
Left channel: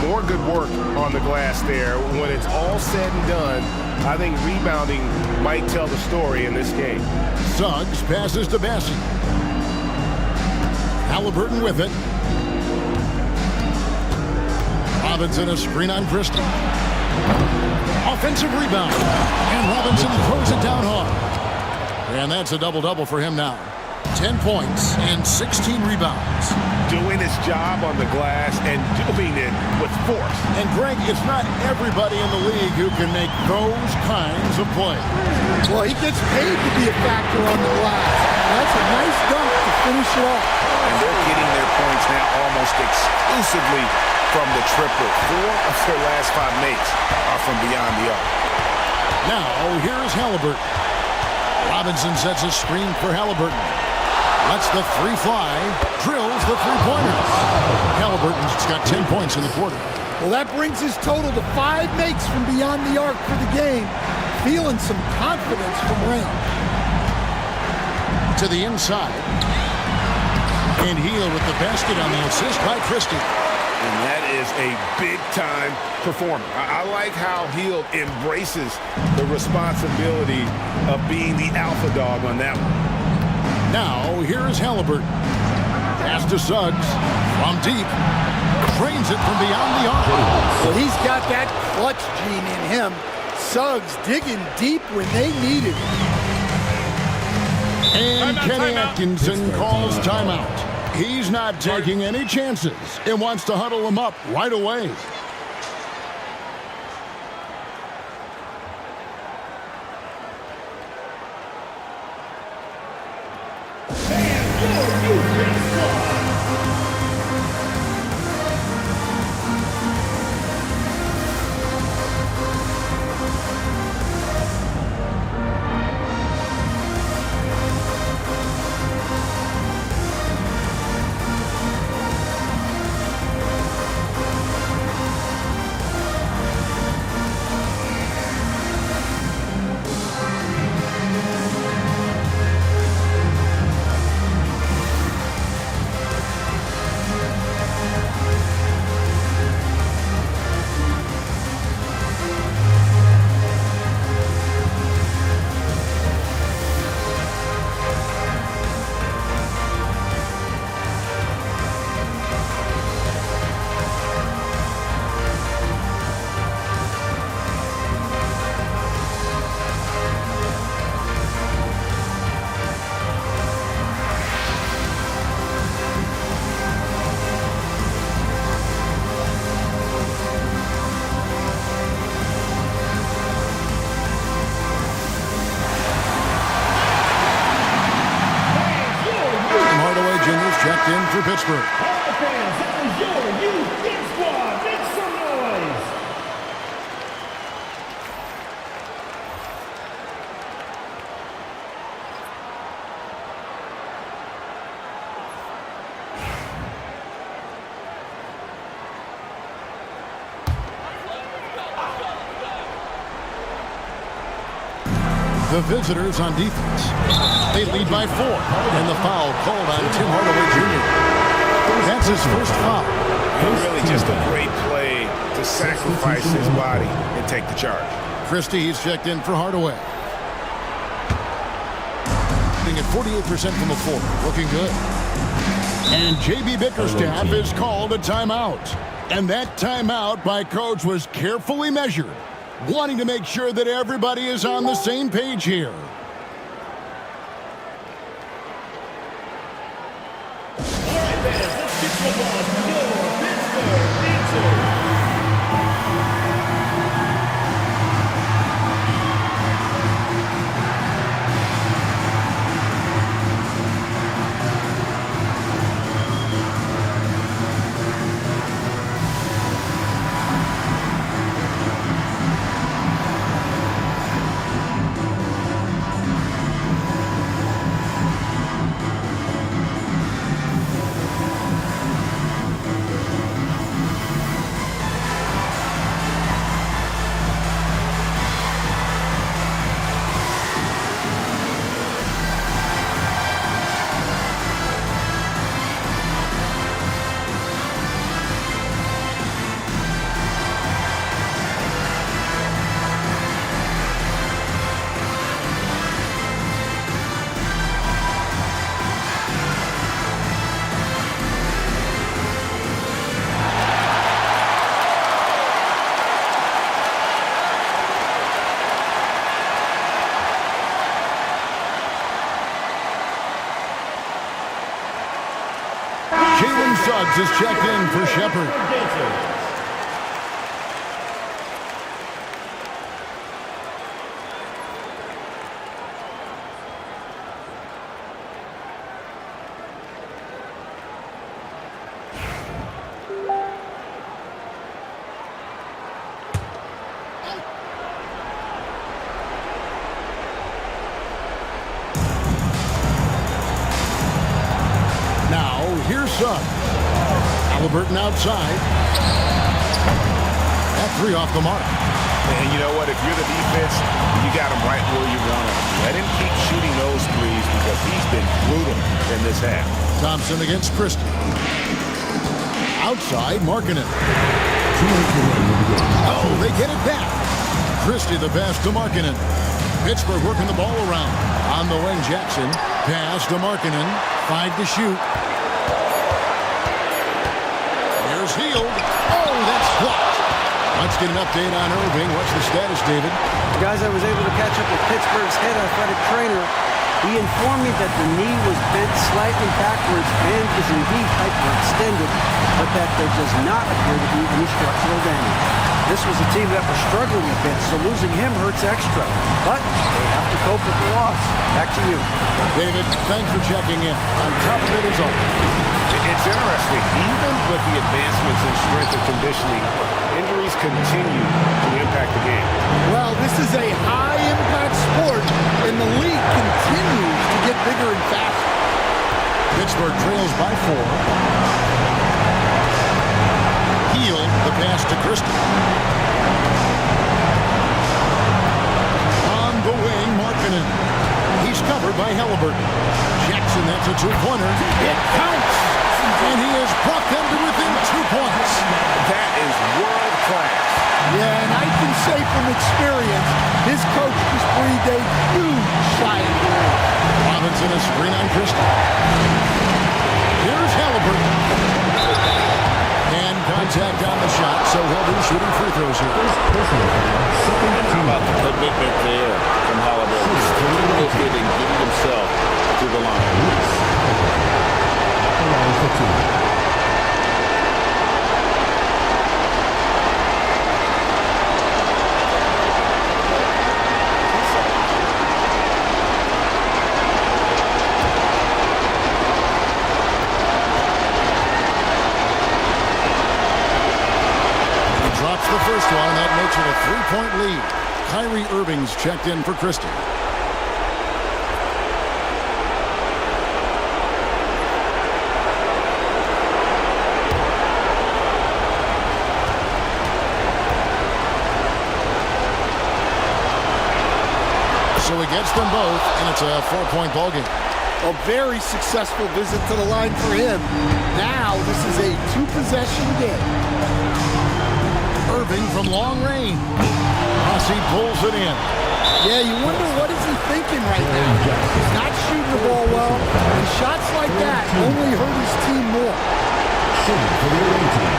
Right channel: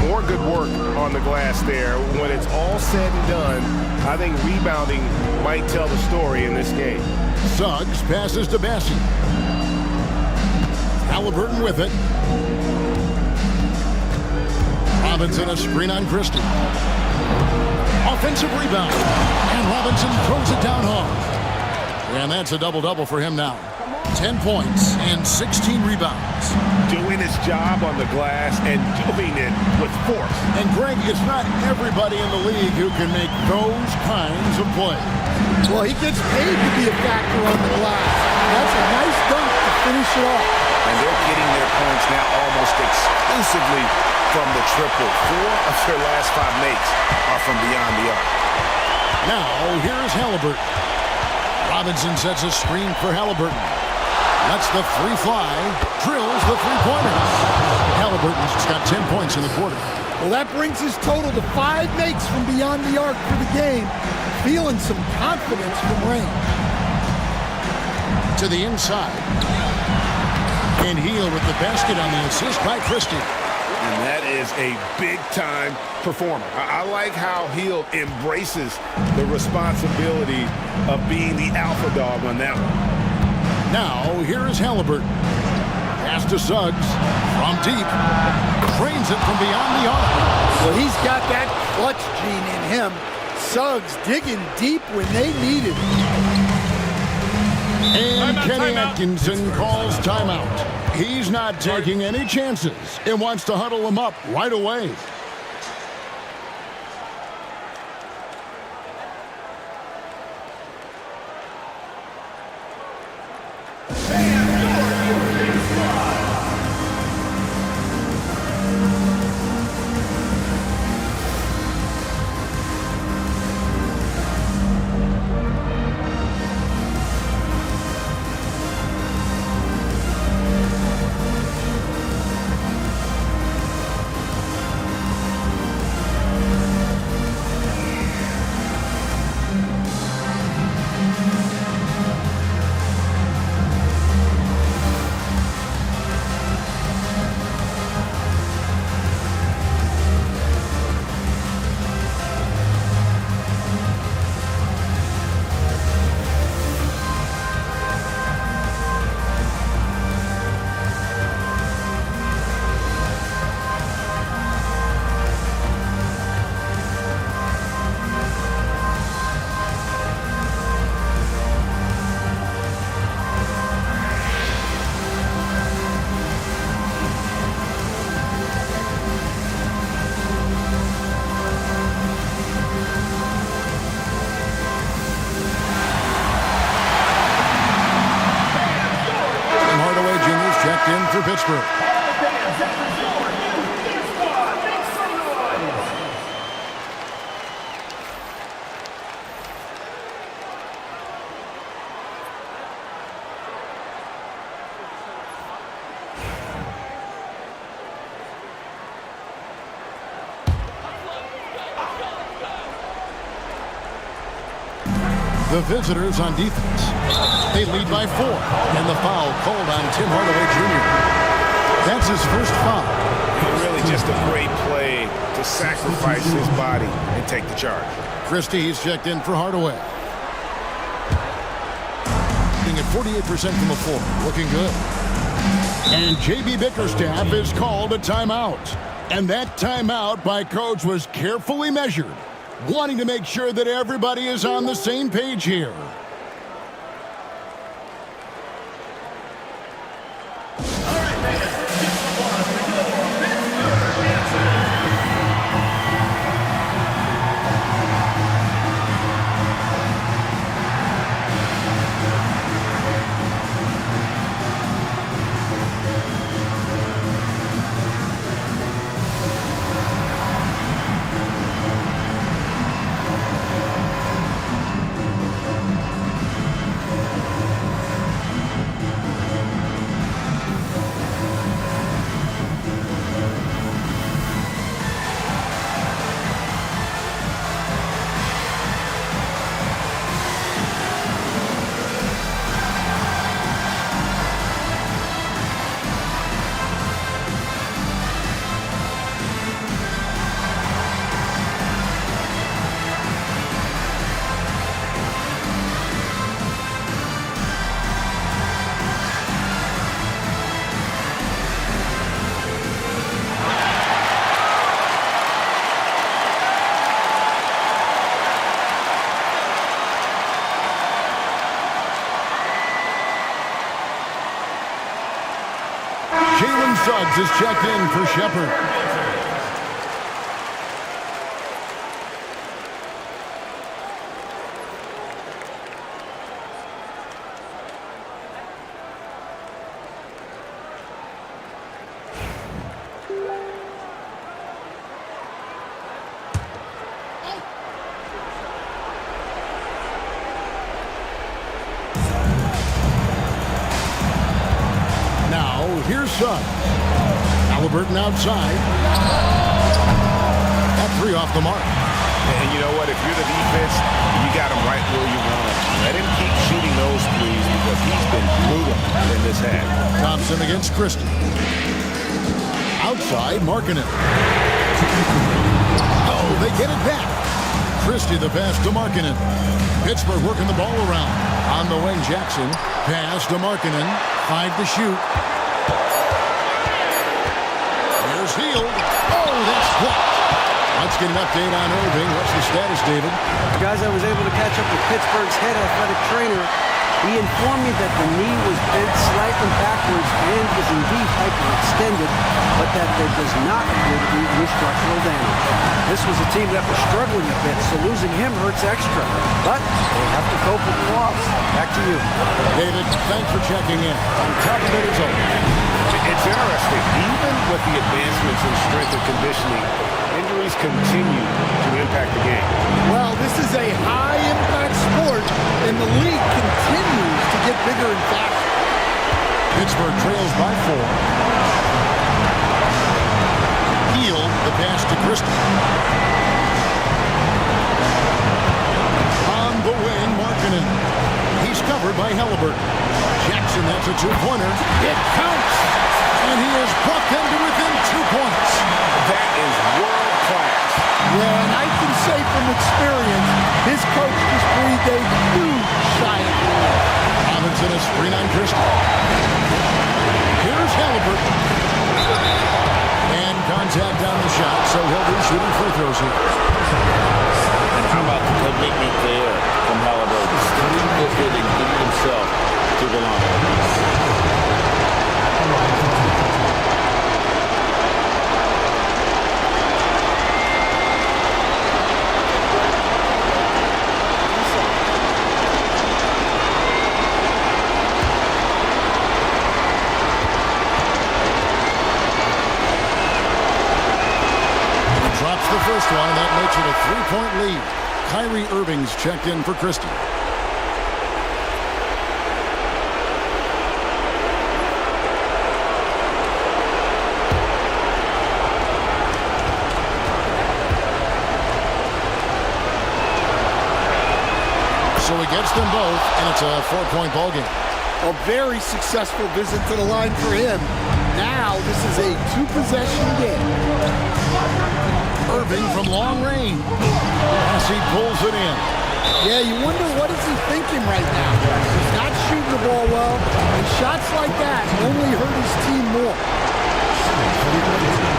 More good work on the glass there. When it's all said and done, I think rebounding might tell the story in this game. Suggs passes to Bassey. Halliburton with it. Robinson a screen on Christie. Offensive rebound. And Robinson throws it down hard. And that's a double-double for him now. 10 points and 16 rebounds. Doing his job on the glass and doing it with force. And Greg, it's not everybody in the league who can make those kinds of plays. Well, he gets paid to be a factor on the glass. That's a nice dunk to finish it off. And they're getting their points now almost exclusively from the triple. 4 of their last 5 makes are from beyond the arc. Now, here's Halliburton. Robinson sets a screen for Halliburton. Lets the three fly, drills the three-pointers. Halliburton's got 10 points in the quarter. Well, that brings his total to 5 makes from beyond the arc for the game. Feeling some confidence from range. To the inside. And Hield with the basket on the assist by Christie. And that is a big-time performer. I like how Hield embraces the responsibility of being the alpha dog on that one. Now, here is Halliburton. Pass to Suggs from deep. Drains it from beyond the arc. Well, he's got that clutch gene in him. Suggs digging deep when they needed it. And Kenny Atkinson calls timeout. He's not taking any chances and wants to huddle him up right away. Checked in for Pittsburgh. All right, fans, that was your youth Gear Squad. Make some noise. The visitors on defense. They lead by 4. And the foul called on Tim Hardaway Jr. That's his first foul. And really just a great play to sacrifice his body and take the charge. Christie, he's checked in for Hardaway. Shooting at 48% from the floor. Looking good. And J.B. Bickerstaff is called a timeout. And that timeout by Coach was carefully measured, wanting to make sure that everybody is on the same page here. Jalen Suggs is checked in for Shepherd. Now, here's Suggs. Halliburton outside. That 3 off the mark. And you know what? If you're the defense, you got him right where you want him. Let him keep shooting those threes because he's been brutal in this half. Thompson against Christie. Outside, Markkanen. Oh, they get it back. Christie the pass to Markkanen. Pittsburgh working the ball around. On the wing, Jackson. Pass to Markkanen. 5 to shoot. Here's Hield. Oh, that's blocked. Let's get an update on Irving. What's the status, David? Guys, I was able to catch up with Pittsburgh's head athletic trainer. He informed me that the knee was bent slightly backwards and is indeed hyperextended, but that there does not appear to be any structural damage. This was a team that was struggling a bit, so losing him hurts extra. But they have to cope with the loss. Back to you. David, thanks for checking in. On top of it as always. It's interesting. Even with the advancements in strength and conditioning, injuries continue to impact the game. Well, this is a high-impact sport, and the league continues to get bigger and faster. Pittsburgh trails by 4. Hield, the pass to Christie. On the wing, Markkanen. He's covered by Halliburton. Jackson, that's a 2-pointer. It counts! And he has brought them to within 2 points. That is world class. Yeah, and I can say from experience, his coach just breathed a huge sigh of relief. Robinson a screen on Christie. Here's Halliburton. And contact on the shot, so he'll be shooting free throws here. And how about the commitment there from Halliburton? Sticking with it and getting himself to the line. Drops the first one, and that makes it a 3-point lead. Kyrie Irving's checked in for Christie. So he gets them both, and it's a 4-point ball game. A very successful visit to the line for him. Now this is a 2-possession game. Irving from long range. As he pulls it in. Yeah, you wonder what is he thinking right now. He's not shooting the ball well, and shots like that only hurt his team more. Shooting for the away team.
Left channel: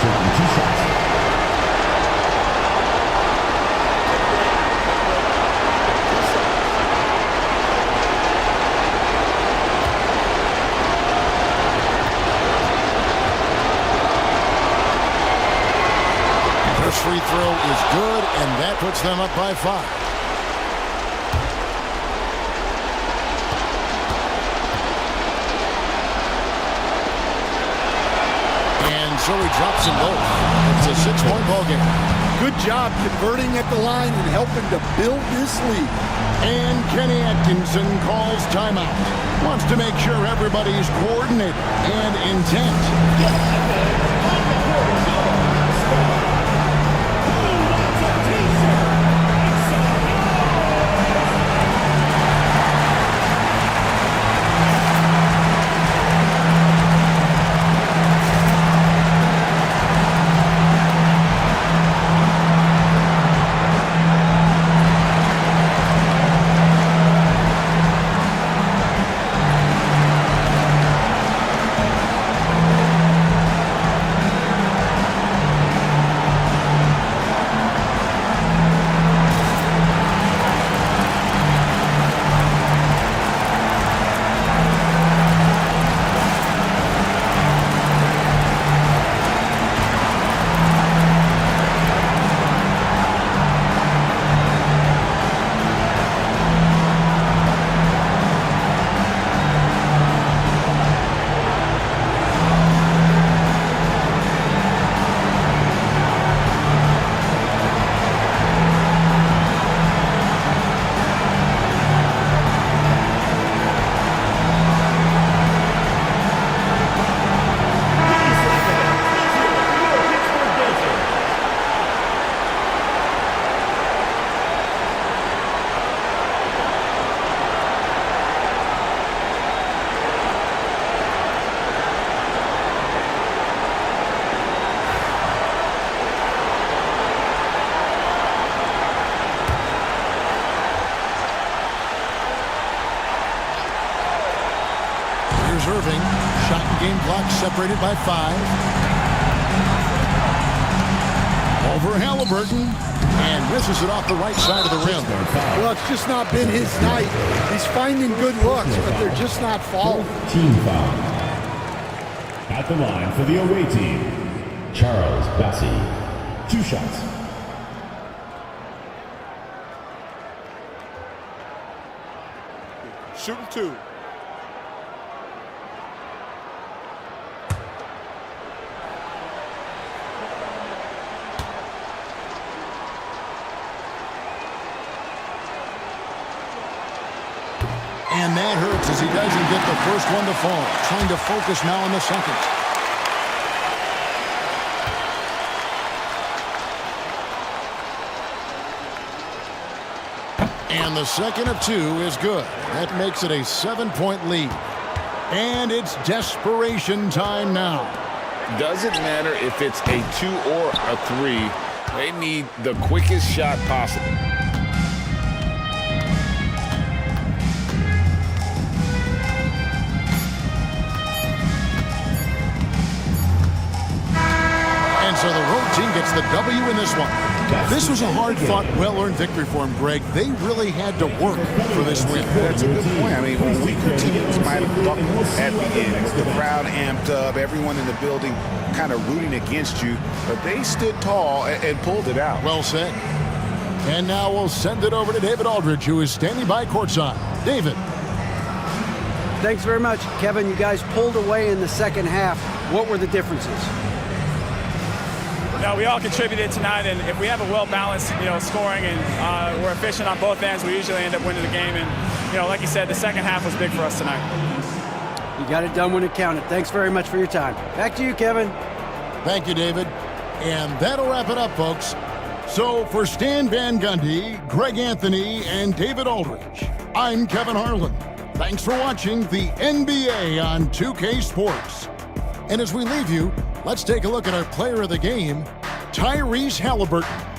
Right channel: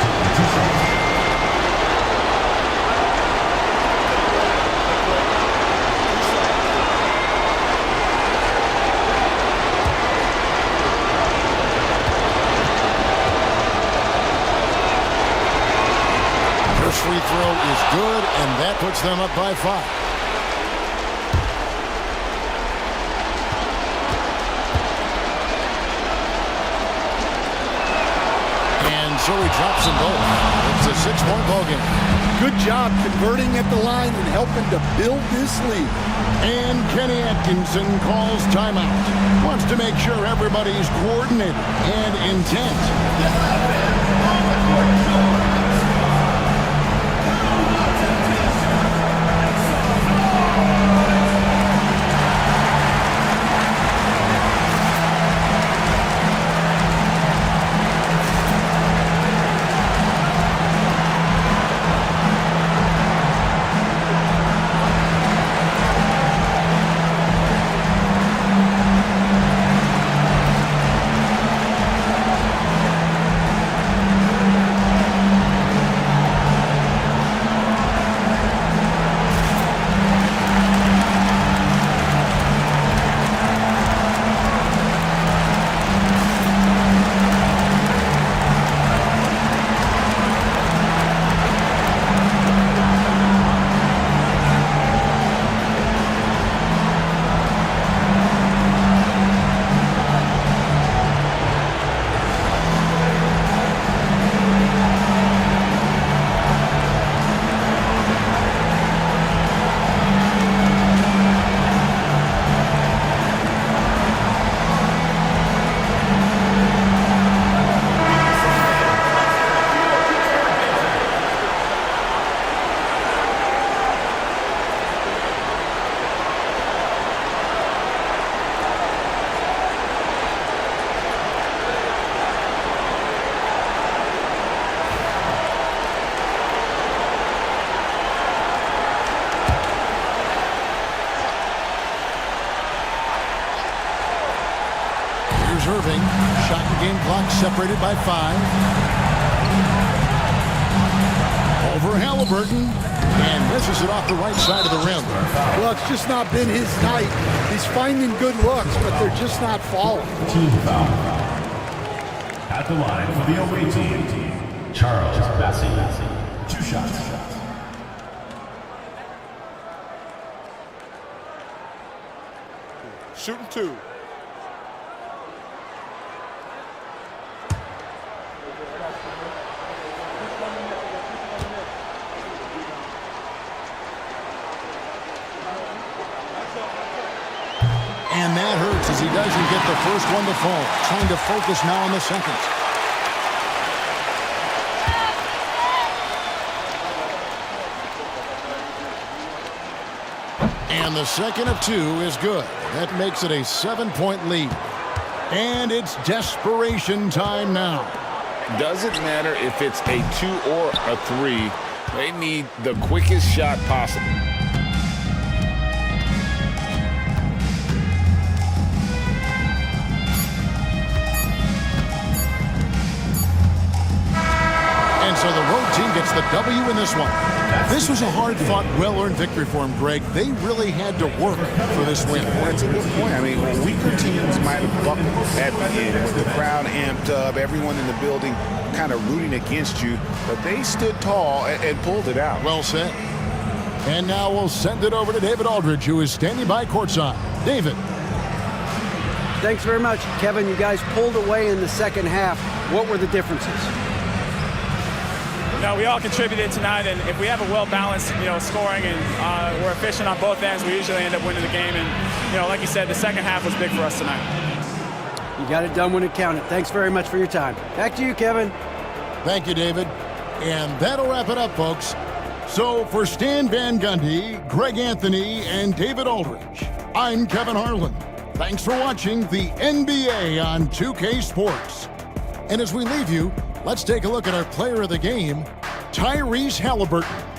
Taking 2 shots. First free throw is good, and that puts them up by 5. And so he drops them both. It's a 6-point ball game. Good job converting at the line and helping to build this lead. And Kenny Atkinson calls timeout. Wants to make sure everybody's coordinated and intent. Here's Irving. Shot and game clock separated by 5. Over Halliburton. And misses it off the right side of the rim. Well, it's just not been his night. He's finding good looks, but they're just not falling. Team foul. At the line for the away team, Charles Bassey. 2 shots. Shooting 2. And that hurts as he doesn't get the first one to fall. Trying to focus now on the second. And the second of 2 is good. That makes it a 7-point lead. And it's desperation time now. Doesn't matter if it's a 2 or a 3. They need the quickest shot possible. And so the road team gets the W in this one. This was a hard-fought, well-earned victory for them, Greg. They really had to work for this win. That's a good point. I mean, weaker teams might have buckled at the end with the crowd amped up, everyone in the building kind of rooting against you, but they stood tall and pulled it out. Well said. And now we'll send it over to David Aldridge, who is standing by courtside. David. Thanks very much. Kevin, you guys pulled away in the second half. What were the differences? No, we all contributed tonight, and if we have a well-balanced, scoring and we're efficient on both ends, we usually end up winning the game. And, like you said, the second half was big for us tonight. You got it done when it counted. Thanks very much for your time. Back to you, Kevin. Thank you, David. And that'll wrap it up, folks. So for Stan Van Gundy, Greg Anthony, and David Aldridge, I'm Kevin Harlan. Thanks for watching the NBA on 2K Sports. And as we leave you, let's take a look at our player of the game, Tyrese Halliburton.